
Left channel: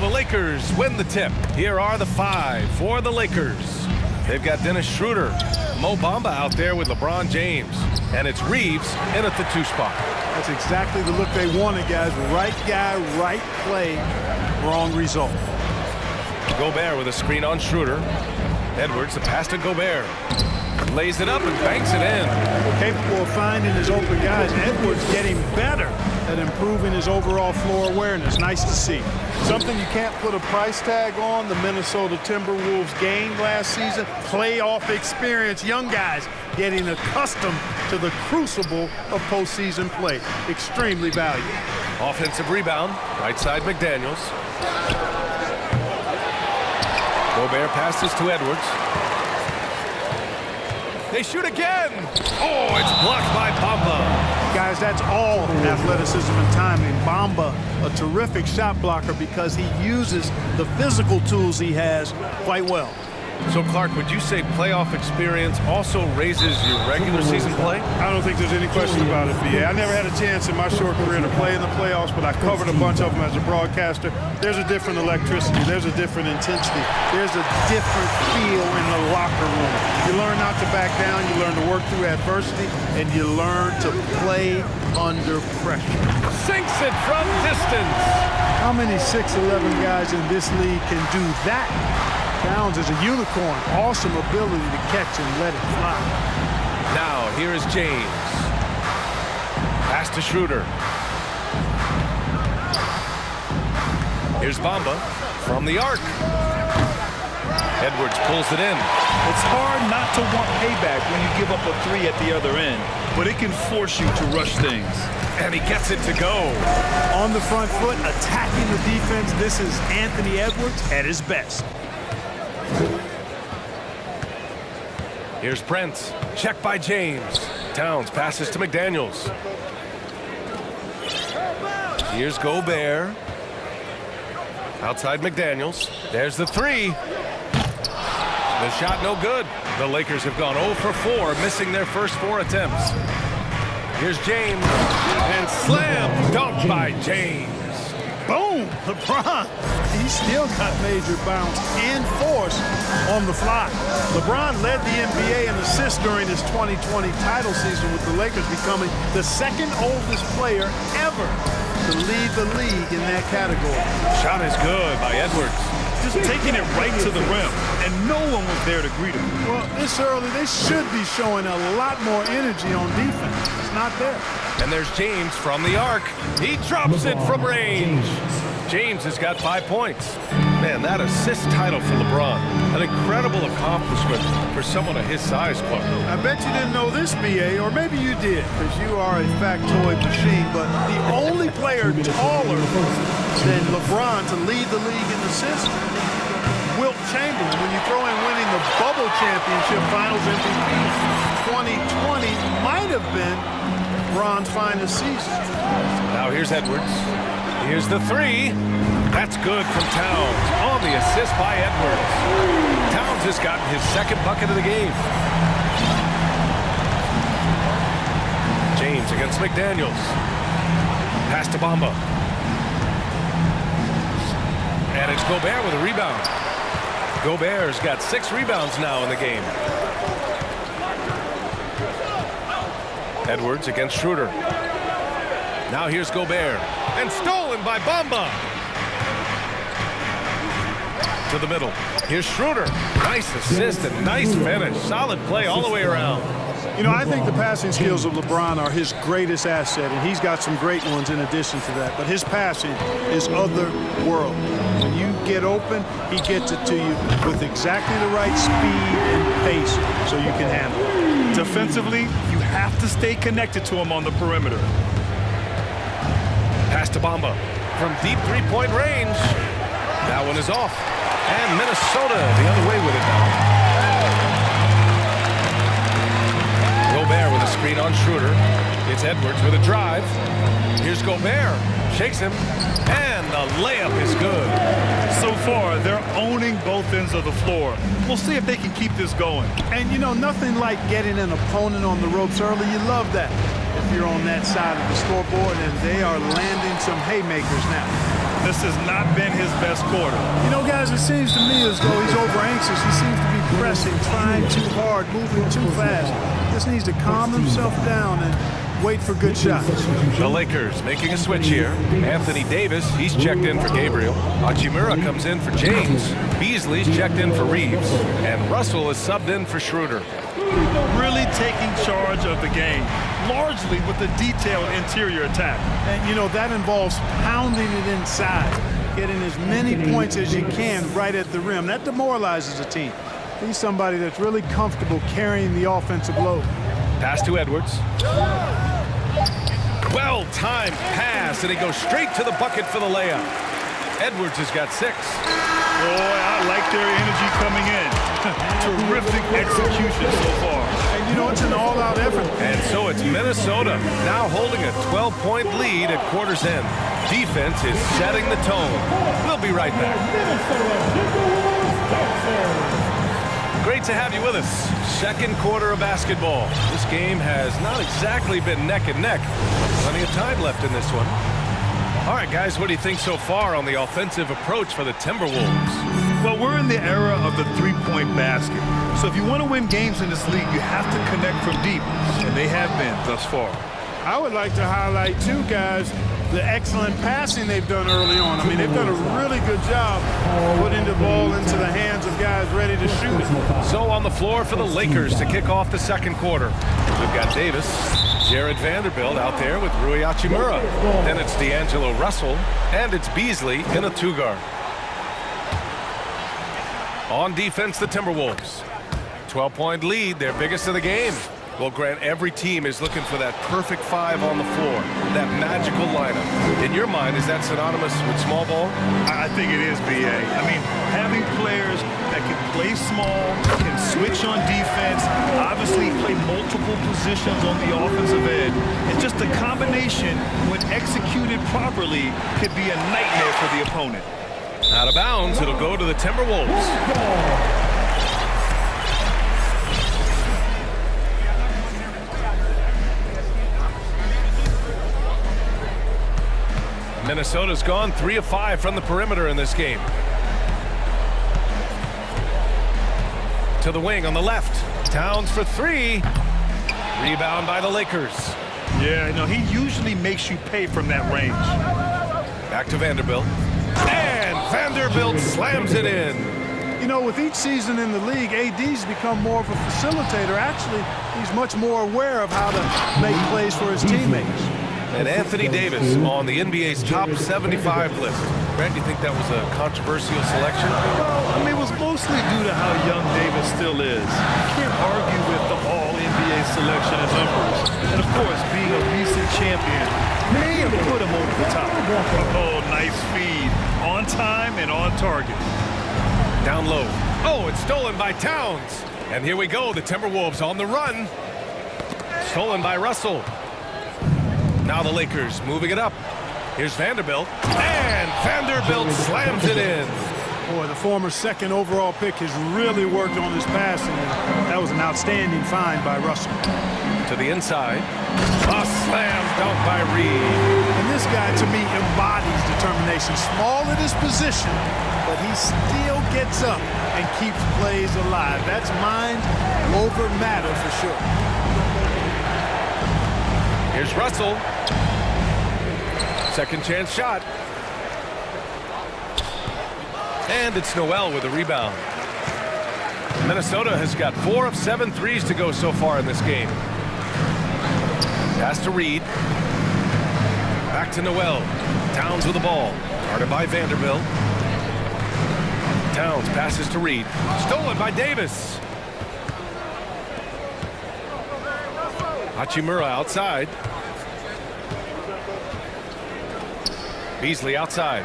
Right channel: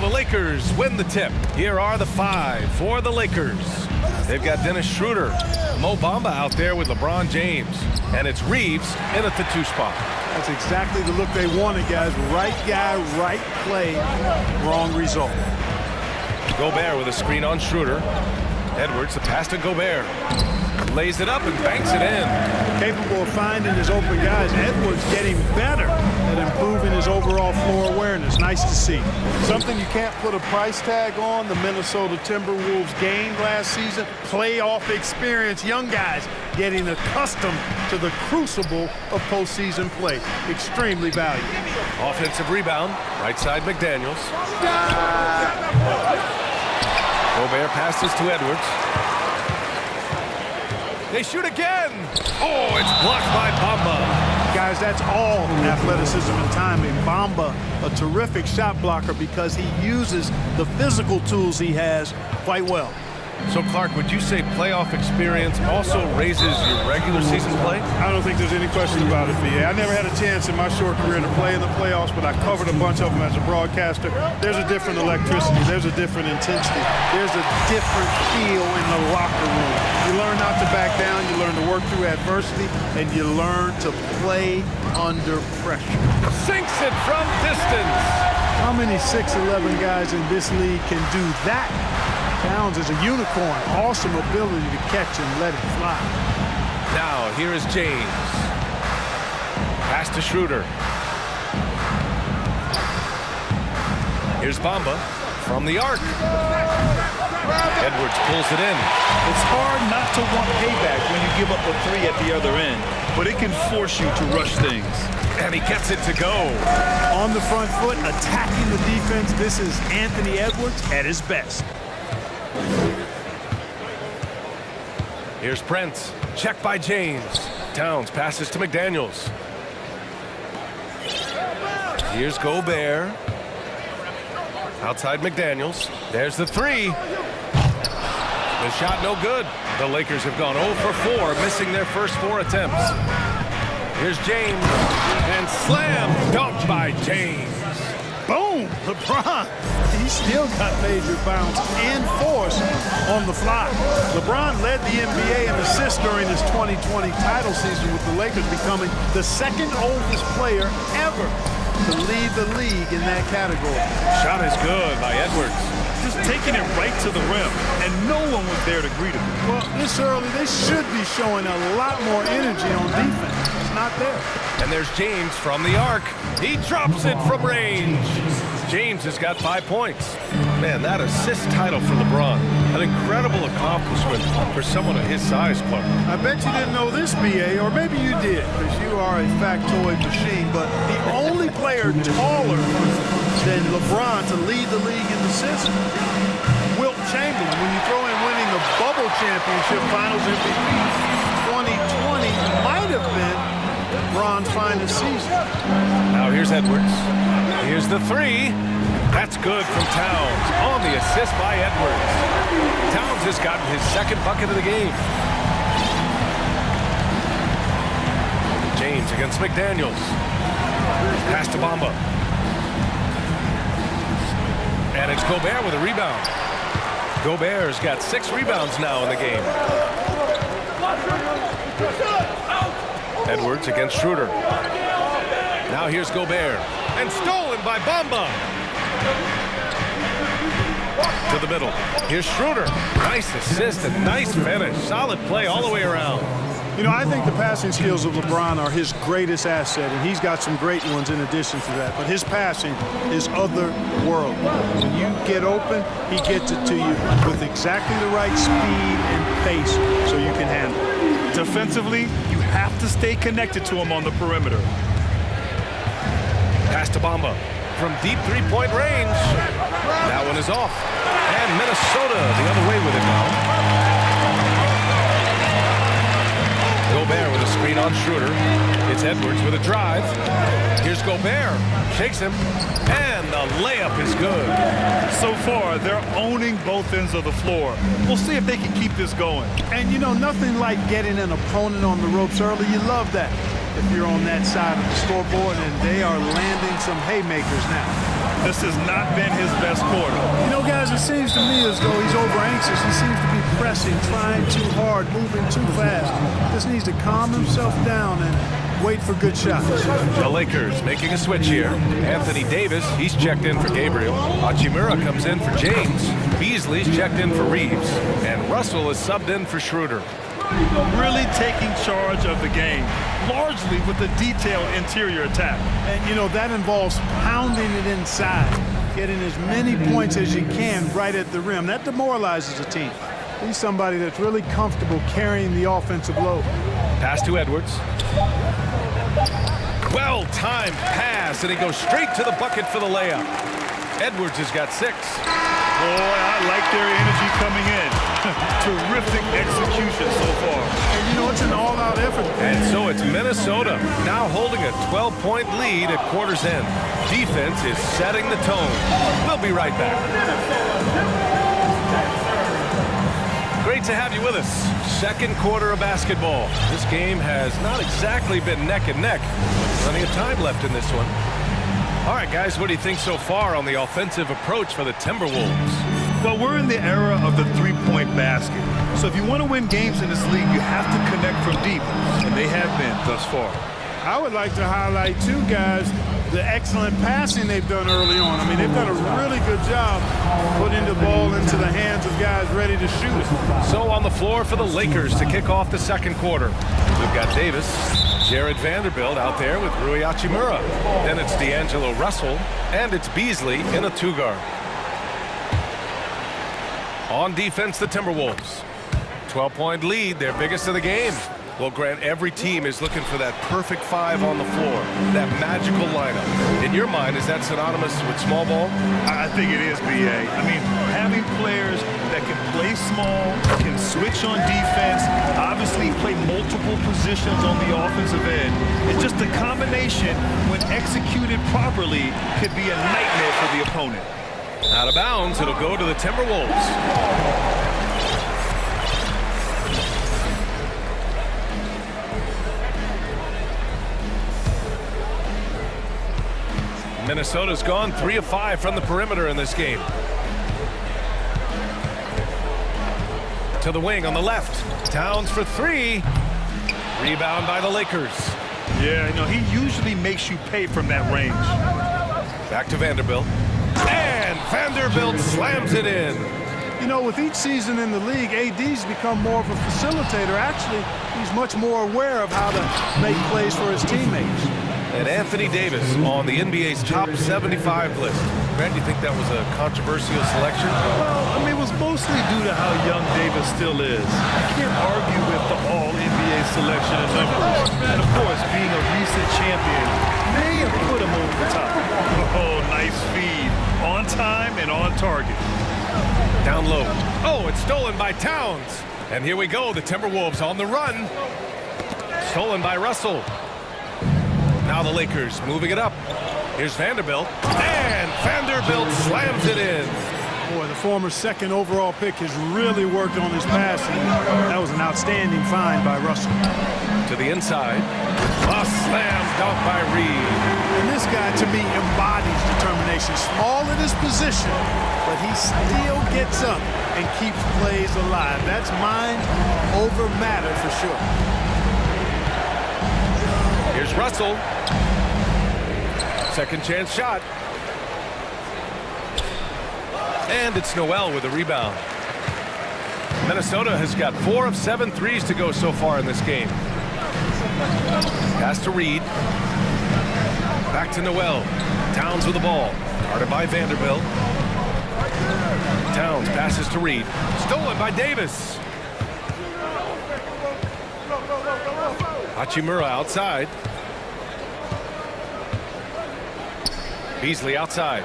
So the Lakers win the tip. Here are the 5 for the Lakers. They've got Dennis Schroeder, Mo Bamba out there with LeBron James. And it's Reeves in at the 2 spot. That's exactly the look they wanted, guys. Right guy, right play, wrong result. Gobert with a screen on Schroeder. Edwards, the pass to Gobert. Lays it up and banks it in. Capable of finding his open guys. Edwards getting better at improving his overall floor awareness. Nice to see. Something you can't put a price tag on, the Minnesota Timberwolves gained last season. Playoff experience. Young guys getting accustomed to the crucible of postseason play. Extremely valuable. Offensive rebound. Right side McDaniels. Gobert passes to Edwards. They shoot again. Oh, it's blocked by Bamba. Guys, that's all athleticism and timing. Bamba, a terrific shot blocker because he uses the physical tools he has quite well. So, Clark, would you say playoff experience also raises your regular season play? I don't think there's any question about it, B.A. I never had a chance in my short career to play in the playoffs, but I covered a bunch of them as a broadcaster. There's a different electricity. There's a different intensity. There's a different feel in the locker room. You learn not to back down. You learn to work through adversity, and you learn to play under pressure. Sinks it from distance. How many 6'11" guys in this league can do that? Towns is a unicorn. Awesome ability to catch and let it fly. Now, here is James. Pass to Schroeder. Here's Bamba from the arc. Edwards pulls it in. It's hard not to want payback when you give up a 3 at the other end, but it can force you to rush things. And he gets it to go. On the front foot, attacking the defense. This is Anthony Edwards at his best. Here's Prince. Check by James. Towns passes to McDaniels. Here's Gobert. Outside McDaniels. There's the 3. The shot no good. The Lakers have gone 0 for 4, missing their first 4 attempts. Here's James. And slam dunk by James. Boom! LeBron. He still got major bounce and force on the fly. LeBron led the NBA in assists during his 2020 title season, with the Lakers becoming the second oldest player ever to lead the league in that category. Shot is good by Edwards. Just taking it right to the rim, and no one was there to greet him. Well, this early, they should be showing a lot more energy on defense. It's not there. And there's James from the arc. He drops it from range. James has got 5 points. Man, that assist title for LeBron. An incredible accomplishment for someone of his size, Clark. I bet you didn't know this, B.A., or maybe you did, because you are a factoid machine, but the only player taller than LeBron to lead the league in assists, Wilt Chamberlain, when you throw in winning the Bubble Championship Finals MVP, 2020 might have been LeBron's finest season. Now here's Edwards. Here's the 3. That's good from Towns on the assist by Edwards. Towns has gotten his second bucket of the game. James against McDaniels. Pass to Bamba. And it's Gobert with a rebound. Gobert's got 6 rebounds now in the game. Edwards against Schroeder. Now here's Gobert. And stolen by Bamba. To the middle. Here's Schroeder. Nice assist and nice finish. Solid play all the way around. You know, I think the passing skills of LeBron are his greatest asset, and he's got some great ones in addition to that. But his passing is otherworldly. When you get open, he gets it to you with exactly the right speed and pace so you can handle it. Defensively, you have to stay connected to him on the perimeter. Pass to Bamba from deep three-point range. That one is off. And Minnesota the other way with it now. Gobert with a screen on Schroeder. It's Edwards with a drive. Here's Gobert. Shakes him. And the layup is good. So far, they're owning both ends of the floor. We'll see if they can keep this going. And, you know, nothing like getting an opponent on the ropes early. You love that if you're on that side of the scoreboard, and they are landing some haymakers now. This has not been his best quarter. You know, guys, it seems to me as though he's over-anxious. He seems to be pressing, trying too hard, moving too fast. Just needs to calm himself down and wait for good shots. The Lakers making a switch here. Anthony Davis, he's checked in for Gabriel. Hachimura comes in for James. Beasley's checked in for Reeves. And Russell is subbed in for Schroeder. Really taking charge of the game, largely with a detailed interior attack. And, you know, that involves pounding it inside, getting as many points as you can right at the rim. That demoralizes a team. He's somebody that's really comfortable carrying the offensive load. Pass to Edwards. Well-timed pass, and he goes straight to the bucket for the layup. Edwards has got 6. Boy, I like their energy coming in. Terrific execution so far. And you know, it's an all-out effort. And so it's Minnesota now holding a 12-point lead at quarter's end. Defense is setting the tone. We'll be right back. Great to have you with us. Second quarter of basketball. This game has not exactly been neck and neck. Plenty of time left in this one. All right, guys, what do you think so far on the offensive approach for the Timberwolves? Well, we're in the era of the three-point basket. So if you want to win games in this league, you have to connect from deep, and they have been thus far. I would like to highlight, too, guys, the excellent passing they've done early on. I mean, they've done a really good job putting the ball into the hands of guys ready to shoot it. So on the floor for the Lakers to kick off the second quarter. We've got Davis, Jared Vanderbilt out there with Rui Hachimura. Then it's D'Angelo Russell, and it's Beasley in a 2-guard. On defense, the Timberwolves. 12-point lead, their biggest of the game. Well, Grant, every team is looking for that perfect 5 on the floor, that magical lineup. In your mind, is that synonymous with small ball? I think it is, B.A. I mean, having players that can play small, can switch on defense, obviously play multiple positions on the offensive end. It's just a combination, when executed properly, could be a nightmare for the opponent. Out of bounds, it'll go to the Timberwolves. Minnesota's gone 3 of 5 from the perimeter in this game. To the wing on the left. Towns for 3. Rebound by the Lakers. Yeah, you know, he usually makes you pay from that range. Back to Vanderbilt. And Vanderbilt slams it in. You know, with each season in the league, AD's become more of a facilitator. Actually, he's much more aware of how to make plays for his teammates. And Anthony Davis on the NBA's top 75 list. Grant, do you think that was a controversial selection? Well, I mean, it was mostly due to how young Davis still is. You can't argue with the all-NBA selection and numbers. And, of course, being a recent champion may have put him over the top. Oh, nice feed. On time and on target. Down low. Oh, it's stolen by Towns. And here we go, the Timberwolves on the run. Stolen by Russell. Now the Lakers moving it up. Here's Vanderbilt. And Vanderbilt slams it in. Boy, the former second overall pick has really worked on his passing. That was an outstanding find by Russell. To the inside. A slam dunk by Reed. And this guy, to me, embodies determination. Small at his position, but he still gets up and keeps plays alive. That's mind over matter for sure. Here's Russell. Second chance shot. And it's Noel with a rebound. Minnesota has got 4 of 7 threes to go so far in this game. Pass to Reed. Back to Noel. Towns with the ball. Guarded by Vanderbilt. Towns passes to Reed. Stolen by Davis. Hachimura outside. Beasley outside.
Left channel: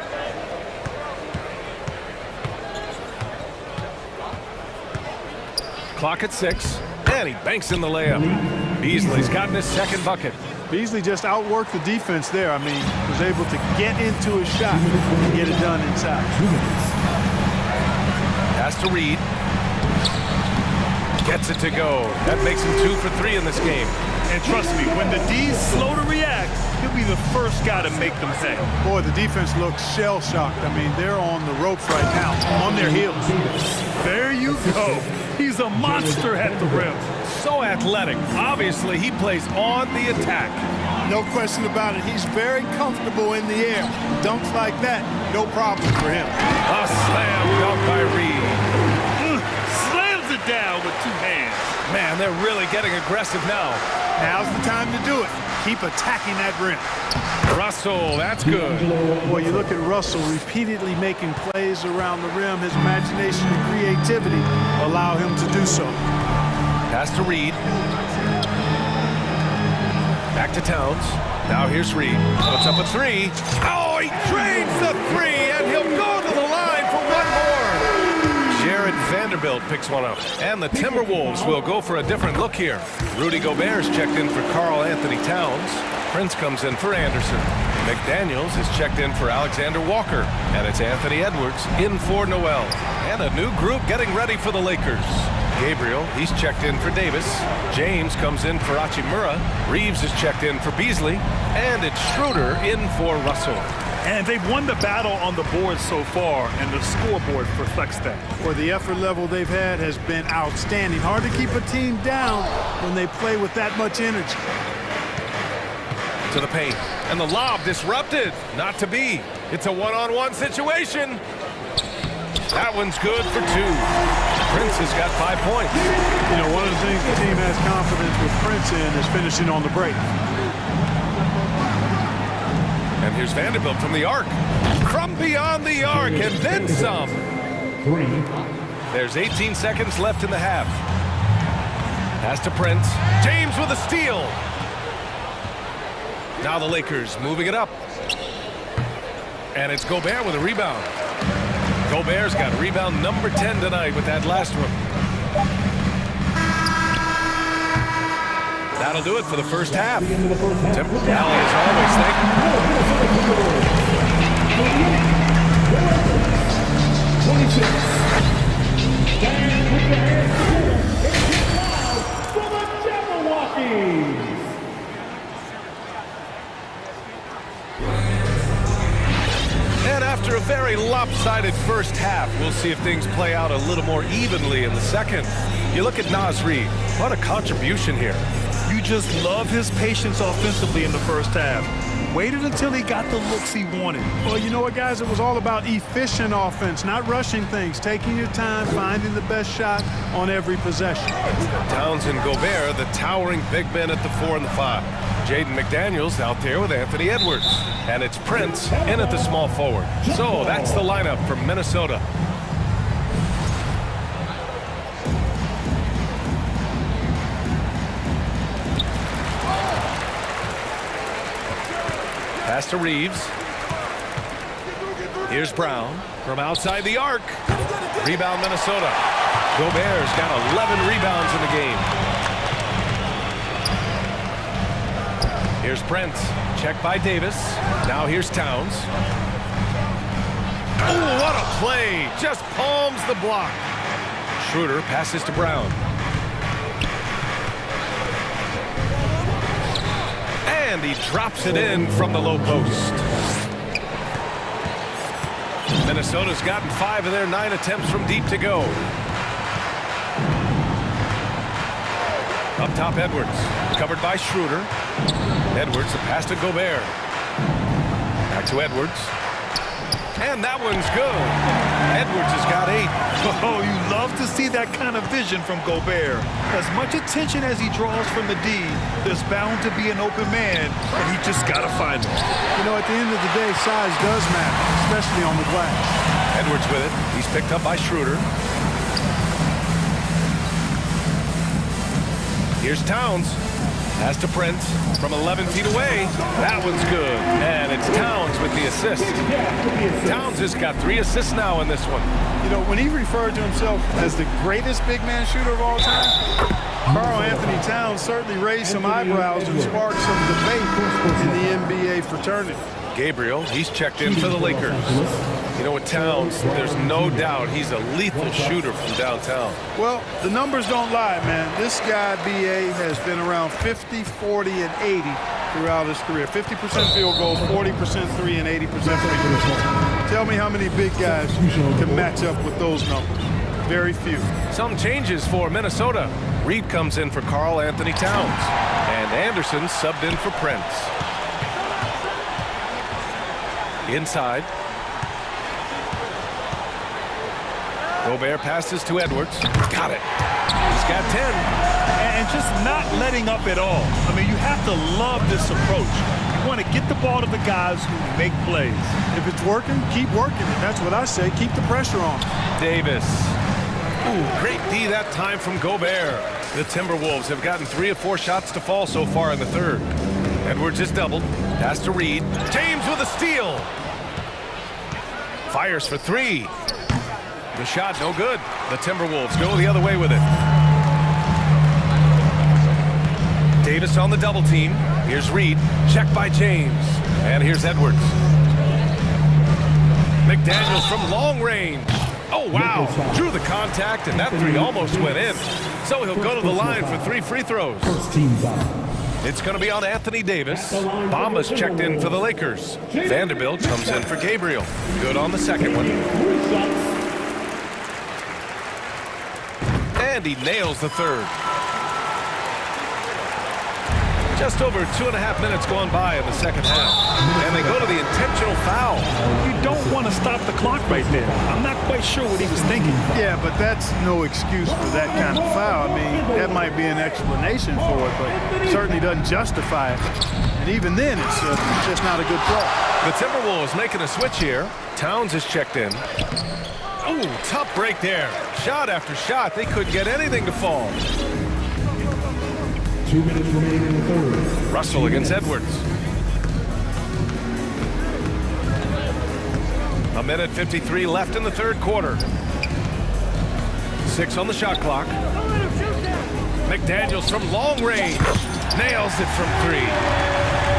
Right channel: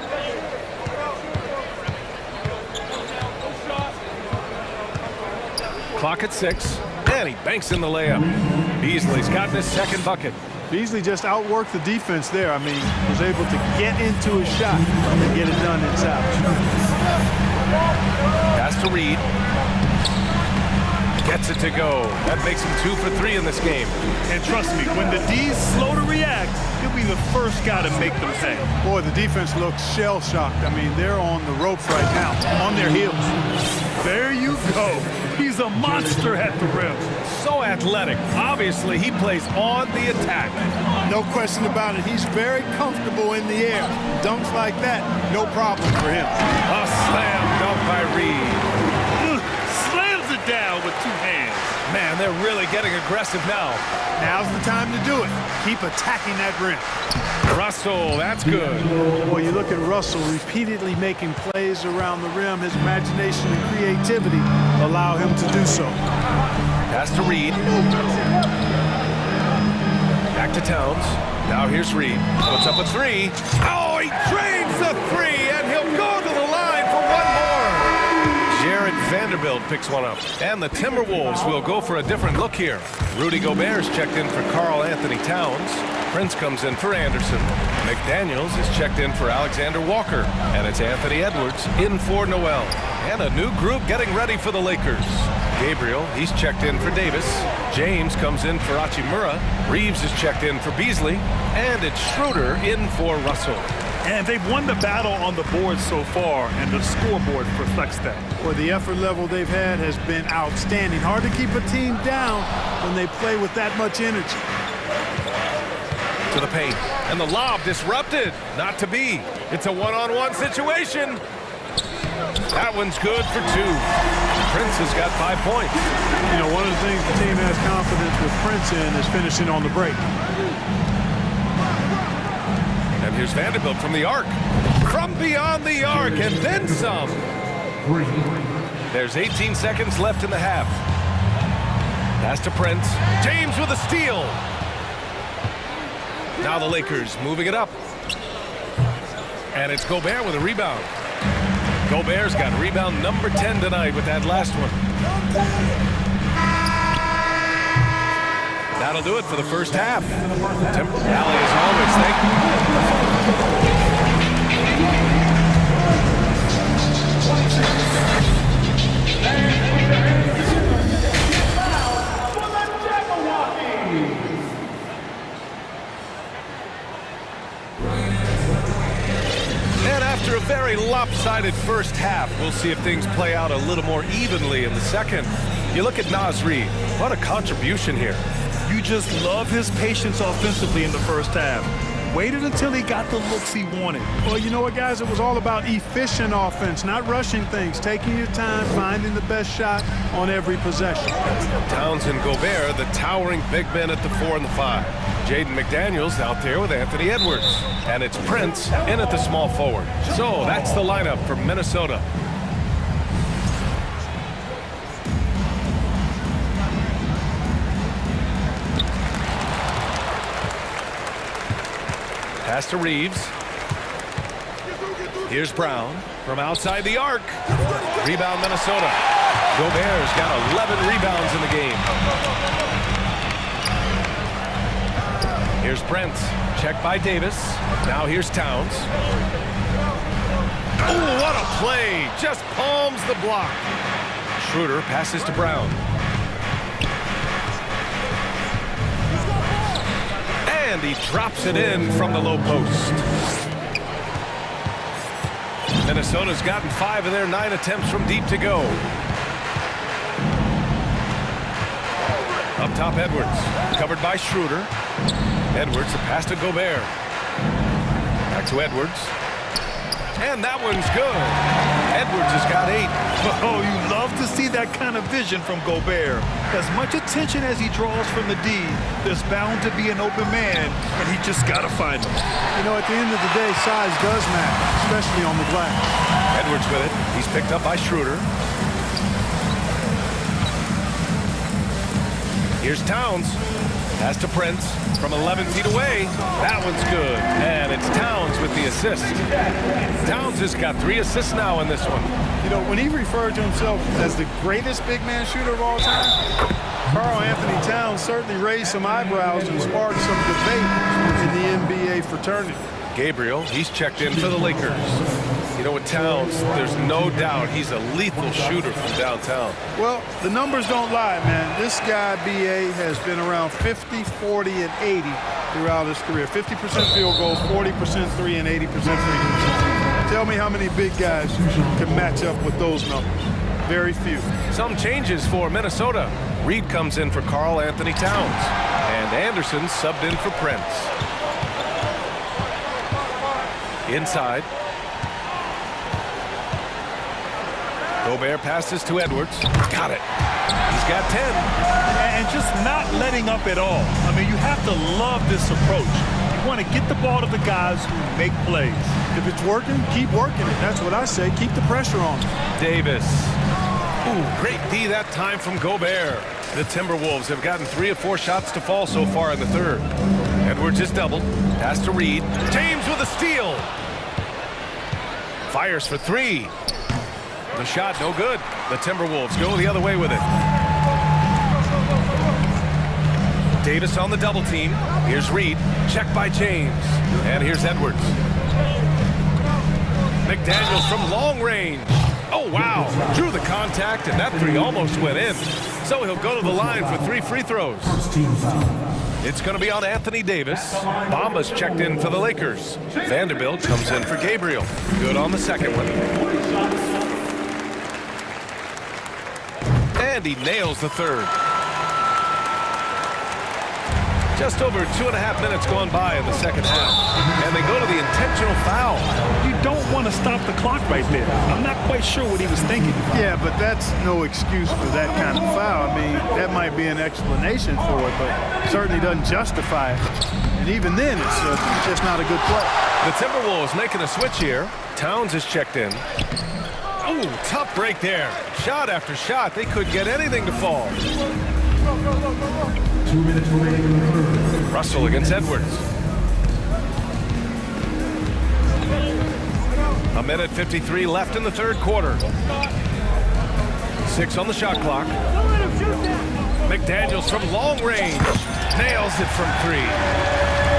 Clock at 6, and he banks in the layup. Beasley's gotten his second bucket. Beasley just outworked the defense there. I mean, was able to get into his shot and get it done inside. Pass to Reed. Gets it to go. That makes him 2 for 3 in this game. And trust me, when the D's slow to react, he'll be the first guy to make them pay. Boy, the defense looks shell-shocked. I mean, they're on the ropes right now, on their heels. There you go. He's a monster at the rim. So athletic. Obviously, he plays on the attack. No question about it. He's very comfortable in the air. Dunks like that, no problem for him. A slam dunk by Reed. Slams it down with 2 hands. Man, they're really getting aggressive now. Now's the time to do it. Keep attacking that rim. Russell, that's good. Boy, you look at Russell repeatedly making plays around the rim. His imagination and creativity allow him to do so. Pass to Reed. Back to Towns. Now here's Reed. Puts up a 3. Oh, he drains the 3, and he'll go to the line for 1 more. Jared Vanderbilt picks one up. And the Timberwolves will go for a different look here. Rudy Gobert's checked in for Karl Anthony Towns. Prince comes in for Anderson. McDaniels is checked in for Alexander Walker. And it's Anthony Edwards in for Noel. And a new group getting ready for the Lakers. Gabriel, he's checked in for Davis. James comes in for Hachimura. Reeves is checked in for Beasley. And it's Schroeder in for Russell. And they've won the battle on the board so far, and the scoreboard reflects that. Well, the effort level they've had has been outstanding. Hard to keep a team down when they play with that much energy. To the paint, and the lob disrupted. Not to be. It's a one-on-one situation. That one's good for 2. Prince has got 5 points. You know, one of the things the team has confidence with Prince in is finishing on the break. And here's Vanderbilt from the arc. From beyond the arc, and then some. 3. There's 18 seconds left in the half. Pass to Prince. James with a steal. Now the Lakers moving it up. And it's Gobert with a rebound. Gobert's got rebound number 10 tonight with that last one. That'll do it for the first half. Tim Alley, as always, thank And after a very lopsided first half, we'll see if things play out a little more evenly in the second. You look at Naz Reid. What a contribution here. You just love his patience offensively in the first half. Waited until he got the looks he wanted. Well, you know what, guys? It was all about efficient offense, not rushing things, taking your time, finding the best shot on every possession. Towns and Gobert, the towering big men at the 4 and the 5. Jaden McDaniels out there with Anthony Edwards. And it's Prince in at the small forward. So that's the lineup for Minnesota. Pass to Reeves. Here's Brown from outside the arc. Rebound Minnesota. Gobert's got 11 rebounds in the game. Here's Prince. Checked by Davis. Now here's Towns. Oh, what a play. Just palms the block. Schroeder passes to Brown. And he drops it in from the low post. Minnesota's gotten 5 of their 9 attempts from deep to go. Up top, Edwards. Covered by Schroeder. Edwards, a pass to Gobert. Back to Edwards. And that one's good. Edwards has got 8. Oh, you love to see that kind of vision from Gobert. As much attention as he draws from the D, there's bound to be an open man, and he just got to find him. You know, at the end of the day, size does matter, especially on the glass. Edwards with it. He's picked up by Schroeder. Here's Towns. Pass to Prince from 11 feet away. That one's good. And it's Towns with the assist. Towns has got 3 assists now in this one. You know, when he referred to himself as the greatest big man shooter of all time, Karl Anthony Towns certainly raised some eyebrows and sparked some debate in the NBA fraternity. Gabriel, he's checked in for the Lakers. You know, with Towns, there's no doubt he's a lethal shooter from downtown. Well, the numbers don't lie, man. This guy, B.A., has been around 50, 40, and 80 throughout his career. 50% field goals, 40% three, and 80% free throws. Tell me how many big guys can match up with those numbers. Very few. Some changes for Minnesota. Reed comes in for Karl Anthony Towns. And Anderson subbed in for Prince. Inside. Gobert passes to Edwards. Got it. He's got 10. And just not letting up at all. I mean, you have to love this approach. You want to get the ball to the guys who make plays. If it's working, keep working it. That's what I say. Keep the pressure on them. Davis. Ooh, great D that time from Gobert. The Timberwolves have gotten 3 of 4 shots to fall so far in the third. Edwards is doubled. Pass to Reed. James with a steal. Fires for 3. The shot no good. The Timberwolves go the other way with it. Davis on the double team. Here's Reed. Check by James. And here's Edwards. McDaniels from long range. Oh, wow. Drew the contact, and that 3 almost went in. So he'll go to the line for 3 free throws. It's going to be on Anthony Davis. Bamba's checked in for the Lakers. Vanderbilt comes in for Gabriel. Good on the second one. And he nails the third. Just over 2.5 minutes gone by in the second half. And they go to the intentional foul. You don't want to stop the clock right there. I'm not quite sure what he was thinking. Yeah, but that's no excuse for that kind of foul. I mean, that might be an explanation for it, but certainly doesn't justify it. And even then, it's just not a good play. The Timberwolves making a switch here. Towns is checked in. Oh, tough break there. Shot after shot. They couldn't get anything to fall. 2 minutes remaining in the third. Russell against Edwards. 1:53 left in the third quarter. 6 on the shot clock. McDaniels from long range. Nails it from 3.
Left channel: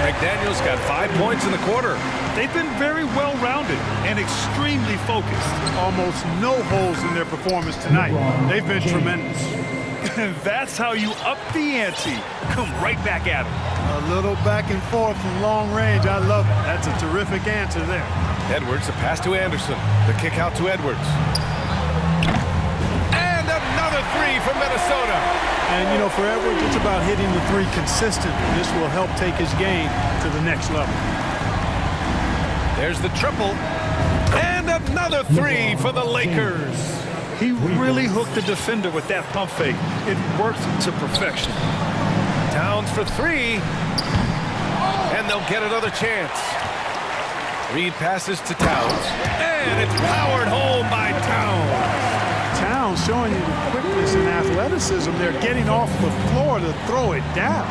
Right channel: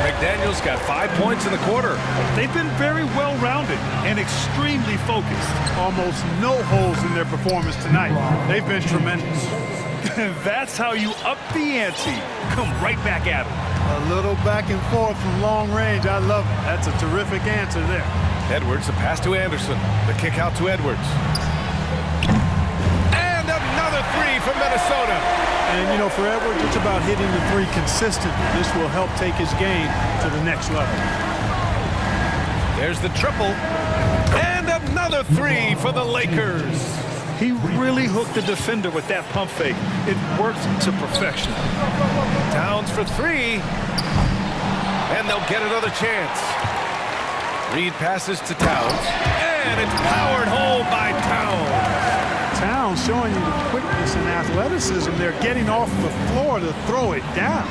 McDaniels got 5 points in the quarter. They've been very well-rounded and extremely focused. Almost no holes in their performance tonight. They've been tremendous. That's how you up the ante. Come right back at them. A little back and forth from long range. I love it. That's a terrific answer there. Edwards, the pass to Anderson. The kick out to Edwards. And another 3 from Minnesota. And, you know, for Edwards, it's about hitting the 3 consistently. This will help take his game to the next level. There's the triple. And another 3 for the Lakers. He really hooked the defender with that pump fake. It worked to perfection. Towns for 3. And they'll get another chance. Reed passes to Towns. And it's powered home by Towns. Towns showing you the quickness and athleticism. They're getting off the floor to throw it down.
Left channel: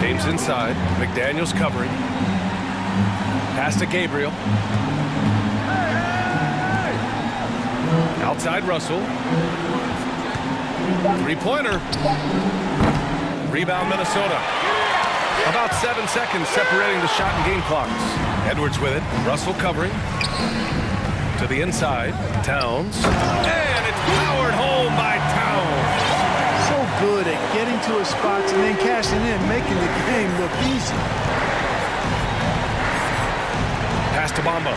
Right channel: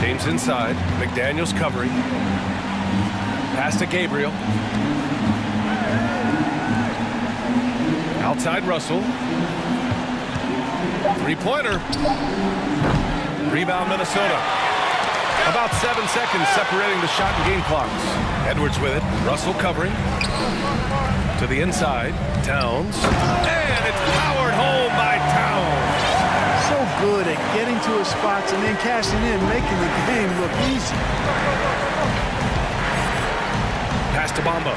James inside. McDaniels covering. Pass to Gabriel. Outside Russell. 3-pointer. Rebound Minnesota. About 7 seconds separating the shot and game clocks. Edwards with it. Russell covering. To the inside. Towns. And it's powered home by Towns. So good at getting to his spots and then cashing in, making the game look easy. Pass to Bamba.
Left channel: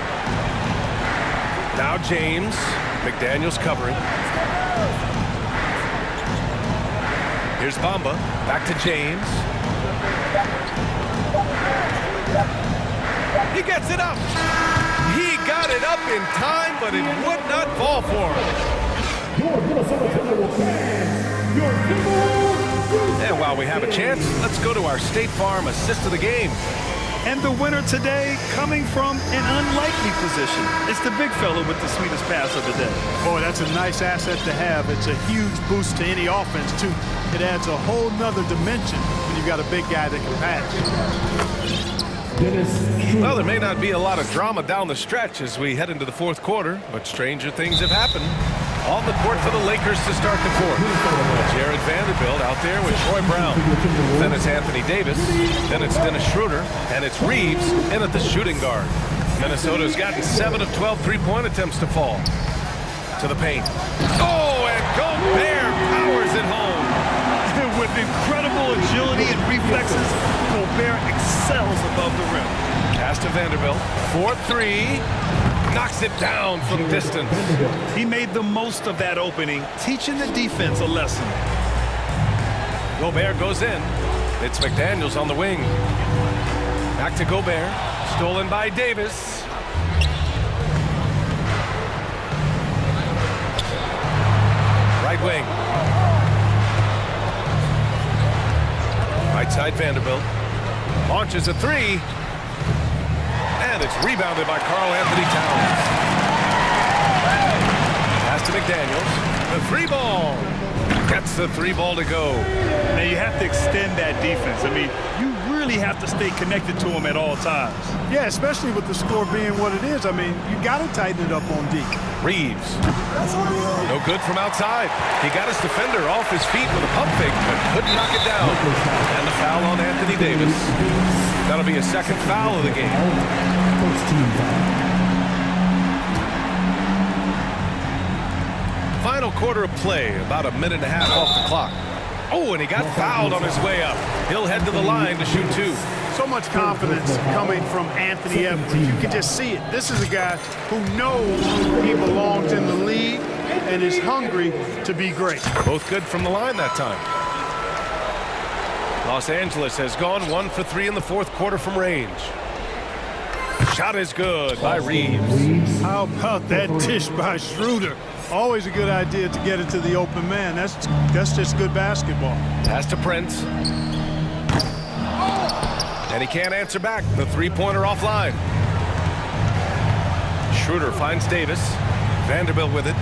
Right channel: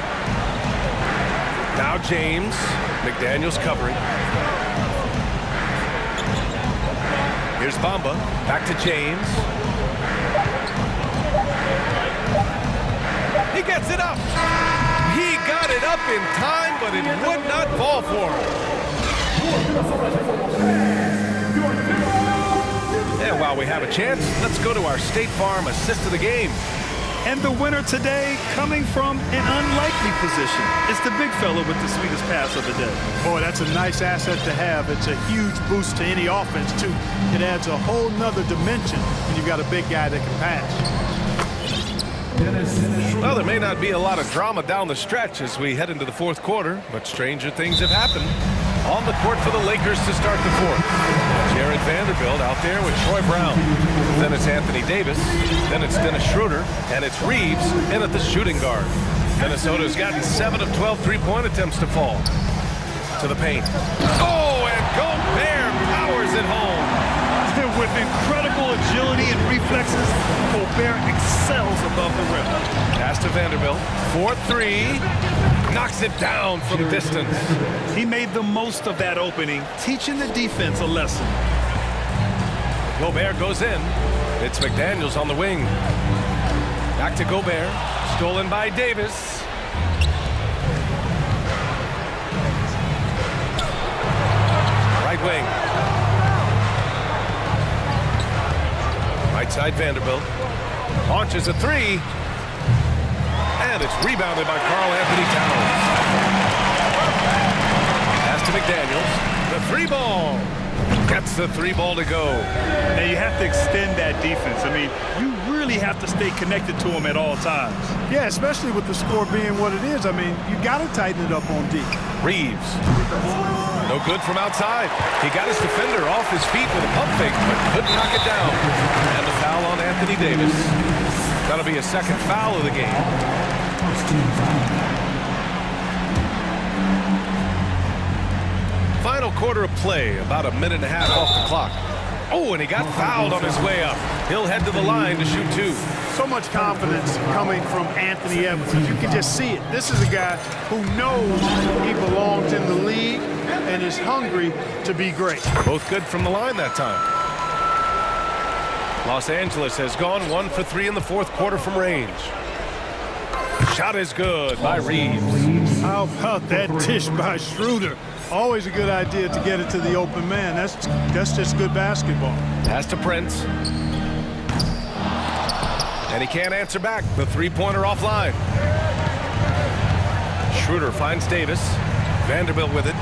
Now James. McDaniels covering. Here's Bamba. Back to James. He gets it up. He got it up in time, but it would not fall for him. And while we have a chance, let's go to our State Farm assist of the game. And the winner today coming from an unlikely position. It's the big fella with the sweetest pass of the day. Boy, that's a nice asset to have. It's a huge boost to any offense, too. It adds a whole nother dimension when you've got a big guy that can pass. Well, there may not be a lot of drama down the stretch as we head into the fourth quarter, but stranger things have happened. On the court for the Lakers to start the fourth. Jared Vanderbilt out there with Troy Brown. Then it's Anthony Davis. Then it's Dennis Schroeder. And it's Reeves in at the shooting guard. Minnesota's gotten 7 of 12 three-point attempts to fall. To the paint. Oh, and Gobert powers it home. With incredible agility and reflexes, Gobert excels above the rim. Pass to Vanderbilt. 4-3. Knocks it down from distance. He made the most of that opening, teaching the defense a lesson. Gobert goes in. It's McDaniels on the wing. Back to Gobert. Stolen by Davis. Right wing. Right side Vanderbilt. Launches a three. And it's rebounded by Karl Anthony Towns. Pass to McDaniels. The three ball. Gets the three ball to go. Now you have to extend that defense. I mean, you really have to stay connected to him at all times. Yeah, especially with the score being what it is. I mean, you got to tighten it up on D. Reeves. No good from outside. He got his defender off his feet with a pump fake, but couldn't knock it down. And the foul on Anthony Davis. That'll be a second foul of the game. First team foul. Final quarter of play, about a minute and a half off the clock. Oh, and he got fouled on his way up. He'll head to the line to shoot two. So much confidence coming from Anthony Edwards. You can just see it. This is a guy who knows he belongs in the league and is hungry to be great. Both good from the line that time. Los Angeles has gone 1 for 3 in the fourth quarter from range. Shot is good by Reeves. How about that dish by Schroeder? Always a good idea to get it to the open man. That's just good basketball. Pass to Prince. And he can't answer back. The three-pointer offline. Schroeder finds Davis. Vanderbilt with it.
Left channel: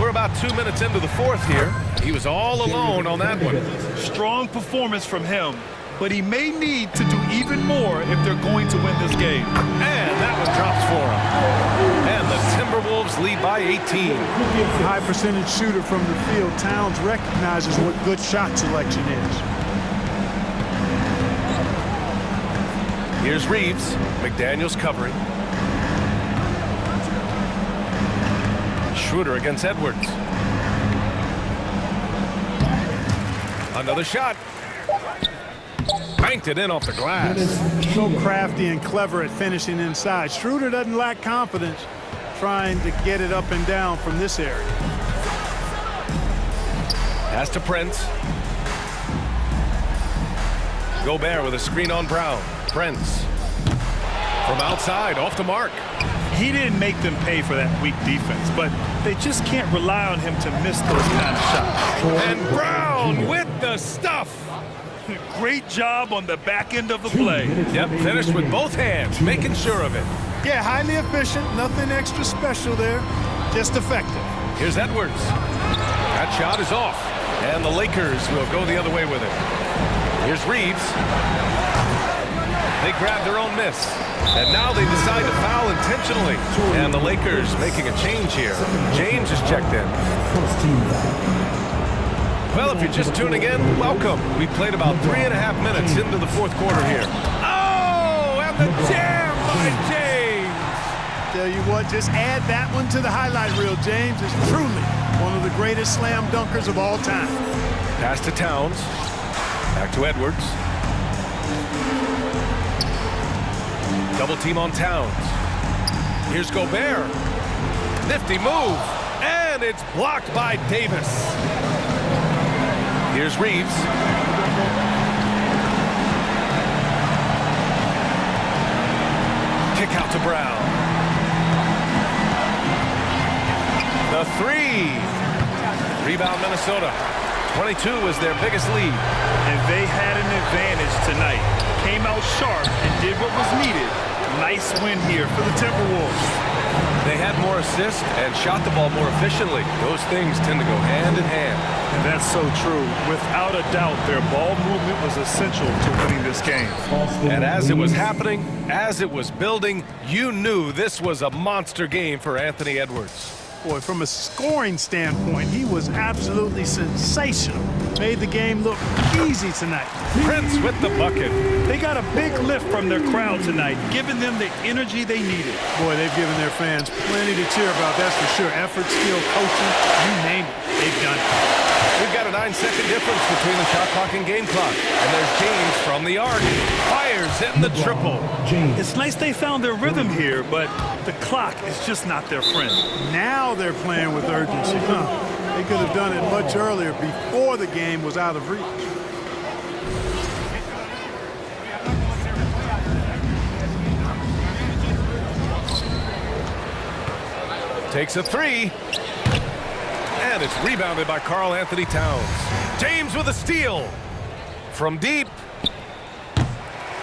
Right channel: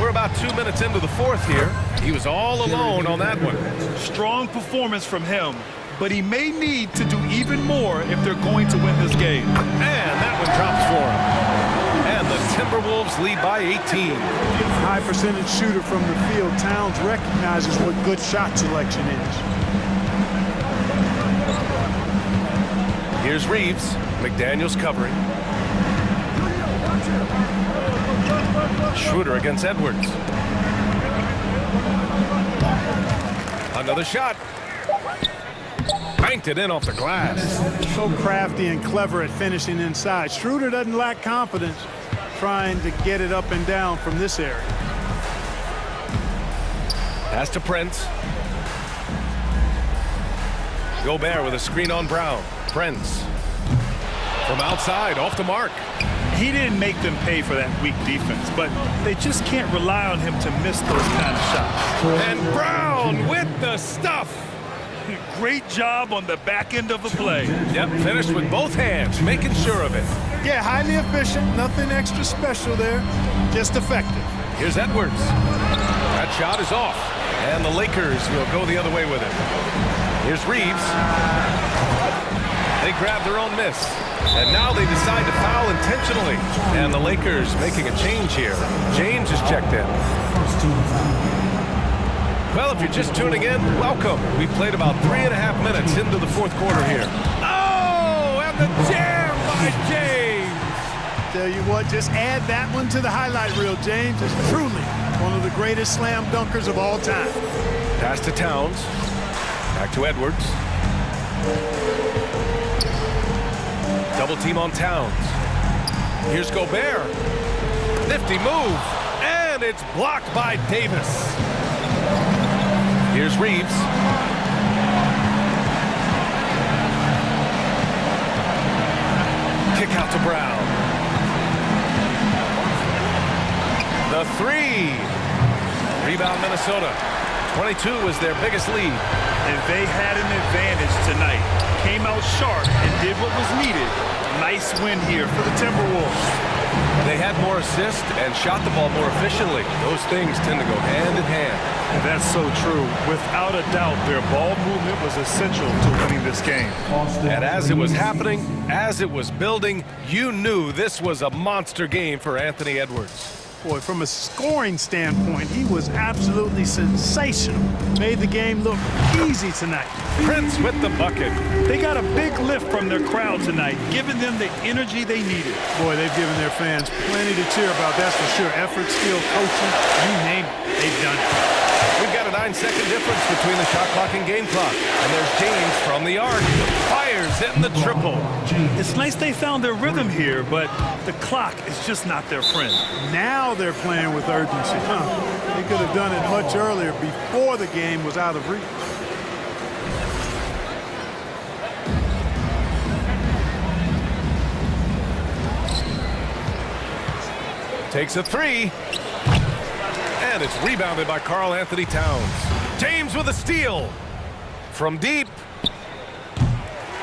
We're about 2 minutes into the fourth here. He was all alone on that one. Strong performance from him, but he may need to do even more if they're going to win this game. And that one drops for him. And the Timberwolves lead by 18. A high percentage shooter from the field. Towns recognizes what good shot selection is. Here's Reeves. McDaniels covering. Schroeder against Edwards. Another shot. Banked it in off the glass. So crafty and clever at finishing inside. Schroeder doesn't lack confidence trying to get it up and down from this area. Pass to Prince. Gobert with a screen on Brown. Prince. From outside, off the mark. He didn't make them pay for that weak defense, but they just can't rely on him to miss those kind of shots. And Brown with the stuff. Great job on the back end of the play. Yep, finished with both hands, making sure of it. Yeah, highly efficient, nothing extra special there, just effective. Here's Edwards. That shot is off, and the Lakers will go the other way with it. Here's Reeves. They grab their own miss, and now they decide to foul intentionally. And the Lakers making a change here. James is checked in. First team foul. Well, if you're just tuning in, welcome. We played about 3.5 minutes into the fourth quarter here. Oh, and the jam by James. Tell you what, just add that one to the highlight reel. James is truly one of the greatest slam dunkers of all time. Pass to Towns. Back to Edwards. Double team on Towns. Here's Gobert. Nifty move. And it's blocked by Davis. Here's Reeves. Kick out to Brown. The three. Rebound Minnesota. 22 was their biggest lead. And they had an advantage tonight. Came out sharp and did what was needed. Nice win here for the Timberwolves. They had more assists and shot the ball more efficiently. Those things tend to go hand in hand. And that's so true. Without a doubt, their ball movement was essential to winning this game. And as it was happening, as it was building, you knew this was a monster game for Anthony Edwards. Boy, from a scoring standpoint, he was absolutely sensational. Made the game look easy tonight. Prince with the bucket. They got a big lift from their crowd tonight, giving them the energy they needed. Boy, they've given their fans plenty to cheer about, that's for sure. Effort, skill, coaching, you name it, they've done it. We've got a 9-second difference between the shot clock and game clock. And there's James from the arc. Fires in the triple. It's nice they found their rhythm here, but the clock is just not their friend. Now they're playing with urgency. They could have done it much earlier, before the game was out of reach. Takes a three. And it's rebounded by Karl Anthony Towns. James with a steal. From deep.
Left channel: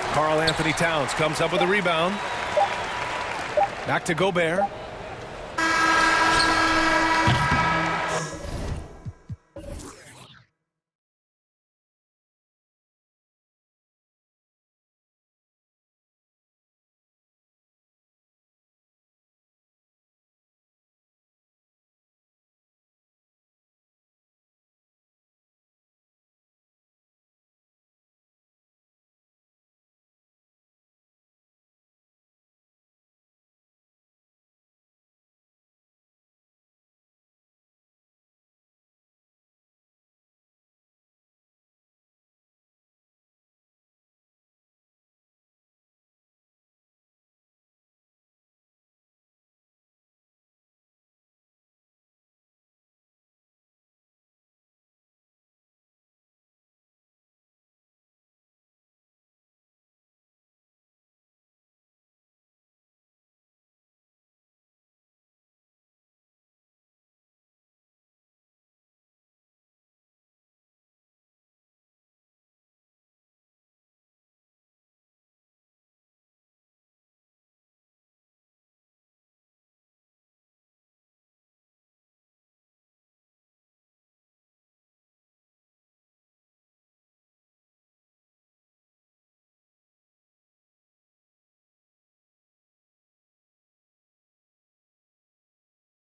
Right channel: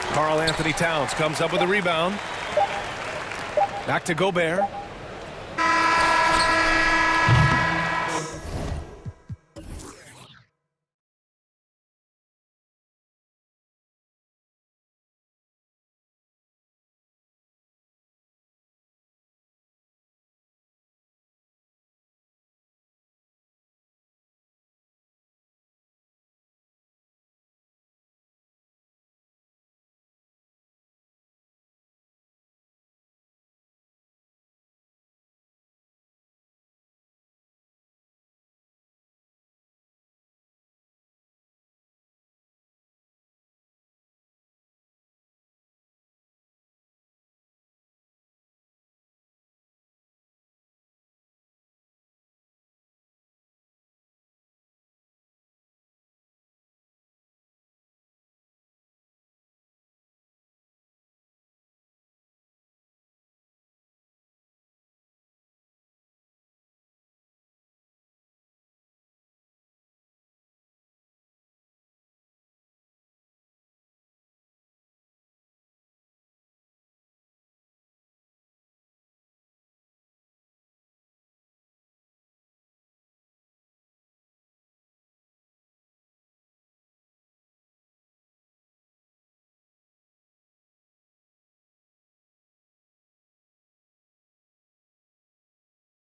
Karl Anthony Towns comes up with a rebound. Back to Gobert.